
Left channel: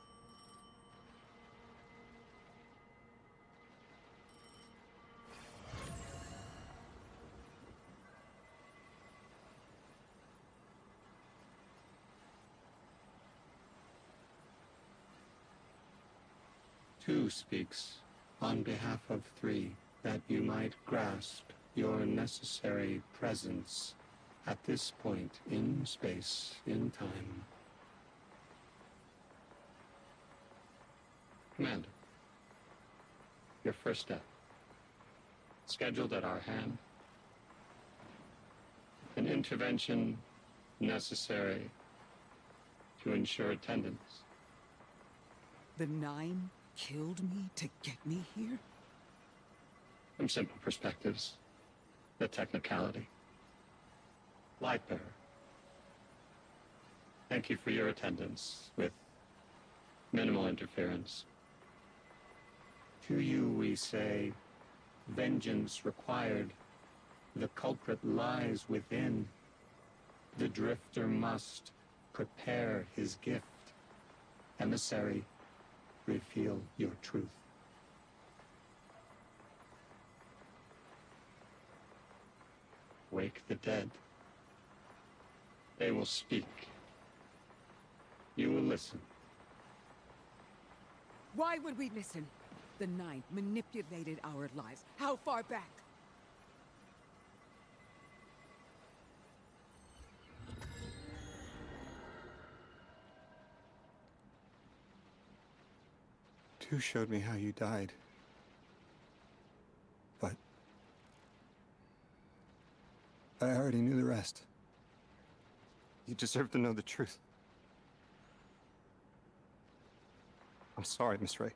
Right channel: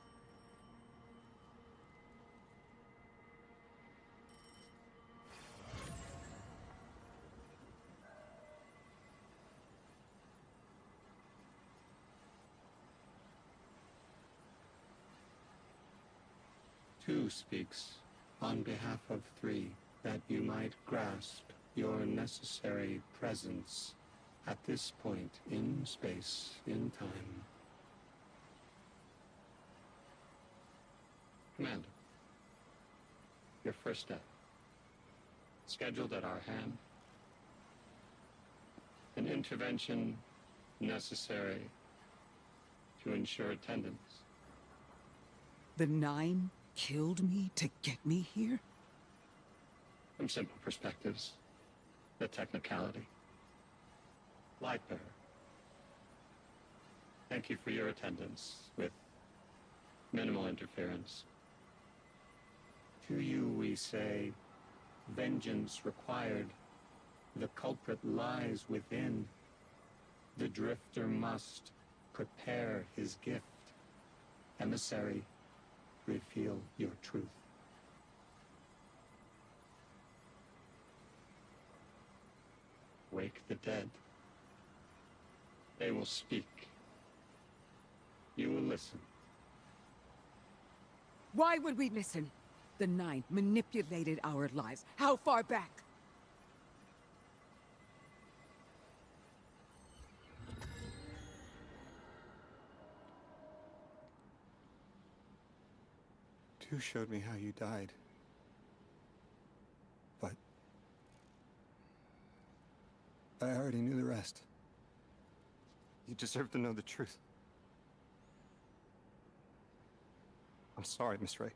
Two speaks on behalf of 3, that you might grasp your necessary presence at this point in space, in time. Commander, your first step, scheduled at our hand. An intervention necessary to ensure attendance. The 9 killed me to get me here? From simple perspectives, the technicality. Lightbearer, thank you for your attendance with minimal interference. To you we say, vengeance required. The culprit lies within. The drifter must prepare his gift. Emissary, reveal your truth. Wake the dead. They will speak. You will listen. Why would we listen? The 9 manipulated our lives. How far back? Two showed me how you died. But I already knew the rest. You deserve to know the truth. I'm sorry, Miss Ray.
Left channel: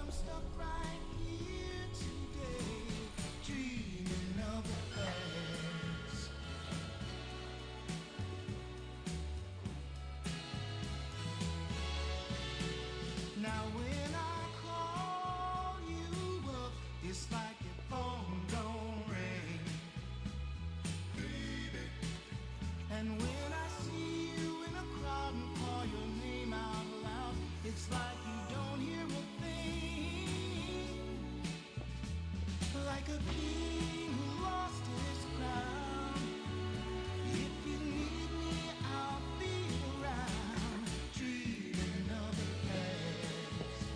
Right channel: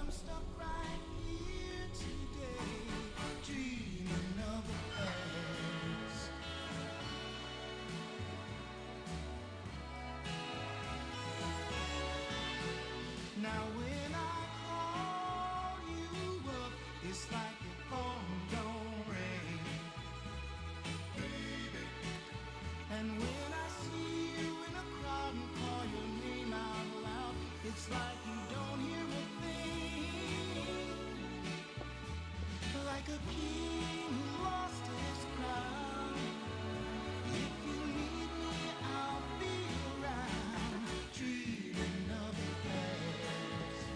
I'm stuck right here today, dreaming of the past. Now when I call you up, it's like your phone don't ring, baby. And when I see you in a crowd and call your name out loud, it's like you don't hear a like a king who lost his crown. If you need me, I'll be around, dreaming of the past.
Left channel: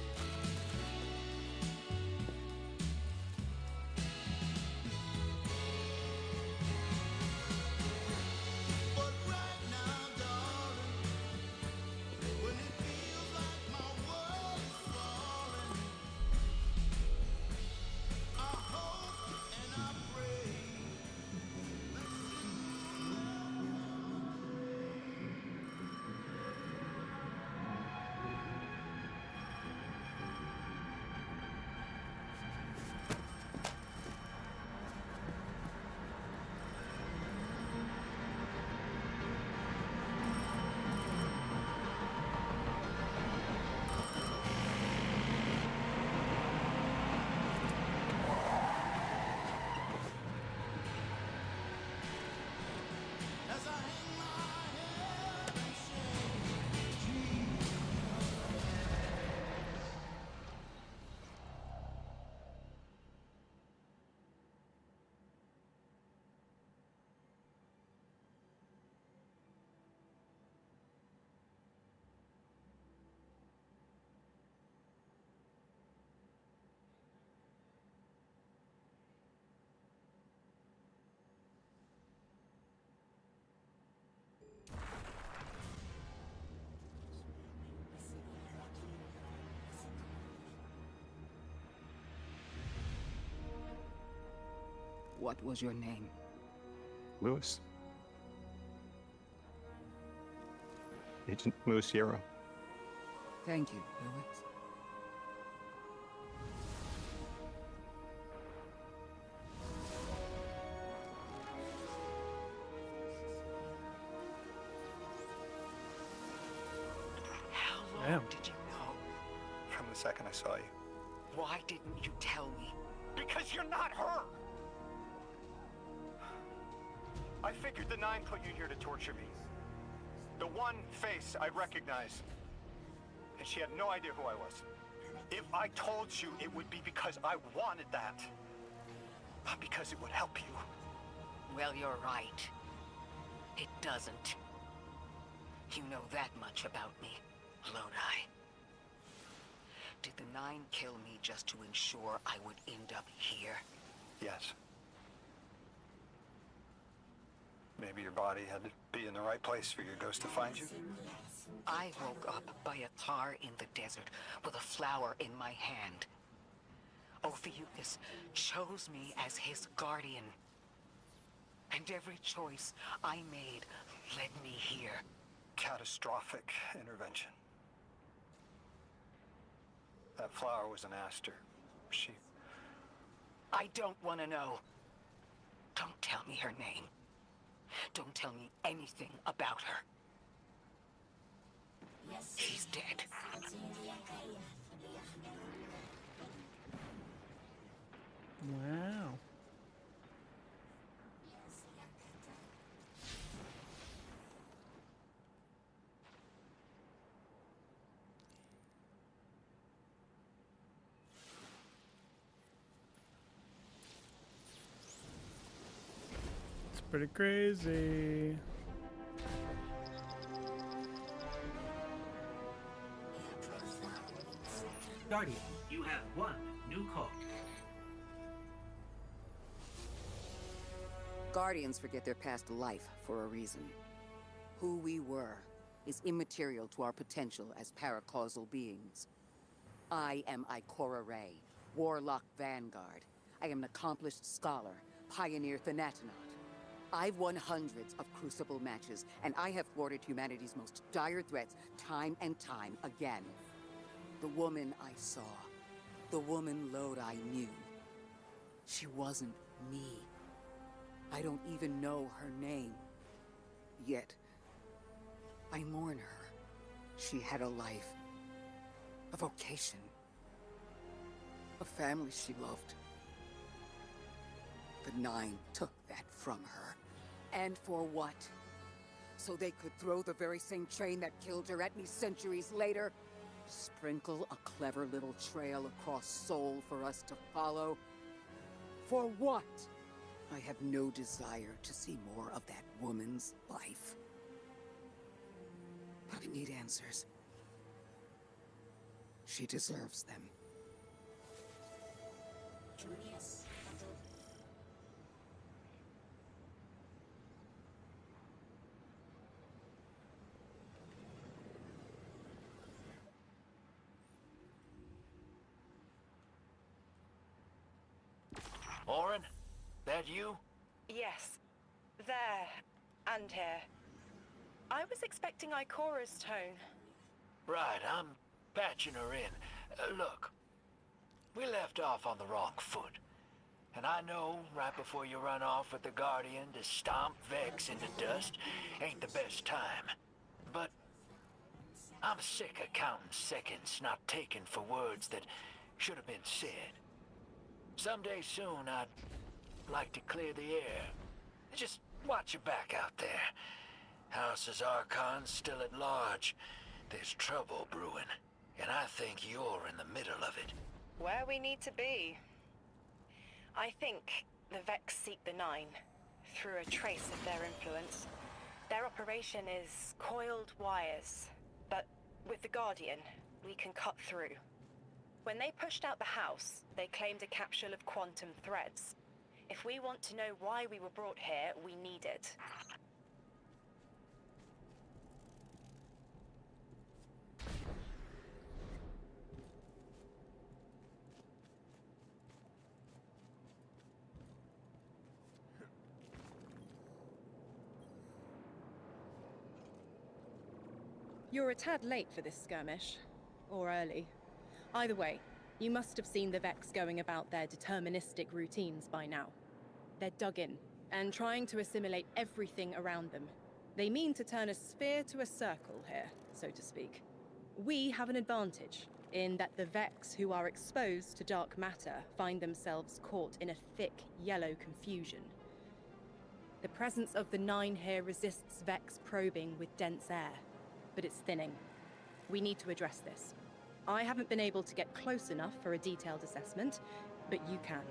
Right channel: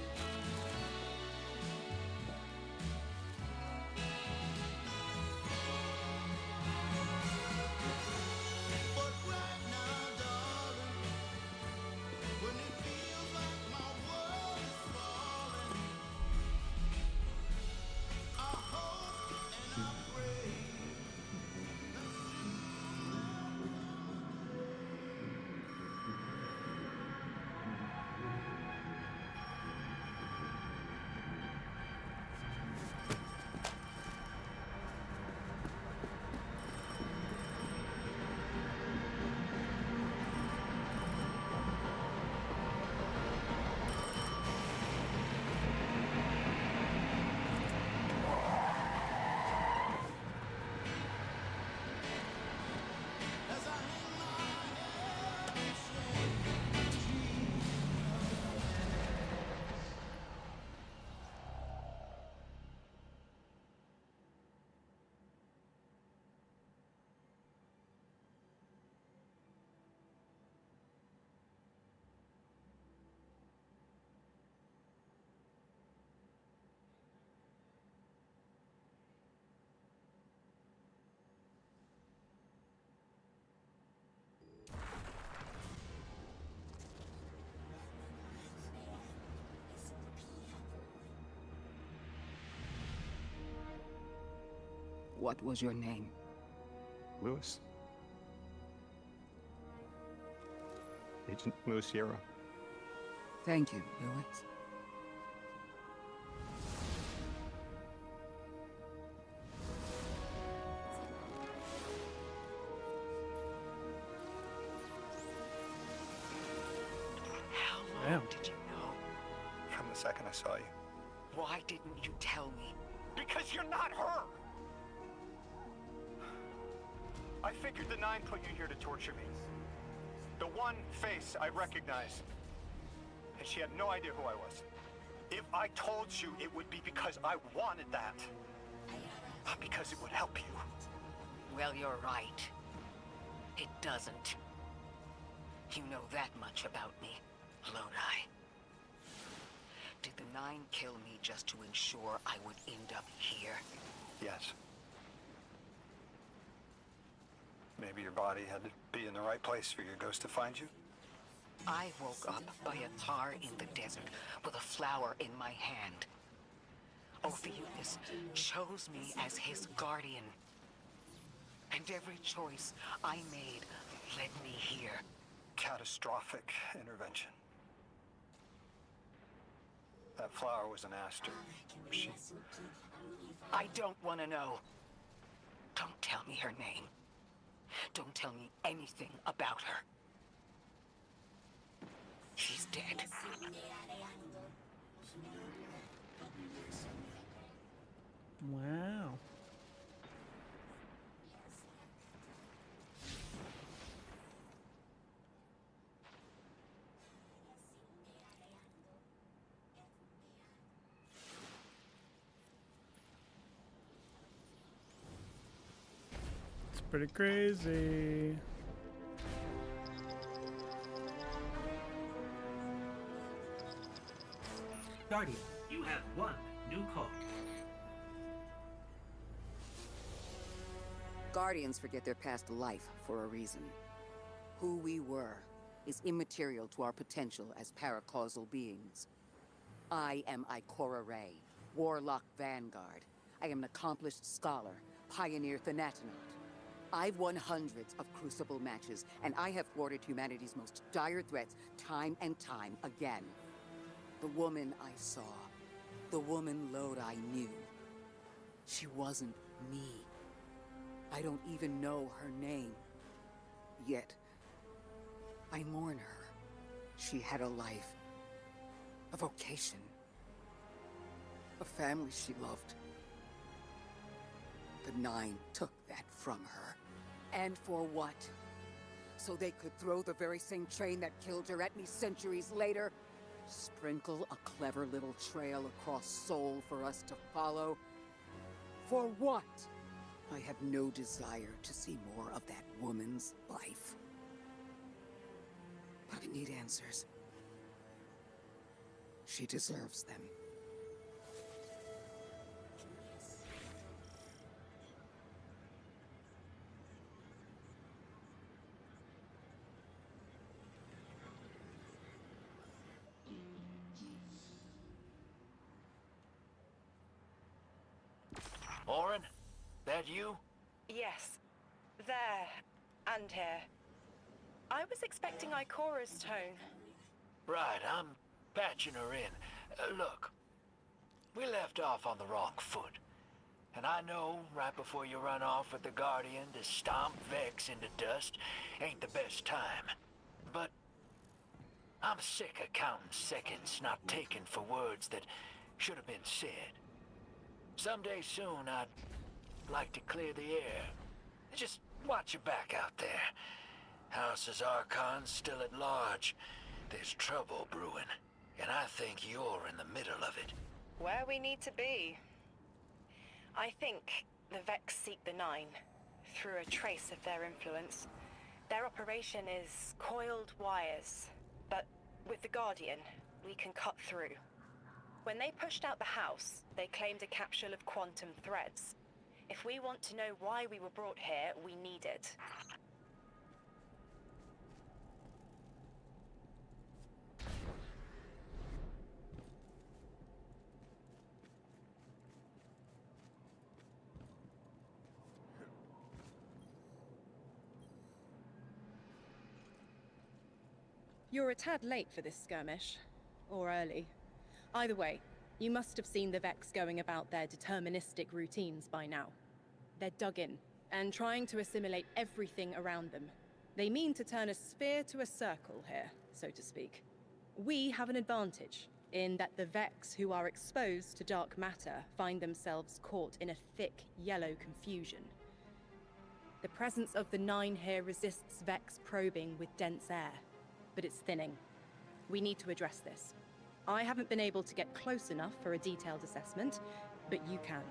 But right now, darling, when it feels like What was your name? Lewis. Agent Lewis Sierra. Thank you, Lewis. How long Damn. did you know? From the second I saw you. Why didn't you tell me? Because you're not her! I figured the Nine put you here to torture me. The one face I recognize. And she had no idea who I was. If I told you, it would be because I wanted that. Not because it would help you. Well, you're right. It doesn't. You know that much about me, Lodi. Did the Nine kill me just to ensure I would end up here? Yes. Maybe your body had to be in the right place for your ghost to find you? I woke up by a tar in the desert with a flower in my hand. Ophiuchus chose me as his guardian. And every choice I made led me here. Catastrophic intervention. That flower was an aster. She... I don't want to know. Don't tell me her name. Don't tell me anything about her. She's dead. Wow. It's pretty crazy. Guardian, you have one new code. Guardians forget their past life for a reason. Who we were is immaterial to our potential as paracausal beings. I am Ikora Ray, Warlock Vanguard. I am an accomplished scholar, pioneer Thanatonaut. I've won hundreds of Crucible matches, and I have thwarted humanity's most dire threats time and time again. The woman I saw, the woman Lodi knew, she wasn't me. I don't even know her name. Yet, I mourn her. She had a life, a vocation, a family she loved. The Nine took that from her. And for what? So they could throw the very same train that killed her at me centuries later? Sprinkle a clever little trail across Sol for us to follow? For what? I have no desire to see more of that woman's life. But I need answers. She deserves them. Orin? That you? Yes. There. And here. I was expecting Ikora's tone. Right, I'm patching her in. Look, we left off on the wrong foot. And I know right before you run off with the Guardian to stomp Vex into dust ain't the best time. But I'm sick of counting seconds not taken for words that should have been said. Someday soon I'd like to clear the air. Just watch your back out there. House's Archon's still at large. There's trouble brewing, and I think you're in the middle of it. Where we need to be. I think the Vex seek the Nine, through a trace of their influence. Their operation is coiled wires, but with the Guardian, we can cut through. When they pushed out the house, they claimed a capsule of quantum threads. If we want to know why we were brought here, we need it. You're a tad late for this skirmish. Or early. Either way, you must have seen the Vex going about their deterministic routines by now. They're dug in, and trying to assimilate everything around them. They mean to turn a sphere to a circle here, so to speak. We have an advantage, in that the Vex who are exposed to dark matter find themselves caught in a thick, yellow confusion. The presence of the Nine here resists Vex probing with dense air, but it's thinning. We need to address this. I haven't been able to get close enough for a detailed assessment, but you can.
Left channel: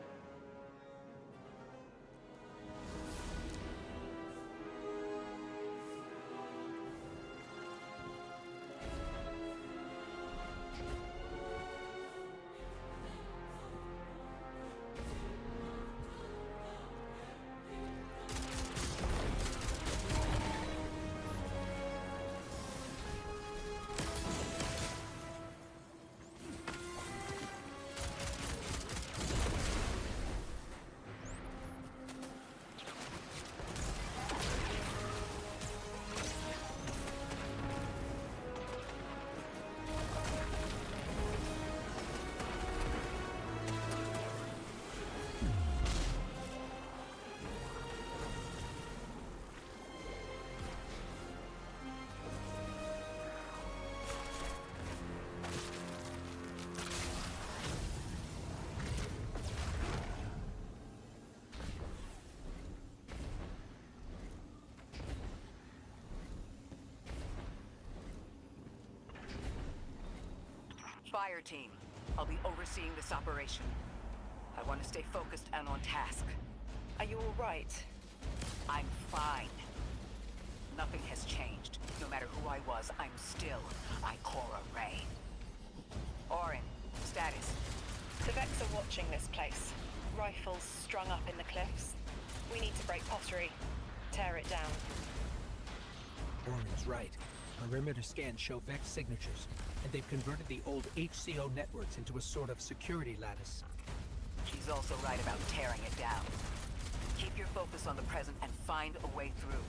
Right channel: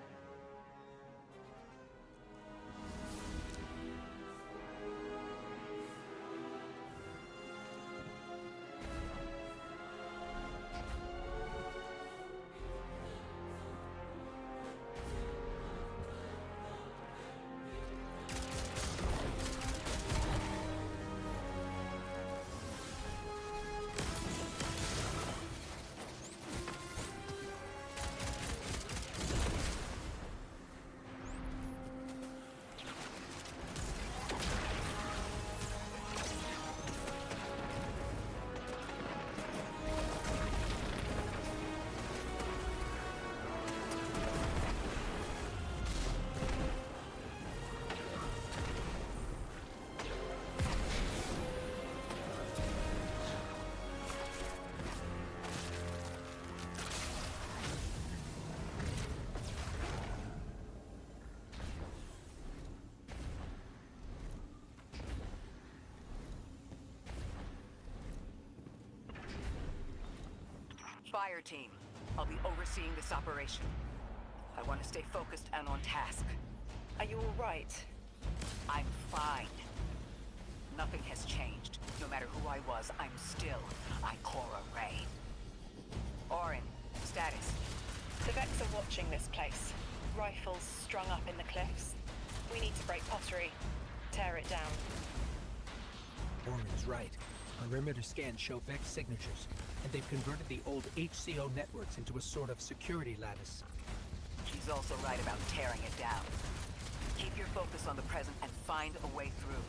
Fire team, I'll be overseeing this operation. I want to stay focused and on task. Are you all right? I'm fine. Nothing has changed. No matter who I was, I'm still Ikora Ray. Orin, status. The Vex are watching this place. Rifles strung up in the cliffs. We need to break pottery. Tear it down. Orin's right. Perimeter scans show Vex signatures, and they've converted the old HCO networks into a sort of security lattice. She's also right about tearing it down. Keep your focus on the present and find a way through.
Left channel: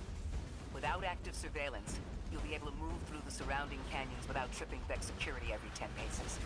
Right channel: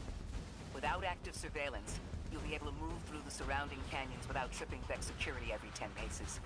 Without active surveillance, you'll be able to move through the surrounding canyons without tripping Vex security every 10 paces.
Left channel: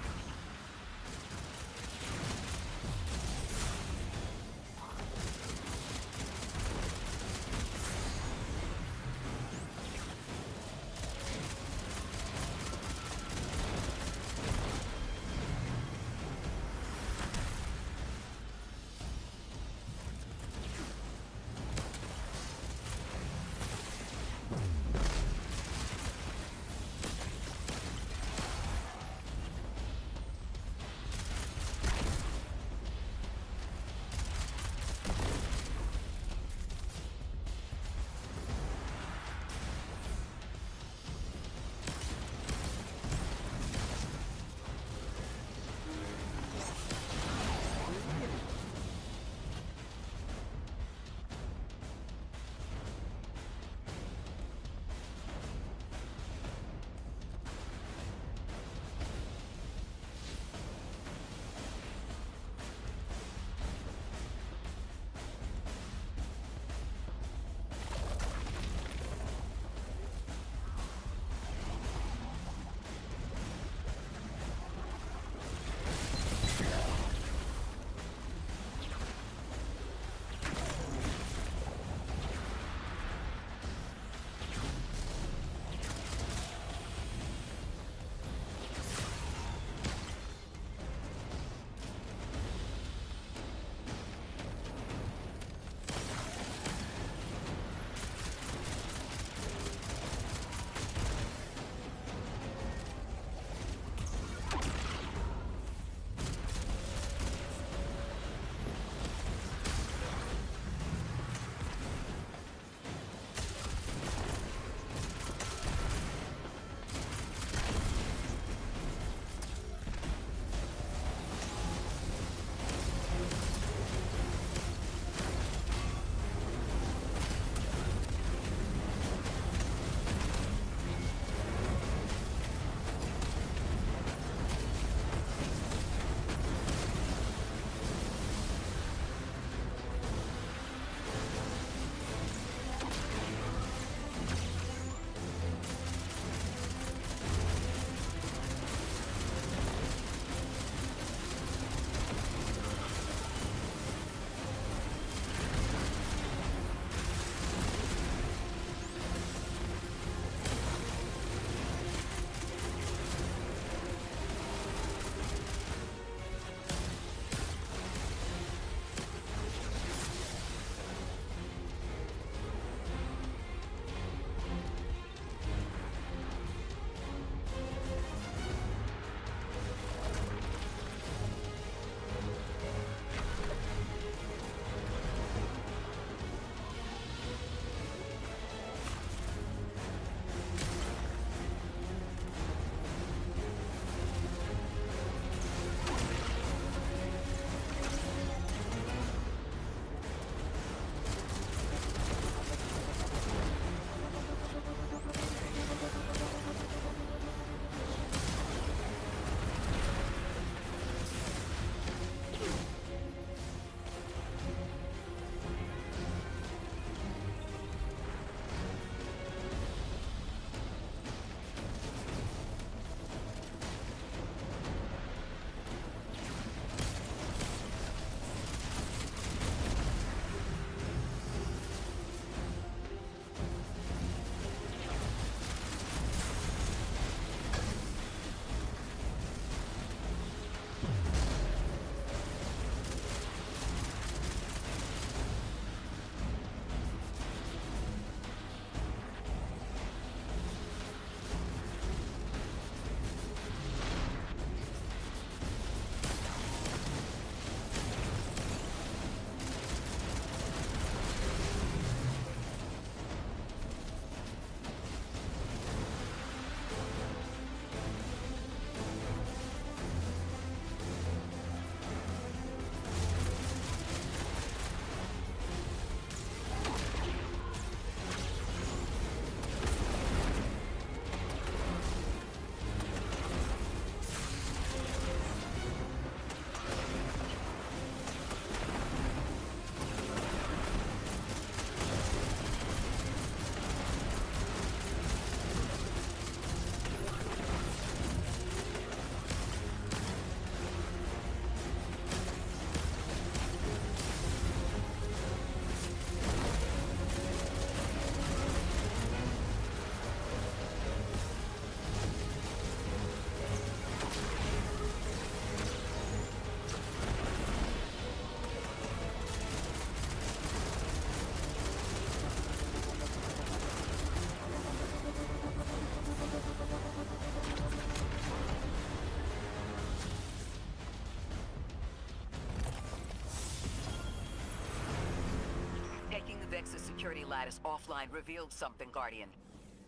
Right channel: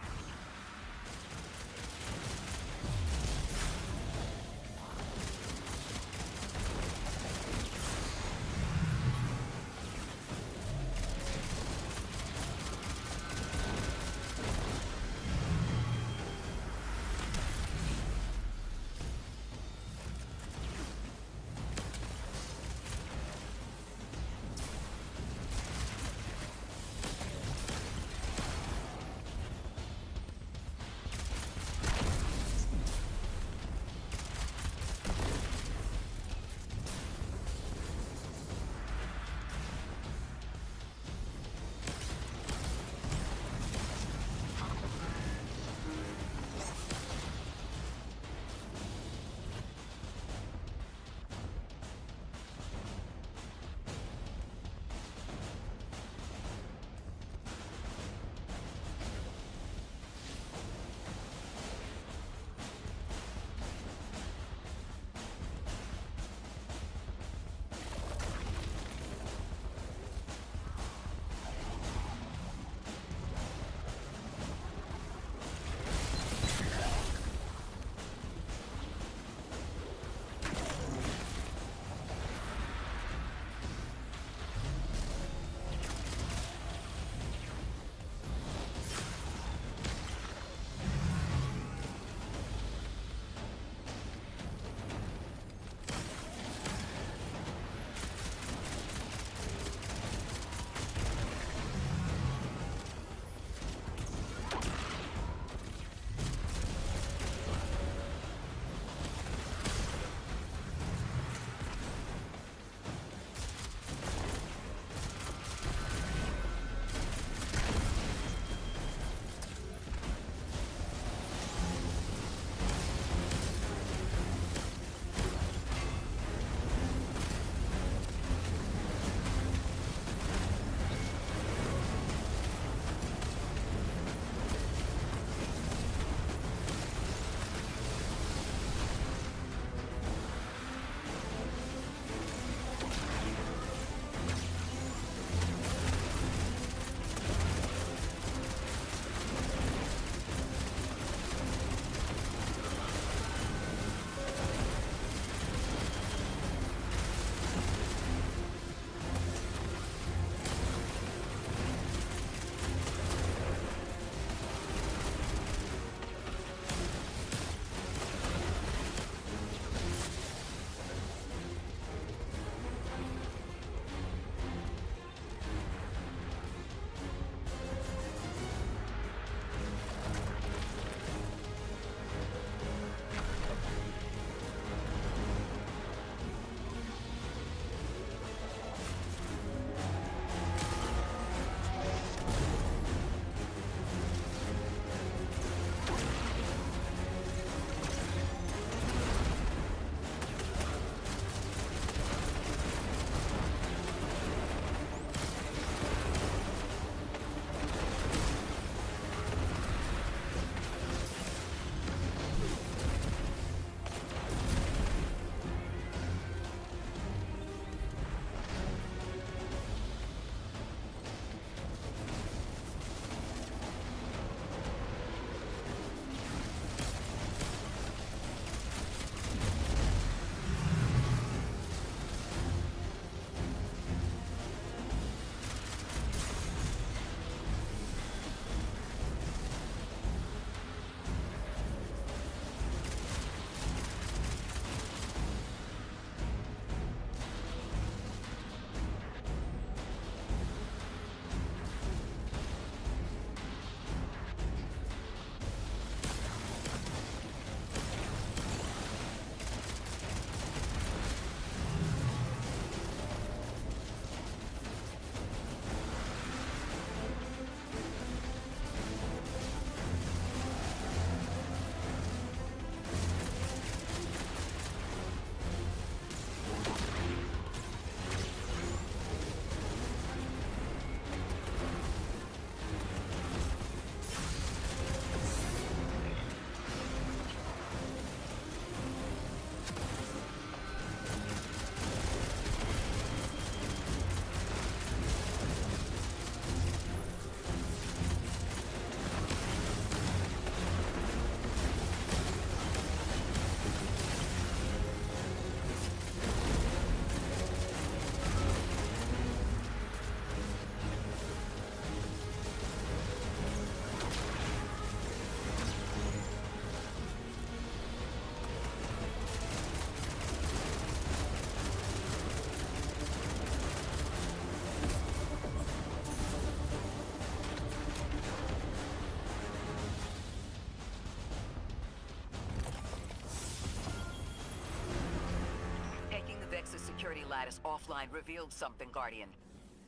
Nexus security lattice offline revealed something, Guardian.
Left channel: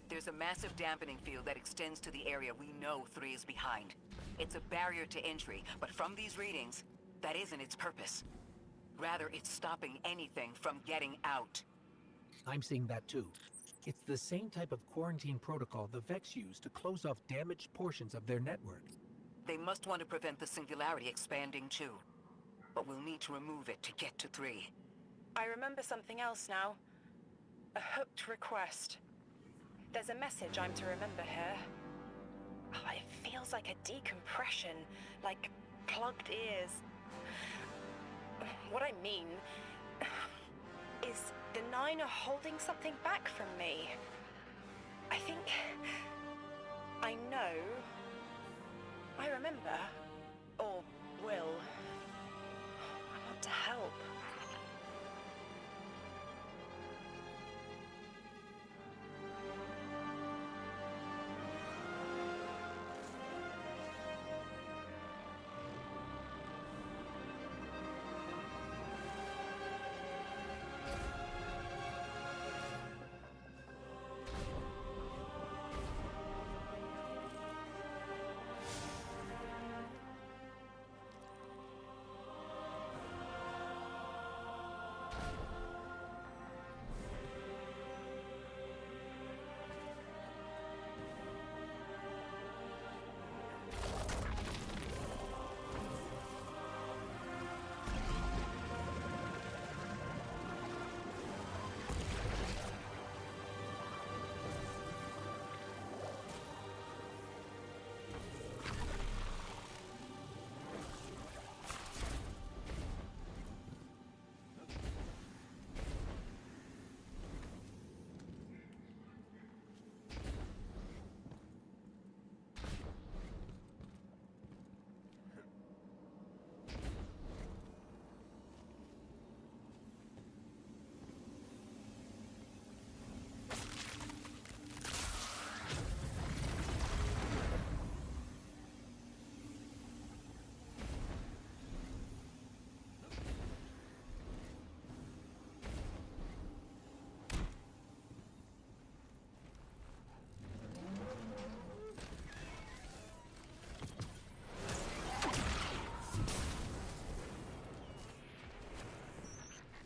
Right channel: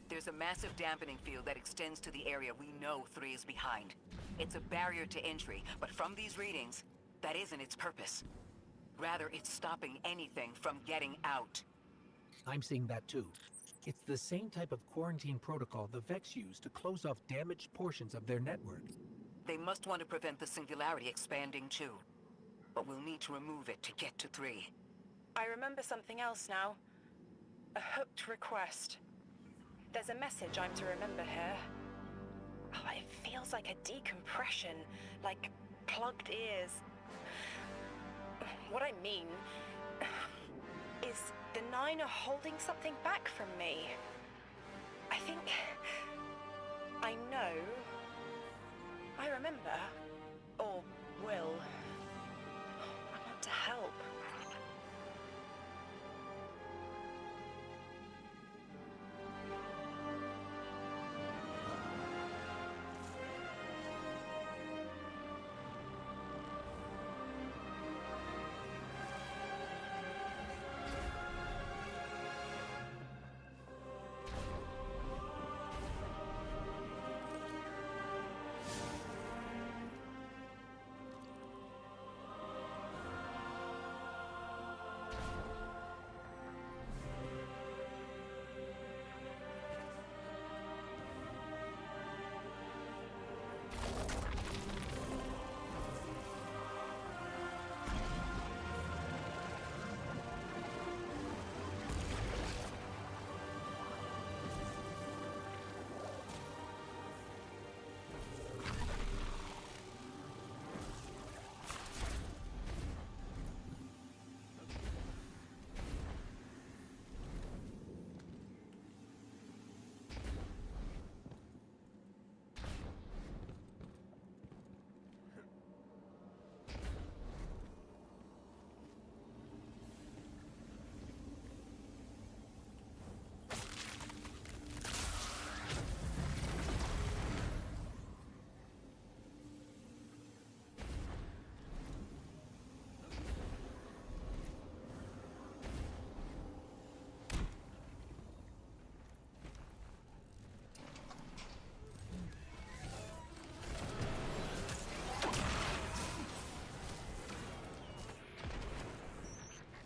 There's a massive dampening field that extends to the area we know 3 is behind. It's a barrier to entry, but from these readings, that isn't its purpose. Rather, it's stopping anything from getting out. I'm seeing that too. It's the same type of quarantine protocol the Vex use to close off damaged portions of their network. They must want to prevent the singularity expanding too. But we'll need to remove it to get to 3. I remember something else now. A hooked request. There's a message I'm to remember here. Oh, it feels like a decompression, like plugged ears. What I mean is the 9 are holding something back from me. I think I know. I remember. Or will. I want to help.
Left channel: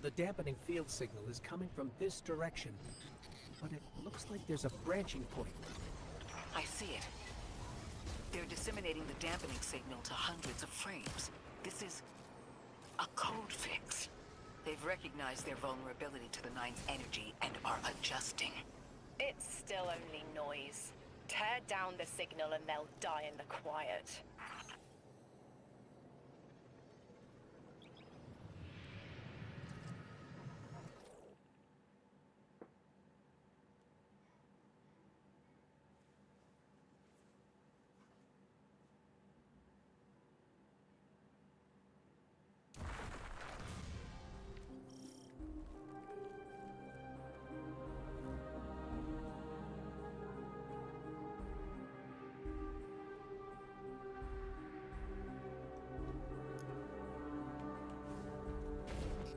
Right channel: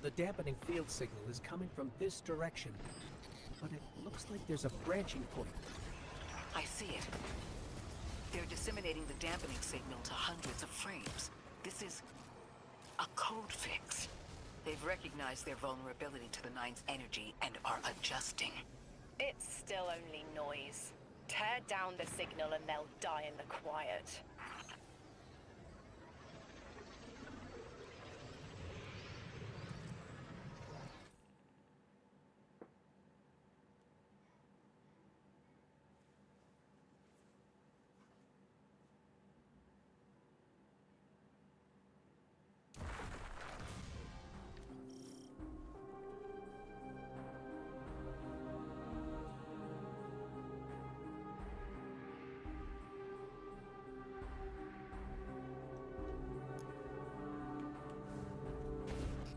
The dampening field signal is coming from this direction, but it looks like there's a branching point. I see it. They're disseminating the dampening signal to hundreds of frames. This is a code fix. They've recognized their vulnerability to the 9's energy and are adjusting. It's still only noise. Tear down the signal and they'll die in the quiet.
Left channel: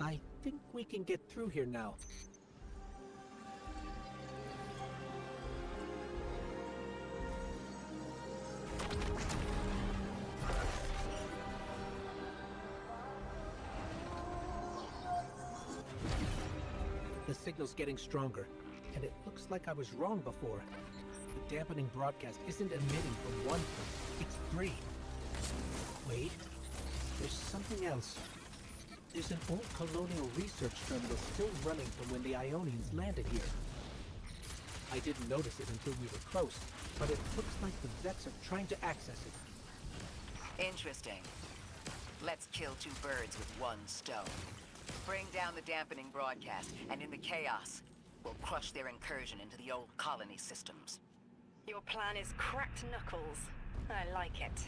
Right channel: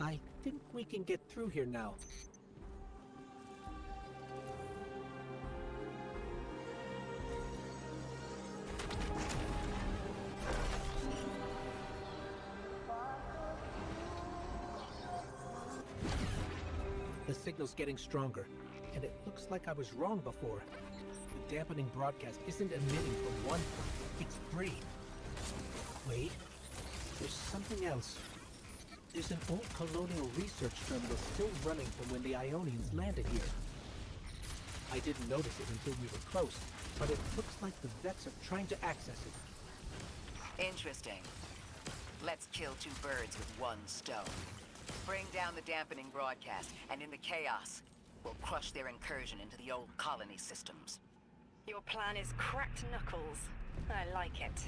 I think we can get through here now. The signal's getting stronger, and it looks like I was wrong before. The dampening broadcast isn't emitting from 1 point, it's 3. Wait, there's something else. There's an old colonial research terminal still running from when the Ionians landed here. I didn't notice it until we were close, but it looks like the Vex are trying to access it. Interesting. Let's kill 2 birds with 1 stone. Bring down the dampening broadcast, and in the chaos, we'll crush their incursion into the old colony systems. Your plan is cracked knuckles. I like it.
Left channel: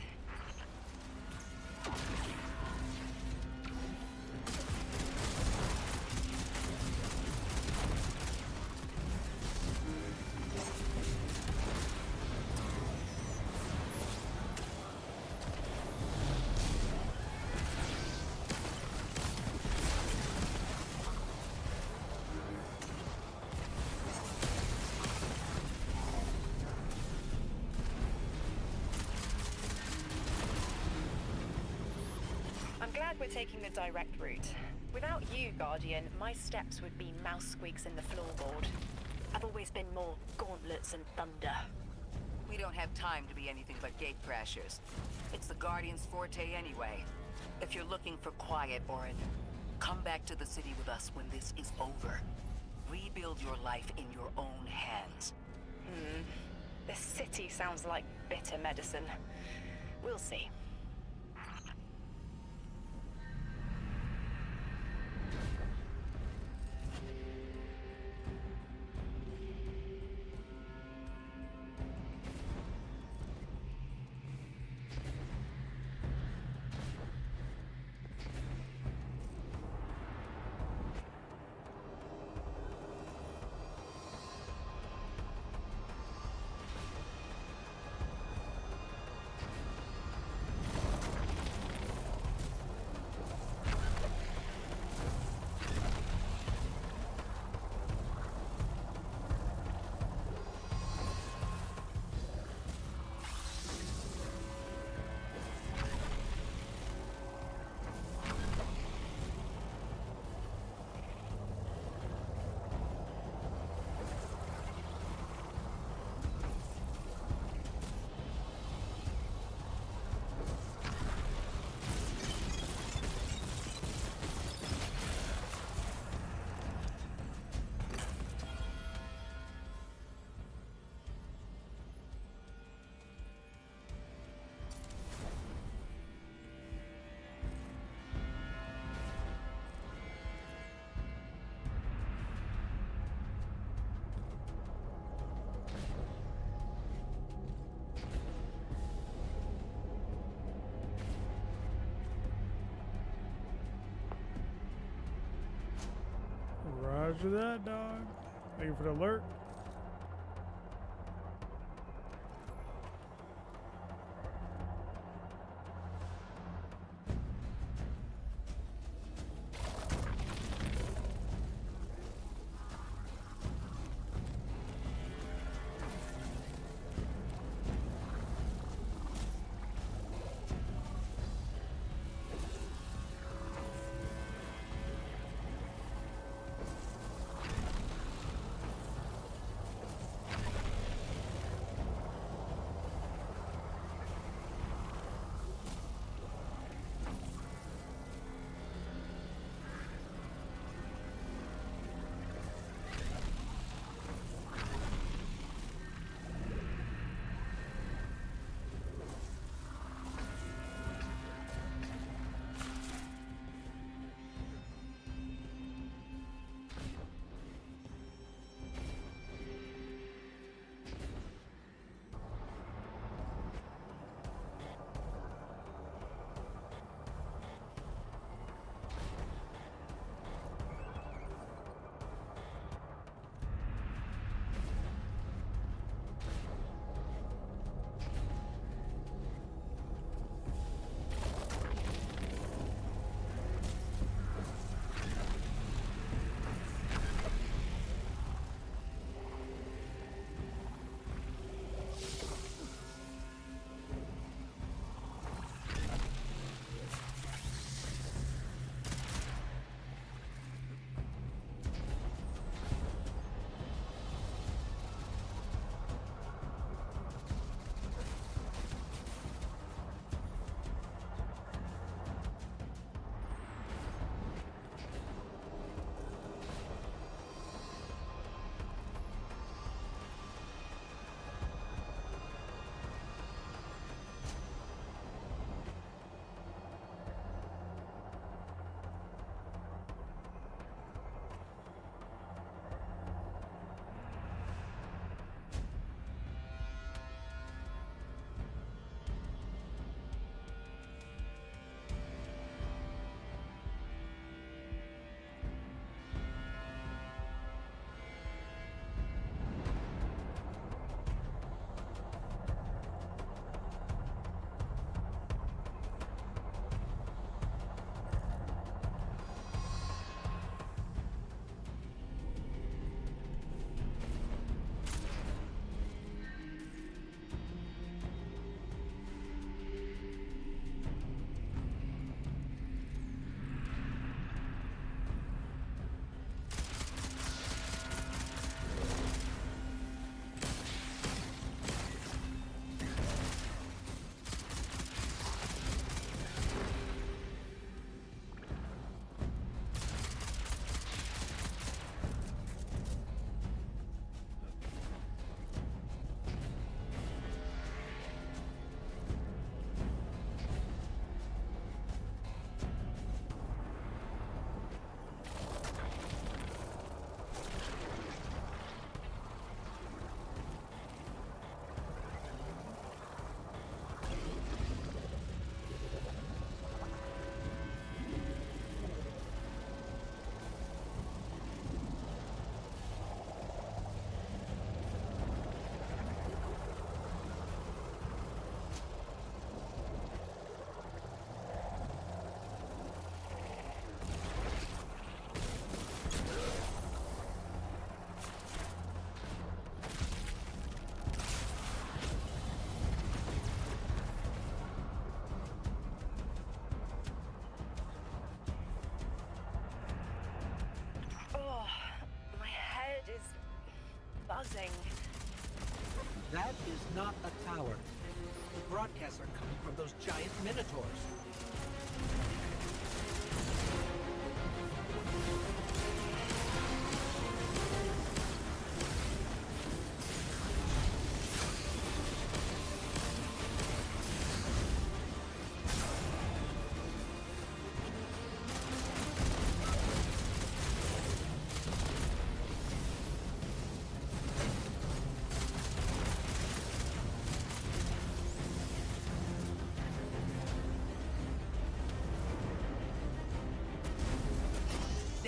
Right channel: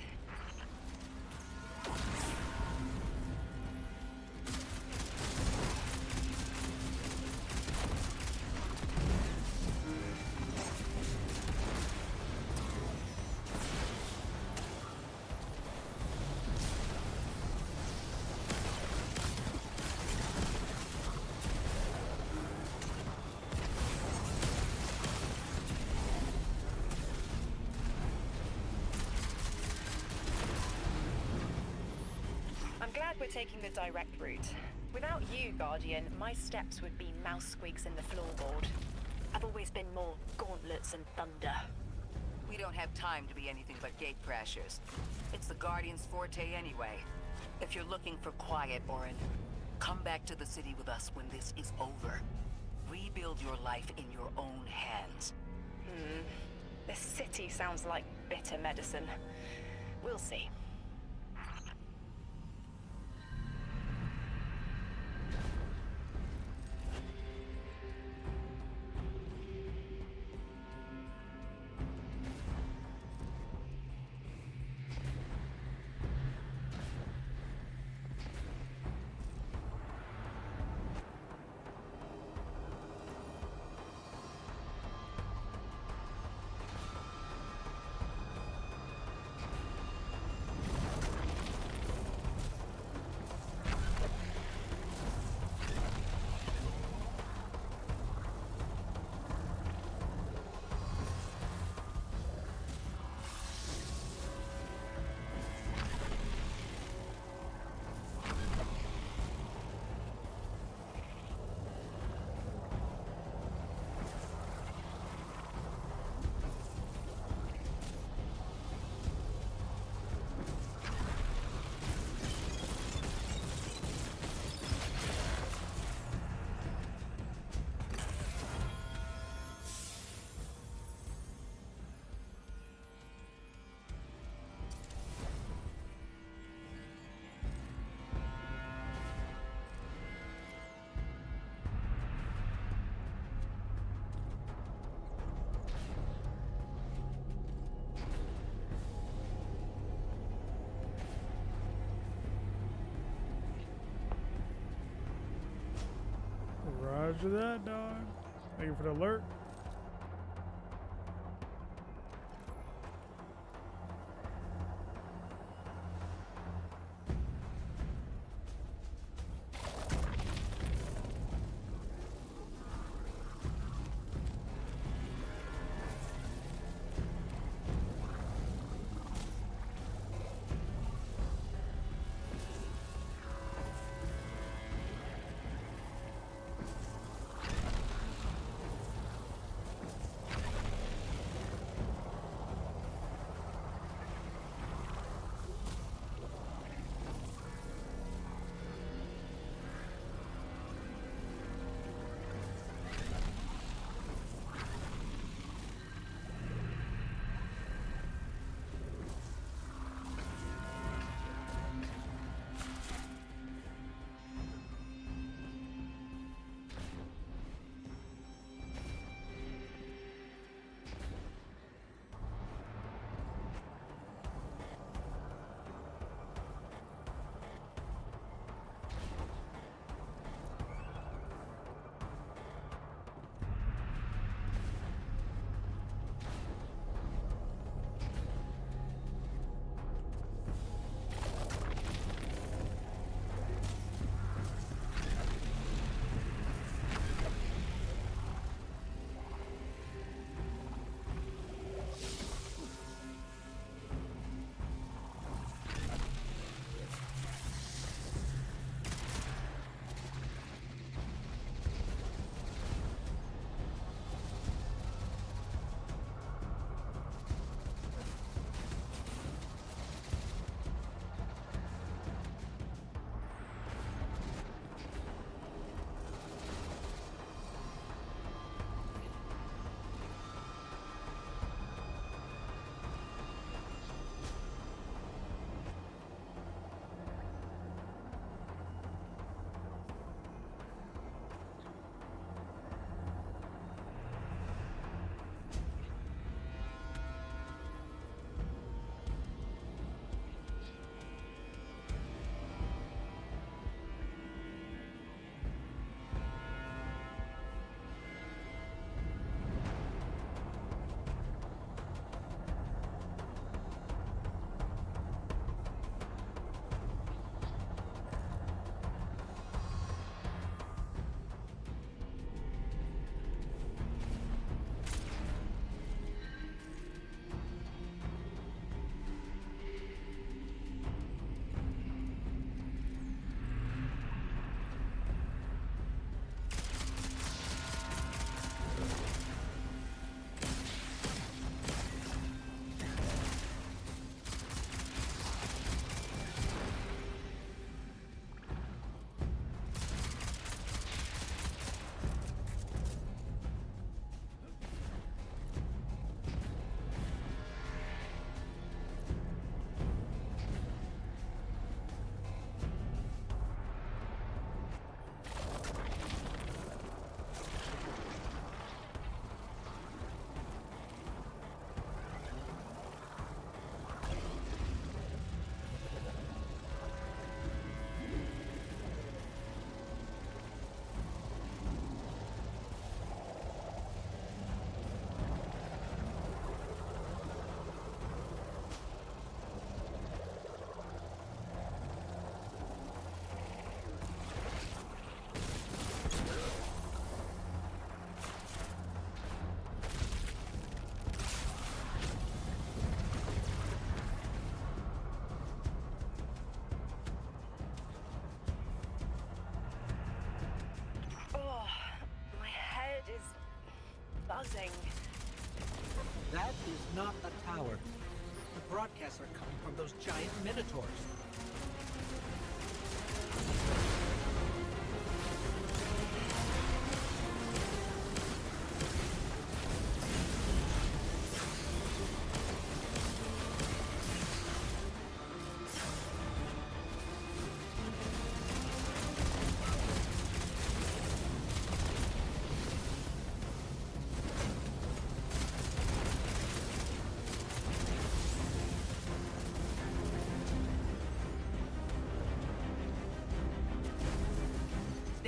glad we're taking the direct route. Without you, Guardian, my steps would be mouse squeaks in the floorboard. I've always been more gauntlets and thunder. We don't have time to be anything but gate crashers. It's the Guardian's forte anyway. If you're looking for quiet, Orin, come back to the city with us when this is over. Rebuild your life in your own hands. The city sounds like bitter medicine. We'll see. Roger that, dog. Thank you for the alert. buzzing. That is not a tower. The broadcasts are coming from those giant minotaurs.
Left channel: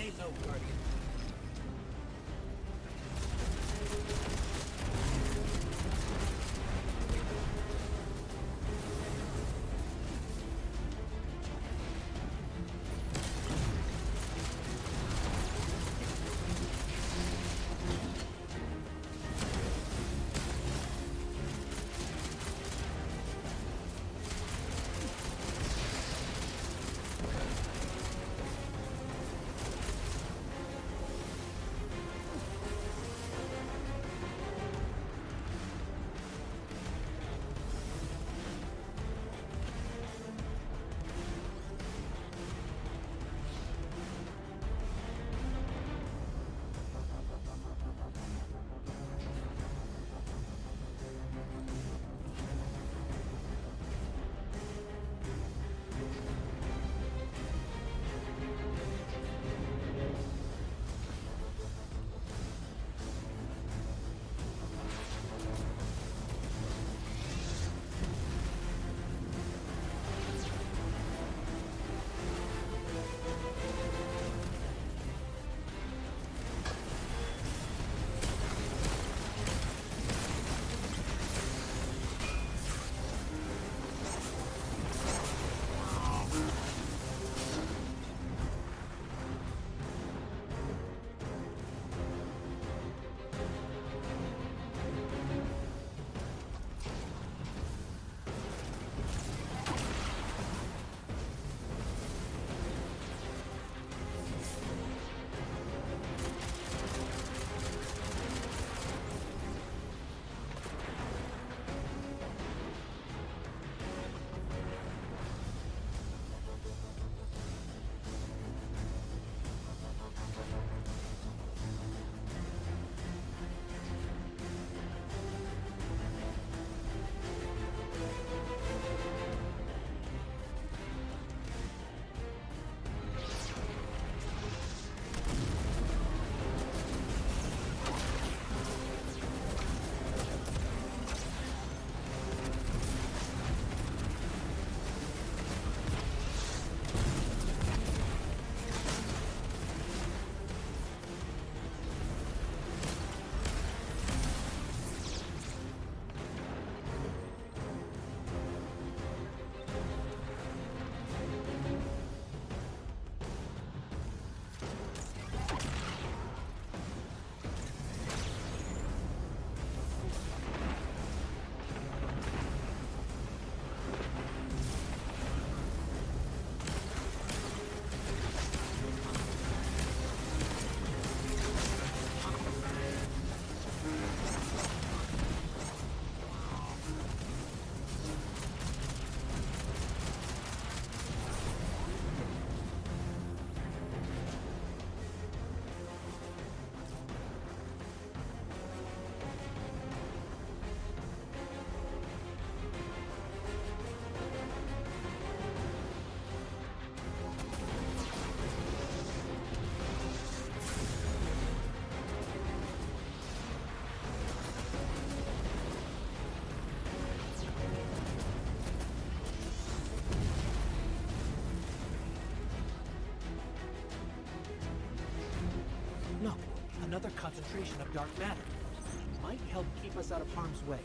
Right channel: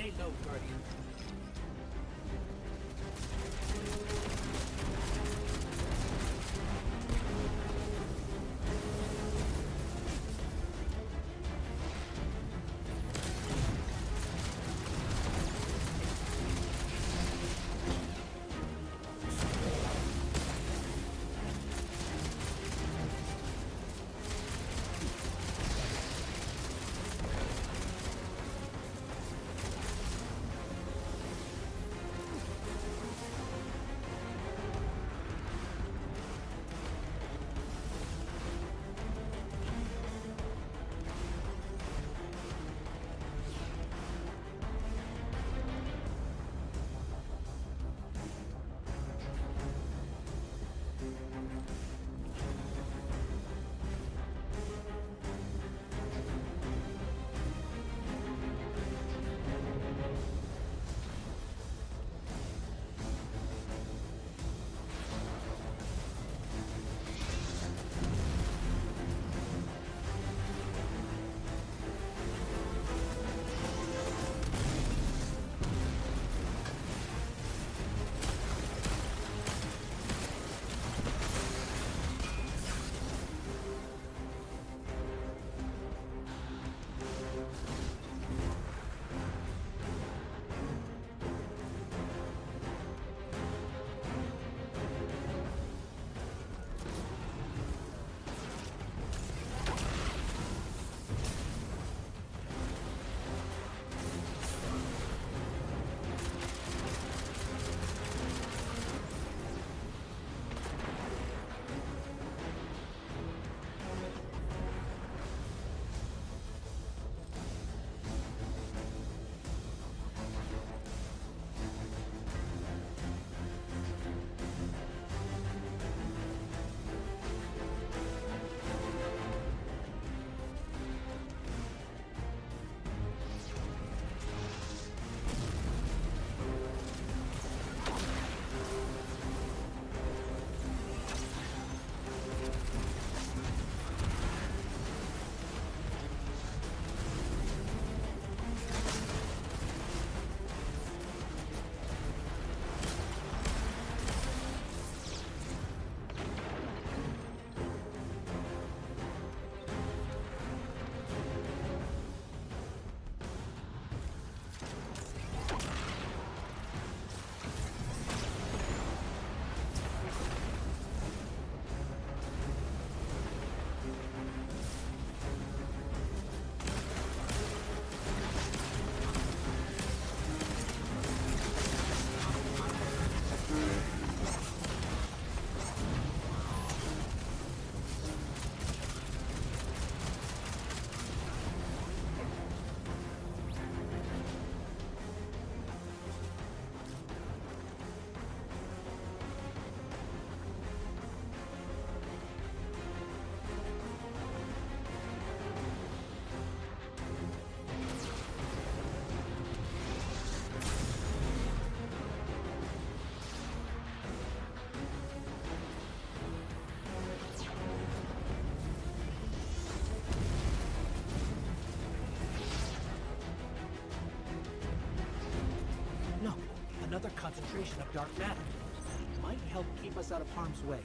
Stay low, Guardian. Look, another concentration of dark matter. Might help keep us out of harm's way.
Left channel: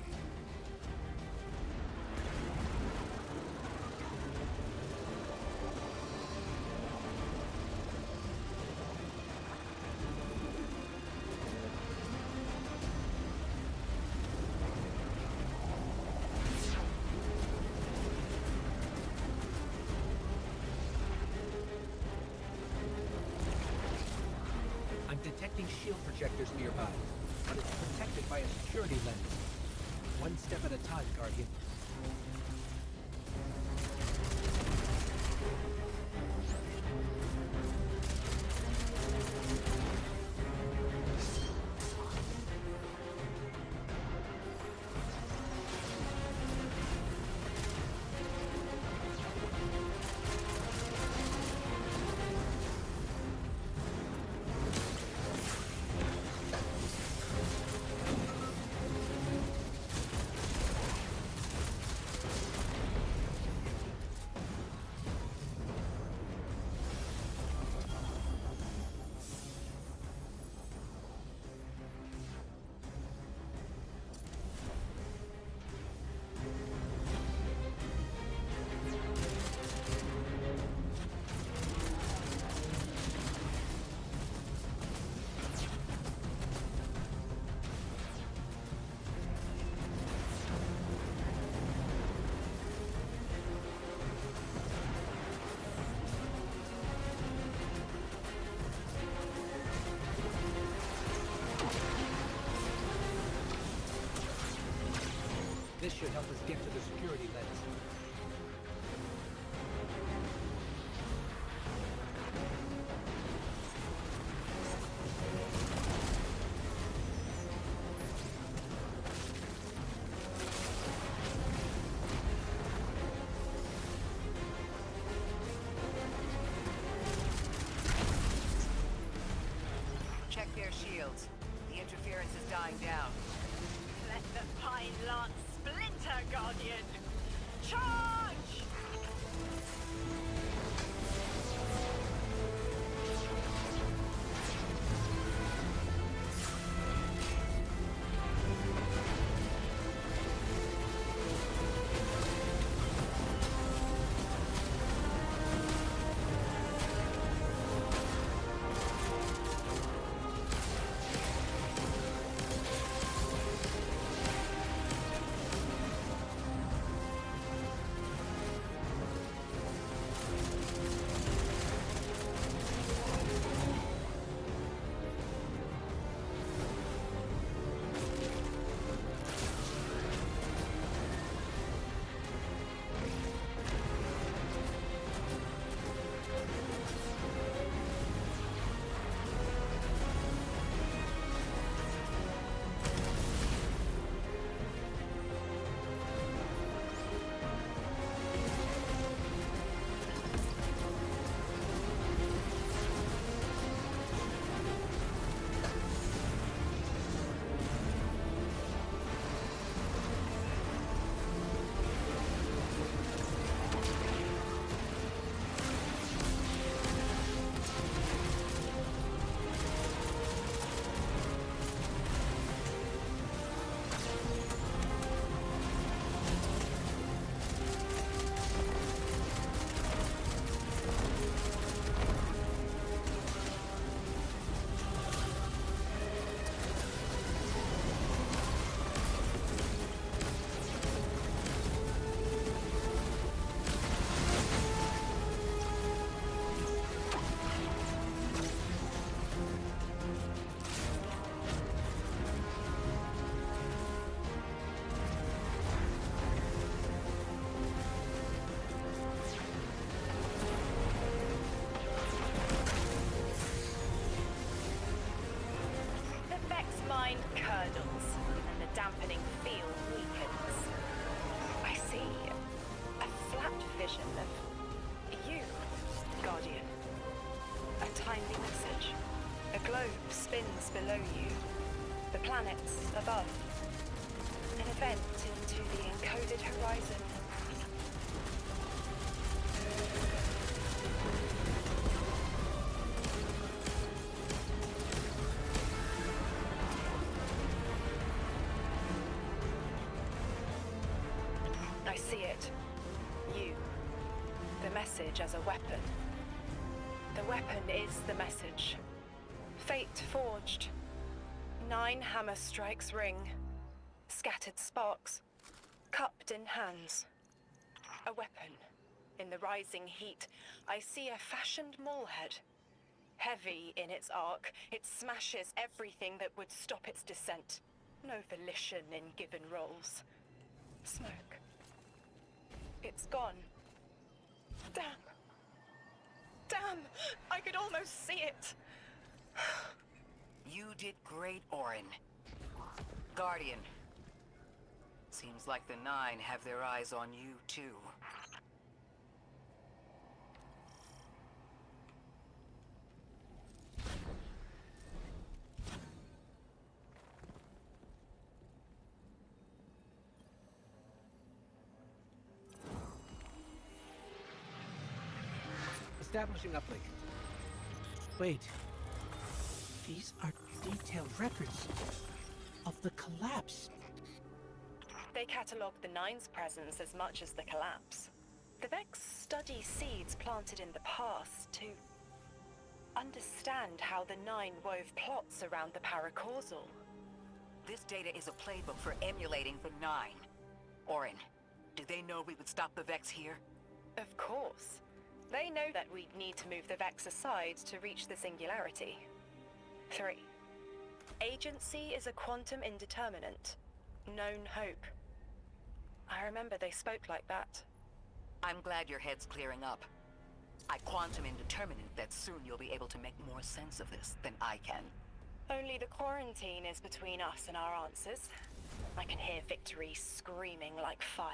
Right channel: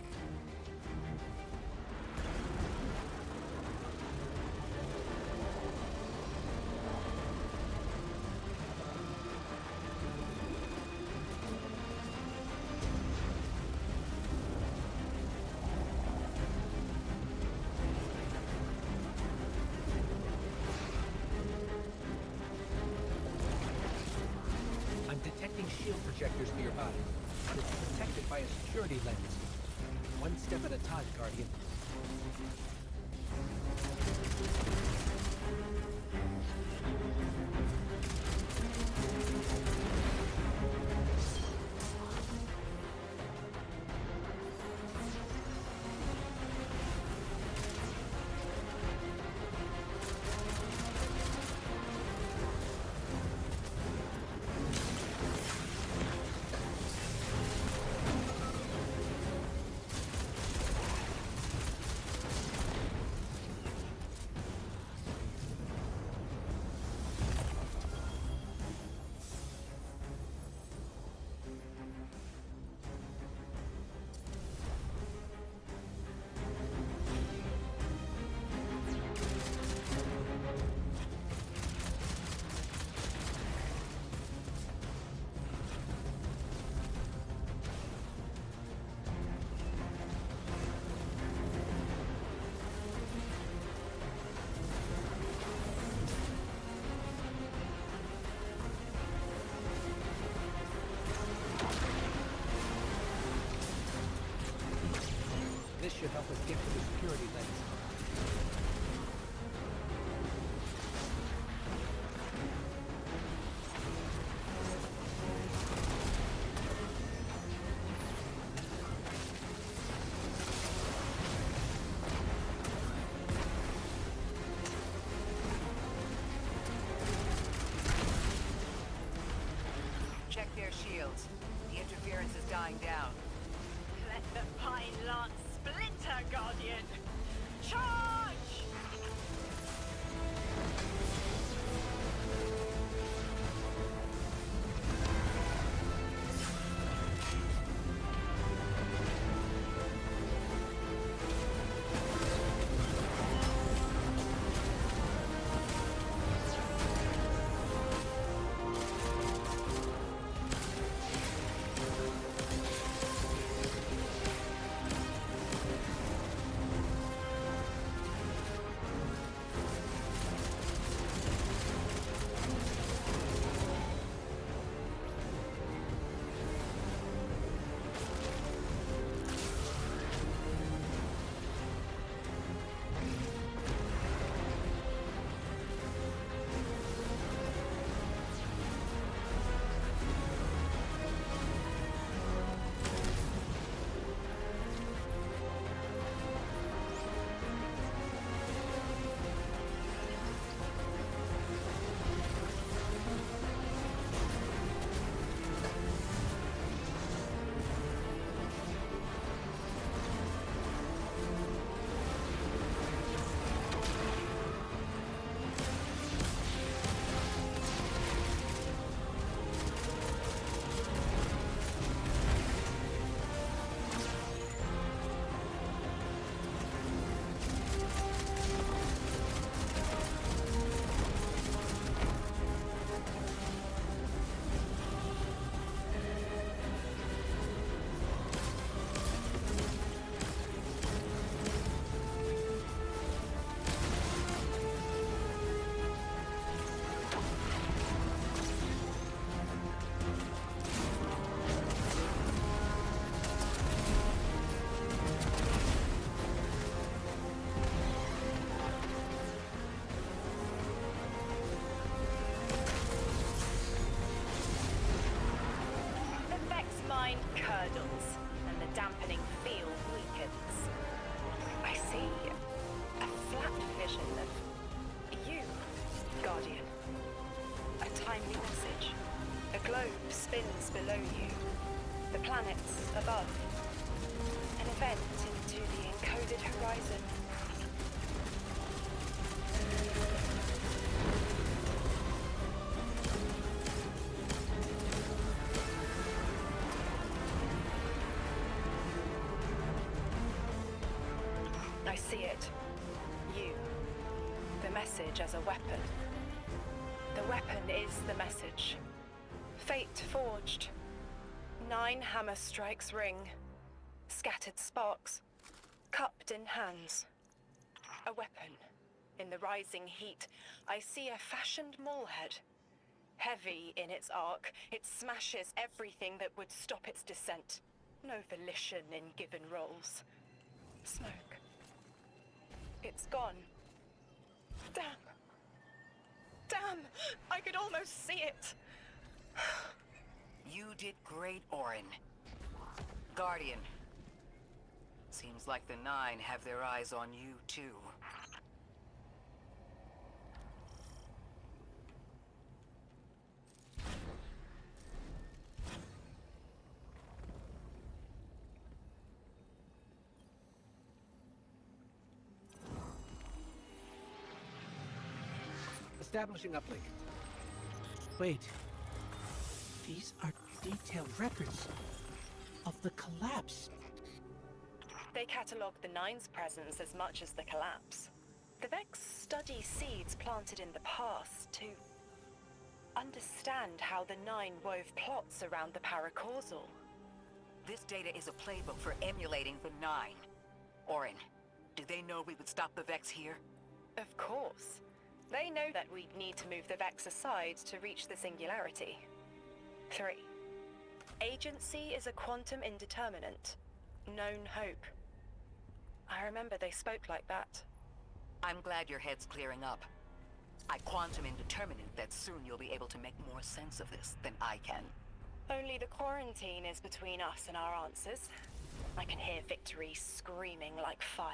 I'm detecting shield projectors nearby. but it's protected by a security lens. One step at a time, Guardian. This should help us get to the security lens. Check their shields. The interference is dying down. Let the pine lance splinter, Guardian! Charge! Mind curdles, and the dampening field weakens. I see a flat vision of you, Guardian. A timely message. A globe spins below you, the planets above. An event into the encoded horizon. I see it. You. The message as a weapon. The weapon is the message. Fate forged. 9 hammer strikes ring. Scattered sparks. Cupped in hands. A weapon. In the rising heat, I see a fashioned mallhead. Heavy in its arc, it smashes everything that would stop its descent. No volition in given roles. Smoke. It's gone. Damn. Damn! I could almost see it! You did great, Orin. Guardian. Seems like the Nine have their eyes on you, too. Establishing uplink. Wait. These are detailed records of the collapse. They catalogue the Nine's presence as much as the collapse. The Vex study seeds planted in the past to understand how the Nine wove plots around the paracausal. This data is a playbook for emulating the Nine. Orin, did they know we would stop the Vex here? Of course. They know that we'd need to move the Vex aside to reach the singularity. 3. Agency is a quantum indeterminate. Known hope. I remember they spoke like that. I'm glad your head's clearing up. I quantum indeterminate that soon you'll be able to make more sense of this than I can. Only the quarantine is between us and our answers. I can hear victory screaming like fire.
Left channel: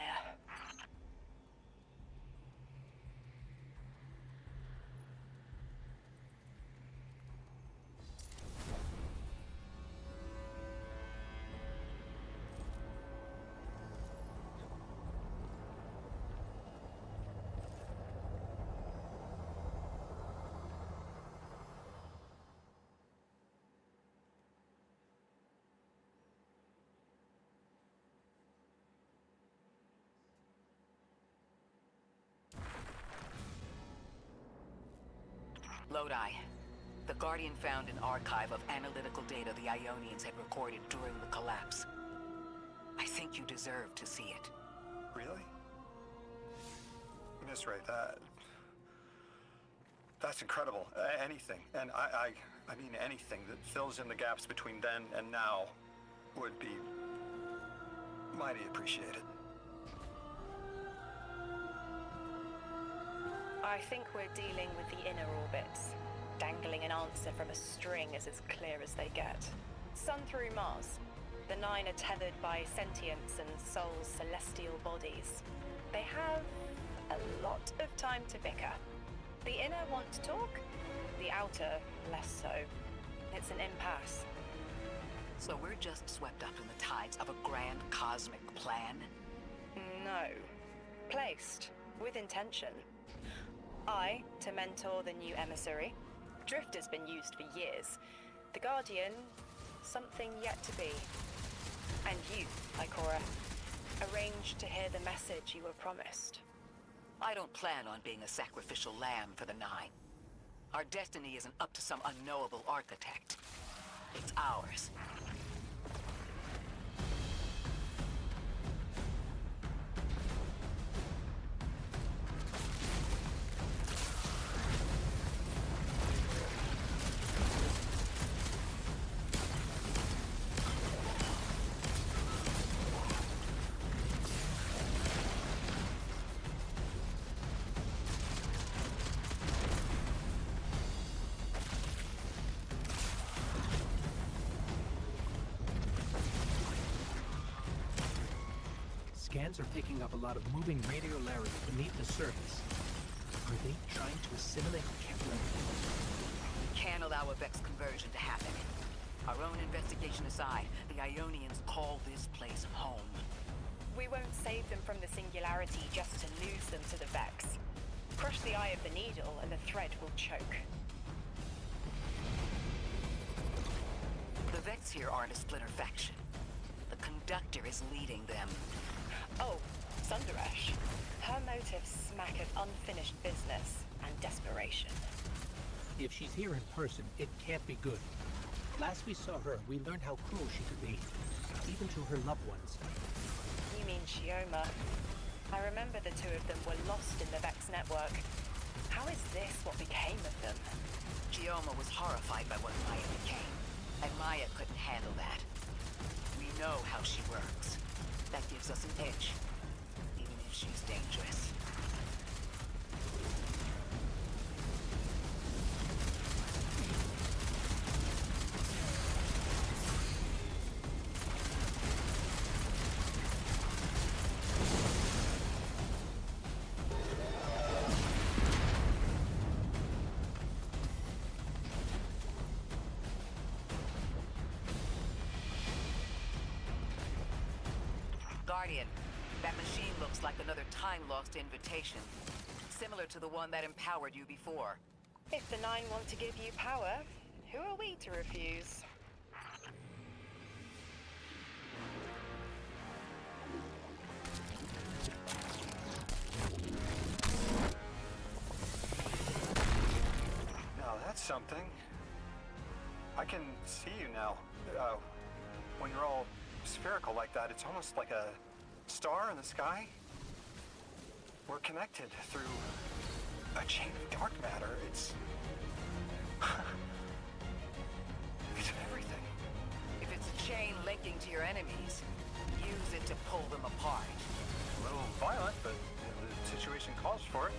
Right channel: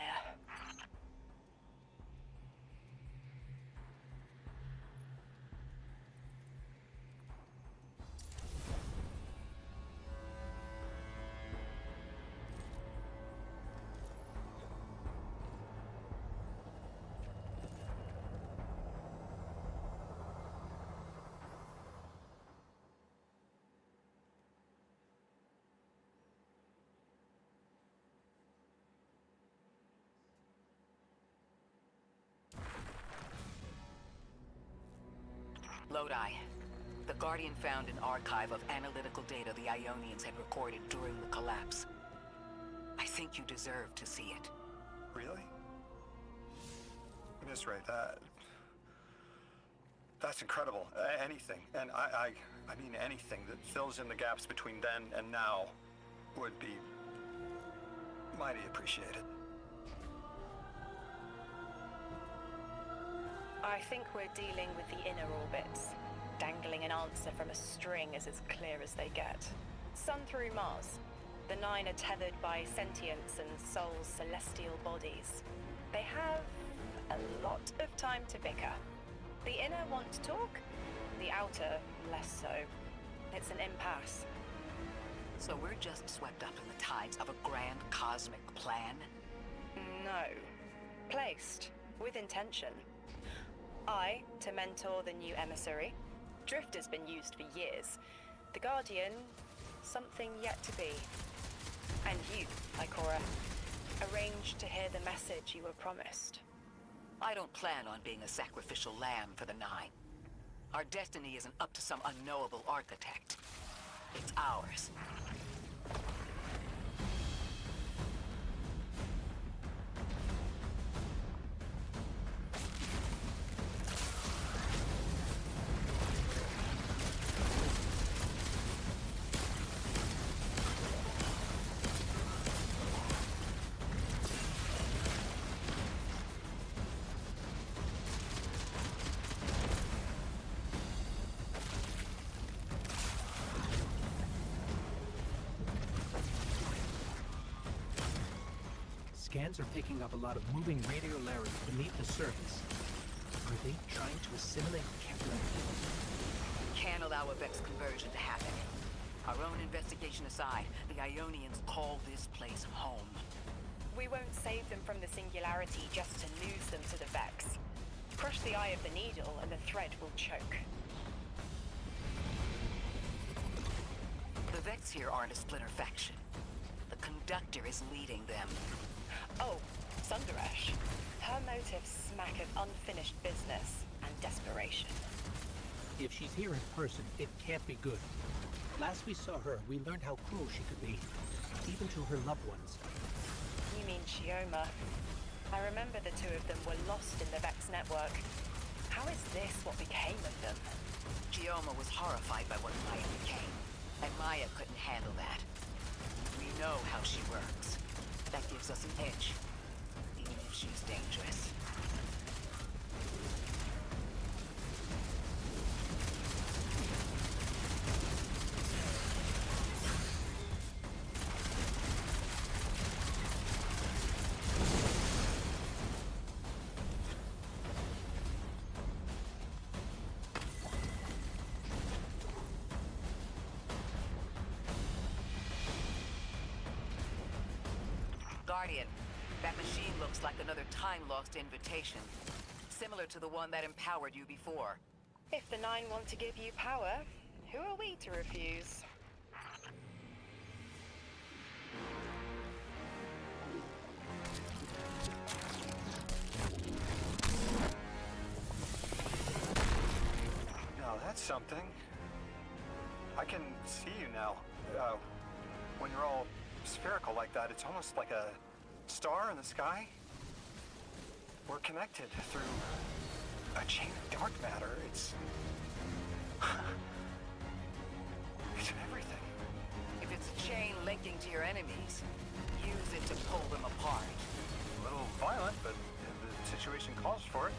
Lodi. The Guardian found an archive of analytical data the Ionians had recorded during the collapse. I think you deserve to see it. Really? Miss Ray, that's incredible. Anything, and I mean anything that fills in the gaps between then and now would be mighty appreciated. I think we're dealing with the inner orbits. Dangling an answer from a string is as clear as they get. Sun through Mars. The Nine are tethered by sentience and Sol's celestial bodies. They have a lot of time to bicker. The inner want to talk, the outer less so. It's an impasse. So we're just swept up in the tides of a grand cosmic plan? No. Placed. With intention. I, to mentor the new emissary. Drift has been used for years. The Guardian, something yet to be. And you, Ikora, arranged to hear the message you were promised. I don't plan on being a sacrificial lamb for the Nine. Our destiny isn't up to some unknowable architect. It's ours. Scans are picking up a lot of moving radiolarity beneath the surface. Are they trying to assimilate Kepler? We can't allow a Vex conversion to happen. Our own investigation aside, the Ionians call this place home. We won't save them from the singularity just to lose them to the Vex. Crush the eye of the needle and the thread will choke. The Vex here aren't a splinter faction. The Conductor is leading them. Oh, Sundaresh. Her motives smack of unfinished business and desperation. If she's here in person, it can't be good. Last we saw her, we learned how cruel she could be, even to her loved ones. You mean Shioma? I remember the two of them were lost in the Vex network. How is this what became of them? Gioma was horrified by what Maya became, and Maya couldn't handle that. We know how she works. That gives us an edge, even if she's dangerous. Guardian, that machine looks like another time-lost invitation, similar to the one that empowered you before. If the Nine want to give you power, who are we to refuse? Now that's something. I can see you now. When you're all spherical like that, it's almost like a star in the sky. We're connected through a chain of dark matter. It's everything. If it's a chain linking to your enemies, use it to pull them apart. A little violent, but the situation calls for it.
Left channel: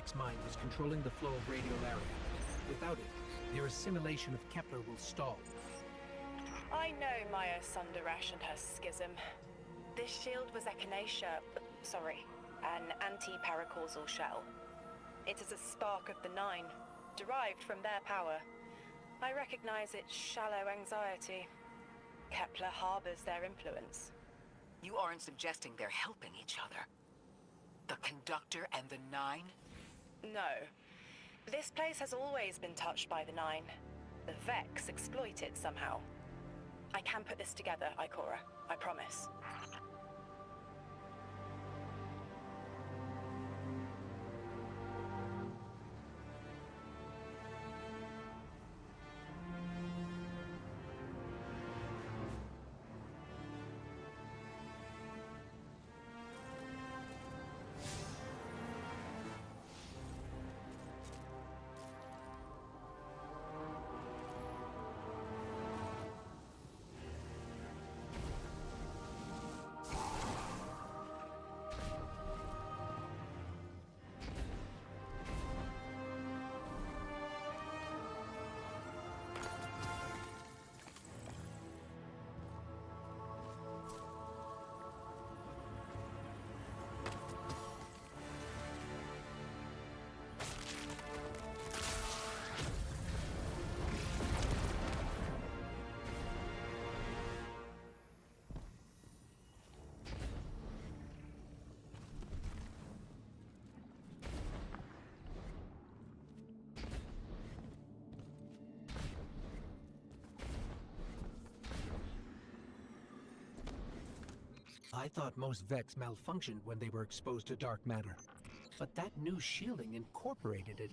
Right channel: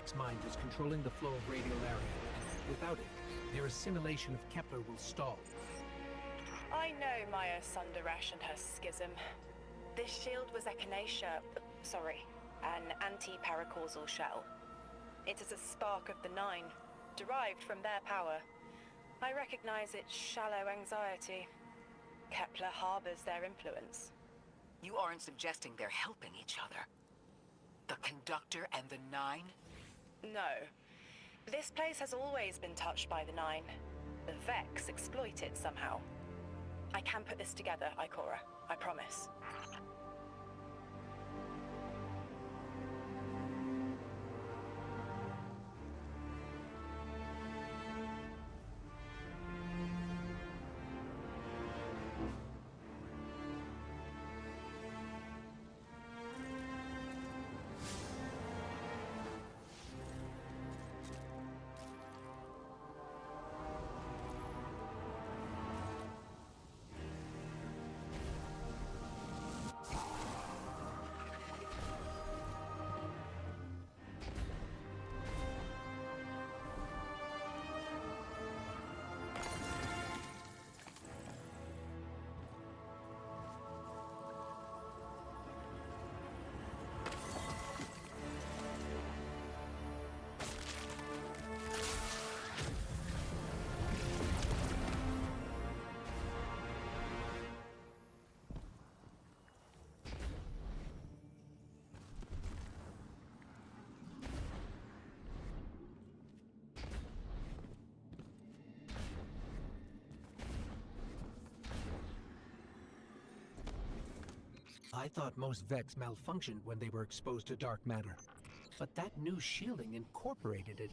Vex mind was controlling the flow of radial area. Without it, their assimilation of Kepler will stall. I know Maya Sundaresh and her schism. This shield was an anti-paracausal shell. It is a spark of the Nine, derived from their power. I recognize its shallow anxiety. Kepler harbors their influence. You aren't suggesting they're helping each other? The Conductor and the Nine? No. This place has always been touched by the Nine. The Vex exploit it somehow. I can put this together, Ikora. I promise. I thought most Vex malfunctioned when they were exposed to dark matter. But that new shielding incorporated it.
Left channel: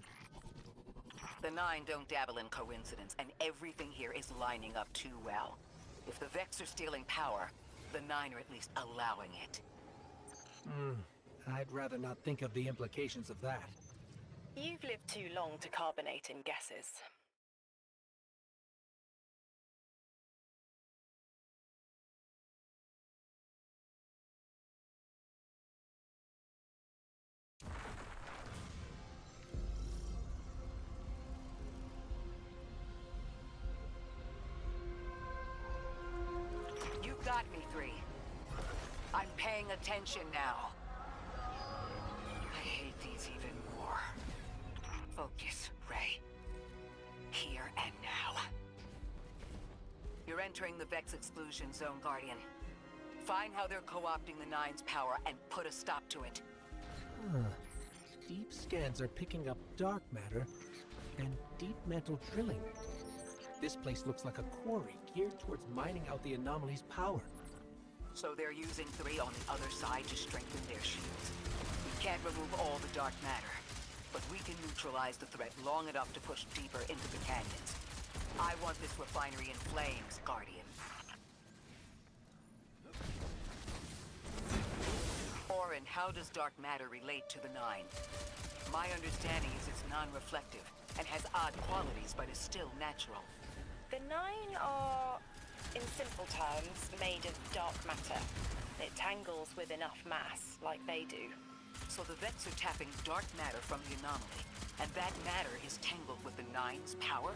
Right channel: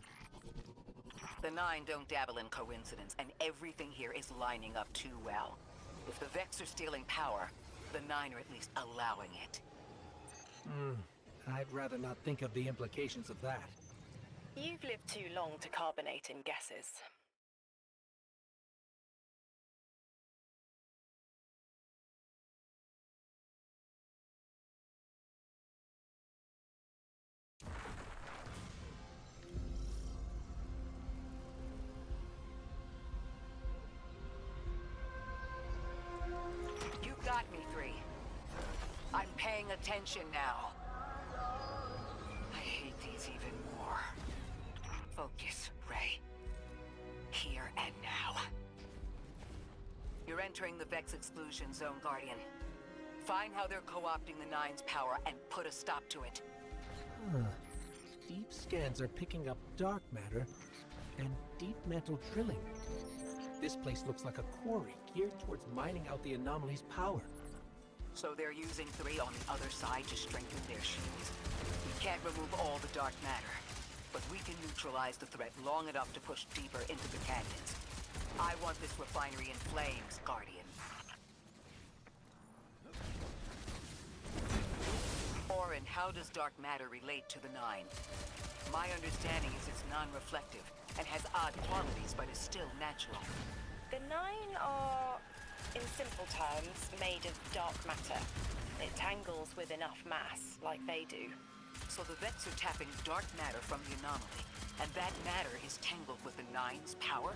The Nine don't dabble in coincidence, and everything here is lining up too well. If the Vex are stealing power, the Nine are at least allowing it. I'd rather not think of the implications of that. You've lived too long to carbonate in guesses. You got me, 3. I'm paying attention now. I hate these even more. Focus, Ray. Here and now. You're entering the Vex exclusion zone, Guardian. Find how they're co-opting the Nine's power and put a stop to it. Deep scans are picking up dark matter and deep metal drilling. This place looks like a quarry geared towards mining out the anomaly's power. So they're using 3 on the other side to strengthen their shields? We can't remove all the dark matter, but we can neutralize the threat long enough to push deeper into the canyons. I want this refinery in flames, Guardian. Orin, how does dark matter relate to the Nine? My understanding is it's non-reflective and has odd qualities, but is still natural. The Nine are, in simple terms, made of dark matter. It tangles with enough mass, like they do. So the Vex are tapping dark matter from the anomaly, and that matter is tangled with the Nine's power?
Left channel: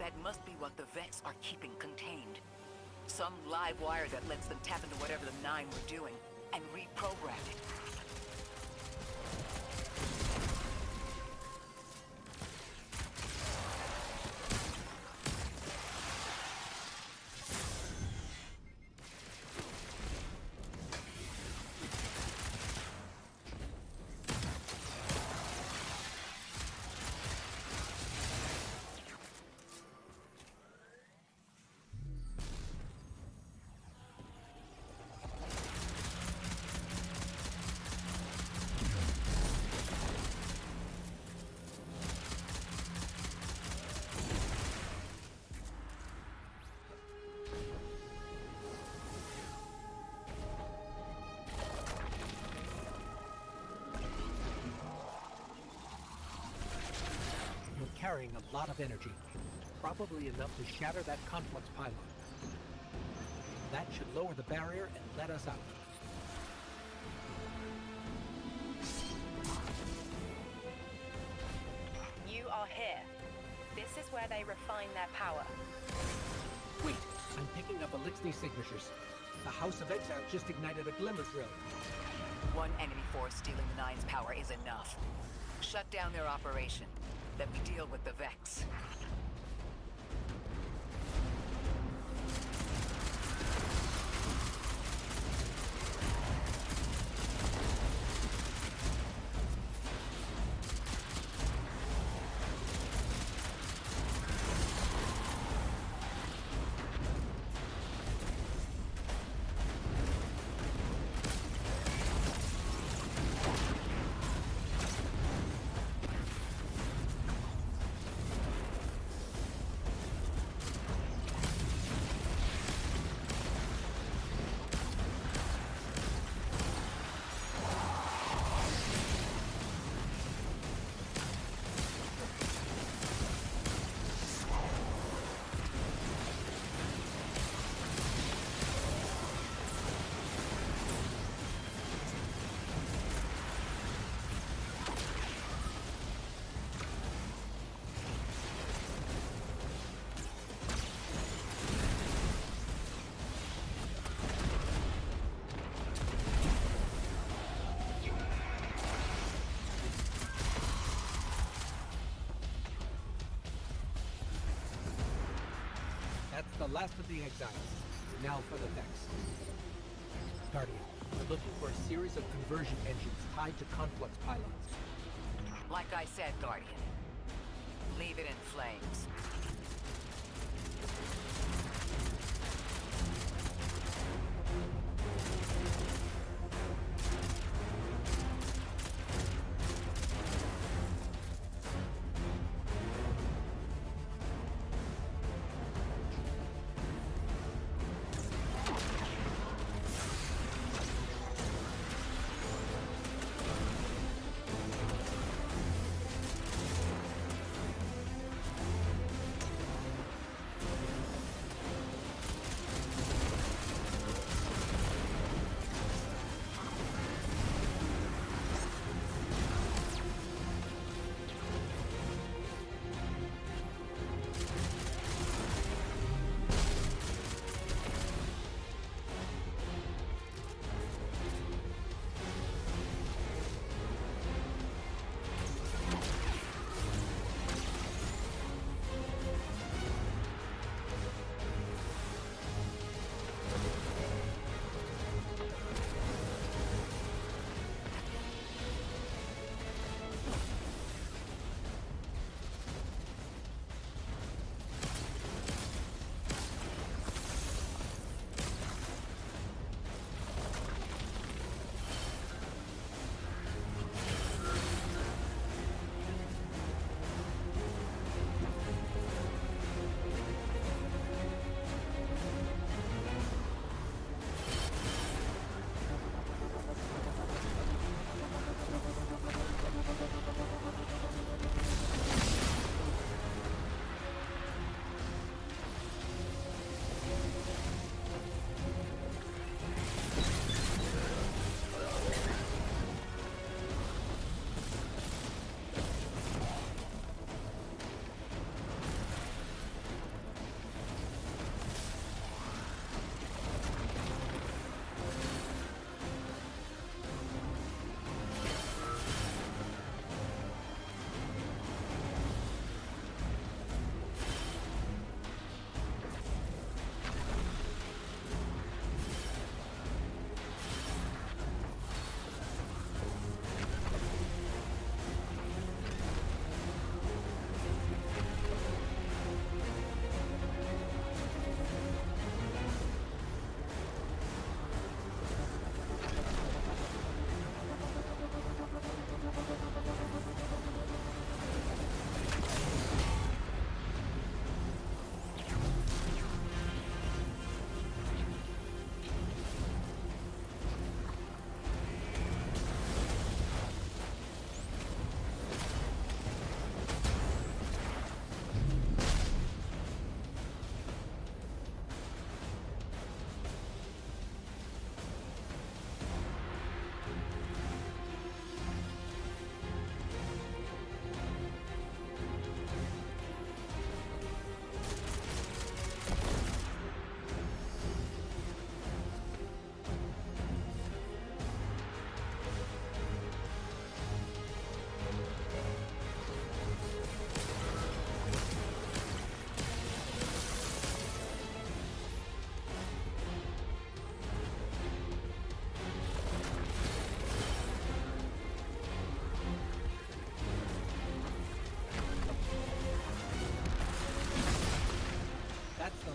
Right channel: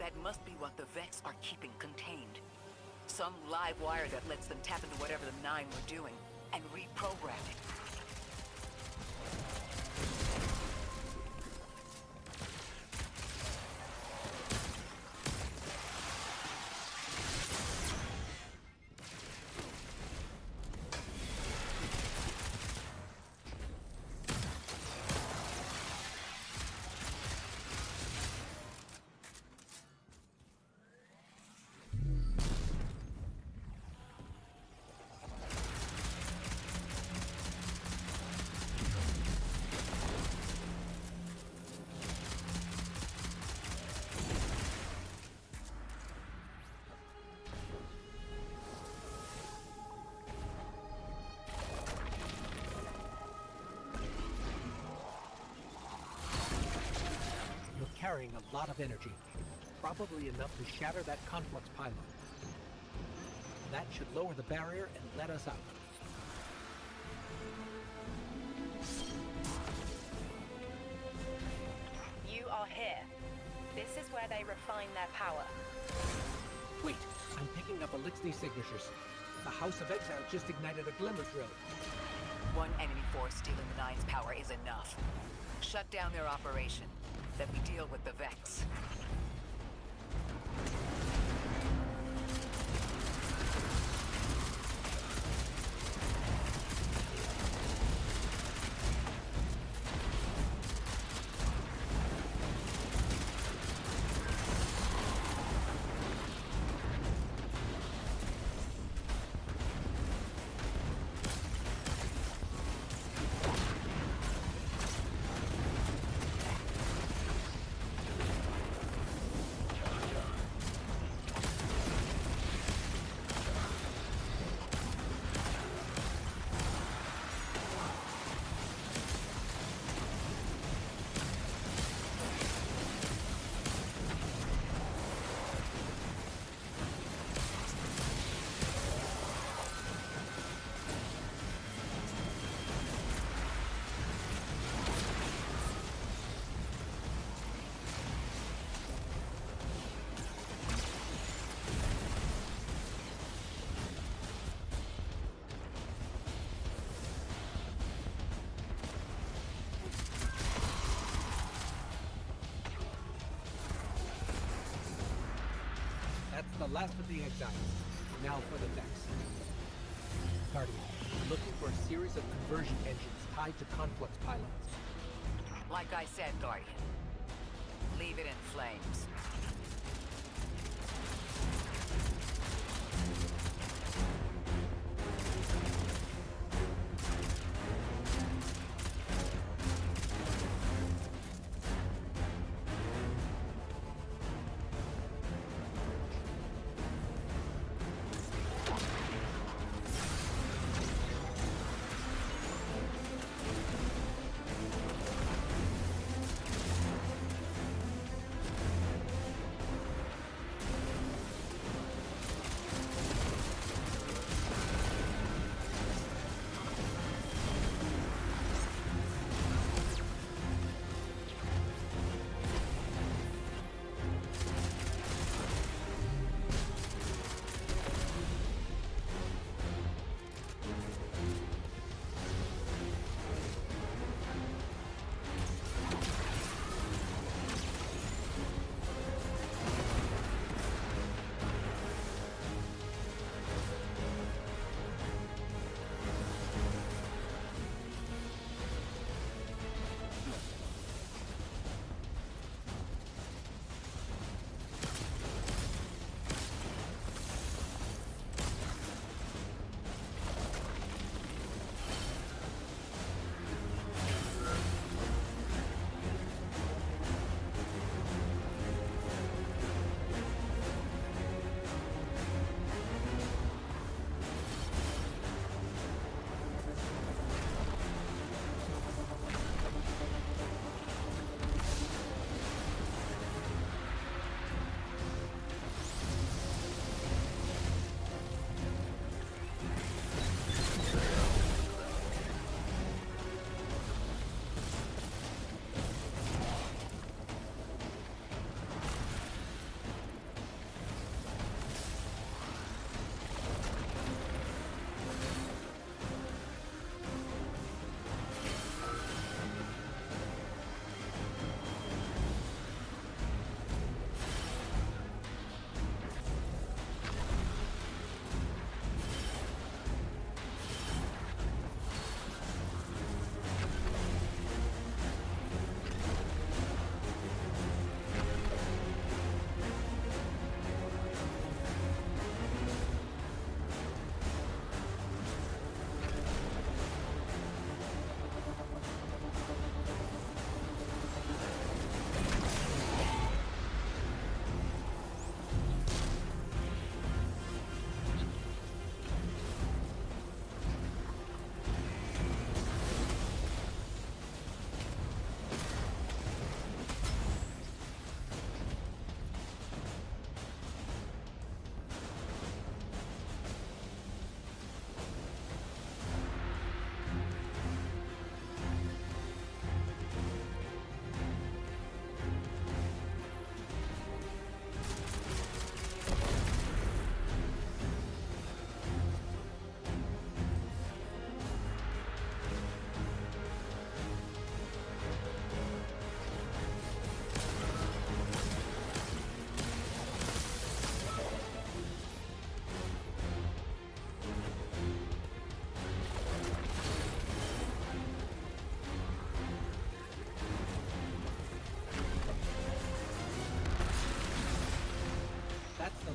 That must be what the Vex are keeping contained. Some live wire that lets them tap into whatever the Nine were doing, and reprogram it. Carrying a lot of energy, probably enough to shatter that conflux pylon. That should lower the barrier and let us out. You are here. This is where they refine their power. Wait, I'm picking up Elixir signatures. The House of Exile just ignited a glimmer drill. One enemy force stealing the Nine's power is enough. Shut down their operation. Then we deal with the Vex. That's the last of the exiles. Now for the Vex. Guardian, we're looking for a series of conversion engines tied to conflux pylons. Like I said, Guardian. Leave it in flames.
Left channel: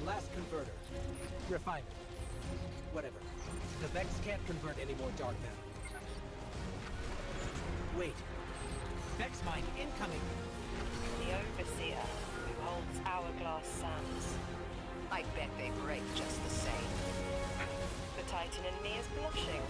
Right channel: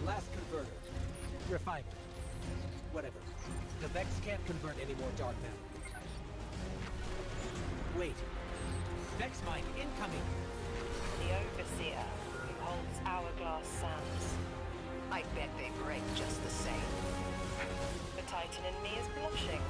last converter. Refiner. Whatever. The Vex can't convert any more dark matter. Wait. Vex mine incoming! The Overseer, who holds Hourglass Sands. I bet they break just the same. The Titan in me is blushing.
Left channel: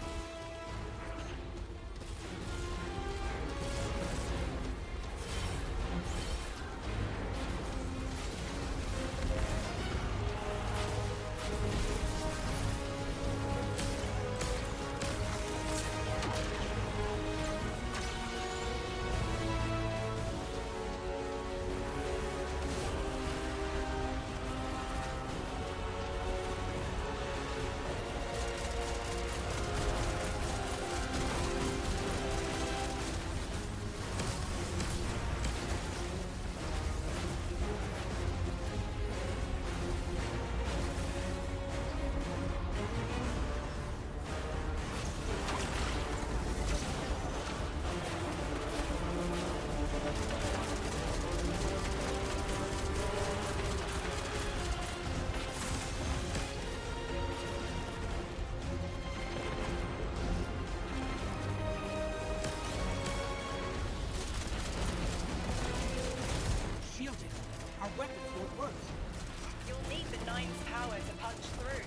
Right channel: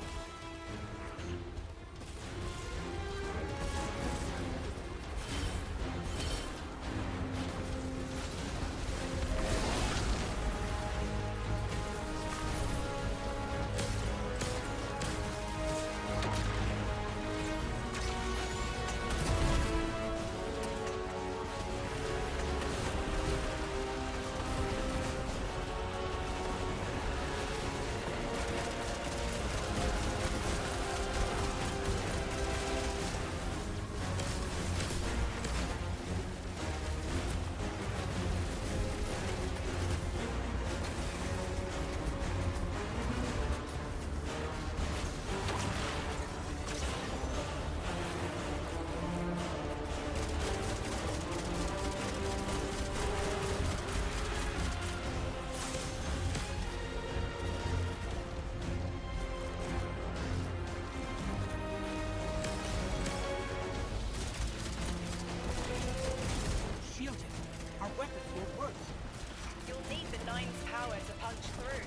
Shielded. Our weapons won't work. You'll need the Nine's power to punch through.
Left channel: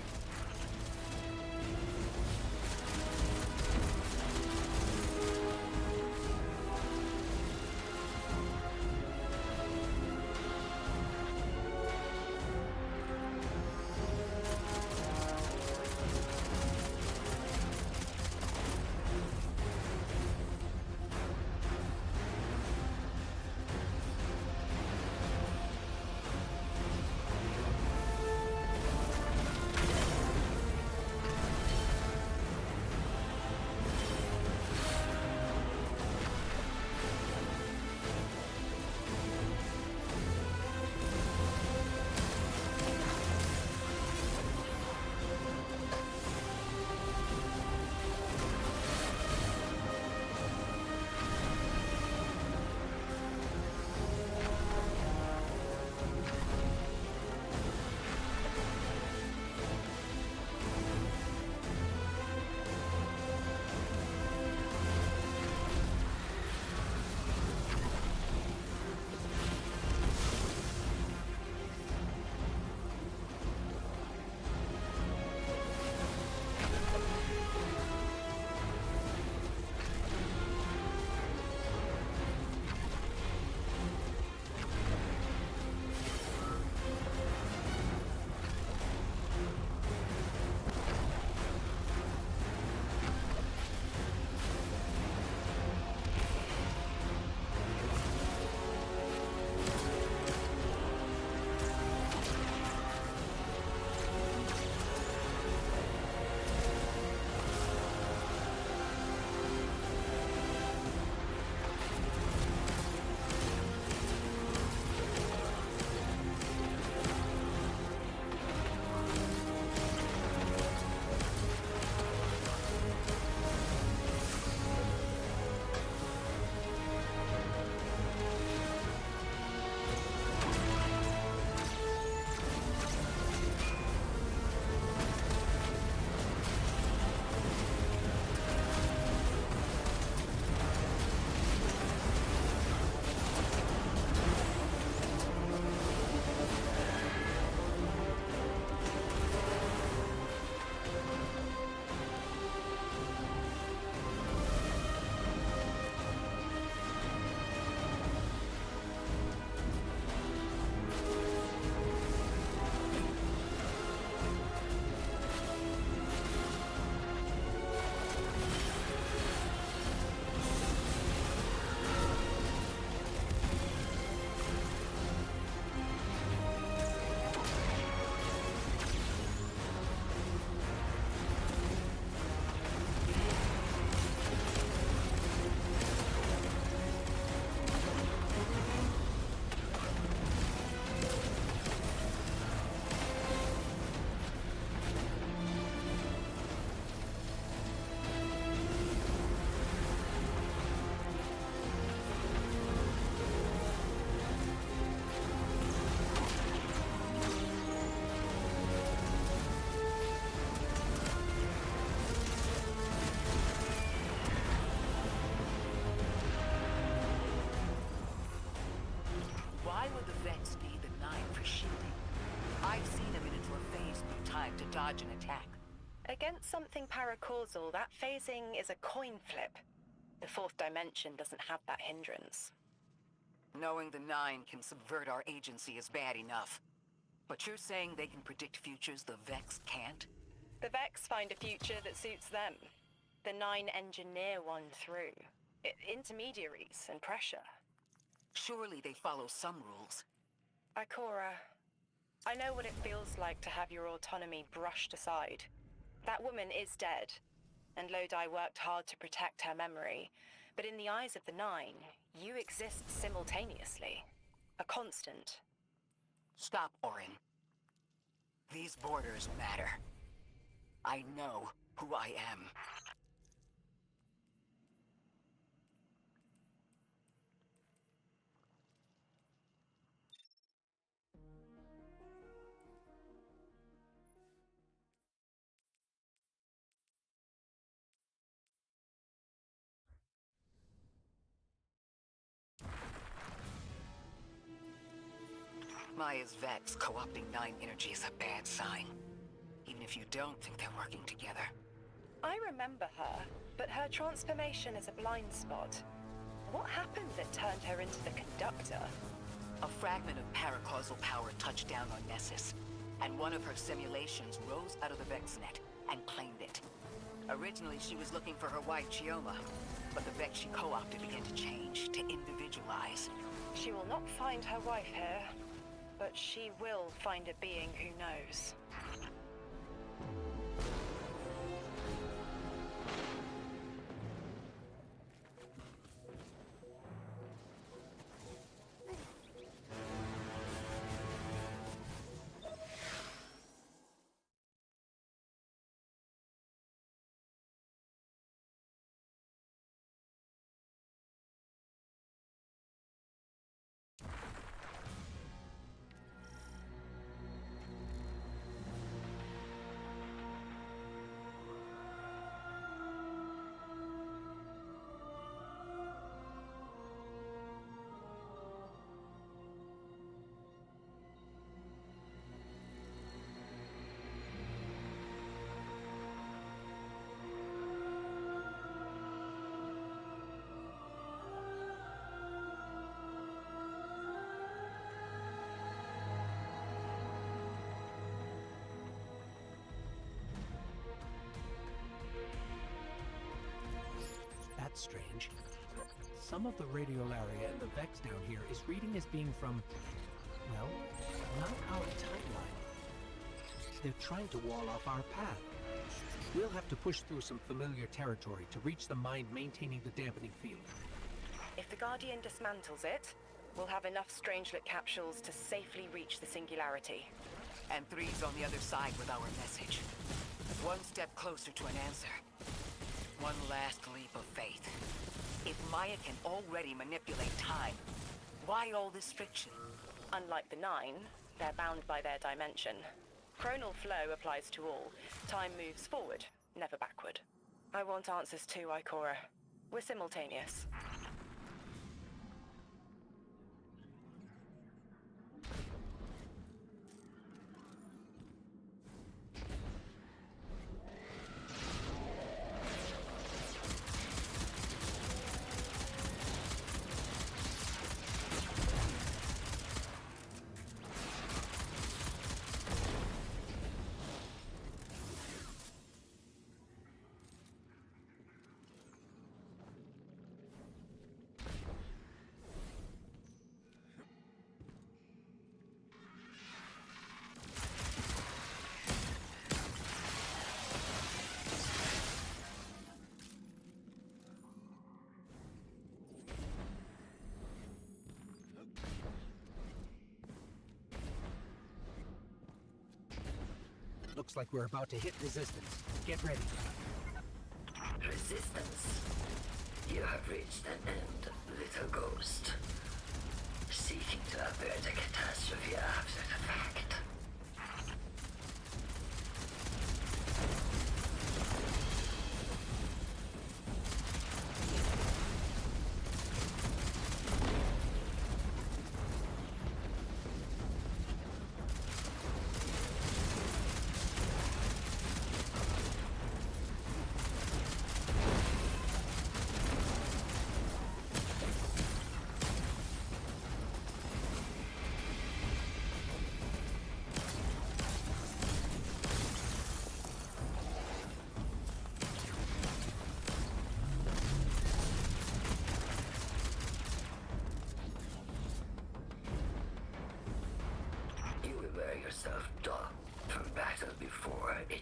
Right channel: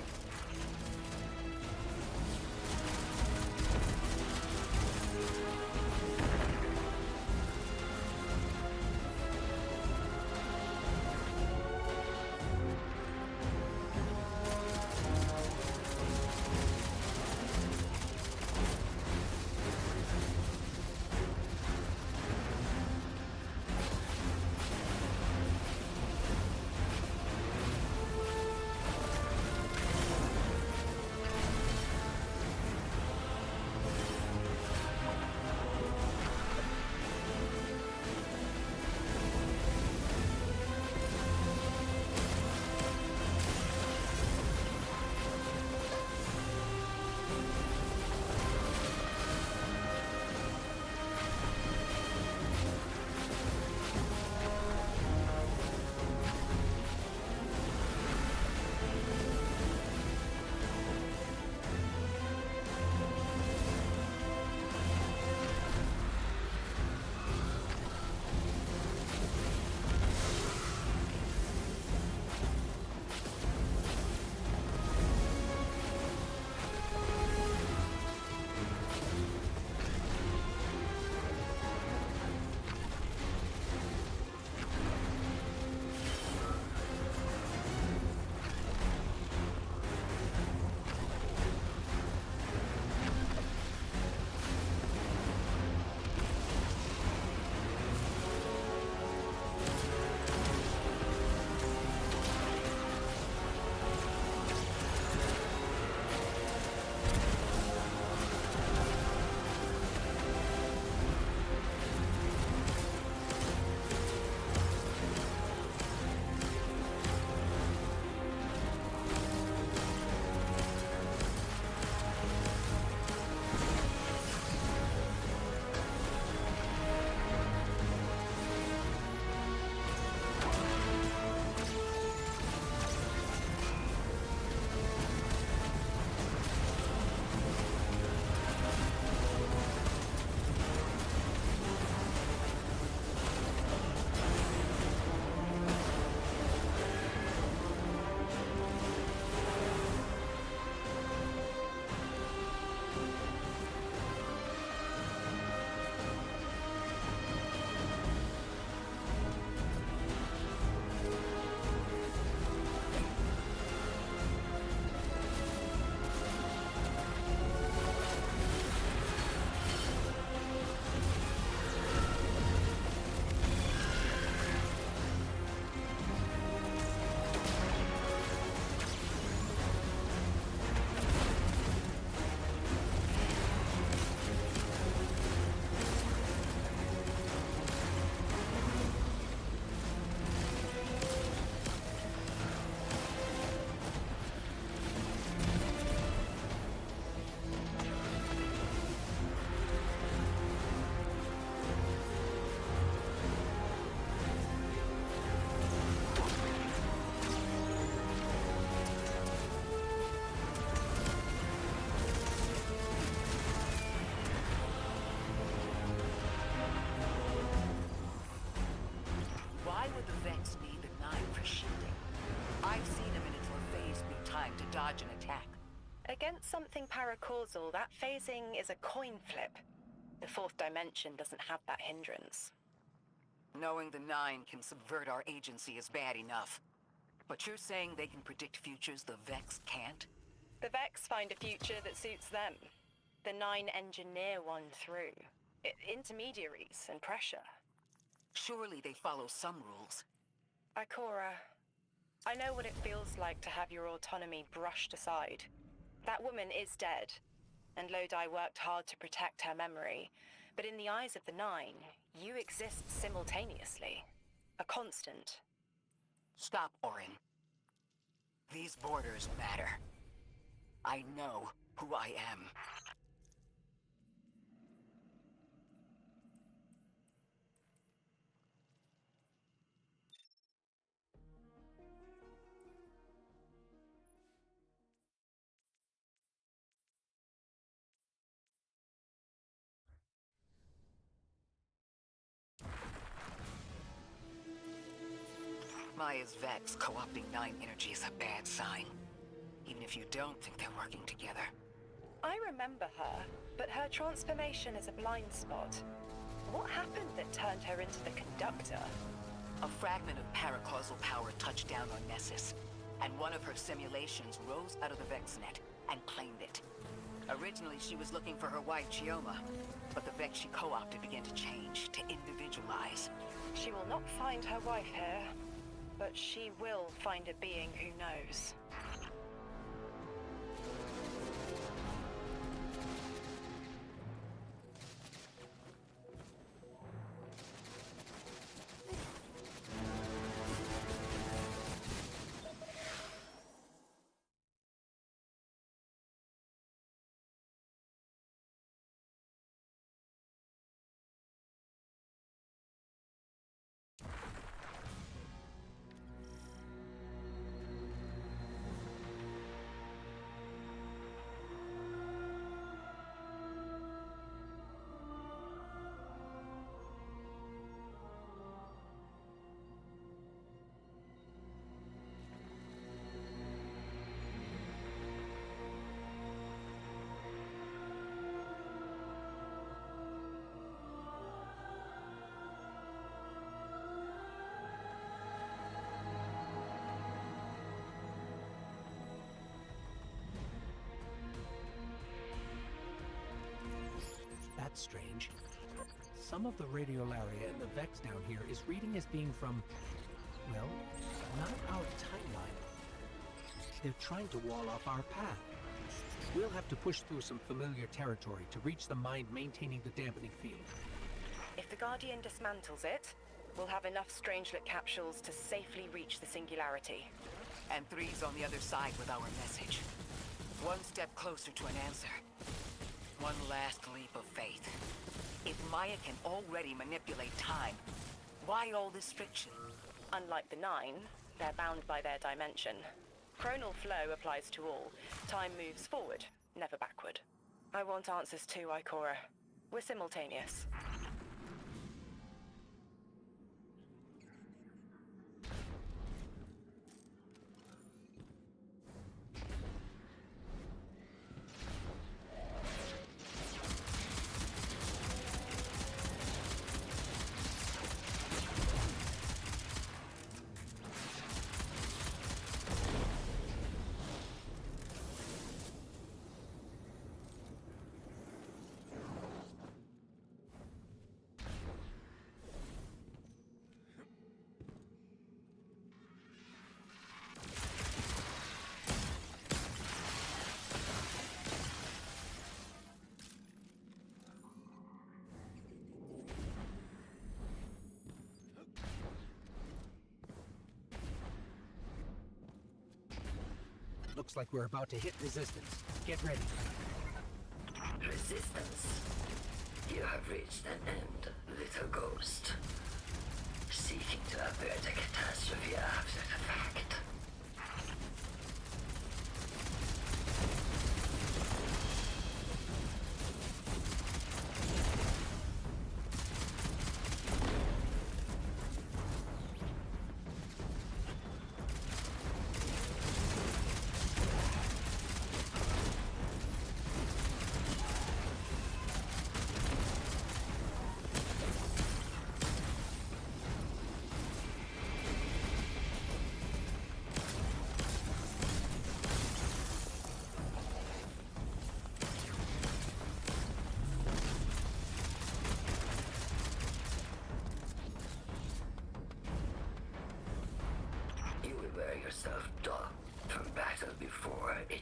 would the Vex need the Nine for shielding? I've seen a Minotaur phase through time to dodge an attack. Against something paracausal, that phasing is a coin flip. The fourth dimension doesn't have that hindrance. Knowing the Nine can subvert our agency is bad enough. But you're saying they can predict futures the Vex can't? The Vex find a future that suits them. The Nine engineer one through. Intermediaries and pressure. Surely they follow some rules. Ikora, I know what it feels like to have your autonomy brushed aside. That woman is dead, and Lodi worked hard to protect her memory. But in the eyes of the Nine, you exist simultaneously. A constant. Stop, Orin. These borders matter. I know who I am. Maya's Vex co-opting Nine energy is a bad sign. Even if you don't think they're working together. I remember her, but her transformation is a blind spot. What happened that turned her into the conductor? A fragment of paracausal power touched down on Nessus, and one of her simulations rose out of the VexNet and claimed it. Originally, she was looking for her wife, Chioma, but the Vex she co-opted began to change, to individualize. She will not find her wife here, but she will find a being who knows. That's strange. Some of the radiolaria in the Vex down here is reading as being from, well, not our timeline. They're trying to wall off our path. We'll have to push through some familiar territory to reach the mind maintaining the dampening field. If the Guardian dismantles it, we'll have enough Strangelet capsules to safely reach the Singularity. And Three's on the other side with our message. One step closer to an answer. One last leap of faith. If Maya can already manipulate time, why all this friction? Unlike the Nine, they're bound by their dimension. Chronal flow applies to all. Time moves forward, never backward. I want answers too, Ikora. We're simultaneous. Looks like we're about to hit resistance. Get ready. Resistance. You have reached an end, little ghost. Seeking to avert a catastrophe after the fact.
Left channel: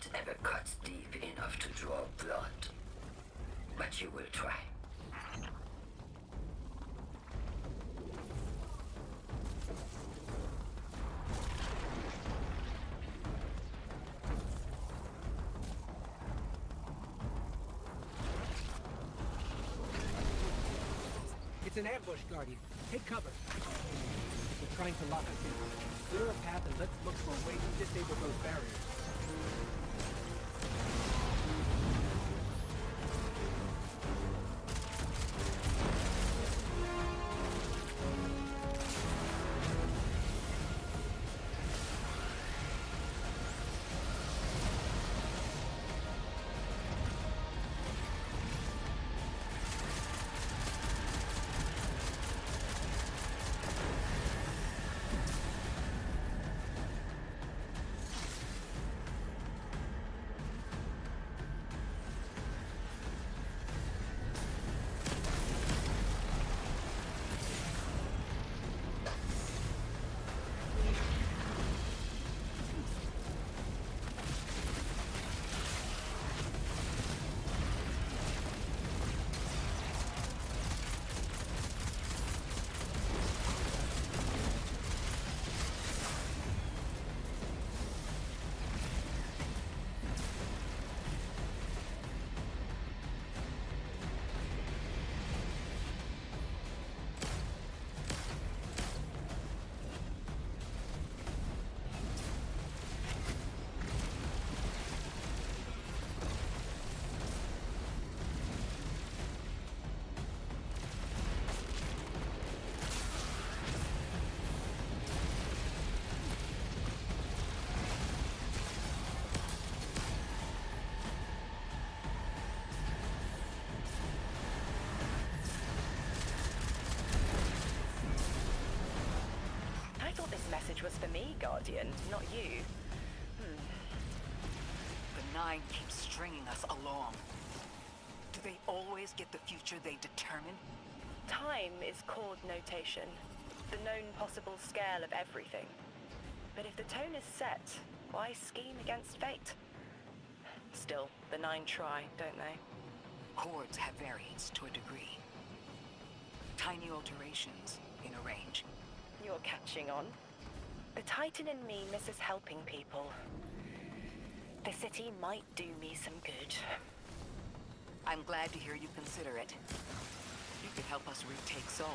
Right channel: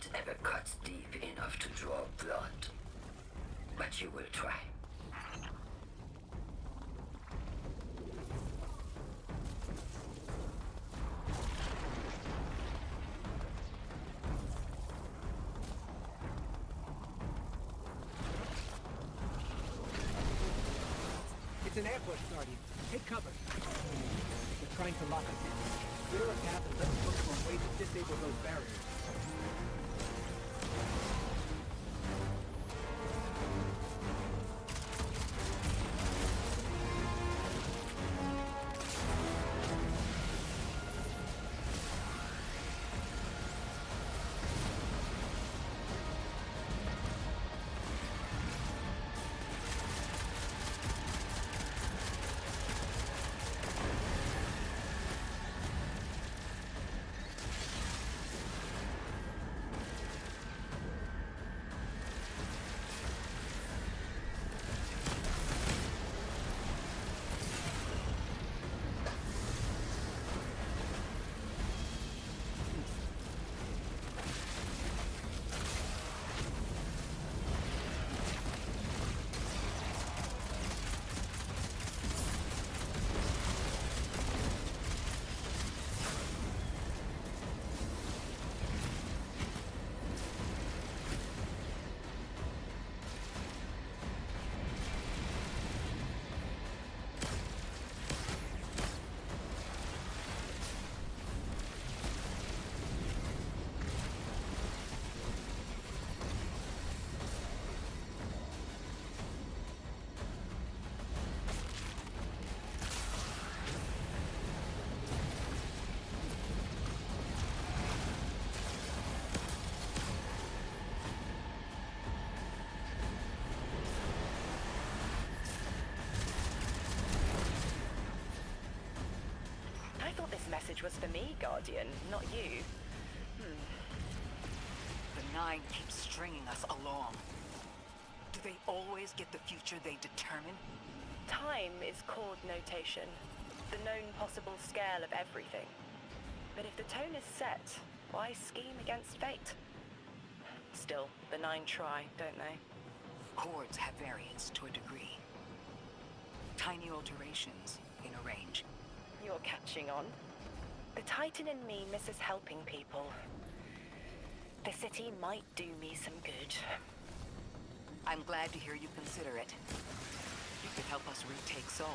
it ever cuts deep enough to draw blood. But you will try. It's an ambush, Guardian. Take cover. They're trying to lock us in. Clear a path and let's look for a way to disable those barriers. I thought this message was for me, Guardian, not you. The Nine keep stringing us along. Do they always get the future they determine? Time is chord notation, the known possible scale of everything. But if the tone is set, why scheme against fate? Still, the Nine try, don't they? Chords have variance to a degree. Tiny alterations in a range. You're catching on. The Titan in me misses helping people. The city might do me some good. I'm glad to hear you consider it. You could help us retake Seoul.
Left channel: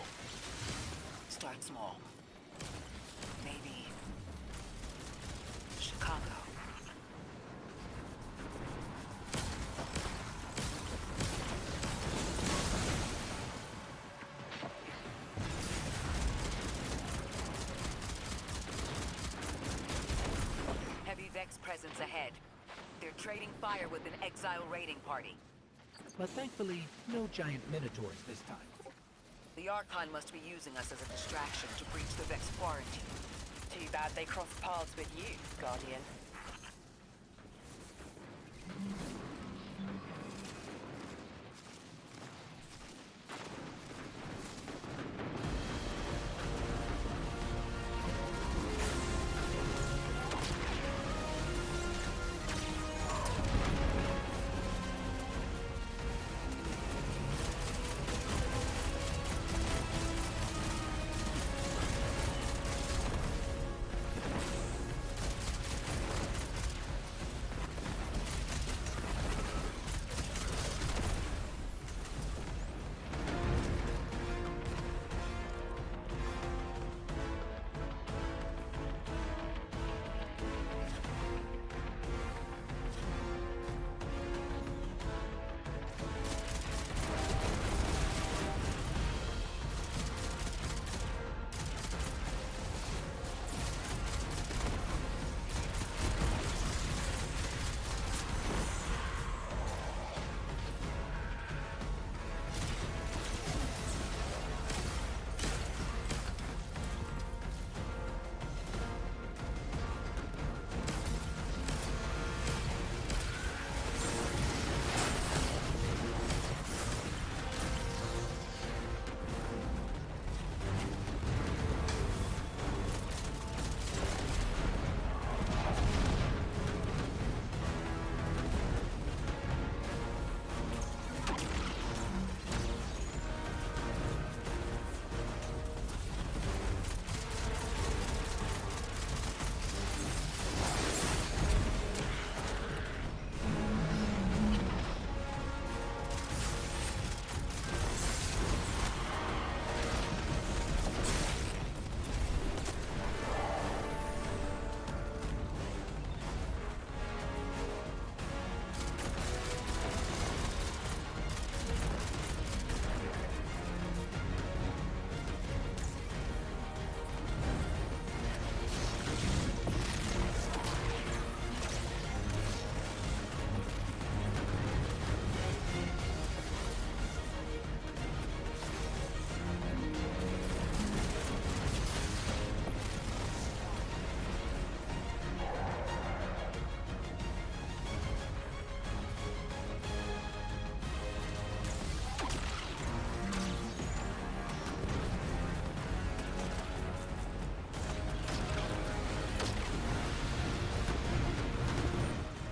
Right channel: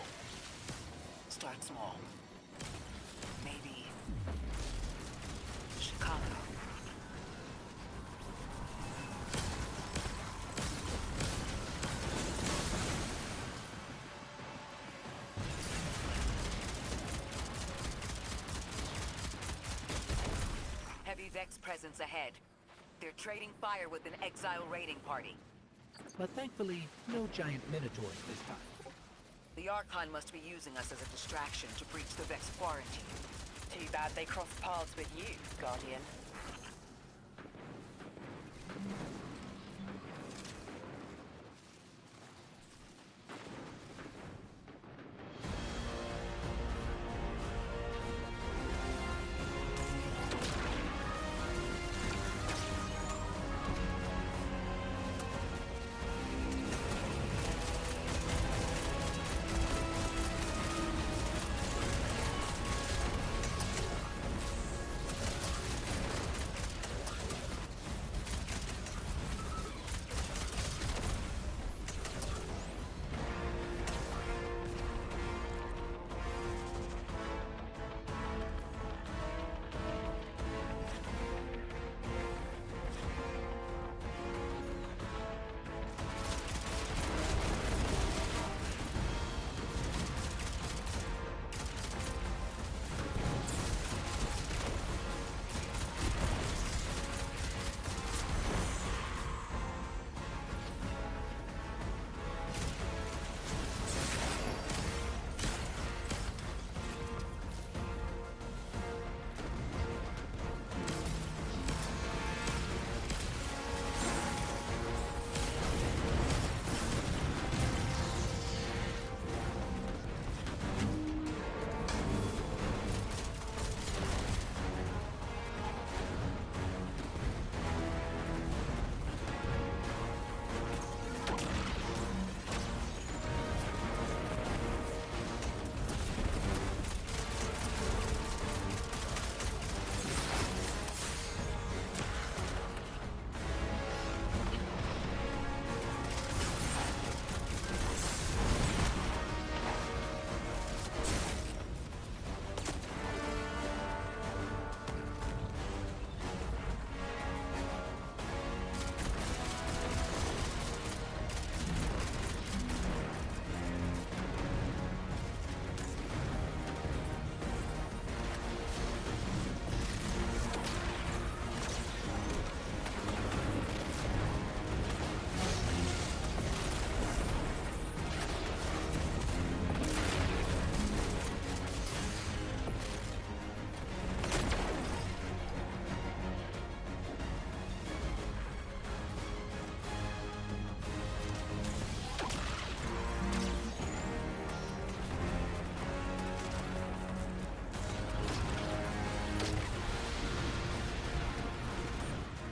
Start small. Maybe Chicago. Heavy Vex presence ahead. They're trading fire with an exile raiding party. But thankfully, no giant minotaurs this time. The Archon must be using us as a distraction to breach the Vex quarantine. Too bad they crossed paths with you, Guardian.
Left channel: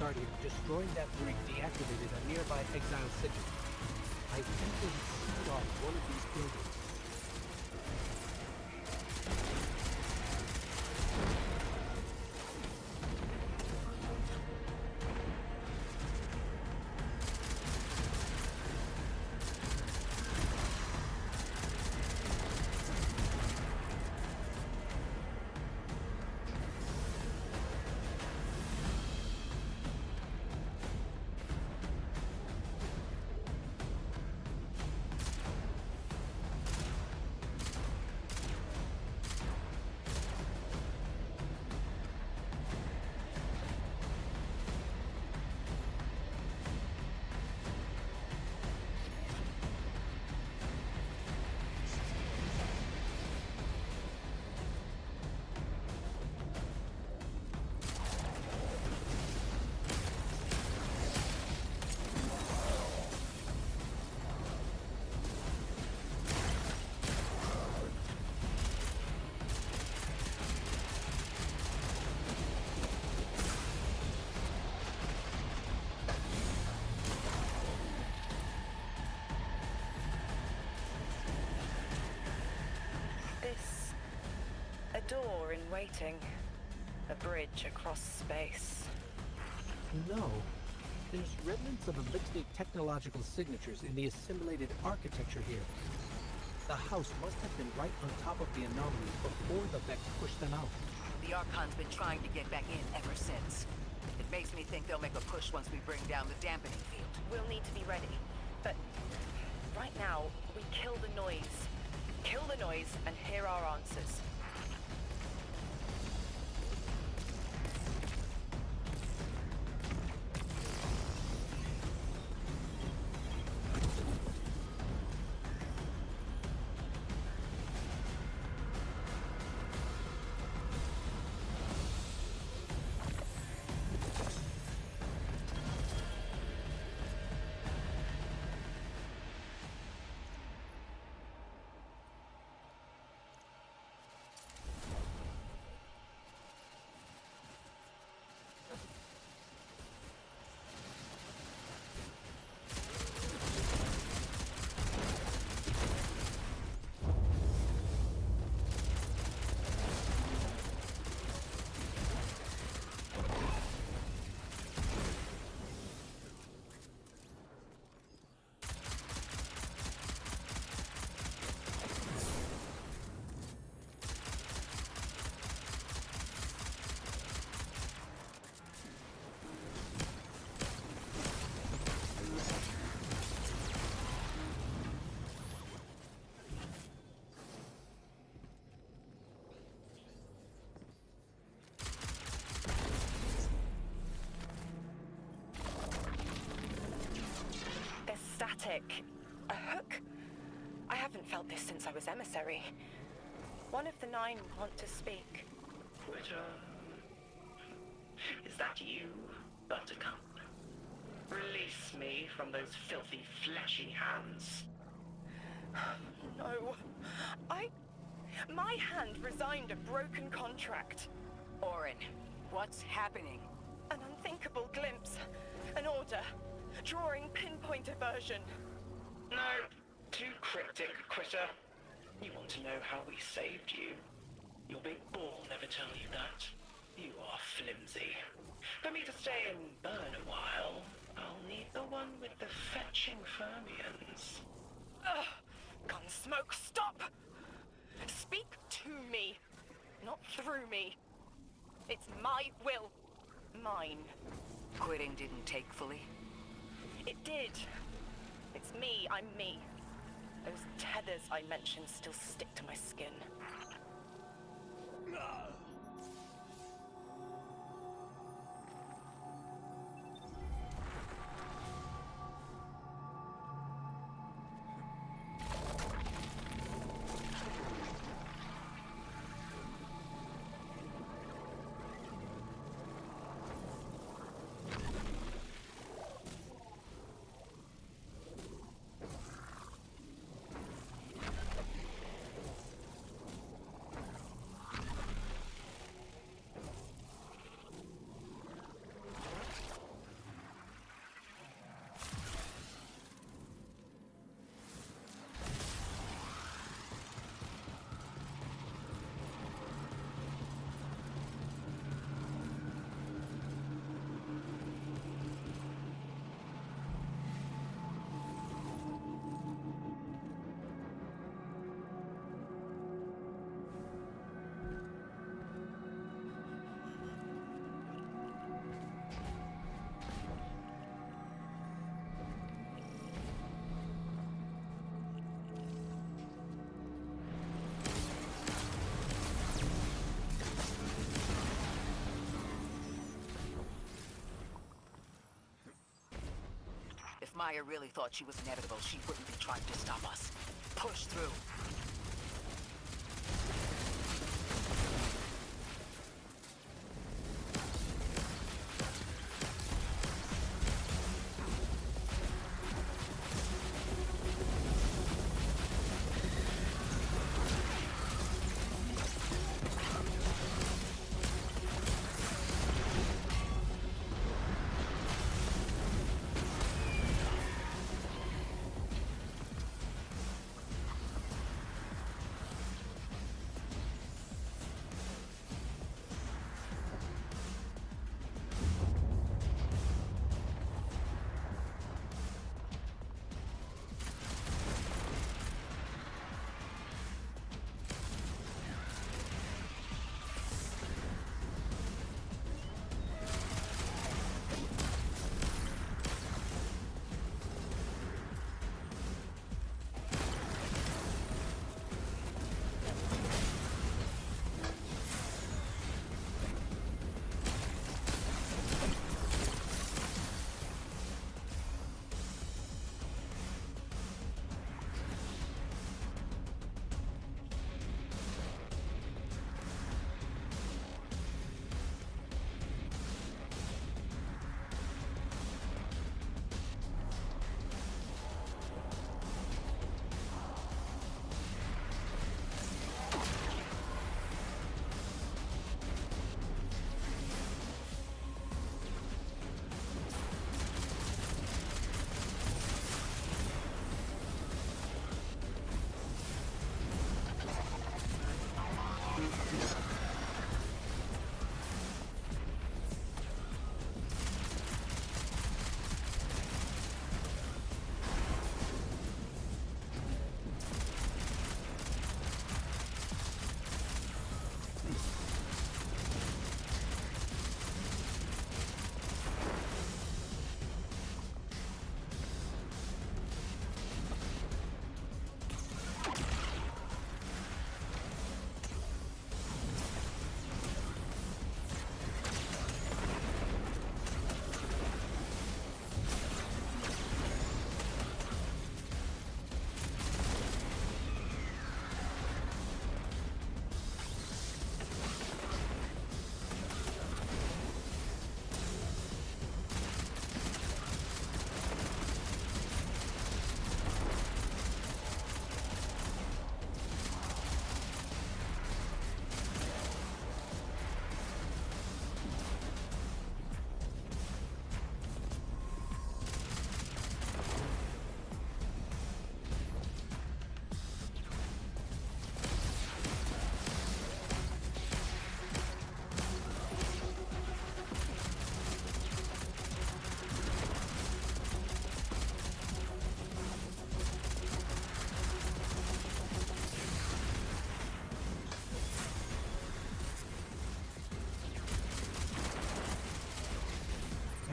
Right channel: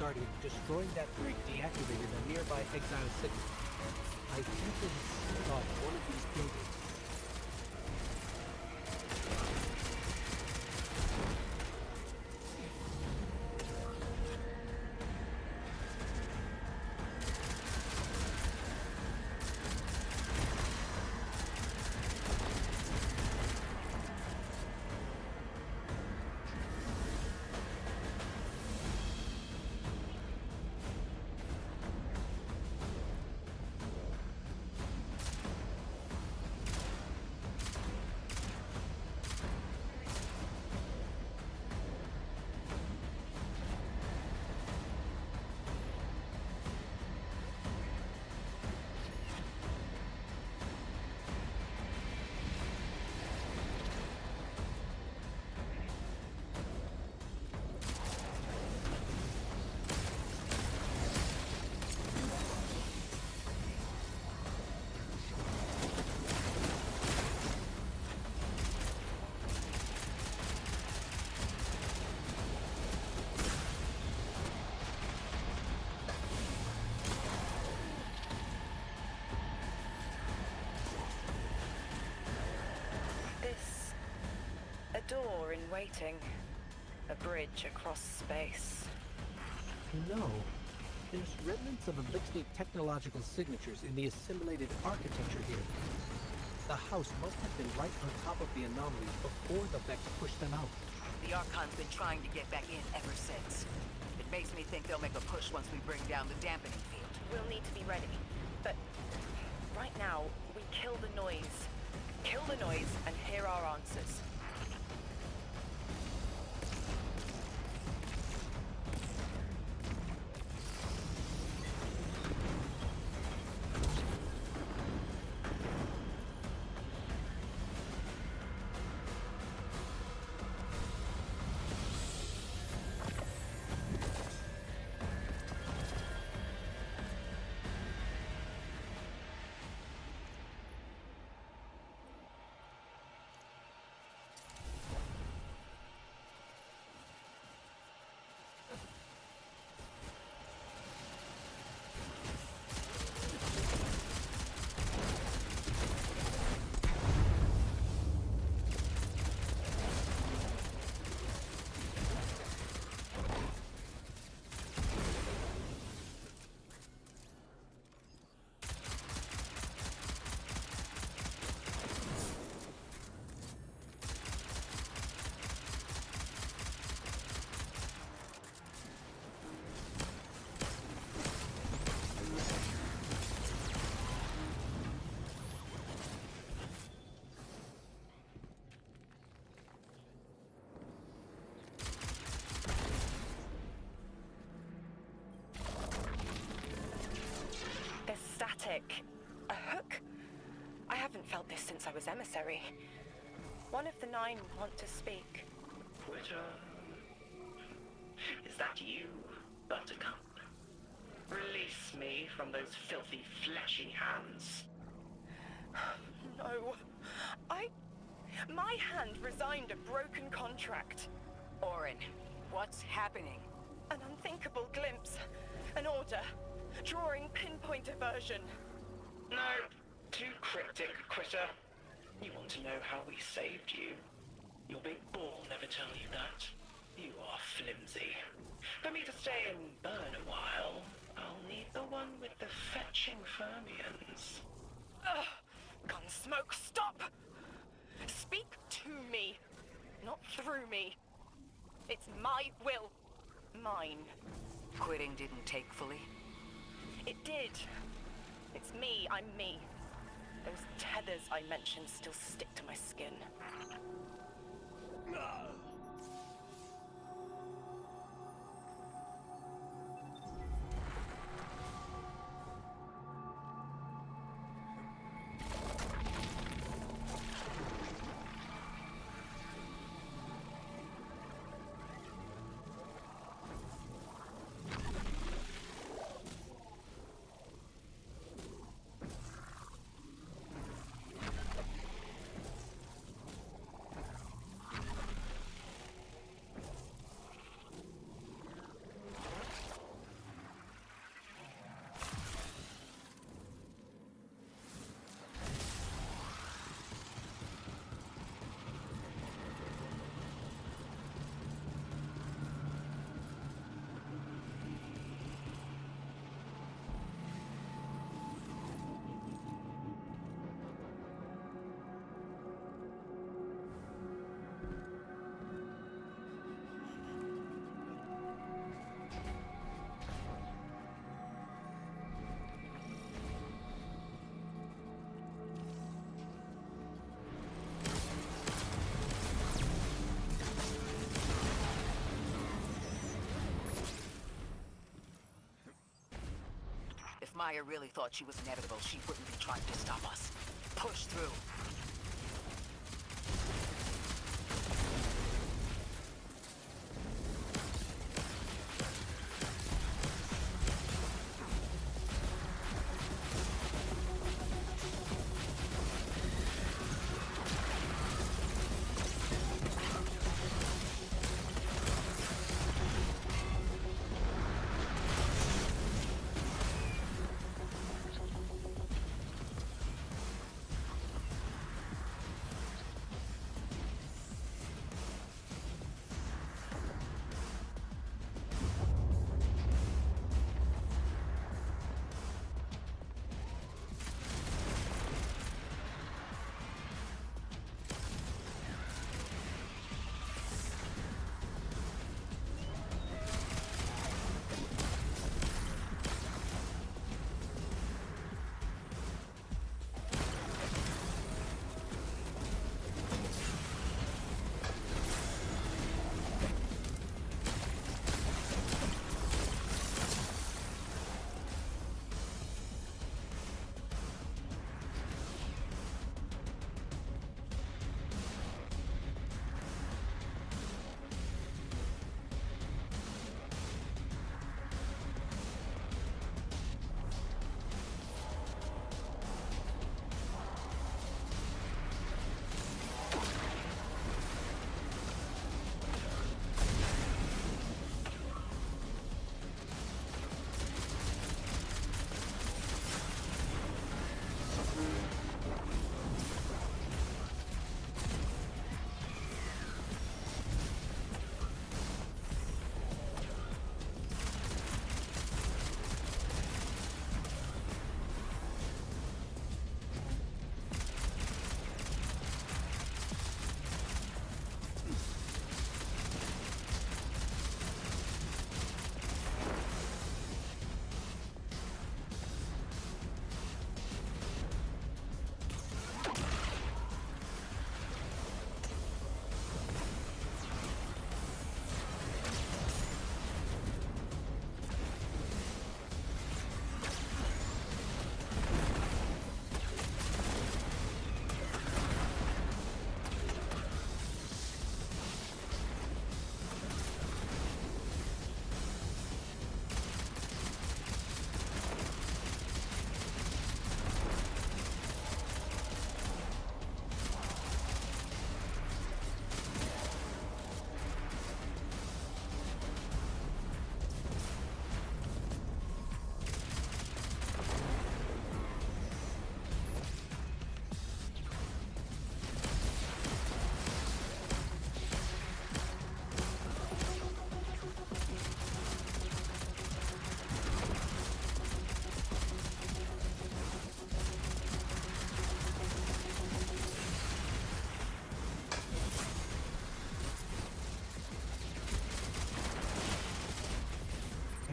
Guardian, destroying that brig deactivated a nearby exile signal. I think they had sealed off one of these buildings. A door in waiting. A bridge across space. No. There's remnants of Elixir technological signatures in the assimilated architecture here. The house must have been right on top of the anomaly before the Vex pushed them out. The Archon's been trying to get back in ever since. It makes me think they'll make a push once we bring down the dampening field. We'll need to be ready. But right now, we kill the noise. Kill the noise and hear our answers. Static. A hook? I haven't felt this since I was emissary. One of the 9 want to speak. Quitter. Is that you, Buttercup? Release me from those filthy, fleshy hands. No. My hand resigned a broken contract. Orin, what's happening? An unthinkable glimpse. An order. Drawing pinpoint aversion. No, too cryptic, Quitter. You want to know how we saved you? Your big ball never tell you that. You are flimsy. For me to stay and burn a while, I'll need the one with the fetching fermions. Ugh! Gunsmoke, stop! Speak to me, not through me. It's my will. Mine. Quitting didn't take fully? It did. It's me, I'm me. Those tethers I mentioned still stick to my skin. Maya really thought she was inevitable, she wouldn't be trying to stop us. Push through.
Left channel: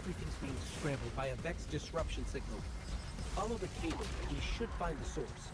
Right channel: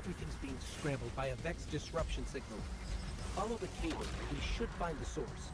Everything's being scrambled by a Vex disruption signal. Follow the cable and we should find the source.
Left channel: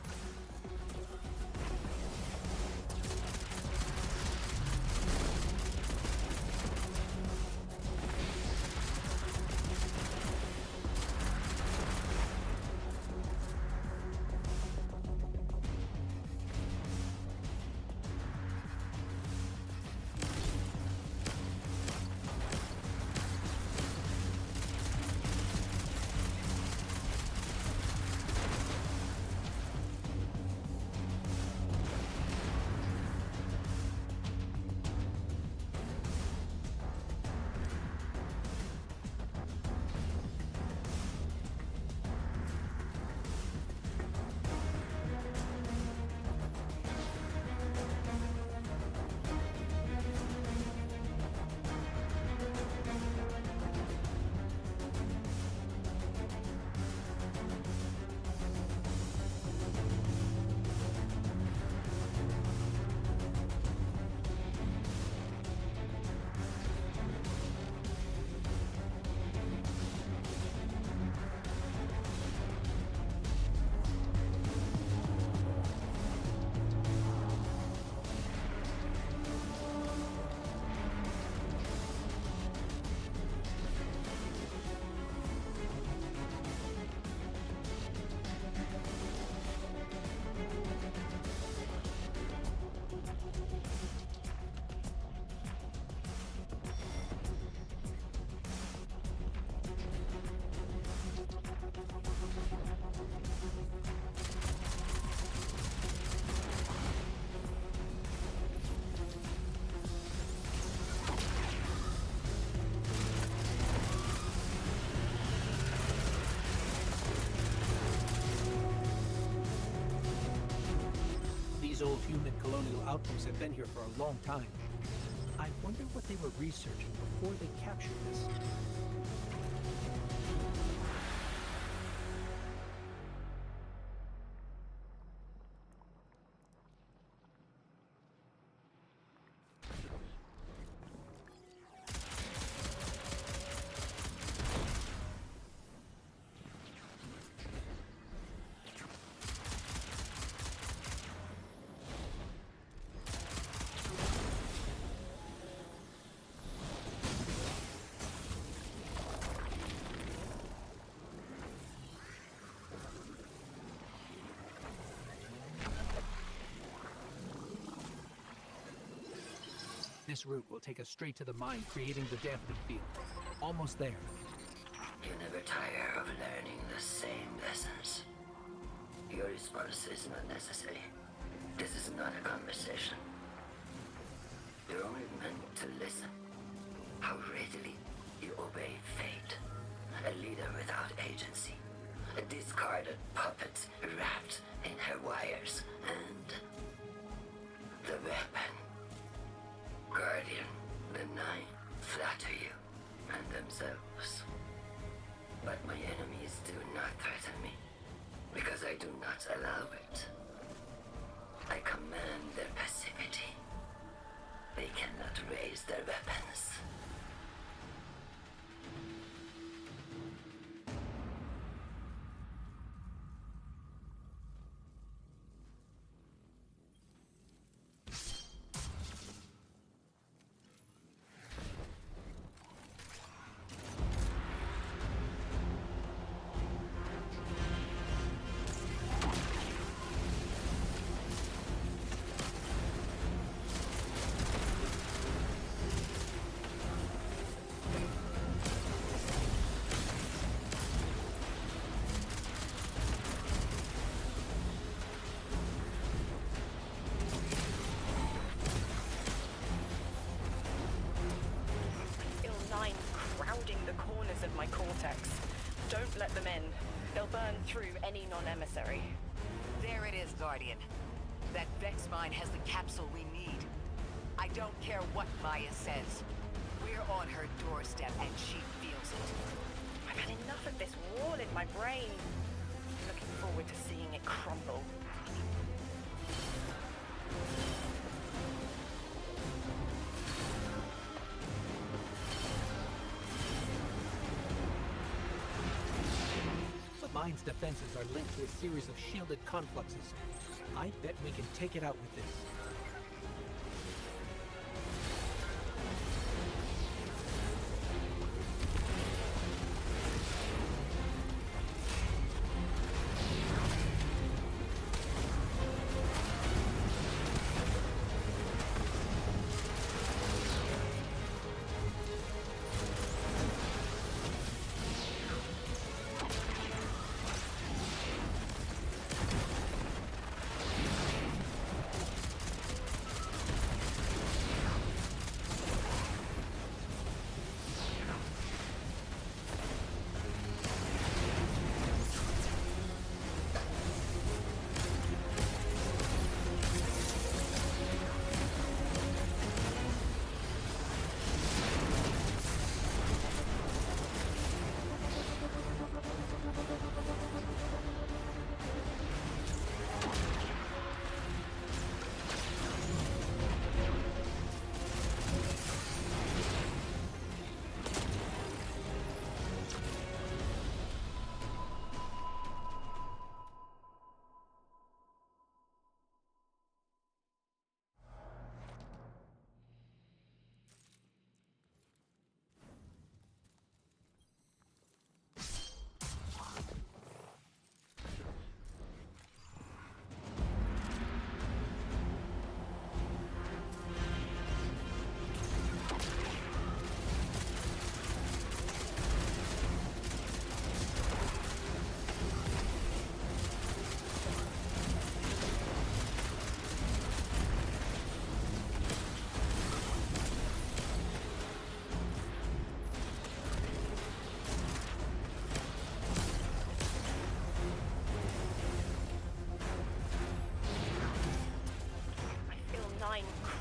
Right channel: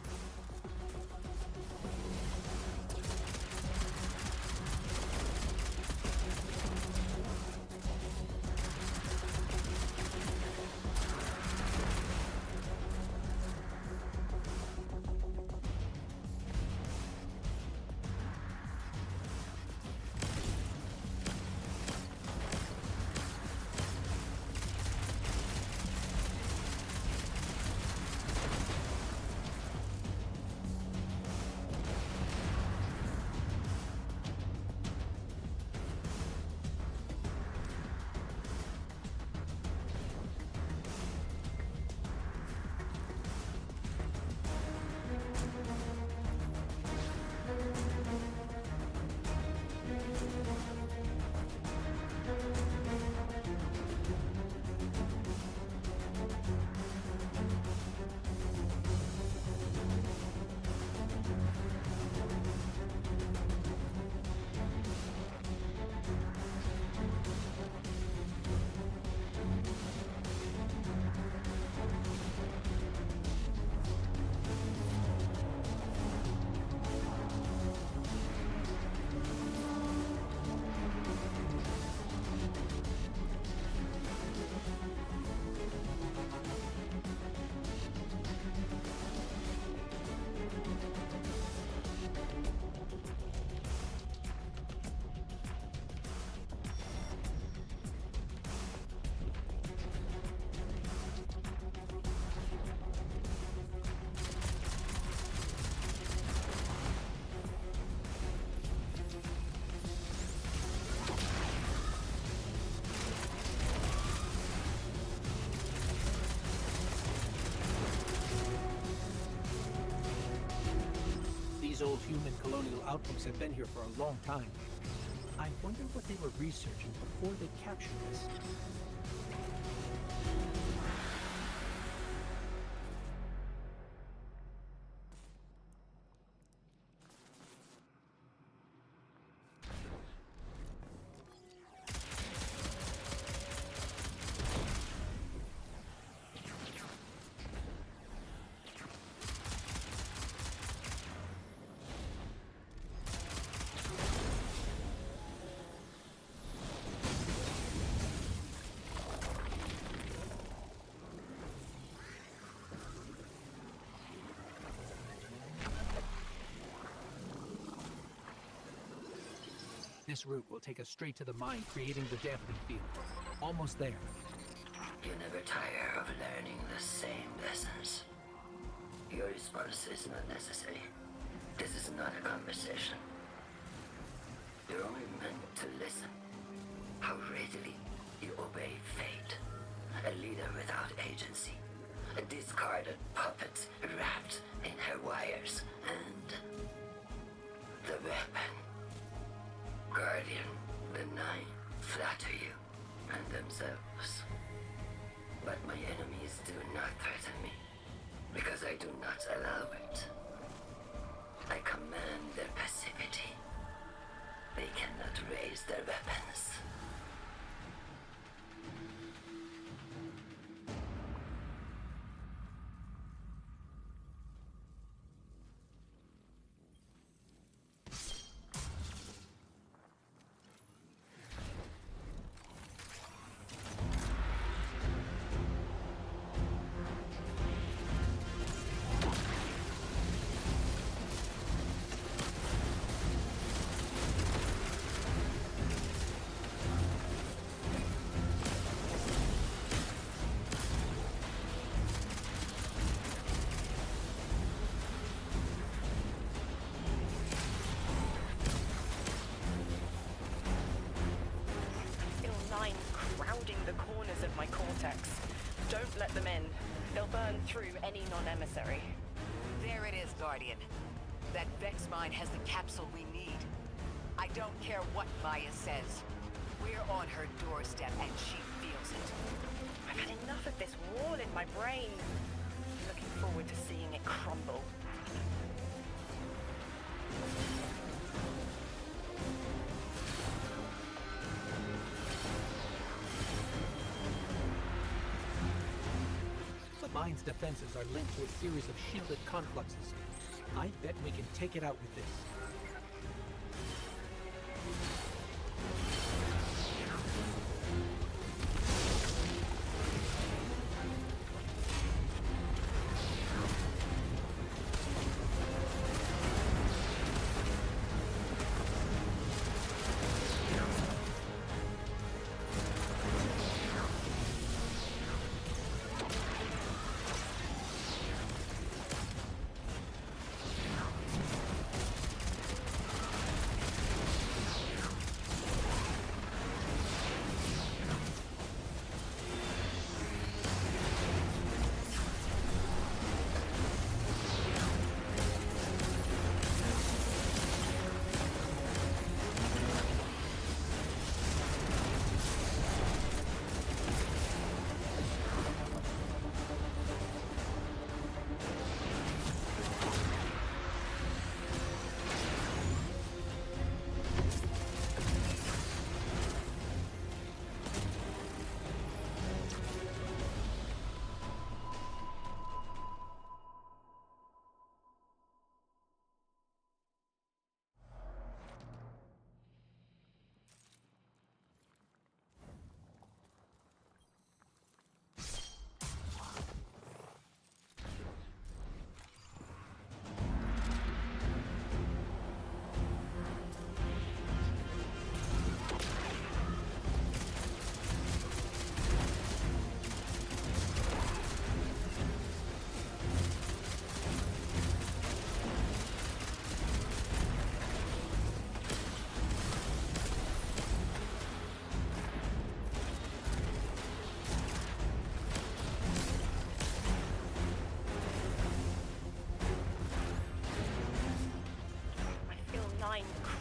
These old human colonial outposts have been here for a long time. I wonder what they were researching before they captured this. This route will take us straight to the mine, creating the dampening field. Almost there. You never tire of learning the same lessons. Your response is not necessary. This is not a conversation. You're only meant to listen. How readily you obey fate. A leader without agency. A discarded puppet wrapped in her wires. And the weapon. Guardian, the Nine flatter you and themselves. But my enemies do not threaten me, because I do not allow it. I command their passivity. They cannot raise their weapons. Crowding the corners of my cortex. Don't let them in. They'll burn through any non-emissary. There it is, Guardian. That Vex mine has the capsule we need. I don't care what Maya says. We're on her doorstep and she feels it. I've had enough of this wall in my brain. I'm looking forward to seeing it crumble. The mine's defenses are linked to a series of shielded confluxes. I bet we can take it out with this.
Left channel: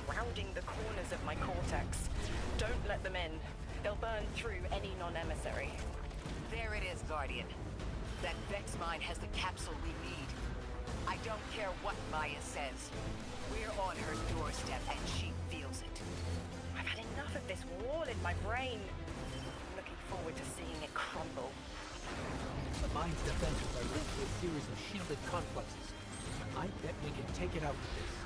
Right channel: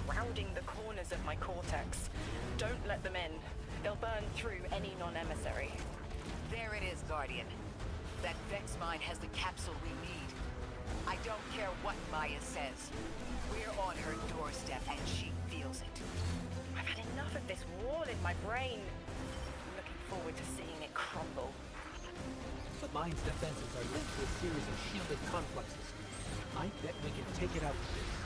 crowding the corners of my cortex. Don't let them in. They'll burn through any non-emissary. There it is, Guardian. That Vex mine has the capsule we need. I don't care what Maya says. We're on her doorstep, and she feels it. I've had enough of this wall in my brain. I'm looking forward to seeing it crumble. The mine's defenses are linked to a series of shielded confluxes. I bet we can take it out with this.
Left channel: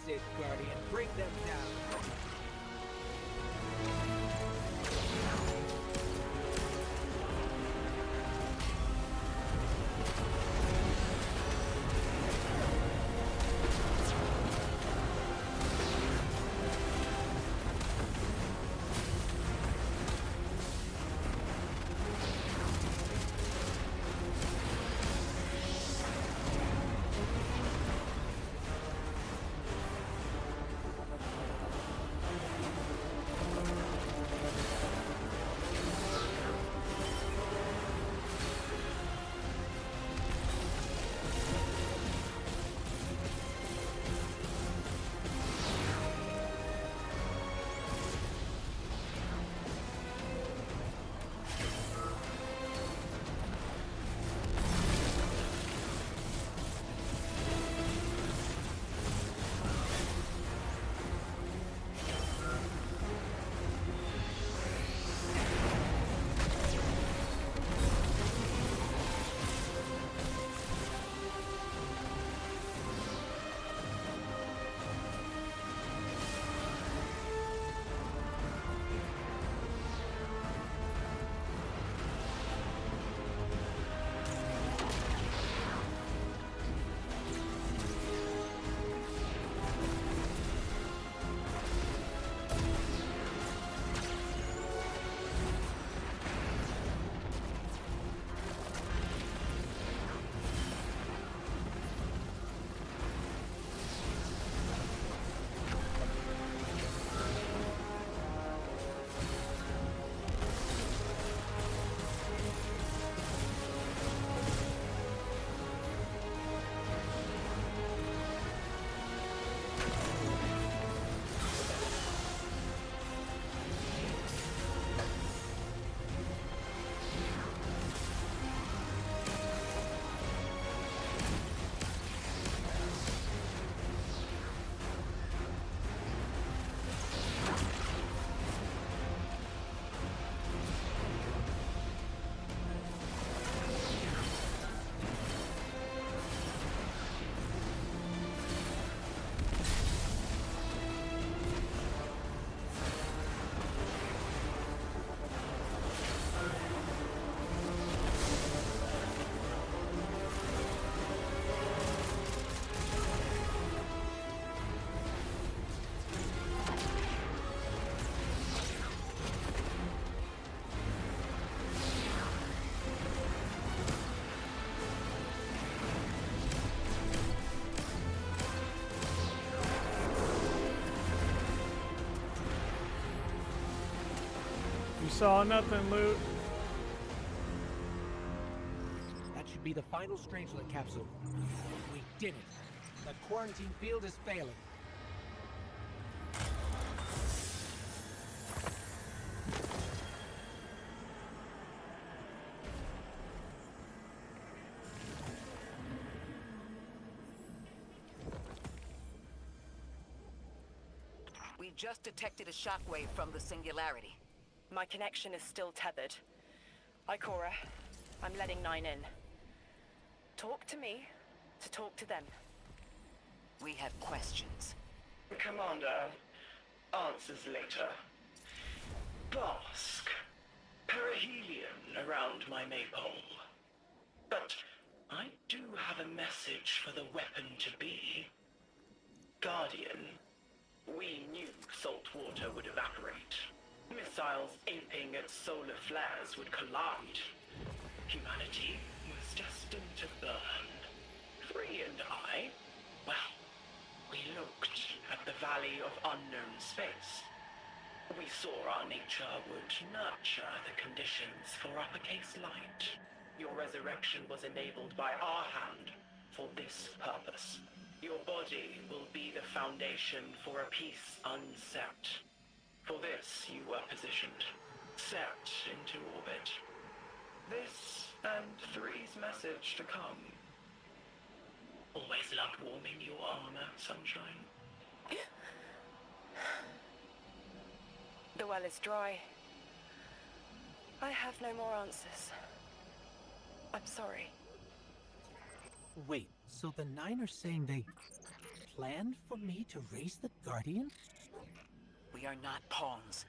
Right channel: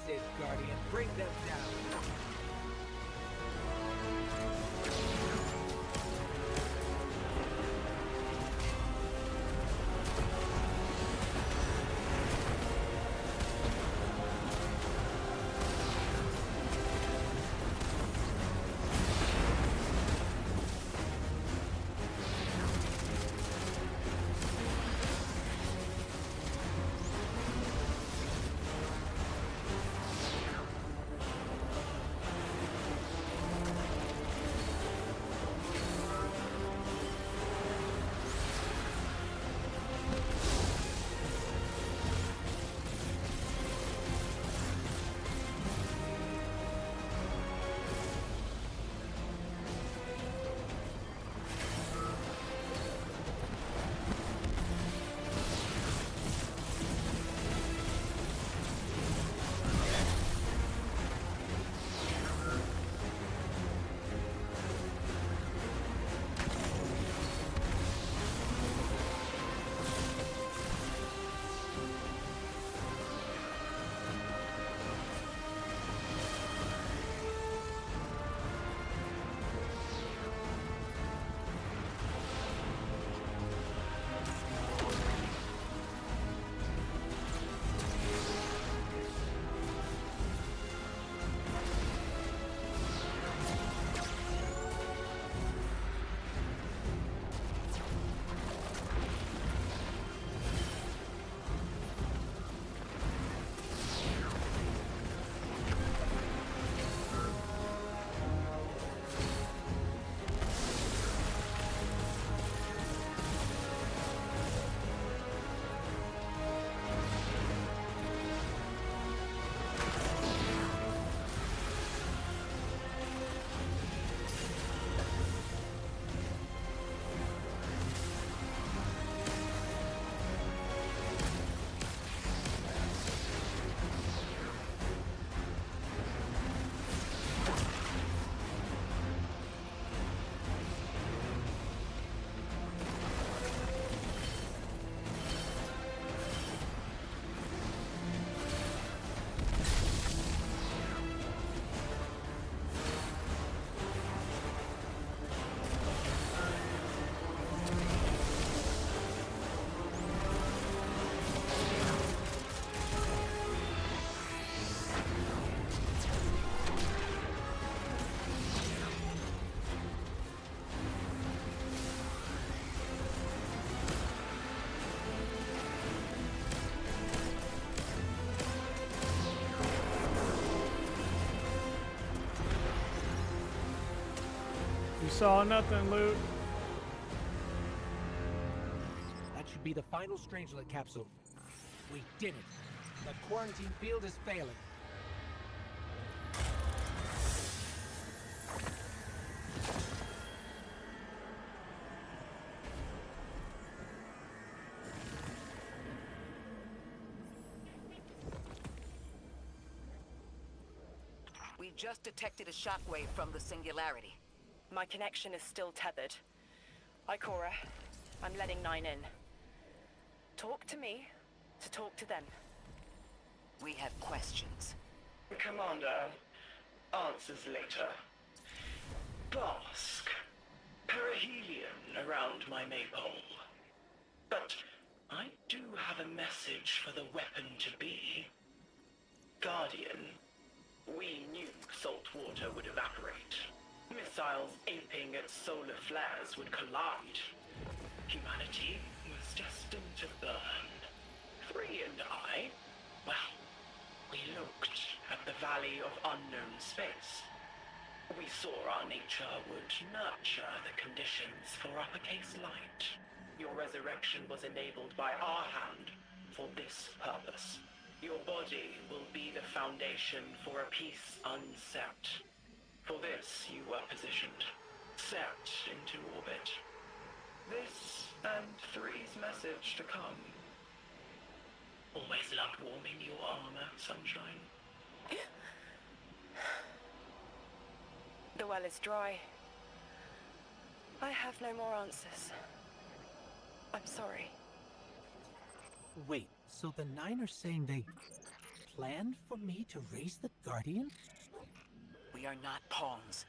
That's it, Guardian. Bring them down. Saw nothing, Loot. That should be the final Strangelet capsule. We did it. The quarantine field is failing. We just detected a shockwave from the Singularity. My connection is still tethered. Ikora, I'm letting 9 in. Talk to me to talk to them. We have questions. Commander, answers later. Bask. Perihelion around my maypole. But I do have a message for the weapon-to-be. Guardian, we knew salt water would evaporate. Missiles aping at solar flares would collide. Humanity was destined to burn. 3 and I, well, we looked at the Valley of Unknown Space. We saw our nature would nurture the conditions for uppercase light. Your resurrection was enabled by our hand for this purpose. Your body will be the foundation for a peace unset. For this you were positioned, set into orbit. This and 3's message to come. Always loved warming your armor, Sunshine. The well is dry. I have no more answers. I'm sorry. Wait, so the 9 are saying they planned for me to raise the Guardian? We are not pawns.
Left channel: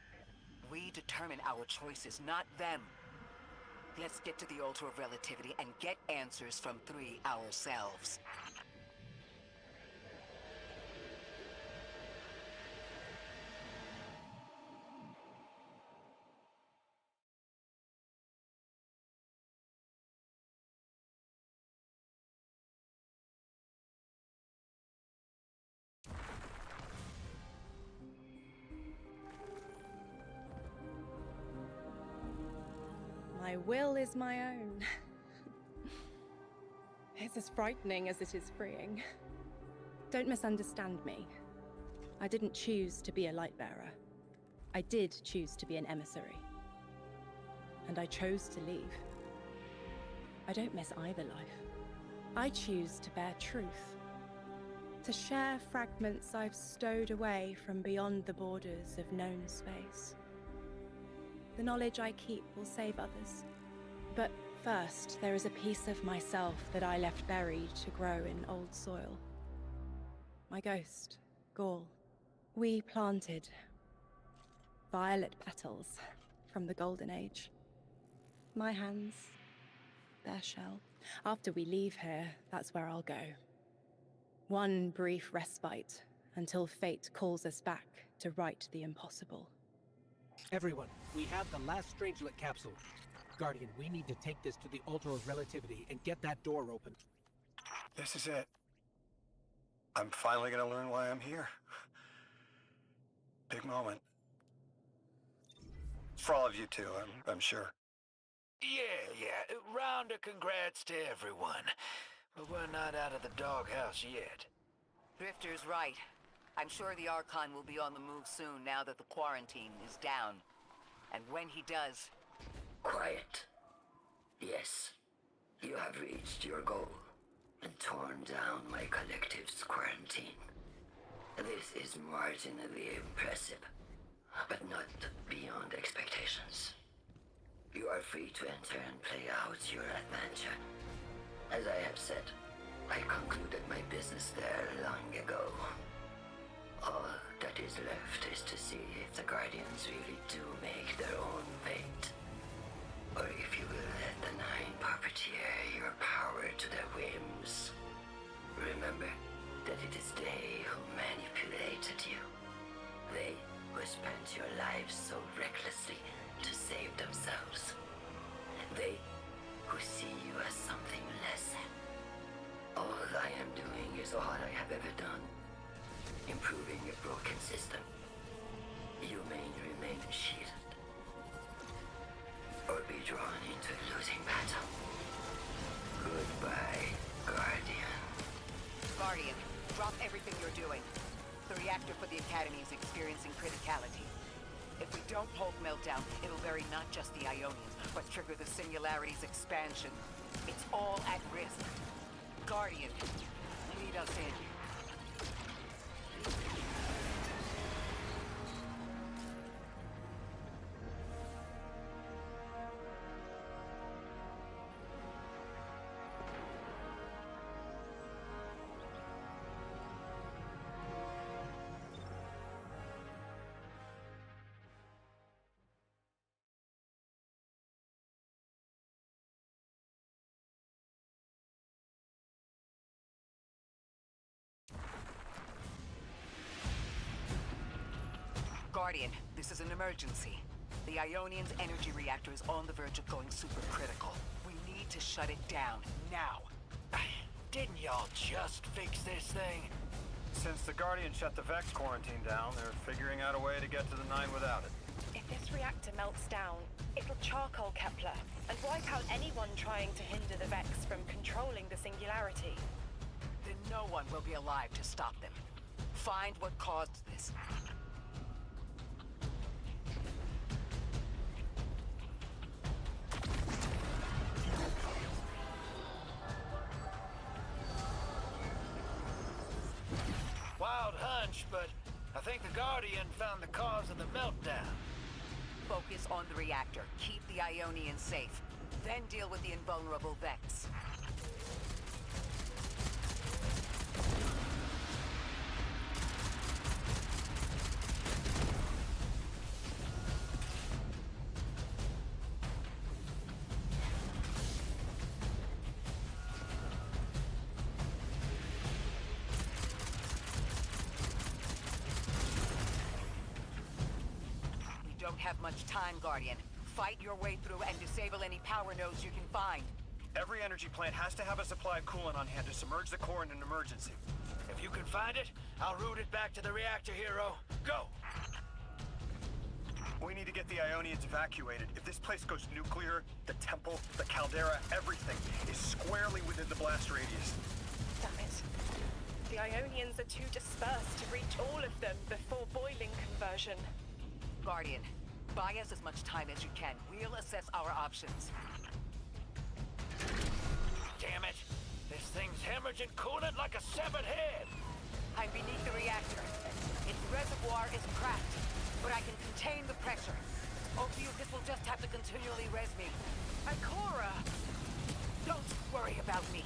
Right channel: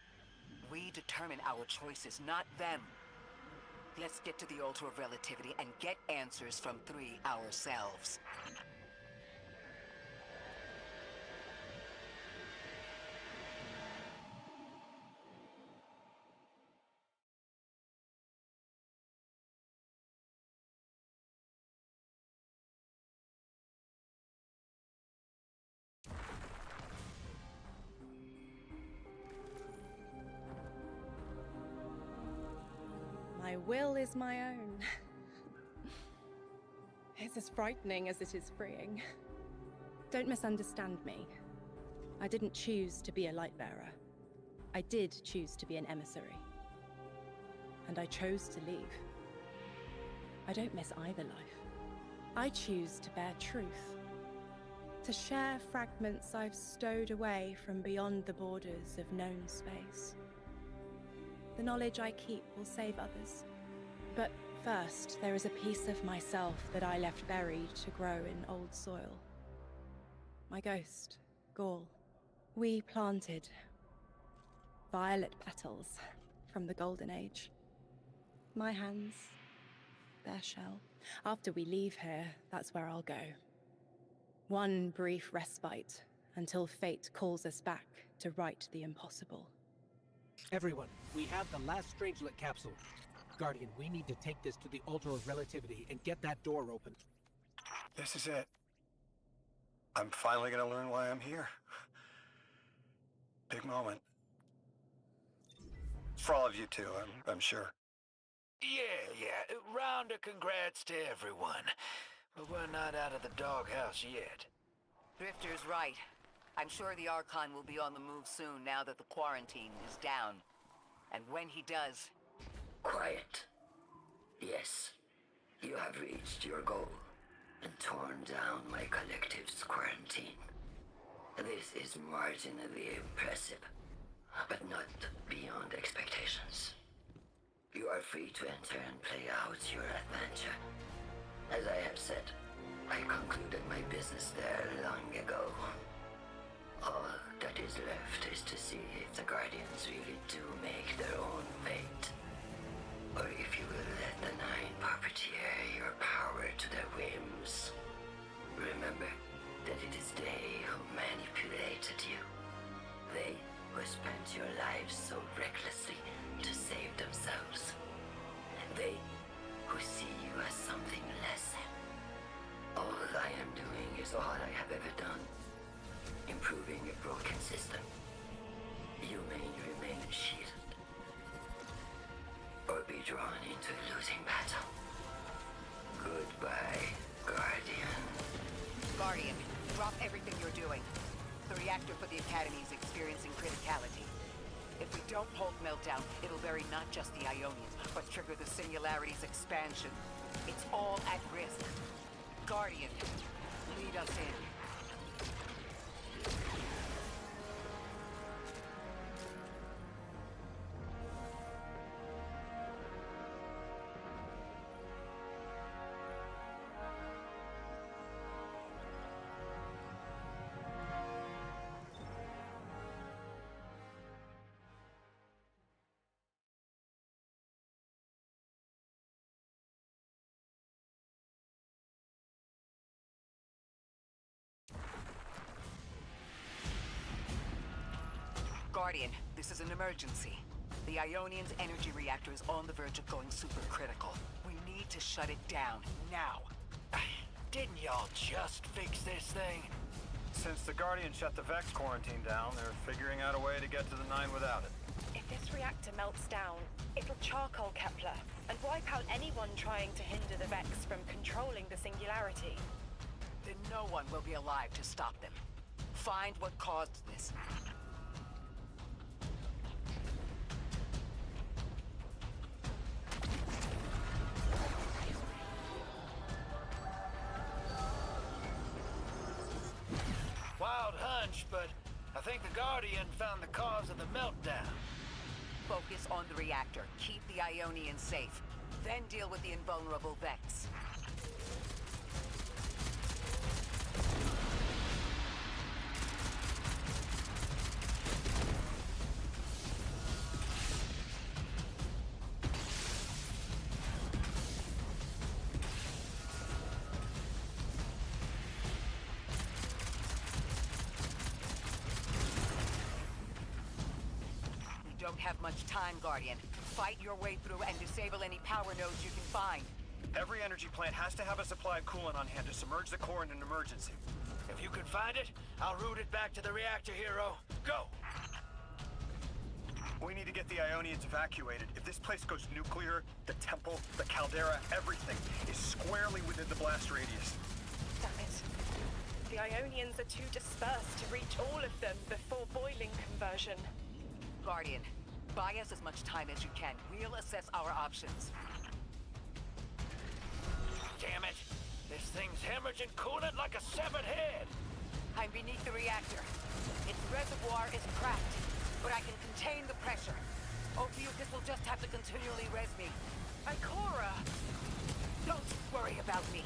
We determine our choices, not them. Let's get to the Altar of Relativity and get answers from 3 ourselves. My will is my own. It's as frightening as it is freeing. Don't misunderstand me. I didn't choose to be a light bearer. I did choose to be an emissary. And I chose to leave. I don't miss either life. I choose to bear truth. To share fragments I've stowed away from beyond the borders of known space. The knowledge I keep will save others. But first, there is a piece of myself that I left buried to grow in old soil. My ghost, Gaul. We planted violet petals from the Golden Age. My hands, their shell. After we leave here, that's where I'll go. One brief respite until fate calls us back to right the impossible. Everyone, we have the last Strangelet capsule. Guardian, we need to take this to the Altar of Relativity and get that door open. This is it. I'm finally gonna learn why I'm here. Big moment. For all of you too, I'm sure. Yeah. Round of congrats to everyone. But we're not out of the doghouse yet. Drifter's right. I'm sure the Archon will be on the move soon now that the quarantine is down. And when he does... Quiet. Yes, you have reached your goal and torn down my collective's quarantine. This is marginally impressive, but not beyond expectations. You are free to enter and play out your adventure. As I have said, I concluded my business there long ago. All that is left is to see if the Guardians really do make their own fate. Or if you will let the 9 puppeteer your power to their whims. Remember that it is they who manipulated you. They who spent your lives so recklessly to save themselves. They who see you as something less than. All I am doing is all I have ever done. Improving a broken system. You may remain shielded. or be drawn into losing battle. Goodbye, Guardian. Guardian, drop everything you're doing. The reactor for the Academy is experiencing criticality. If we don't hold Meltdown, it'll bury not just the Ionians, but trigger the Singularity's expansion. It's all at risk. Guardian, lead us in. Guardian, this is an emergency. The Ionian's energy reactor is on the verge of going supercritical. We need to shut it down, now. Didn't y'all just fix this thing? Since the Guardian shut the Vex quarantine down, they're figuring out a way to get to the 9 without it. If this reactor melts down, it'll charcoal Kepler and wipe out anyone trying to hinder the Vex from controlling the Singularity. Then no one will be alive to stop them. Find what caused this. Wild hunch, but I think the Guardian found the cause of the meltdown. Focus on the reactor. Keep the Ionians safe. Then deal with the invulnerable Vex. Don't have much time, Guardian. Fight your way through and disable any power nodes you can find. Every energy plant has to have a supply of coolant on hand to submerge the core in an emergency. If you can find it, I'll route it back to the reactor, hero. Go! We need to get the Ionians evacuated. If this place goes nuclear, the temple, the caldera, everything is squarely within the blast radius. Damn it. The Ionians are too dispersed to reach all of them before boiling conversion. Guardian, buy us as much time as you can. We'll assess our options. Damn it! This thing's hemorrhaging coolant like a severed head! I'm beneath the reactor. Its reservoir is cracked, but I can contain the pressure. Ophiuchus will just have to continually res me. Ikora! Don't worry about me.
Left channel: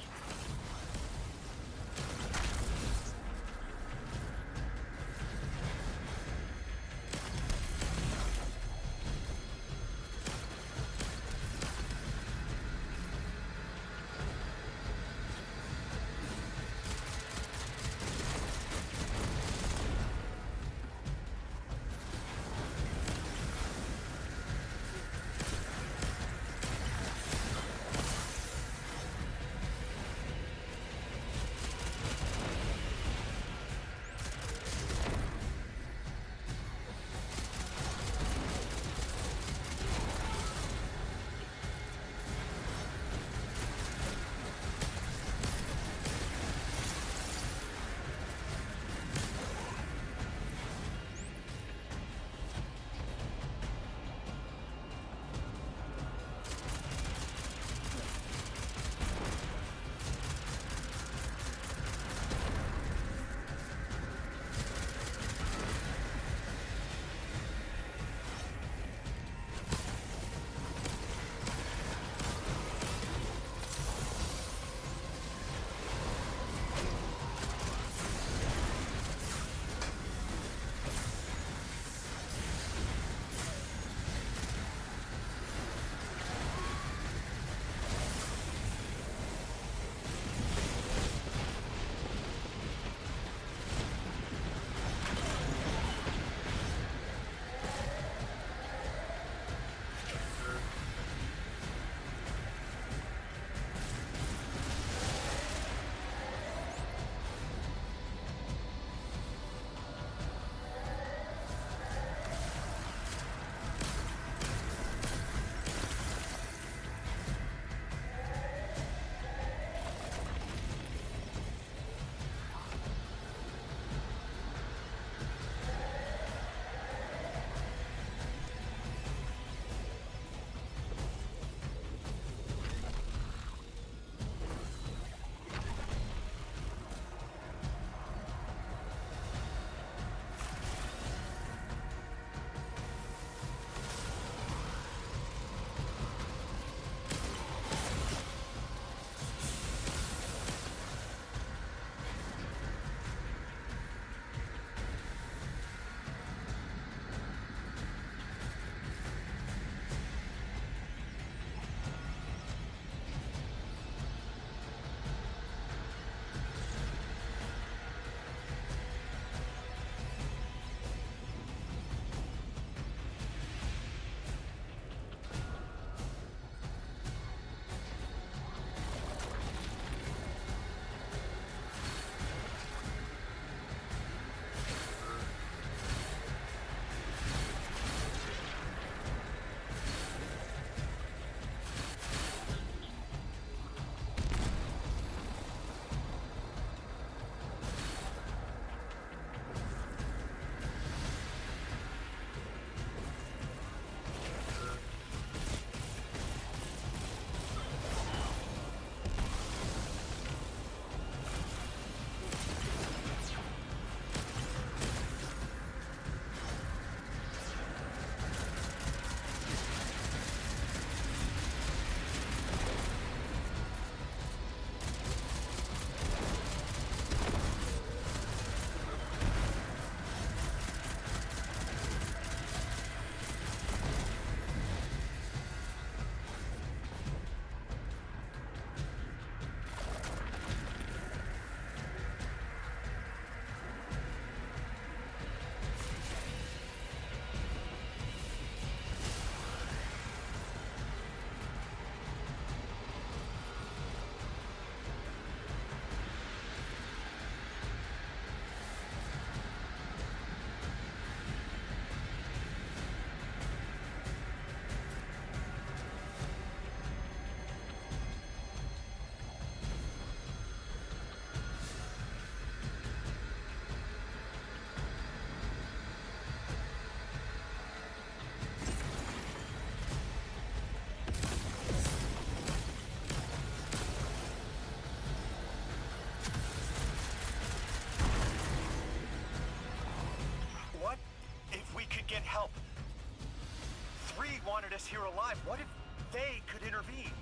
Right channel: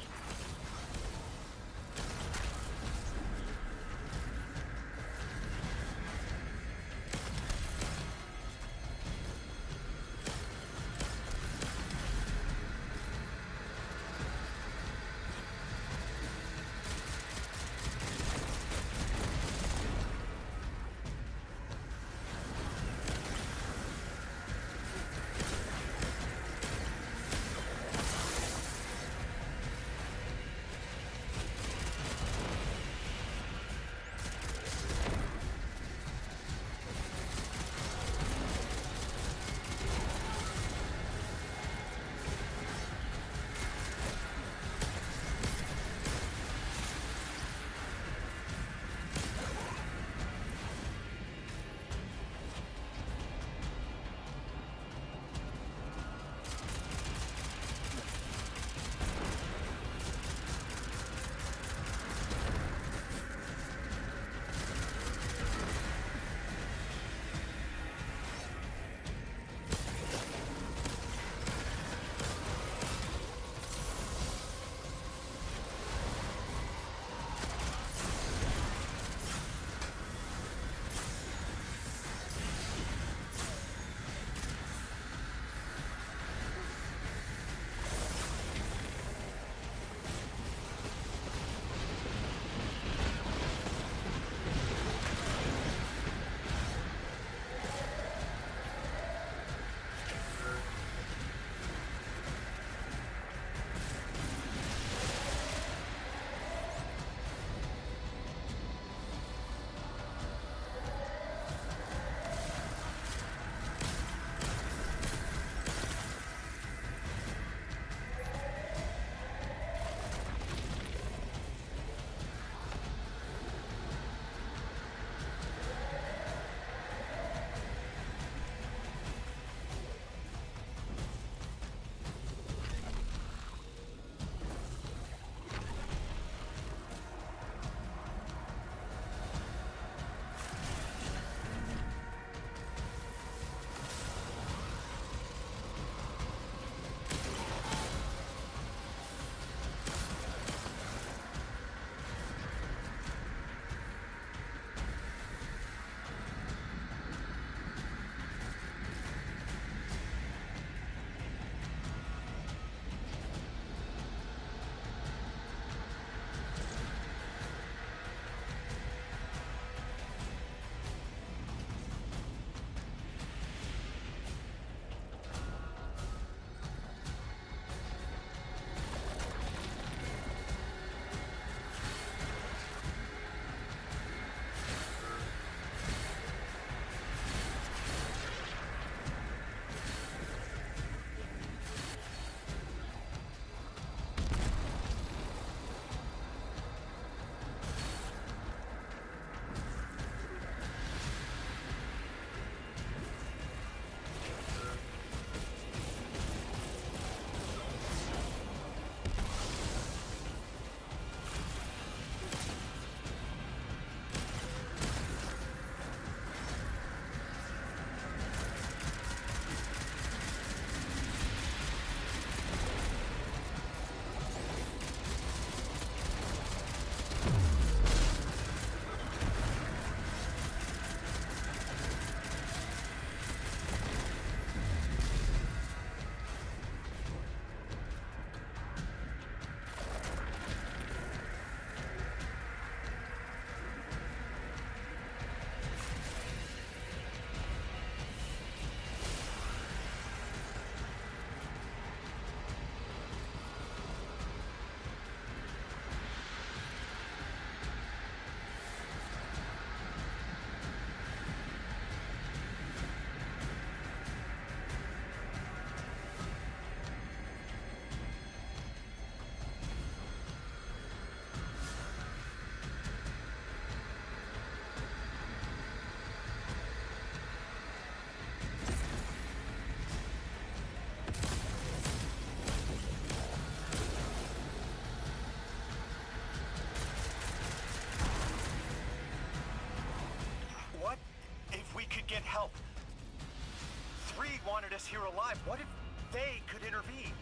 us here alive. What if they could intervene?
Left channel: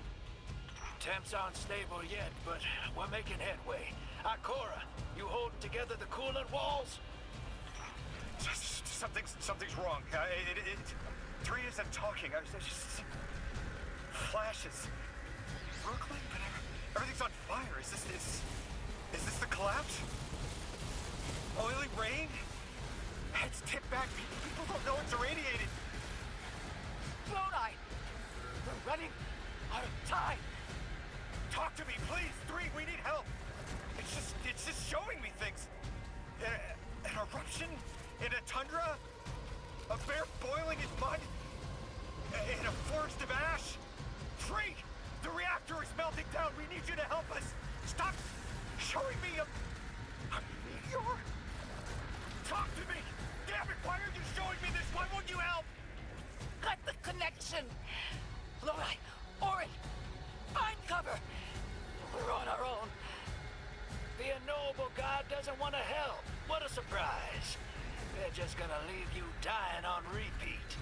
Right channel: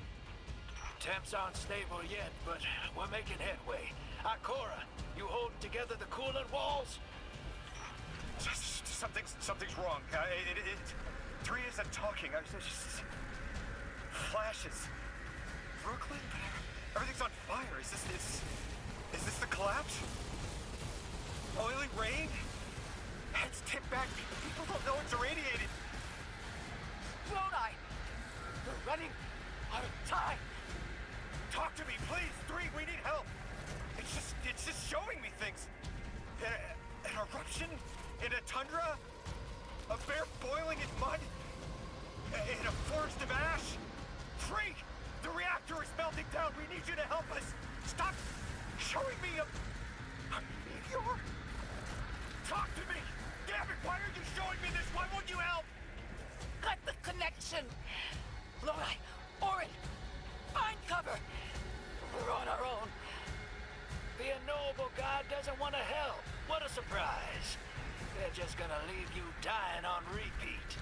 Temps aren't stable yet, but we're making headway. Ikora, you holding together the coolant walls? Something's wrong. Three isn't talking. There's just flashes. Brooklyn, but everything's on fire. Is this the collapse? Oily rain? Heads tipped back. People don't know it's irradiated. Lodi! We're running out of time. Talk to me, please. Three, we need help. It's just showing me things. An eruption in a tundra? A bear boiling in mud? In a forest of ash? Three, the reactor is melting down. We need you to help us. Stop showing me a meteor? Talk to me. Damn it, why are you showing me this? Why won't you help? Cut the connection! Lodi, Orin, find cover! We're on our own. The unknowable god doesn't want to help. What a surprise. They're just gonna leave you dying on repeat.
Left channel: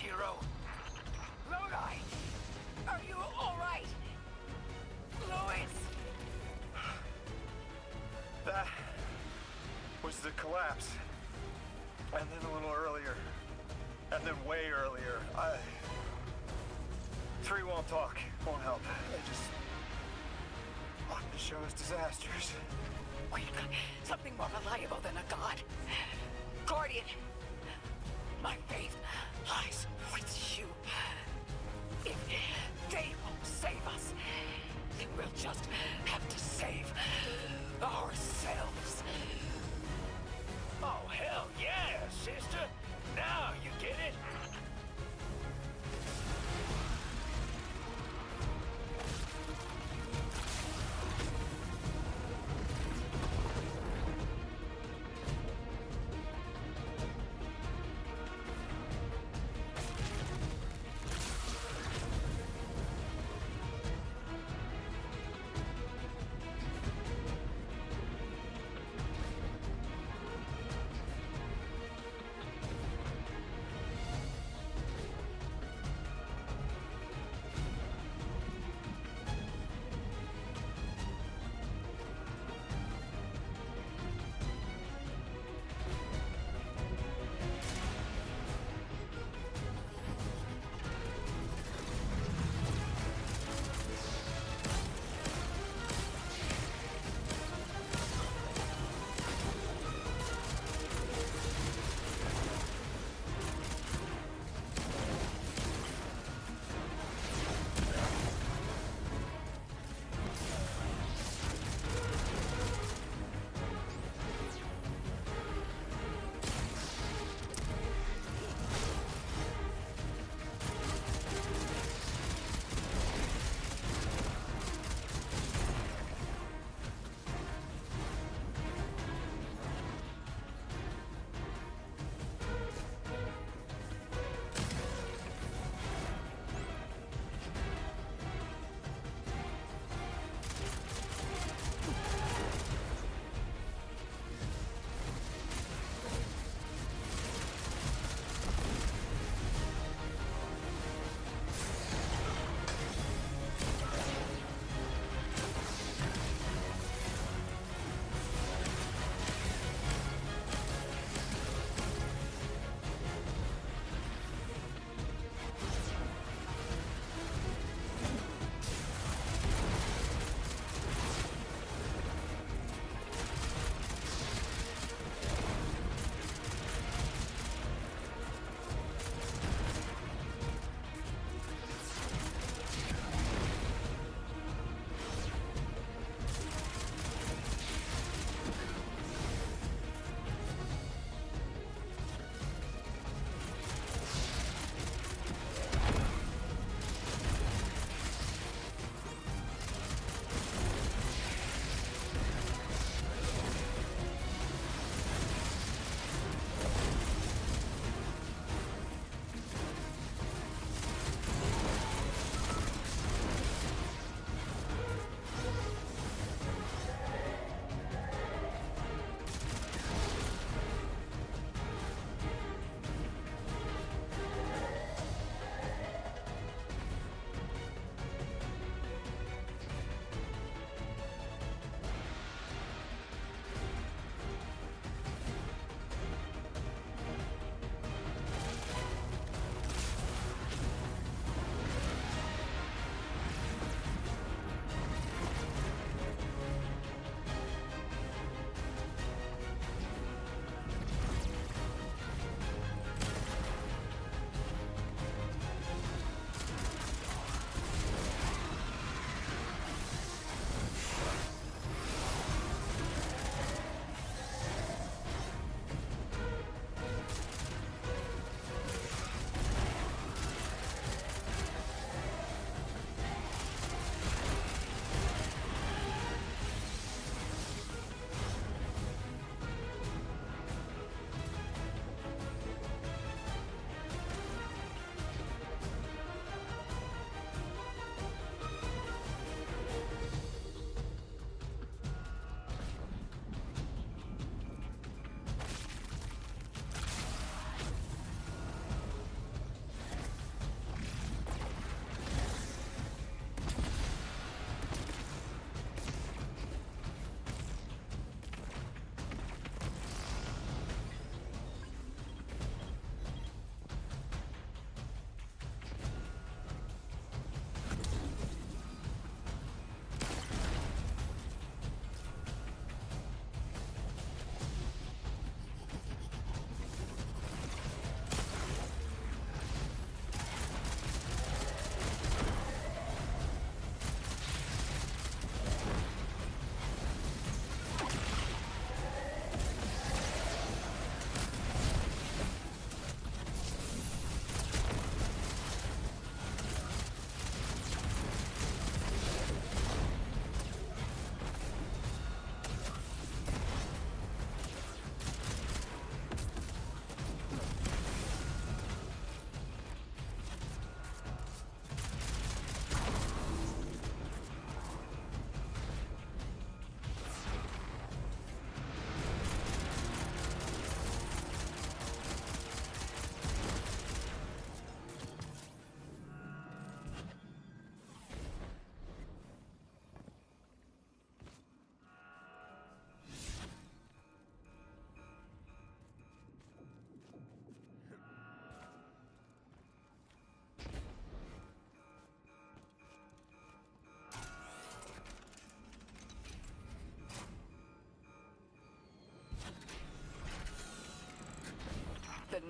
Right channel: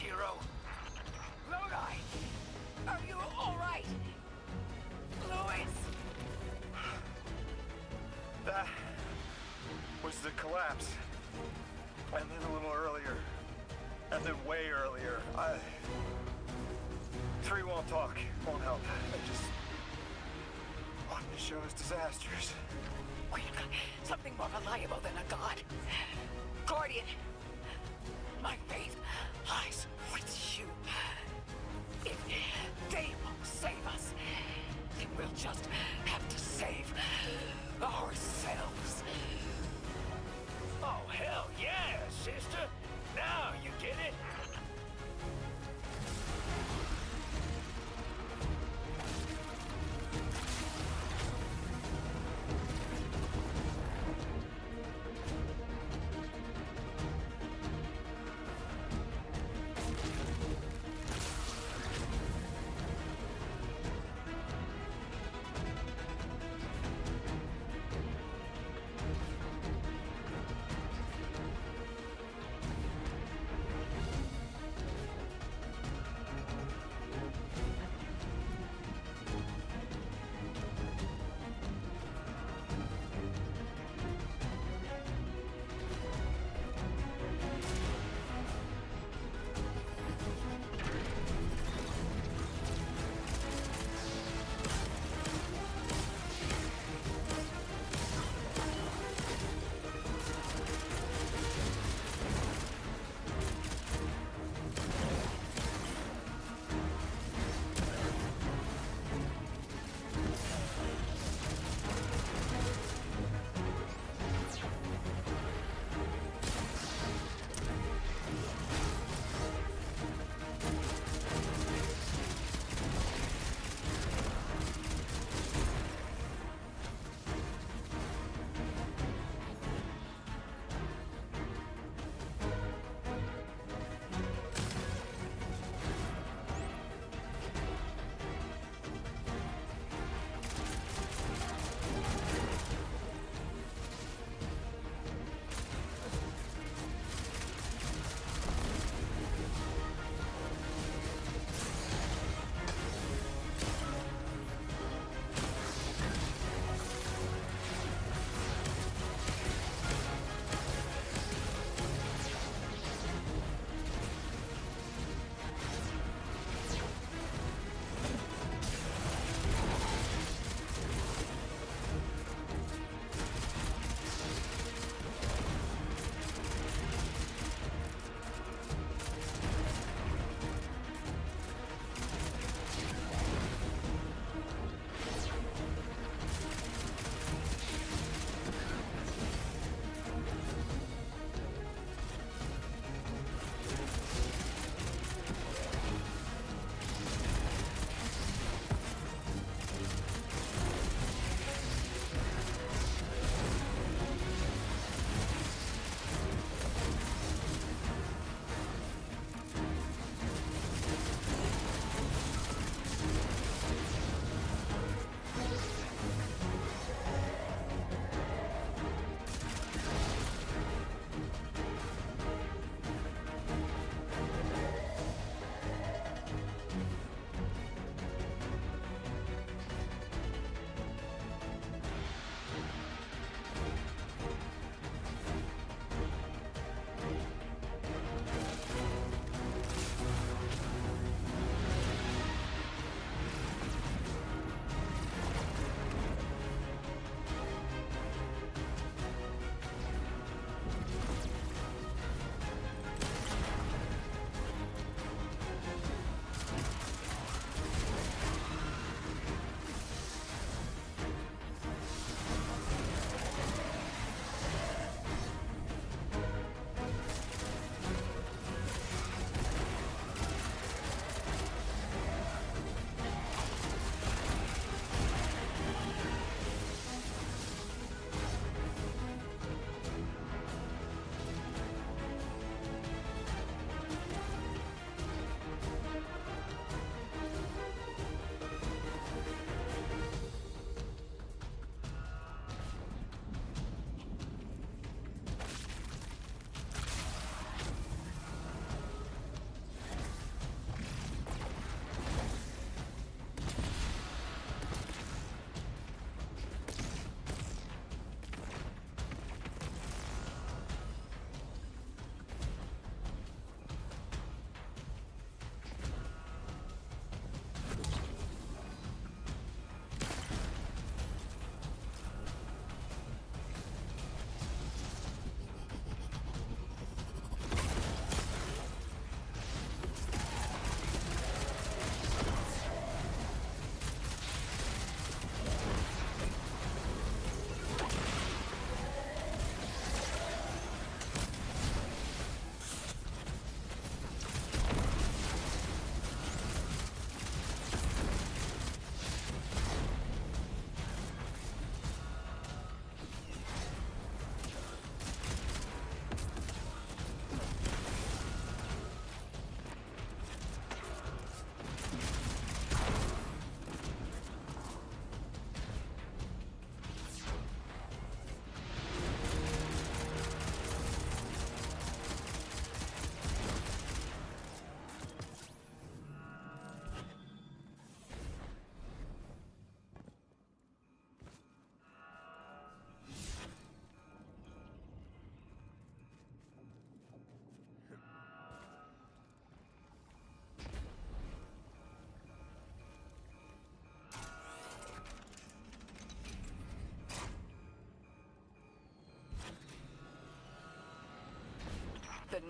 hero. Lodi! Are you alright? Louis! That was the collapse. And then a little earlier. And then way earlier. Three won't talk, won't help. They just want to show us disasters. We've got something more reliable than a god. Guardian, my faith lies with you. If they won't save us, then we'll just have to save ourselves. Oh, hell yeah, sister! Now you get it!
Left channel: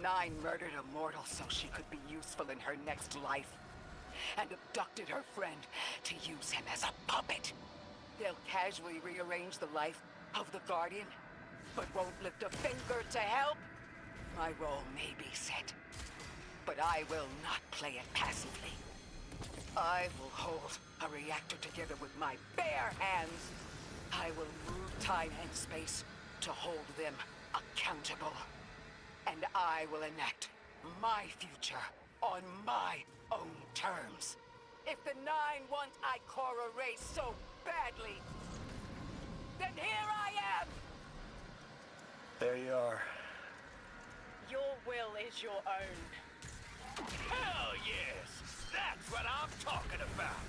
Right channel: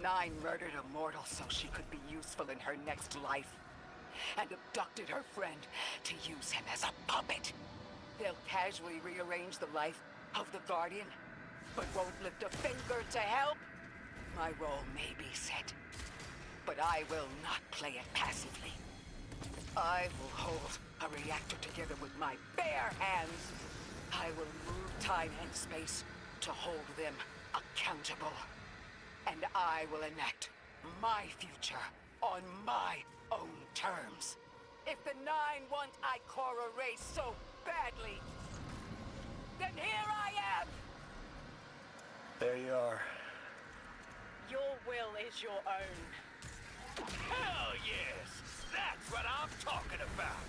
Nine murdered a mortal so she could be useful in her next life, and abducted her friend to use him as a puppet. They'll casually rearrange the life of the Guardian, but won't lift a finger to help. My role may be set, but I will not play it passively. I will hold a reactor together with my bare hands. I will move time and space to hold them accountable. And I will enact my future on my own terms. If the Nine want Ikora raised so badly, then here I am! There you are. Your will is your own. Hell yes! That's what I'm talking about!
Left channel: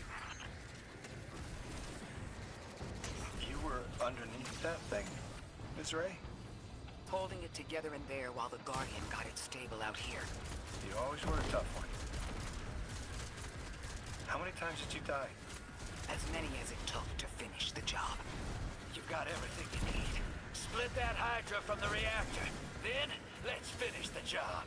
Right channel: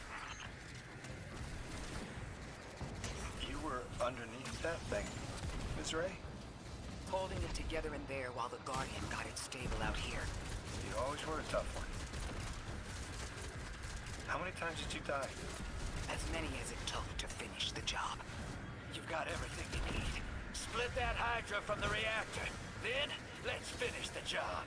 You were underneath that thing, Ms. Ray? Holding it together in there while the Guardian got it stable out here. You always were a tough one. How many times did you die? As many as it took to finish the job. You've got everything you need. Split that Hydra from the reactor. Then, let's finish the job.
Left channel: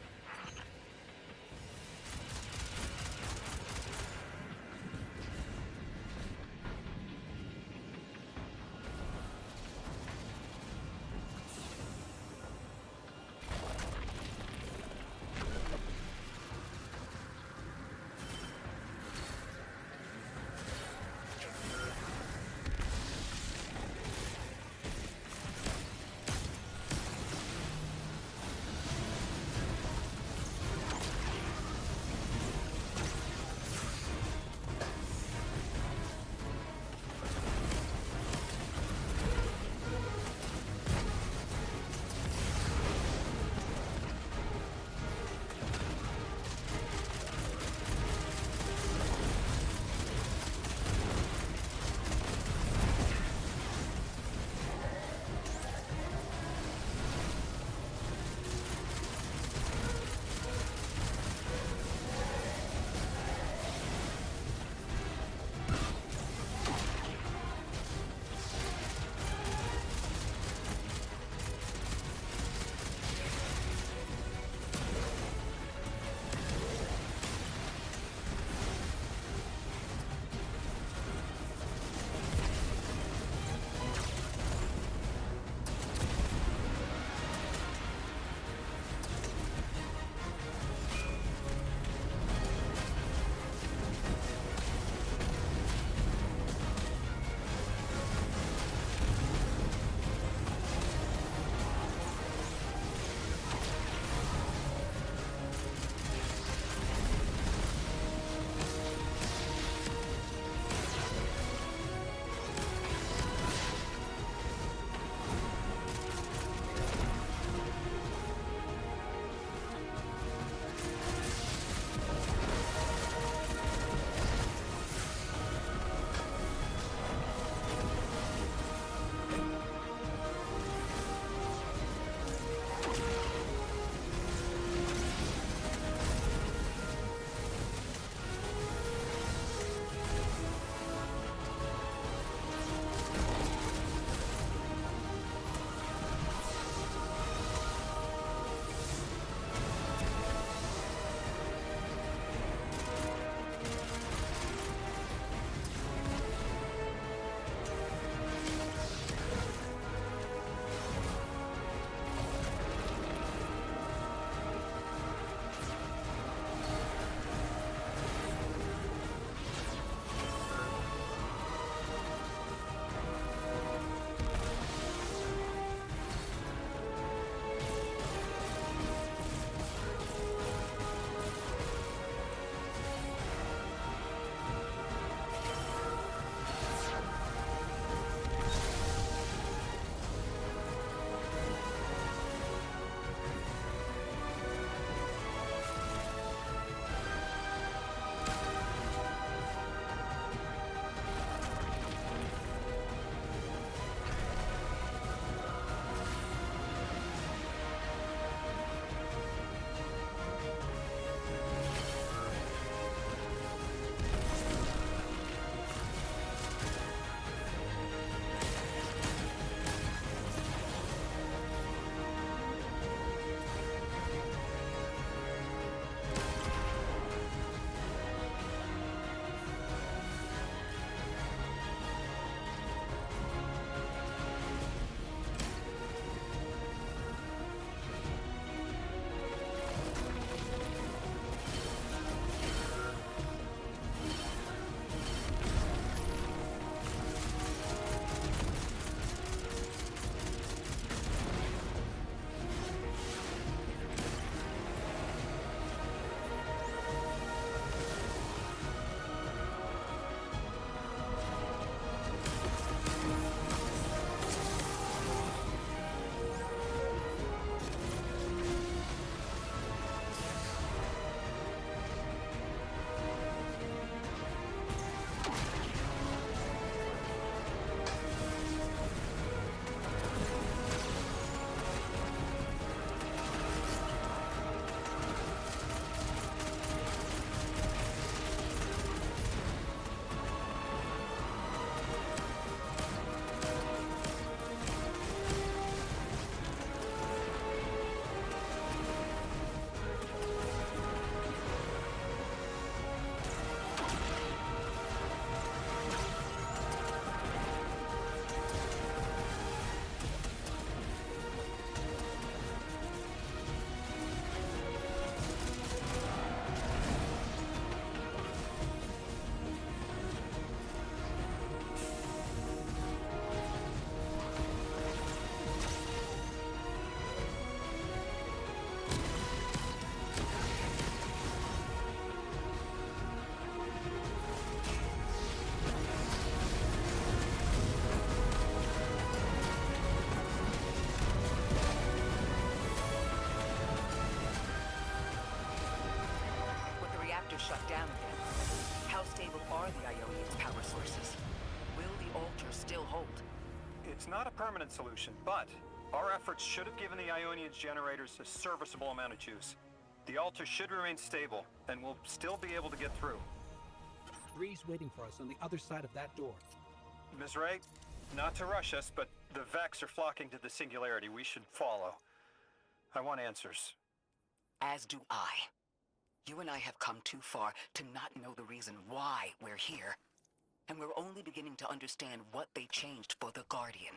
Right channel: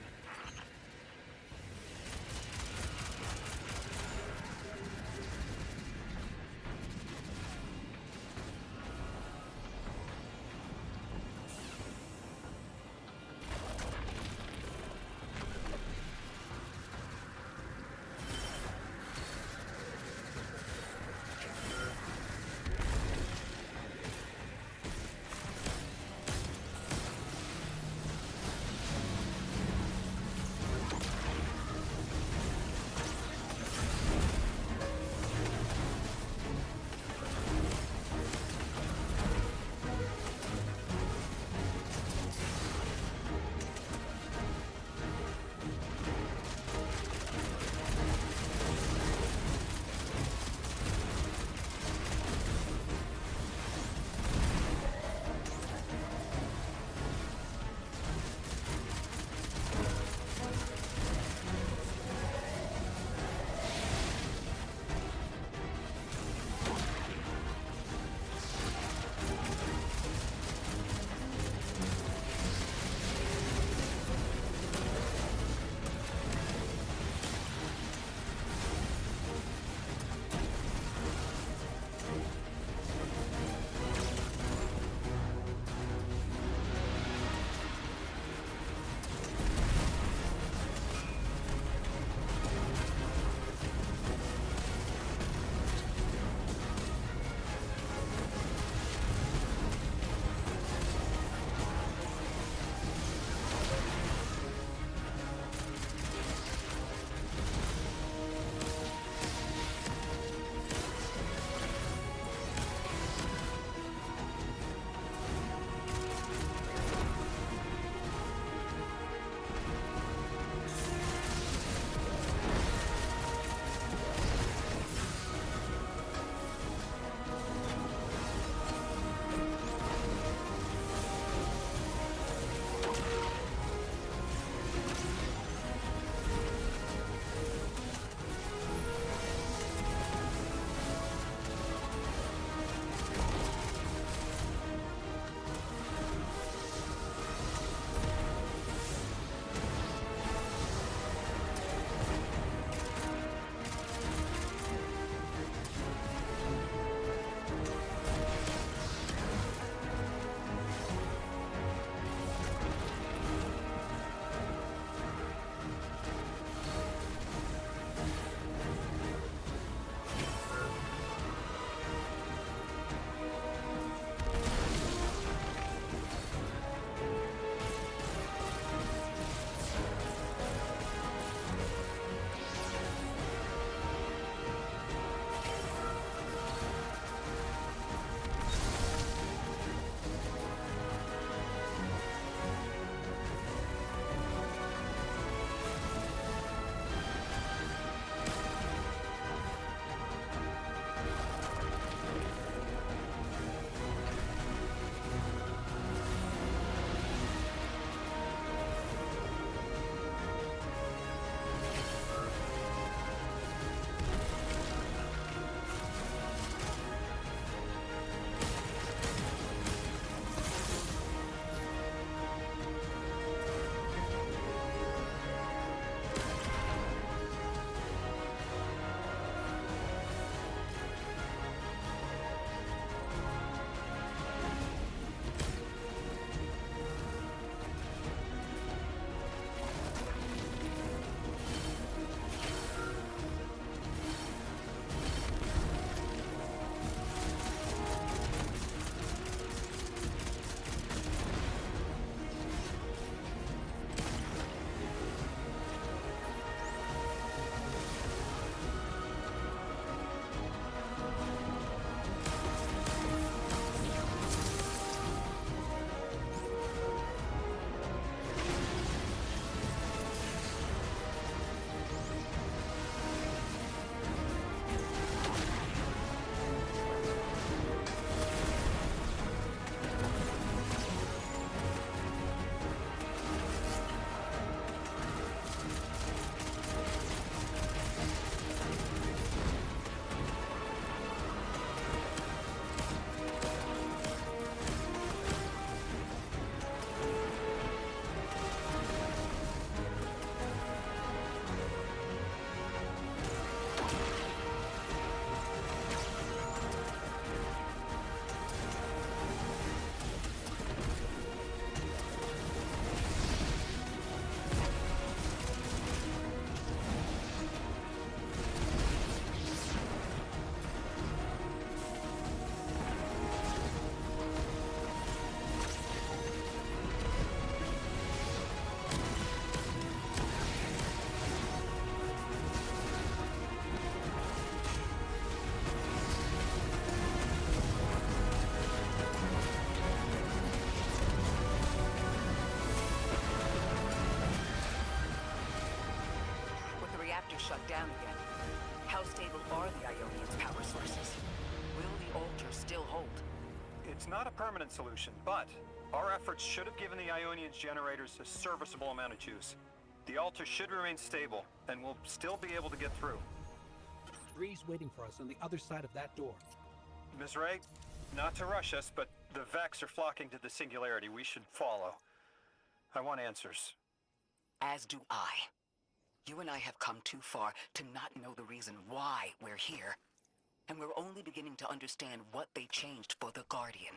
reactor shut down again. How stable are the Ionians' power sources? Will the altar still hold? It's not a permanent solution, but our efforts should have given the Ionians generators a serviceable amount of juice. The altar should remain stable, and we'll still be able to get through. Bree's waiting for us on the other side of that door. Ms. Ray, not to rush us, but the Vex are flocking to the Singularity. We should follow. I want answers. As do I. You and I have come too far to not know the reason why we're here. And we're only beginning to understand what they changed for the Guardian.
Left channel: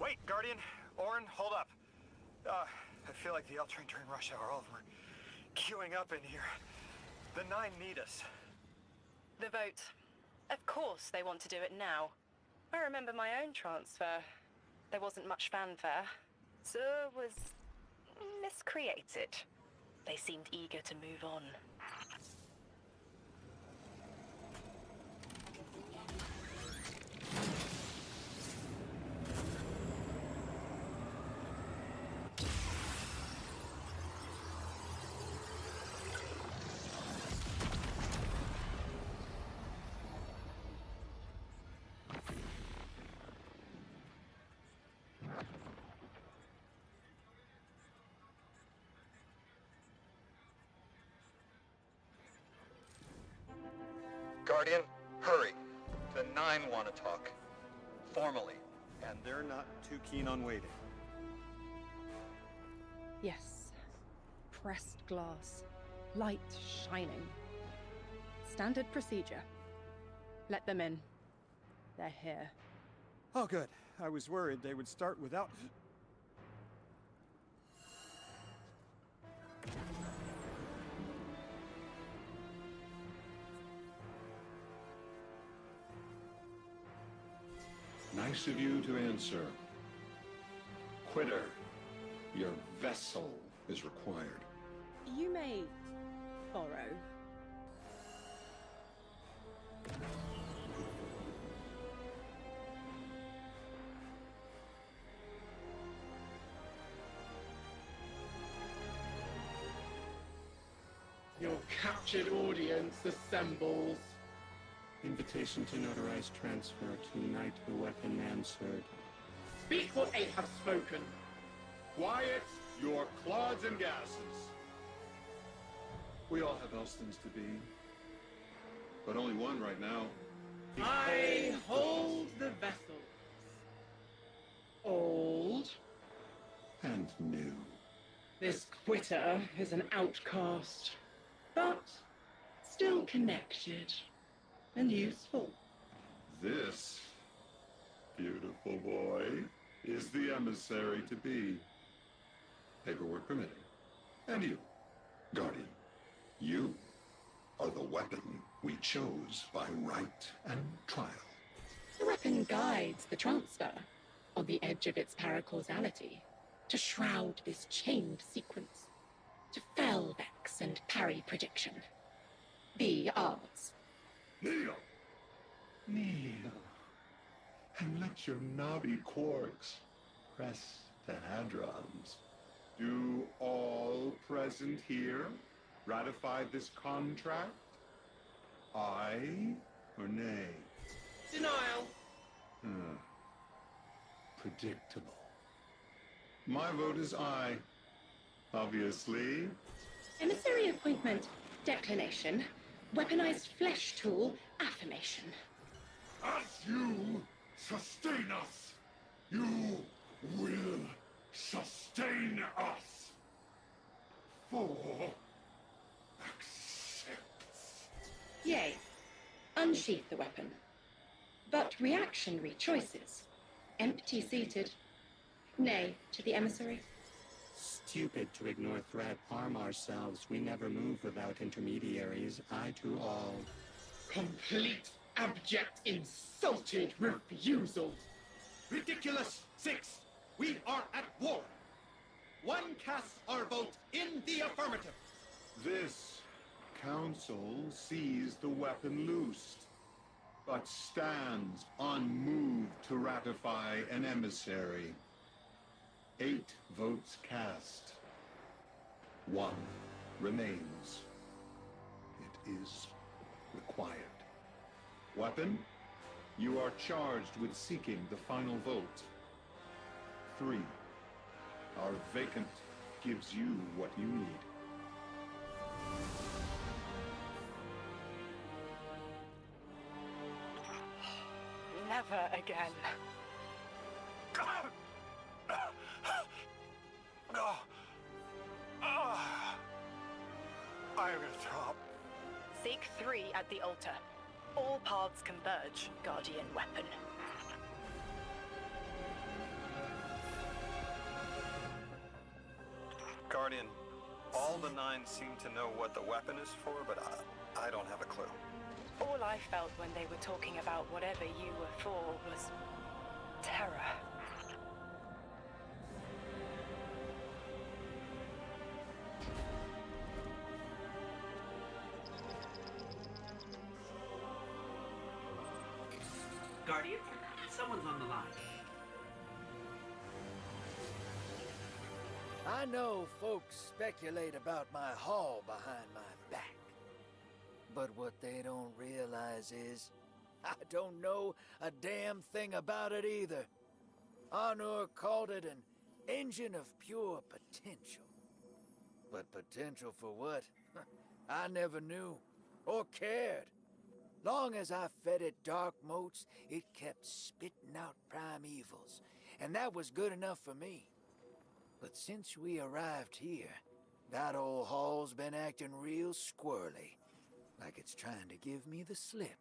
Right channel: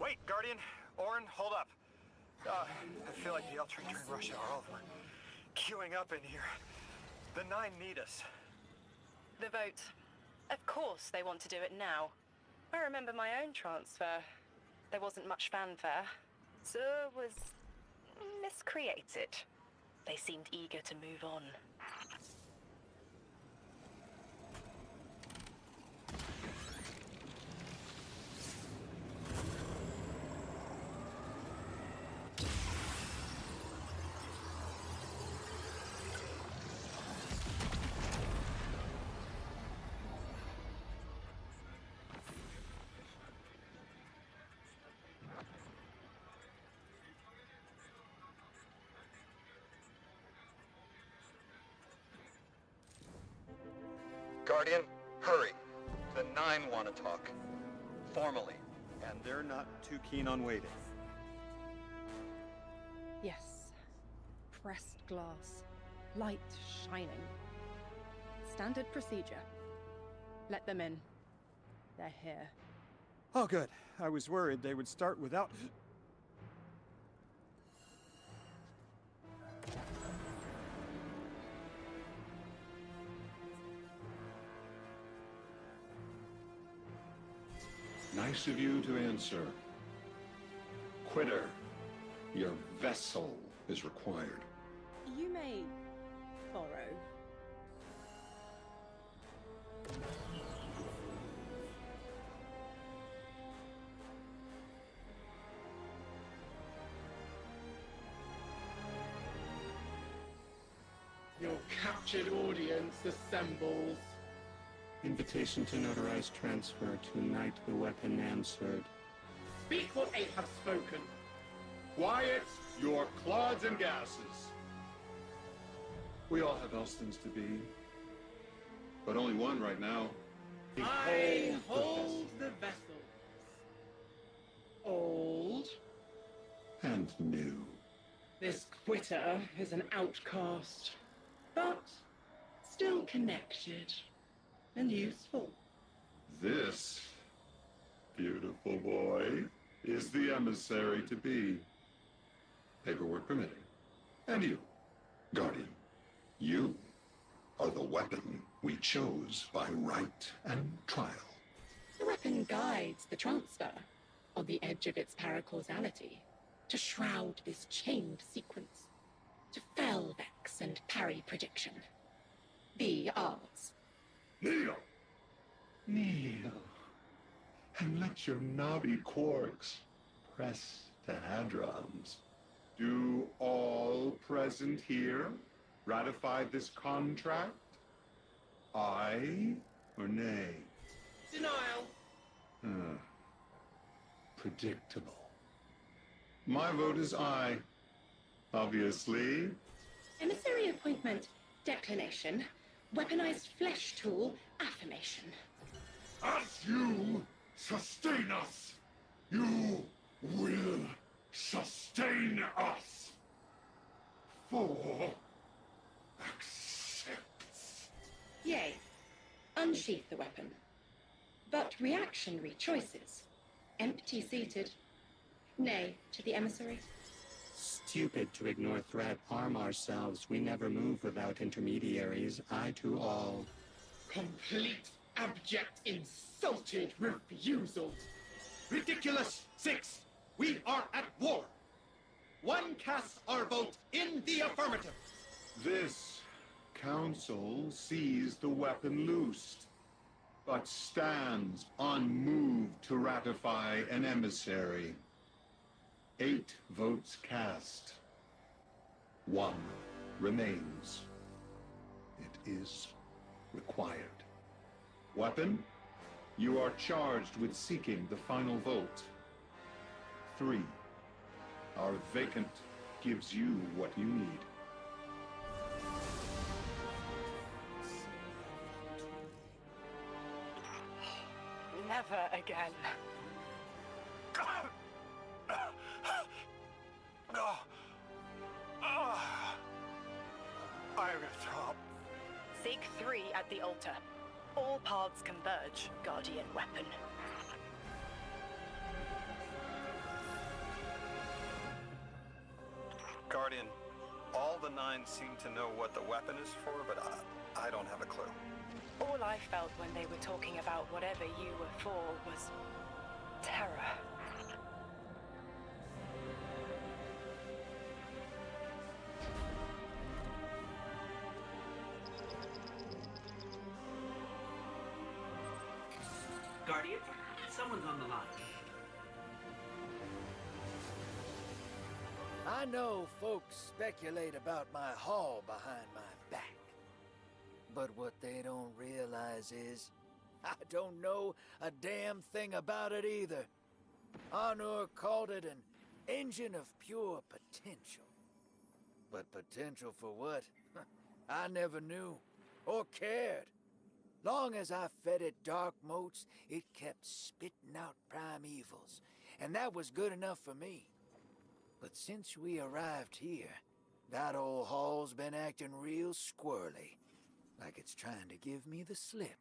Wait, Guardian. Orin, hold up. I feel like the L train during rush hour. All of them are queuing up in here. The 9 need us. The vote. Of course they want to do it now. I remember my own transfer. There wasn't much fanfare. So it was miscreated. They seemed eager to move on. Guardian, hurry. The 9 want to talk. Formally. And they're not too keen on waiting. Yes. Pressed glass. Light shining. Standard procedure. Let them in. They're here. Oh, good. I was worried they would start without... Nice of you to answer. Quitter, your vessel is required. You may borrow. Your captured audience assembles. Invitation to notarize transfer. Tonight the weapon answered. Speak what 8 have spoken. Quiet your clods and gases. We all have else things to be. But only one right now. I hold the vessels. Old. And new. This quitter is an outcast, but still connected and useful. This beautiful boy is the emissary to be. Paperwork permitting. And you, Guardian, you are the weapon we chose by right and trial. The weapon guides the transfer on the edge of its paracausality to shroud this chained sequence, to fell Vex and parry prediction. Be ours. Kneel! Kneel. And let your knobby quarks press to hadrons. Do all present here ratify this contract? Aye or nay? Denial. Predictable. My vote is aye. Obviously. Emissary appointment, declination. Weaponized flesh tool, affirmation. As you sustain us, you will sustain us. 4 accepts. Yay. Unsheath the weapon. But reactionary choices. Empty-seated. Nay to the emissary. Stupid to ignore threat, arm ourselves. We never move without intermediaries. Aye to all. Complete, abject, insulted refusal. Ridiculous! 6! We are at war! 1 casts our vote in the affirmative. This council sees the weapon loosed, but stands unmoved to ratify an emissary. 8 votes cast. 1 remains. It is required. Weapon, you are charged with seeking the final vote. 3. Our vacant gives you what you need. Never again. I'm gonna throw up. Seek 3 at the altar. All paths converge, Guardian Weapon. Guardian, all the 9 seem to know what the weapon is for, but I don't have a clue. All I felt when they were talking about whatever you were for was terror. Guardian, someone's on the line. I know folks speculate about my haul behind my back. But what they don't realize is, I don't know a damn thing about it either. Honor called it an engine of pure potential. But potential for what? I never knew, or cared. Long as I fed it dark motes, it kept spitting out primevals, and that was good enough for me. But since we arrived here, that old hall's been acting real squirrely, like it's trying to give me the slip.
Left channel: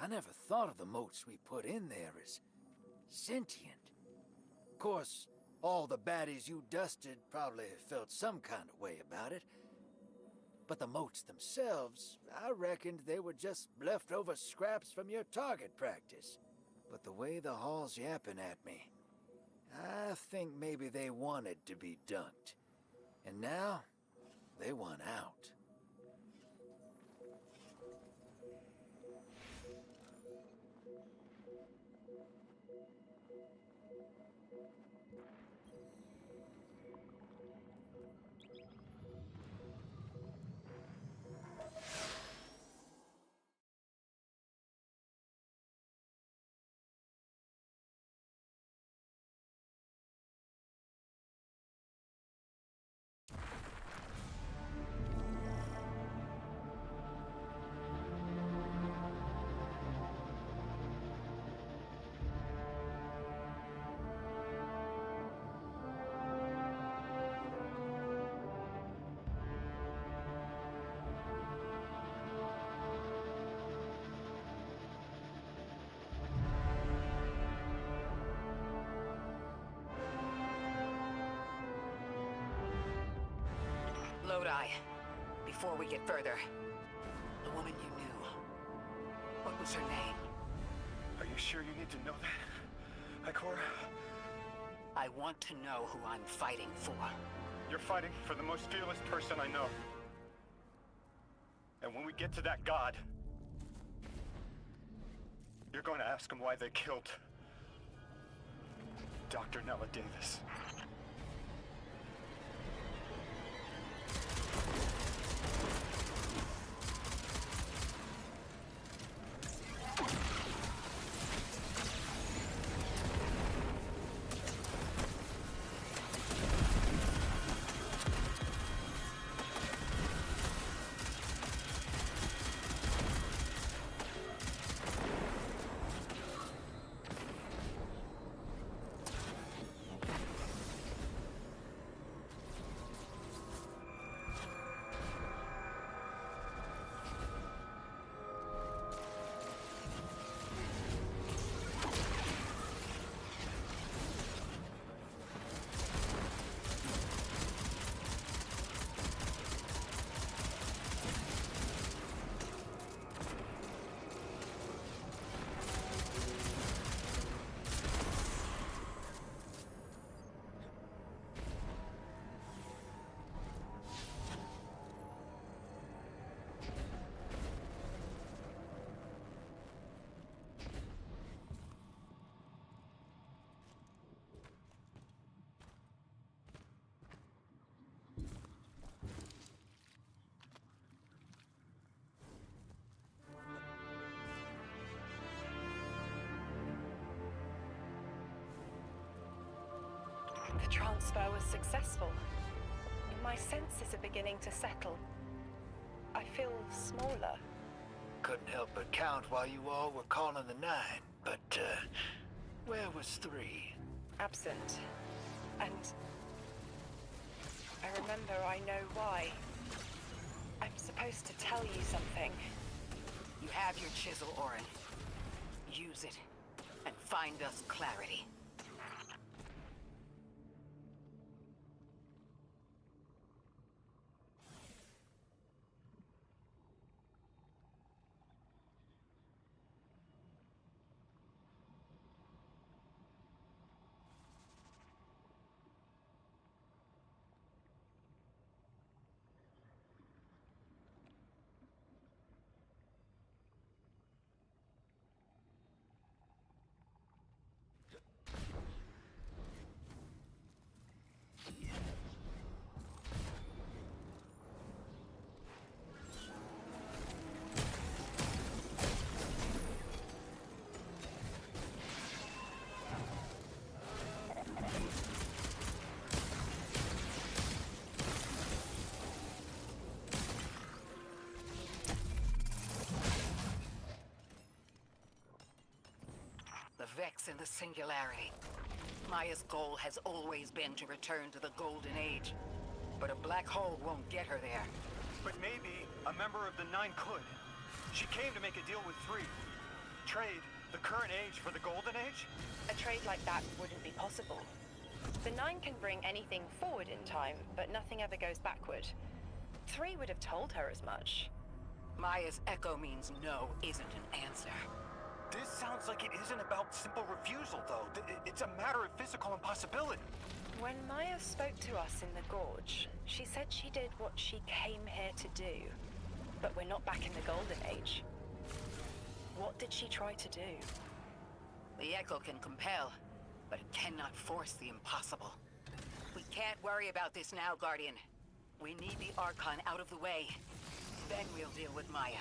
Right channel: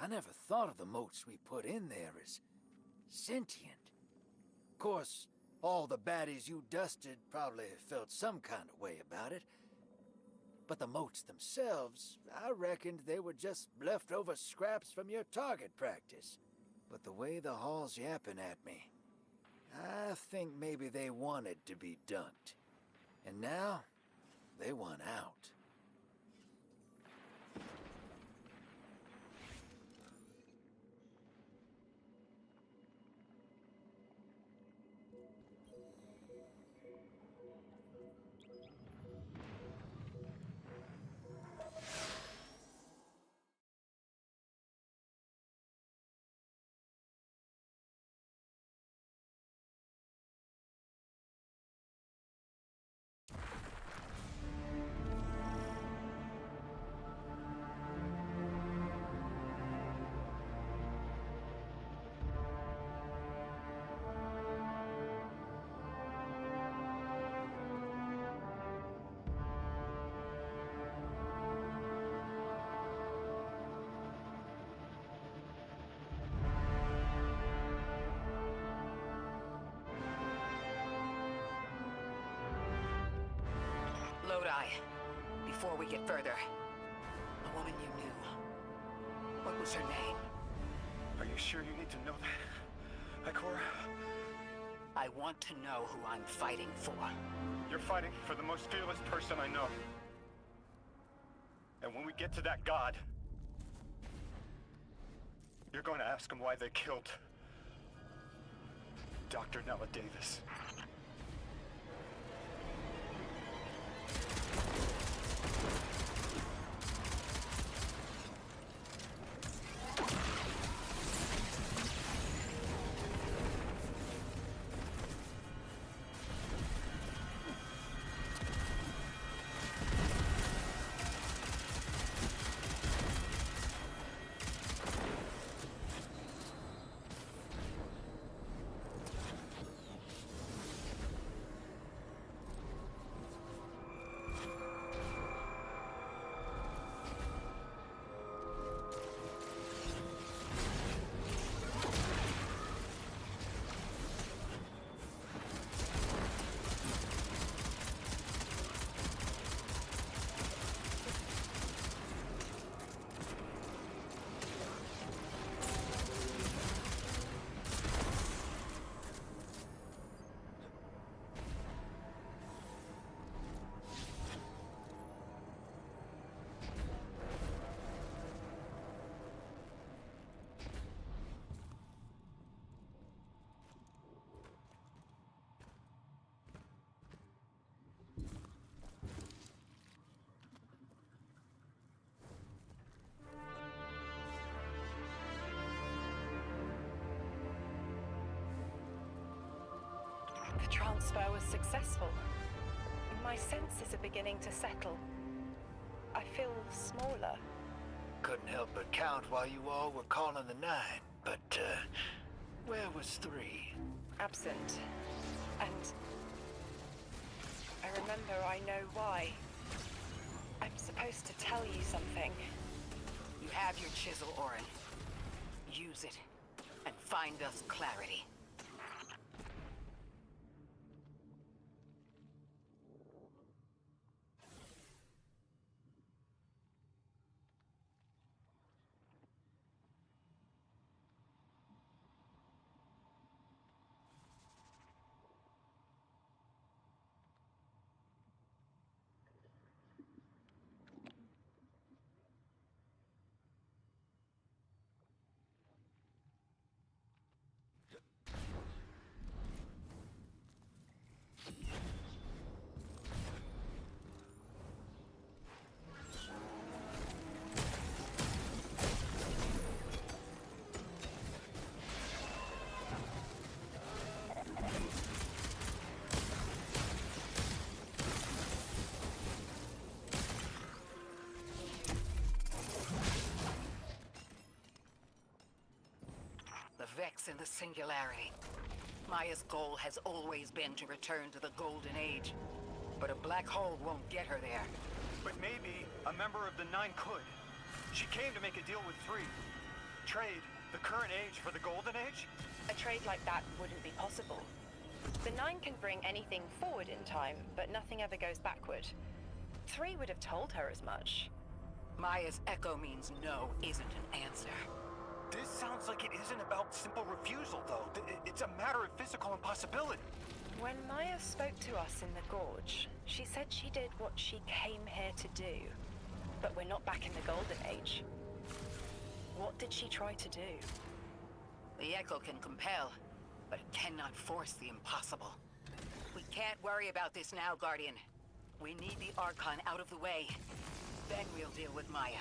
I never thought of the motes we put in there as sentient. Of course, all the baddies you dusted probably felt some kind of way about it. But the motes themselves, I reckoned they were just leftover scraps from your target practice. But the way the hall's yapping at me, I think maybe they wanted to be dunked. And now, they want out. Lodi, before we get further, the woman you knew, what was her name? Are you sure you need to know that, Ikora? I want to know who I'm fighting for. You're fighting for the most fearless person I know. And when we get to that god, you're going to ask him why they killed Dr. Nella Davis. transfer was successful. My senses are beginning to settle. I feel smaller. Couldn't help but count while you all were calling the 9, but, where was 3? Absent. And I remember I know why. I'm supposed to tell you something. You have your chisel, Orin. Use it, and find us clarity. The Vex in the Singularity. Maya's goal has always been to return to the Golden Age. But a black hole won't get her there. But maybe a member of the 9 could. She came to make a deal with 3. Trade the current age for the Golden Age? A trade like that wouldn't be possible. The 9 can bring anything forward in time, but nothing ever goes backward. 3 would have told her as much. Maya's echo means no isn't an answer. This sounds like it isn't about simple refusal, though. It's a matter of physical impossibility. When Maya spoke to us in the Gorge, she said she did what she came here to do. But we're not back in the Golden Age. What did she try to do? The echo can compel, but it cannot force the impossible. We can't worry about this now, Guardian. We need the Archon out of the way. Then we'll deal with Maya.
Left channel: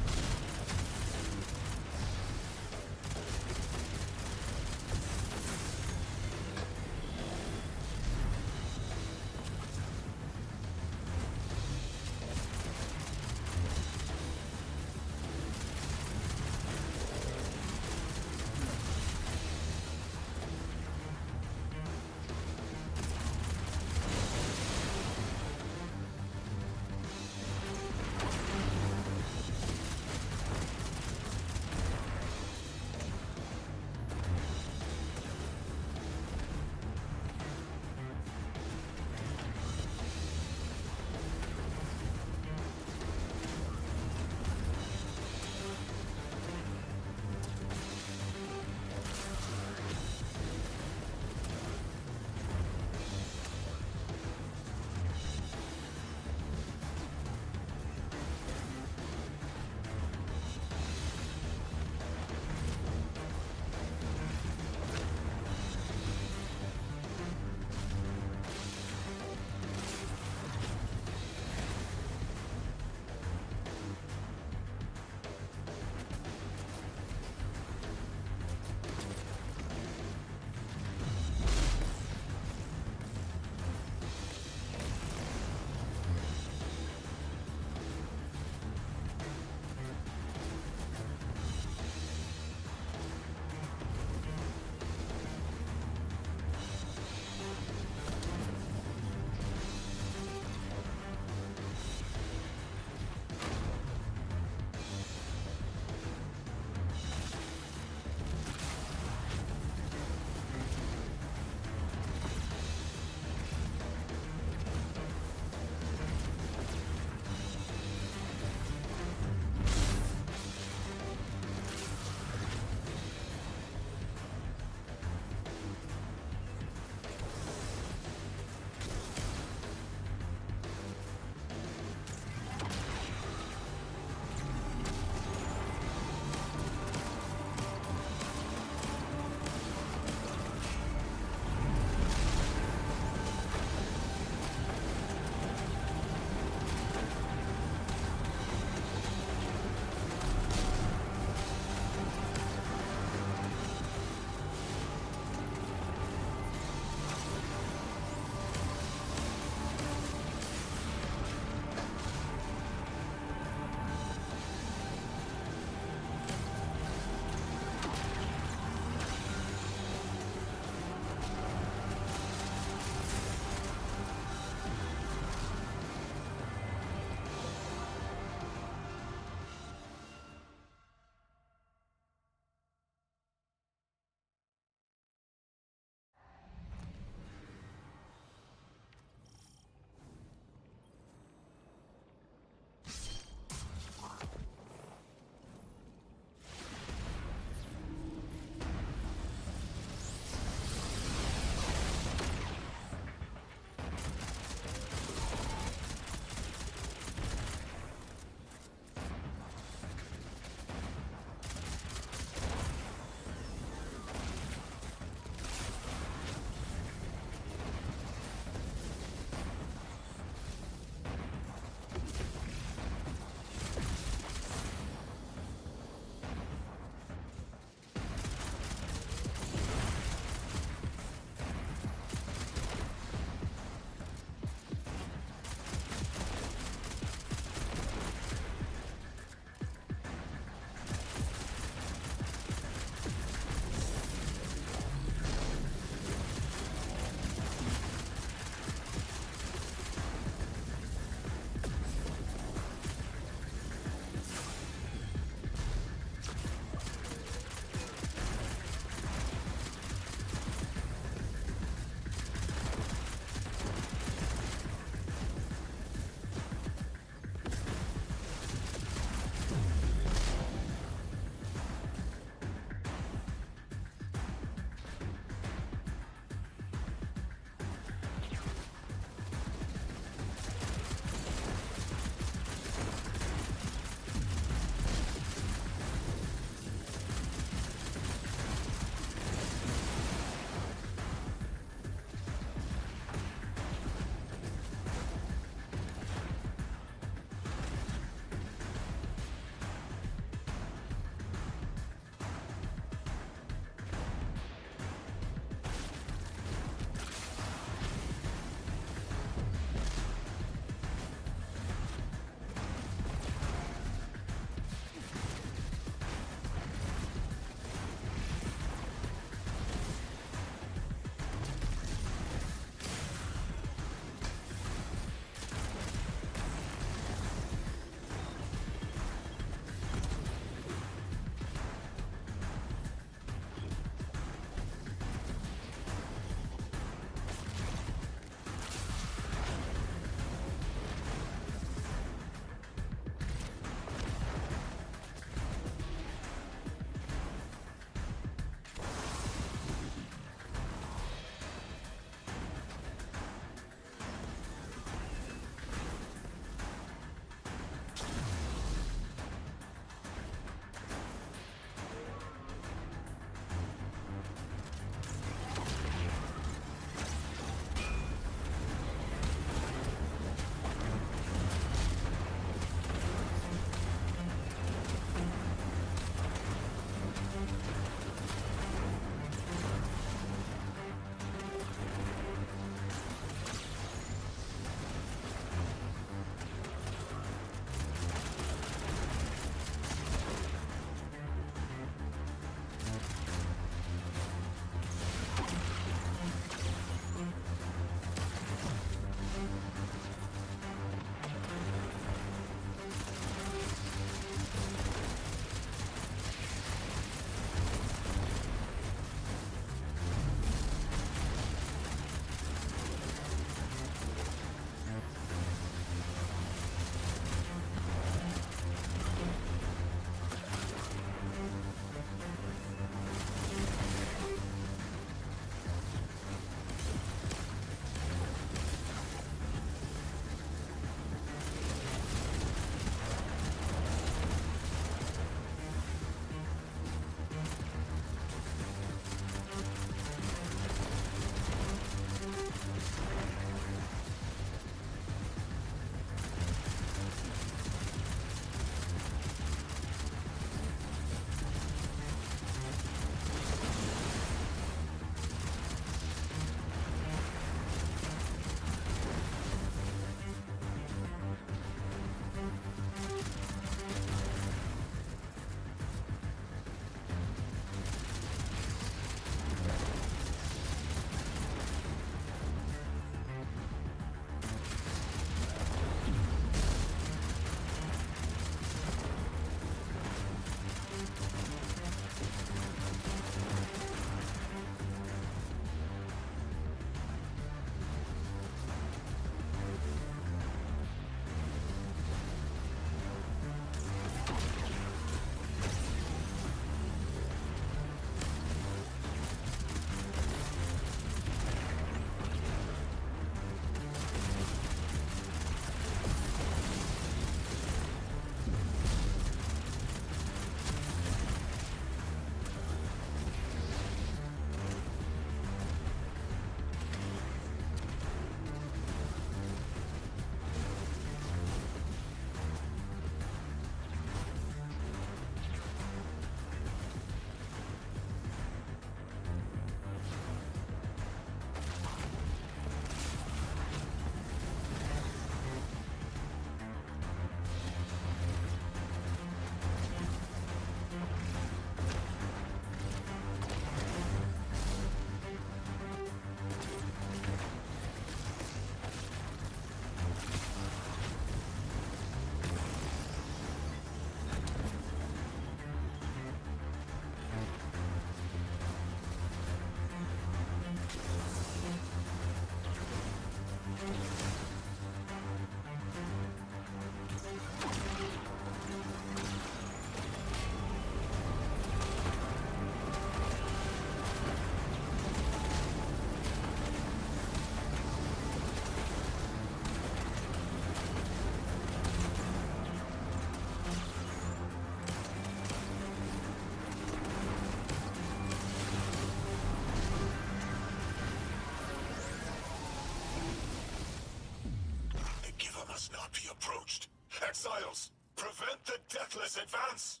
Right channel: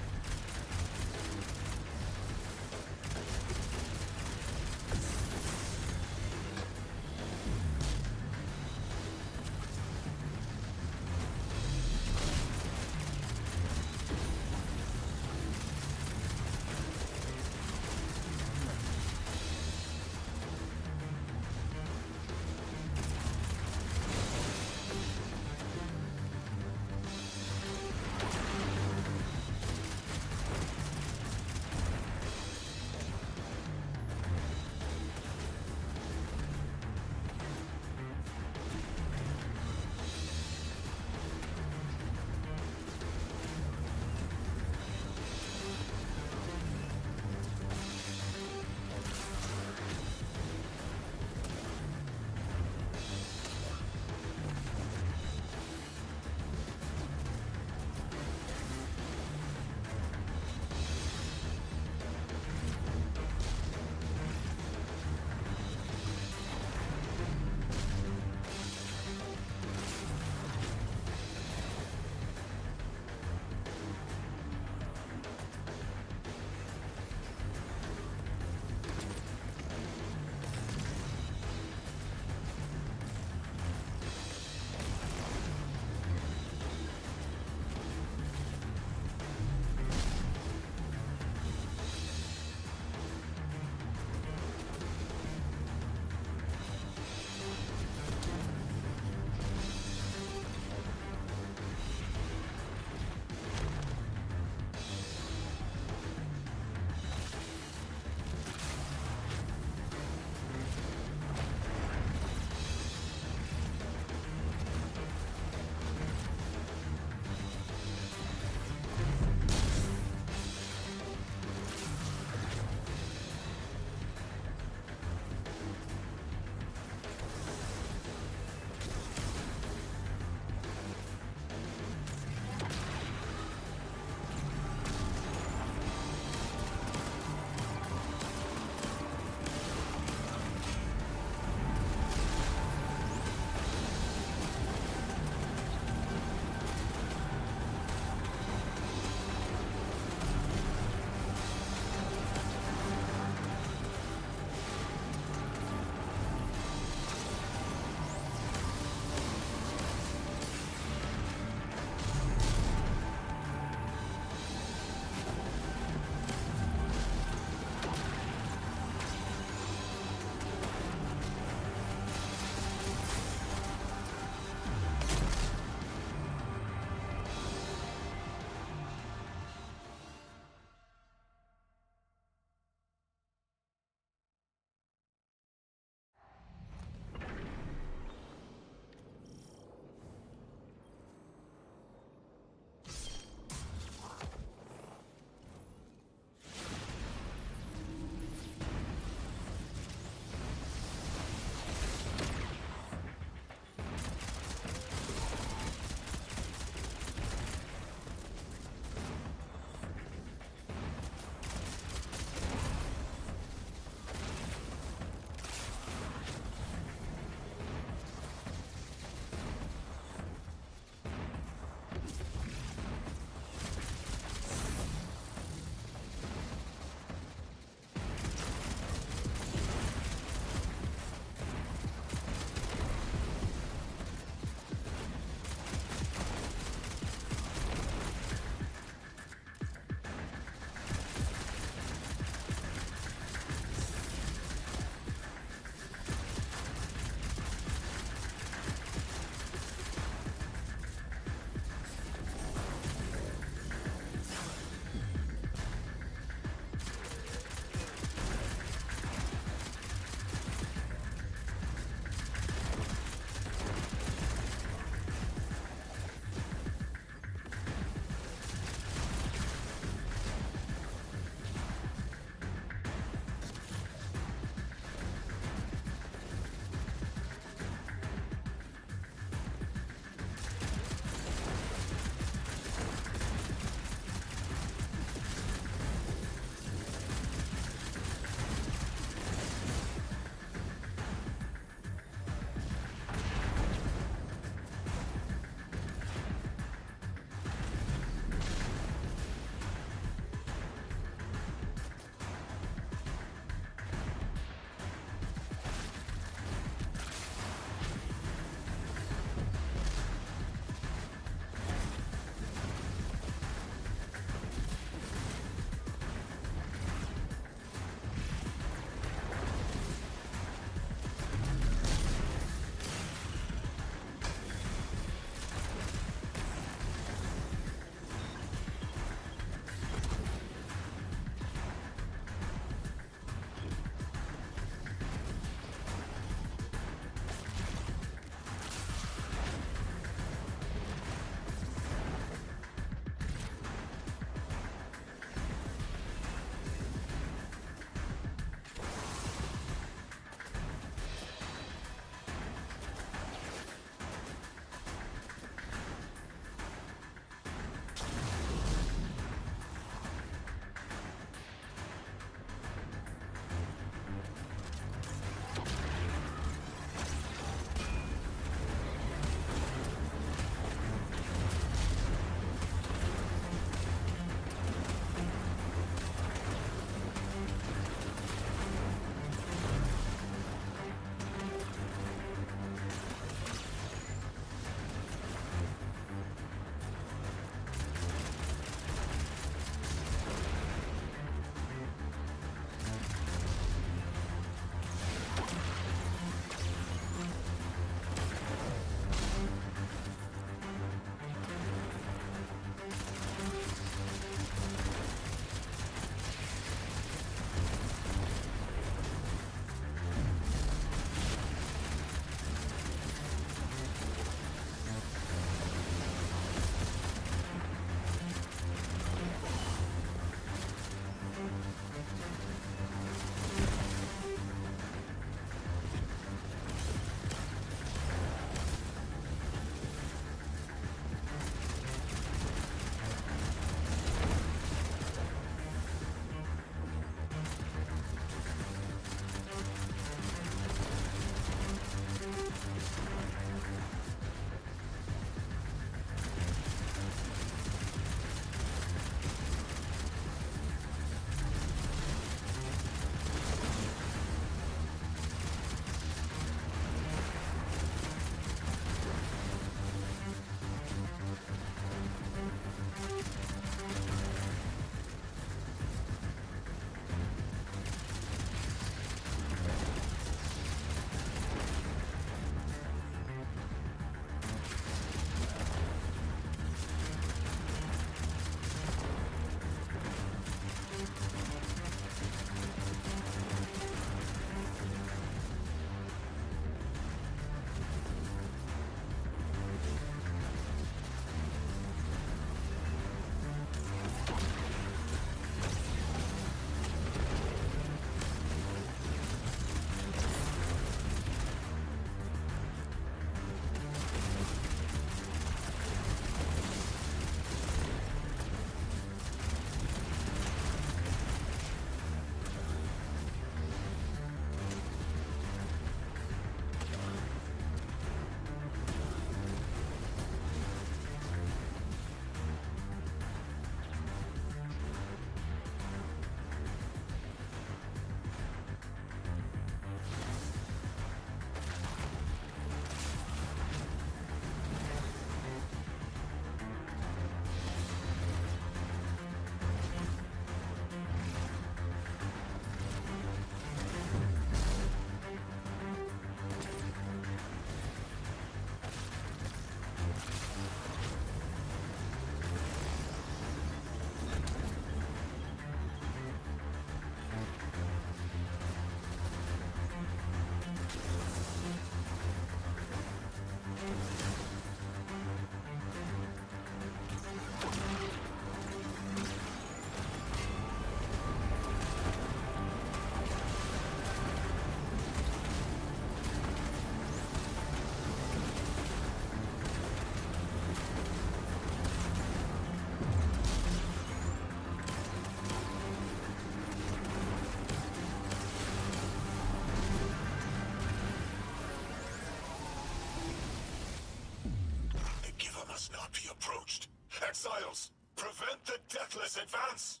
Advance!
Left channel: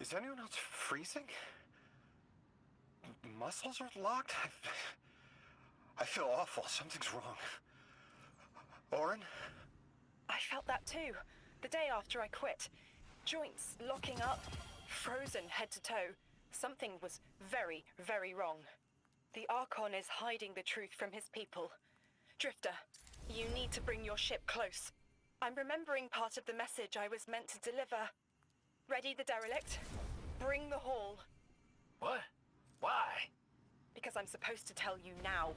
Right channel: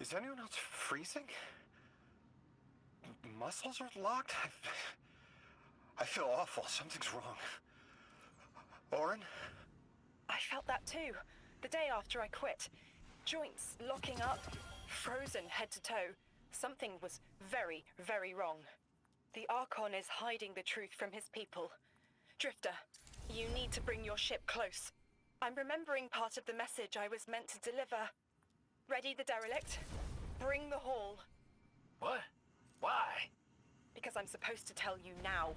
Is anyone else freezing? Muscles are locked? I feel awful. Something's wrong. Orin? I felt that too. The day after I quit. Joints locking up, frozen head to toe. Something was very, very wrong. The Archon is hiding the truth from his people. Drifter, you need to bring your ship close. I'm remembering part of the message I was meant to deliver. Ready the derelict? Bring the haul. What? Why? Because I'm supposed to tell you now.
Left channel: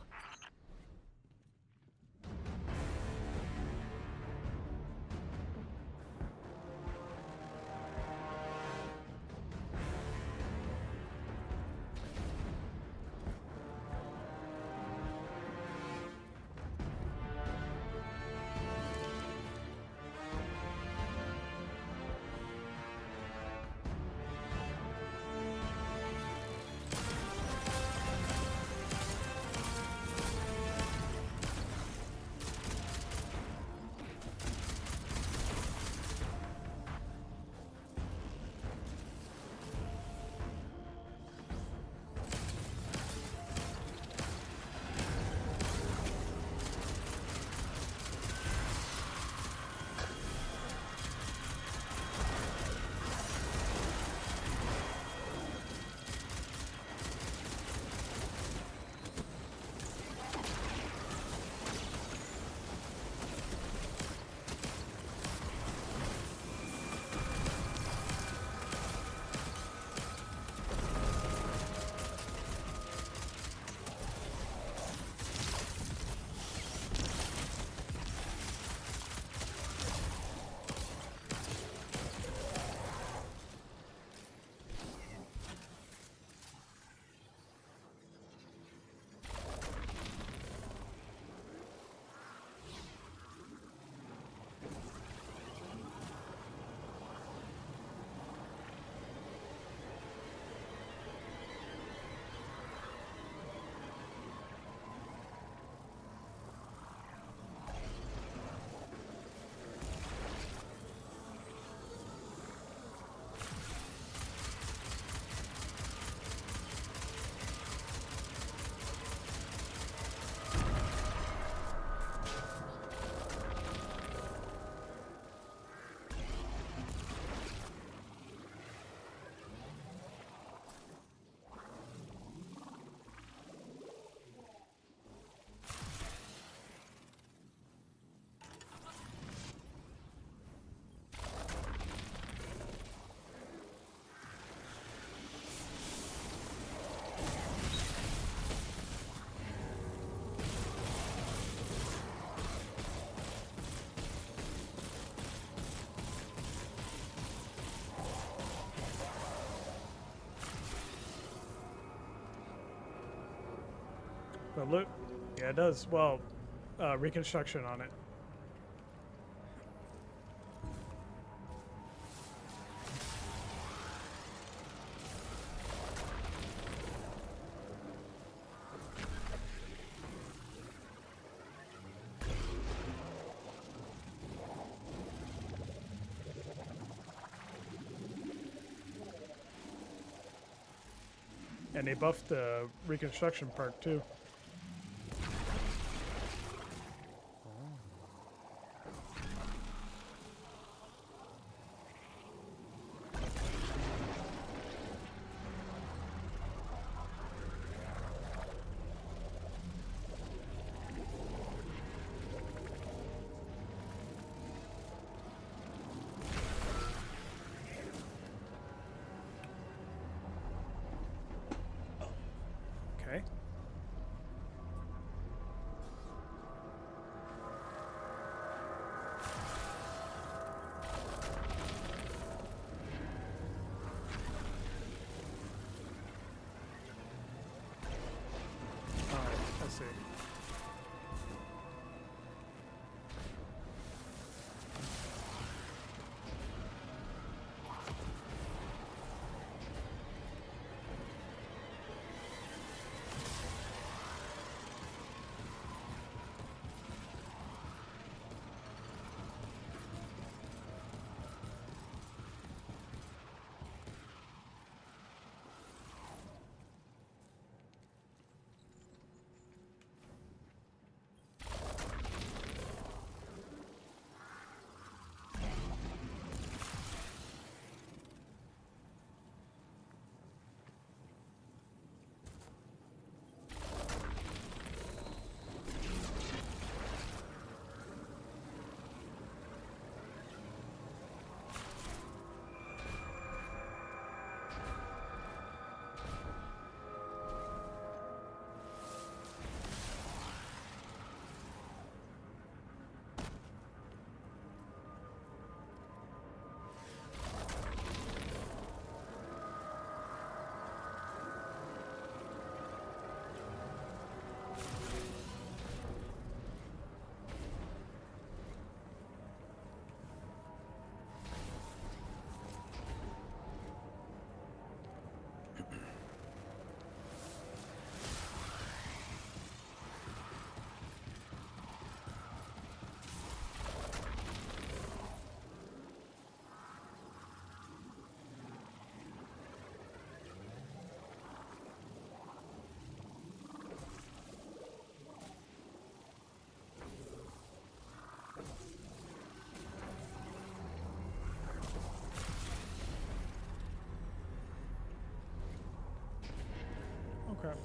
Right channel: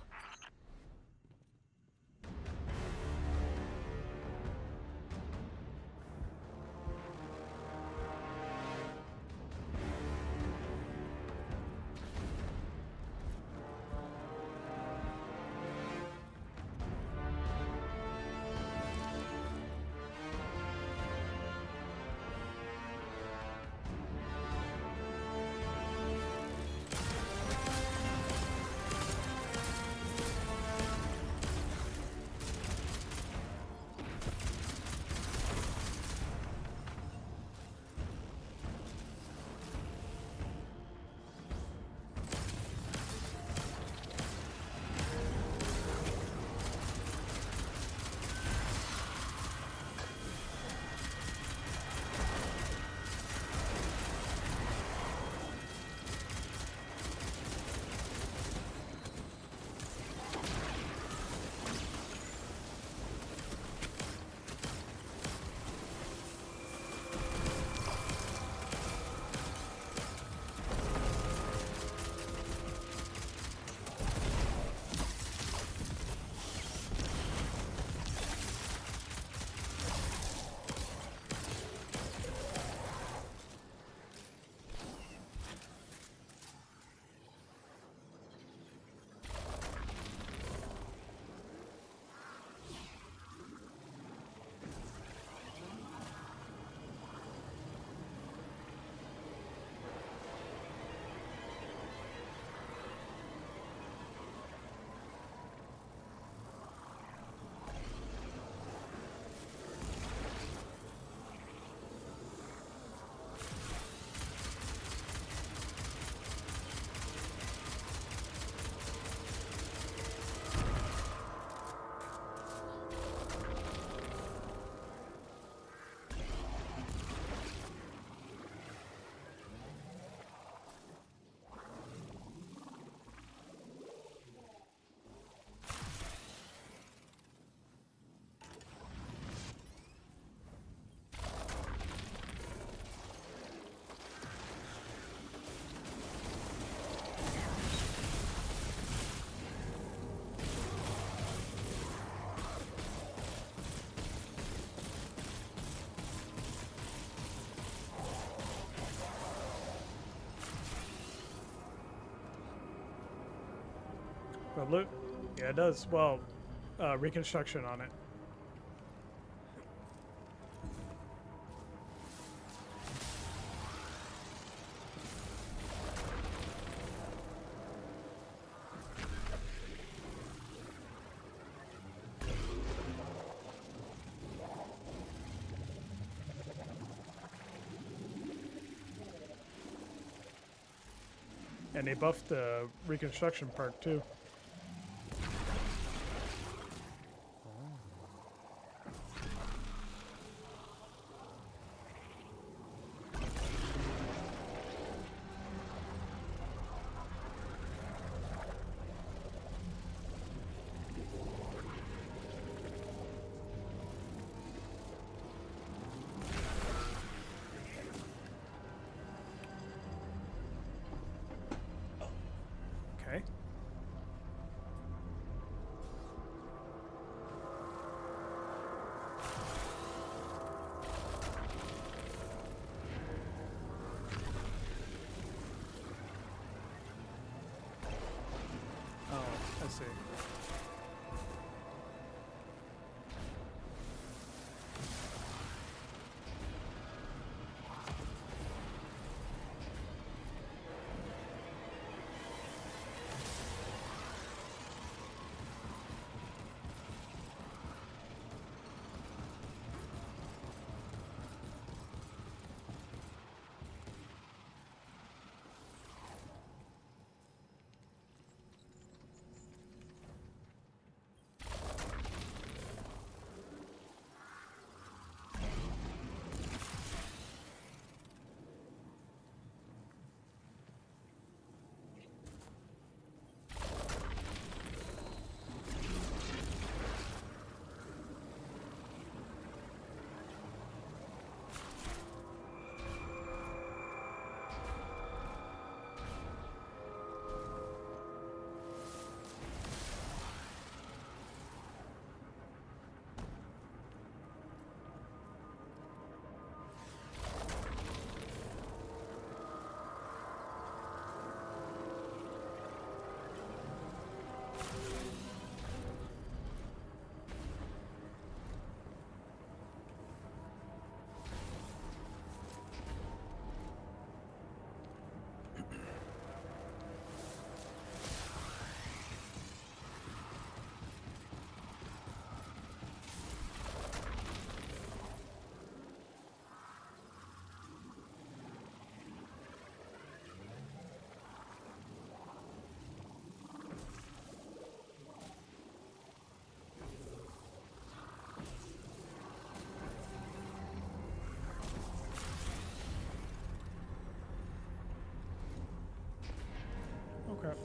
Well, look, yeah, it does. Well, reconstruction on it. And they buffed the reconstruction perk too. Okay. Oh, I see. Oh crap.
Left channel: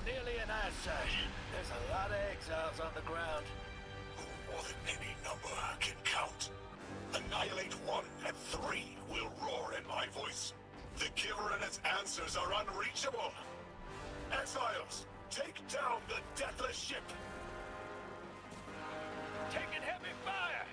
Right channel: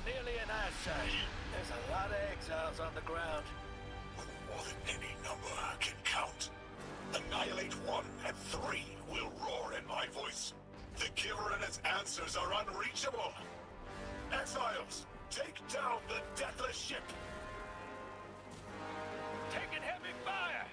I'm nearly an eyesight. There's a lot of exiles on the ground. More than any number can count. Annihilate 1 and 3 will roar in my voice. The Giver and its answers are unreachable. Exiles, take down the deathless ship. Taking heavy fire!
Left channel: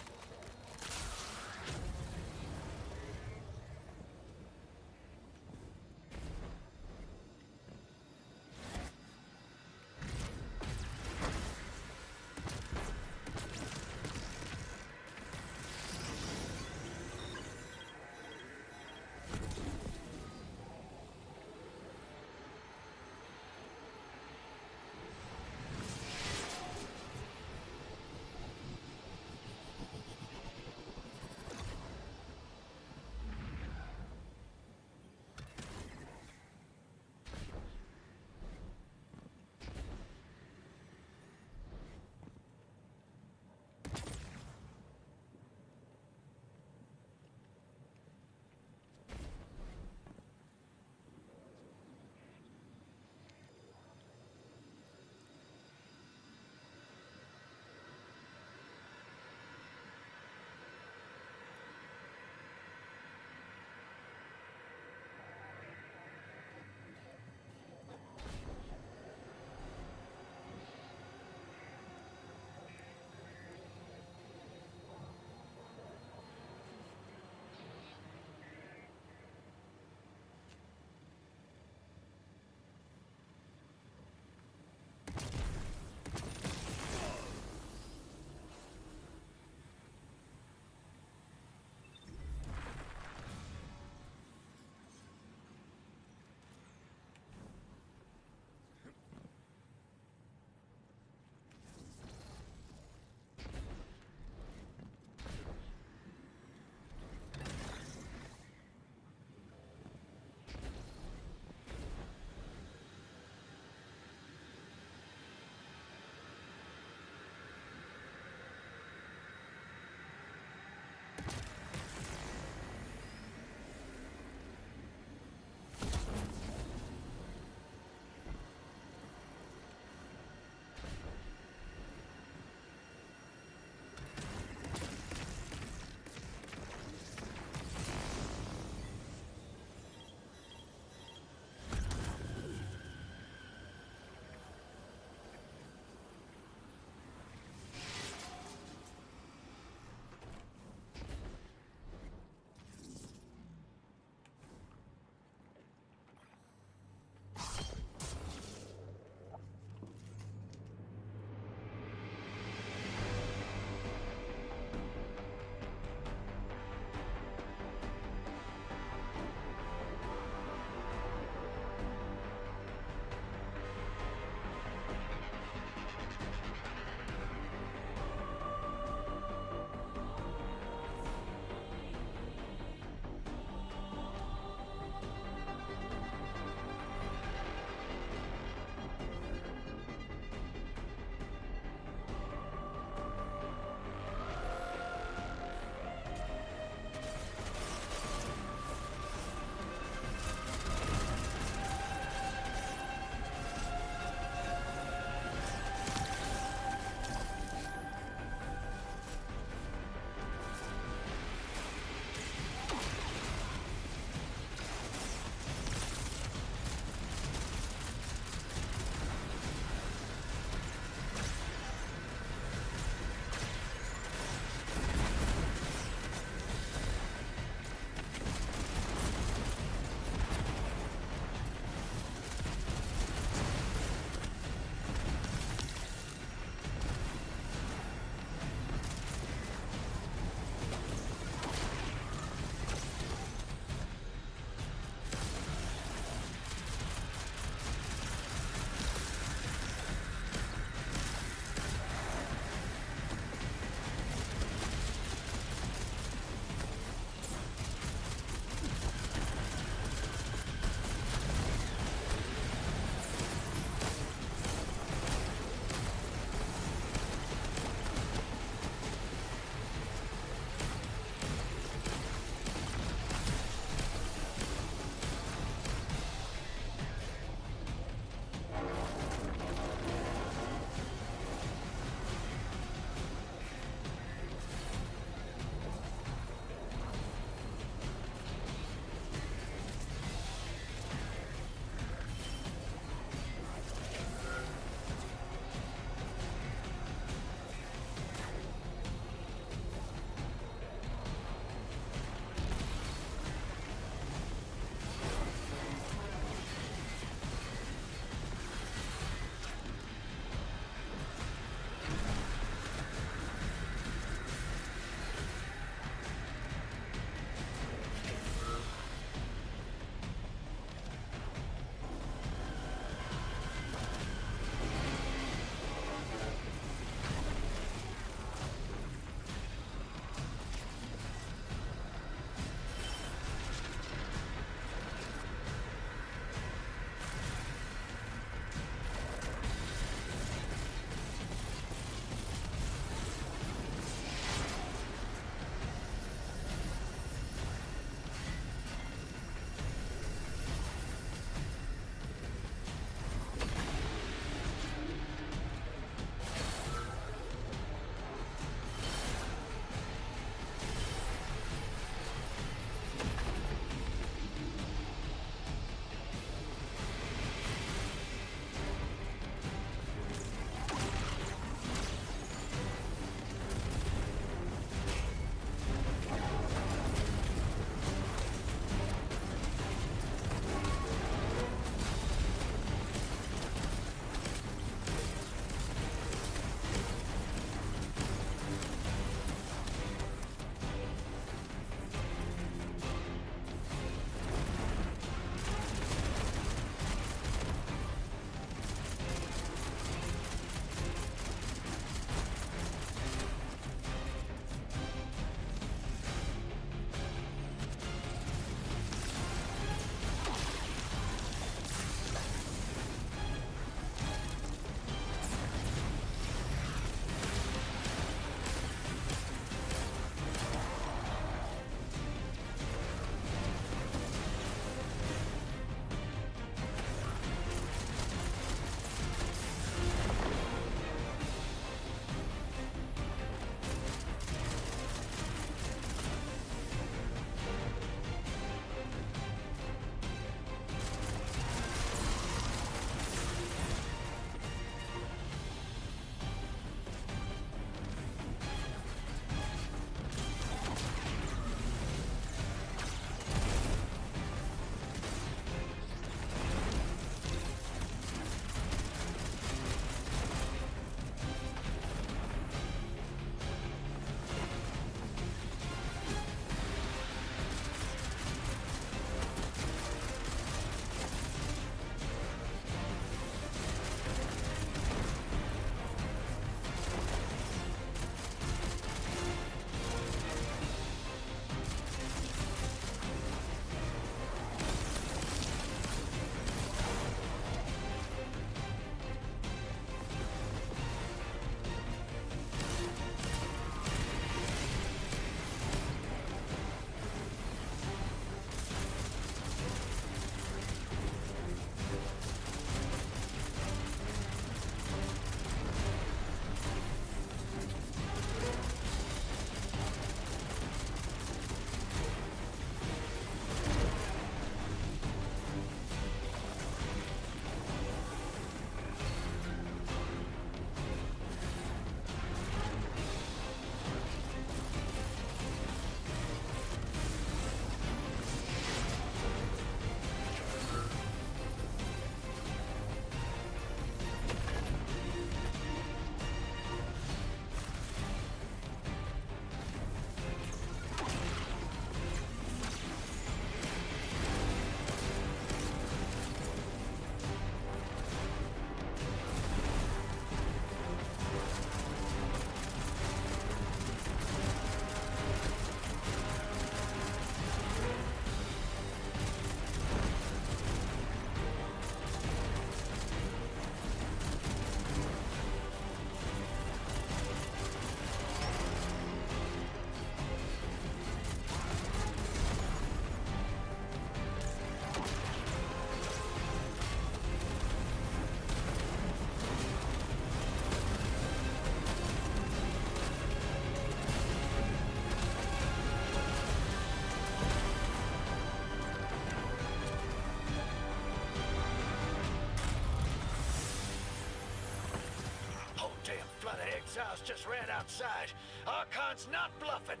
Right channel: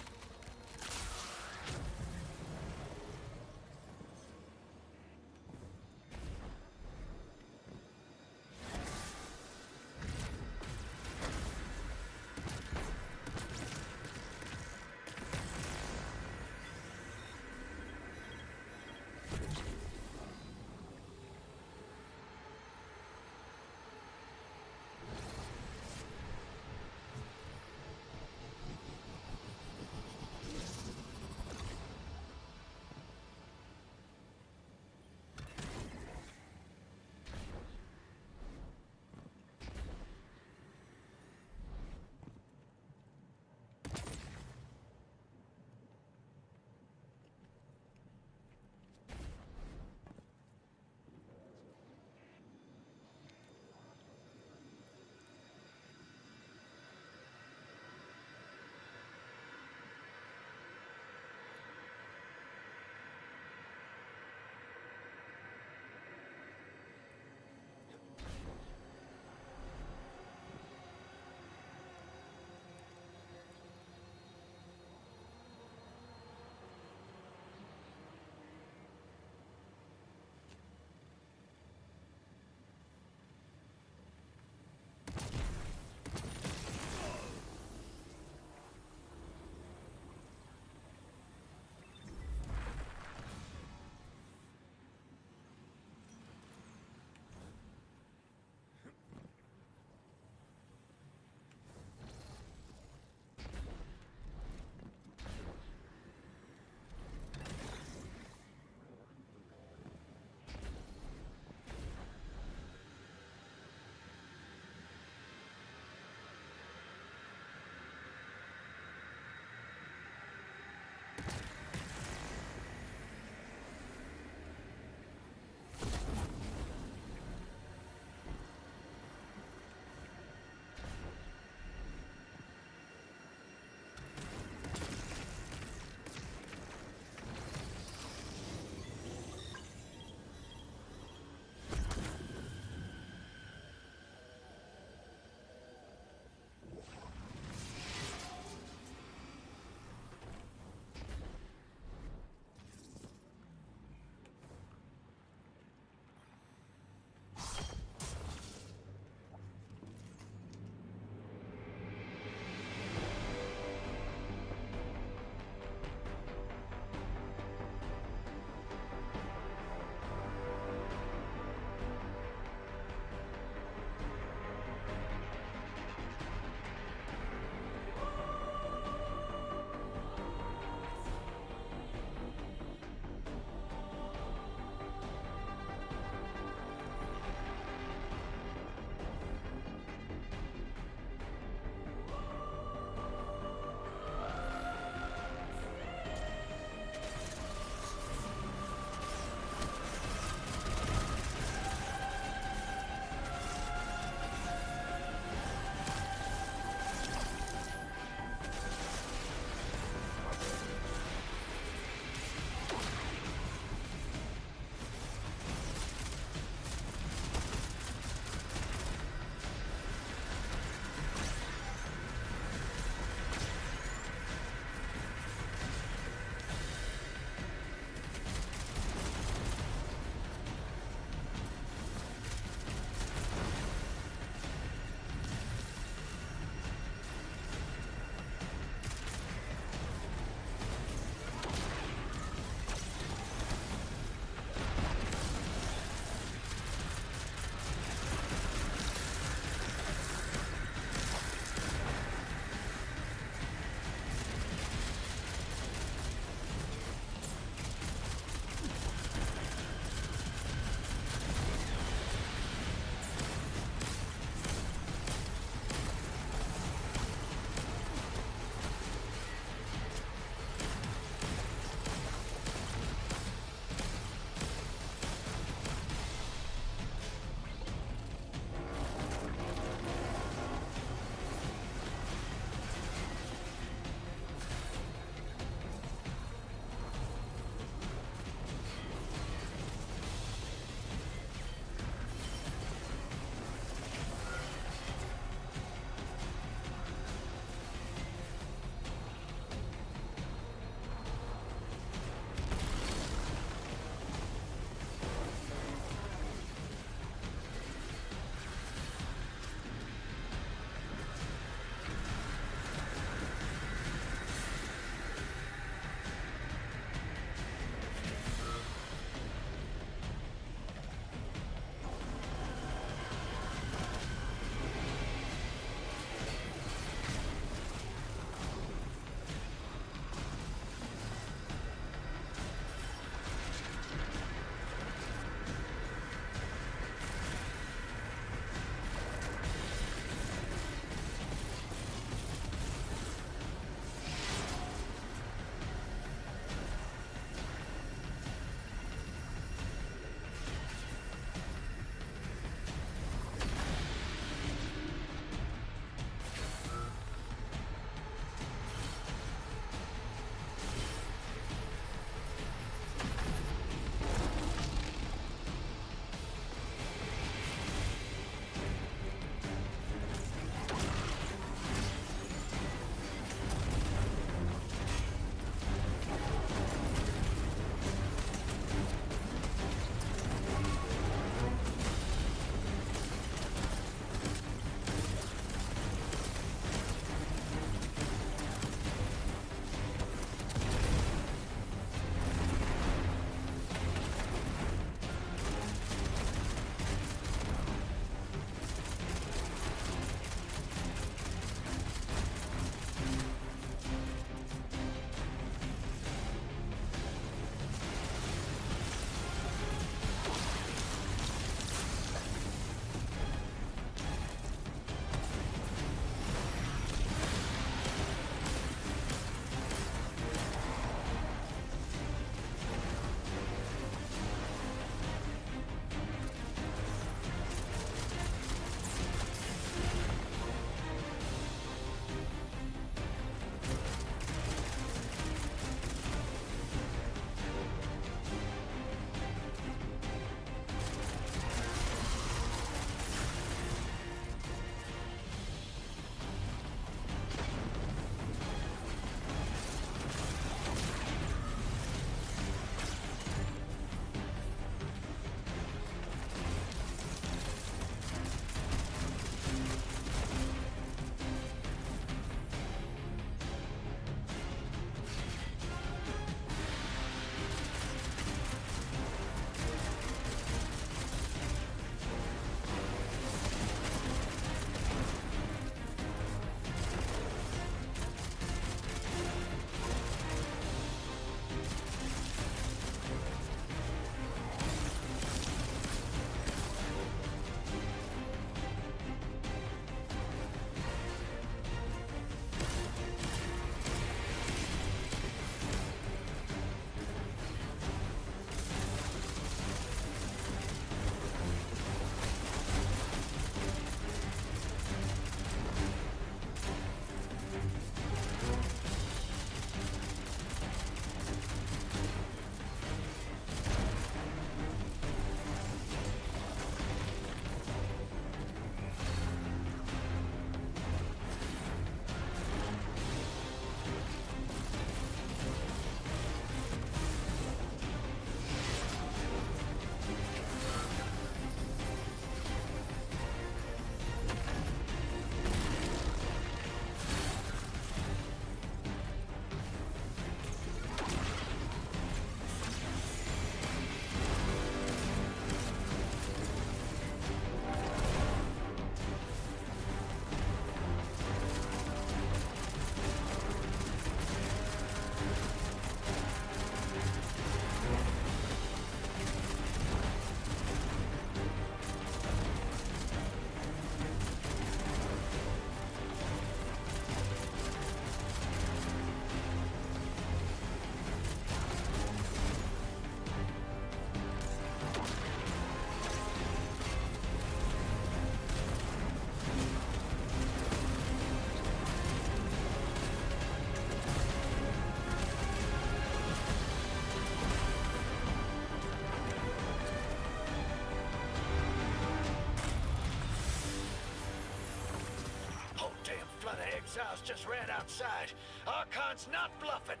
exiles just ran outside. Archon's not bluffing.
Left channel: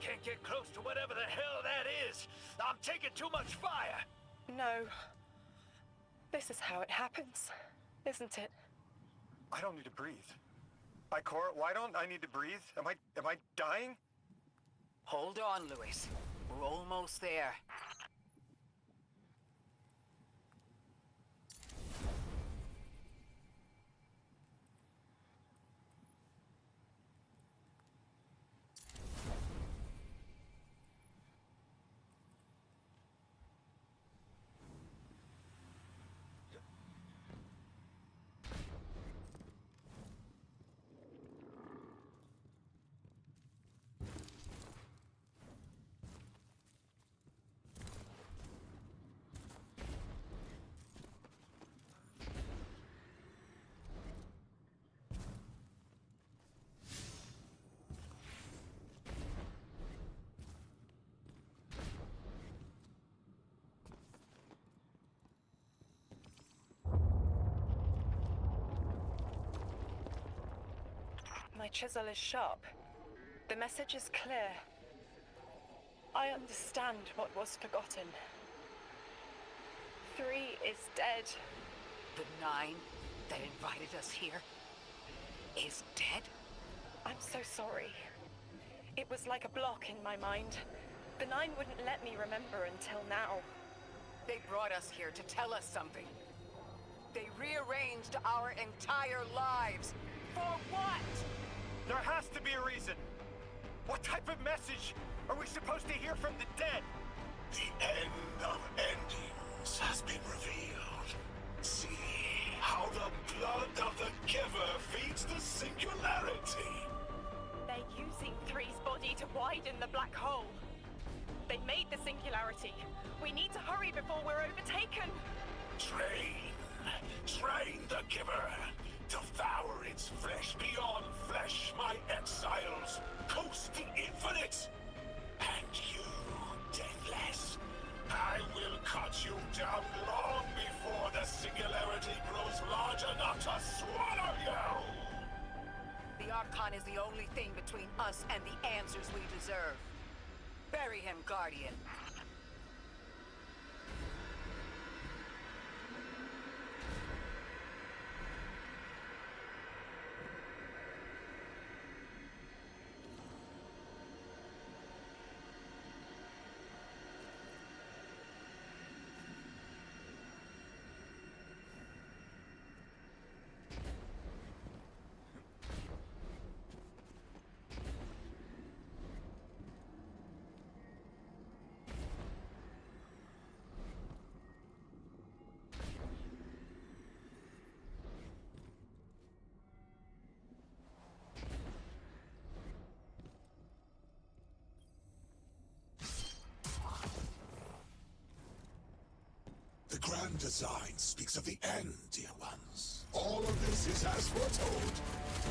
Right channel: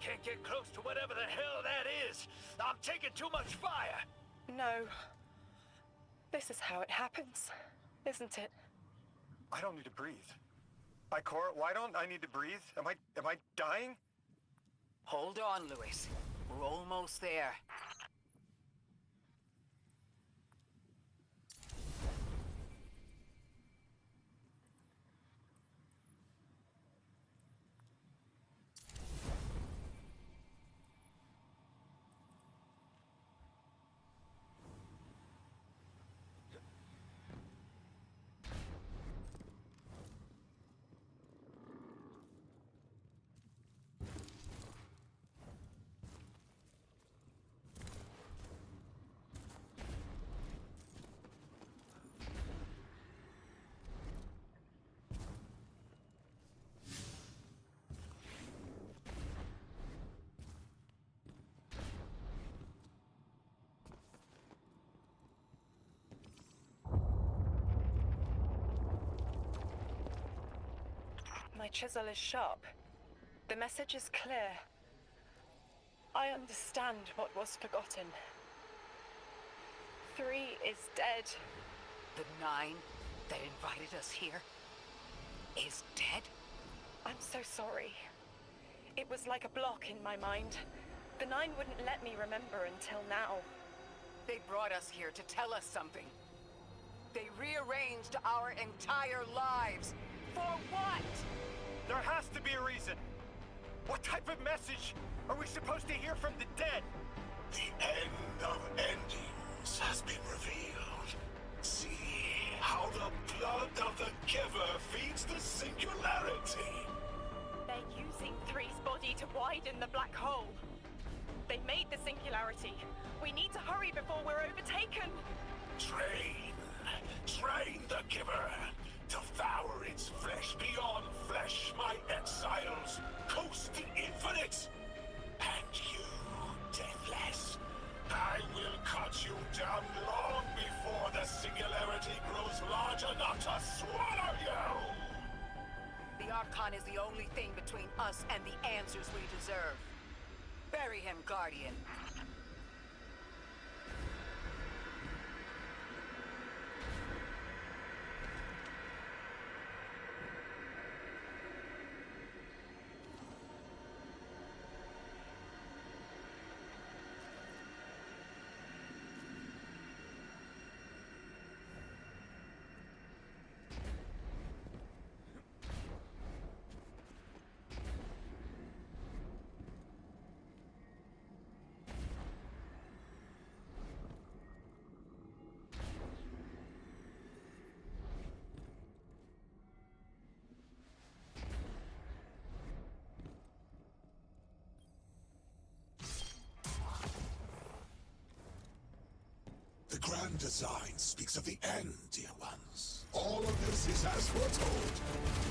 Can't get close to whatever the hell that is. I'm taking too much fire. No. This is how it happens, isn't it? I don't need to breathe. Ikora, why don't I need to breathe? Am I dying? Hold on, Louis. We're almost there. My chisel is sharp. The message is clear. I understand what was forgotten. 3 is dead. The 9 that invited us here is dead? I'm so sorry. It was like a block in my mind. The 9 wouldn't let me remember until now. They brought us here to tell us something. They rearranged our entire lives. For what? There has to be a reason. What type of message are we supposed to hear from the dead? The end of endings has been revealed. See how the blood of the giver feeds the singularity. They're using 3's body to widen the black hole. They made the singularity. We need to hurry before we're overtaken. Train the giver. Devour its flesh beyond flesh, my exiles. Coast the infinite. And you, deathless, I will cut you down long before the singularity grows large enough to swallow you. The Archon is the only thing between us and the answers we deserve. Bury him, Guardian. The grand design speaks of the end, dear ones. All of this is as foretold.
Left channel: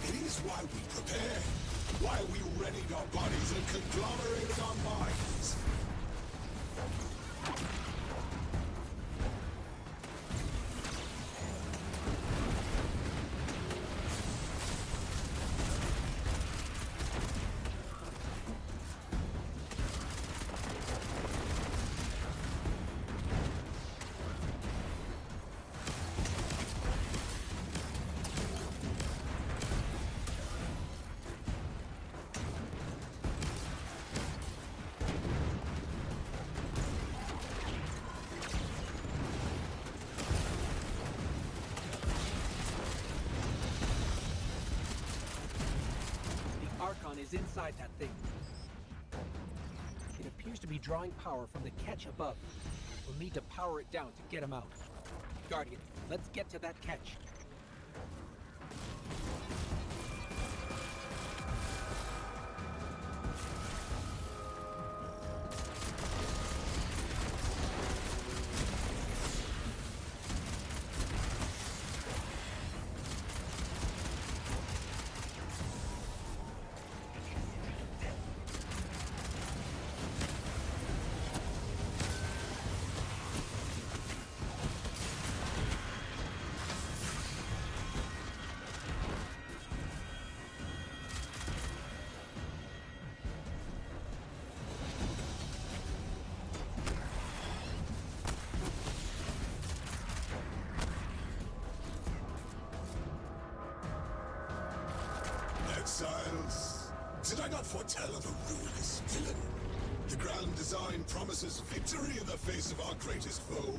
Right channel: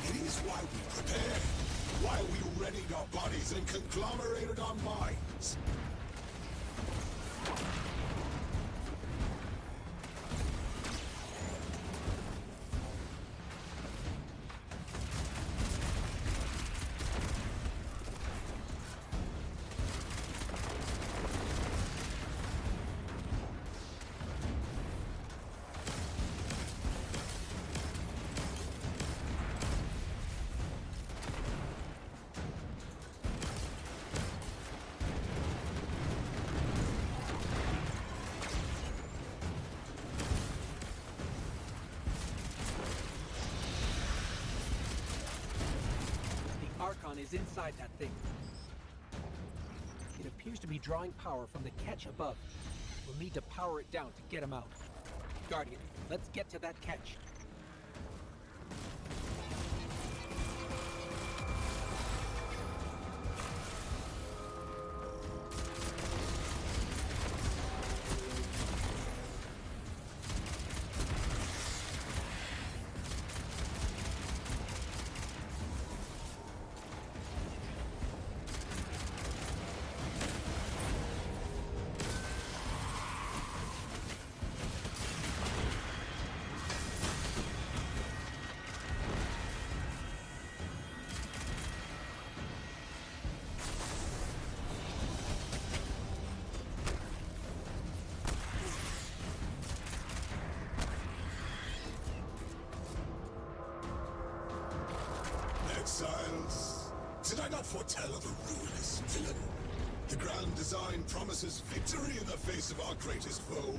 It is why we prepared, why we readied our bodies and conglomerated our minds. Archon is inside that thing. It appears to be drawing power from the catch above. We'll need to power it down to get him out. Guardian, let's get to that catch. exiles. Did I not foretell of a ruinous villain? The grand design promises victory in the face of our greatest foe.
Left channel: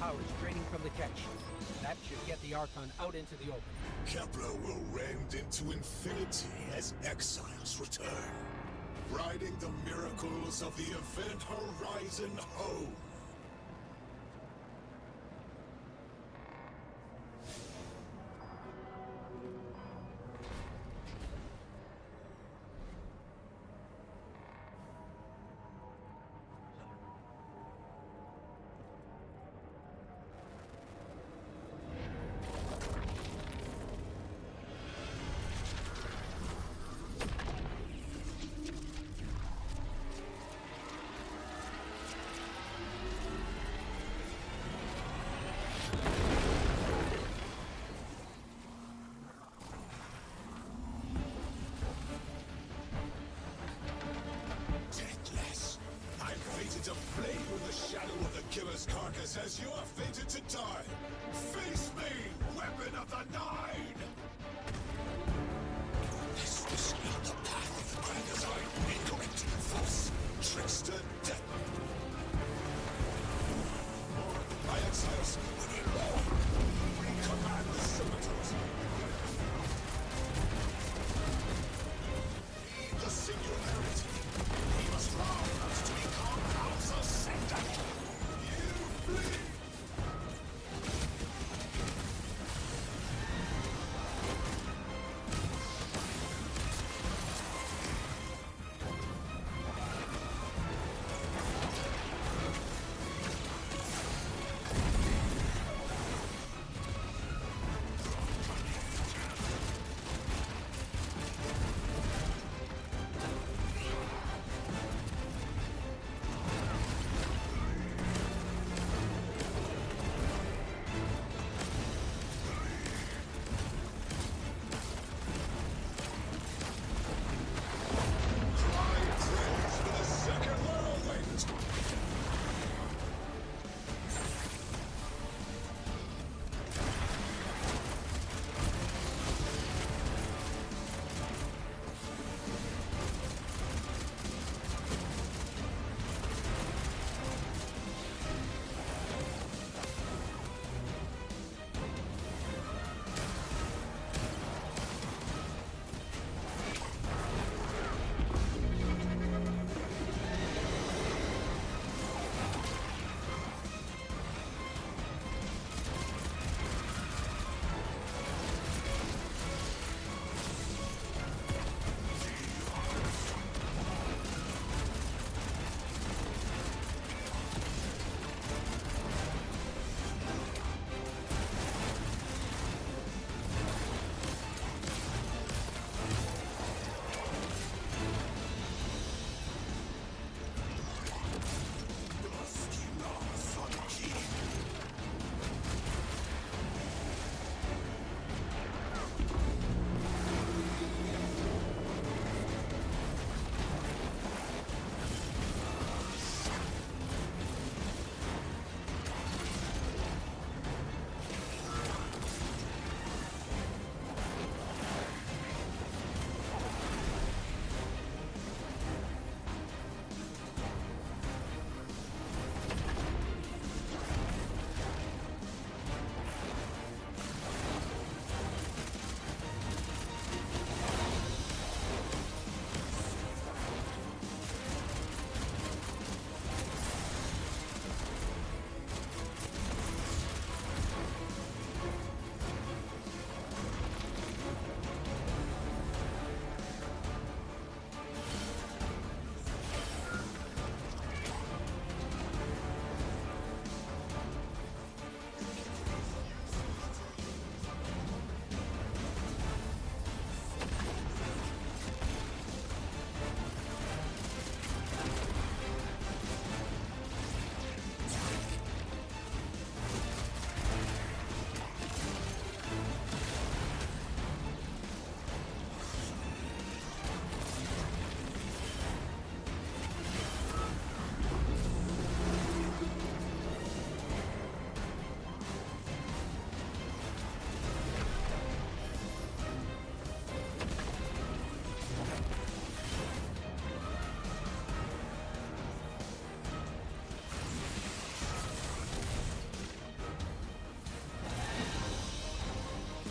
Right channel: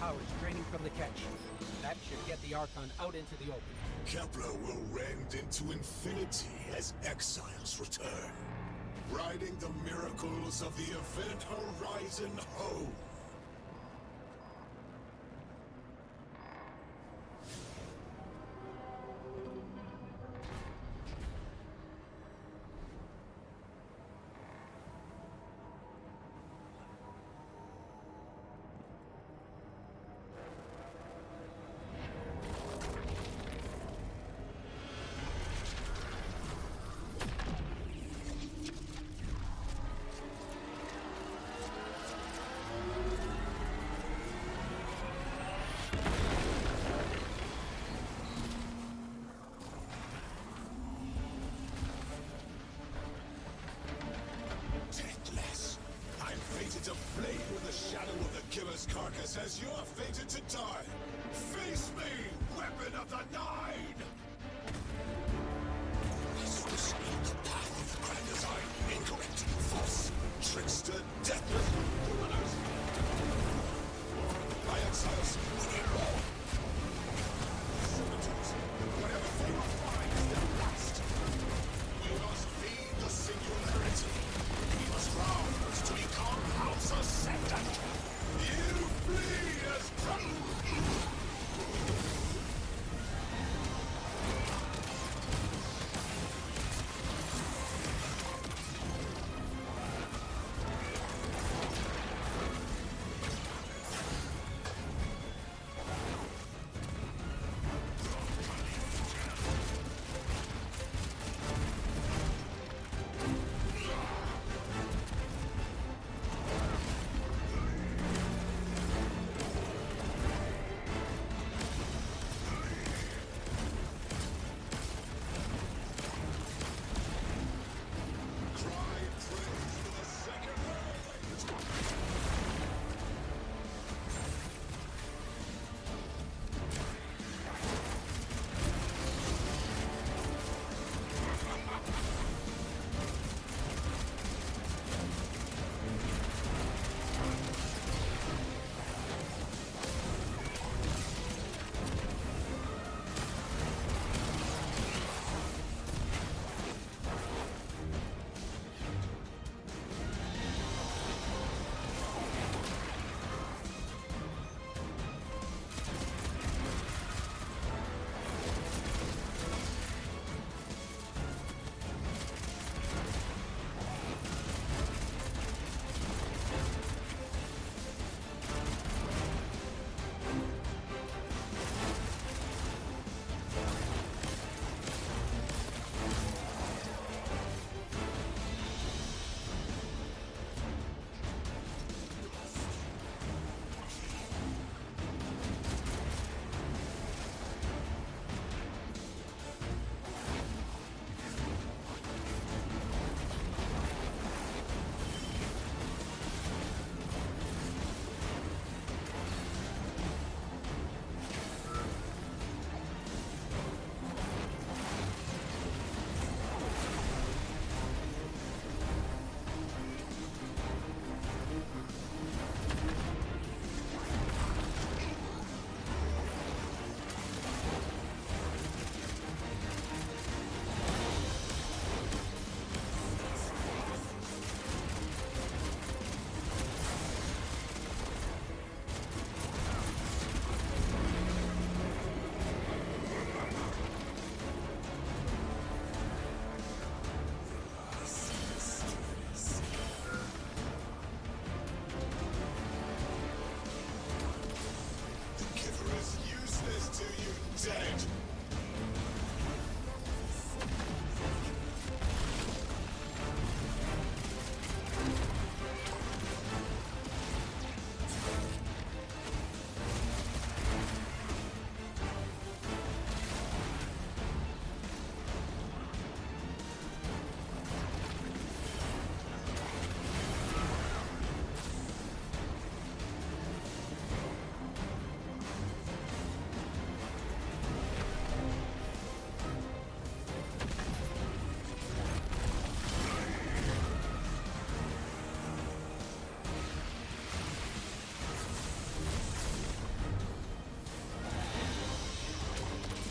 Power is draining from the catch. That should get the Archon out into the open. Kepler will rend into infinity as exiles return, riding the miracles of the Event Horizon home. lifeless carcass as you are fated to die. Face me, weapon of the Nine! Is this not the path of the grand design? Incorrect, false, trickster, deathless. More, my exiles, we need more. Command the servitors, whatever fate our find is their past. We must feed the singularity. We must rouse to become House Ascendant. You flee as trouble.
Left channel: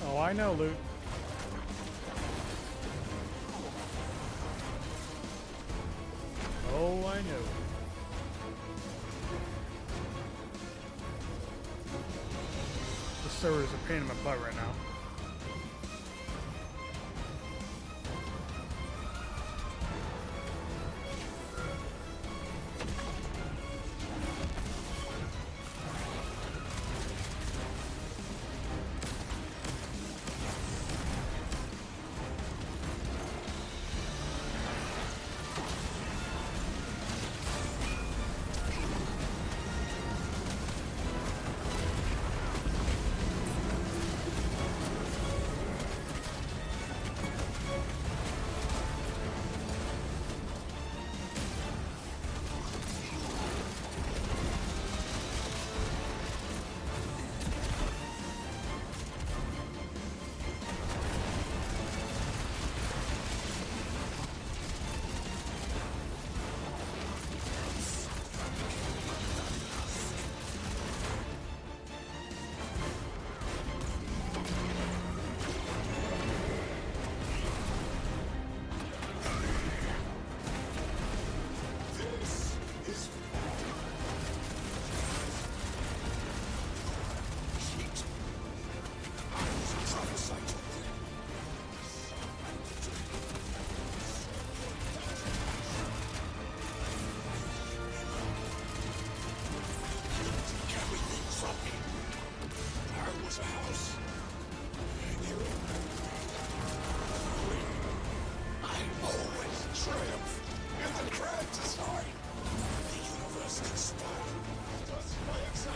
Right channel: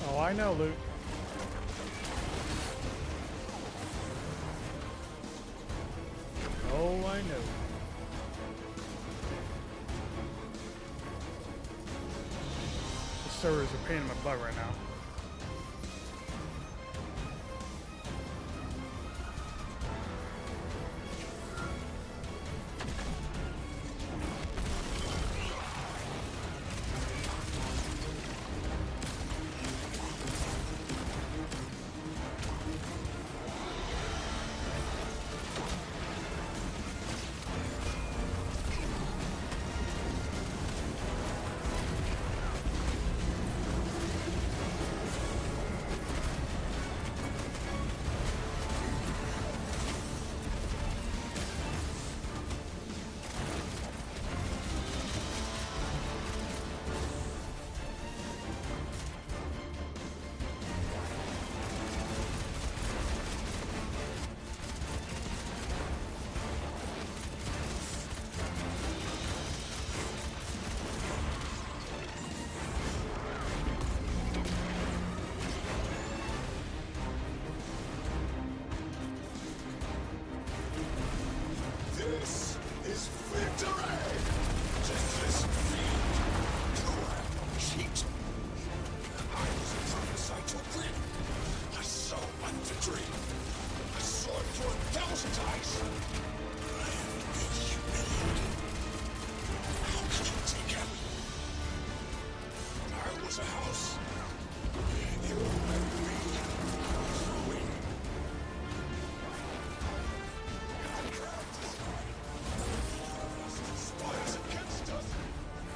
Oh, I know, loot. Oh, I know. The servers are a pain in my butt right now. was a house. You and me. Ruin. I already triumph in the grand design. The universe conspires against us in my exile.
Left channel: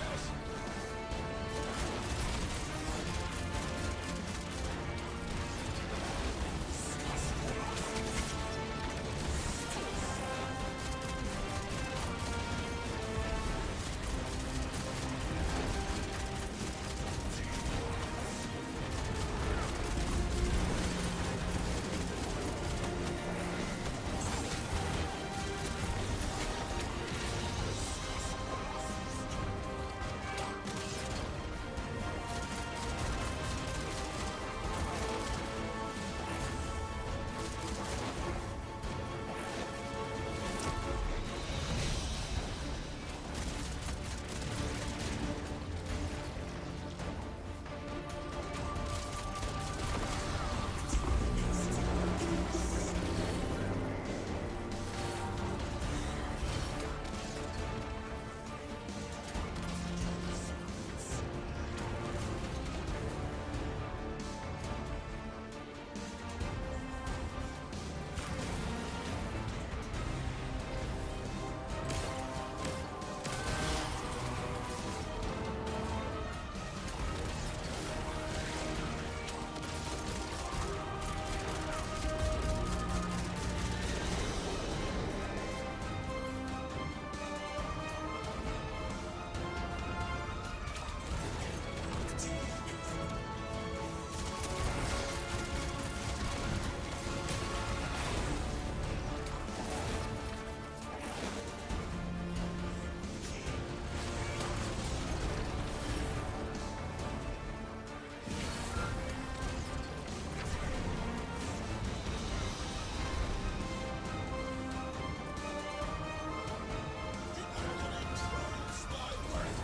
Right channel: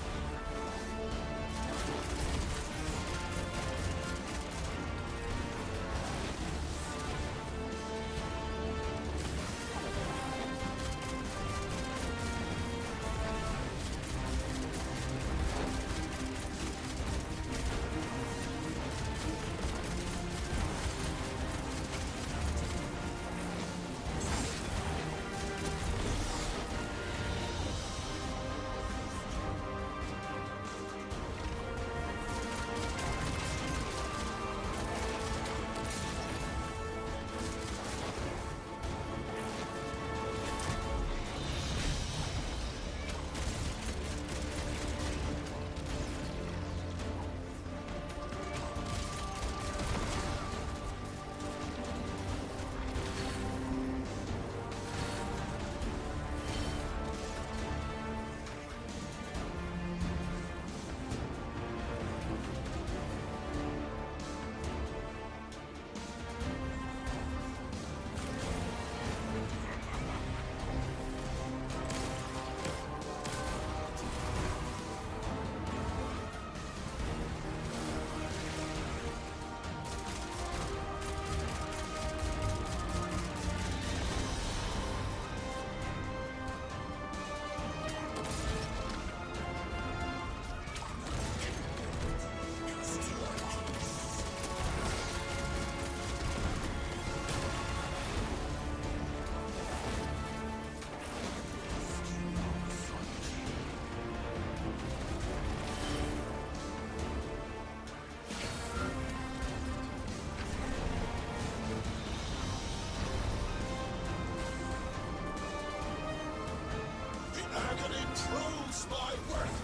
Agony proves my worth!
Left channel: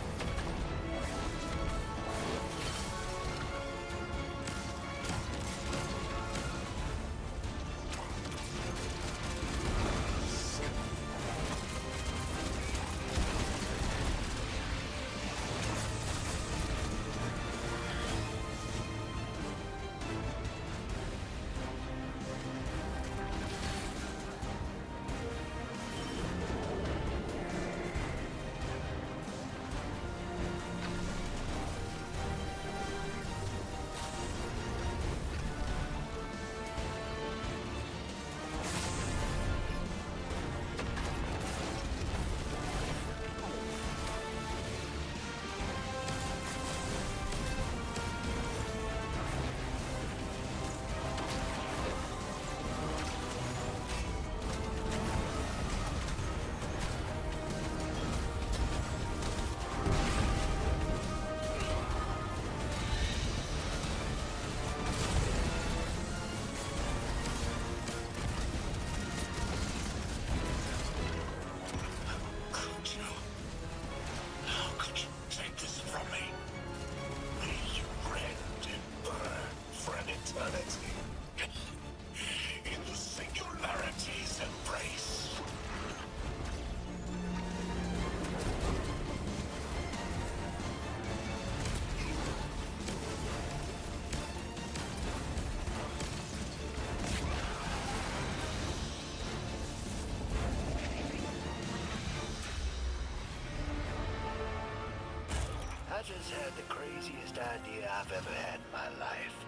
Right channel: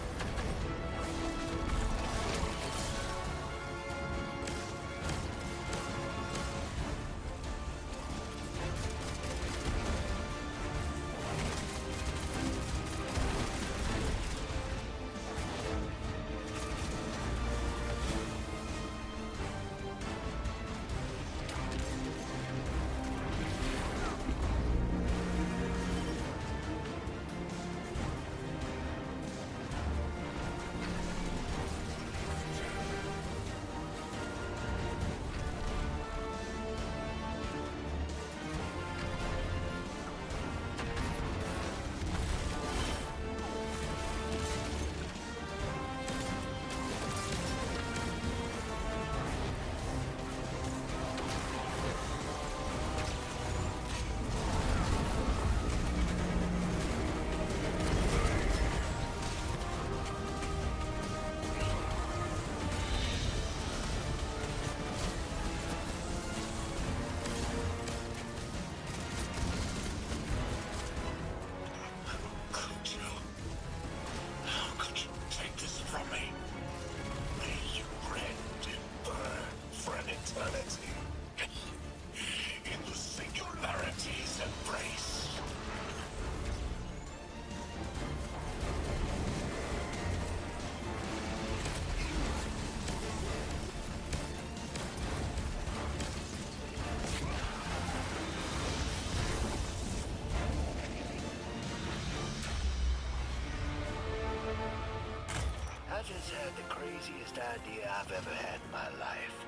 I just had the craziest idea I've ever had in my life.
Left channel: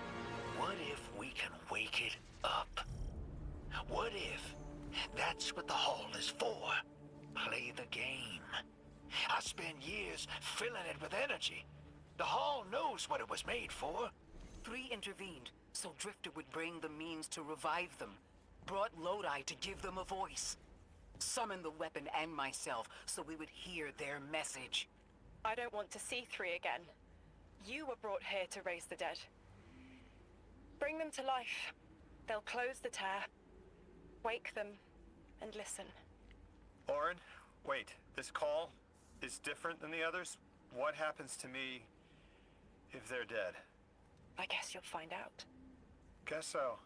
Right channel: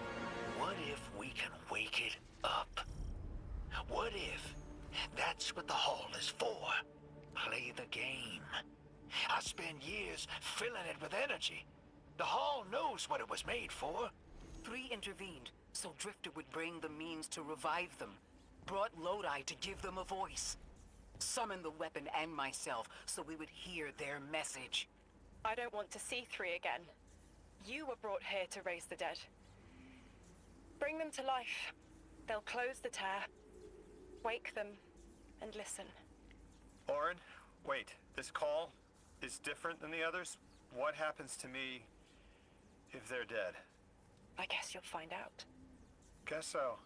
What if we can wake it up? What if that's what the hall is for? Play the game. I spent years filling it with energy. The hall knows what it was made for. 3 intervened, so Drifter would bring the means to revive them. Brought Lodi to give them a voice. Summoned the weapon and myself, so we would hear their message. I don't want to see 3 again. You were brought here to raise the dead. Bring them to life. They'll close the tear, wake them, and listen. Orin, wait. This call is different than the others? What happens to me if they're dead? I guess you'll find out. Guess so.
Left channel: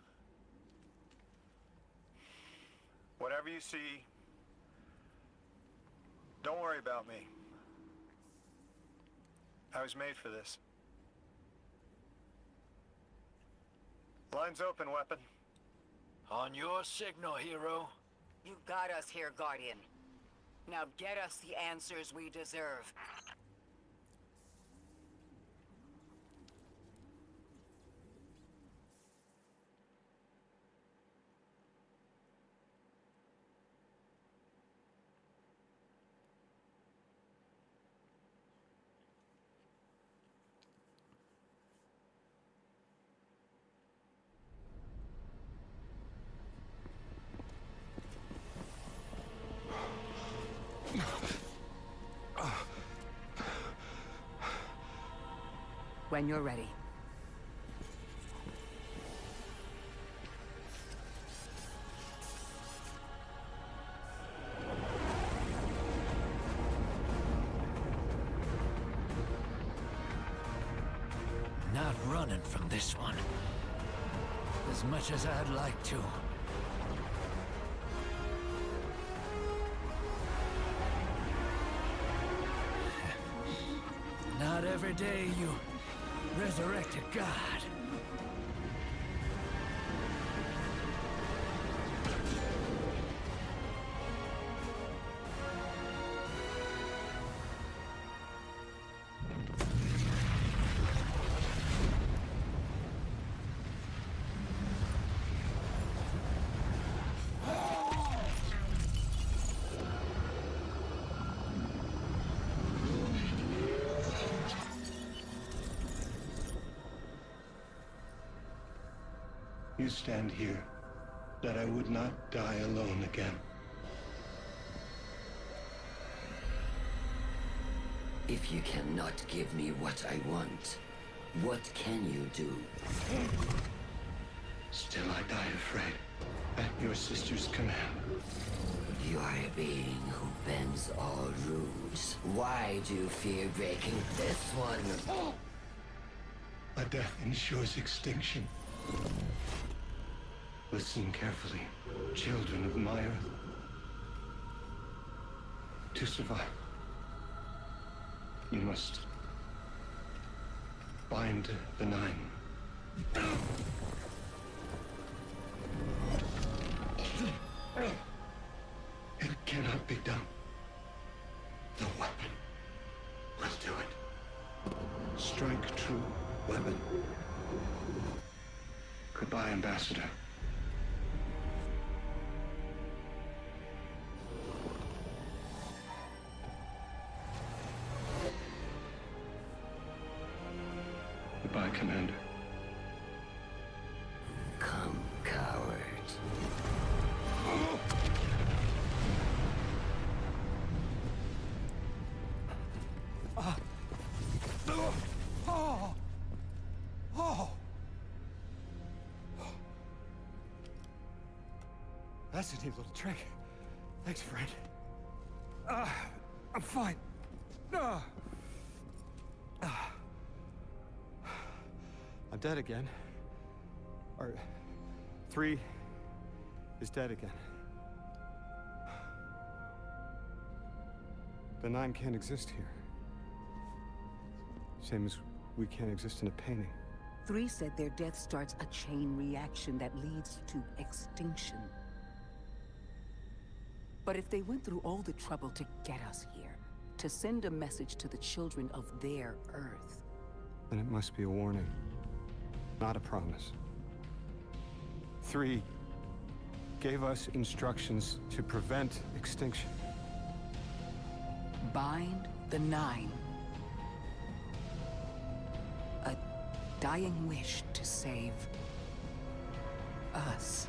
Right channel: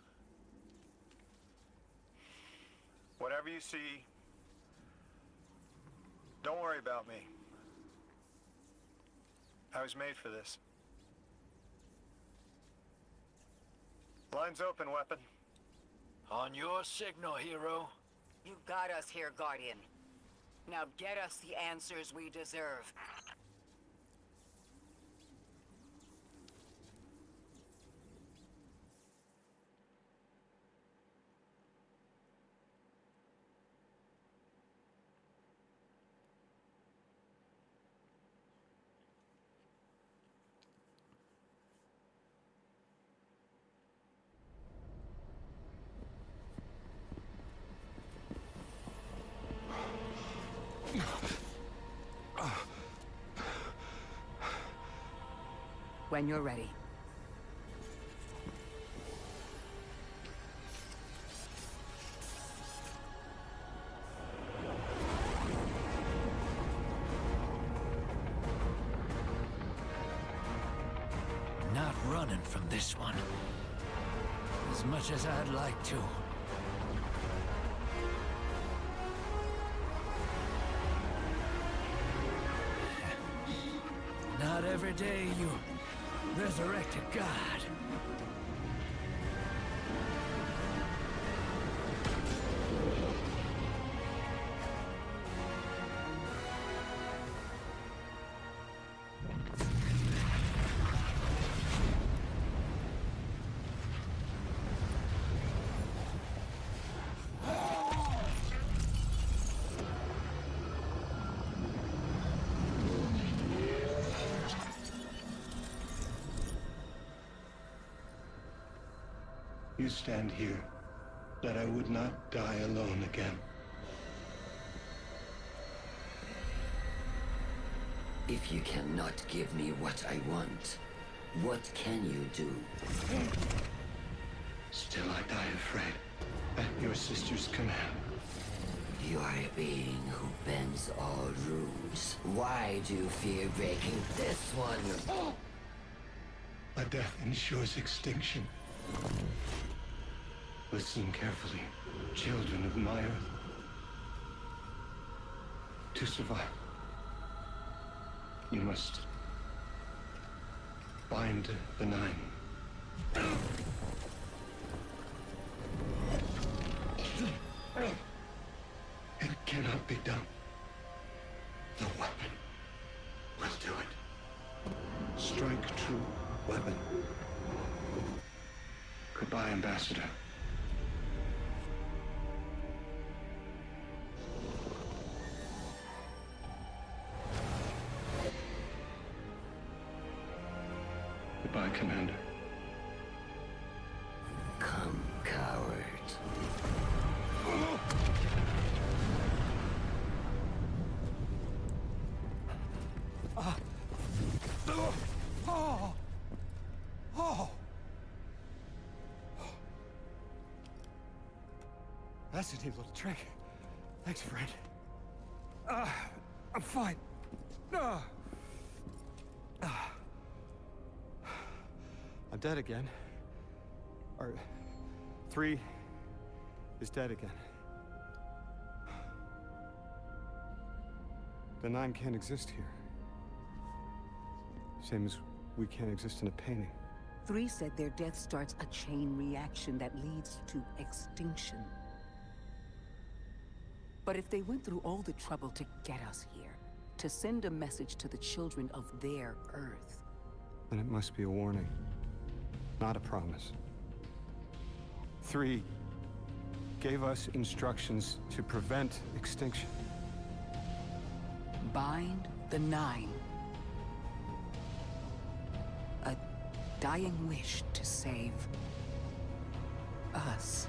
Whatever you see, don't worry about me. I was made for this. Line's open, weapon. On your signal, hero. You got us here, Guardian. Now get us the answers we deserve. When you're ready. Not running from this one. As much as I'd like to. Not every day you resurrect a god. You stand here, that I would not die alone again. If you cannot give me what I want, what can you do? Still I die afraid, at your sister's command. You are a being who bends all rules. Why do you fear breaking this one? A death ensures extinction. Listen carefully, children of my earth. To survive, you must bind the Nine. It cannot be done. The weapon will do it. Strike true, weapon. Goodbye, Ambassador. Goodbye, Commander. Come, coward. That's a neat little trick. Thanks, friend. I'm fine. I'm dead again. Or 3 is dead again. The 9 can't exist here. Same as we can't exist in a painting. 3 said their death starts a chain reaction that leads to extinction. But if they went through all the trouble to get us here, to send a message to the children of their Earth... then it must be a warning, not a promise. 3 gave us instructions to prevent extinction. Bind the 9. A dying wish to save us.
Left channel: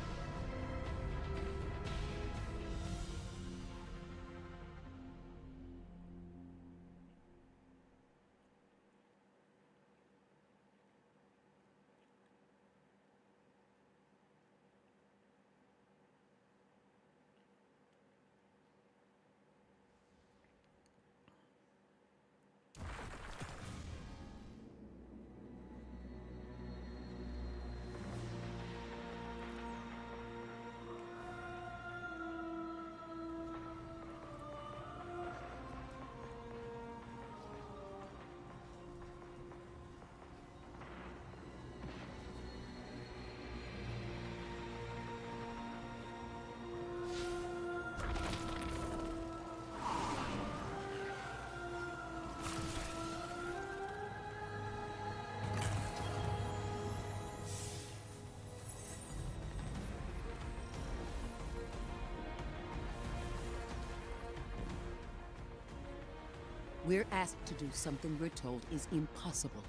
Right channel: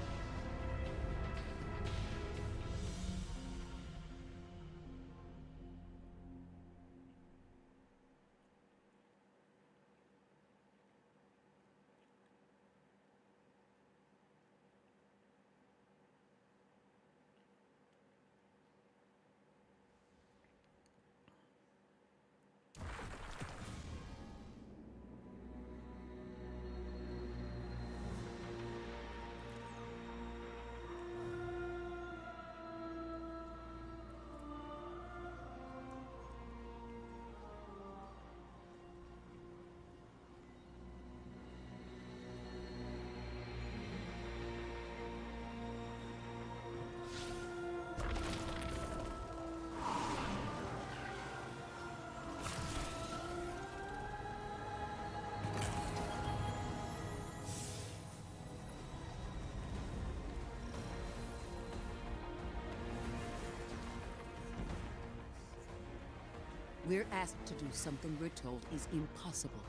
We're asked to do something we're told is impossible,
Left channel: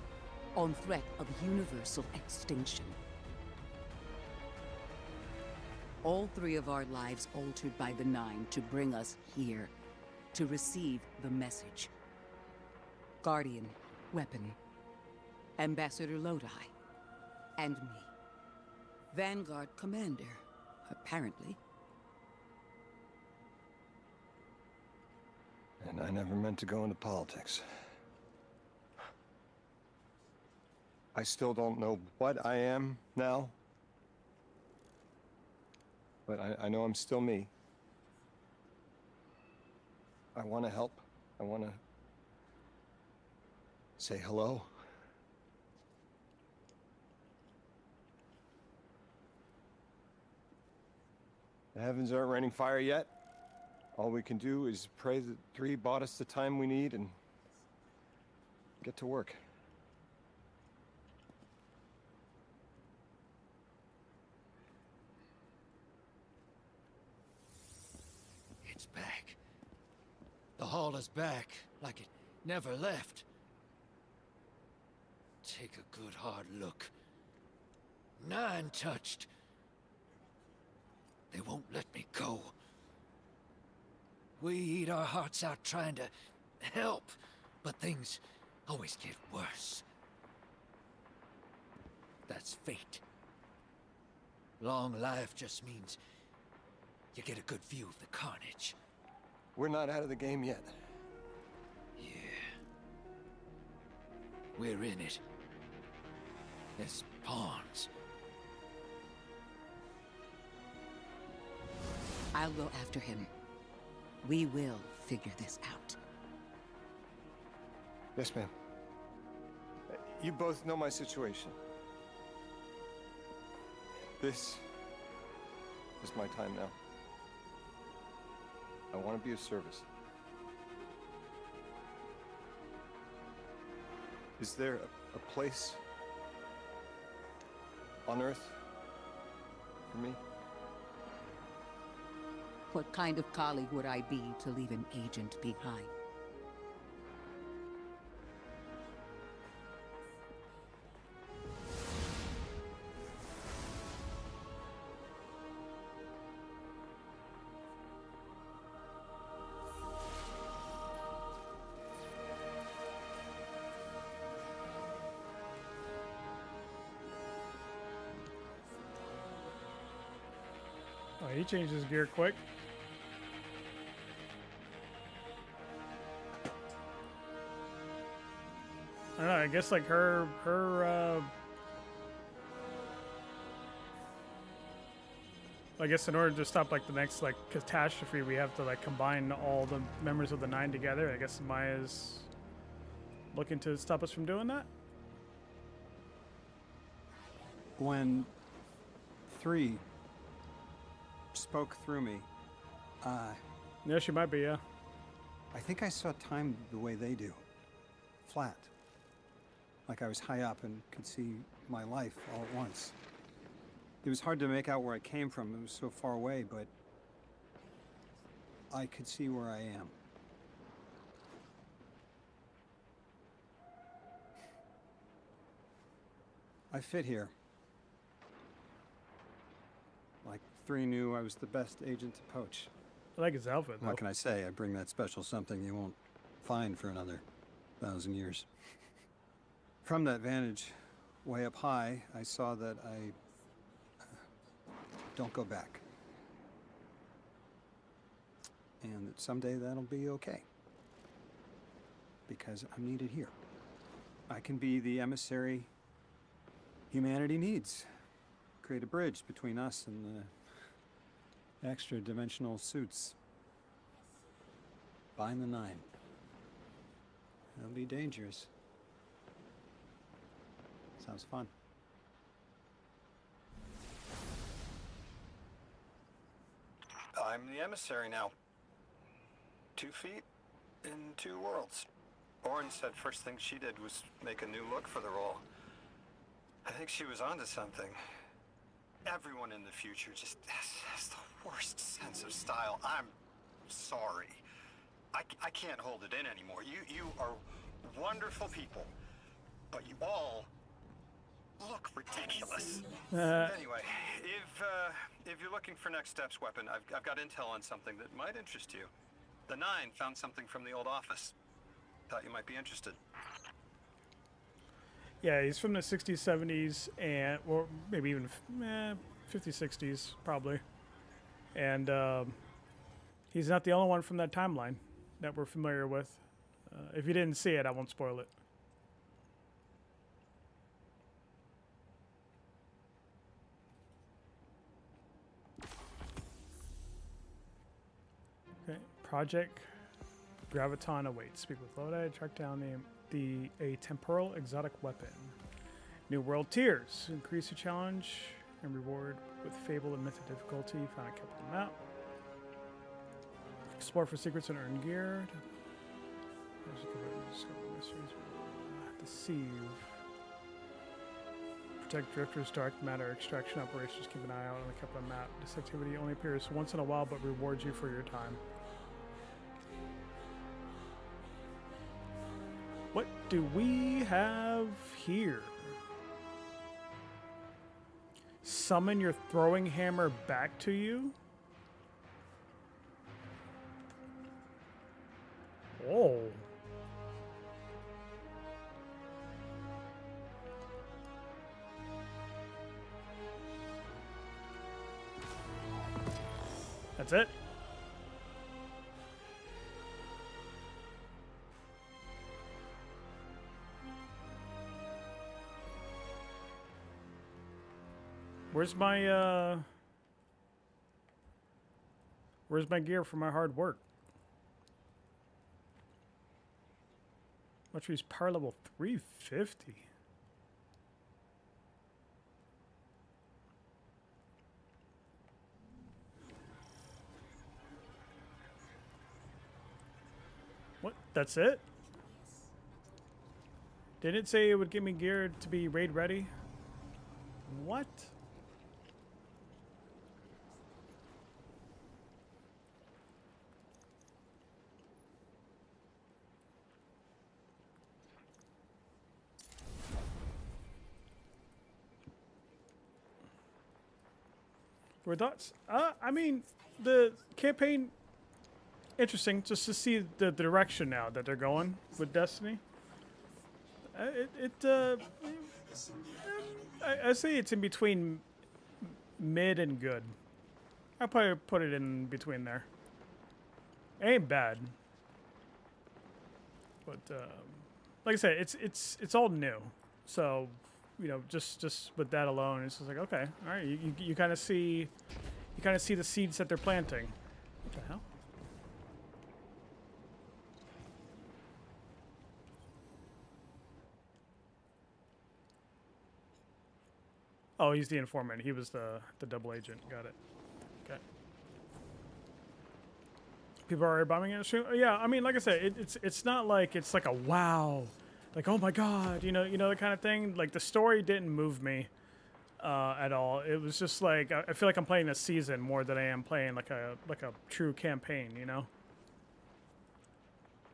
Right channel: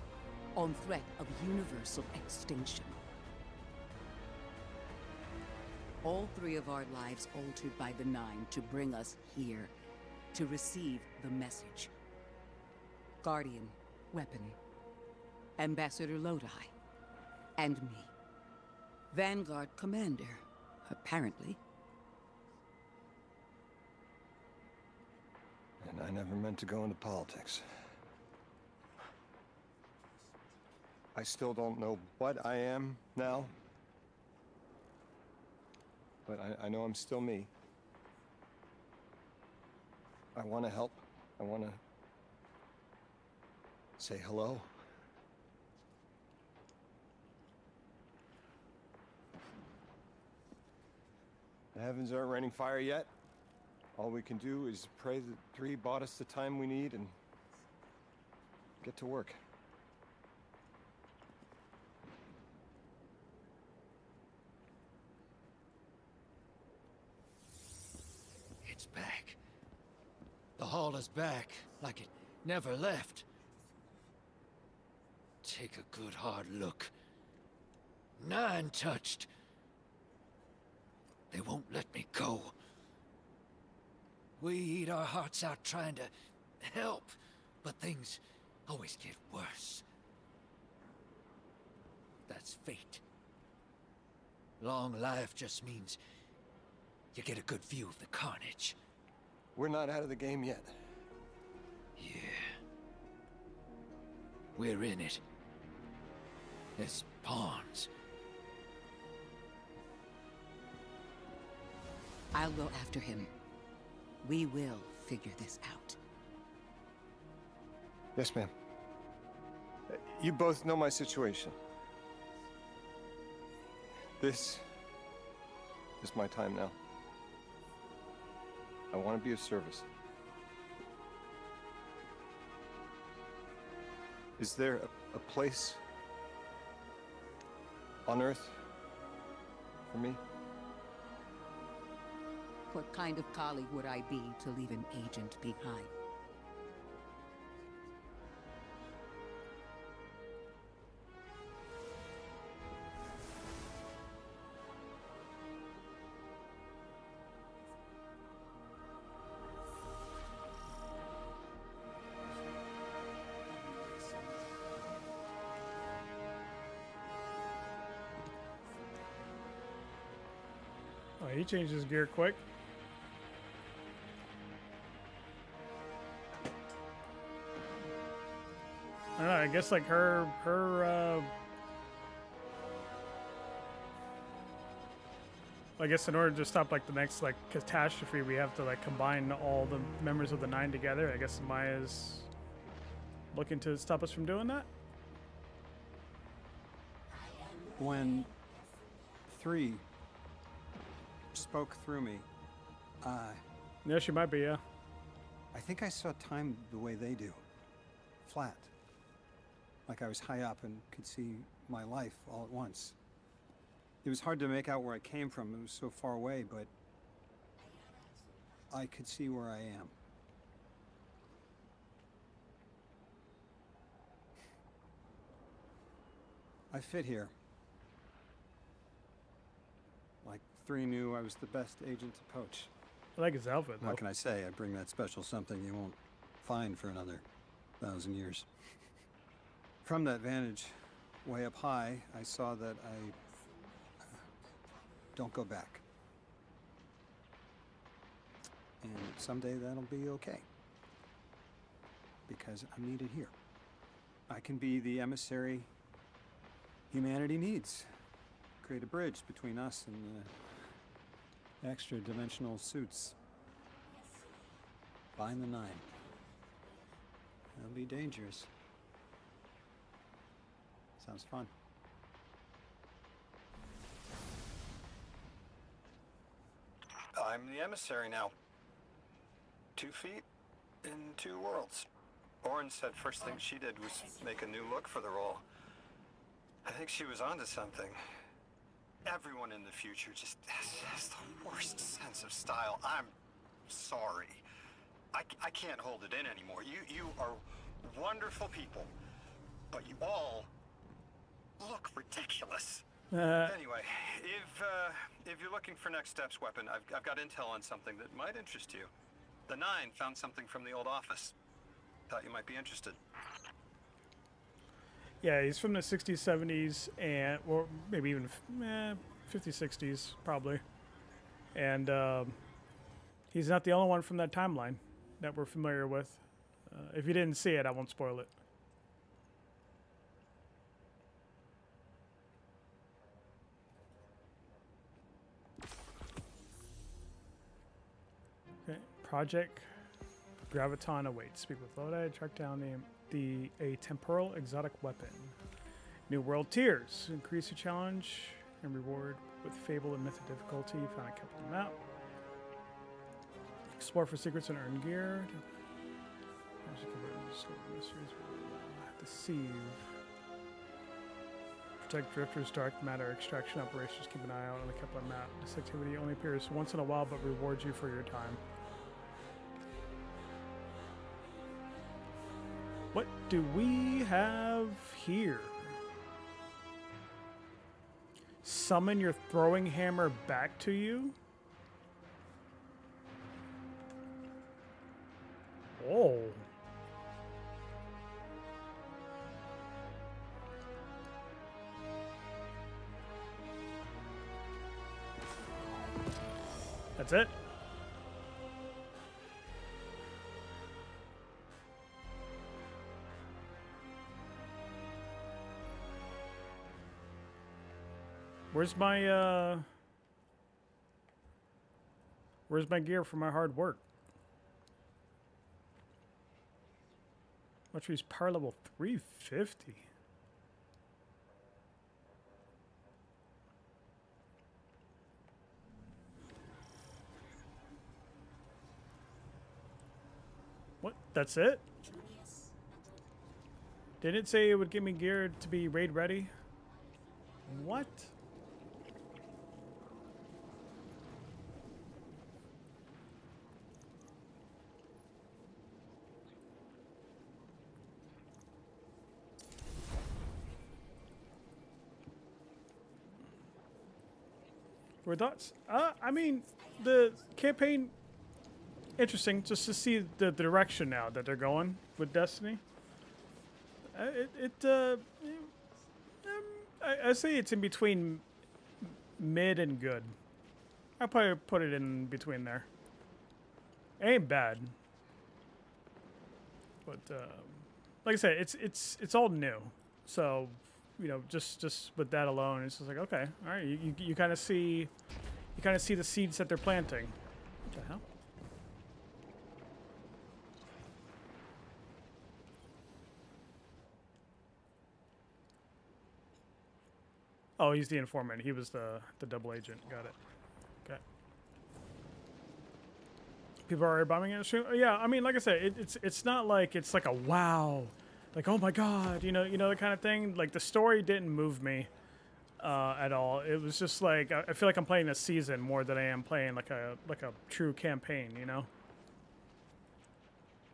on threat of universal extinction. All 3 of our lives altered by the Nine to bring us here, to receive the message. Guardian, weapon, Ambassador Lodi, and me. Vanguard commander, apparently. And I never meant to go into politics. I still don't know what I am now. But I know I'm still me. I want to help. I want to say hello. The heavens aren't raining fire yet. All we can do is pray that 3 bought us the time we need and get to work. It's back. The hall is back, like it never left. Take a good hard look. 9 touched. They won't let me go. We eat our hearts out trying to help, but things always get worse. That's fate. Long life just means you get a good view of the carnage. We're not out of the game yet. Yeah. We're in it. As pawns. I'll go after him. We will figure this out. Yes, ma'am. You both know my situation. This is my time now. I want to be of service. Is there a place on Earth for me? What kind of colleague would I be to leave an agent behind? Oh, he changed his gear quick. I don't know, I guess like her I guess in order to stop like the next like catastrophe, we have to like combine all the members of the Nine together. I guess Maya's looking to stop us from doing that. When 3 spoke through me, yeah, she might be, yeah. I think I saw time the way they do. Flat. Like I was high up and could see my life all at once. It was hard to make out where I came from. It was so far away, but I could see where I am. I fit here. Like 3 knew I was the best agent to poach. I like his outfit, though. What can I say? I bring that special something you won't find for another 1,000 years. From that vantage, way up high, I saw that I don't go back. And someday that'll be okay. Because I'm needed here. I can be the emissary humanity needs. Create a bridge between us and the extra-dimensional suits. Bind the 9. It'll be dangerous. Sounds fun. I'm the emissary now. 2 feet in 2 worlds. Orin said first thing she did was make a new look for the role. I think she was onto something. Everyone in the future just has the worst sense of style. I'm sorry. I can't hold it in anymore. You are wonderful people, but you all look ridiculous. Anyway, if you're looking for next steps, weapon, I've got intel on something that might interest you. The 9 found something from the old office. Thought you might be interested. Yeah, he's from the 60s, 70s, and or maybe even 50s, 60s, probably. And he's not the only one from that timeline that we're familiar with. If you didn't see it, I won't spoil it. Okay, Project Graviton awaits. Speak with Lodi. Track down a temporal exotic weapon. New world tiers. Increase your challenge and reward with fable and mythic difficulty. Found a capital map. Explore for secrets and earn gear. Discover mysteries. Deceive. Protect drifters, dark matter extraction operations. Keep an eye out on the Kepler map. This activity only appears once in a while, but rewards you for your time. What do we have here? Summon your throwing hammer back to you? Oh. That's it? Where's my gear for my hard work? Much power level 350. What? That's it? Didn't it say it would give me gear to be raid ready? What? Your thoughts? I mean, the campaign, interesting just to see the direction now that they're going with Destiny. I say it's in between mid and good. I'll probably put it in between there. It ain't bad. But like I said, it's all new. So, you know, just with that alone, it's just like, okay, all right, you kind of see the seeds that they're planting. What the hell? Oh, he's the informant. He was the double agent. Got it. Okay. People are bombing it. Yeah, I mean, like I said, it's not like it's like a wow, like oh my god, you know the kind of thing. Like the story didn't move me at all. It was just like I feel like I'm playing a season more than I am playing like a true campaign, you know.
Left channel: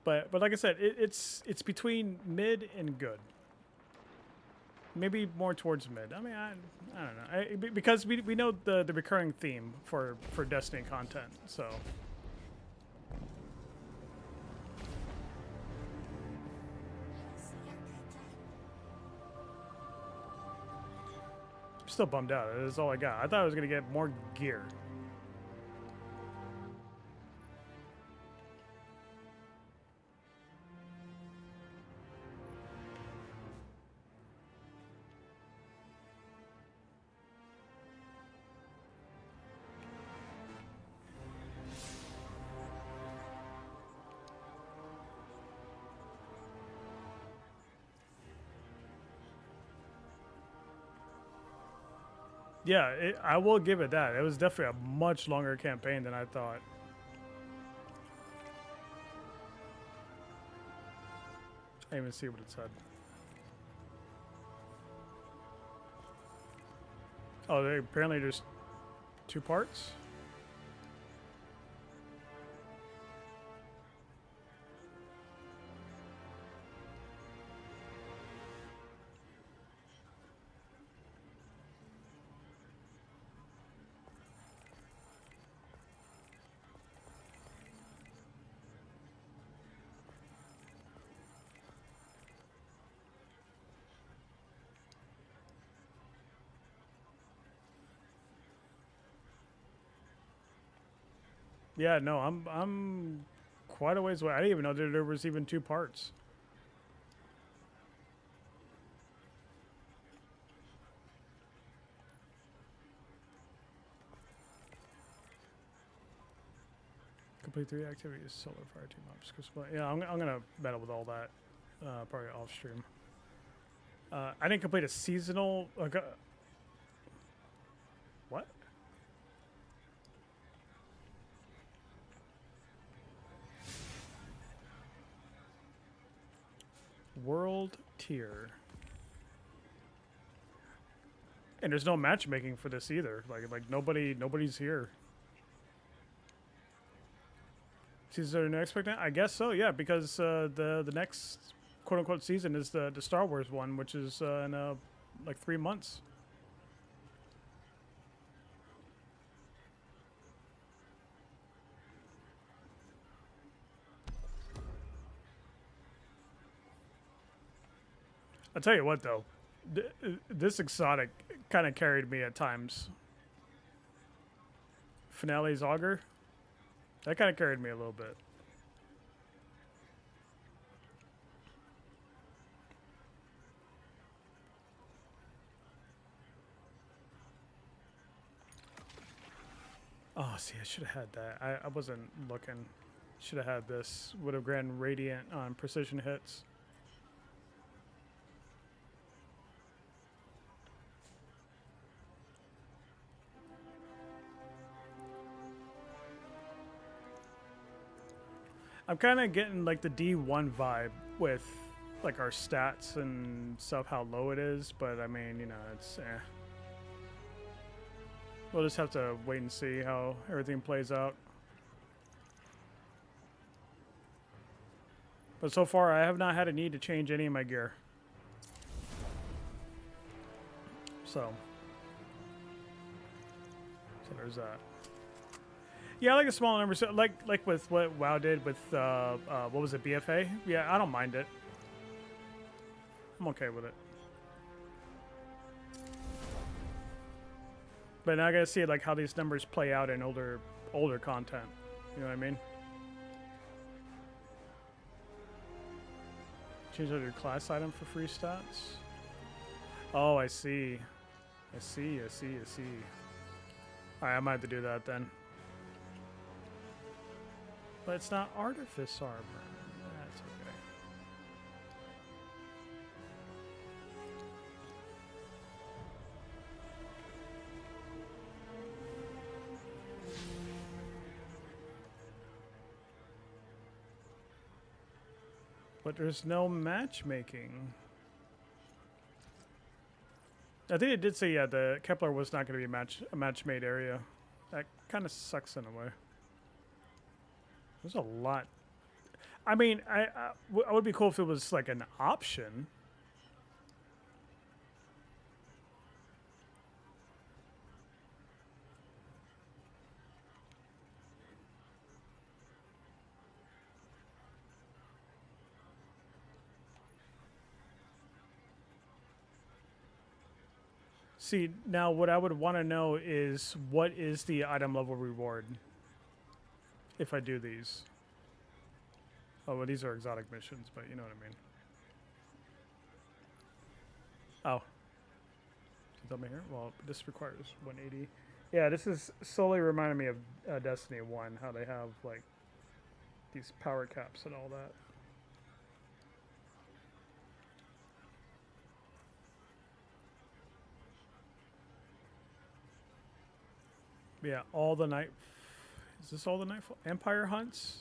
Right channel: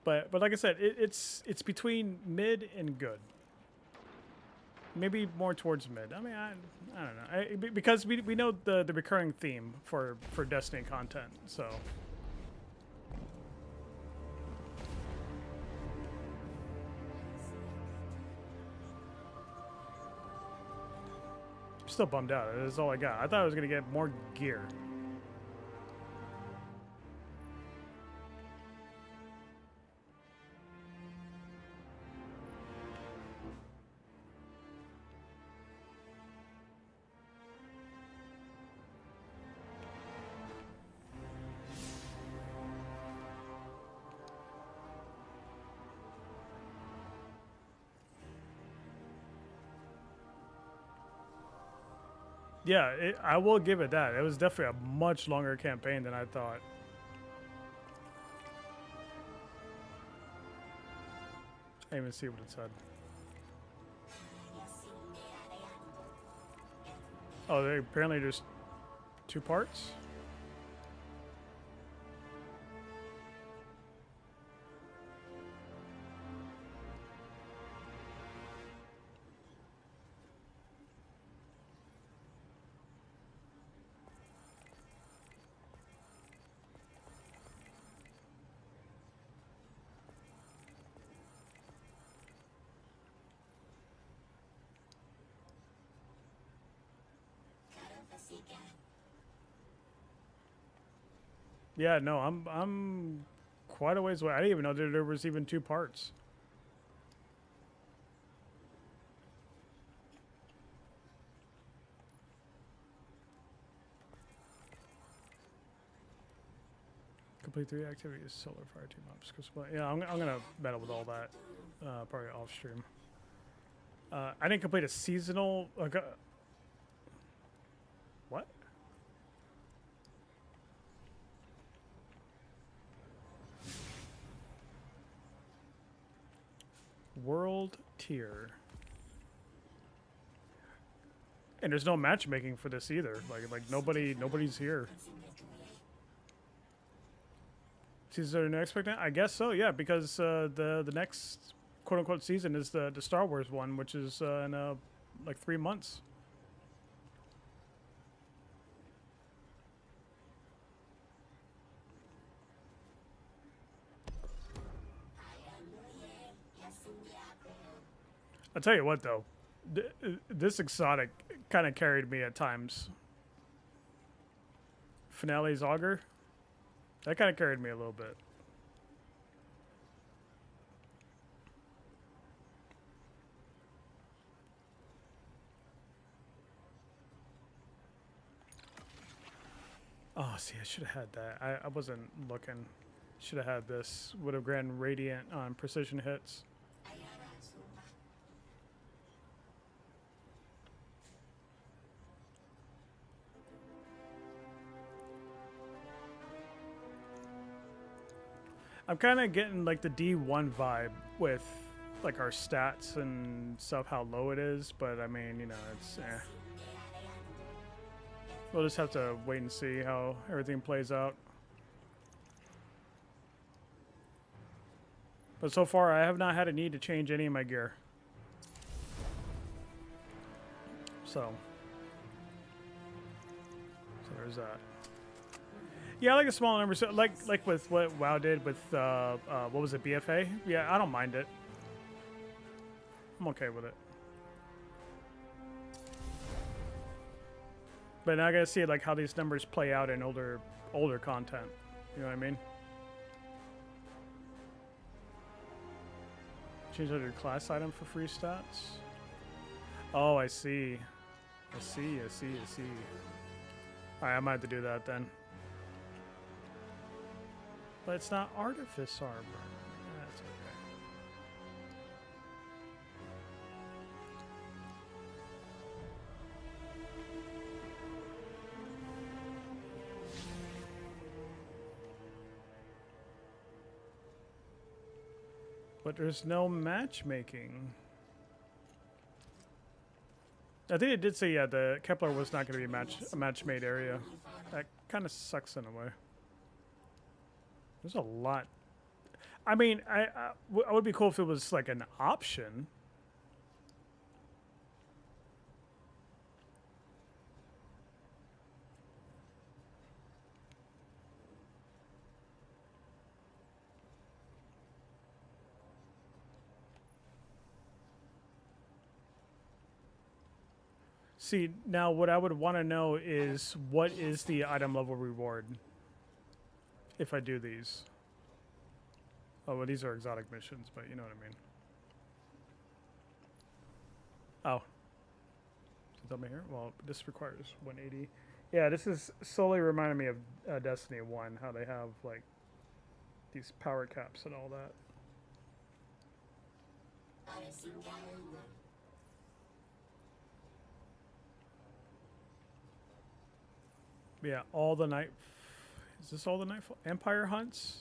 But like I said, it's between mid and good. Maybe more towards mid. I mean, I don't know. Because we know the recurring theme for Destiny content, so. I'm still bummed out. That's all I got. I thought I was gonna get more gear. Yeah, I will give it that. It was definitely a much longer campaign than I thought. I didn't even see what it said. Oh, apparently there's 2 parts? Yeah, no, I'm quite a ways away. I didn't even know that there was even 2 parts. Complete 3 activities, solar fire team ops. Yeah, I'm gonna battle with all that, probably off stream. I didn't complete a seasonal. What? World tier. And there's no matchmaking for this either. Like nobody's here. Season next expectant? I guess so, yeah, because the next quote unquote season is the Star Wars one, which is in like 3 months. I'll tell you what though, this exotic kind of carried me at times. Finale's Auger, that kind of carried me a little bit. Oh, see, I should have had that. I wasn't looking. Should have had this. Would have granted radiant on precision hits. I'm kind of getting like the D1 vibe with like our stats and stuff, how low it is, but I mean, you know, it's we'll just have to wait and see how everything plays out. But so far, I have not had a need to change any of my gear. So there's that. Yeah, I like a small number. So like with what WoW did with what was it, BFA? Yeah, I don't mind it. I'm okay with it. But now I gotta see like how these numbers play out in older content. You know what I mean? Change out your class item for free stats. Oh, I see. I see. Alright, I might have to do that then. But it's not Artifice Armor. That's okay. But there's no matchmaking. I think it did say, yeah, the Kepler was not going to be a match-made area. That kind of sucks in a way. There's a lot. I mean, I would be cool if it was like an option. See, now what I would want to know is what is the item level reward if I do these. Oh, well, these are exotic missions, but you know what I mean. Oh. Tell me here. Well, this requires 180. Yeah, this is slowly reminding me of Destiny 1, how they have like these power caps and all that. Yeah, all the night. Is this all the nightfall? Empire hunts?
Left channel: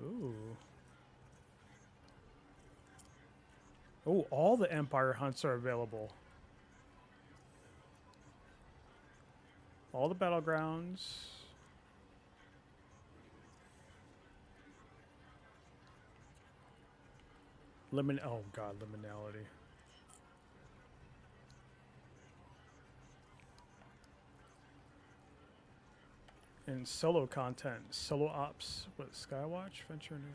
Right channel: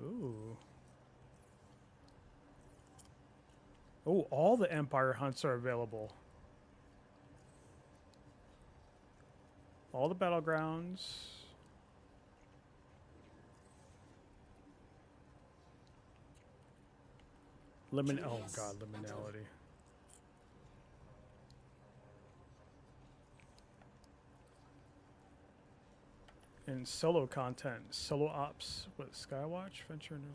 Ooh. Oh, all the Empire hunts are available. All the battlegrounds. Oh god, liminality. And solo content, solo ops, what, Skywatch, Venture New.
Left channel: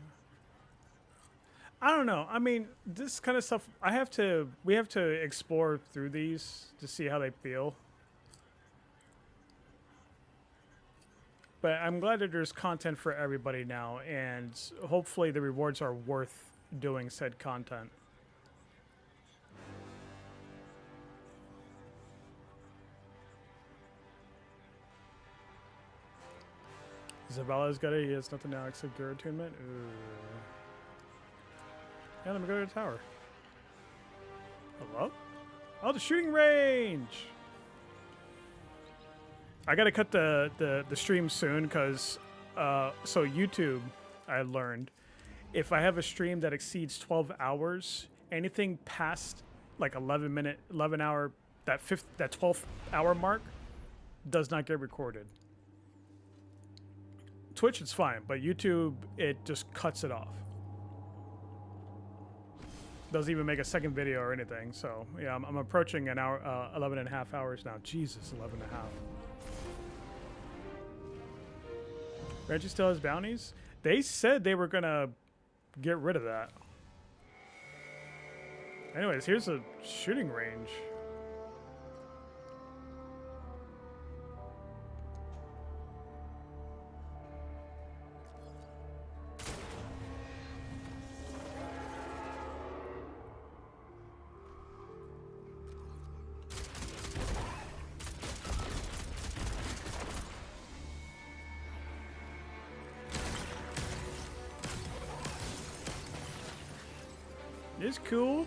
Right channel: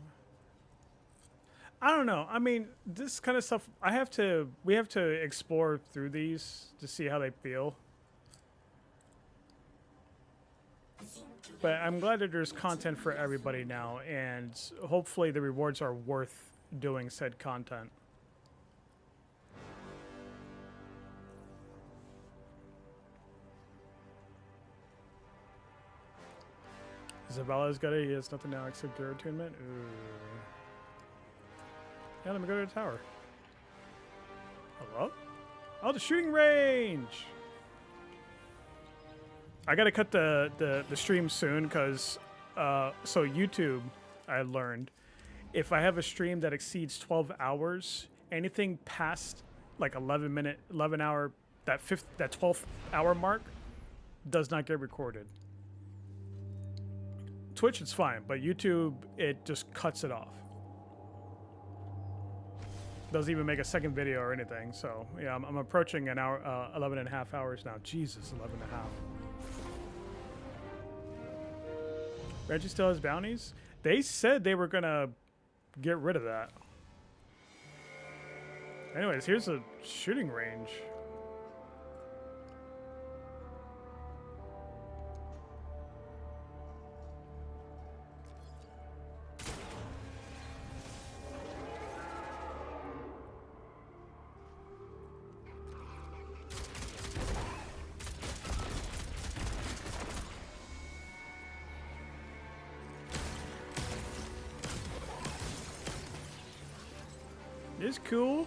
I don't know. I mean, this kind of stuff, we have to explore through these to see how they feel. But I'm glad that there's content for everybody now, and hopefully the rewards are worth doing said content. Zavella's got it. He has nothing now except gear attunement. Ooh. Yeah, let me go to the tower. Hello? Oh, the shooting range! I gotta cut the stream soon because, so YouTube, I learned, if I have a stream that exceeds 12 hours, anything past like 11 hour, that 12th hour mark does not get recorded. Twitch, it's fine, but YouTube, it just cuts it off. Doesn't even make a second video or anything. So yeah, I'm approaching an hour, 11 and a half hours now. Jesus, 11 and a half. Reggie still has bounties? They said they were gonna get rid of that. Anyways, here's a shooting range. It's cool.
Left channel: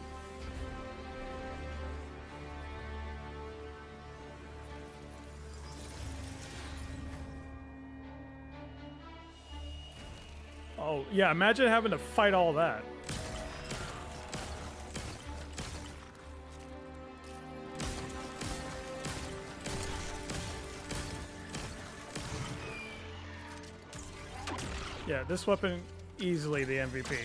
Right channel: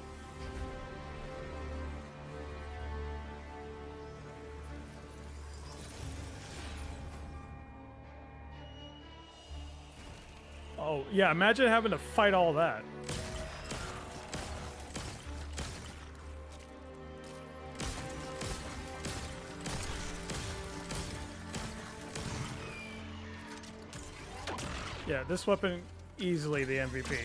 Oh, yeah, imagine having to fight all that. Yeah, this weapon, easily the MVP.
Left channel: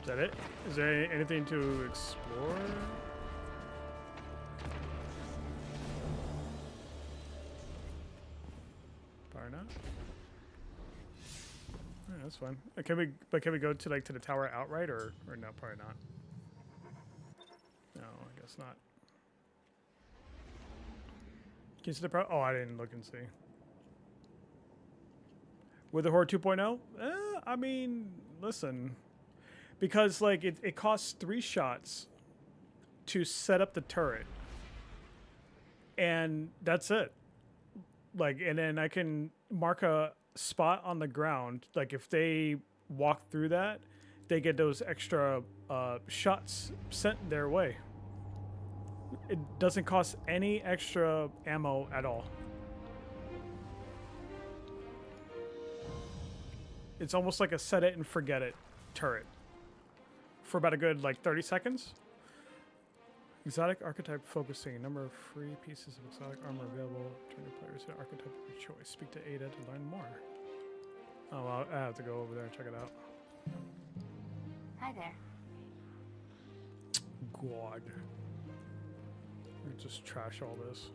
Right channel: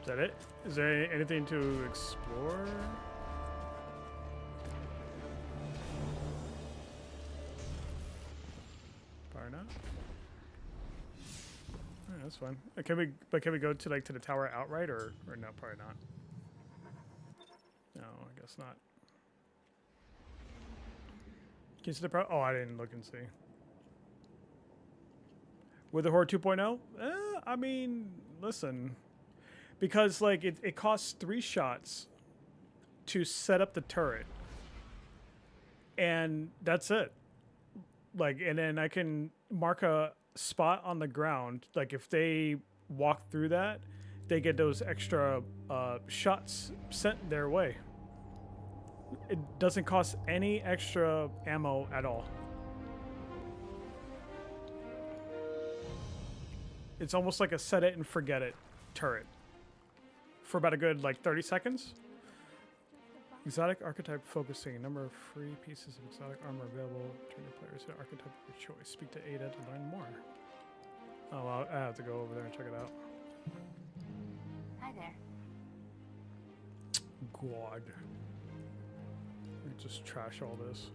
Is that it? Is there anything to explore? Probably not. Yeah, that's fine. Can we go to like to the tower outright or no? Probably not. No, I guess not. Can you see the oh, I didn't look and see. With the Horde 2.0? I mean, listen. Because like it costs 3 shots to set up the turret. And that's it. Like, and then I can mark a spot on the ground. Like if they walk through that, they get those extra shots sent their way. It doesn't cost any extra ammo at all. It's almost like a set it and forget it turret. For about a good like 30 seconds. Exotic archetype focusing. Number of free pieces of exotic armor available. Turn your players to archetype of your choice. Speak to Ada to learn more. Oh, well, I have to go over there and check it out. Hi there. God. Just trash all this.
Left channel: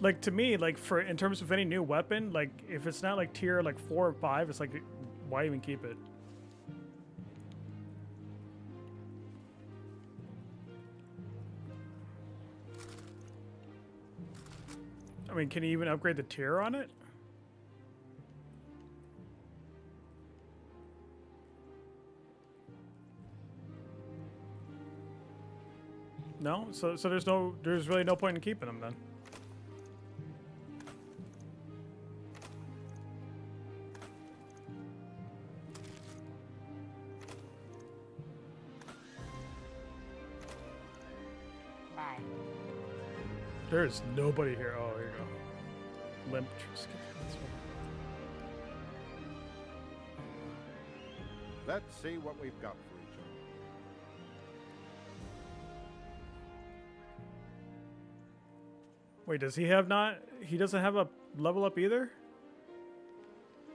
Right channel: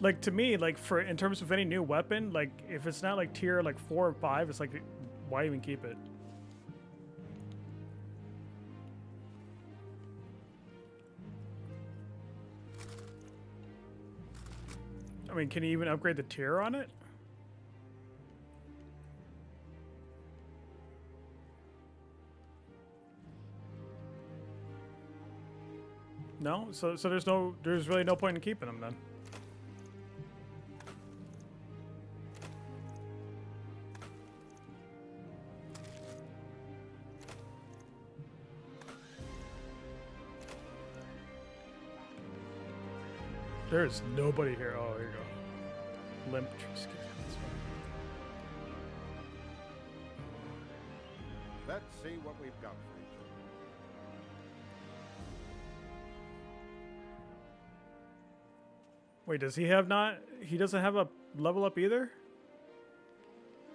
Like to me, like for in terms of any new weapon, like if it's not like tier like 4 or 5, it's like why even keep it? I mean, can you even upgrade the tier on it? No? So there's really no point in keeping them then. There's nobody here. Oh, here you go. Limp. That's fine. Let's see what we've got for each other. Wait, does he have not? He doesn't have a level up either?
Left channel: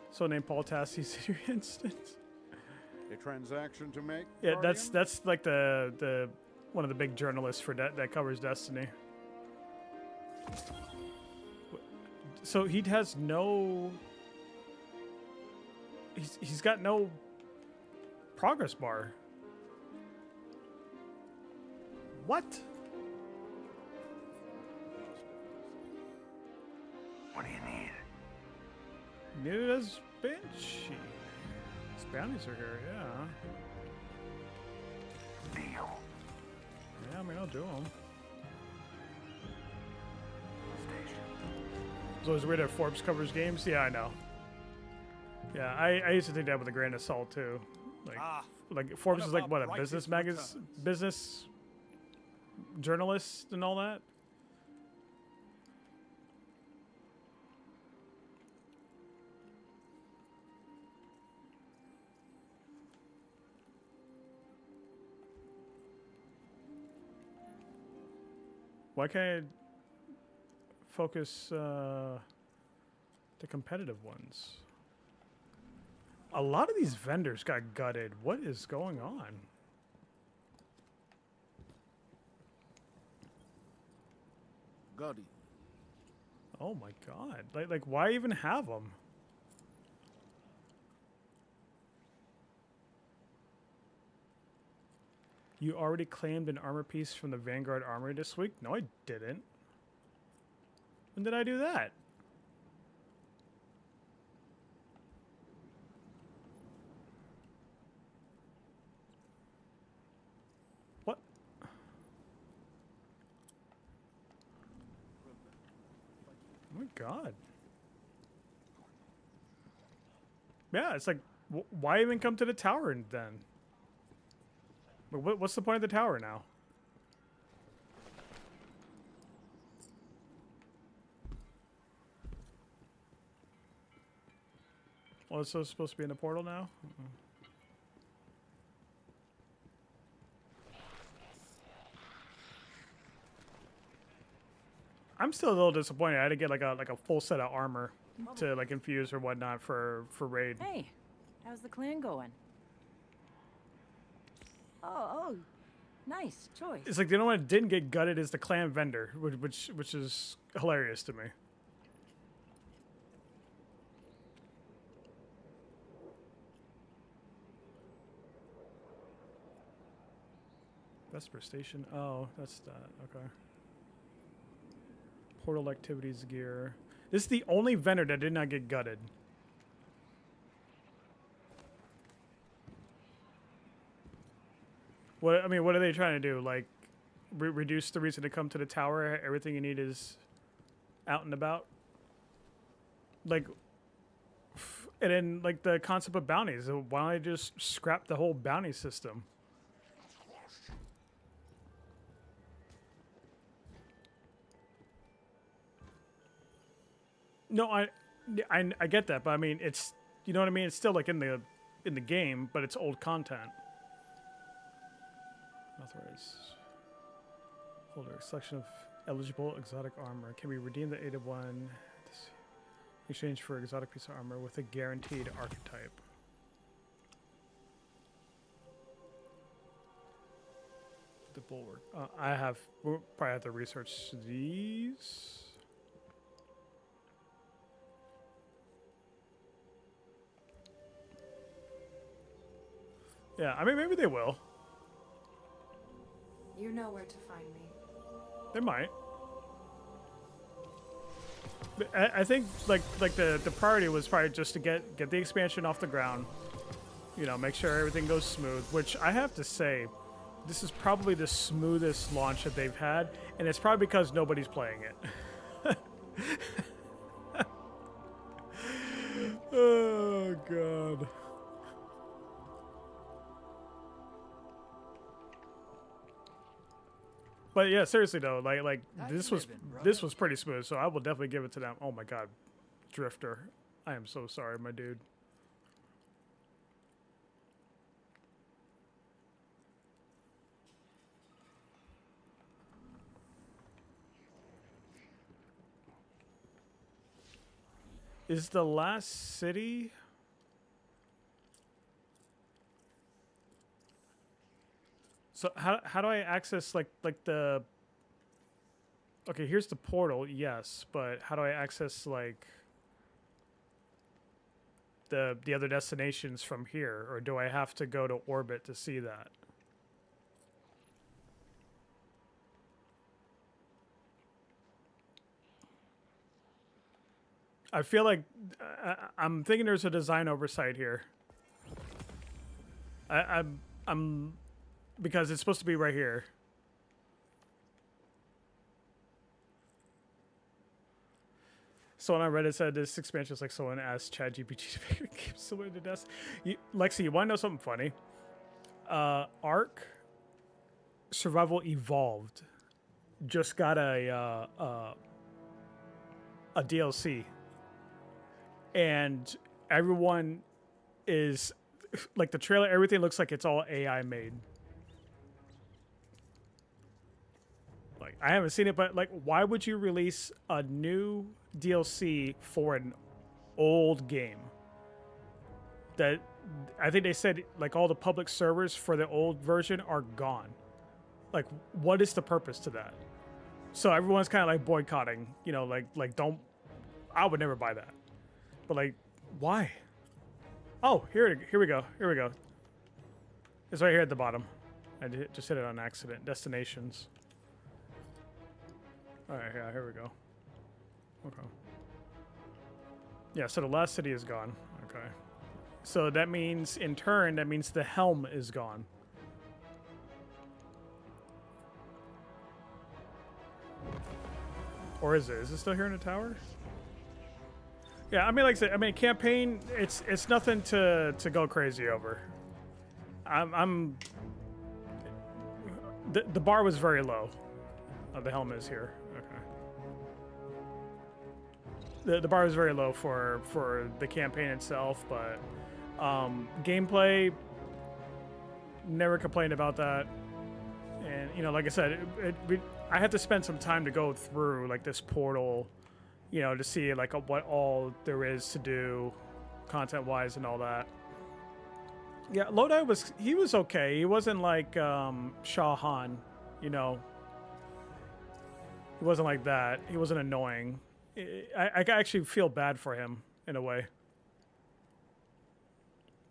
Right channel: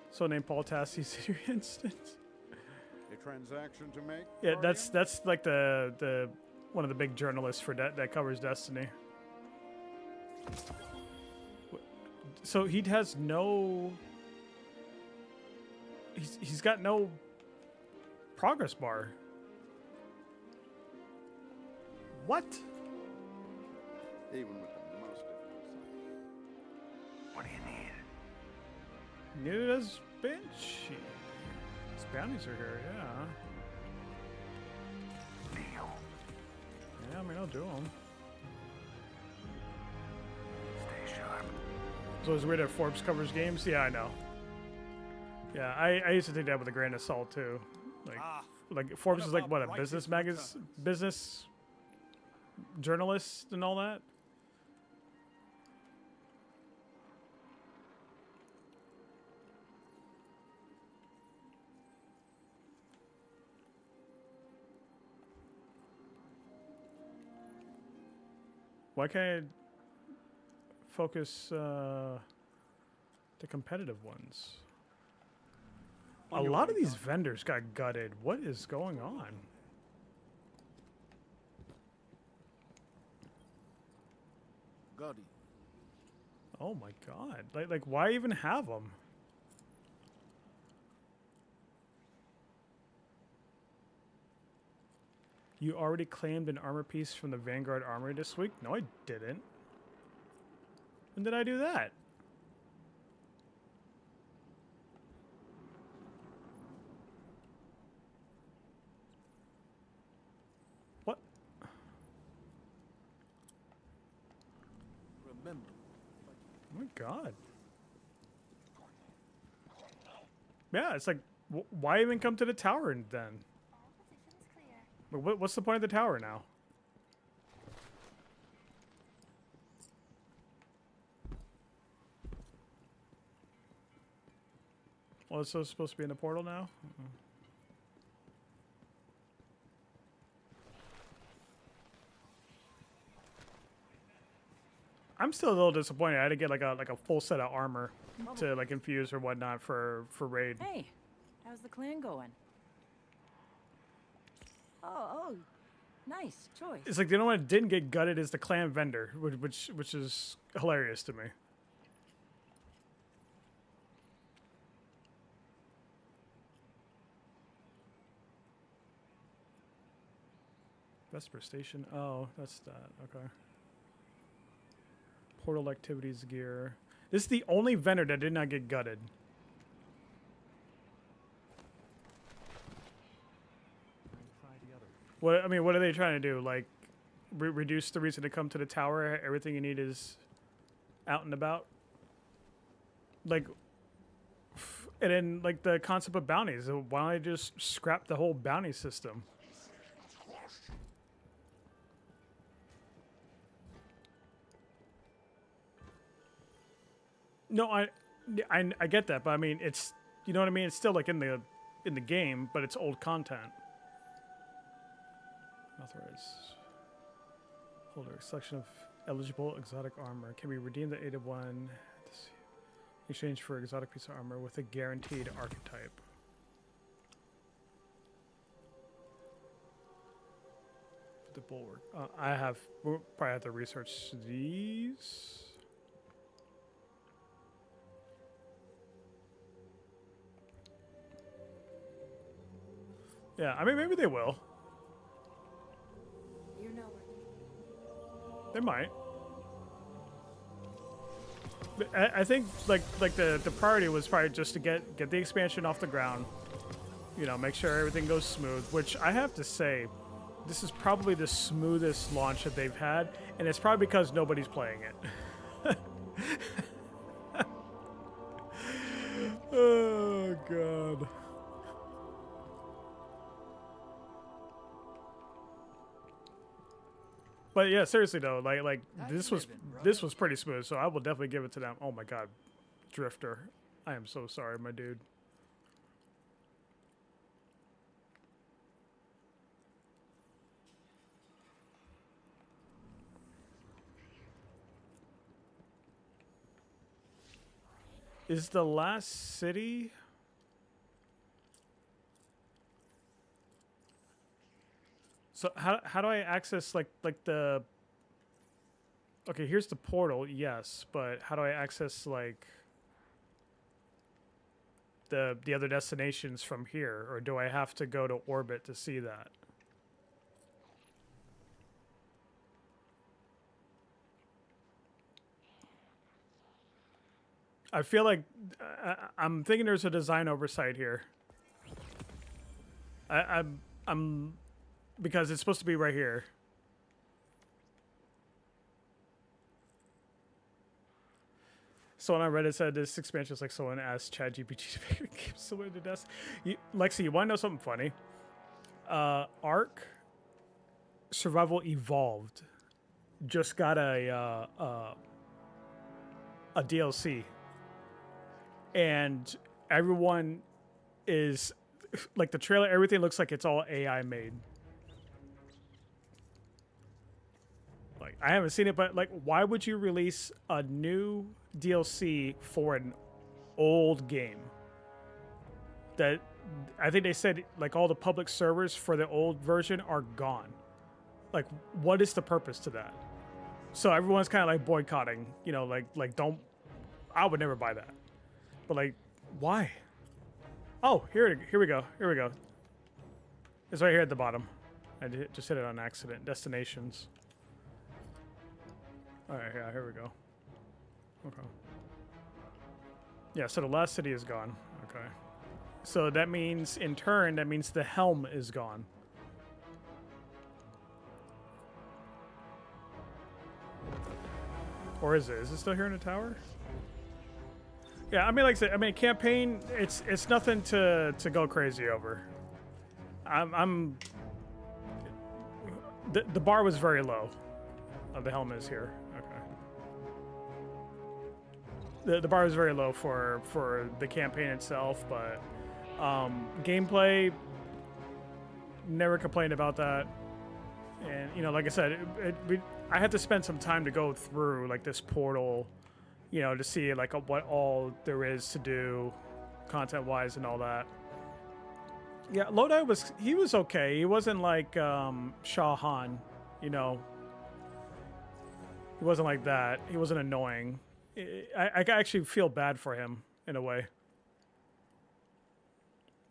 So named Paul Tassie's in your instance. A transaction to make? Yeah, Guardian? that's like the one of the big journalists for that covers Destiny. So he has no. He's got no progress bar. What? Even with the most difficult. What do you need? Neither does Banshee. His bounties are here, yeah. Deal. Yeah, I mean, I'll do them. Stay sharp. It's always weird that Forbes covers games. Yeah, I know. Yeah, I used to think that with a grain of salt too. Like Forbes is like what, a business magazine, business journalist and all that. Why can't I focus the competitive ones? A lot of these vendors got gutted. What is going on? Gotti. Oh my god. Like why even have them? You already claimed an armor piece from the Vanguard Armory this week? No, I didn't. When did I do that? What? Oh my god. Yeah, it's like, why even come to the tower then? What's the point of the tower now? Well, it's supposed to be in the portal now? I'm still a little disappointed. I had to get like a full set of armor to like infuse or whatnot for raid. Hey, how's the clan going? Oh, nice choice. It's like the only one that didn't get gutted is the clan vendor, which is hilarious to me. Vesper Station. Oh, that's that. Okay. Portal activities gear. This is the only vendor that did not get gutted. What are they trying to do? Like, reduce the reason to come to the tower? Everything you need is out and about? Like, and then, like, the concept of bounties. Why don't I just scrap the whole bounty system? No, I get that, but I mean, it's, you know what I mean? It's still, like, in the game, but it's old content. Authorize holder selection of eligible exotic armor can be redeemed at 8 of 1 in exchange for exotic piece of armor with a guaranteed archetype. The bulwark. We'll probably have to research these. Yeah, I mean, maybe they will. You know where to find me. They might. But I think like the priority was probably just to get the expansion off the ground. You know, make sure everything goes smooth. Which I have to say, this is probably the smoothest launch that they've had, and it's probably because nobody's playing it. Oh god. But yeah, seriously though, like this was pretty smooth, so I will definitely give it to them. Oh my god, Drifter, I am so sorry, my dude. Is the last city? So how do I access like the Okay, here's the portal, yes, but how do I access, like, the other destinations from here? Or do I have to go to orbit to see that? I feel like I'm thinking there's a design oversight here. I'm because it's supposed to be right here. Someone on Reddit said this expansion is like someone asked ChatGPT to make a game similar to Dust. Lexi, you want to know something funny? Ark Survival Evolved just got a DLC, and everyone is like, the trailer. Everything looks like it's all AI made. Like, I haven't seen it, but like, why would you release a new DLC for an old game? That I think they said like all the public servers for the old version are gone. Like, what is the purpose to that? So everyone's kind of like boycotting, you know, like don't. I would never buy that. But like, why? Oh, here we go. Here we go. It's right here at the bottom. I just hit it on accident. Destinations. All right, yeah, here we go. Okay. Yeah, so the last city is gone. Okay. So that means, in turn, that means the Helm is gone. Or is it? Is it still here in the tower? Yeah, I mean, like I said, I mean, campaign, it's nothing to go crazy over. The bar was very low. The Helm is here. Okay. The bar is very low for the campaign itself, but gameplay, never complained about that. And you know, like I said, I had to spend some time to go through like this portal, you know, to see like what all there is to do, content wise and all that. Yeah, Lodi was okay. He wasn't like Shah Han, you know. He wasn't like that. He wasn't annoying. I actually feel bad for him in a way.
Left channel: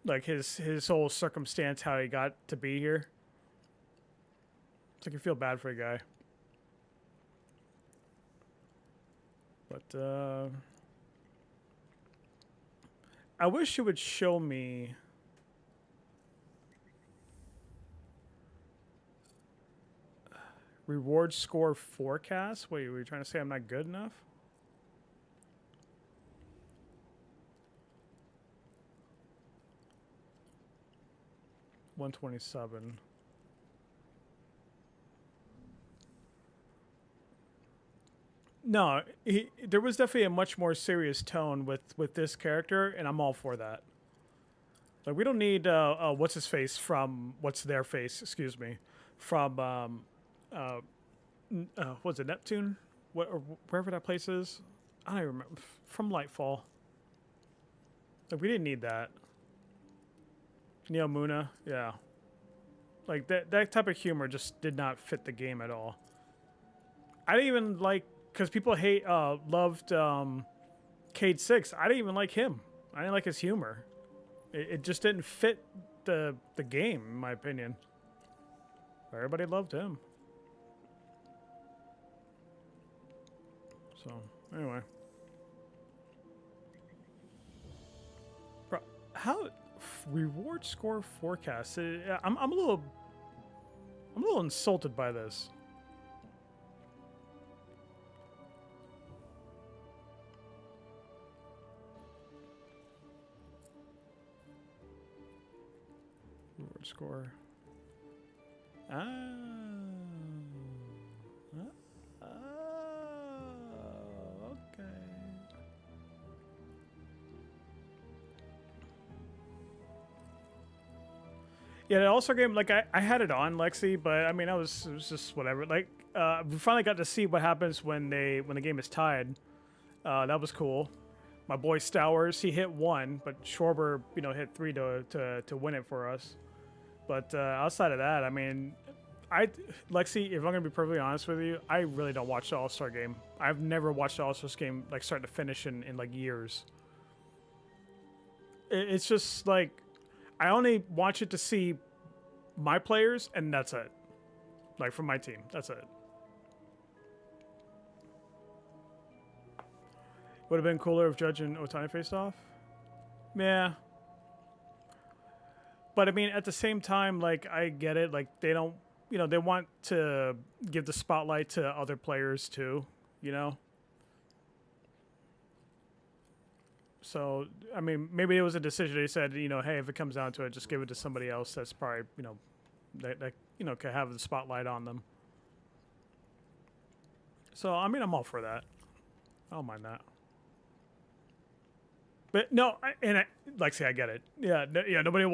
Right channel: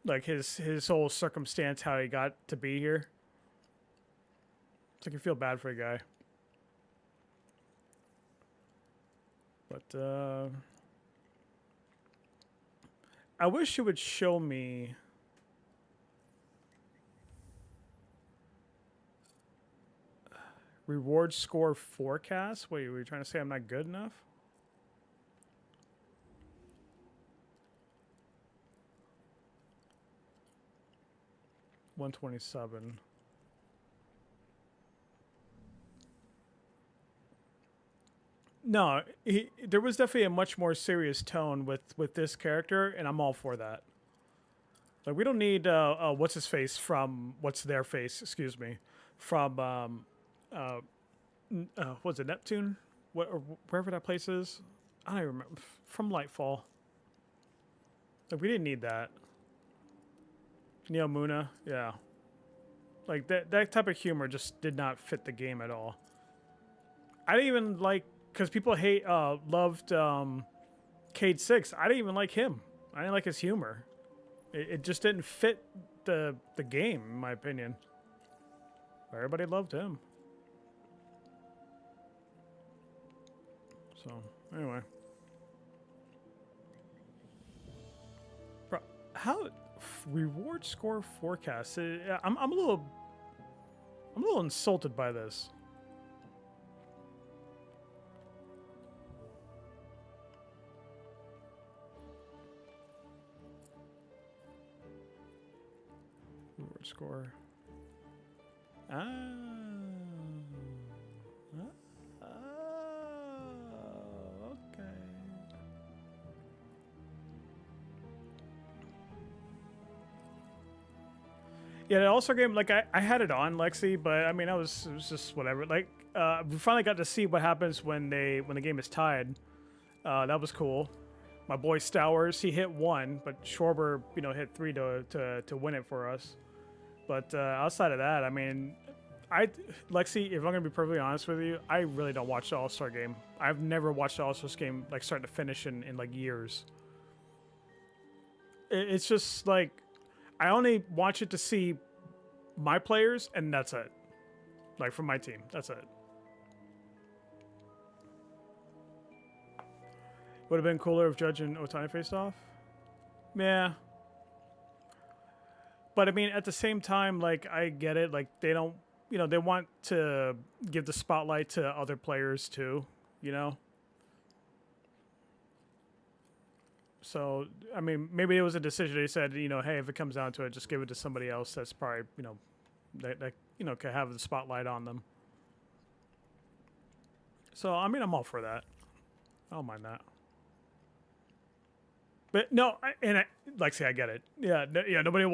Like his whole circumstance, how he got to be here. It's like you feel bad for a guy. But I wish it would show me reward score forecast. Wait, were you trying to say I'm not good enough? $127. No, there was definitely a much more serious tone with this character, and I'm all for that. Like, we don't need what's his face from what's their face, excuse me, from what's it, Neptune, or wherever that place is. I don't even remember, from Lightfall. Like, we didn't need that. Neo Muna, yeah. Like that type of humor just did not fit the game at all. I didn't even like, because people loved Cade 6. I didn't even like him. I didn't like his humor. It just didn't fit the game, in my opinion. Everybody loved him. So, anyway. Bro, how reward score forecast? I'm a little insulted by this. Reward score. Okay. Yeah, the All-Star game, like I had it on, Lexi, but I mean, it was just whatever. Like, we finally got to see what happens when the game is tied. That was cool. My boy Stowers, he hit 1, but Schwarber, you know, hit 3 to win it for us. But outside of that, I mean, Lexi, if I'm gonna be perfectly honest with you, I really don't watch the All-Star game. I've never watched the All-Star game like start to finish in like years. It's just like I only watch it to see my players, and that's it. Like from my team, that's it. Would have been cooler if Judge and Otani faced off. Yeah. But I mean, at the same time, like I get it. Like they don't, you know, they want to give the spotlight to other players too, you know. So I mean, maybe it was a decision. They said, you know, hey, if it comes down to it, just give it to somebody else that's probably, you know, that you know could have the spotlight on them. So I mean, I'm all for that. I don't mind that. But no, Lexi, I get it. Yeah, yeah. Nobody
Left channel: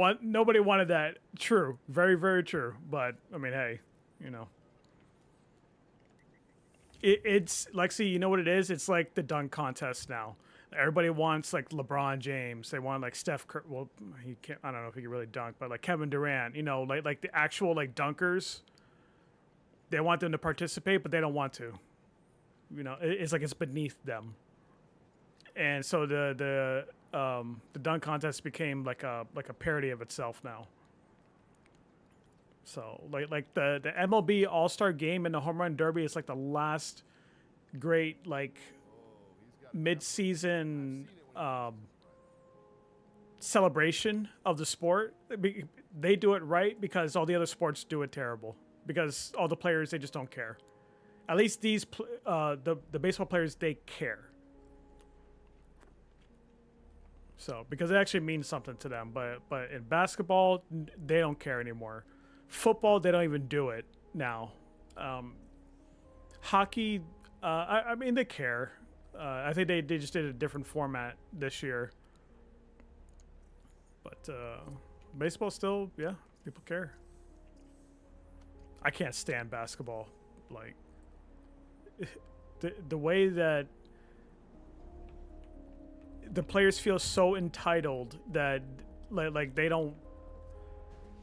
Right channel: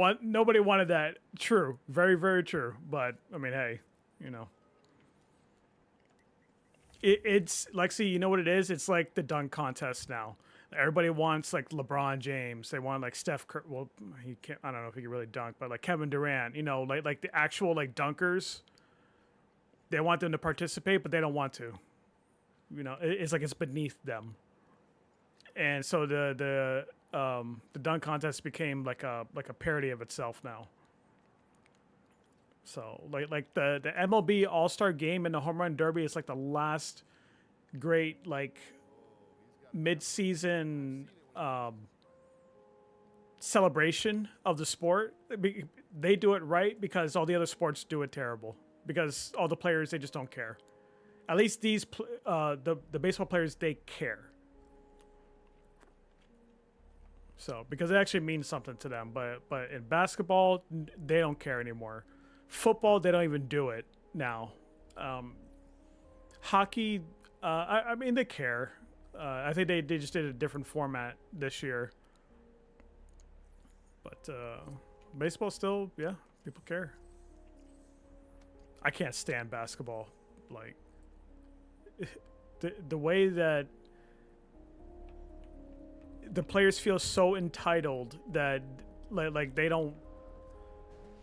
wanted that. True, very, very true. But I mean, hey, you know, it's Lexi. You know what it is? It's like the dunk contest now. Everybody wants like LeBron James. They want like Steph Curry. Well, he can't. I don't know if he can really dunk, but like Kevin Durant. You know, like the actual like dunkers. They want them to participate, but they don't want to. You know, it's like it's beneath them. And so the dunk contest became like a parody of itself now. So like the MLB All-Star Game and the Home Run Derby is like the last great like mid-season celebration of the sport. They do it right because all the other sports do it terrible. Because all the players, they just don't care. At least these the baseball players, they care. So, because it actually means something to them. But in basketball, they don't care anymore. Football, they don't even do it now. Hockey, I mean, they care. I think they just did a different format this year. But baseball still, yeah, people care. I can't stand basketball. Like, the way that the players feel so entitled that like they don't,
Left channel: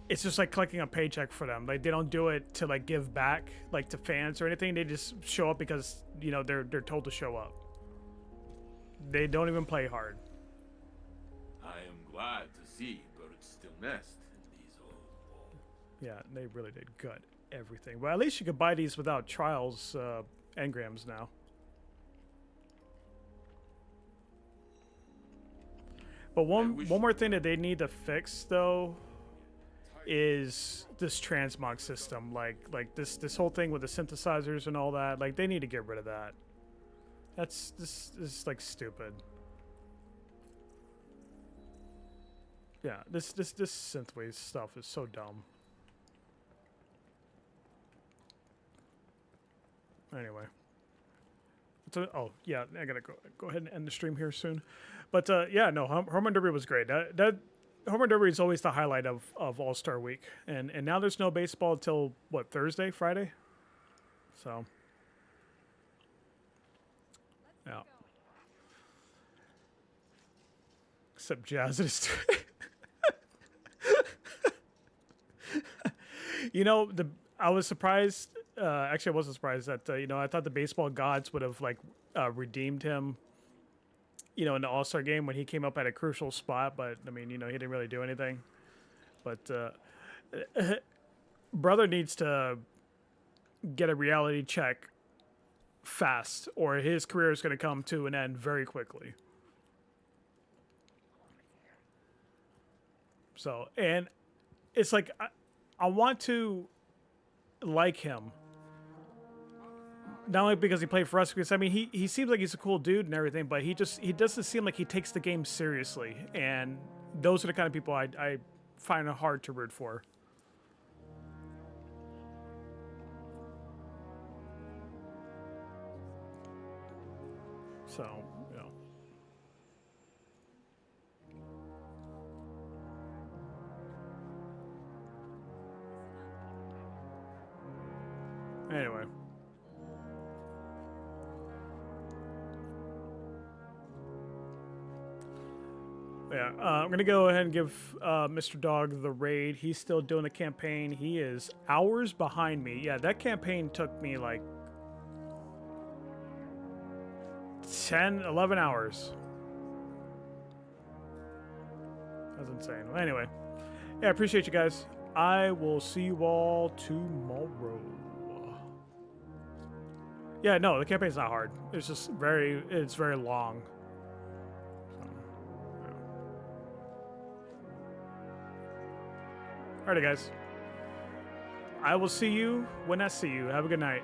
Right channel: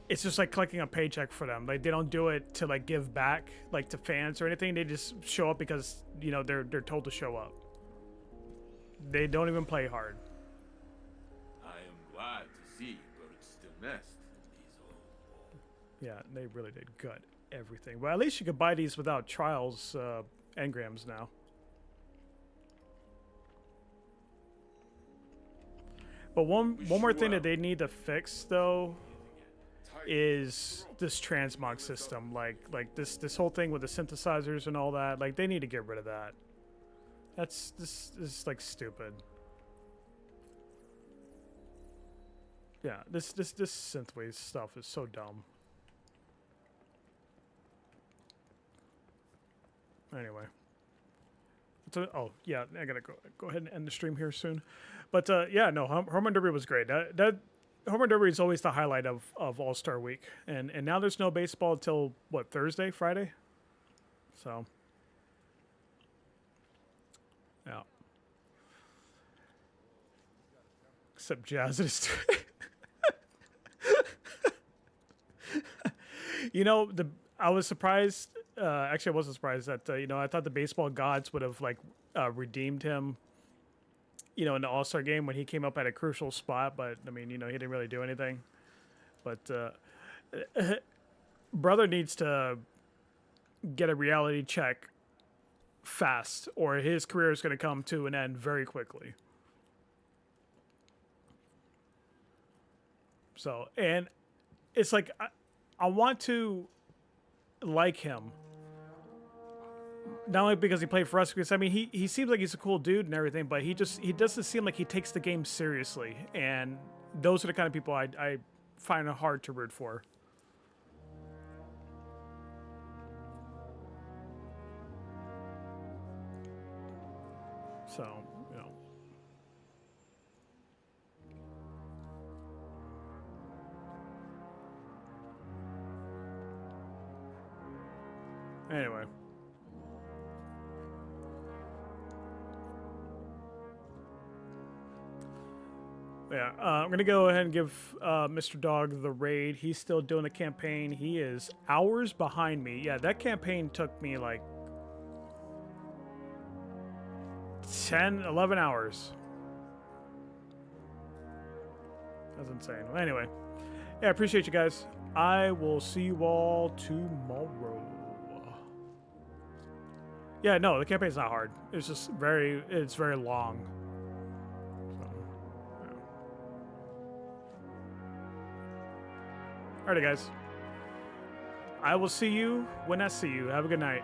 it's just like collecting a paycheck for them. Like they don't do it to like give back like to fans or anything. They just show up because, you know, they're told to show up. They don't even play hard. I am glad to see birds still nest in these old walls. Yeah, they really did gut everything. Well, at least you could buy these without trials engrams now. But one more thing that they need to fix though is this transmog system. Like this whole thing with the synthesizers and all that. Like they need to get rid of that. This is like stupid. Yeah, this synthwave stuff is so dumb. Anyway. So, oh yeah, I gotta go ahead and end the stream here soon. But yeah, no, Home Run Derby was great. That Home Run Derby is always the highlight of All-Star Week, and now there's no baseball until what, Thursday, Friday? So yeah. Except Jazz is. You know, I was surprised. Actually, I wasn't surprised that you know, I thought the baseball gods would have like redeemed him, you know, in the All-Star game when he came up at a crucial spot. But I mean, you know, he didn't really do anything. But brother needs to get a reality check fast, or his career is going to come to an end very quickly. So, and it's like I want to like him. Not only because he played for us, because I mean he seems like he's a cool dude and everything, but he doesn't seem like he takes the game seriously, and those are the kind of people I find it hard to root for. So, you know. Anyway. Yeah, I'm gonna go ahead and give Mr. Dog the raid. He's still doing the campaign. He is hours behind me. Yeah, that campaign took me like 10, 11 hours. That's insane. Well, anyway, yeah, I appreciate you guys. I will see you all tomorrow. Yeah, no, the campaign's not hard. It's just it's very long. So, yeah. Alrighty, guys. I will see you when I see you. Have a good night.